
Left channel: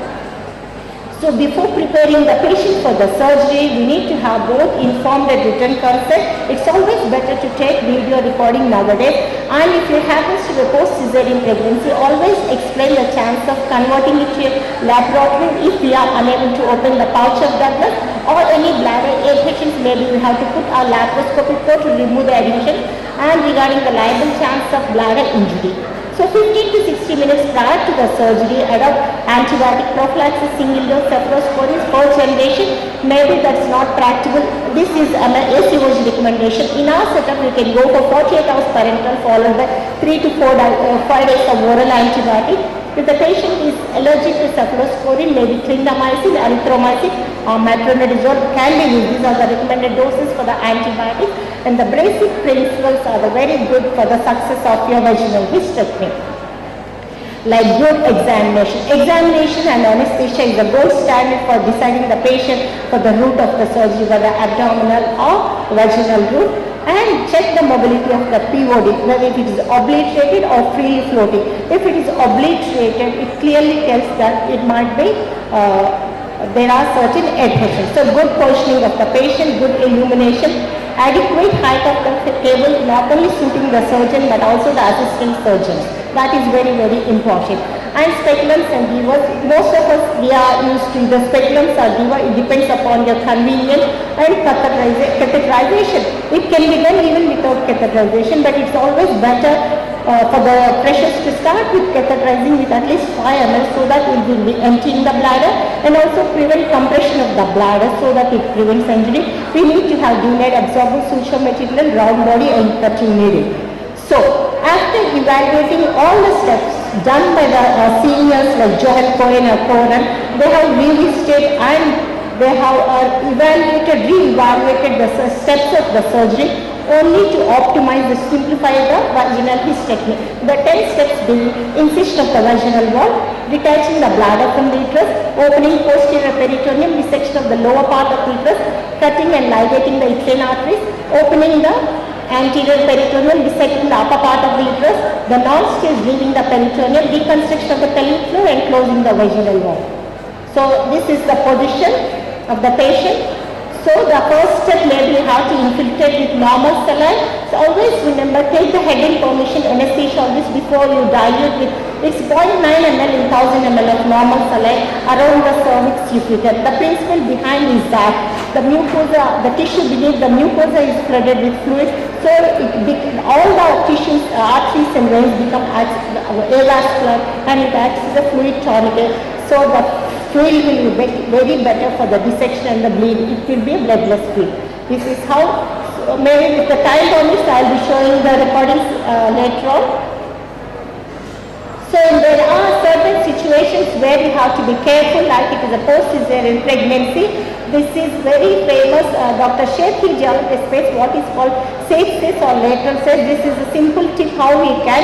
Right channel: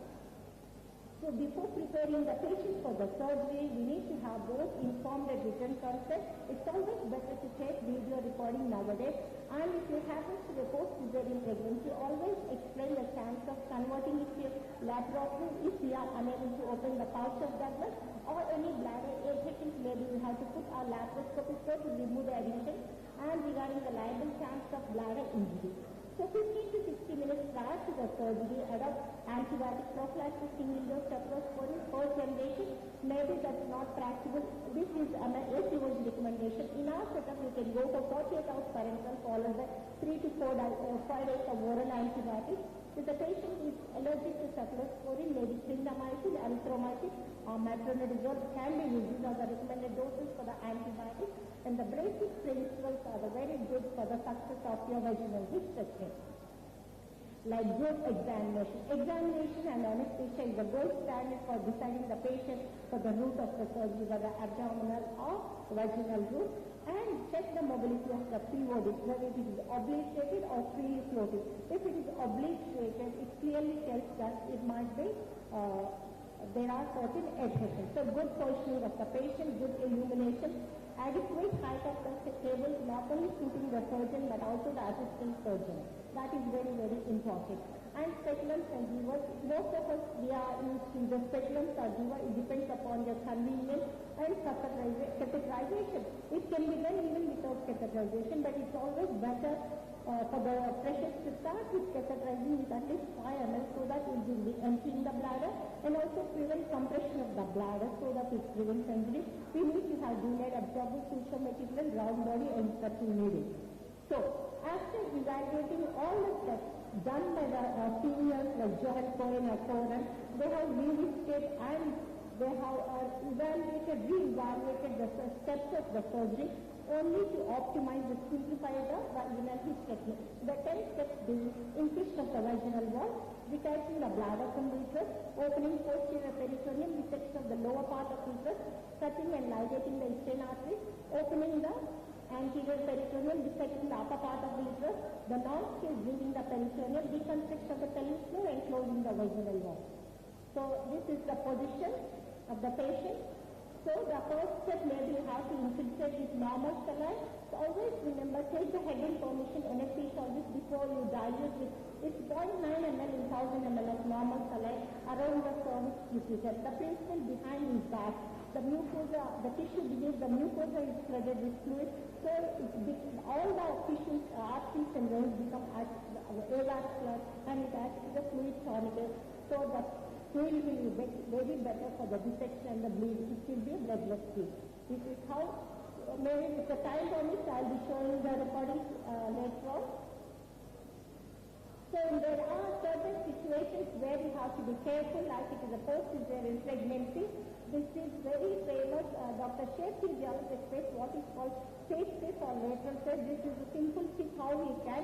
So before preparing the patient for the surgery, we need to have both informed and written consent. It's always better to take video recording nowadays. And if it happens to be post-cesarean pregnancy, always explain the chance of converting it to a laparotomy if we are unable to open the pouch of Douglas, or any bladder patients, maybe we have to put our laparoscopic port to remove the adhesion, and regarding the liable chance of bladder injury. So 15 to 60 minutes prior to the surgery, adopt antibiotic prophylaxis, single dose cephalosporins, first generation. Maybe that's not practical. This is an ACOG recommendation. In our setup, we can go for 48 hours parenteral followed by 3 to 5 days of oral antibiotic. If the patient is allergic to cephalosporin, maybe clindamycin, erythromycin, or metronidazole can be used. These are the recommended doses for the antibiotics, and the basic principles are very good for the success of your vaginal hysterectomy. Like good examination. Examination and anesthesia is the gold standard for deciding the patient for the route of the surgery, whether abdominal or vaginal route, and check the mobility of the POD, whether it is obliterated or freely floating. If it is obliterated, it clearly tells that it might be there are certain adhesions. So good positioning of the patient, good illumination, adequate height of the table, not only suiting the surgeon but also the assistant surgeons. That is very, very important. And speculums and divas, most of us we are used to the speculums or diva. It depends upon your convenience. And catheterization. It can be done even without catheterization, but it's always better for the pressures to start with catheterizing with at least 5 ml so that it will be emptying the bladder, and also prevent compression of the bladder so that it prevents injury. We need to have delayed absorbable suture material, round body and cutting needle. So after evaluating all the steps done by the seniors like Joel Cohen or Cohen, they have revisited and they have re-evaluated the steps of the surgery only to optimize the simplify the vaginal hysterectomy. The 10 steps being incision of the vaginal wall, detaching the bladder from the uterus, opening posterior peritoneum, dissection of the lower part of the uterus, cutting and ligating the uterine arteries, opening the anterior peritoneum, dissecting the upper part of the uterus, the non-stage leaving the peritoneum, deconstruction of the pelvic floor and closing the vaginal wall. So this is the position of the patient. So the first step may be how to infiltrate with normal saline. So always remember, take the head in permission anesthesia always before you dilute with, it's 0.9 ml in 1000 ml of normal saline around the cervix ureter. The principle behind is that the mucosa, the tissue beneath the mucosa is flooded with fluid, so all the tissues, arteries and veins become avascular and it acts as a fluid tourniquet. So the fluid will be very better for the dissection and the bleed. It will be a bloodless fluid. This is how, maybe with the time permits, I will be showing the recordings later on. So there are certain situations where you have to be careful, like it is a post-cesarean pregnancy. This is very famous, Dr. Sheikh explains what is called safe cis or lateral cis. This is a simple tip how we can.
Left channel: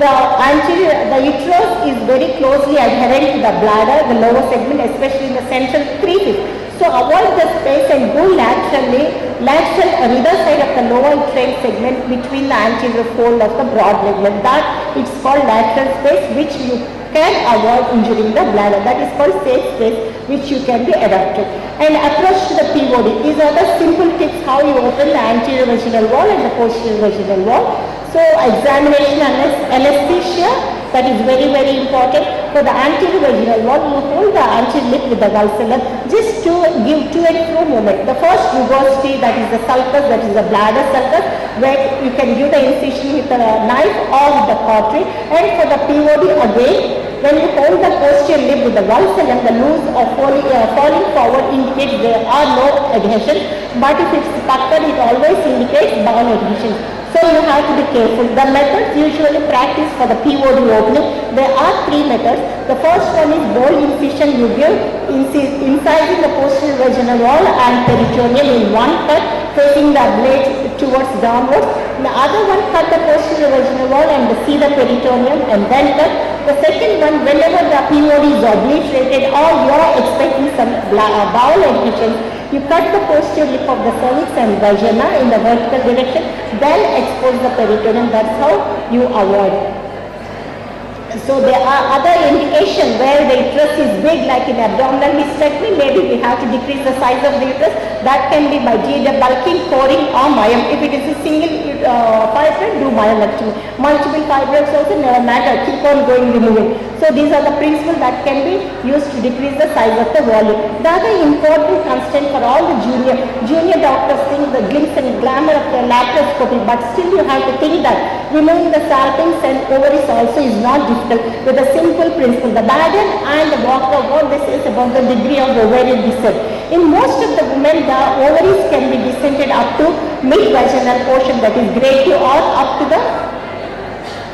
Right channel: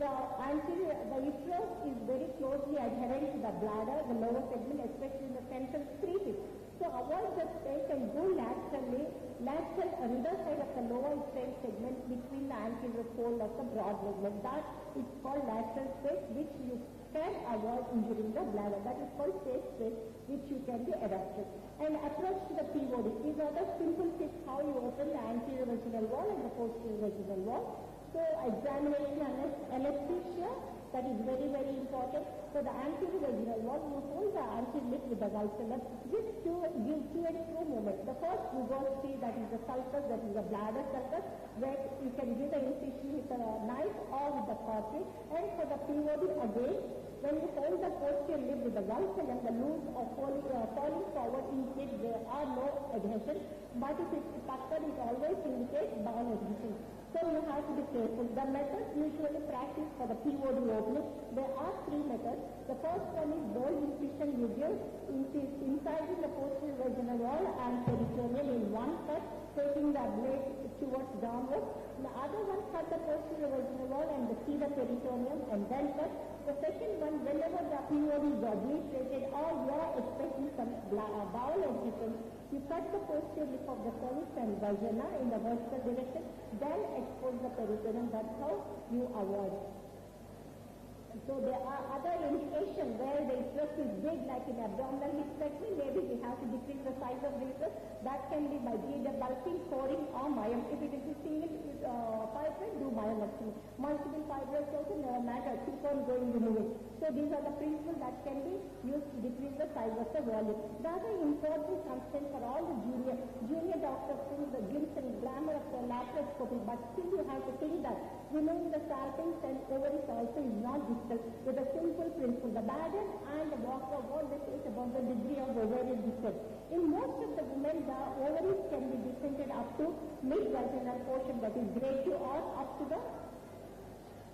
The uterus is very closely adherent to the bladder, the lower segment, especially in the central 3/5. So avoid the space and go lateral on either side of the lower uterine segment between the anterior fold of the broad ligament. That it's called lateral space, which you can avoid injuring the bladder. That is called safe space, which you can be adapted. And approach to the POD. These are the simple tips how you open the anterior vaginal wall and the posterior vaginal wall. So examination and anesthesia, that is very, very important. For the anterior vaginal wall, you hold the anterior lip with the valsalva just to give to and fro movement. The first rugosity, that is the sulcus, that is the bladder sulcus, where you can give the incision with a knife or with the cautery. And for the POD again, when you hold the posterior lip with the valsalva, the loose or falling forward indicates there are no adhesions. But if it's puckered, it always indicates bowel adhesions. So you have to be careful. The methods usually practiced for the POD opening, there are 3 methods. The first one is bole incision. You give incising the posterior vaginal wall and peritoneum in one cut, facing the blade towards downwards. The other one, cut the posterior vaginal wall and see the peritoneum and then cut. The second one, whenever the POD is obliterated or you are expecting some bowel adhesion, you cut the posterior lip of the cervix and vagina in the vertical direction, then expose the peritoneum. That's how you avoid. So there are other indications where the uterus is big, like in abdominal hysterectomy. Maybe we have to decrease the size of the uterus. That can be by bulking, coring or myom. If it is a single fibroid, do myomectomy. Multiple fibroids also never matter. Keep on going, removing. So these are the principles that can be used to decrease the size of the volume. The other important constant for all the junior doctors think the glimpse and glamour of the laparoscopy, but still you have to think that removing the salpings and ovaries also is not difficult. With a simple principle, the burden and the Walker, what this is about the degree of ovarian descent. In most of the women, the ovaries can be descended up to mid-vaginal portion, that is grade 2, or up to the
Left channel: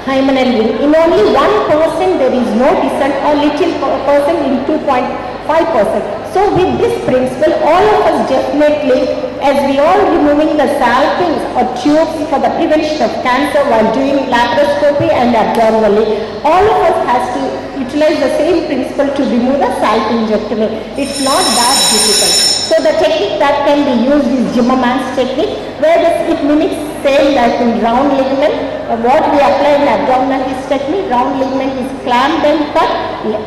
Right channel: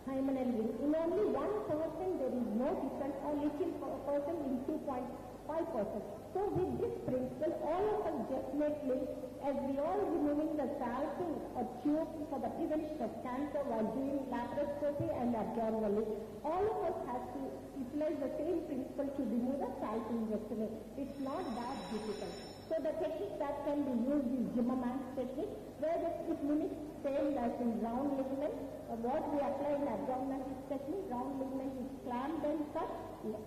hymenal ring. In only 1% there is no descent or little percent in 2.5%. So with this principle, all of us definitely, as we all removing the salpings or tubes for the prevention of cancer while doing laparoscopy and abdominally, all of us has to utilize the same principle to remove the salpingectomy. It's not that difficult. So the technique that can be used is Zimmerman's technique, where it mimics same like in round ligament. What we apply in abdominal hysterectomy, round ligament is clamped and cut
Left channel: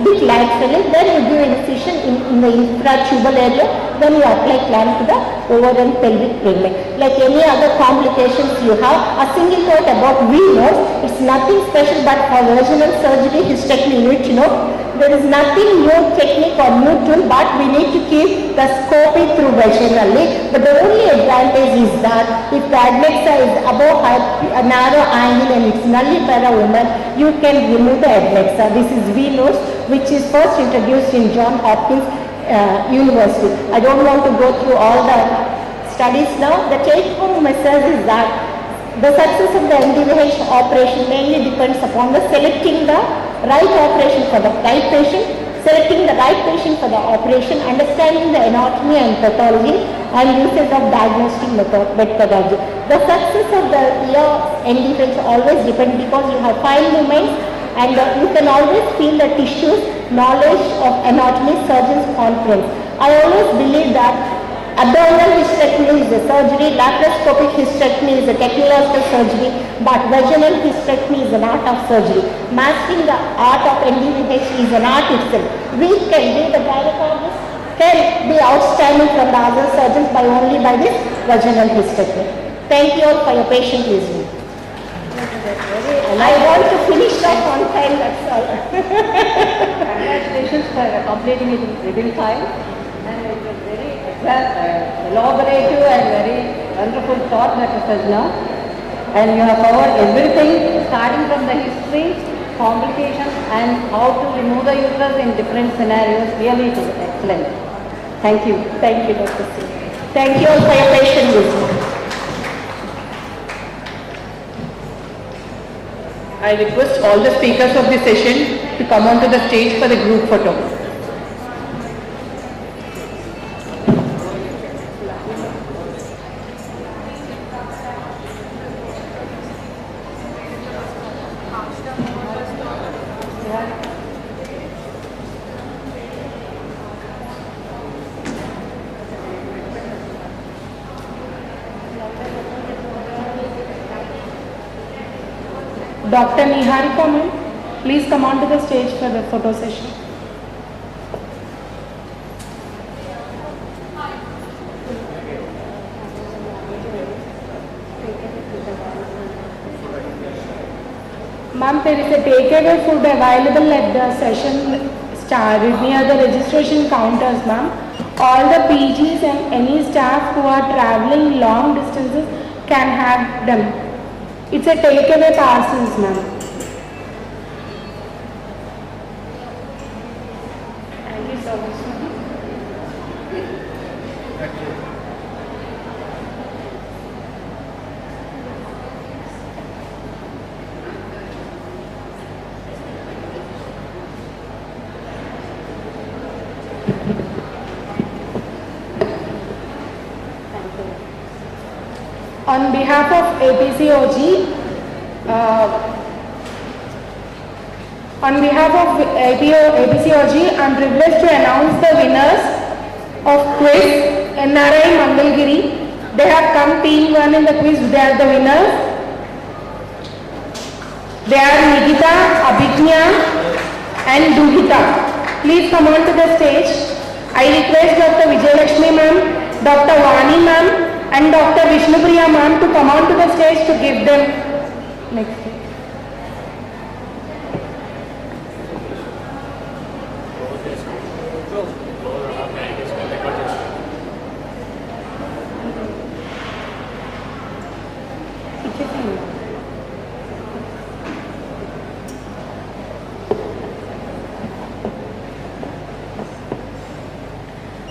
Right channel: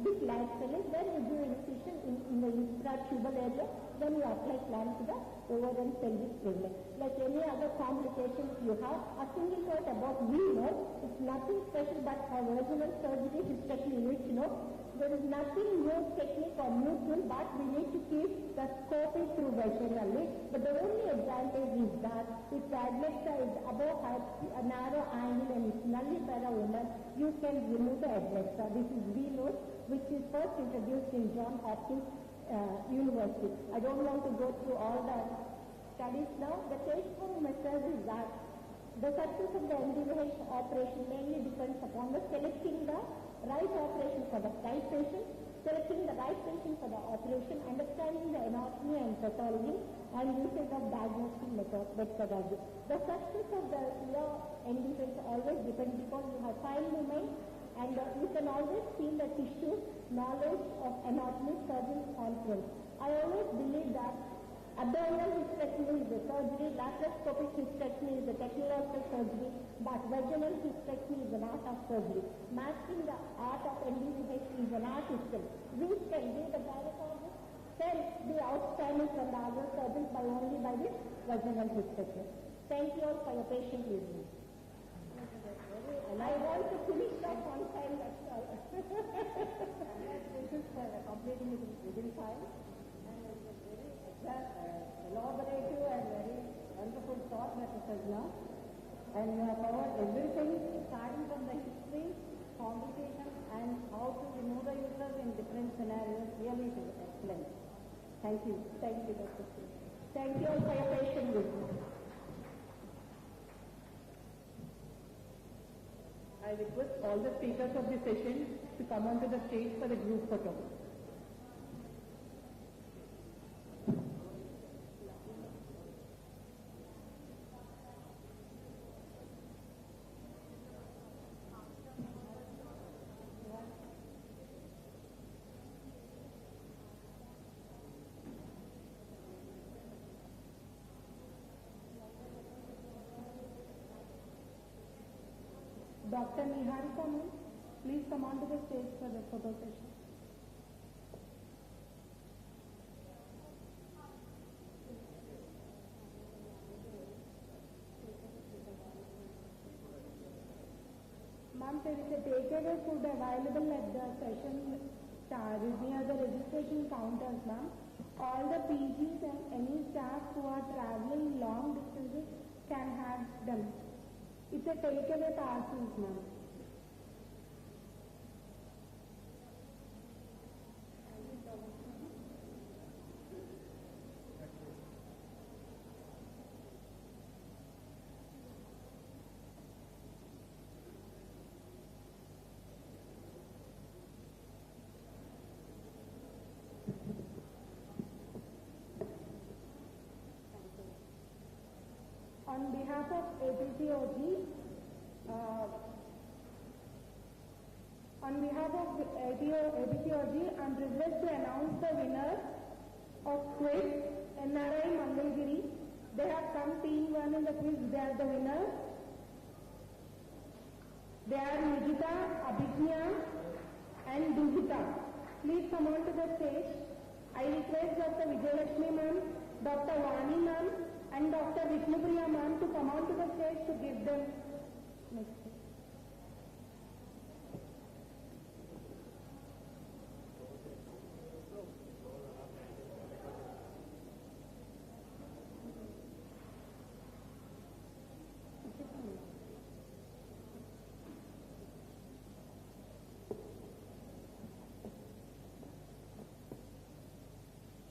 bit laterally, then you give incision in the infratubal area, then you apply clamp to the over and pelvic ligament. Like any other complications you have, a single thought about venous, it's nothing special, but for vaginal surgery, hysterectomy, you need to know there is nothing new technique or new tool, but we need to keep the scoping through vaginally. But the only advantage is that if the adnexa is above a narrow angle and it's nullifera woman, you can remove the adnexa. This is venous, which is first introduced in Johns Hopkins University. I don't want to go through all the studies now. The take-home message is that the success of the NDVH operation mainly depends upon the selecting the right operation for the right patient, selecting the right patient for the operation, understanding the anatomy and pathology, and usage of diagnostic methodology. The success of the NDVH always depends because you have fine movements and you can always feel the tissues, knowledge of anatomy, surgeon's confidence. I always believe that abdominal hysterectomy is a surgery, laparoscopic hysterectomy is a technological surgery, but vaginal hysterectomy is an art of surgery. Mastering the art of NDVH is an art itself. We can be the gynecologist, can be outstanding from the other surgeons only by this vaginal hysterectomy. Thank you all for your patient listening. I want to finish off on time, that's all. Congratulations for completing it within time. And it was very elaborative and very wonderful thought, Dr. Sajna. And you have covered everything starting from the history, complications, and how to remove the uterus in different scenarios. Really, it was excellent. Thank you. Thank you, Dr. Singh. Thank you all for your patient listening. I request all the speakers of this session to come onto the stage for the group photo. Dr. Niharika ma'am, please come on to the stage for the photo session. Ma'am, there is a takeaway food available at the session started near the registration counters, ma'am. All the PGs and any staff who are traveling long distances can have them. It's a takeaway parcels, ma'am. Thank you so much, ma'am. On behalf of APCOG, APCOG, I'm privileged to announce the winners of quiz NRI Mangalgiri. They have come team 1 in the quiz. They are the winners. They are Nikita, Abhignya and Duhita. Please come on to the stage. I request Dr. Vijayalakshmi ma'am, Dr. Vani ma'am and Dr. Vishnupriya ma'am to come on to the stage to give them next.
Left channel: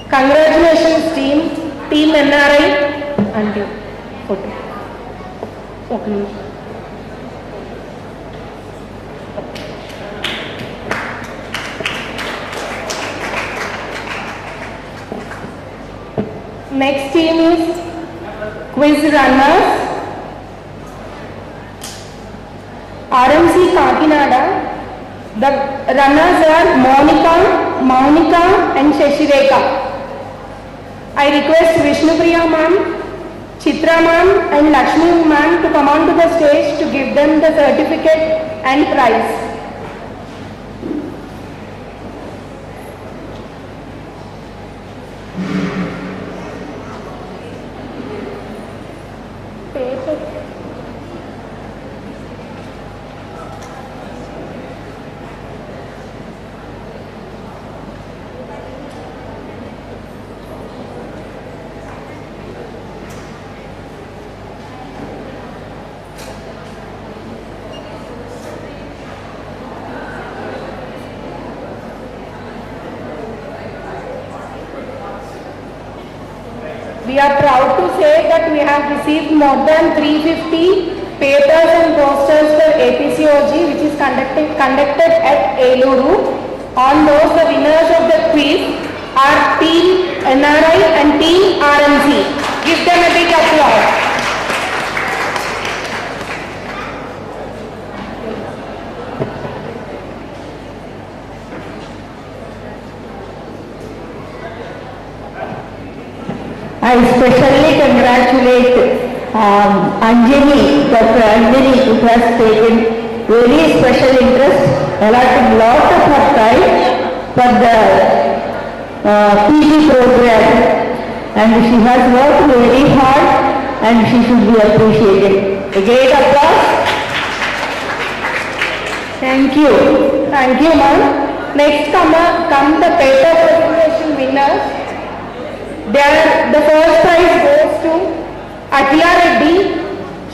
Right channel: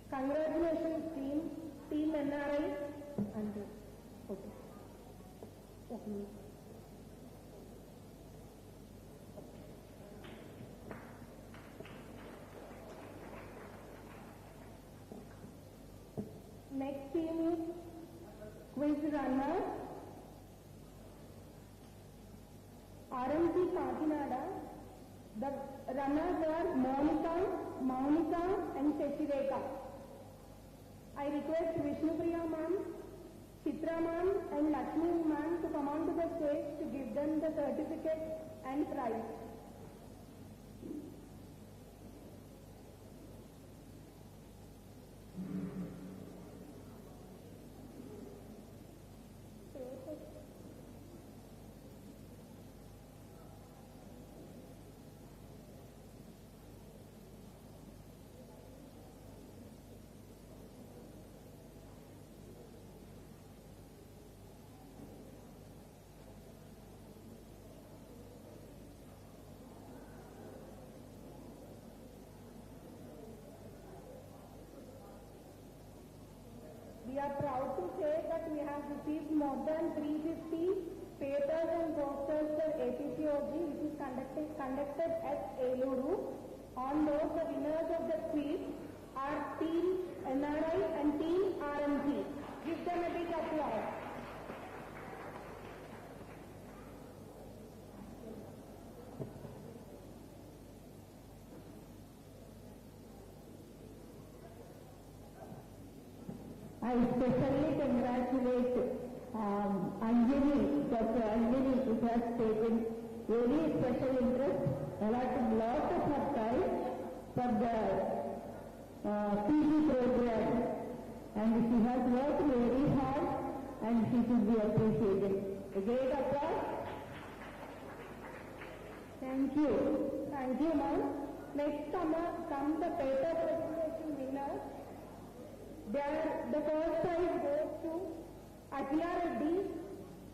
Congratulations team NRI and photo. Okay. Next team is quiz runners. RMC Kakinada. The runners are Monica and Shashireka. I request Vishnupriya ma'am, Chitra ma'am and Lakshmi ma'am to come on to the stage to give them the certificate and prize. We are proud to say that we have received more than 350 papers and posters for APCOG, which is conducted at Eluru. On those, the winners of the quiz are Team NRI and Team RMC. Give them a big applause. I especially congratulate Anjani, Dr. Anjani, who has taken very special interest, allotted lot of her time for the PG program, and she has worked very hard and she should be appreciated. A great applause. Thank you. Thank you, ma'am. Next come the paper presentation winners. The first prize goes to Atila Reddy.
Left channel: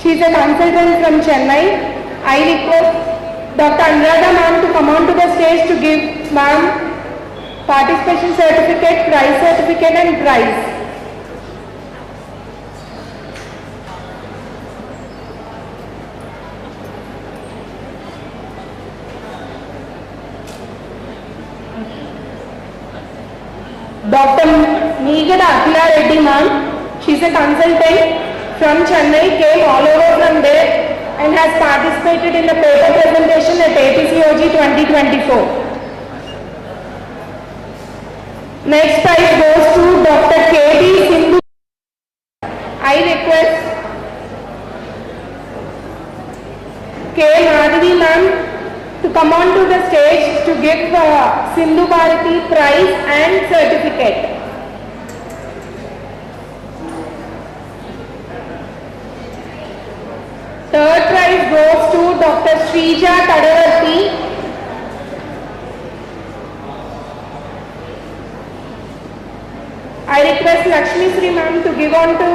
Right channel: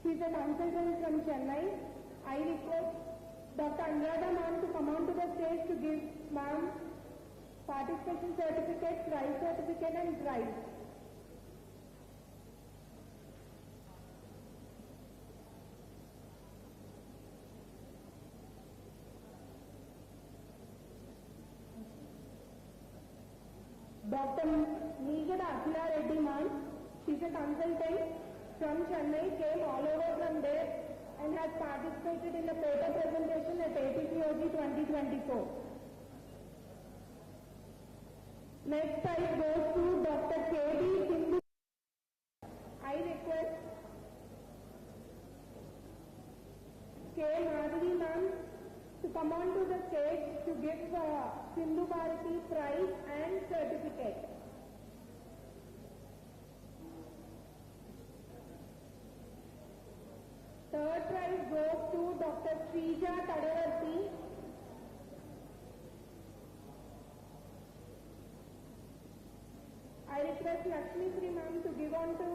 She is a consultant from Chennai. I request Dr. Anuradha ma'am to come on to the stage to give ma'am participation certificate, prize certificate and prize. Dr. Meegada Atila Reddy ma'am, she is a consultant from Chennai, came all over from there and has participated in the paper presentation at APCOG 2024. Next prize goes to Dr. K.D. Sindhu. I request K. Madhavi ma'am to come on to the stage to give Sindhu Bharati prize and certificate. Third prize goes to Dr. Srija Tadavarti. I request Lakshmi Sri ma'am to give on to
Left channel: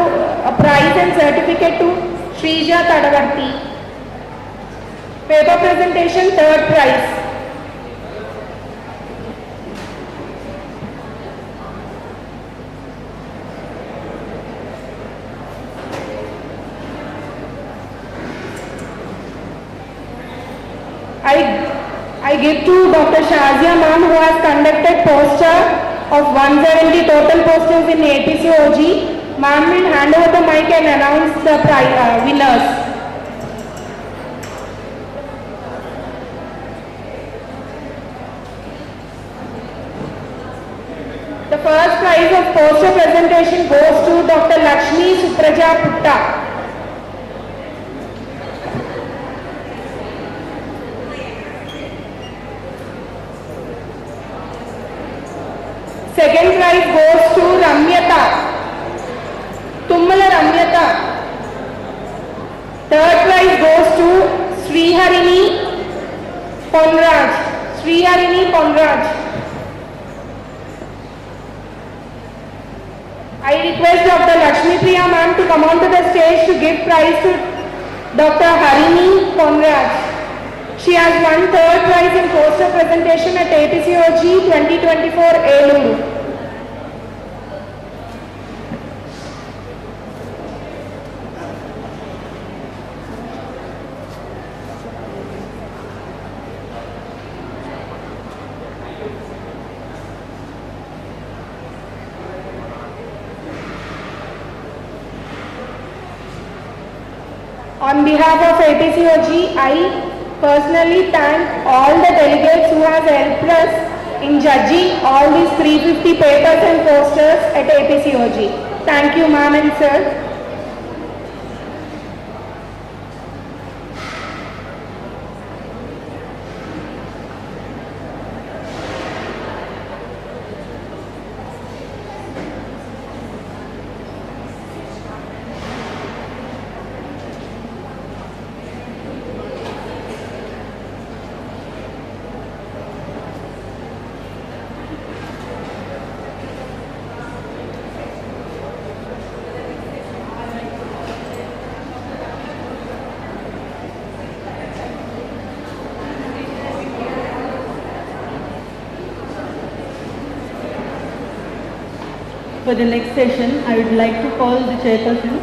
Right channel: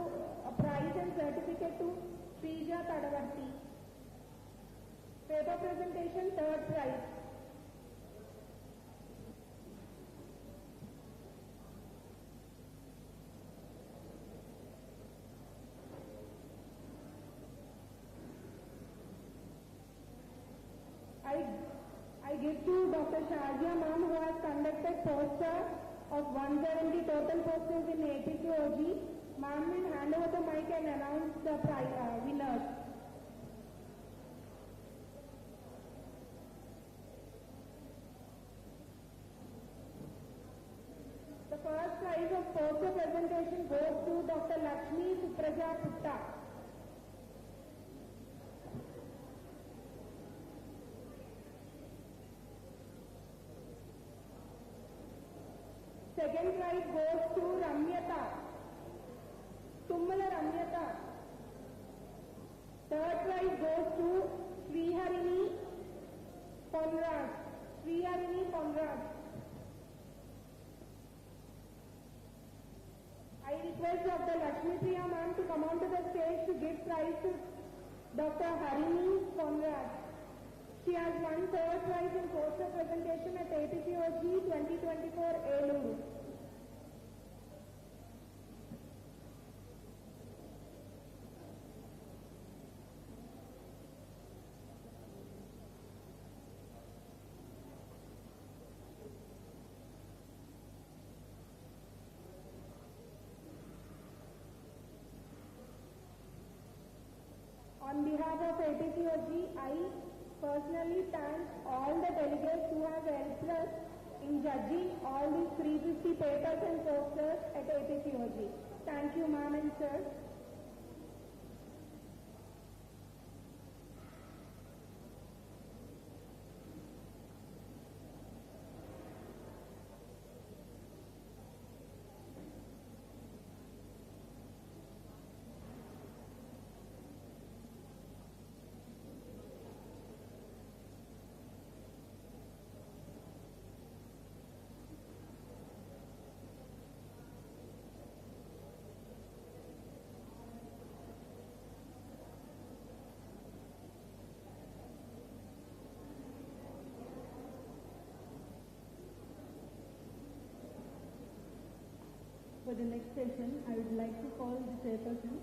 a prize and certificate to Srija Tadavarti. Paper presentation, third prize. I give to Dr. Shazia ma'am, who has conducted poster of 170 total posters in APCOG. Ma'am will hand over the mic and announce the winners. The first prize of poster presentation goes to Dr. Lakshmi Supraja Putta. Second prize goes to Ramyata, Tummala Ramyata. Third prize goes to Sriharini Ponraj. I request Dr. Lakshmi Priya ma'am to come on to the stage to give prize to Dr. Harini Ponraj. She has won third prize in poster presentation at APCOG 2024 Eluru. On behalf of APCOG, I personally thank all the delegates who have helped us in judging all these 350 papers and posters at APCOG. Thank you, ma'am and sir. For the next session, I would like to call the chairperson,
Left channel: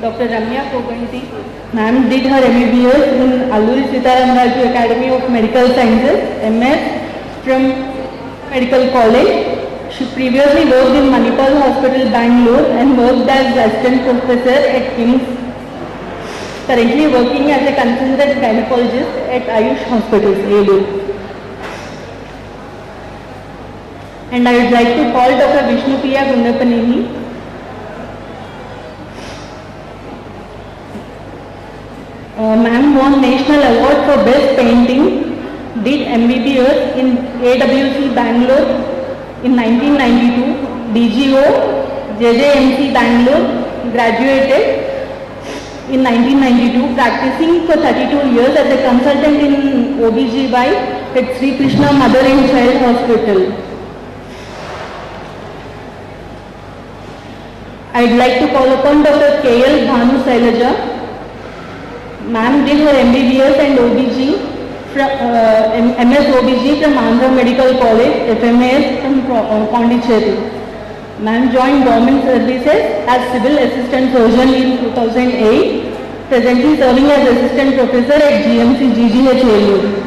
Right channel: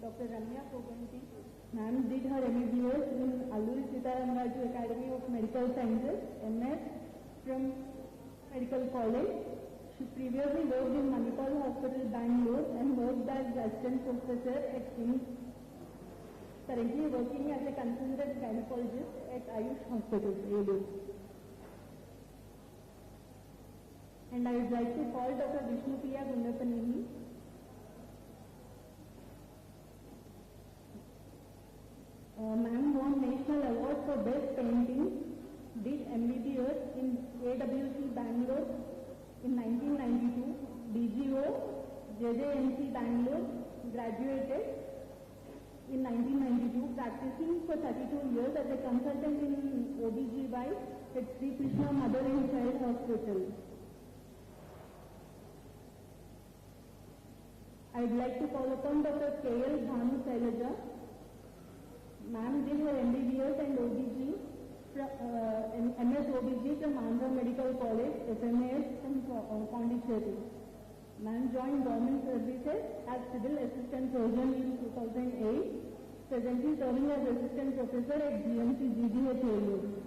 Dr. Ramya Koganti. Ma'am did her MBBS in Alluri Sitaram Raju Academy of Medical Sciences, MS from Medical College. She previously worked in Menopausal Hospital, Bangalore and worked as assistant professor at KIMS. Currently working as a consultant gynecologist at Ayush Hospitals, Elur. And I would like to call Dr. Vishnupriya Gundapaneni. Ma'am won National Award for Best Painting, did MBBS in AWC Bangalore in 1992, DGO, JJMC Bangalore, graduated in 1992, practicing for 32 years as a consultant in OBGY at Sri Krishna Mother and Child Hospital. I'd like to call upon Dr. K.L. Bhanu Sailaja. Ma'am did her MBBS and OBG, MS OBG from Andhra Medical College, FMAS from Pondicherry. Ma'am joined government services as civil assistant surgeon in 2008, presently serving as assistant professor at GMC GGH Elur.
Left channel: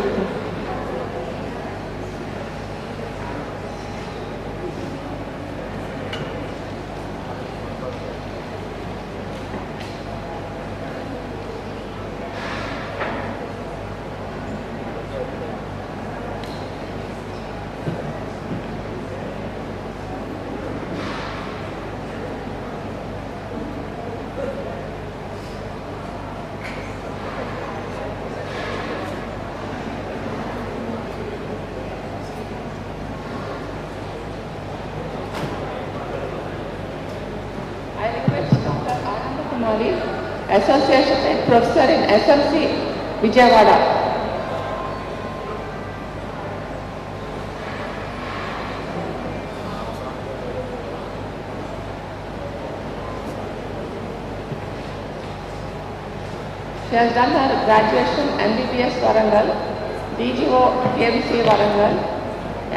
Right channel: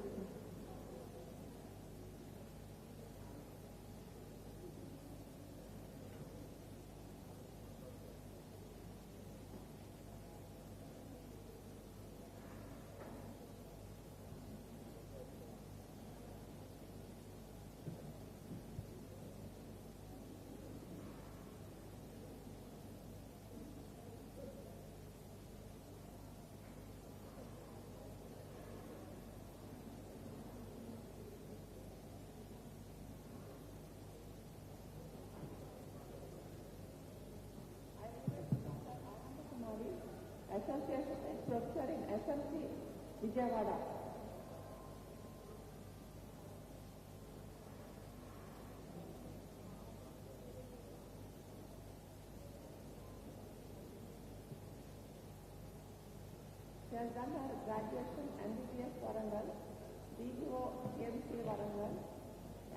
Association and Professor in SMC, Vijayawada. She has done her graduation MBBS Warangal, DGO KMC Warangal,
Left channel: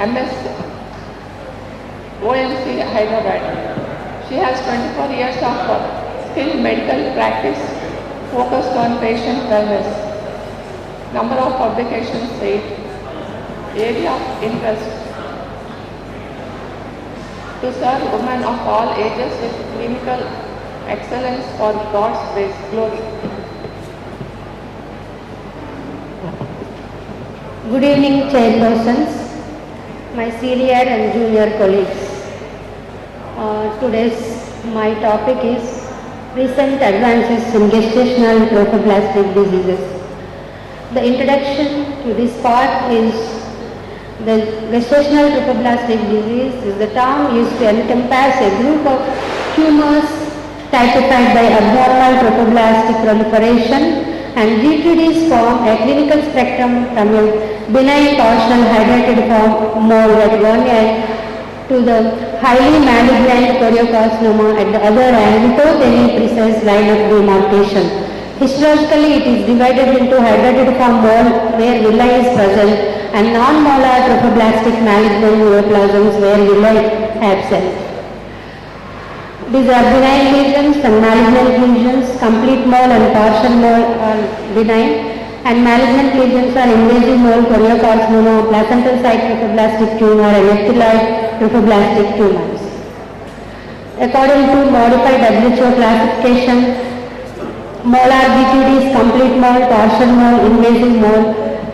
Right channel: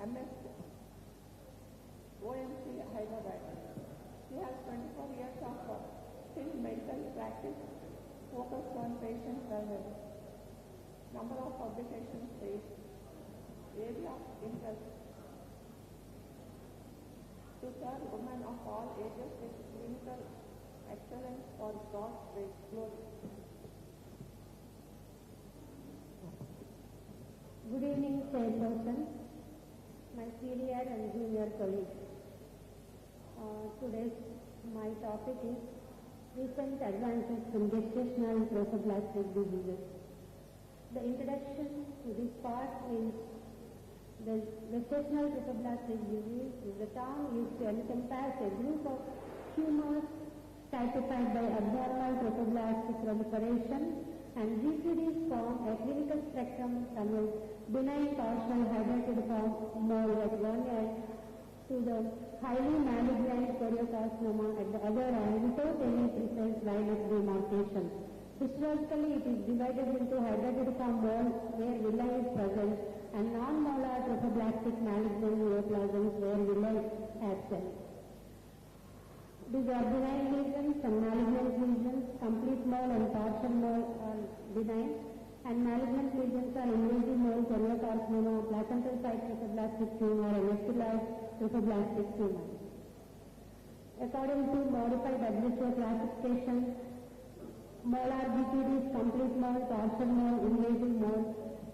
MS OMC Hyderabad. She has 24 years of skilled medical practice focused on patient wellness. Number of publications 8. Area of interest to serve women of all ages with clinical excellence for God's glory. Good evening, chairpersons, my senior and junior colleagues. Today's my topic is recent advances in gestational trophoblastic diseases. The introduction to this part is the gestational trophoblastic disease is the term used to encompass a group of tumors typified by abnormal trophoblastic proliferation, and GTDs form a clinical spectrum from a benign torsional hydrated form mole at one end to the highly malignant choriocarcinoma at the other end without any precise line of demarcation. Histologically, it is divided into hydrated form mole where villi is present and non-molar trophoblastic malignant neoplasms where villi absent. These are benign lesions and malignant lesions. Complete mole and partial mole are benign, and malignant lesions are invasive mole, choriocarcinoma, placental site trophoblastic tumor, and ectoid trophoblastic tumors. According to modified WHO classification, molar GTD is complete mole, partial mole, invasive mole,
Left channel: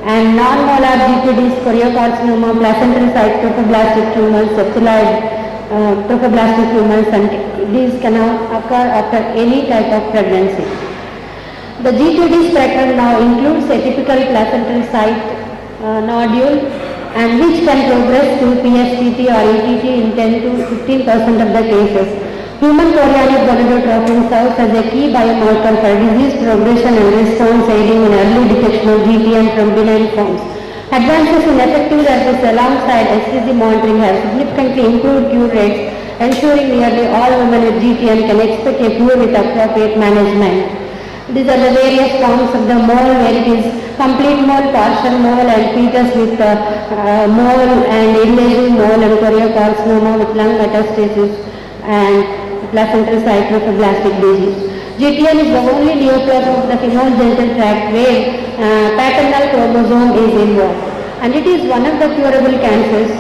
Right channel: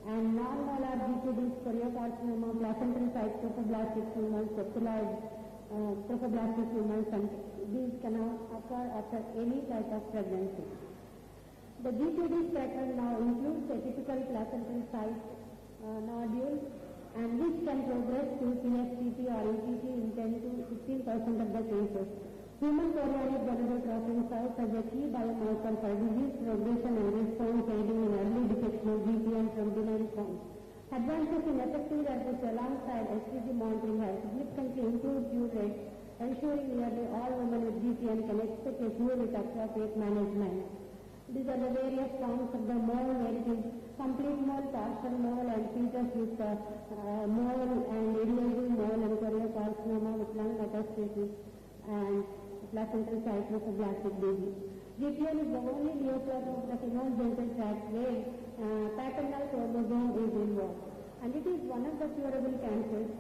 and non-molar GTD is choriocarcinoma, placental site trophoblastic tumors, septoid trophoblastic tumors, and these can occur after any type of pregnancy. The GTD spectrum now includes a typical placental site nodule, and which can progress to PSTT or ETT in 10 to 15% of the cases. Human chorionic gonadotrophin serves as a key biomarker for disease progression and response, aiding in early detection of GTM from benign forms. Advances in effective therapies alongside HCG monitoring have significantly improved cure rates, ensuring nearly all women with GTM can expect a cure with appropriate management. These are the various forms of the mole, where it is complete mole, partial mole, and fetus with mole and invasive mole, and choriocarcinoma with lung metastasis and placental site trophoblastic disease. GTM is the only neoplasm of the female genital tract where paternal chromosome is involved, and it is one of the curable cancers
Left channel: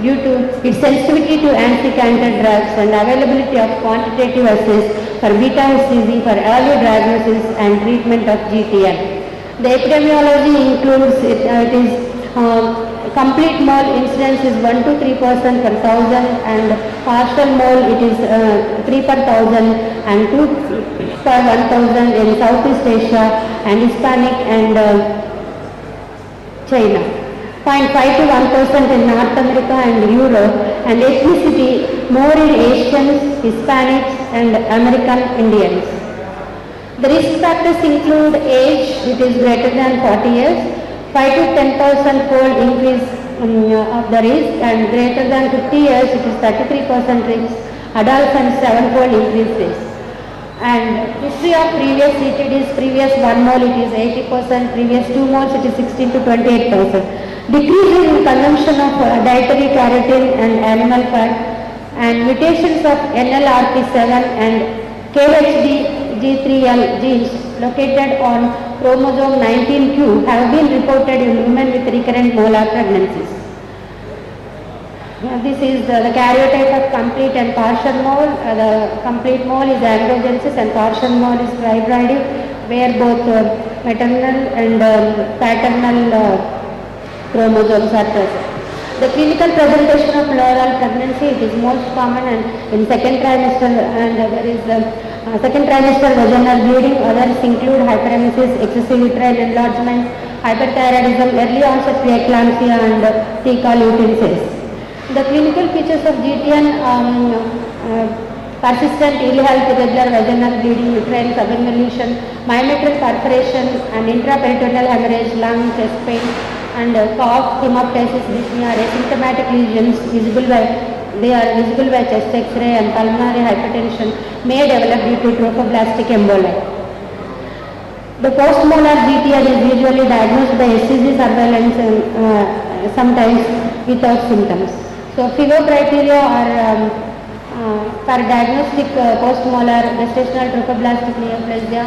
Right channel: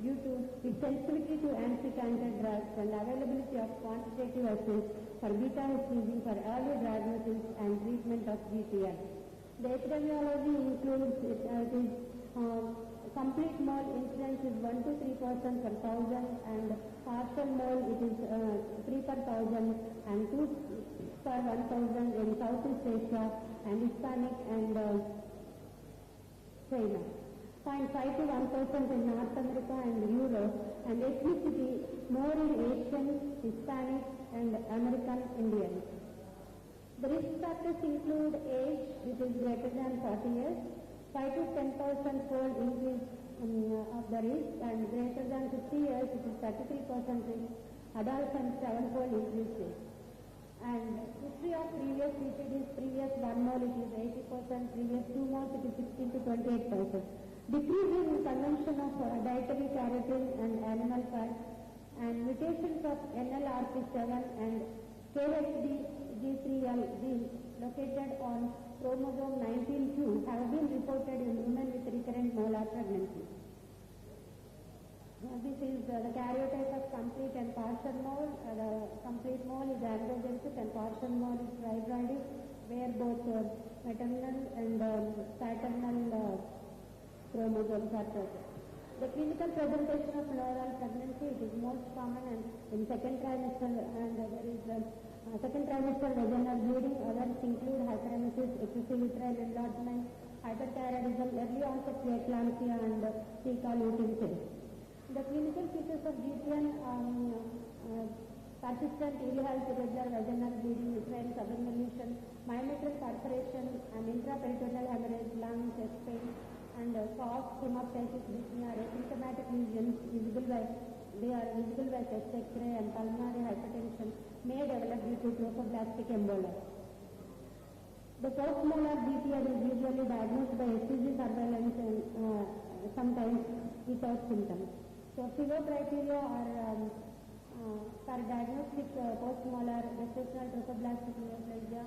due to its sensitivity to anti-cancer drugs and availability of quantitative assays for beta-HCG for early diagnosis and treatment of GTM. The epidemiology includes complete mole incidence is 1 to 3% per 1,000, and partial mole it is 3 per 1,000 and 2 per 1,000 in Southeast Asia and Hispanic and China. 0.5 to 1% in North America and Europe, and ethnicity more in Asians, Hispanics and American Indians. The risk factors include age, it is greater than 40 years, 5 to 10% fold increase of the risk, and greater than 50 years it is 33% risk, adults and 7-fold increase risk. And history of previous CTDs, previous 1 mole it is 80%, previous 2 moles it is 16 to 28%. Decrease in consumption of dietary carotene and animal fat, and mutations of NLRP7 and KHD-G3L genes located on chromosome 19q have been reported in women with recurrent molar pregnancies. This is the karyotype of complete and partial mole. The complete mole is androgenesis and partial mole is fibroid, where both maternal and paternal chromosomes are present. The clinical presentation of pleural pregnancy, it is most common and in second trimester, and there is second trimester vaginal bleeding. Others include hyperemesis, excessive uterine enlargement, hyperthyroidism, early onset preeclampsia and fecal utensil. The clinical features of GTN, persistent ill health, irregular vaginal bleeding, uterine subinvolution, myometric perforation and intraperitoneal hemorrhage, lung, chest pain, and cough, hemoptysis, dyspnea, asymptomatic lesions visible by chest X-ray, and pulmonary hypertension may develop due to trophoblastic emboli. The postmolar GTN is usually diagnosed by HCG surveillance and sometimes without symptoms. So FIGO criteria are for diagnostic postmolar gestational trophoblastic neoplasia.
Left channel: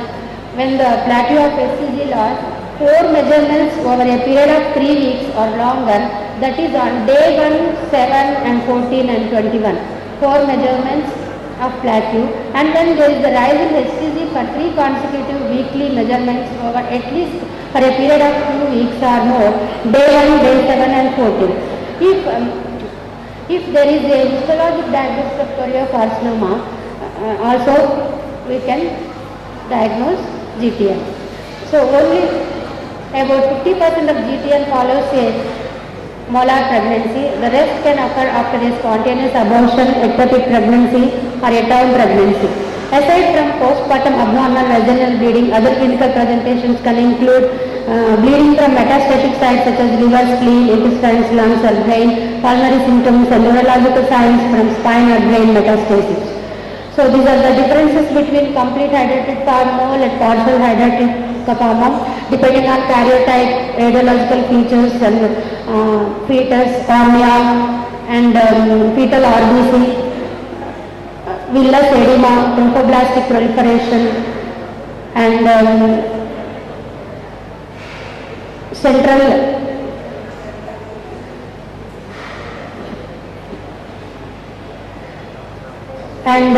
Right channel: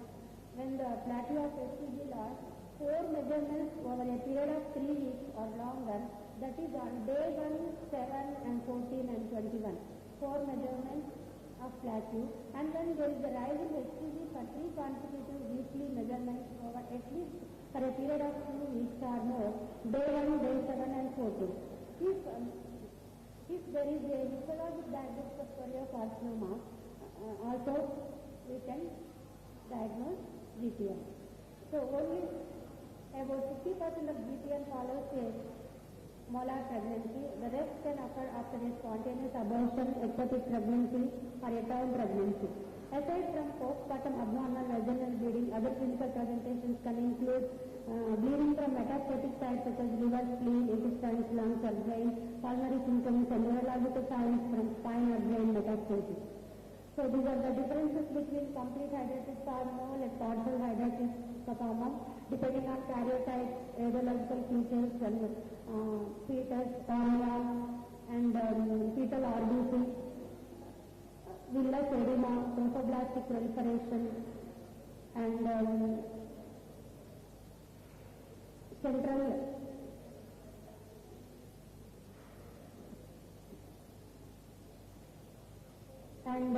When the plateau of HCG loss, 4 measurements over a period of 3 weeks or longer, that is on day 1, 7 and 14 and 21. 4 measurements of plateau, and then there is the rise in HCG for 3 consecutive weekly measurements over at least for a period of 2 weeks or more, day 1, day 7 and 14. If there is a histologic diagnosis of choriocarcinoma, also we can diagnose GTM. So only about 50% of GTM follows a molar pregnancy. The rest can occur after a spontaneous abortion, ectopic pregnancy or a term pregnancy. Aside from postpartum abnormal vaginal bleeding, other clinical presentations can include bleeding from metastatic sites such as liver, spleen, intestines, lungs or brain, pulmonary symptoms and neurological signs from spine or brain metastasis. So these are the differences between complete hydrated mole and partial hydrated mole, depending on karyotype, radiological features and fetus, cornea and fetal RBC, villus edema, trophoblastic proliferation and central and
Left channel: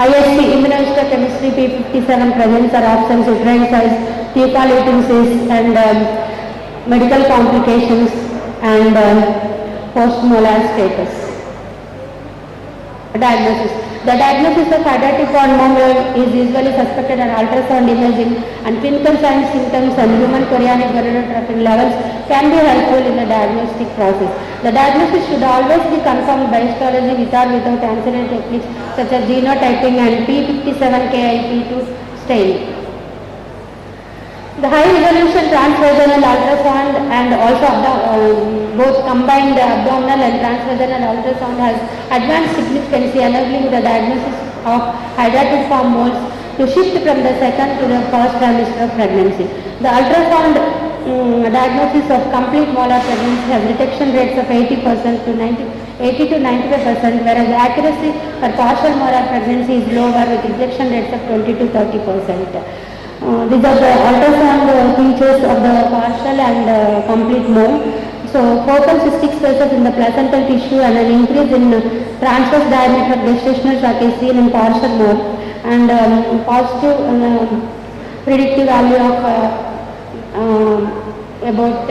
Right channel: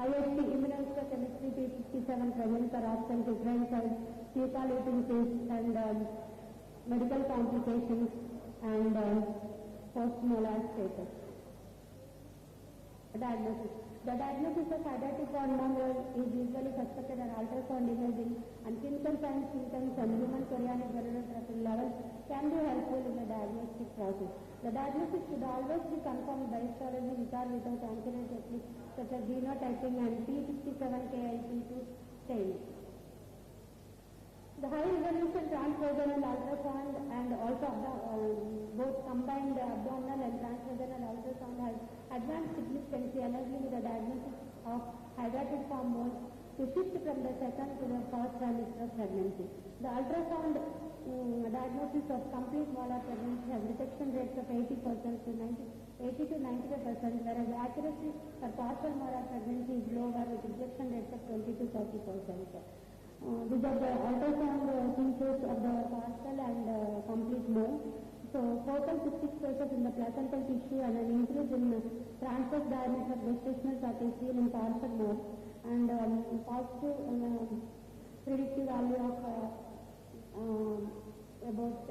IST, immunohistochemistry, P57 presence or absence, uterine size, fecal eating cyst, and medical complications and post-molar status. Diagnosis. The diagnosis of hydatid hormone is usually suspected on ultrasound imaging, and clinical signs, symptoms and human chorionic gonadotropin levels can be helpful in the diagnostic process. The diagnosis should always be confirmed by histology with or without ancillary techniques such as genotyping and P57KIP2 staining. The high resolution transvaginal ultrasound and also both combined abdominal and transvaginal ultrasound has advanced significance, enabling the diagnosis of hydatid form moles to shift from the second to the first trimester of pregnancy. The ultrasound diagnosis of complete molar pregnancy has detection rates of 80% to 95%, whereas the accuracy for partial molar pregnancy is lower with detection rates of 20 to 30%. These are the ultrasound features of the partial and complete mole. So focal cystic spaces in the placental tissue and an increase in transverse diameter of gestational sac is seen in partial mole, and positive predictive value of about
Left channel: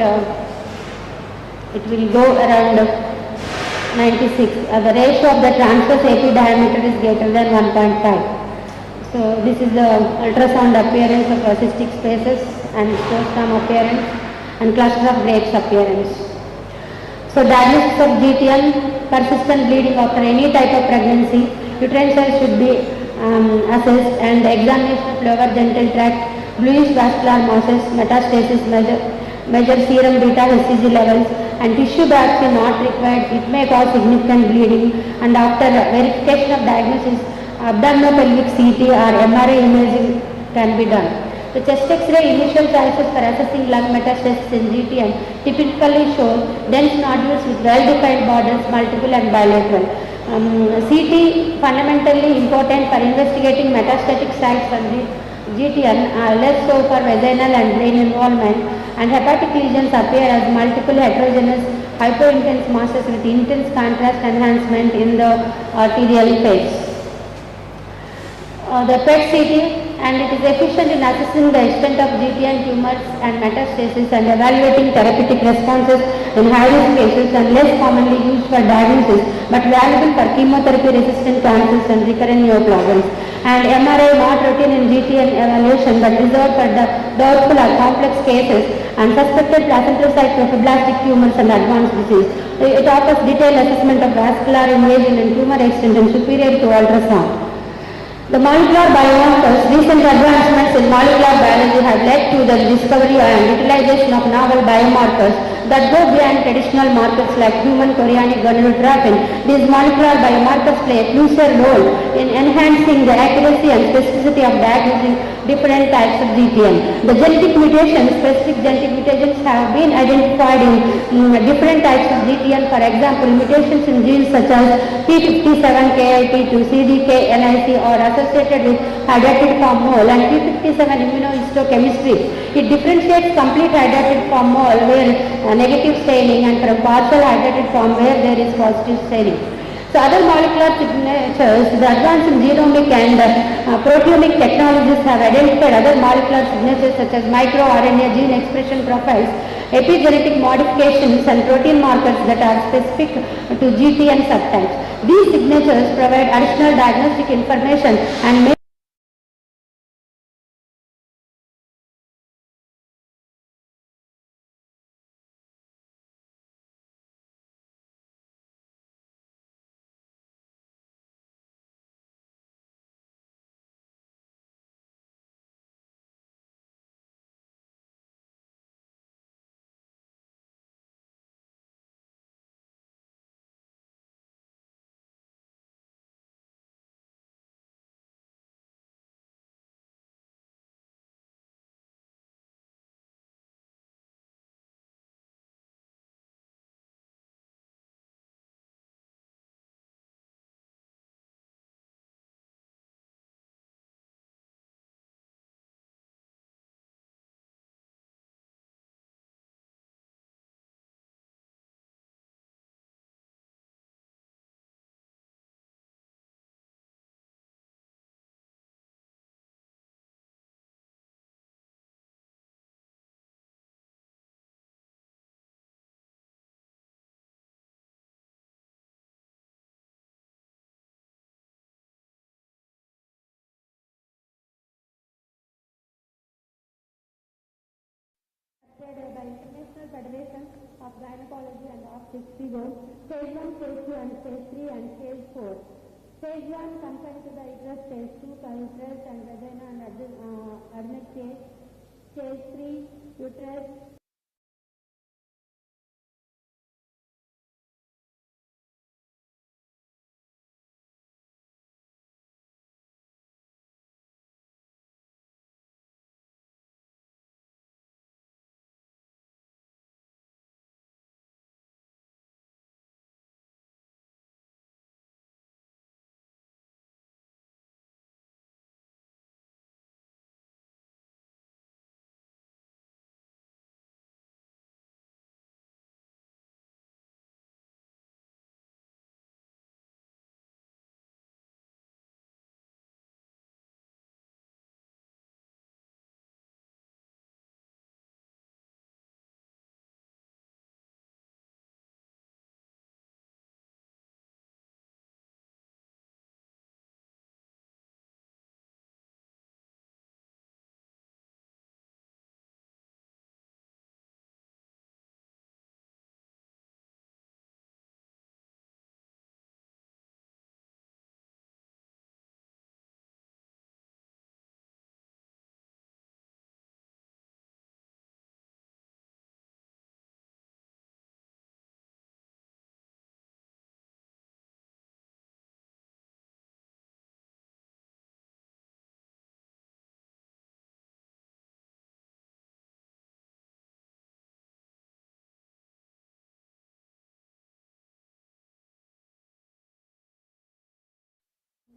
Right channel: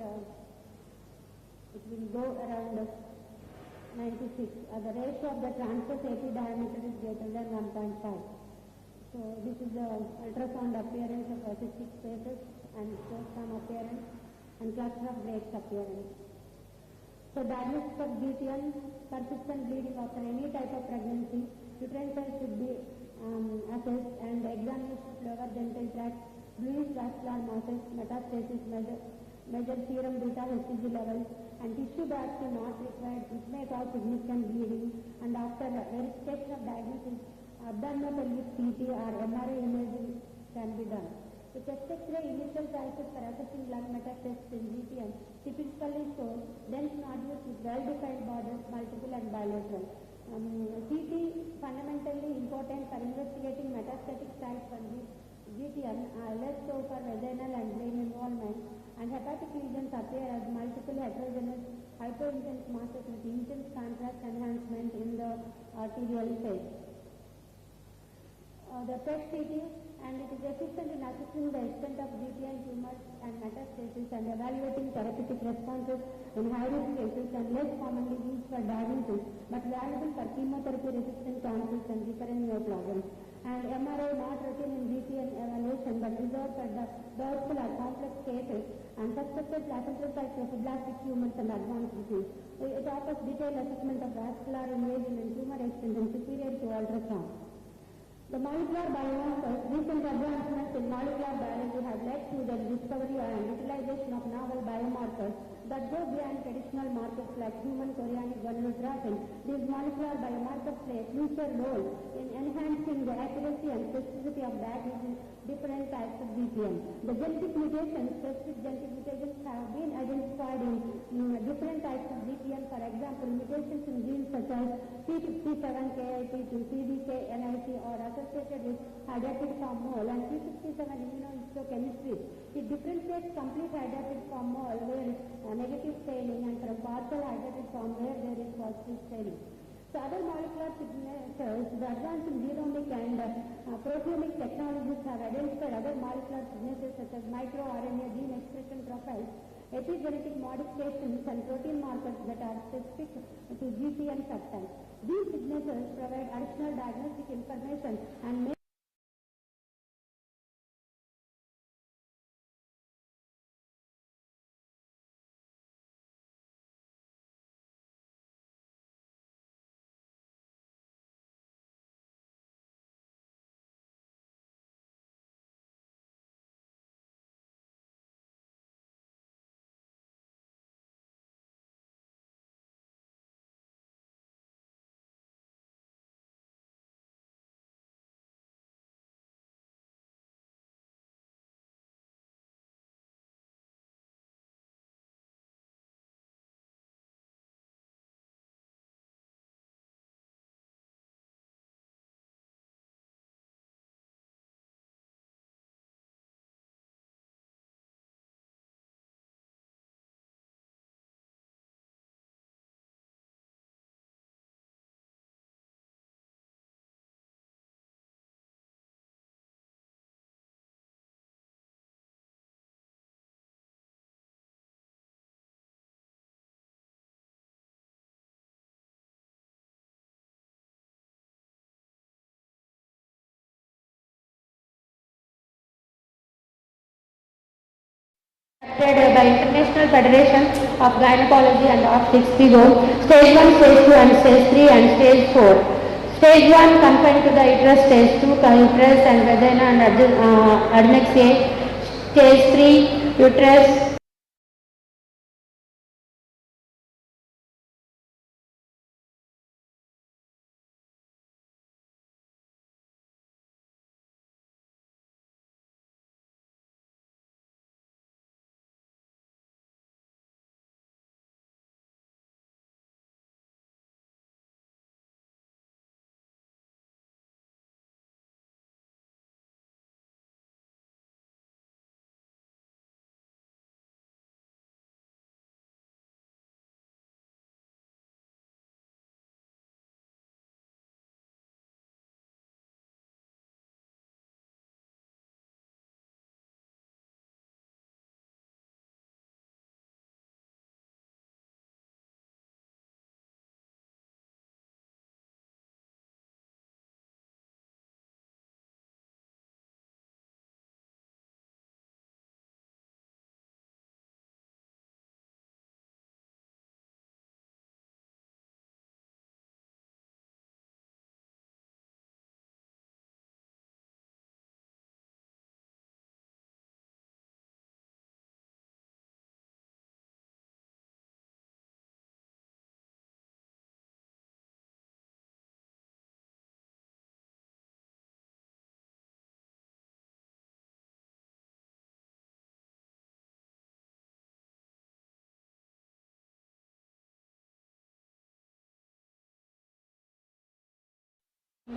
it will go around 96. The ratio of the transverse AP diameter is greater than 1.5. So this is the ultrasound appearance of cystic spaces and sclerostom appearance and cluster of grapes appearance. So diagnosis of GTM, persistent bleeding after any type of pregnancy, uterine size should be assessed, and examination of lower genital tract, bluish vascular masses, metastasis, measure serum beta HCG levels, and tissue biopsy not required. It may cause significant bleeding, and after verification of diagnosis, abdominopelvic CT or MRI imaging can be done. The chest X-ray initial choices for assessing lung metastasis in GTM typically show dense nodules with well-defined borders, multiple and bilateral. CT fundamentally important for investigating metastatic sites on GTM, less so for vaginal and brain involvement, and hepatic lesions appear as multiple heterogeneous hypointense masses with intense contrast enhancement in the arterial phase. The PET CT, and it is efficient in assessing the extent of GTM tumors and metastasis and evaluating therapeutic responses in high-risk cases, and less commonly used for diagnosis but valuable for chemotherapy-resistant cancers and recurrent neoplasms. And MRI not routine in GTM evaluation but reserved for the doubtful or complex cases and suspected placental site trophoblastic tumors and advanced disease. It offers detailed assessment of vascular invasion and tumor extent and superior to ultrasound. The molecular biomarkers, recent advancements in molecular biology have led to the discovery and utilization of novel biomarkers that go beyond traditional markers like human chorionic gonadotropin. These molecular biomarkers play a crucial role in enhancing the accuracy and specificity of diagnosing different types of GTM. The genetic mutations, specific genetic mutations have been identified in different types of GTM. For example, mutations in genes such as P57KIP2, CDKNIC are associated with hydatid form mole, and P57 immunohistochemistry. It differentiates complete hydatid form mole where negative staining and from partial hydatid form where there is positive staining. So other molecular signatures, the advance in genomic and proteomic technologies have identified other molecular signatures such as microRNA gene expression profiles, epigenetic modifications and protein markers that are specific to GTM subtypes. These signatures provide additional diagnostic information and may Accepted by International Federation of Gynecology and Obstetrics, stage 1, stage 2 and stage 3 and stage 4. Stage 1 confined to the uterus, stage 2 uterus and vagina and adnexate, stage 3 uterus,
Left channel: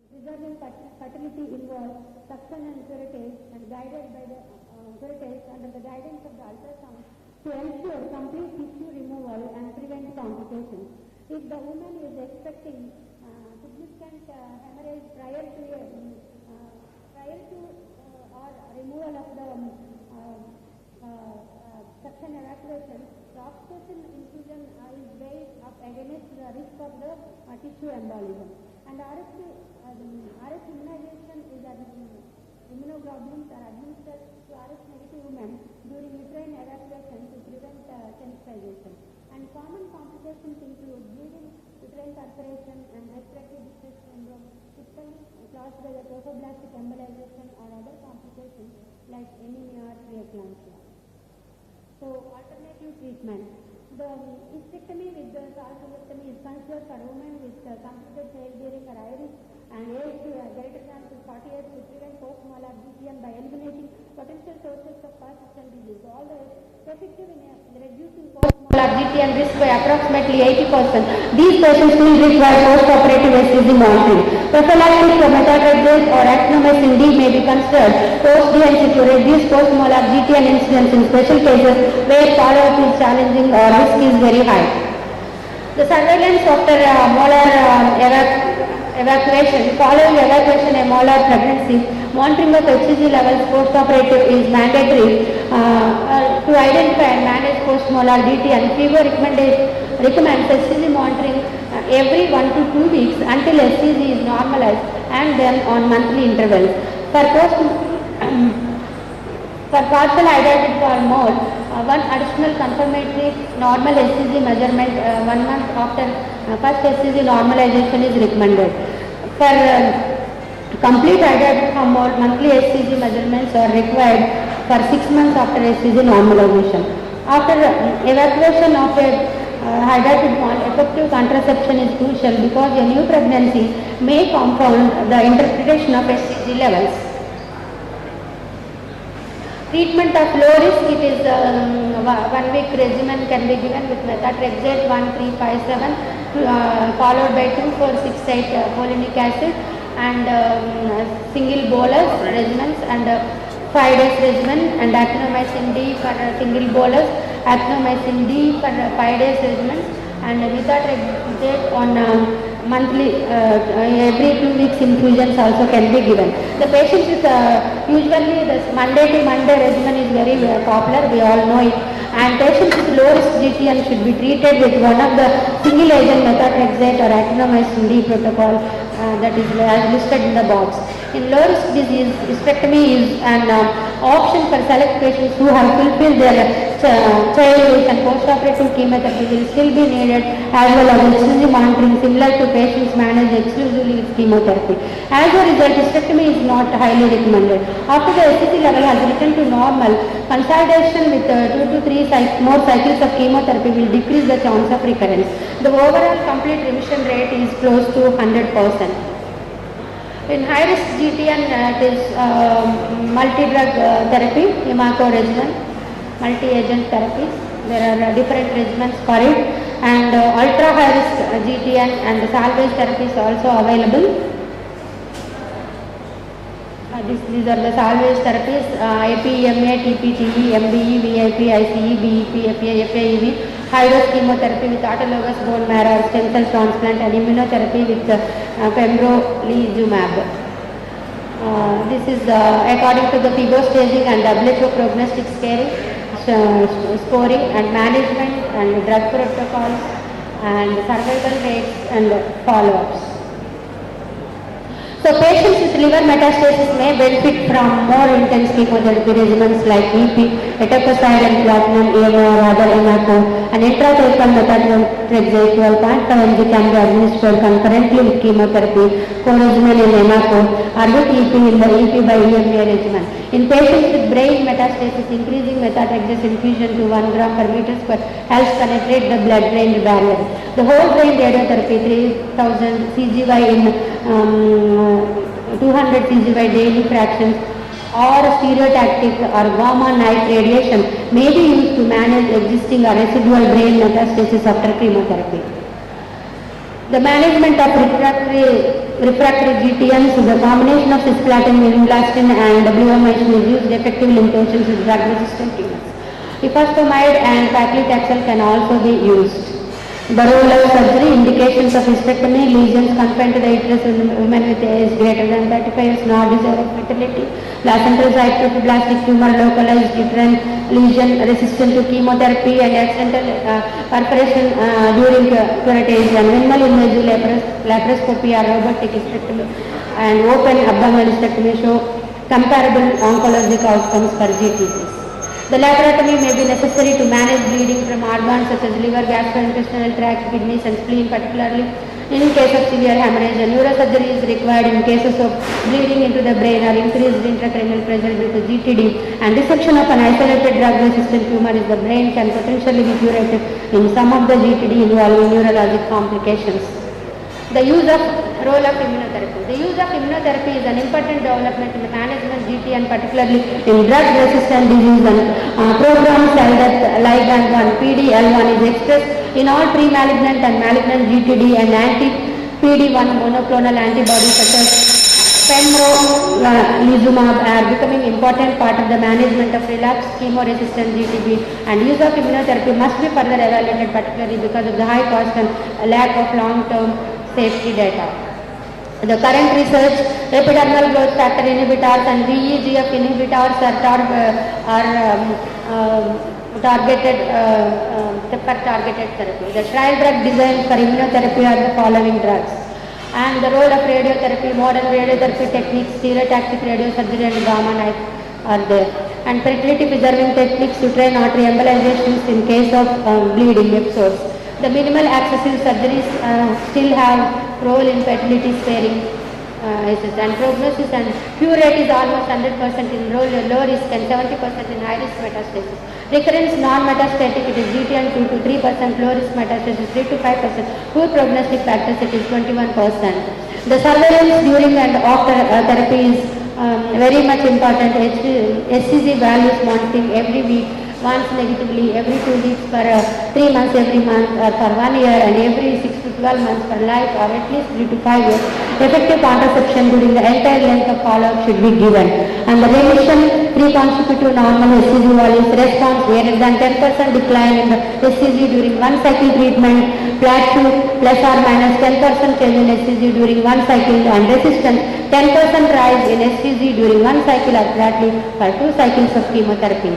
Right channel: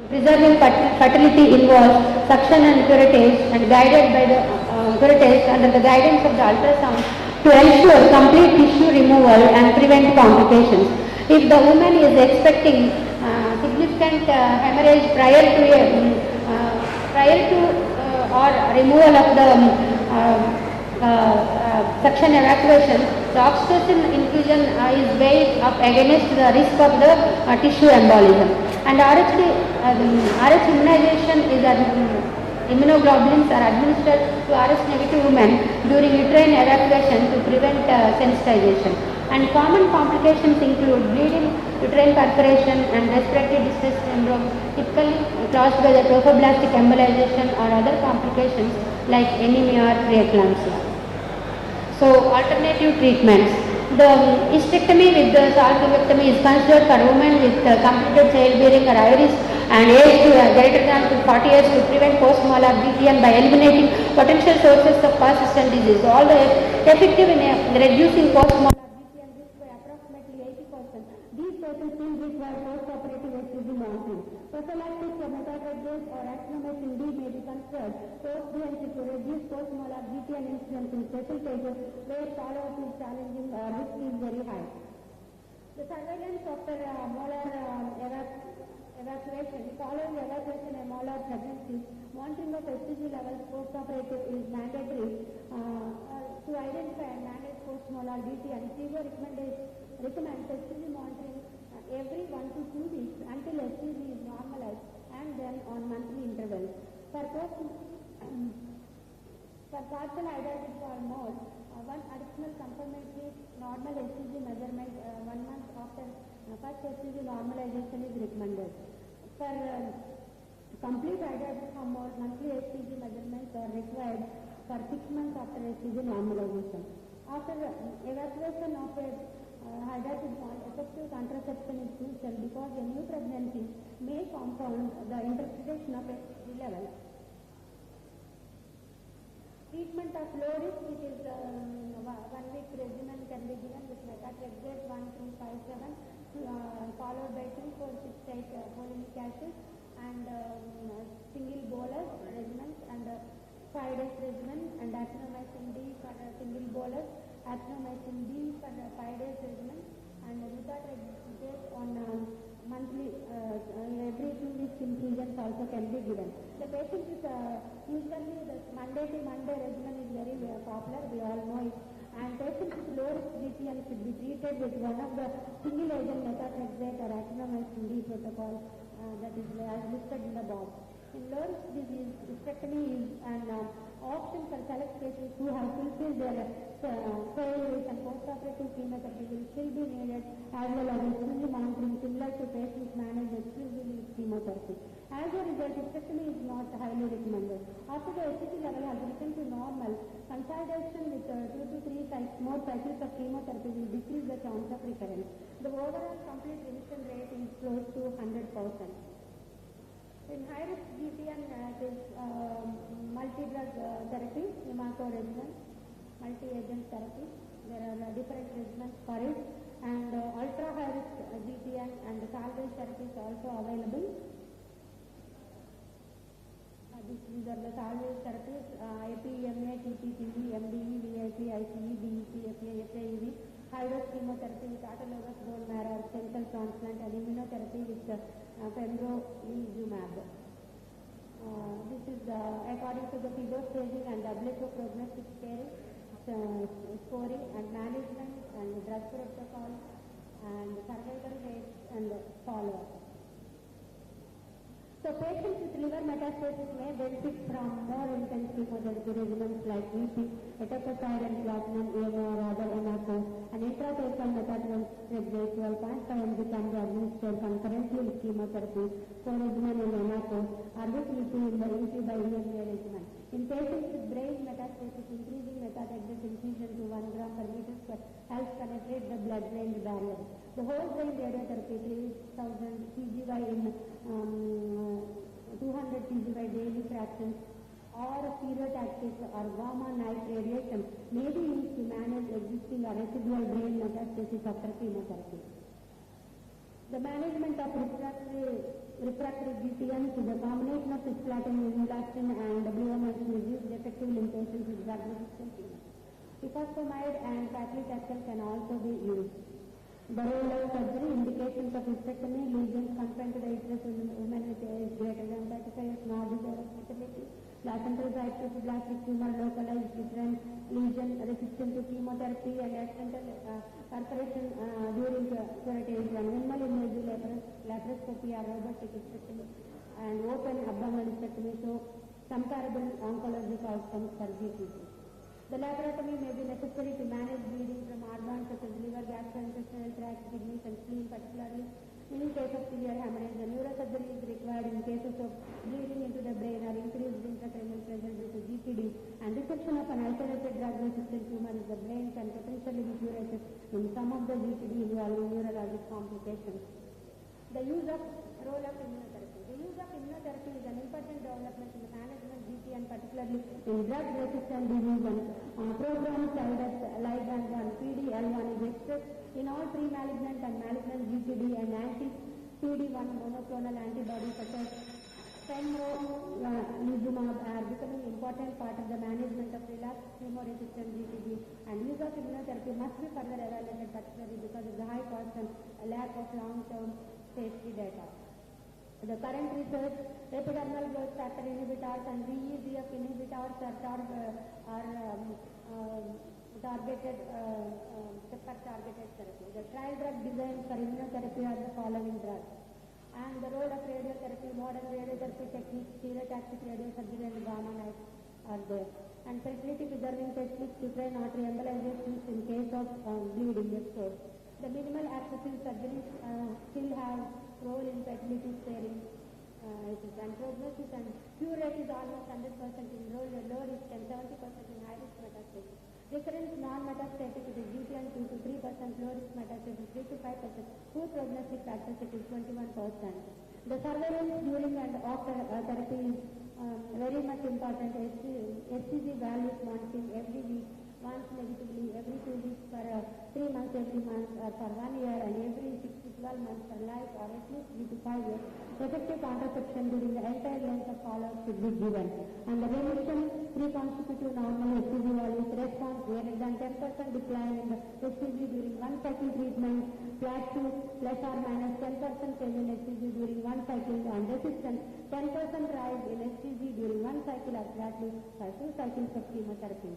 preserving fertility involves suction and curettage and guided by the curettage under the guidance of the ultrasound to ensure complete tissue removal and prevent complications. If the woman is expecting significant hemorrhage prior to or removal of the suction evacuation, the oxytocin infusion is weighed up against the risk of the tissue embolism. And RH immunization is immunoglobulins are administered to RH negative women during uterine evacuation to prevent sensitization. And common complications include bleeding, uterine perforation and respiratory distress syndrome, typically caused by the trophoblastic embolization or other complications like anemia or preeclampsia. So, alternative treatments. The hysterectomy with the salpingectomy is considered for women with completed childbearing or iris and age greater than 40 years to prevent post-molar GTM by eliminating potential sources of persistent disease. Although effective in reducing post-molar GTM risk by approximately 80%, these patients will require post-operative SCG monitoring. Prophylactic methotrexate or actinomycin D may be considered post-DNC to reduce post-molar GTM incidence in special cases where follow-up is challenging or risk is very high. The surveillance after molar evacuation, following evacuation of molar pregnancy, monitoring of HCG levels post-operative is mandatory to identify and manage post-molar DTM. FIBO recommends HCG monitoring every 1 to 2 weeks until HCG is normalized and then on monthly intervals. For partial hydrated for mole, one additional confirmatory normal HCG measurement 1 month after first HCG normalization is recommended. For complete hydrated for mole, monthly HCG measurements are required for 6 months after HCG normalization. After evacuation of a hydrated mole, effective contraception is crucial because a new pregnancy may confound the interpretation of HCG levels. Treatment of low risk, it is 1 week regimen can be given with methotrexate 1357 followed by 2468 folinic acid and single bolus regimens and 5 days regimen and actinomycin D for single bolus, actinomycin D for 5 days regimens and methotrexate on monthly, every 2 weeks infusions also can be given. The patients with usually the Monday to Monday regimen is very popular, we all know it, and patients with low risk GTM should be treated with one of the single agent methotrexate or actinomycin D protocol that is as listed in the box. In low risk disease, hysterectomy is an option for select patients who have fulfilled their childhood, and post-operative chemotherapy will still be needed, as well as HCG monitoring similar to patients managed exclusively with chemotherapy. As a result, hysterectomy is not highly recommended. After the HCG level has returned to normal, consolidation with 2 to 3 more cycles of chemotherapy will decrease the chance of recurrence. The overall complete remission rate is close to 100%. In high-risk GTN, it is multi-drug therapy, pharmacoregimen, multi-agent therapies. There are different regimens for it, and ultra-high-risk GTN and salvage therapy is also available. These are the salvage therapies: APEMA, TPTE, MBE, VIP, ICE, BEP, FA, FAEV, high-dose chemotherapy with autologous bone marrow stem cell transplant, and immunotherapy with pembrolizumab. This is according to the Fibroid staging and WHO prognostic scoring and management and drug protocols and survival rates and follow-ups. So patients with liver metastasis may benefit from more intense chemotherapy regimens like EP, etoposide and platinum, EMA or other MACO. An intrathecal methotrexate 12.5 mg can be administered concurrently with chemotherapy, co-regimen in MACO, or with EP in the EP by EMA regimen. In patients with brain metastasis, increasing methotrexate infusion to 1 gram per meter square helps penetrate the blood-brain barrier. The whole brain radiotherapy, 3000 CGY in 200 CGY daily fractions, or stereotactic or gamma knife radiation may be used to manage existing or residual brain metastasis after chemotherapy. The management of refractory GTMs, the combination of cisplatin, vinblastine and bleomycin is used effectively in patients with drug-resistant tumors. Ifosfamide and paclitaxel can also be used. The role of surgery, indications of hysterectomy, lesions confined to the uterus in women with age greater than 35 years, not desire of fertility, placental cytoplastic tumor, localized uterine lesion resistant to chemotherapy, and accidental perforation during curettage, and minimal invasive laparoscopy or robotic hysterectomy and open abdominal hysterectomy show comparable oncologic outcomes for GTCs. The laparotomy may be necessary to manage bleeding from organs such as liver, gastrointestinal tract, kidneys and spleen, particularly in case of severe hemorrhage. And neurosurgery is required in cases of bleeding into the brain or increased intracranial pressure due to GTD. And dissection of an isolated drug-resistant tumor in the brain can potentially be curative in some of the GTD involving neurologic complications. The role of immunotherapy. The use of immunotherapy is an important development in the management of GT, and particularly in drug-resistant disease, and programmed cell death ligand 1 PD-L1 is expressed in all pre-malignant and malignant GTD, and anti-PD-1 monoclonal antibodies such as pembrolizumab are becoming important part of the management of relapsed chemo-resistant GTB, and use of immunotherapy must be further evaluated, particularly because of the high cost and lack of long-term safety data. The current research, epidermal growth factor inhibitors and VEGF inhibitors are targeted therapy. The trial drug design for immunotherapy are the following drugs. And the role of radiotherapy, modern radiotherapy techniques, stereotactic radiosurgery and gamma knife are there. And fertility preserving techniques, uterine artery embolizations in case of bleeding episodes. The minimal accessible surgeries still have role in fertility sparing and prognosis, and cure rate is almost 100% in low risk and 70% in high risk metastasis. Recurrence non-metastatic, it is GTN 2 to 3%, low risk metastasis 3 to 5%, poor prognostic factors it is 21%. The surveillance during and after therapy is very much important. HCG values monitoring every week, once negatively, every 2 weeks, for 3 months every month, or for 1 year, and every 6 to 12 months for life, or at least 3 to 5 years. Effective contraception during the entire length of follow-up should be given. And the remission, 3 consecutive normal HCG values, response greater than 10% decline in the HCG during 1 cycle treatment, plateau plus or minus 10% change in HCG during 1 cycle, and resistance 10% rise in HCG during 1 cycle or plateau for 2 cycles of chemotherapy.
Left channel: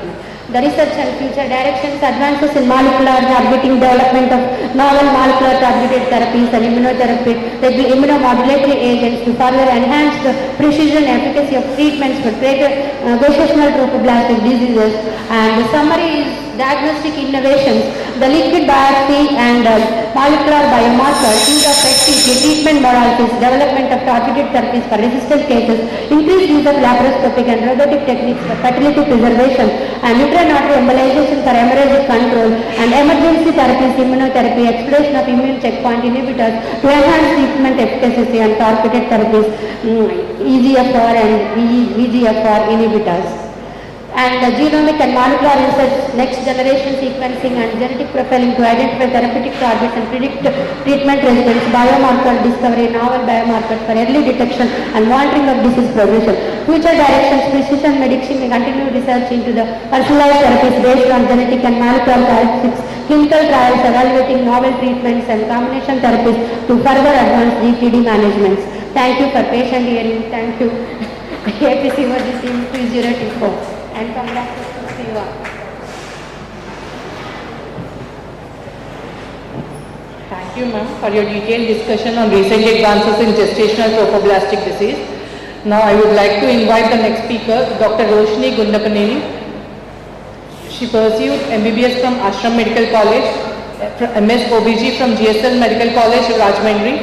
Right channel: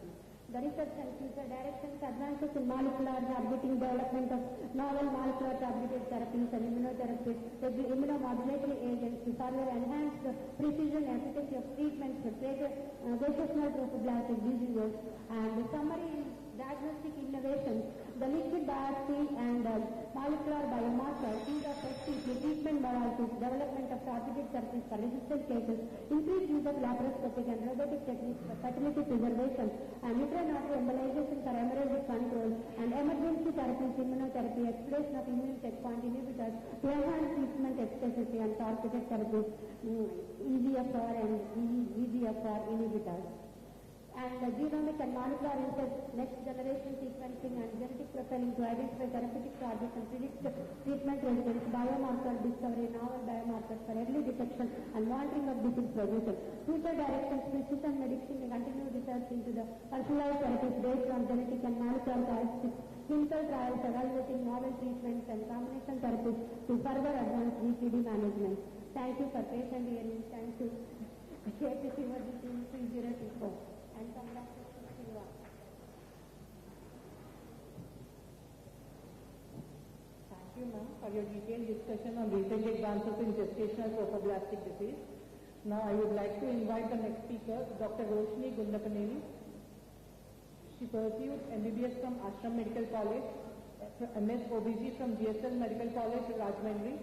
The research and future directions, advances in molecular targeting, development of novel molecular targeted therapies and immunotherapy, there will be immunomodulatory agents to further enhance the precision and efficacy of treatments for greater gestational trophoblastic diseases. And the summary is diagnostic innovations, the liquid biopsy and molecular biomarkers, use of PET treatment modalities, development of targeted therapies for resistant cases, increased use of laparoscopic and robotic techniques for fertility preservation, and uterine embolization for hemorrhagic control, and emergency therapies, immunotherapy, exploration of immune checkpoint inhibitors to enhance treatment efficacy, and targeted therapies, EGFR and VEGFR inhibitors. And the genomic and molecular research, next generation sequencing and genetic profiling to identify therapeutic targets and predict treatment resistance, biomarker discovery, novel biomarkers for early detection and monitoring of disease progression. Future directions, precision medicine, and continued research into the personalized therapies based on genetic and molecular characteristics, clinical trials evaluating novel treatments and combination therapies to further advance GTD management. Thank you for patient hearing. Thank you. APC was the team 2024. And come back to see you. Thank you, ma'am, for your detailed discussion on recent advances in gestational trophoblastic disease. Now I would like to invite the next speaker, Dr. Roshni Gundapaneni. She pursued MBBS from Ashram Medical College, MS OBG from GSL Medical College, Rajahmundry,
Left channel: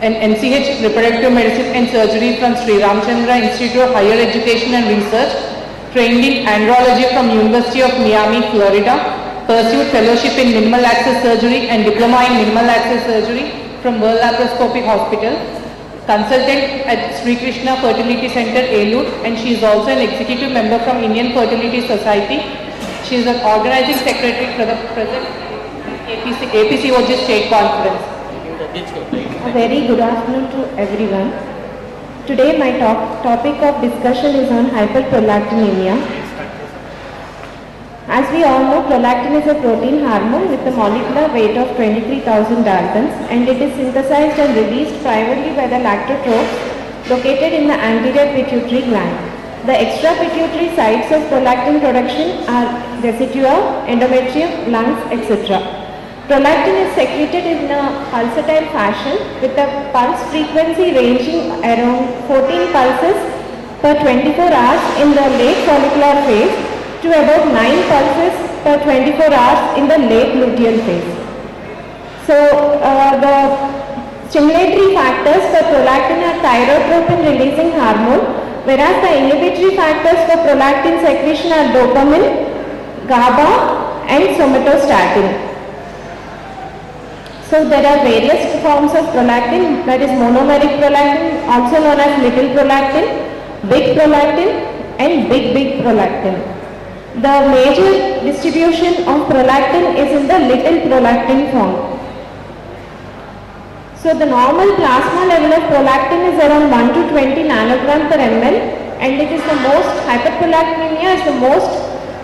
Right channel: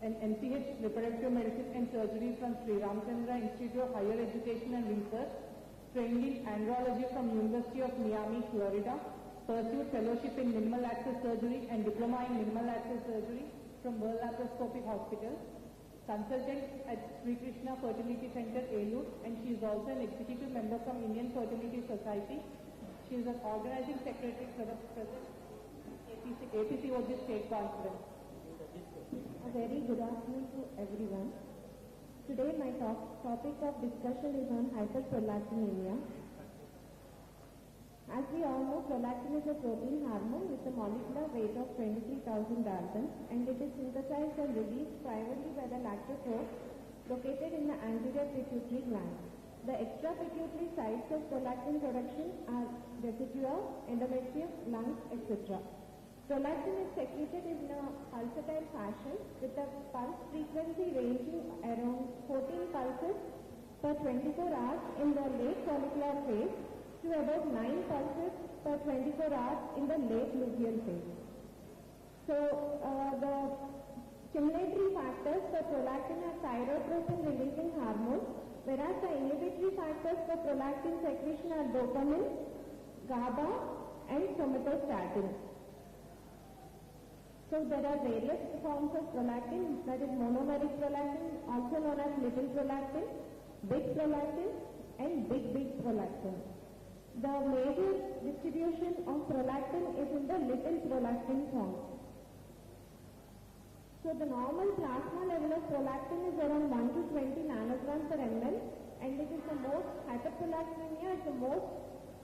and MCH Reproductive Medicine and Surgery from Sri Ramchandra Institute of Higher Education and Research, trained in andrology from University of Miami, Florida, pursued fellowship in minimal access surgery and diploma in minimal access surgery from World Laparoscopic Hospital, consultant at Sri Krishna Fertility Center, Elur, and she is also an executive member from Indian Fertility Society. She is an organizing secretary for the present APCOG State Conference. A very good afternoon to everyone. Today my topic of discussion is on hyperprolactinemia. As we all know, prolactin is a protein hormone with a molecular weight of 23,000 Daltons, and it is synthesized and released primarily by the lactotropes located in the anterior pituitary gland. The extrapituitary sites of prolactin production are residua, endometrium, lungs, etc. Prolactin is secreted in a pulsatile fashion with a pulse frequency ranging around 14 pulses per 24 hours in the late follicular phase to about 9 pulses per 24 hours in the late luteal phase. So the stimulatory factors for prolactin are thyrotropin releasing hormone, whereas the inhibitory factors for prolactin secretion are dopamine, GABA and somatostatin. So there are various forms of prolactin, that is monomeric prolactin, also known as little prolactin, big prolactin and big prolactin. The major distribution of prolactin is in the little prolactin form. So the normal plasma level of prolactin is around 1 to 20 nanogram per ml, and it is the most, hyperprolactinemia is the most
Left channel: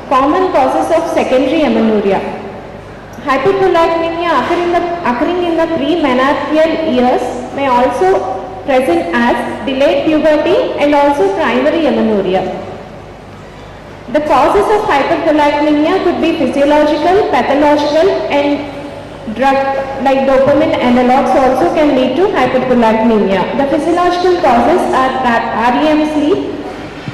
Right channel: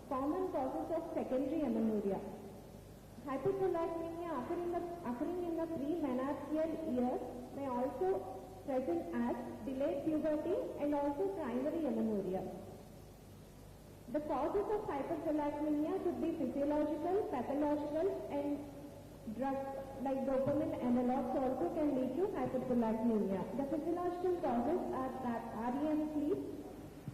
common causes of secondary amenorrhea. Hyperprolactinemia occurring in the pre-menarcheal years may also present as delayed puberty and also primary amenorrhea. The causes of hyperprolactinemia could be physiological, pathological, and drug like dopamine analogs also can lead to hyperprolactinemia. The physiological causes are REM sleep,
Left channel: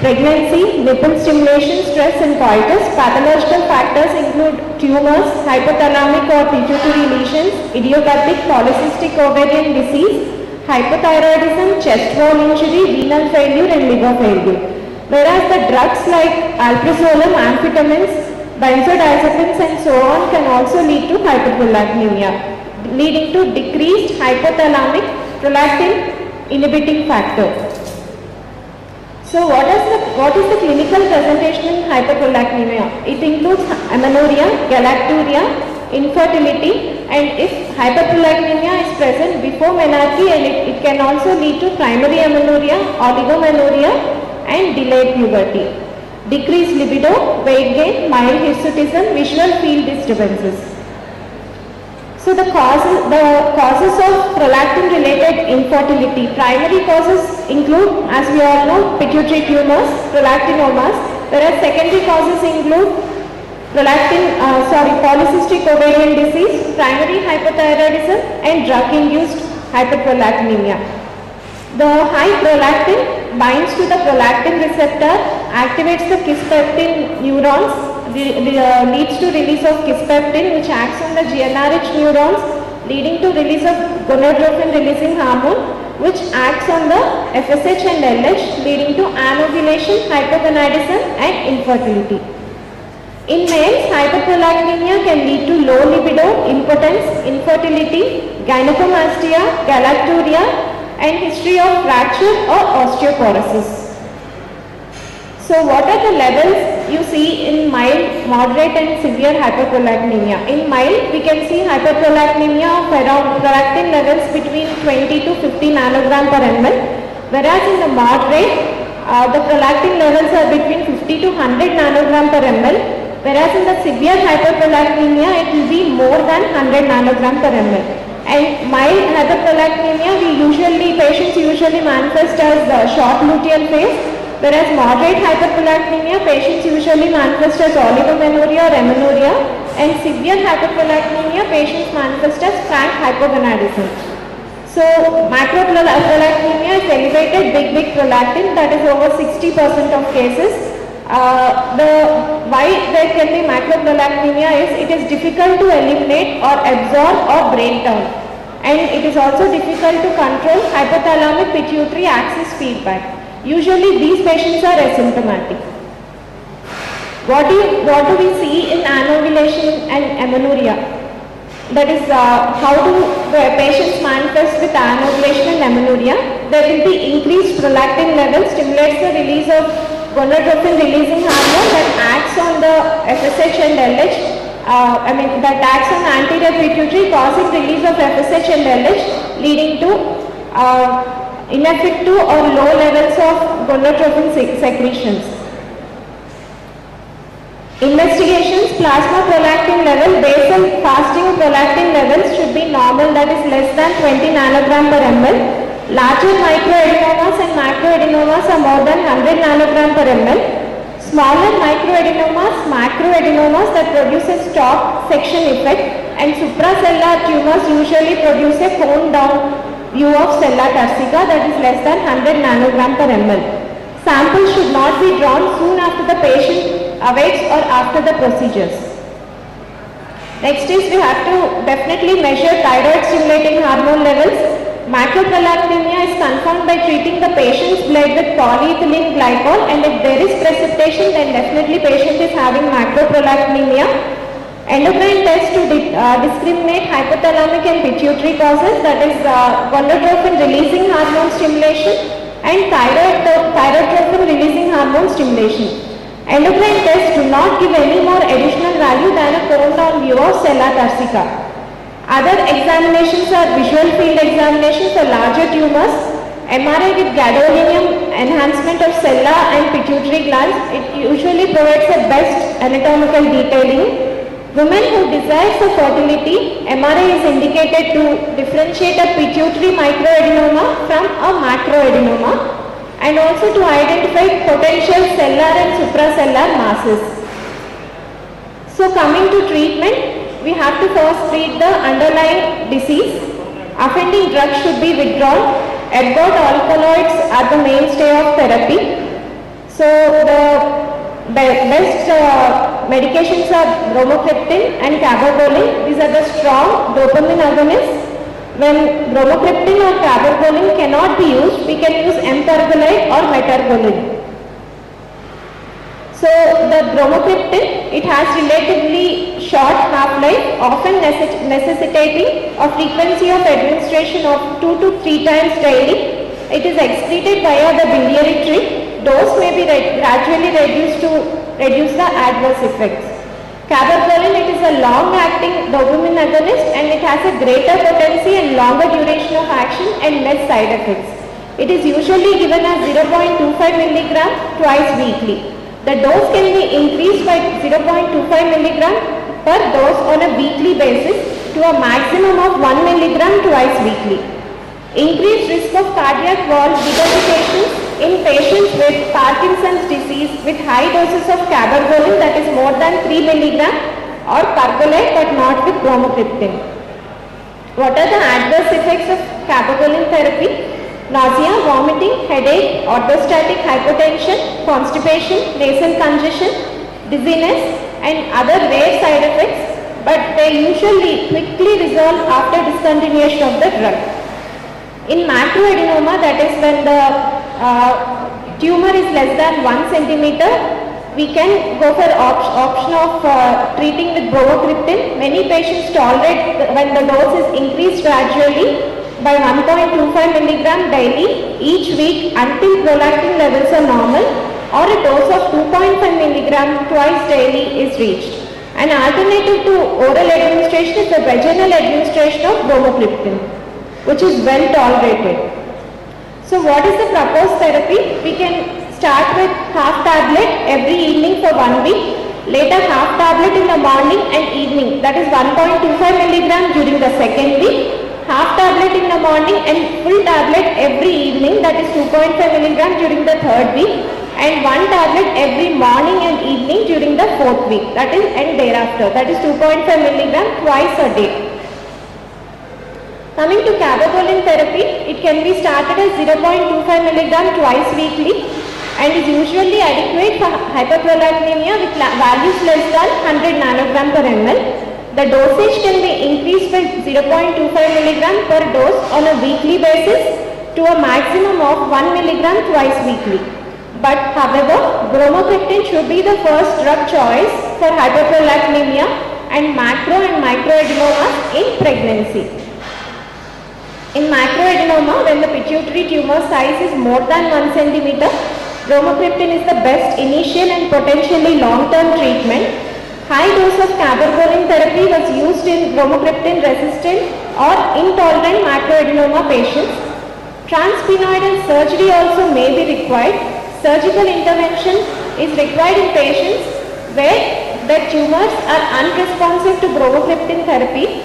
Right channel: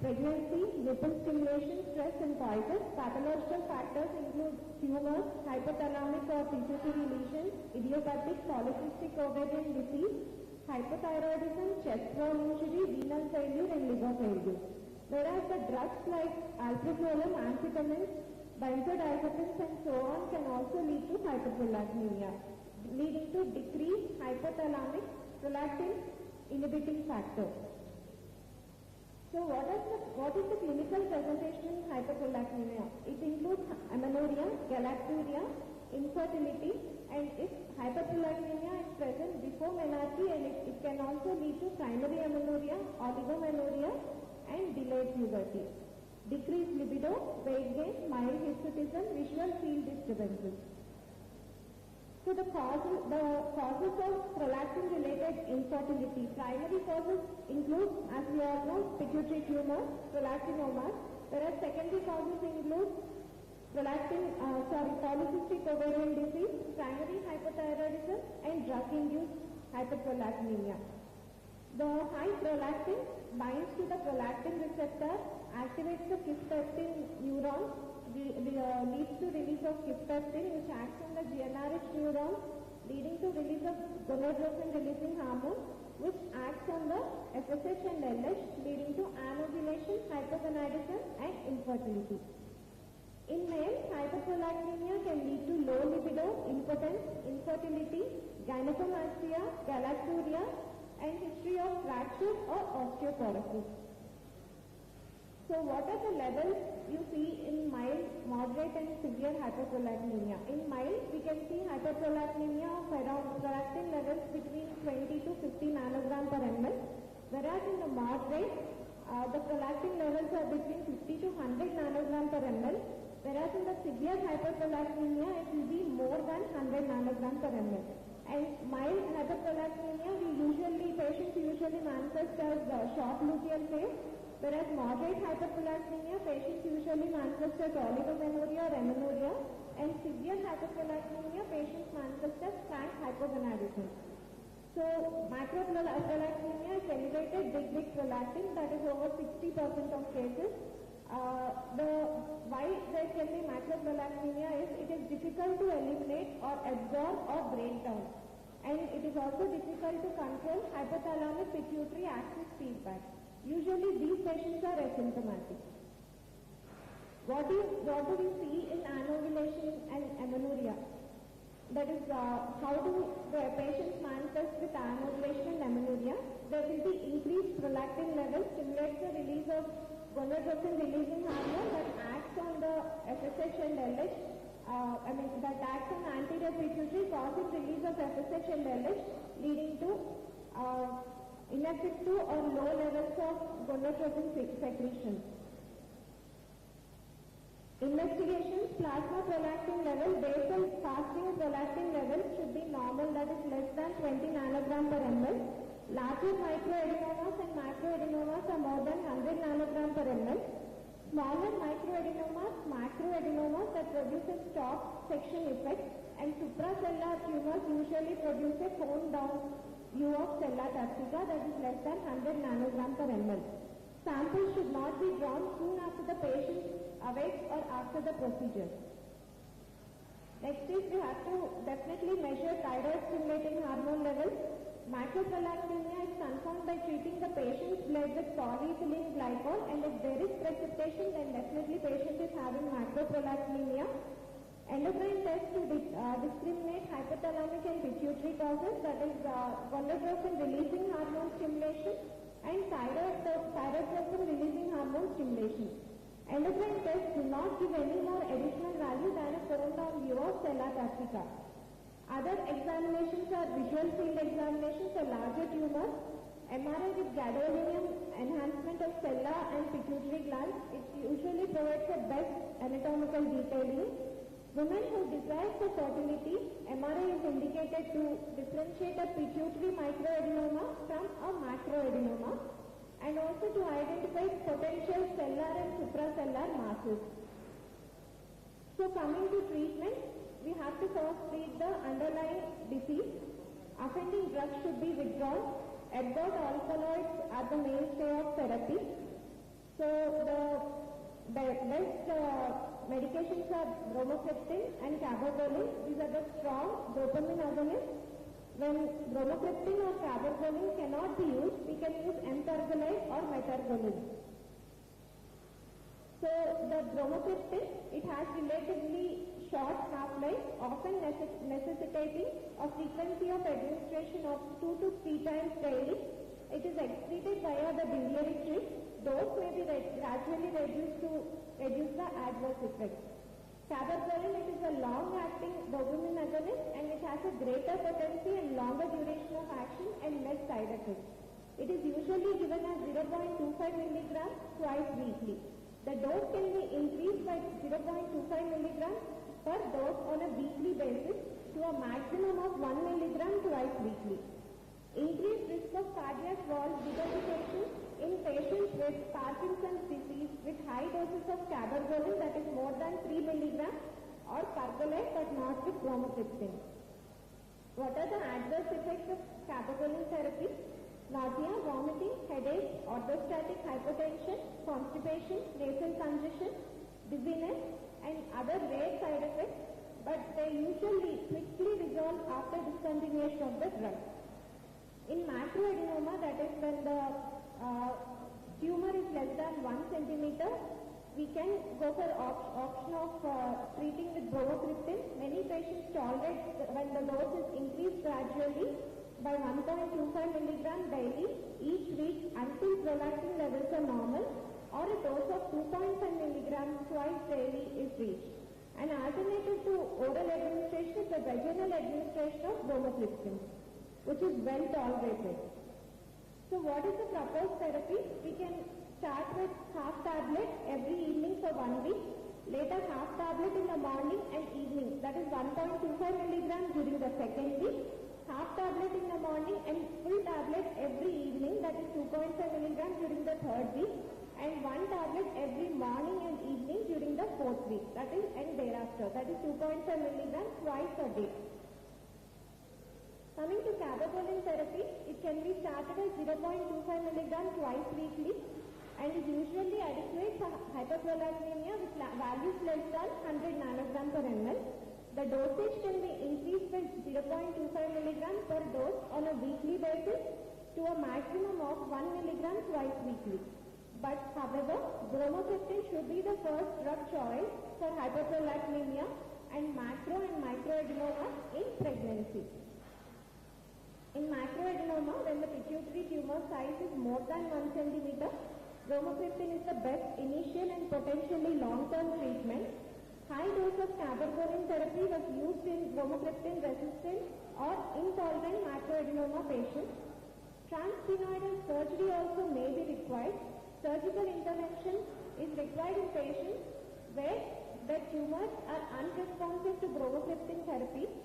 pregnancy, nipple stimulation, stress and coitus. Pathological factors include tumors, hypothalamic or pituitary lesions, idiopathic polycystic ovarian disease, hypothyroidism, chest wall injury, renal failure and liver failure. Whereas the drugs like alprazolam, amphetamines, benzodiazepines and so on can also lead to hyperprolactinemia, leading to decreased hypothalamic prolactin inhibiting factor. So what is the clinical presentation in hyperprolactinemia? It includes amenorrhea, galacturia, infertility, and if hyperprolactinemia is present before menarche, and it can also lead to primary amenorrhea, oligomenorrhea and delayed puberty. Decreased libido, weight gain, mild hirsutism, visual field disturbances. So the causes of prolactin related infertility. Primary causes include, as we all know, pituitary tumors, prolactinomas, whereas secondary causes include polycystic ovarian disease, primary hypothyroidism, and drug-induced hyperprolactinemia. The high prolactin binds to the prolactin receptor, activates the kisspeptin neurons, leads to release of kisspeptin, which acts on the GnRH neurons, leading to release of gonadotropin releasing hormone, which acts on the FSH and LH, leading to anovulation, hypogonadism, and infertility. In males, hyperprolactinemia can lead to low libido, impotence, infertility, gynecomastia, galacturia, and history of fracture or osteoporosis. So what are the levels you see in mild, moderate and severe hyperprolactinemia? In mild, we can see hyperprolactinemia of around prolactin levels between 20 to 50 nanogram per ml, whereas in the moderate, the prolactin levels are between 50 to 100 nanogram per ml, whereas in the severe hyperprolactinemia, it will be more than 100 nanogram per ml. And mild hyperprolactinemia, patients usually manifest as the short luteal phase, whereas moderate hyperprolactinemia, patients usually manifest as oligomenorrhea or amenorrhea, and severe hyperprolactinemia, patients manifest as frank hypogonadism. So macroprolactinemia is elevated big prolactin, that is over 60% of cases. Why there can be macroprolactinemia is it is difficult to eliminate or absorb or break down, and it is also difficult to control hypothalamic pituitary axis feedback. Usually these patients are asymptomatic. What do we see in anovulation and amenorrhea? That is how do the patients manifest with anovulation and amenorrhea? There will be increased prolactin level, stimulates the release of gonadotropin releasing hormone that acts on the FSH and LH, that acts on anterior pituitary, causing release of FSH and LH, leading to ineffective or low levels of gonadotropin secretions. Investigations: plasma prolactin level, basal fasting prolactin levels should be normal, that is less than 20 nanogram per ml. Larger microadenomas and macroadenomas are more than 100 nanogram per ml. Smaller microadenomas, macroadenomas that produce a stalk section effect, and supracellular tumors usually produce a cone down view of sella turcica, that is less than 100 nanogram per ml. Samples should not be drawn soon after the patient awakes or after the procedures. Next is we have to definitely measure thyroid stimulating hormone levels. Macroprolactinemia is confirmed by treating the patient's blood with polyethylene glycol, and if there is precipitation, then definitely patient is having macroprolactinemia. Endocrine tests to discriminate hypothalamic and pituitary causes, that is gonadotropin releasing hormone stimulation and thyrotropin releasing hormone stimulation. Endocrine tests do not give any more additional value than a cone down view of sella turcica. Other examinations are visual field examinations for larger tumors, MRI with gadolinium enhancement of sella and pituitary glands. It usually provides the best anatomical detailing. Women who desire for fertility, MRI is indicated to differentiate a pituitary microadenoma from a macroadenoma, and also to identify potential cellular and supracellular masses. So coming to treatment, we have to first treat the underlying disease. Offending drugs should be withdrawn. Ergot alkaloids are the mainstay of therapy. So the best medications are bromocriptine and cabergoline. These are the strong dopamine agonists. When bromocriptine or cabergoline cannot be used, we can use empergolide or metergolide. So the bromocriptine, it has relatively short half-life, often necessitating a frequency of administration of 2 to 3 times daily. It is excreted via the biliary tree. Dose may be gradually reduced to reduce the adverse effects. Cabergoline, it is a long-acting dopamine agonist, and it has a greater potency and longer duration of action and less side effects. It is usually given as 0.25 mg twice weekly. The dose can be increased by 0.25 mg per dose on a weekly basis to a maximum of 1 mg twice weekly. Increased risk of cardiac valve regurgitations in patients with Parkinson's disease with high doses of cabergoline, that is more than 3 milligram, or pergolide but not with bromocriptine. What are the adverse effects of cabergoline therapy? Nausea, vomiting, headache, orthostatic hypotension, constipation, nasal congestion, dizziness, and other rare side effects, but they usually quickly resolve after discontinuation of the drug. In macroadenoma, that is when the tumor is less than 1 centimeter, we can go for option of treating with bromocriptine. Many patients tolerate when the dose is increased gradually by 1.25 milligram daily each week until prolactin levels are normal, or a dose of 2.5 milligram twice daily is reached. An alternative to oral administration is the vaginal administration of bromocriptine, which is well tolerated. So what is the proposed therapy? We can start with half tablet every evening for 1 week, later half tablet in the morning and evening, that is 1.25 milligram during the second week, half tablet in the morning and full tablet every evening, that is 2.5 milligram during the third week, and 1 tablet every morning and evening during the fourth week, that is and thereafter, that is 2.5 milligram twice a day. Coming to cabergoline therapy, it can be started as 0.25 milligram twice weekly and is usually adequate for hyperprolactinemia with values less than 100 nanogram per ml. The dosage can be increased by 0.25 milligram per dose on a weekly basis to a maximum of 1 milligram twice weekly. But however, bromocriptine should be the first drug choice for hyperprolactinemia and macro and microadenomas in pregnancy. In macroadenoma, when the pituitary tumor size is more than 1 centimeter, bromocriptine is the best initial and potentially long-term treatment. High dose of cabergoline therapy was used in bromocriptine resistant or intolerant macroadenoma patients. Transpenoidal surgery also may be required. Surgical intervention is required in patients where the tumors are unresponsive to bromocriptine therapy.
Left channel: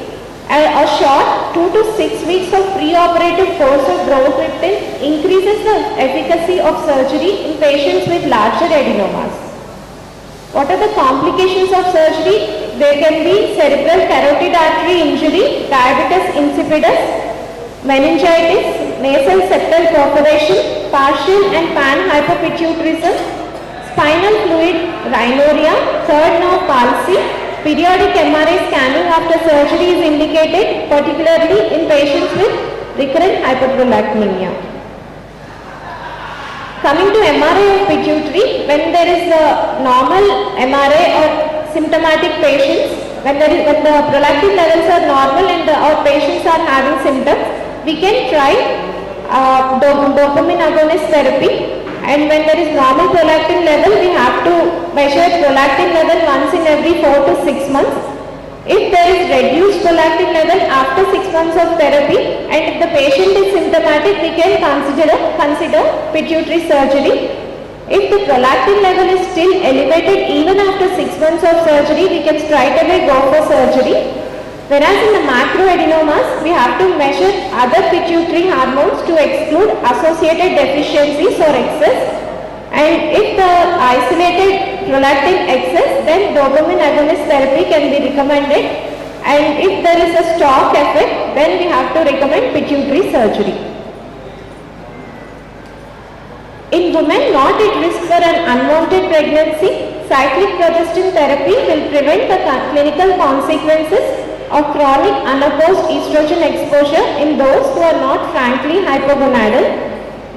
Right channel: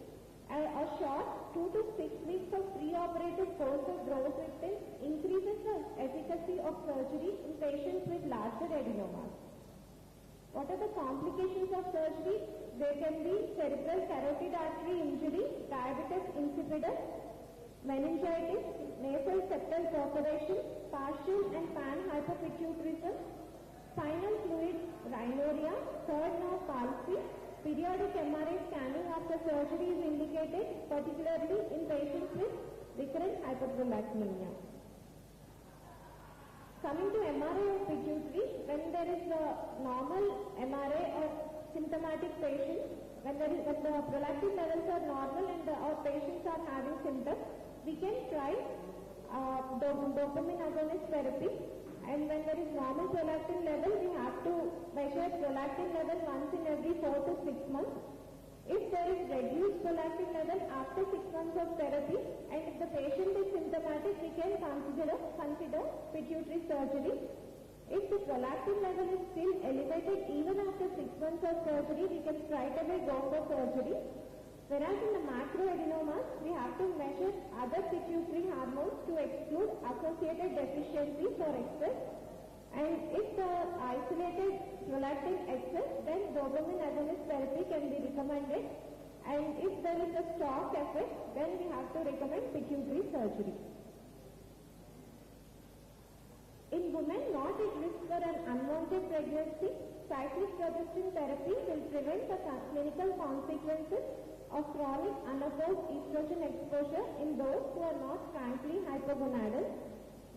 A short 2 to 6 weeks of preoperative course of bromocriptine increases the efficacy of surgery in patients with larger adenomas. What are the complications of surgery? There can be cerebral carotid artery injury, diabetes insipidus, meningitis, nasal septal perforation, partial and panhypopituitarism, spinal fluid rhinorrhea, third nerve palsy. Periodic MRI scanning after surgery is indicated, particularly in patients with recurrent hyperprolactinemia. Coming to MRI of pituitary, when there is a normal MRI or symptomatic patients, when the prolactin levels are normal and our patients are having symptoms, we can try dopamine agonist therapy. And when there is normal prolactin level, we have to measure prolactin level once in every 4 to 6 months. If there is reduced prolactin level after 6 months of therapy, and if the patient is symptomatic, we can consider pituitary surgery. If the prolactin level is still elevated even after 6 months of surgery, we can straight away go for surgery. Whereas in the macroadenomas, we have to measure other pituitary hormones to exclude associated deficiencies or excess. And if the isolated prolactin excess, then dopamine agonist therapy can be recommended. And if there is a stock effect, then we have to recommend pituitary surgery. In women not at risk for an unwanted pregnancy, cyclic progestin therapy will prevent the clinical consequences of chronic unopposed estrogen exposure in those who are not frankly hypogonadal.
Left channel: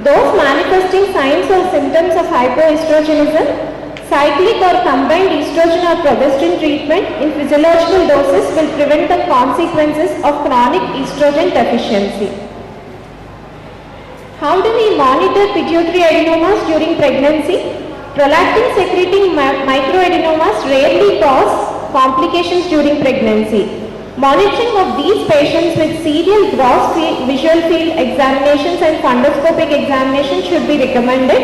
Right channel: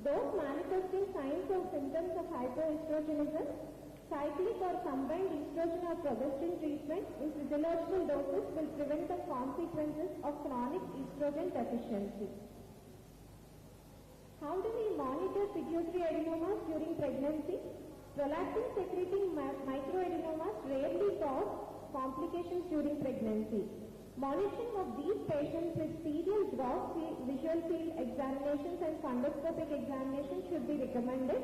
Those manifesting signs or symptoms of hypoestrogenism, cyclic or combined estrogen or progestin treatment in physiological doses will prevent the consequences of chronic estrogen deficiency. How do we monitor pituitary adenomas during pregnancy? Prolactin secreting microadenomas rarely cause complications during pregnancy. Monitoring of these patients with serial gross visual field examinations and fundoscopic examinations should be recommended.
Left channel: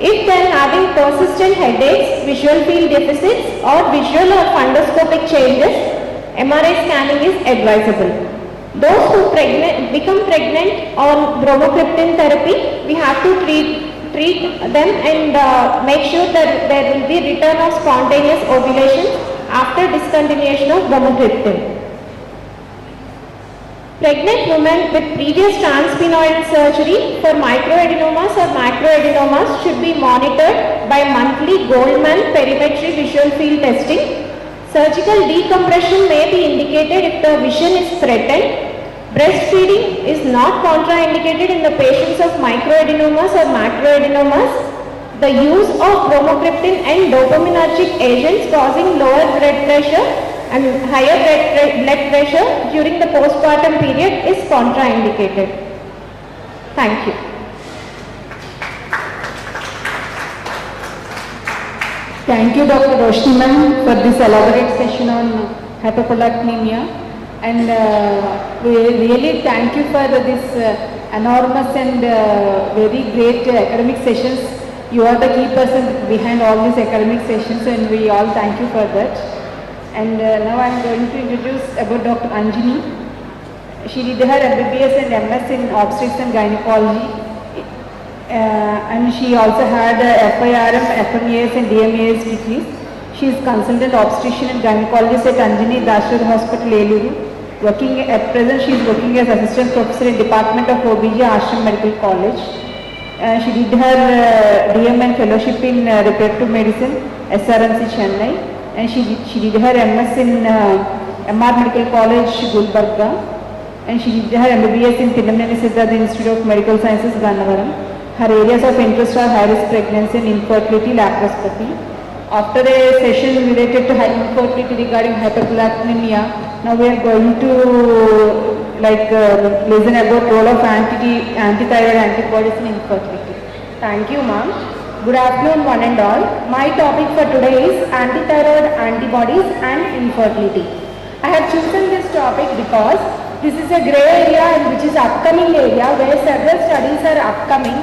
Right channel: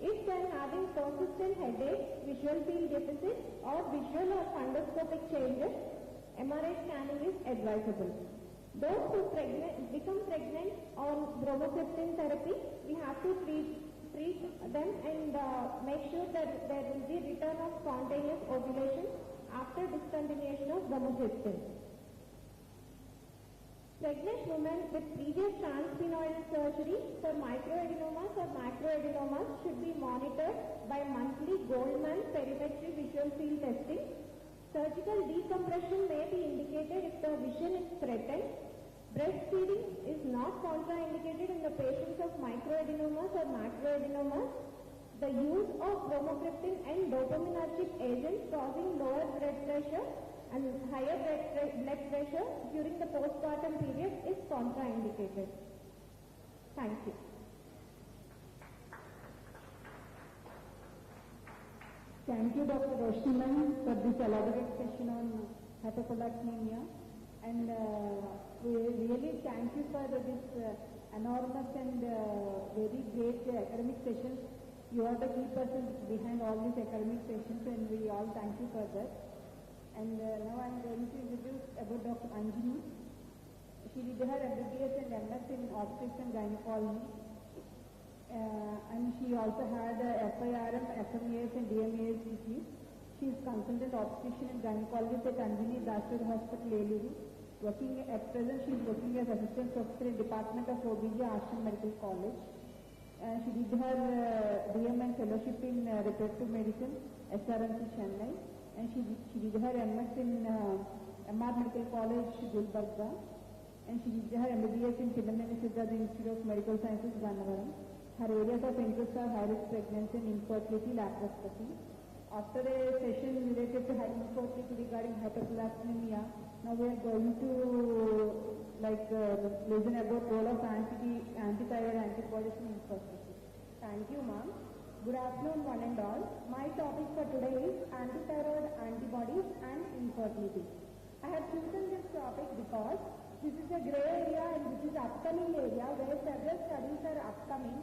If they are having persistent headaches, visual field deficits or visual or fundoscopic changes, MRI scanning is advisable. Those who become pregnant on bromocriptine therapy, we have to treat treat them and make sure that there will be return of spontaneous ovulation after discontinuation of bromocriptine. Pregnant women with previous transpenoidal surgery for microadenomas or macroadenomas should be monitored by monthly Goldman perimetry visual field testing. Surgical decompression may be indicated if the vision is threatened. Breastfeeding is not contraindicated in the patients of microadenomas or macroadenomas. The use of bromocriptine and dopaminergic agents causing lower blood pressure and higher blood pressure during the postpartum period is contraindicated. Thank you. Thank you, Dr. Roshni ma'am, for this elaborate session on hyperprolactinemia. And we really thank you for this enormous and very great academic sessions. You are the key person behind all these academic sessions, and we all thank you for that. And now I am going to introduce about Dr. Anjani. She did her MBBS and MS in Obstetrics and Gynaecology. And she also had FIRM, FMAS and DMAS degrees. She is consultant obstetrician and gynecologist at Anjani Dasher Hospital, Eluru. At present, she is working as assistant professor in Department of OBG, Ashram Medical College. She did her DM and fellowship in reproductive medicine, SRMC Chennai. And she did her MS in MR Medical College, Gulbarga. And she did her MBBS in Pinnamneni Siddhartha Institute of Medical Sciences, Gannavaram. Her areas of interest are high-risk pregnancy and infertility, laparoscopy. After a session related to infertility regarding hyperprolactinemia, now we are going to listen about role of antithyroid antibodies in infertility. Thank you, ma'am. Good afternoon, one and all. My topic for today is antithyroid antibodies and infertility. I have chosen this topic because this is a grey area and which is upcoming area where several studies are upcoming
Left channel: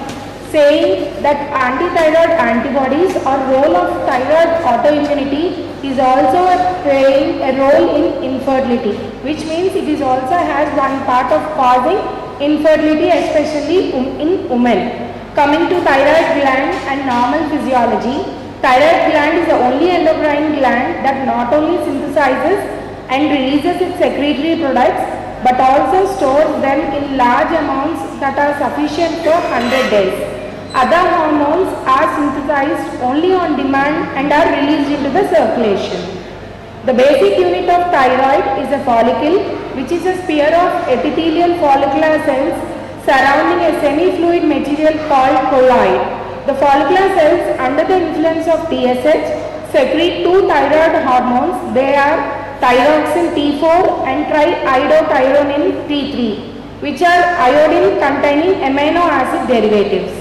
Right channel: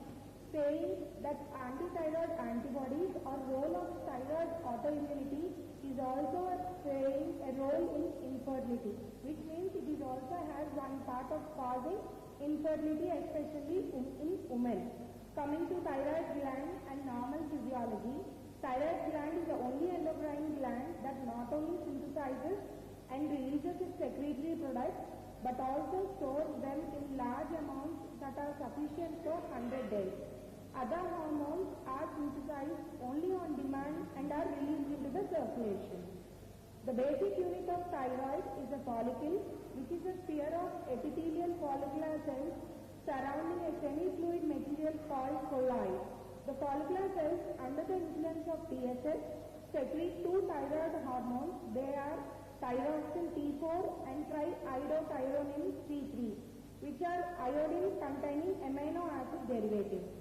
saying that antithyroid antibodies or role of thyroid autoimmunity is also playing a role in infertility, which means it is also has one part of causing infertility, especially in women. Coming to thyroid gland and normal physiology, thyroid gland is the only endocrine gland that not only synthesizes and releases its secretory products but also stores them in large amounts that are sufficient for 100 days. Other hormones are synthesized only on demand and are released into the circulation. The basic unit of thyroid is a follicle, which is a sphere of epithelial follicular cells surrounding a semi-fluid material called colloid. The follicular cells, under the influence of TSH, secrete two thyroid hormones. They are thyroxine T4 and triiodothyronine T3, which are iodine-containing amino acid derivatives.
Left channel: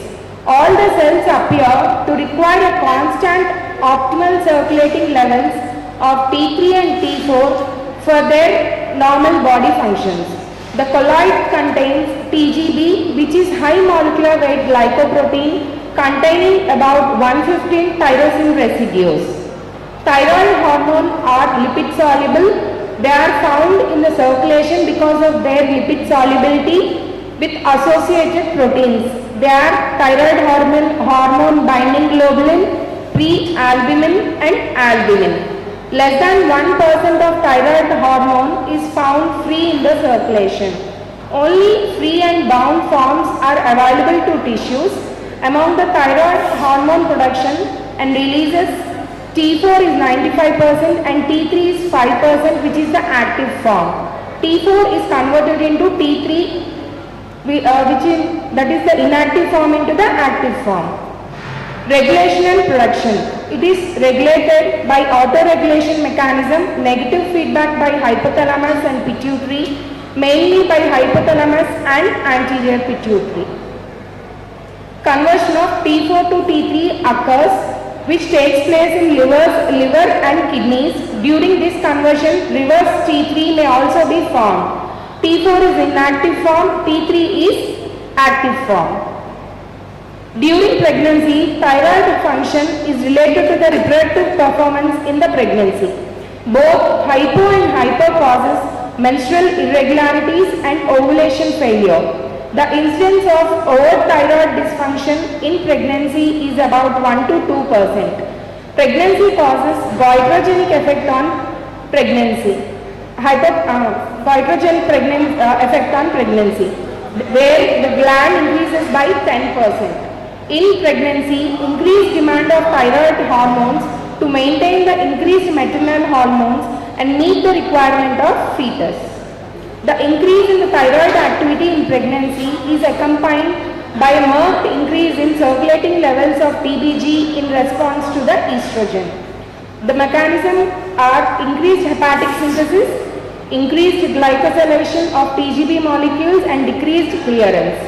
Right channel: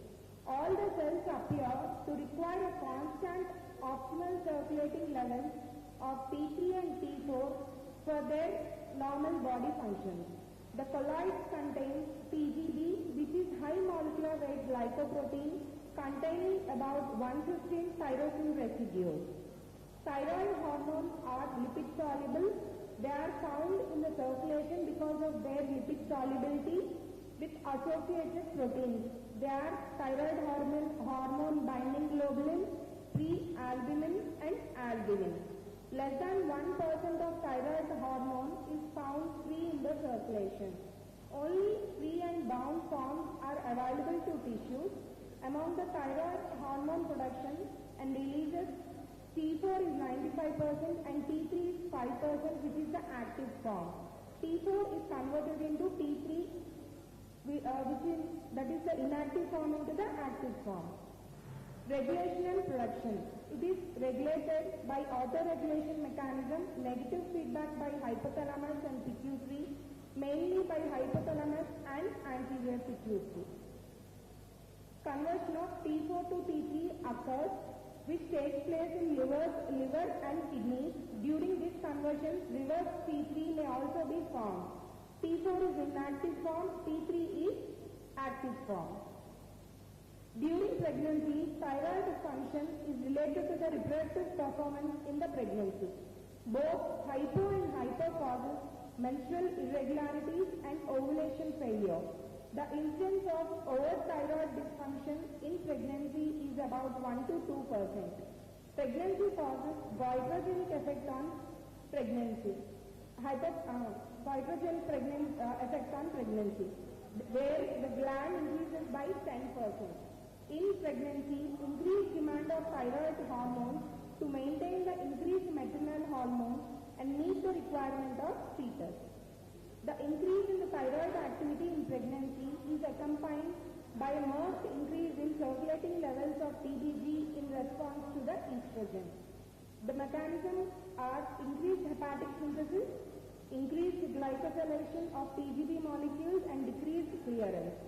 All the cells appear to require a constant optimal circulating levels of T3 and T4 for their normal body functions. The colloid contains TGB, which is high molecular weight glycoprotein containing about 115 tyrosine residues. Thyroid hormone are lipid soluble. They are found in the circulation because of their lipid solubility with associated proteins. They are thyroid hormone binding globulin, prealbumin and albumin. Less than 1% of thyroid hormone is found free in the circulation. Only free and bound forms are available to tissues. Among the thyroid hormone production and releases, T4 is 95% and T3 is 5%, which is the active form. T4 is converted into T3, that is the inactive form into the active form. Regulation and production. It is regulated by autoregulation mechanism, negative feedback by hypothalamus and pituitary, mainly by hypothalamus and anterior pituitary. Conversion of T4 to T3 occurs, which takes place in liver and kidneys. During this conversion, reverse T3 may also be formed. T4 is inactive form, T3 is active form. During pregnancy, thyroid function is related to the reproductive performance in the pregnancy. Both hypo and hyper causes menstrual irregularities and ovulation failure. The incidence of overt-thyroid dysfunction in pregnancy is about 1 to 2%. Pregnancy causes goitrogenic effect on pregnancy. Goitrogenic effect on pregnancy, where the gland increases by 10%. In pregnancy, increased demand of thyroid hormones to maintain the increased maternal hormones and meet the requirement of fetus. The increase in the thyroid activity in pregnancy is accompanied by a marked increase in circulating levels of TBG in response to the estrogen. The mechanisms are increased hepatic synthesis, increased glycosylation of TGB molecules and decreased clearance.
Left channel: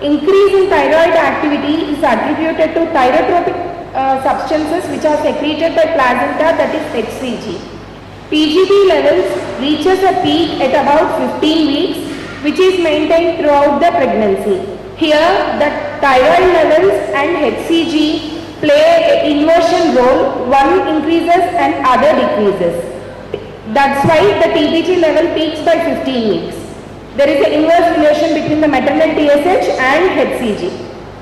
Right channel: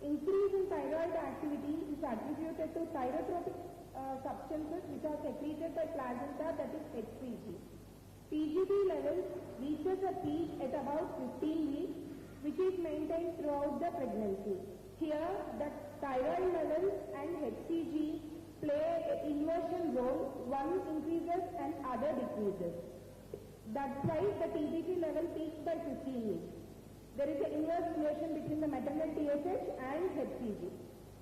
Increase in thyroid activity is attributed to thyrotropic substances which are secreted by placenta, that is HCG. TGB levels reaches a peak at about 15 weeks, which is maintained throughout the pregnancy. Here, the thyroid levels and HCG play an inversion role, one increases and other decreases. That's why the TBG level peaks by 15 weeks. There is an inverse relation between the maternal TSH and HCG.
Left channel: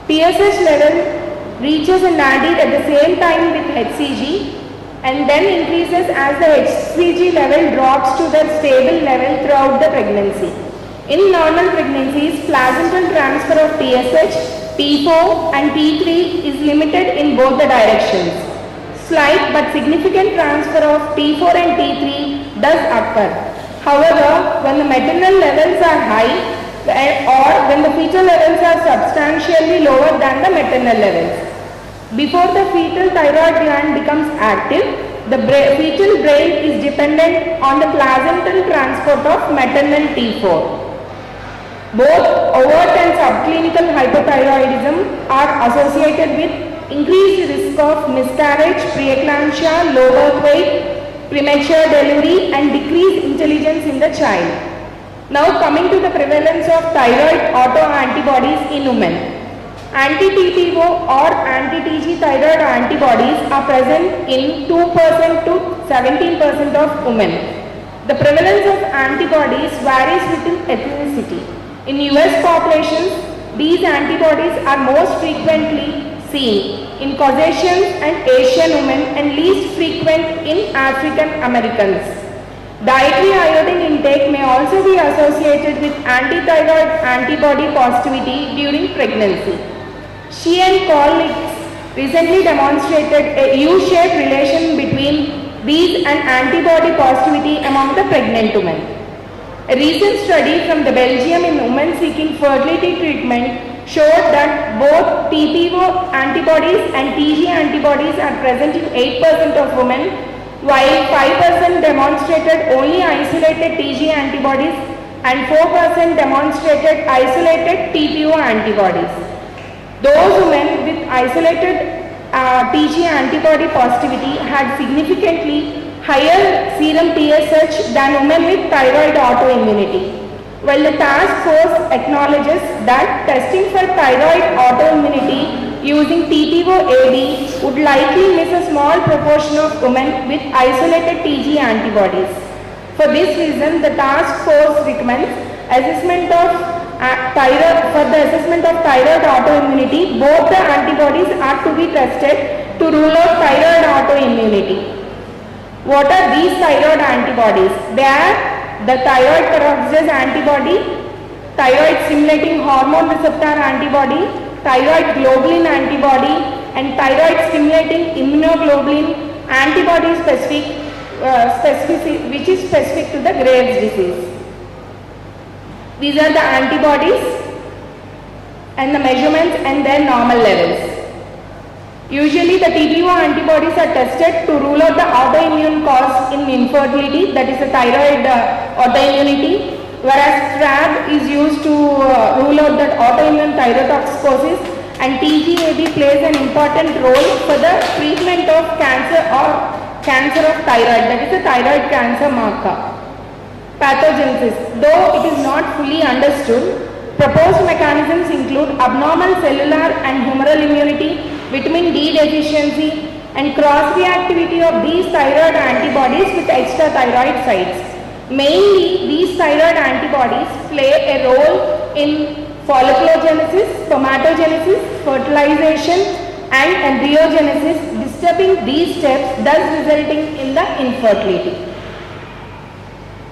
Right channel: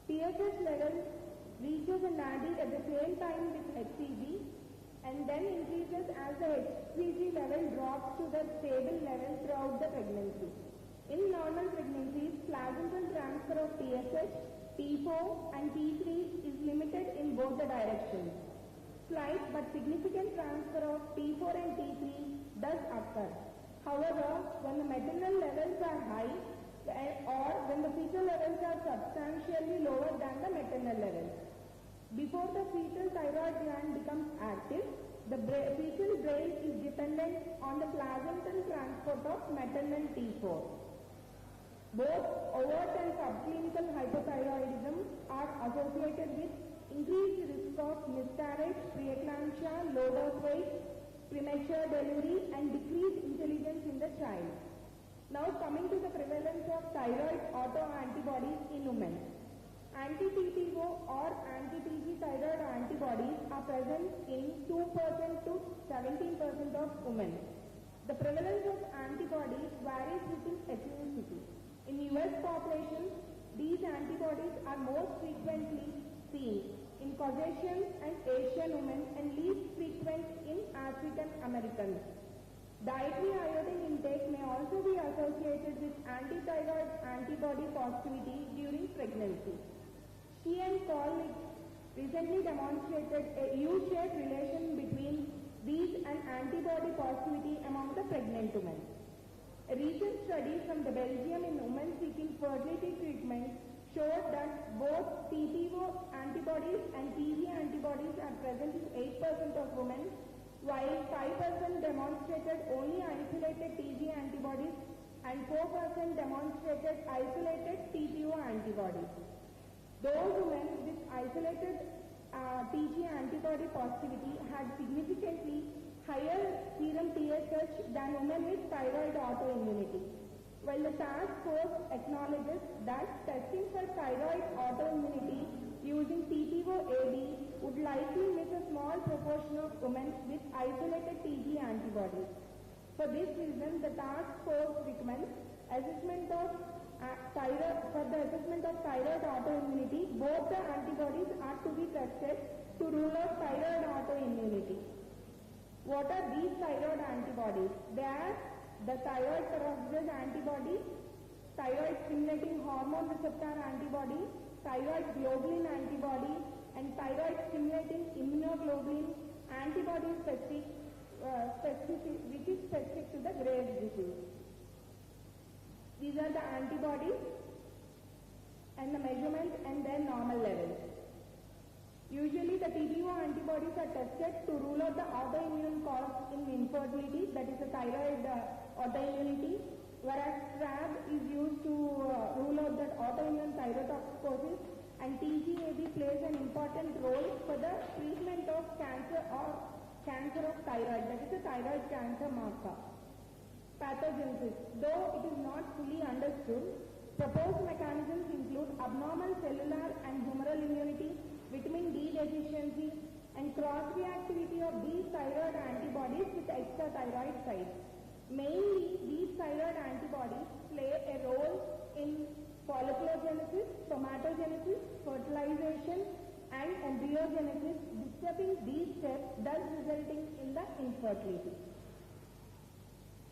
TSH level reaches a nadir at the same time with HCG and then increases as the HCG level drops to the stable level throughout the pregnancy. In normal pregnancies, placental transfer of TSH, T4 and T3 is limited in both the directions. Slight but significant transfer of T4 and T3 does occur. However, when the maternal levels are high or when the fetal levels are substantially lower than the maternal levels. Before the fetal thyroid gland becomes active, the fetal brain is dependent on the placental transport of maternal T4. Both overt and subclinical hypothyroidism are associated with increased risk of miscarriage, preeclampsia, low birth weight, premature delivery and decreased intelligence in the child. Now coming to the prevalence of thyroid autoantibodies in women. Anti-TTO or anti-TG thyroid antibodies are present in 2% to 17% of women. The prevalence of antibodies varies with ethnicity. In US populations, these antibodies are most frequently seen in Caucasians and Asian women and least frequent in African Americans. Dietary iodine intake may also be associated with anti-thyroid antibody positivity during pregnancy. She and colleagues recently demonstrated a U-shaped relation between these and antibody positivity among the pregnant women. A recent study from the Belgium in women seeking fertility treatment showed that both TPO antibodies and TG antibodies are present in 8% of women, while 5% demonstrated only isolated TG antibodies and 4% demonstrated isolated TPO antibodies. Those women with isolated TG antibody positivity had significantly higher serum TSH than women with thyroid autoimmunity. While the task force acknowledges that testing for thyroid autoimmunity using TTO-AD would likely miss a small proportion of women with isolated TG antibodies. For this reason, the task force recommends assessment of thyroid autoimmunity. Both the antibodies are to be tested to rule out thyroid autoimmunity. What are these thyroid antibodies? They are the thyroid peroxidase antibody, thyroid stimulating hormone receptor antibody, thyroid globulin antibody, and thyroid stimulating immunoglobulin antibody which is specific to the Graves' disease. These are the antibodies and the measurements and their normal levels. Usually the TPO antibodies are tested to rule out the autoimmune cause in infertility, that is the thyroid autoimmunity, whereas TRAB is used to rule out that autoimmune thyrotoxicosis, and TGAB plays an important role for the treatment of cancer or cancer of thyroid, that is the thyroid cancer marker. Pathogenesis. Though it is not fully understood, proposed mechanisms include abnormal cellular and humoral immunity, vitamin D deficiency, and cross-reactivity of these thyroid antibodies with extrathyroid sites. Mainly, these thyroid antibodies play a role in folliculogenesis, spermatogenesis, fertilization and embryogenesis, disturbing these steps, thus resulting in the infertility.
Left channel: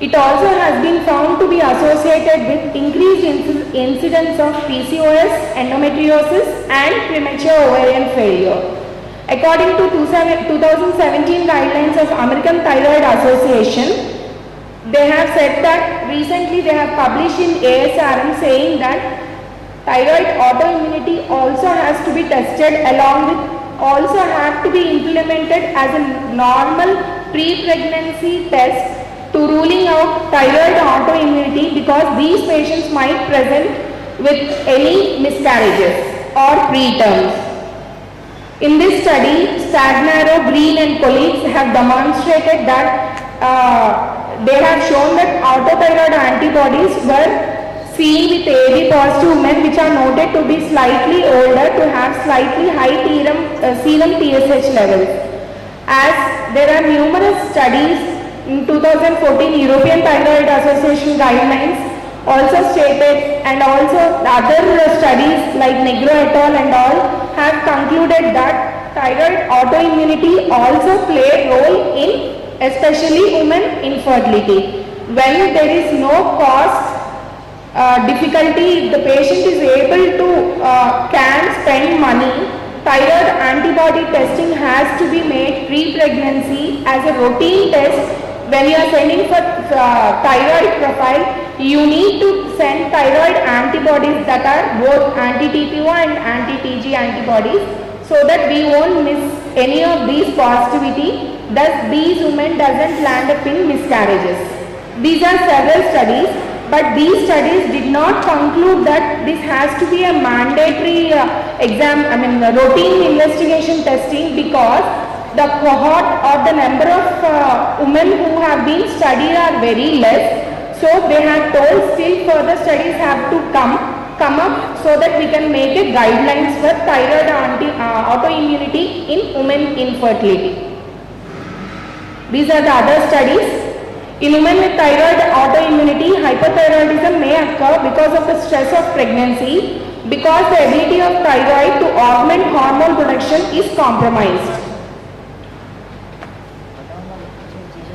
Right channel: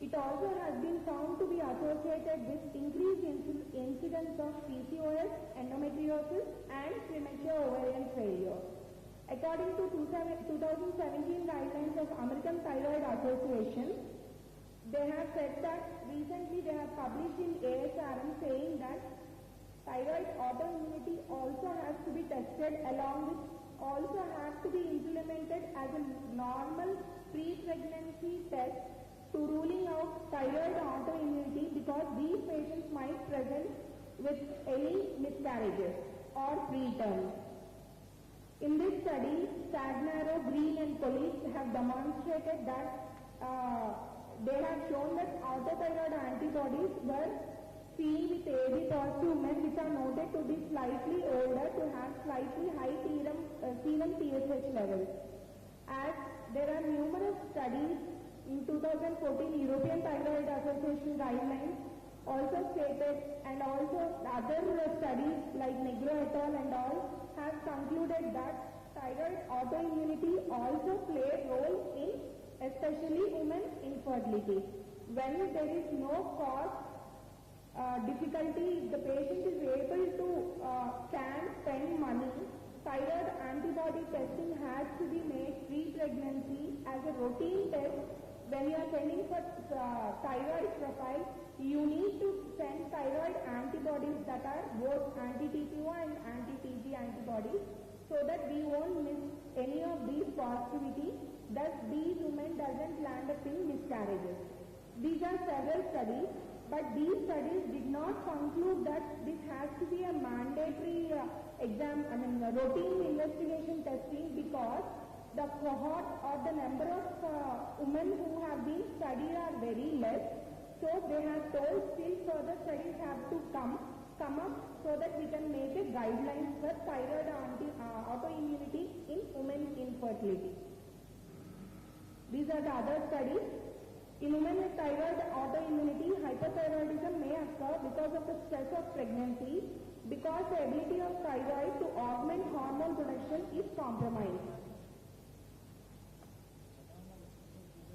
It also has been found to be associated with increased incidence of PCOS, endometriosis and premature ovarian failure. According to 2017 guidelines of American Thyroid Association, they have said that recently they have published in ASRM saying that thyroid autoimmunity also has to be tested along with, also have to be implemented as a normal pre-pregnancy test to ruling out thyroid autoimmunity, because these patients might present with any miscarriages or preterms. In this study, Stagnaro, Green and colleagues have demonstrated that they have shown that autothyroid antibodies were seen with AB positive women which are noted to be slightly older to have slightly high serum TSH levels. As there are numerous studies in 2014 European Thyroid Association guidelines also stated, and also other studies like Negro et al. And all have concluded that thyroid autoimmunity also play a role in especially women infertility. When there is no cost difficulty, if the patient is able to can spend money, thyroid antibody testing has to be made pre-pregnancy as a routine test. When you are sending for thyroid profile, you need to send thyroid antibodies that are both anti-TPO and anti-TG antibodies, so that we won't miss any of these positivity. Thus, these women doesn't land up in miscarriages. These are several studies, but these studies did not conclude that this has to be a mandatory routine investigation testing, because the cohort or the number of women who have been studied are very less. So they have told still further studies have to come up so that we can make a guidelines for thyroid autoimmunity in women infertility. These are the other studies. In women with thyroid autoimmunity, hypothyroidism may occur because of the stress of pregnancy, because the ability of thyroid to augment hormone production is compromised.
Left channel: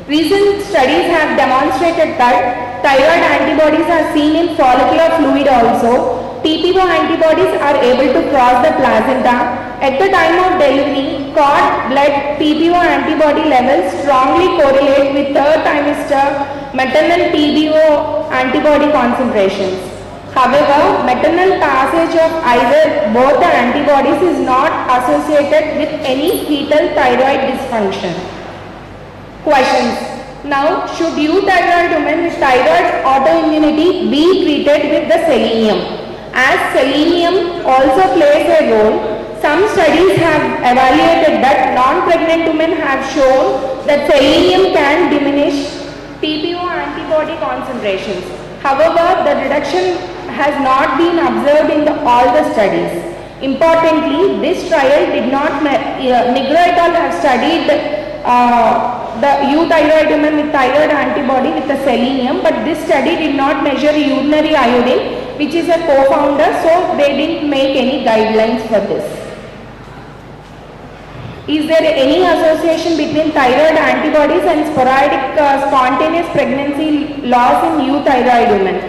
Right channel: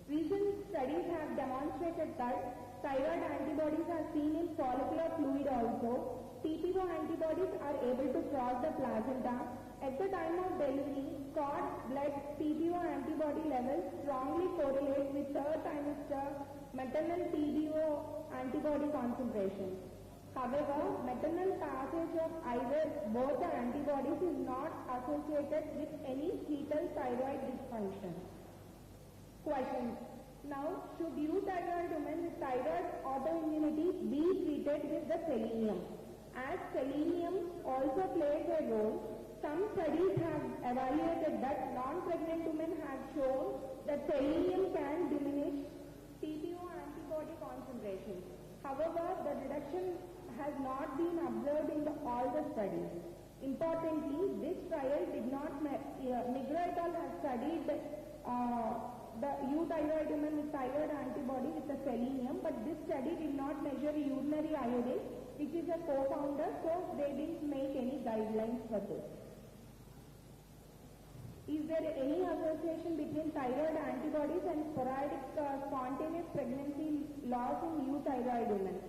Recent studies have demonstrated that thyroid antibodies are seen in follicular fluid also. TPO antibodies are able to cross the placenta. At the time of delivery, cord blood TPO antibody levels strongly correlate with third trimester maternal TPO antibody concentrations. However, maternal passage of either both the antibodies is not associated with any fetal thyroid dysfunction. Questions. Now, should euthyroid women with thyroid autoimmunity be treated with the selenium? As selenium also plays a role, some studies have evaluated that non-pregnant women have shown that selenium can diminish TPO antibody concentrations. However, the reduction has not been observed in all the studies. Importantly, this trial did not, Negro et al. Have studied the euthyroid women with thyroid antibody with the selenium, but this study did not measure urinary iodine, which is a co-founder, so they didn't make any guidelines for this. Is there any association between thyroid antibodies and sporadic spontaneous pregnancy loss in euthyroid women?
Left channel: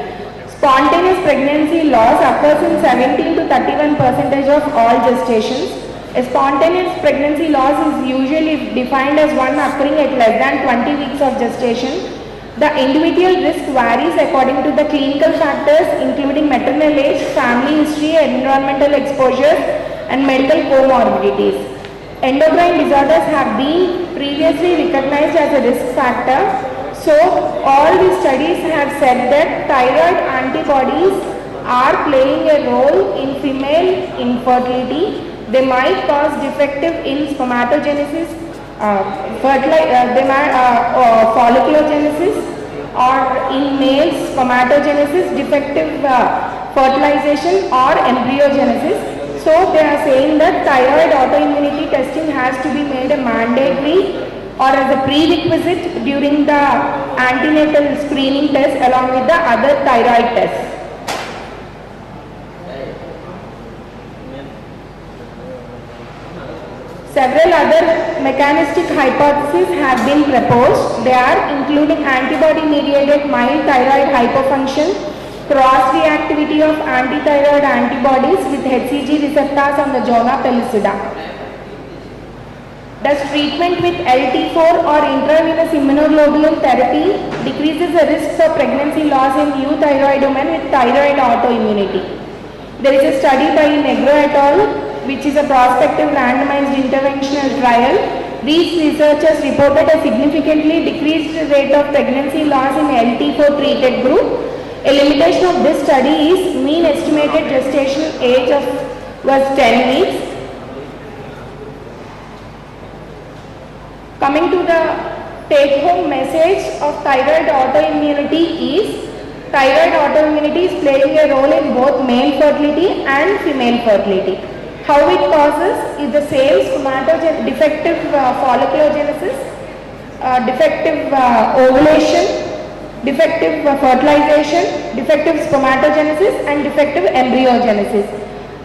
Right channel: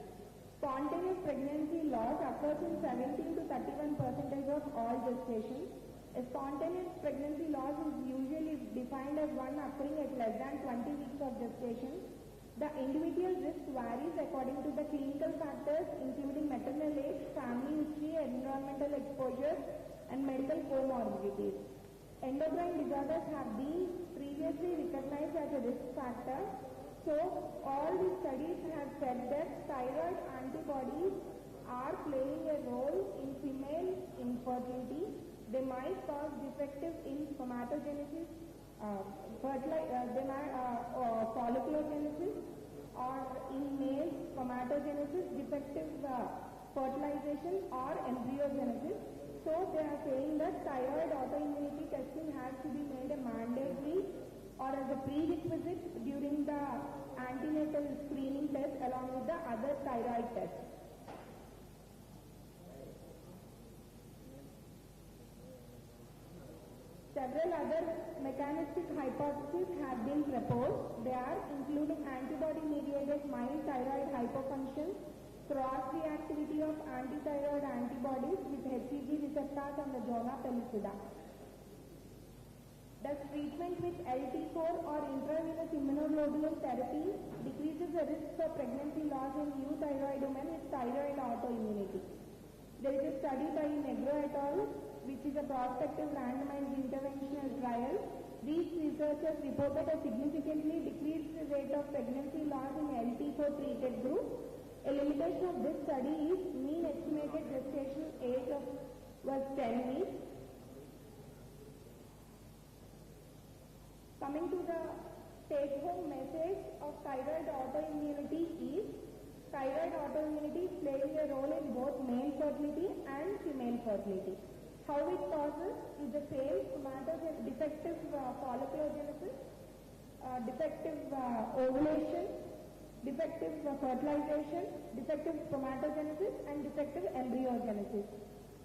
Spontaneous pregnancy loss occurs in 17 to 31% of all gestations. A spontaneous pregnancy loss is usually defined as one occurring at less than 20 weeks of gestation. The individual risk varies according to the clinical factors including maternal age, family history, environmental exposure and medical comorbidities. Endocrine disorders have been previously recognized as a risk factor. So all these studies have said that thyroid antibodies are playing a role in female infertility. They might cause defective in spermatogenesis, folliculogenesis, or in males spermatogenesis, defective fertilization or embryogenesis. So they are saying that thyroid autoimmunity testing has to be made a mandatory or as a prerequisite during the antenatal screening test along with the other thyroid tests. Several other mechanistic hypotheses have been proposed. They are including antibody-mediated mild thyroid hypofunction, cross-reactivity of antithyroid antibodies with HCG receptors on the zona pellucida. Does treatment with LT4 or intravenous immunoglobulin therapy decreases the risks of pregnancy loss in euthyroid women with thyroid autoimmunity? There is a study by Negro et al., which is a prospective randomized interventional trial. These researchers reported a significantly decreased rate of pregnancy loss in LT4 treated group. A limitation of this study is mean estimated gestational age was 10 weeks. Coming to the take-home message of thyroid autoimmunity is, thyroid autoimmunity is playing a role in both male fertility and female fertility. How it causes is the same defective folliculogenesis, defective ovulation, defective fertilization, defective spermatogenesis and defective embryogenesis.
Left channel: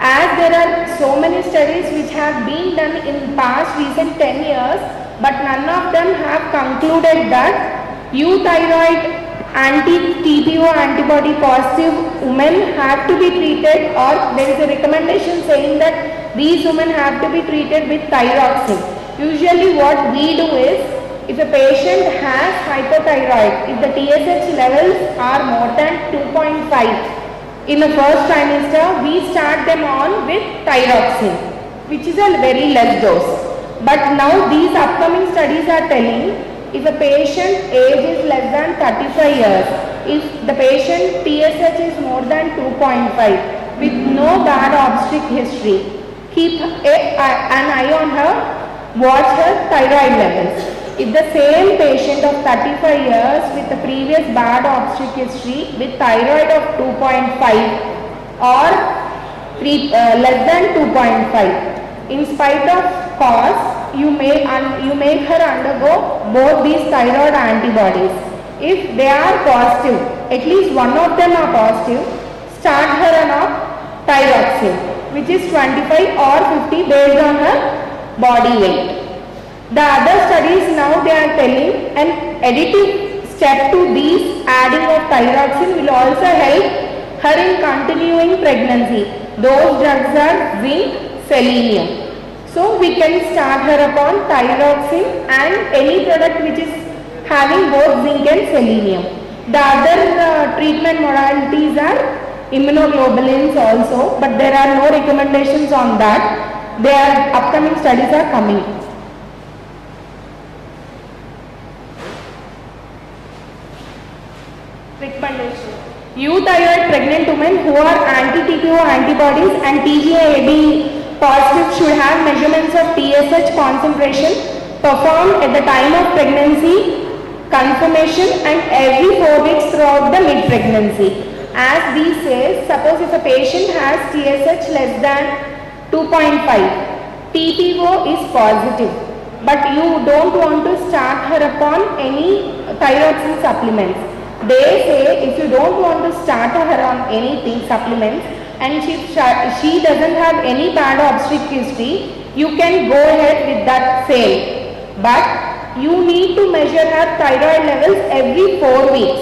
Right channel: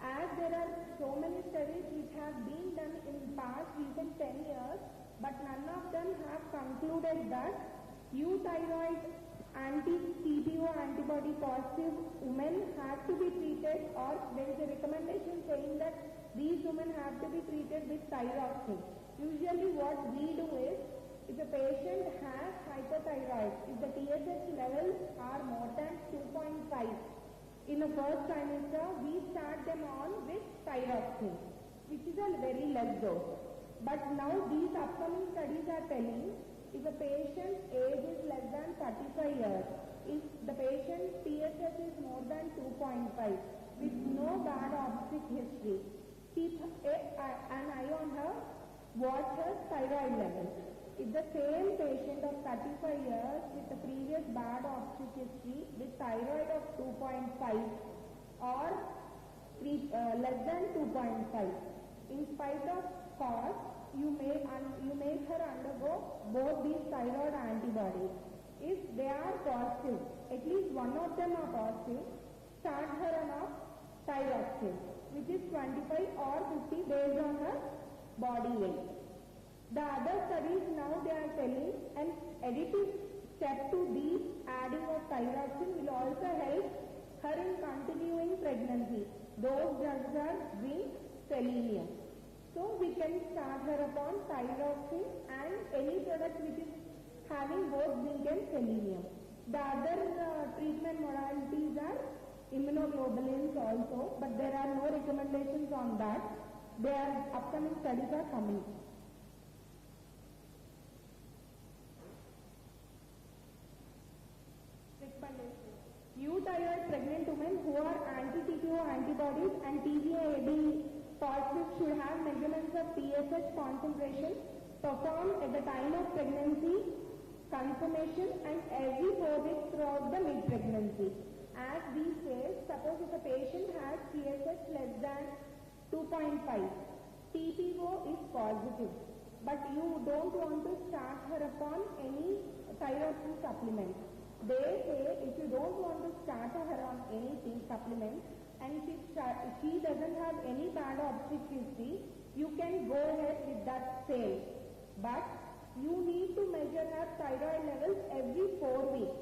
As there are so many studies which have been done in past recent 10 years, but none of them have concluded that euthyroid anti-TPO antibody positive women have to be treated, or there is a recommendation saying that these women have to be treated with thyroxine. Usually what we do is, if a patient has hypothyroid, if the TSH levels are more than 2.5 in the first trimester, we start them on with thyroxine, which is a very less dose. But now these upcoming studies are telling, if a patient age is less than 35 years, if the patient TSH is more than 2.5 with no bad obstetric history, keep an eye on her, watch her thyroid levels. If the same patient of 35 years with the previous bad obstetric history with thyroid of 2.5 or less than 2.5, in spite of cause, you make her undergo both these thyroid antibodies. If they are positive, at least one of them are positive, start her on thyroxine, which is 25 or 50 based on her body weight. The other studies now they are telling an additive step to these adding of thyroxine will also help her in continuing pregnancy. Those drugs are zinc, selenium. So we can start her upon thyroxine and any product which is having both zinc and selenium. The other treatment modalities are immunoglobulins also, but there are no recommendations on that. Their upcoming studies are coming. Recommendation. Euthyroid pregnant women who are anti-TPO antibodies and TGA-AB positive should have measurements of TSH concentration performed at the time of pregnancy, confirmation and every 4 weeks throughout the mid-pregnancy. As these says, suppose if a patient has TSH less than 2.5, TPO is positive, but you don't want to start her upon any thyroxine supplements. They say if you don't want to start her on anything, supplements, and she doesn't have any bad obstetric history, you can go ahead with that same. But you need to measure her thyroid levels every 4 weeks,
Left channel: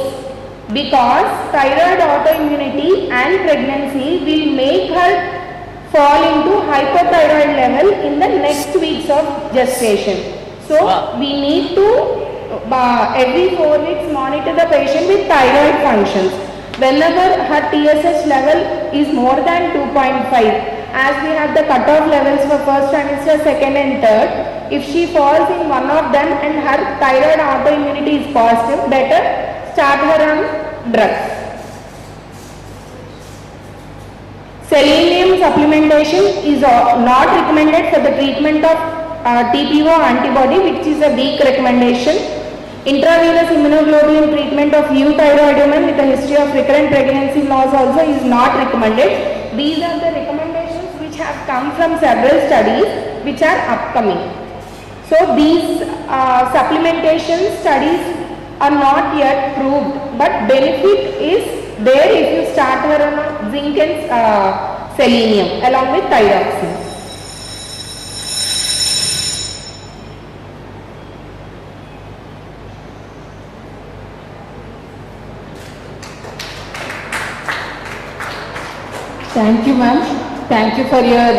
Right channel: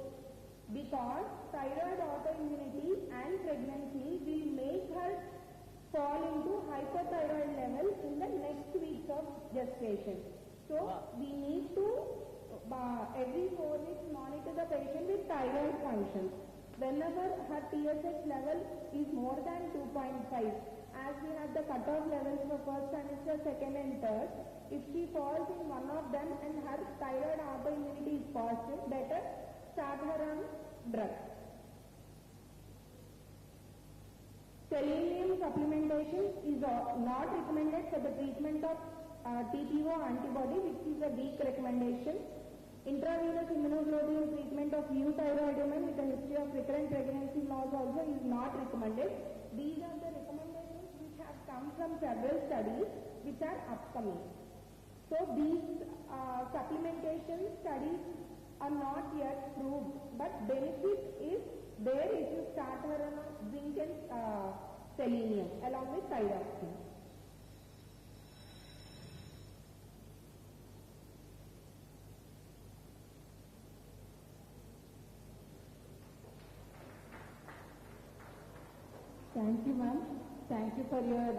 because thyroid autoimmunity and pregnancy will make her fall into hypothyroid level in the next weeks of gestation. So we need to every 4 weeks monitor the patient with thyroid functions. Whenever her TSH level is more than 2.5, as we have the cutoff levels for first trimester, second and third, if she falls in one of them and her thyroid autoimmunity is positive, better start her on drugs. Selenium supplementation is not recommended for the treatment of TPO antibody, which is a weak recommendation. Intravenous immunoglobulin treatment of euthyroid women with a history of recurrent pregnancy loss also is not recommended. These are the recommendations which have come from several studies which are upcoming. So these supplementation studies are not yet proved, but benefit is there if you start her on zinc and selenium along with thyroxine. Thank you for your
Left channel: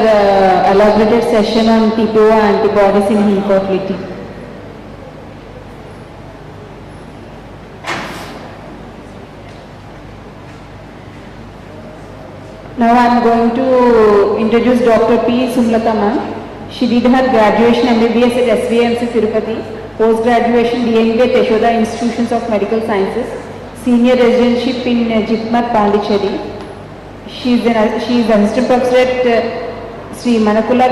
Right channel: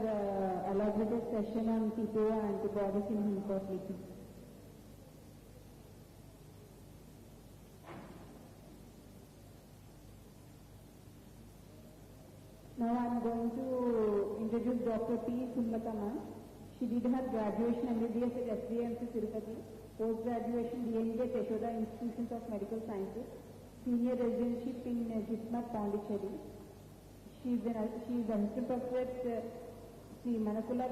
elaborated session on TPO antibodies in infertility. Now I am going to introduce Dr. P. Sumlata ma'am. She did her graduation MBBS at SVMC Tirupati, post-graduation DMB at Yashoda Institutions of Medical Sciences, senior residentship in Jitmar, Pondicherry. She is assistant professor at Sri Manakula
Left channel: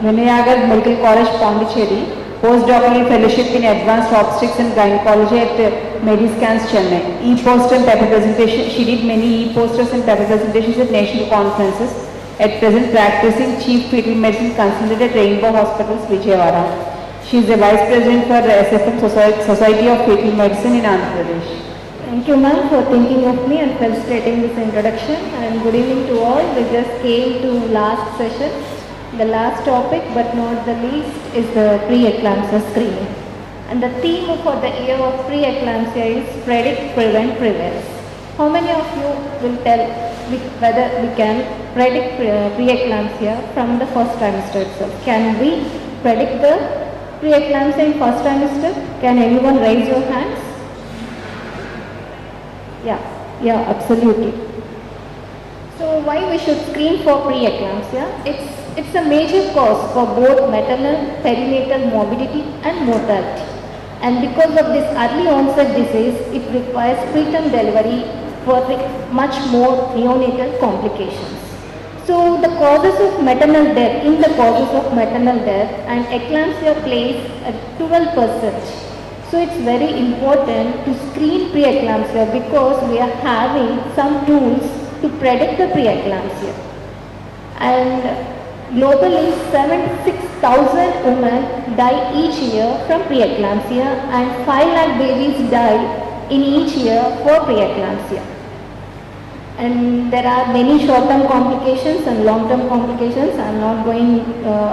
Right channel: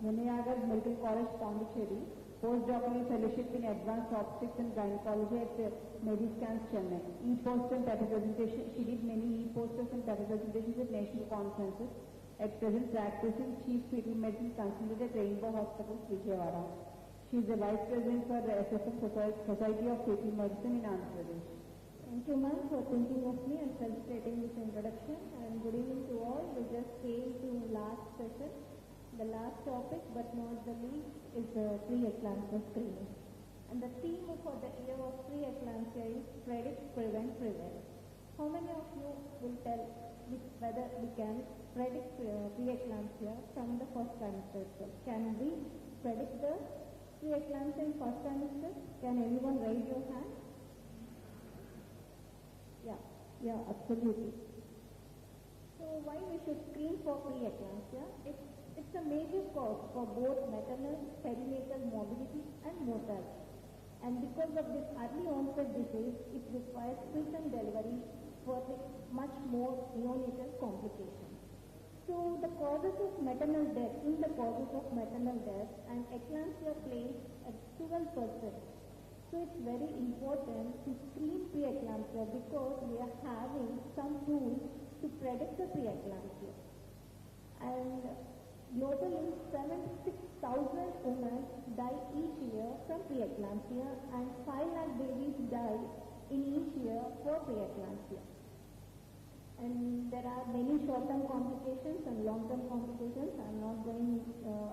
Vinayagar Medical College, Pondicherry, postdoctoral fellowship in advanced obstetrics and gynecology at Mediscans, Chennai. E-poster and paper presentation. She did many e-posters and paper presentations at national conferences. At present practicing chief fetal medicine consultant at Rainbow Hospitals, Vijayawada. She is the vice president for SFM Society of Fetal Medicine in Andhrapradesh. Thank you ma'am for thinking of me and facilitating this introduction, and good evening to all. We just came to last session. The last topic but not the least is the pre-eclampsia screening. And the theme for the year of pre-eclampsia is predict, prevent, prevail. How many of you will tell whether we can predict pre-eclampsia from the first trimester itself? Can we predict the pre-eclampsia in first trimester? Can anyone raise your hands? Yeah, absolutely. So why we should screen for pre-eclampsia? It's a major cause for both maternal, perinatal morbidity and mortality. And because of this early onset disease, it requires preterm delivery for much more neonatal complications. So the causes of maternal death, in the causes of maternal death, and eclampsia plays at 12%. So it's very important to screen pre-eclampsia because we are having some tools to predict the pre-eclampsia. And globally, 76,000 women die each year from pre-eclampsia and 5 lakh babies die in each year for preeclampsia. And there are many short-term complications and long-term complications. I am not going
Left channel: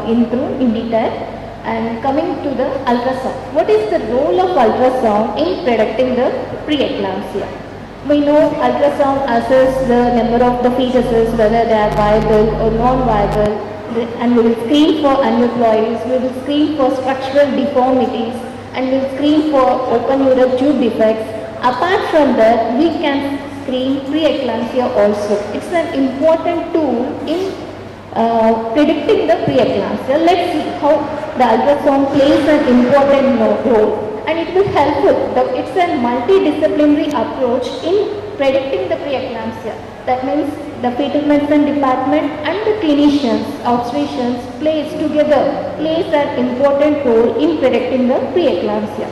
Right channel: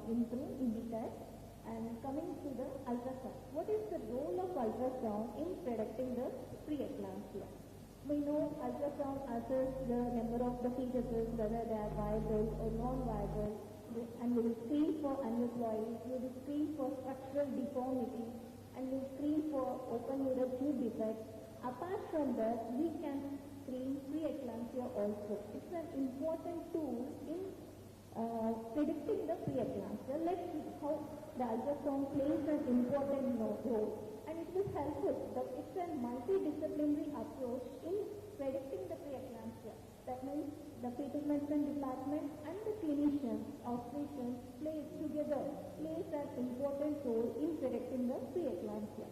in detail. And coming to the ultrasound. What is the role of ultrasound in predicting the preeclampsia? We know ultrasound assesses the number of the fetuses, whether they are viable or non-viable, and we will screen for aneuploidies, we will screen for structural deformities, and we will screen for open ureter tube defects. Apart from that, we can screen preeclampsia also. It's an important tool in predicting the preeclampsia. Let's see how the ultrasound plays an important role. And it will help us. It's a multidisciplinary approach in predicting the preeclampsia. That means the fetal medicine department and the clinicians, obstetricians plays an important role in predicting the preeclampsia.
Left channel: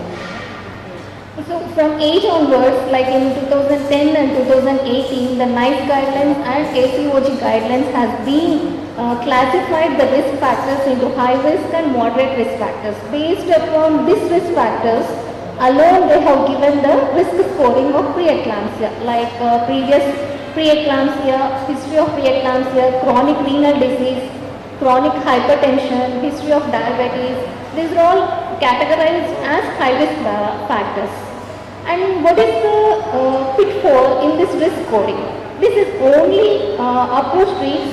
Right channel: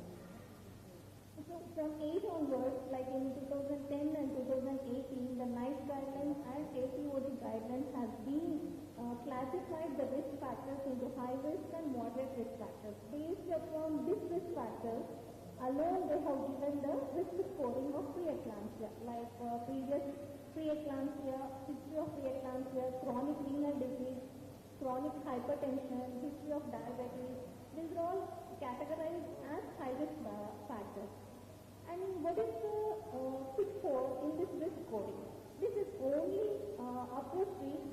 So from age onwards, like in 2010 and 2018, the NICE guidelines and ACOG guidelines has been classified the risk factors into high risk and moderate risk factors. Based upon these risk factors alone, they have given the risk scoring of preeclampsia, like previous preeclampsia, history of preeclampsia, chronic renal disease, chronic hypertension, history of diabetes. These are all categorized as high risk factors. And what is the pitfall in this risk scoring? This is only approach treats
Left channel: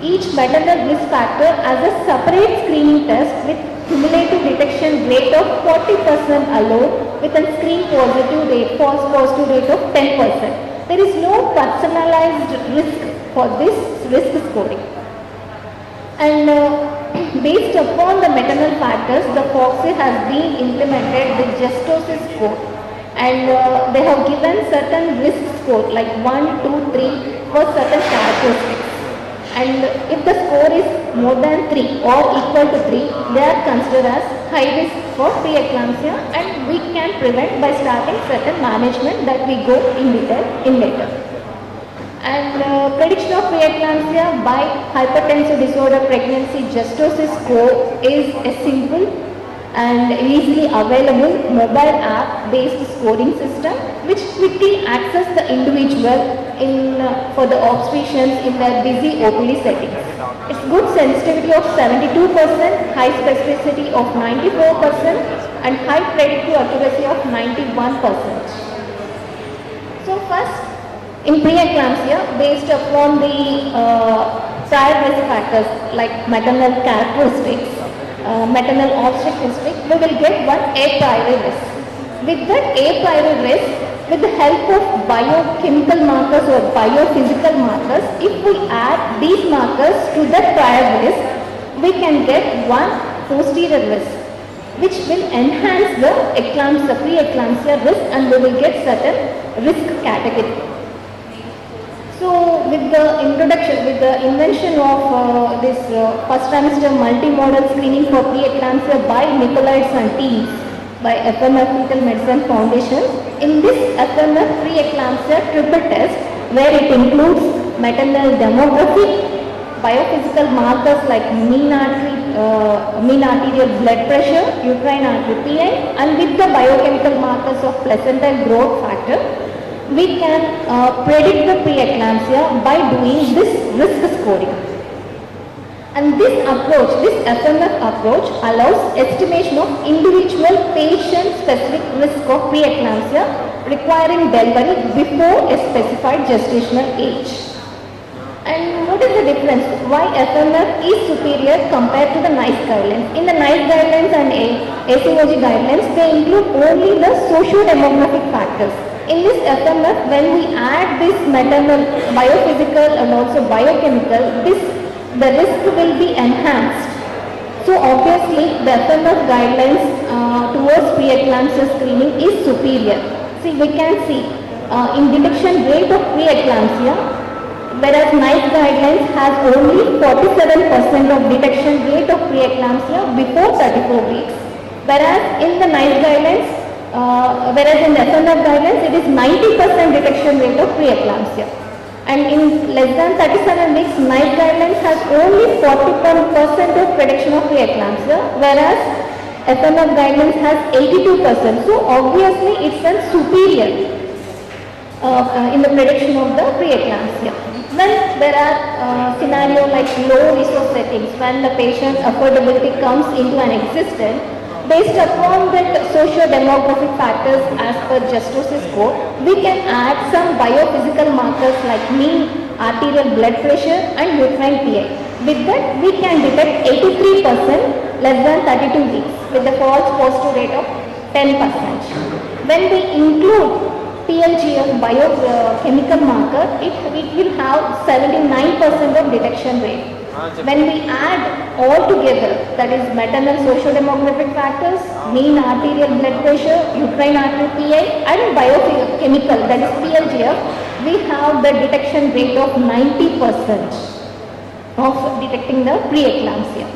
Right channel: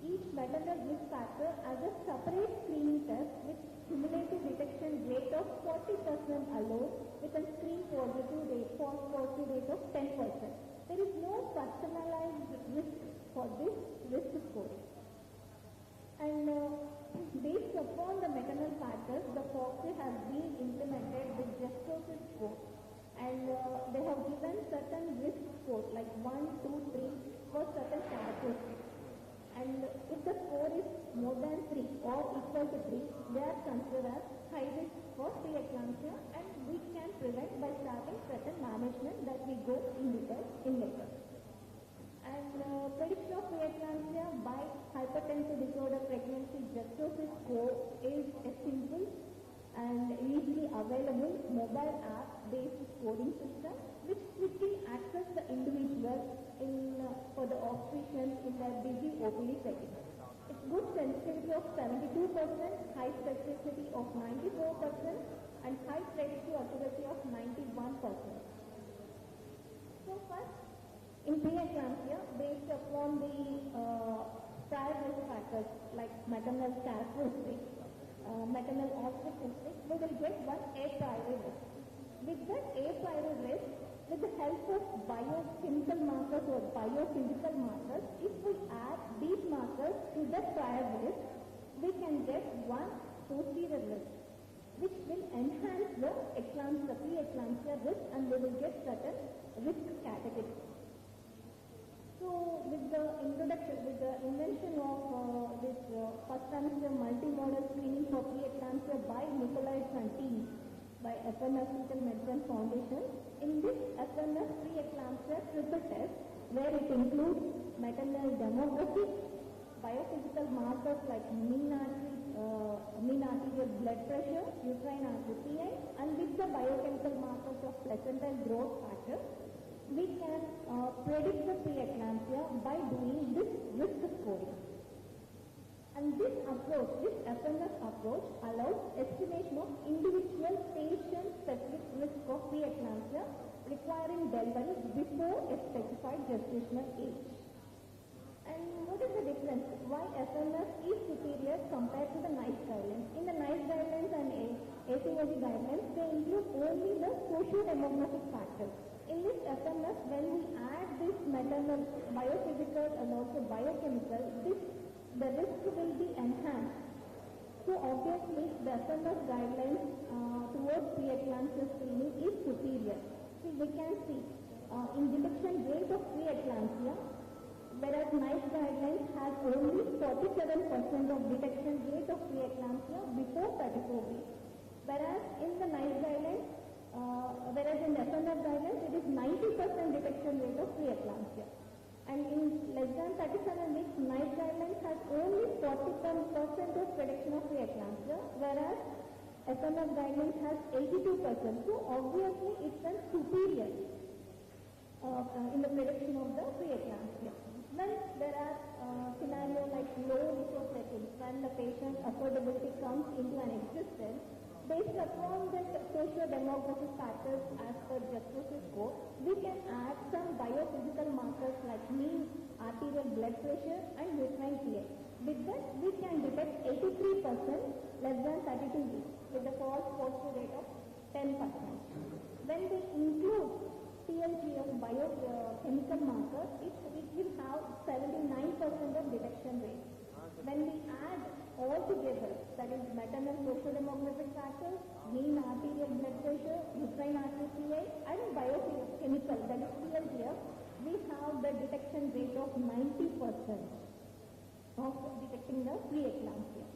each maternal risk factor as a separate screening test with cumulative detection rate of 40% alone with a screen positive rate, false positive rate of 10%. There is no personalized risk for this risk scoring. And based upon the maternal factors, the FOXI has been implemented with Gestational score. And they have given certain risk score like 1, 2, 3 for certain characteristics. And if the score is more than 3 or equal to 3, they are considered as high risk for preeclampsia, and we can prevent by starting certain management that we go in detail in later. And prediction of preeclampsia by hypertensive disorder pregnancy Gestational score is a simple and easily available mobile app based scoring system which quickly access the individual for the obstetricians in their busy OPD settings. It's good sensitivity of 72%, high specificity of 94% and high predictive accuracy of 91%. So first, in preeclampsia, based upon the prior risk factors like maternal characteristics, maternal obstetric history, we will get one a priori risk. With that a priori risk, with the help of biochemical markers or biophysical markers, if we add these markers to the prior risk, we can get one posterior risk, which will enhance the eclampsia, pre-eclampsia risk, and we will get certain risk category. So with the introduction, with the invention of this first trimester multimodal screening for pre-eclampsia by Nicolaides and teams by FMF Fetal Medicine Foundation, in this FMF pre-eclampsia triple test, where it includes maternal demography, biophysical markers like mean arterial blood pressure, uterine artery PI, and with the biochemical markers of placental growth factor, we can predict the pre-eclampsia by doing this risk scoring. And this approach, this FMF approach, allows estimation of individual patient-specific risk of pre-eclampsia requiring delivery before a specified gestational age. And what is the difference? Why FMF is superior compared to the NICE guidelines? In the NICE guidelines and ACOG guidelines, they include only the socio-demographic factors. In this FMF, when we add this maternal, biophysical and also biochemical, the risk will be enhanced. So obviously, the FMF guidelines towards pre-eclampsia screening is superior. See, we can see in detection rate of pre-eclampsia, whereas NICE guidelines has only 47% of detection rate of pre-eclampsia before 34 weeks, whereas in the NICE guidelines, whereas in the FMF guidelines, it is 90% detection rate of pre-eclampsia. And in less than 37 weeks, NICE guidelines has only 41% of prediction of pre-eclampsia, whereas FMF guidelines has 82%. So obviously, it's a superior in the prediction of the pre-eclampsia. When there are scenarios like low resource settings, when the patient affordability comes into an existence, based upon the socio-demographic factors as per Justice's code, we can add some biophysical markers like mean arterial blood pressure and uterine PI. With that, we can detect 83% less than 32 weeks with a false positive rate of 10%. When we include PLGF biochemical marker, it will have 79% of detection rate. When we add all together, that is maternal socio-demographic factors, mean arterial blood pressure, uterine artery PI, and biochemical, that is PLGF, we have the detection rate of 90% of detecting the pre-eclampsia.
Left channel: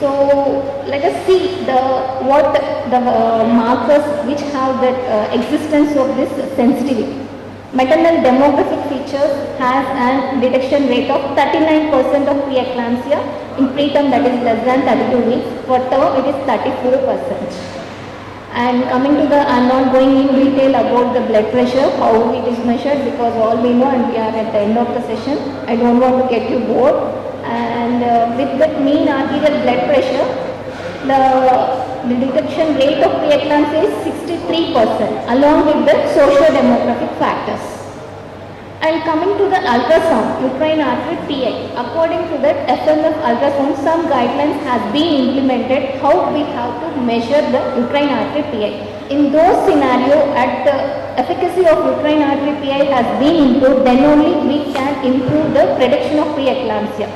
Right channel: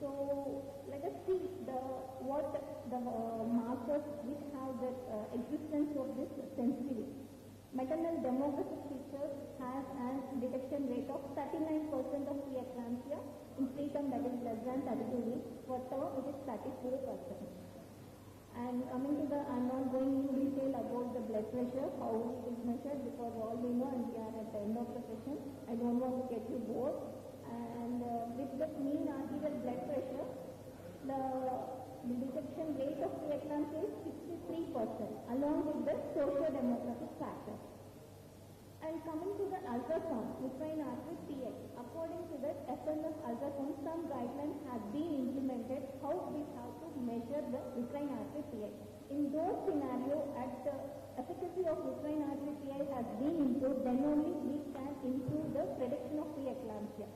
So let us see what the markers which have that existence of this sensitivity. Maternal demographic features has a detection rate of 39% of preeclampsia in preterm, that is less than 32 weeks. For term, it is 34%. And coming to the, I'm not going in detail about the blood pressure, how it is measured, because all we know and we are at the end of the session. I don't want to get you bored. And with the mean arterial blood pressure, the detection rate of preeclampsia is 63% along with the socio-demographic factors. And coming to the ultrasound, uterine artery PI, according to that FMF ultrasound, some guidelines have been implemented how we have to measure the uterine artery PI. In those scenarios, at the efficacy of uterine artery PI has been improved, then only we can improve the prediction of preeclampsia.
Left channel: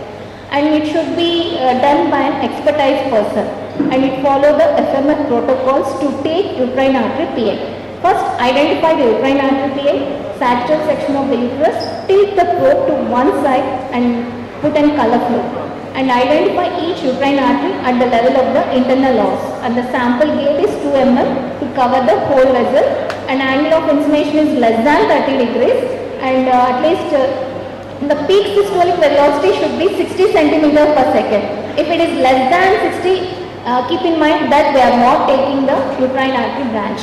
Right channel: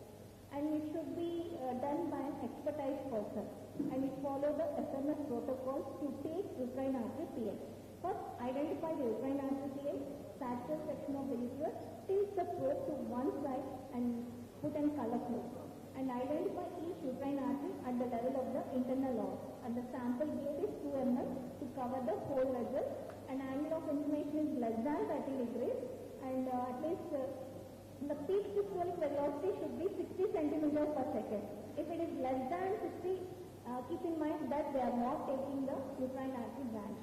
And it should be done by an expertise person, and it follow the FMF protocols to take uterine artery PI. First, identify the uterine artery PI, sagittal section of the uterus, tilt the probe to one side and put in color flow, and identify each uterine artery at the level of the internal os. And the sample gauge is 2 mm to cover the whole vessel, and angle of inflammation is less than 30 degrees, and at least the peak systolic velocity should be 60 centimeters per second. If it is less than 60, keep in mind that we are not taking the uterine artery branch.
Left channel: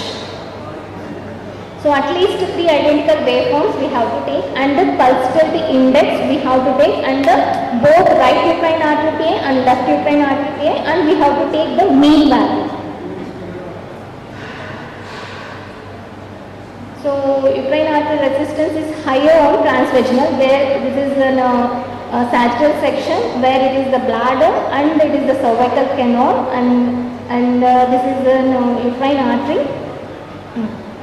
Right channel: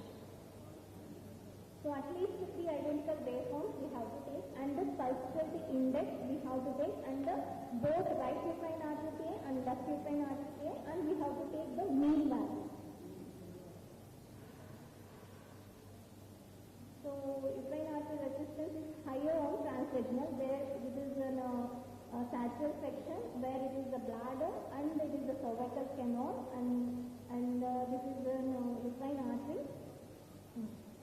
So at least 3 identical waveforms we have to take, and the pulsatility index we have to take, and the both right uterine artery PA and left uterine artery PA, and we have to take the mean value. So uterine artery resistance is higher on transvaginal, where this is an sagittal section where it is the bladder and it is the cervical canal, and this is the uterine artery.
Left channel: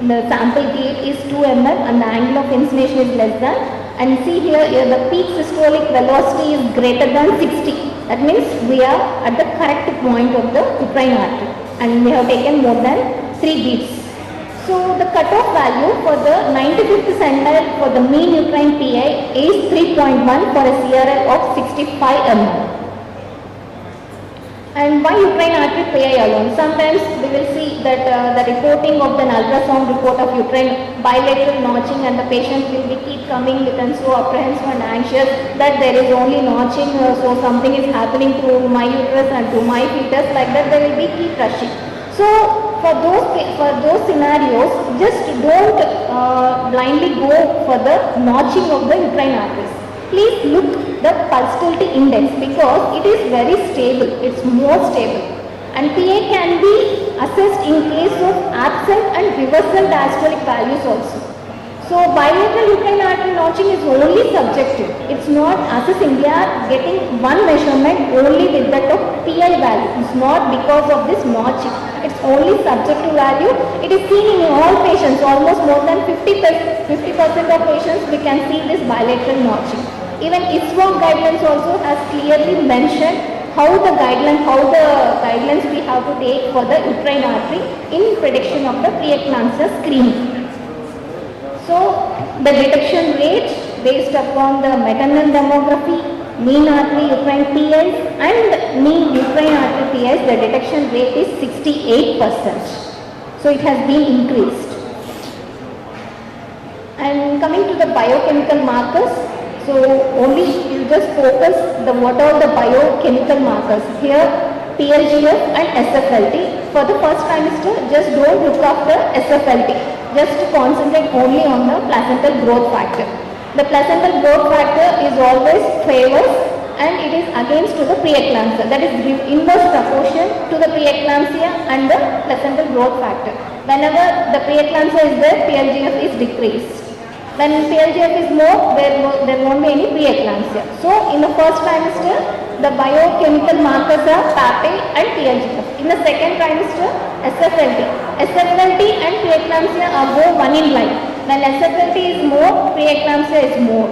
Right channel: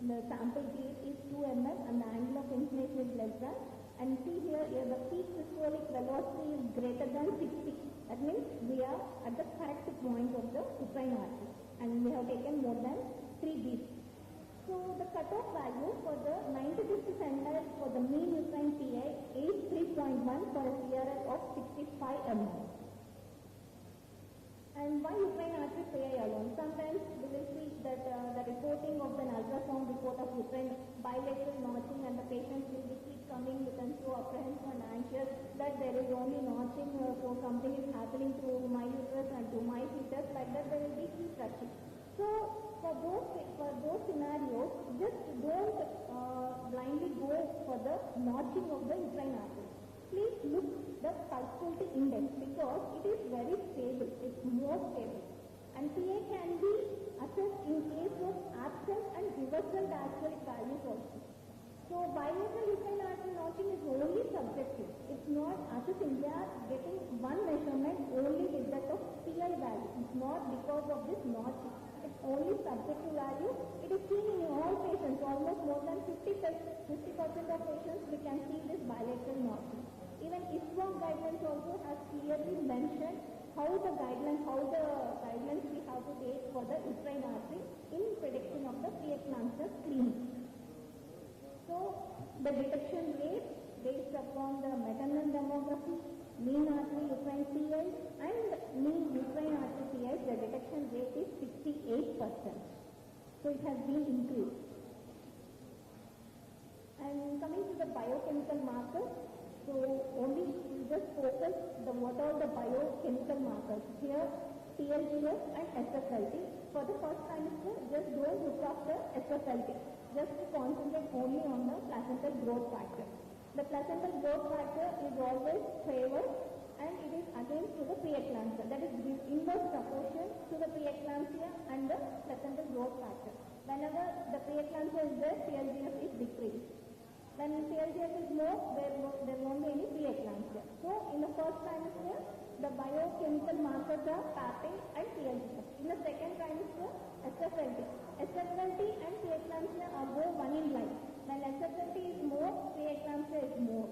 The sample gauge is 2 mm and the angle of insinuation is less than. And see here the peak systolic velocity is greater than 60. That means we are at the correct point of the uterine artery and we have taken more than 3 beats. So the cutoff value for the 95th percentile for the mean uterine PI is 3.1 for a CRL of 65 mm. And why uterine artery PI alone? Sometimes we will see that the reporting of the ultrasound report of uterine bilateral notching, and the patient will be keep coming with and so apprehensive and anxious that there is only notching, so something is happening to my uterus and to my fetus, like that they will be keep rushing. So for those scenarios, just don't blindly go for the notching of the uterine arteries. Please look the pulsatility index because it is very stable, it's more stable. And PA can be assessed in case of absent and reversal diastolic values also. So bilateral uterine artery notching is only subjective. It's not assessing. We are getting one measurement only with that of PI value. It's not because of this notching. It's only subjective value. It is seen in all patients. Almost more than 50% of patients we can see this bilateral notching. Even ISWAG guidelines also has clearly mentioned how the guidelines we have to take for the uterine artery in prediction of the preeclampsia screening. So the detection rate based upon the maternal demography, mean artery uterine PIs and mean uterine artery PIs, the detection rate is 68%. So it has been increased. And coming to the biochemical markers, so only you just focus what are the biochemical markers. Here PLGF and SFLT. For the first trimester, just don't look after SFLT. Just concentrate only on the placental growth factor. The placental growth factor is always favors and it is against to the preeclampsia. That is inverse proportion to the preeclampsia and the placental growth factor. Whenever the preeclampsia is there, PLGF is decreased. When PLGF is more, there won't be any preeclampsia. So in the first trimester, the biochemical markers are PAPE and PLGF. In the second trimester, SFLT. SFLT and preeclampsia are both one in line. When SFLT is more, preeclampsia is more.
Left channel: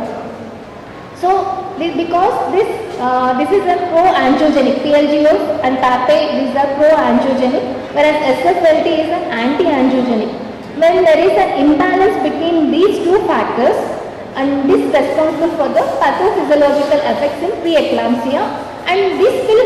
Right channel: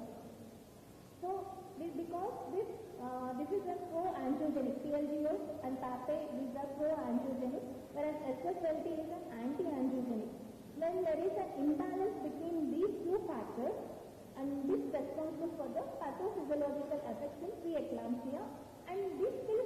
So because this is a pro-angiogenic, PLGF and PAPE, these are pro-angiogenic, whereas SFLT is an anti-angiogenic. When there is an imbalance between these two factors, and this is responsible for the pathophysiological effects in preeclampsia, and this will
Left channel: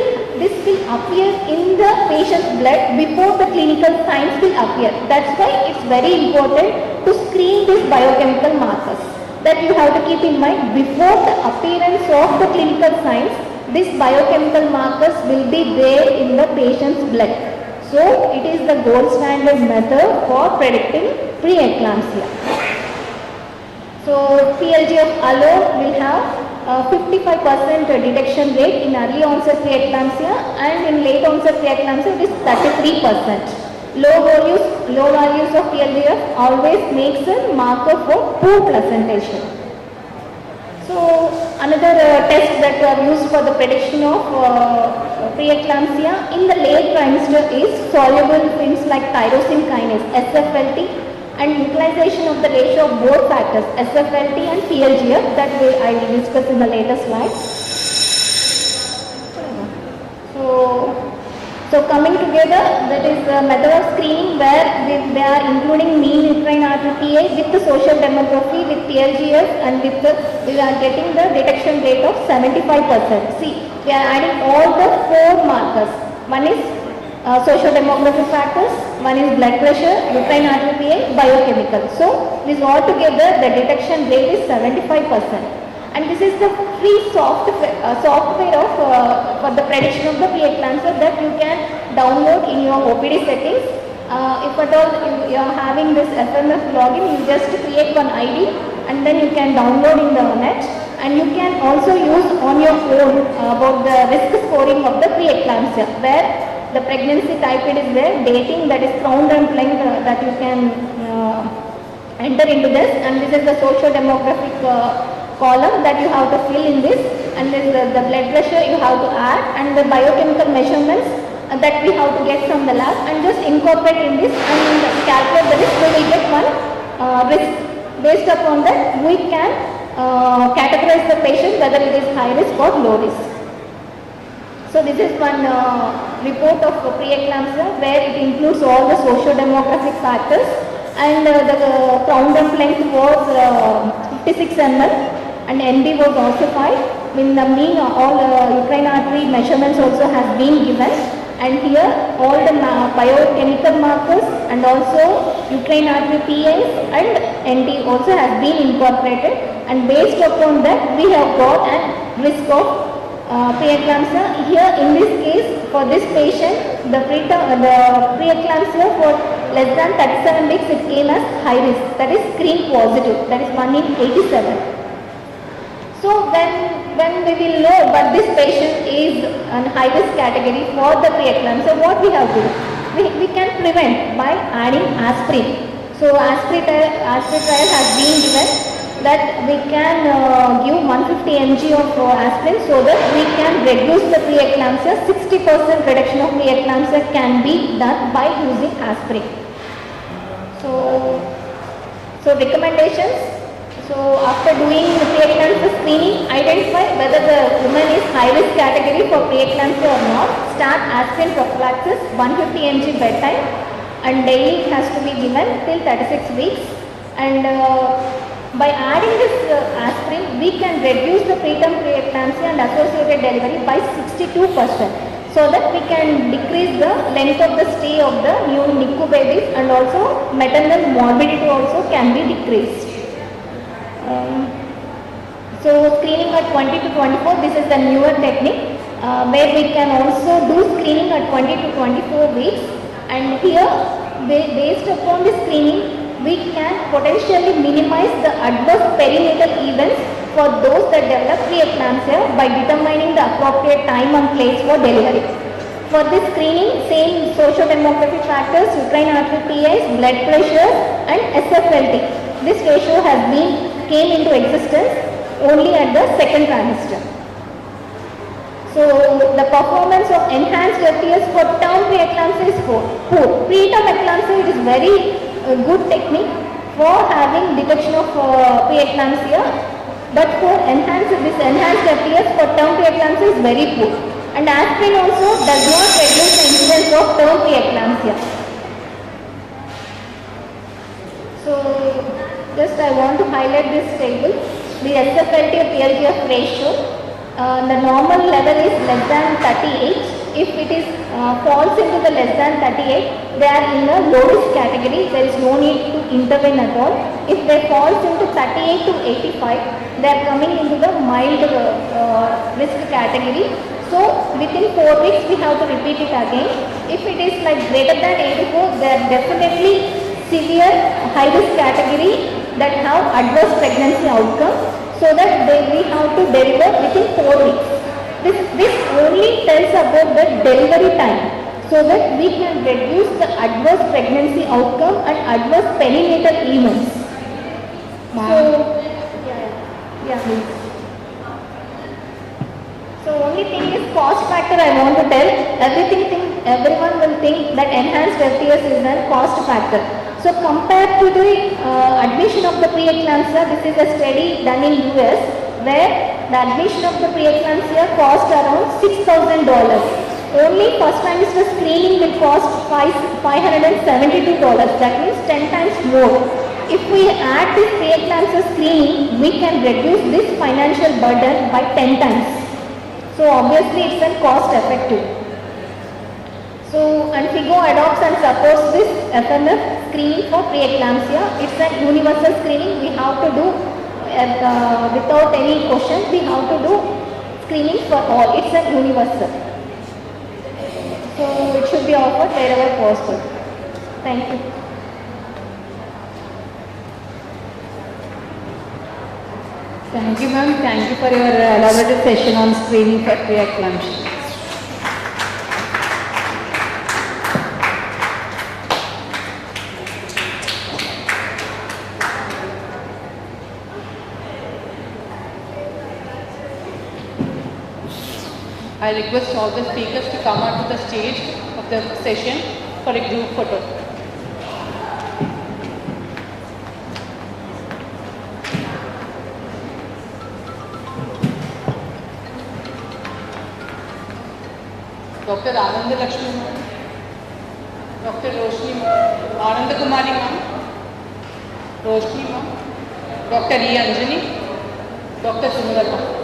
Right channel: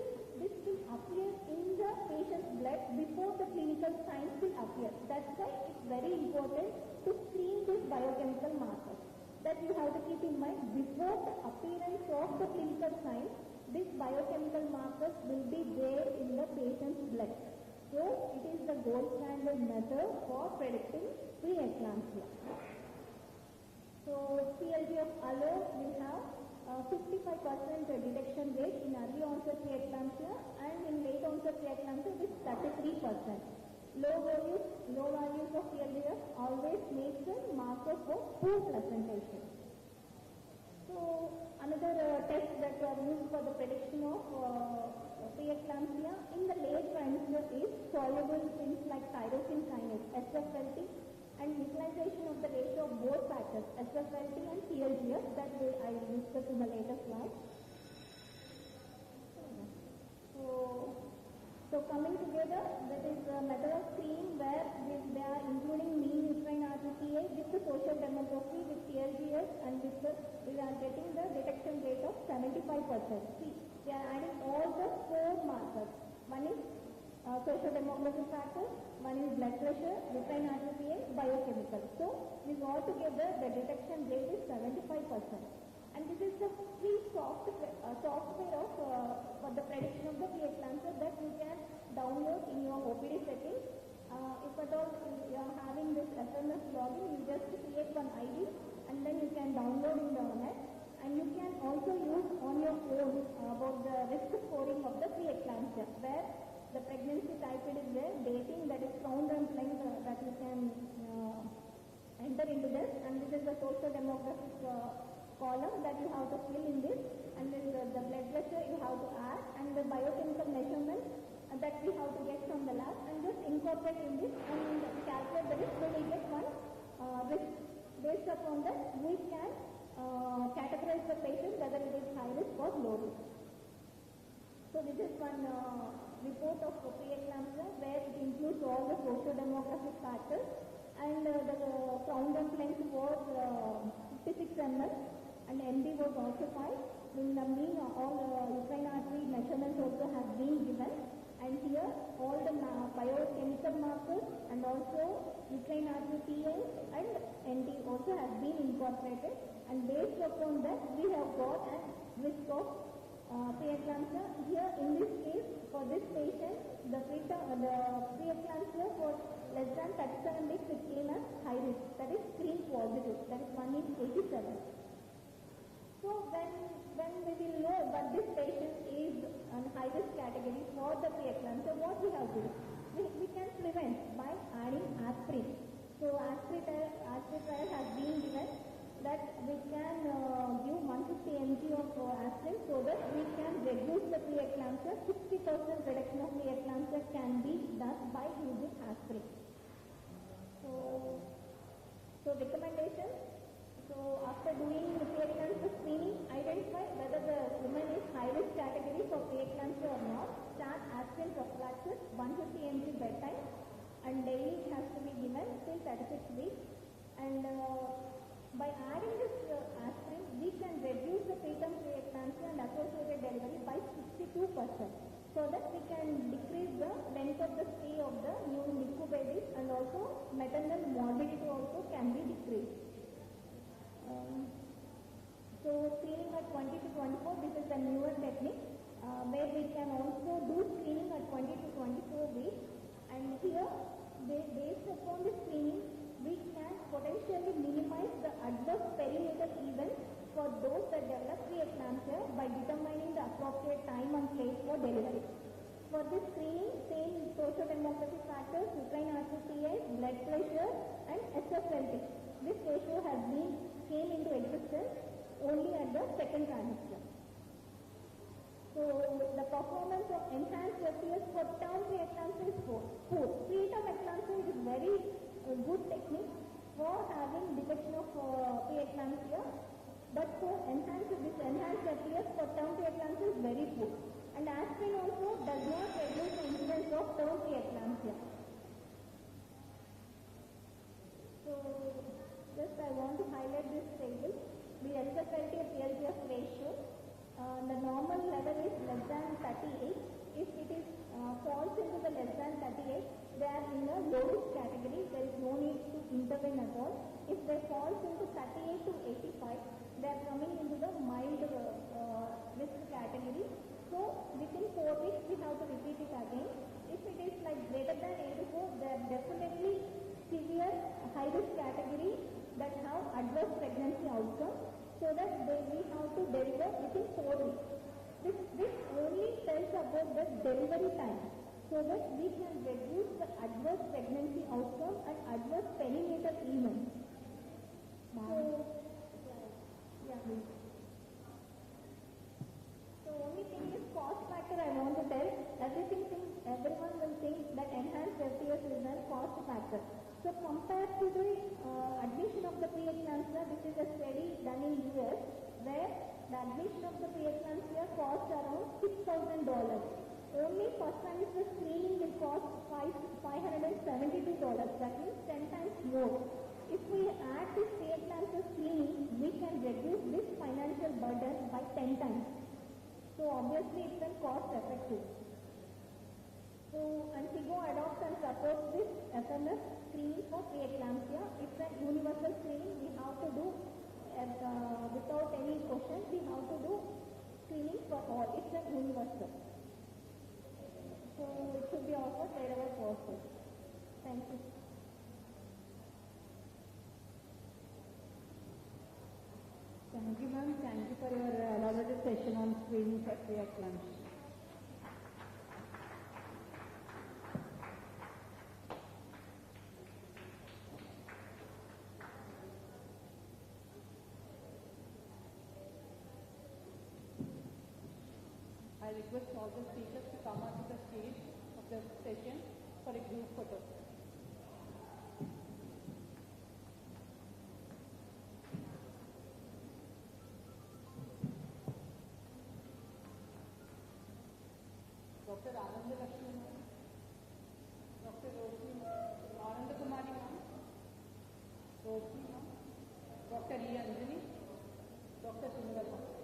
appear in the patient's blood before the clinical signs will appear. That's why it's very important to screen these biochemical markers. That you have to keep in mind, before the appearance of the clinical signs, these biochemical markers will be there in the patient's blood. So it is the gold standard method for predicting preeclampsia. So PLGF alone will have 55% detection rate in early onset preeclampsia, and in late onset preeclampsia it is 33%. Low values of PLGF always makes a marker for poor placentation. So another test that we have used for the prediction of preeclampsia in the late trimester is soluble films like tyrosine kinase, SFLT, and utilization of the ratio of both factors, SFLT and PLGF, that I will discuss in the later slides. So coming together, that is the method of screening where they are including mean uterine artery PA with the social demography, with PLGF, and we are getting the detection rate of 75%. See, we are adding all the 4 markers. One is social demographic factors, one is blood pressure, uterine artery PA, biochemical. So this all together, the detection rate is 75%. And this is the free software for the prediction of the preeclampsia that you can download in your OPD settings. If at all you are having this FMF login, you just create one ID and then you can download in the net, and you can also use on your own about the risk scoring of the preeclampsia, where the pregnancy type it is there, dating, that is crown and length that you can enter into this, and this is the socio-demographic column that you have to fill in this, and then the blood pressure you have to add, and the biochemical measurements that we have to get from the lab, and just incorporate in this and calculate the risk. We will get one risk. Based upon that, we can categorize the patient whether it is high risk or low risk. So this is one report of preeclampsia where it includes all the socio-demographic factors, and the crown dump length was 56 ml and NB was also 5. In the mean, all uterine artery measurements also has been given, and here all the biochemical markers and also uterine artery PAs and NT also has been incorporated, and based upon that we have got a risk of preeclampsia. Here in this case, for this patient, the preeclampsia for less than 37 weeks it came as high risk, that is screen positive, that is 1 in 87. So when we will know but this patient is in high risk category for the preeclampsia, what we have to do? We can prevent by adding aspirin. So aspirin trial has been given that we can give 150 mg of aspirin so that we can reduce the preeclampsia. 60% reduction of preeclampsia can be done by using aspirin. So recommendations. So after doing the preeclampsia screening, identify whether the woman is high risk category for preeclampsia or not. Start aspirin prophylaxis, 150 mg bedtime, and daily it has to be given till 36 weeks. And by adding this aspirin, we can reduce the preterm preeclampsia and associated delivery by 62%. So that we can decrease the length of the stay of the new NICU babies, and also maternal morbidity also can be decreased. So screening at 20 to 24, this is the newer technique where we can also do screening at 20 to 24 weeks, and here based upon the screening we can potentially minimize the adverse perinatal events for those that develop preeclampsia by determining the appropriate time and place for delivery. For this screening, same socio-demographic factors, uterine artery PAs, blood pressure and SFLT. This ratio came into existence only at the second trimester. So the performance of enhanced FPS for term preeclampsia is poor. Preterm eclampsia, it is very good technique for having detection of preeclampsia, but for enhanced FPS for term preeclampsia is very poor. And aspirin also does not reduce the incidence of term preeclampsia. So just I want to highlight this table. The SFLT to PLGF ratio, the normal level is less than 38. If it is falls into the less than 38, they are in the low risk category. There is no need to intervene at all. If they falls into 38 to 85, they are coming into the mild risk category. So within 4 weeks we have to repeat it again. If it is like greater than 84, they are definitely severe high risk category that have adverse pregnancy outcome, so that we have to deliver within 4 weeks. This only tells about the delivery time, so that we can reduce the adverse pregnancy outcome and adverse perinatal events. So, yeah, please. So only thing is cost factor I want to tell. Everyone will think that enhanced FPS is a cost factor. So compared to the admission of the preeclampsia, this is a study done in US where the admission of the preeclampsia cost around $6,000. Only first trimester screening will cost $572. That means 10 times more. If we add this preeclampsia screening, we can reduce this financial burden by 10 times. So obviously it's a cost effective. So, and FIGO adopts and supports this FMF screening for preeclampsia. It's a universal screening. We have to do without any question. We have to do screening for all. It's a universal. So it should be offered wherever possible. Thank you. Thank you, ma'am. Thank you for your elaborate session on screening for preeclampsia. I request all the speakers to come onto the stage of the session for a group photo. Dr. Ananda Lakshmi ma'am, Dr. Roshni ma'am, Ananda Kumari ma'am, Roshni ma'am, Dr. E. Anjani, Dr. Sundarata.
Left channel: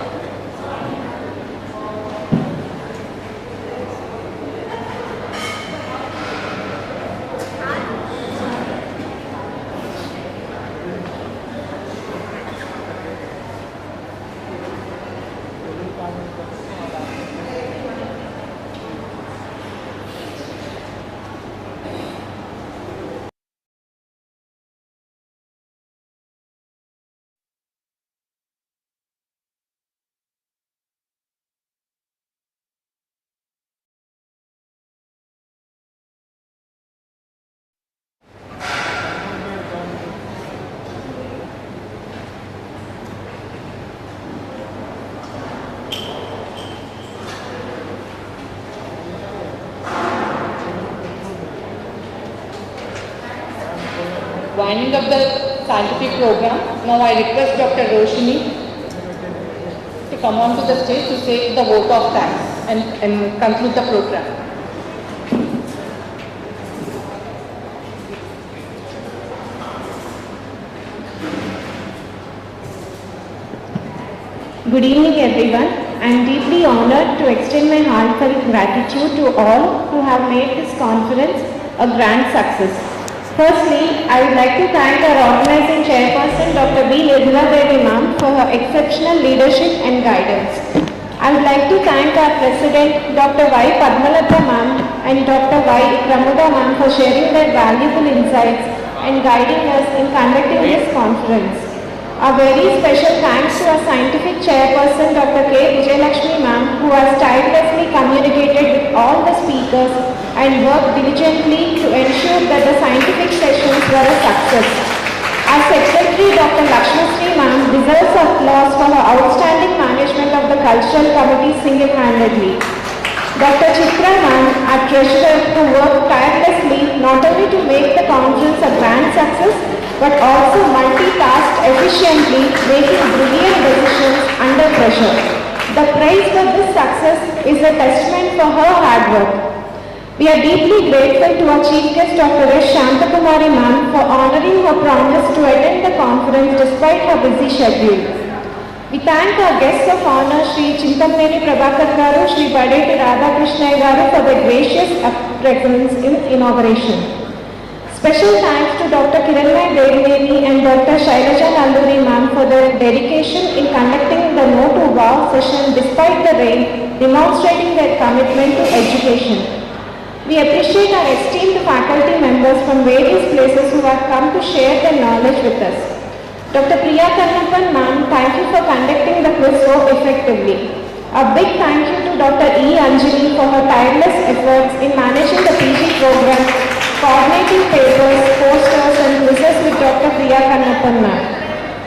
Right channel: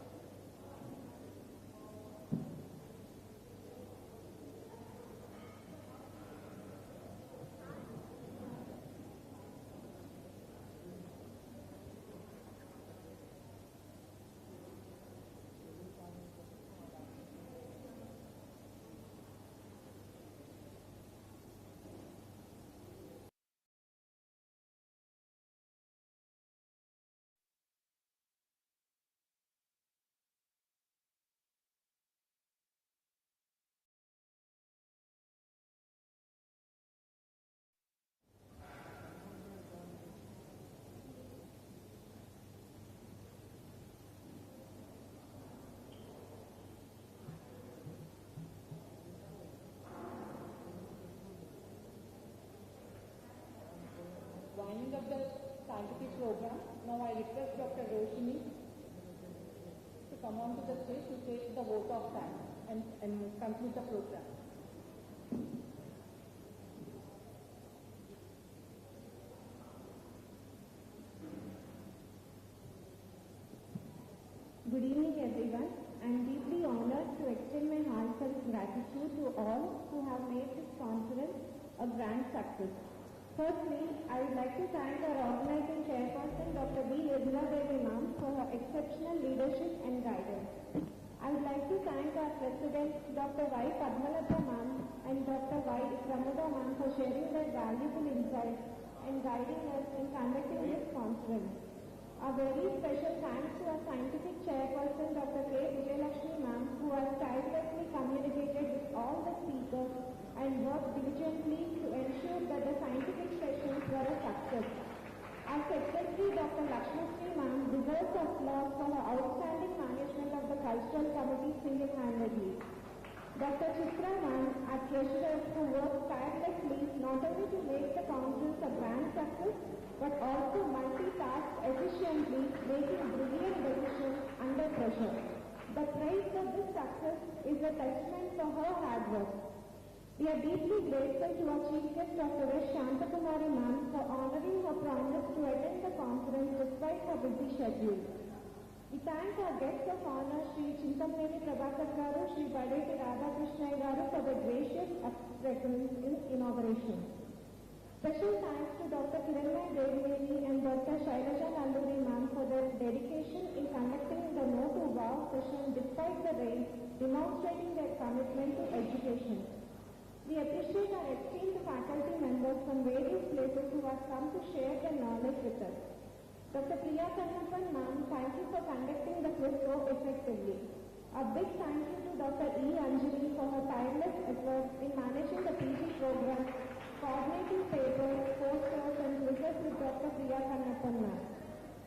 Winding up the scientific program, now I request Dr. Roshni to come on to the stage to say the vote of thanks and conclude the program. Good evening everyone. I am deeply honored to extend my heartfelt gratitude to all who have made this conference a grand success. Firstly, I would like to thank our organizing chairperson Dr. B. Nirmala Devi ma'am for her exceptional leadership and guidance. I would like to thank our president Dr. Y. Padmalata ma'am and Dr. Y. Pramuda ma'am for sharing their valuable insights and guiding us in conducting this conference. A very special thanks to our scientific chairperson Dr. K. Vijayalakshmi ma'am who has tirelessly communicated with all the speakers and worked diligently to ensure that the scientific sessions were a success. Our secretary Dr. Lakshmi ma'am deserves applause for her outstanding management of the cultural committee single-handedly. Dr. Chitra ma'am, our treasurer, who worked tirelessly not only to make the conference a grand success but also multitasked efficiently, making brilliant decisions under pressure. The praise for this success is a testament for her hard work. We are deeply grateful to our Chief Guest Dr. S. Shantakumari ma'am for honouring her promise to attend the conference despite her busy schedule. We thank our guests of honour Sri Chintamneni Prabhakar Garu, Sri Badeti Radhakrishna Garu for their gracious presence in inauguration. Special thanks to Dr. Kiranmay Devineni and Dr. Shailaja Nanduri ma'am for their dedication in conducting the No to Wow session despite the rain, demonstrating their commitment to education. We appreciate our esteemed faculty members from various places who have come to share their knowledge with us. Dr. Priya Kannappan ma'am, thank you for conducting the quiz so effectively. A big thank you to Dr. E. Anjani for her tireless efforts in managing the PG program, coordinating papers, posters and quizzes with Dr. Priya Kannappan ma'am.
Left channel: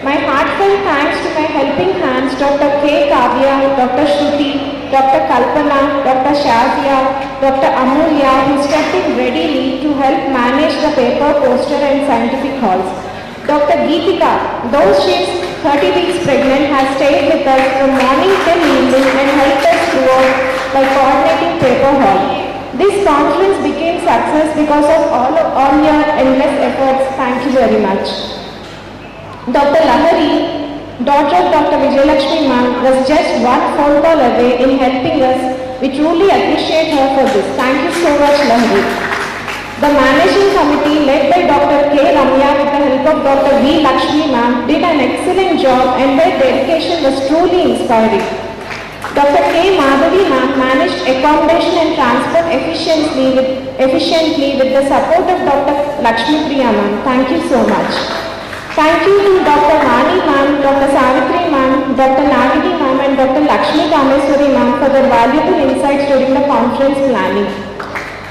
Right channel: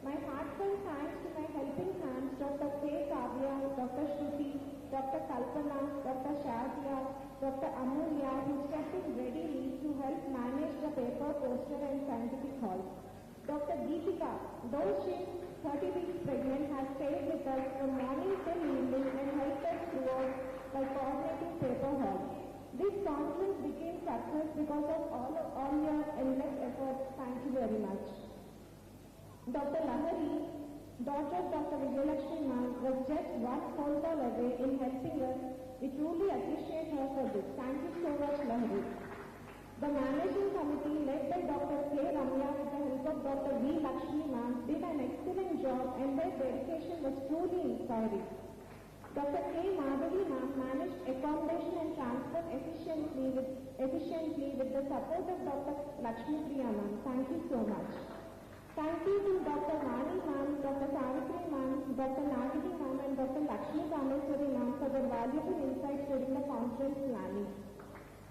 My heartfelt thanks to my helping hands Dr. K. Kavya, Dr. Shruti, Dr. Kalpana, Dr. Shazia, Dr. Amulya who stepped in readily to help manage the paper, poster and scientific halls. Dr. Geetika, though she is 30 weeks pregnant, has stayed with us from morning till evening and helped us throughout by coordinating paper hall. This conference became success because of all your endless efforts. Thank you very much. Dr. Lahari, daughter of Dr. Vijayalakshmi ma'am, was just one phone call away in helping us. We truly appreciate her for this. Thank you so much, Lahari. The managing committee led by Dr. K. Ramya with the help of Dr. V. Lakshmi ma'am did an excellent job and their dedication was truly inspiring. Dr. K. Madhavi ma'am managed accommodation and transport efficiently with the support of Dr. Lakshmi Priya ma'am. Thank you so much. Thank you to Dr. Mani ma'am, Dr. Savitri ma'am, Dr. Nagini ma'am and Dr. Lakshmi Kameswari ma'am for their valuable insights during the conference planning.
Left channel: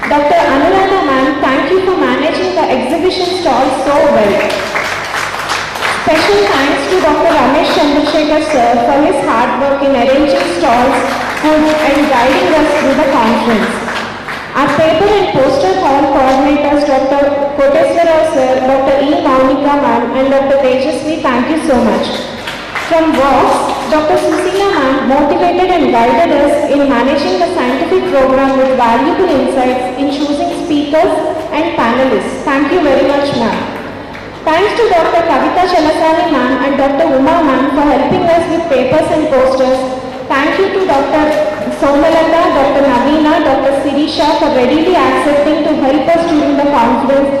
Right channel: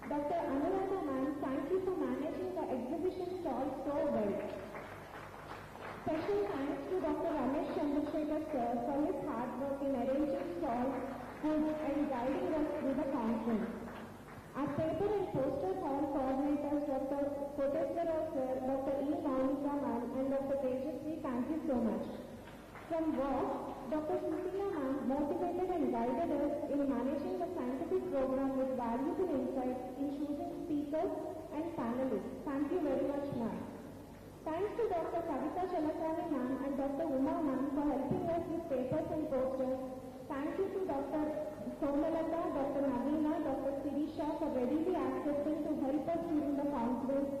Dr. Anuradha ma'am, thank you for managing the exhibition stalls so well. Special thanks to Dr. Ramesh Chandrasekhar sir for his hard work in arranging stalls food and guiding us through the conference. Our paper and poster hall coordinators Dr. Koteswarao sir, Dr. E. Maunika ma'am and Dr. Tejasvi, thank you so much. From WOX, Dr. Susila ma'am motivated and guided us in managing the scientific program with valuable insights in choosing speakers and panelists. Thank you very much ma'am. Thanks to Dr. Kavita Chalasani ma'am and Dr. Uma ma'am for helping us with papers and posters. Thank you to Dr. Somalata, Dr. Navina, Dr. Sirisha for readily accepting to help us during the conference,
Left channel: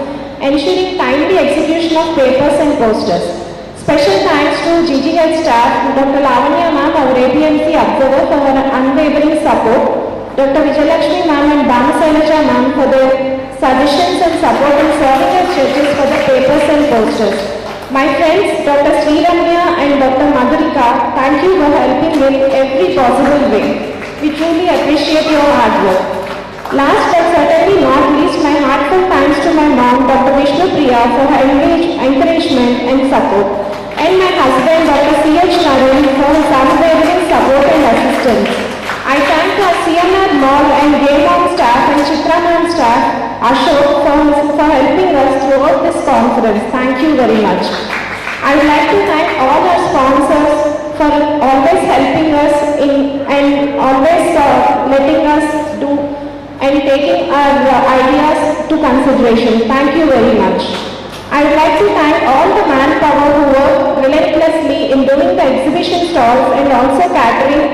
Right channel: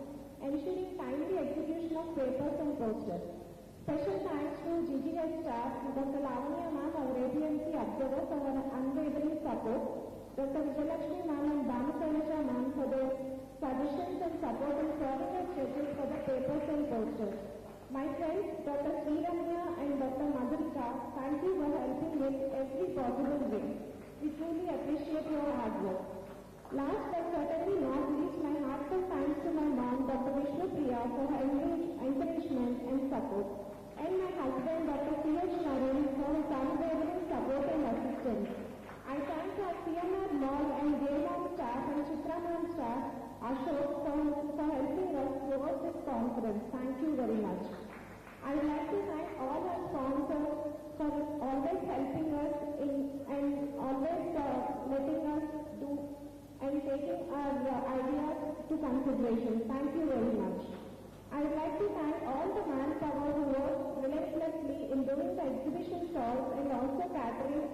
ensuring timely execution of papers and posters. Special thanks to GGH staff, Dr. Lavanya ma'am, our APMC observer for her unwavering support, Dr. Vijayalakshmi ma'am and Dhamasailaja ma'am for their suggestions and support in serving as judges for the papers and posters. My friends, Dr. Sriramya and Dr. Madhurika, thank you for helping in every possible way. We truly appreciate your hard work. Last but certainly not least, my heartfelt thanks to my mom, Dr. Vishnu Priya, for her encouragement and support, and my husband, Dr. C.H. Naren, for his unwavering support and assistance. I thank our CMR Mall and Gaymon staff and Chitra Ma'am staff, Ashok, for helping us throughout this conference. Thank you very much. I would like to thank all our sponsors for always helping us and always letting us do and taking our ideas to consideration. Thank you very much. I would like to thank all the manpower who work relentlessly in doing the exhibition stalls and also catering,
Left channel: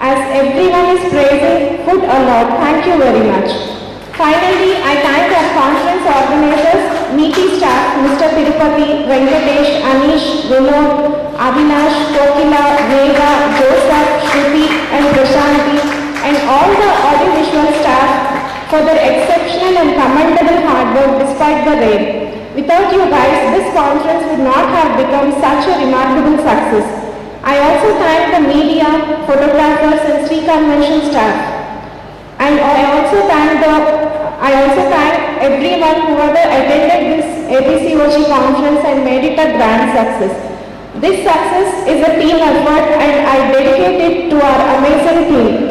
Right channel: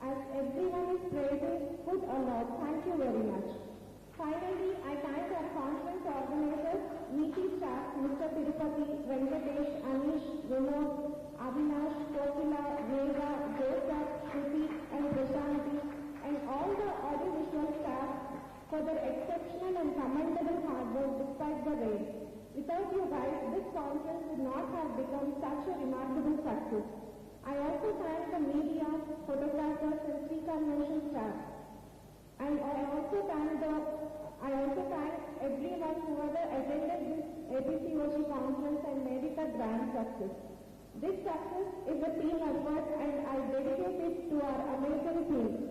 as everyone is praising food a lot. Thank you very much. Finally, I thank our conference organizers, meeting staff, Mr. Tirupati, Venkatesh, Anish, Vinod, Avinash, Kokila, Vega, Joseph, Shruti and Prashanti, and all the audiovisual staff for their exceptional and commendable hard work despite the rain. Without you guys, this conference would not have become such a remarkable success. I also thank the media, photographers and Sri Convention staff. And I also thank everyone who ever attended this APCOG conference and made it a grand success. This success is a team effort and I dedicate it to our amazing team.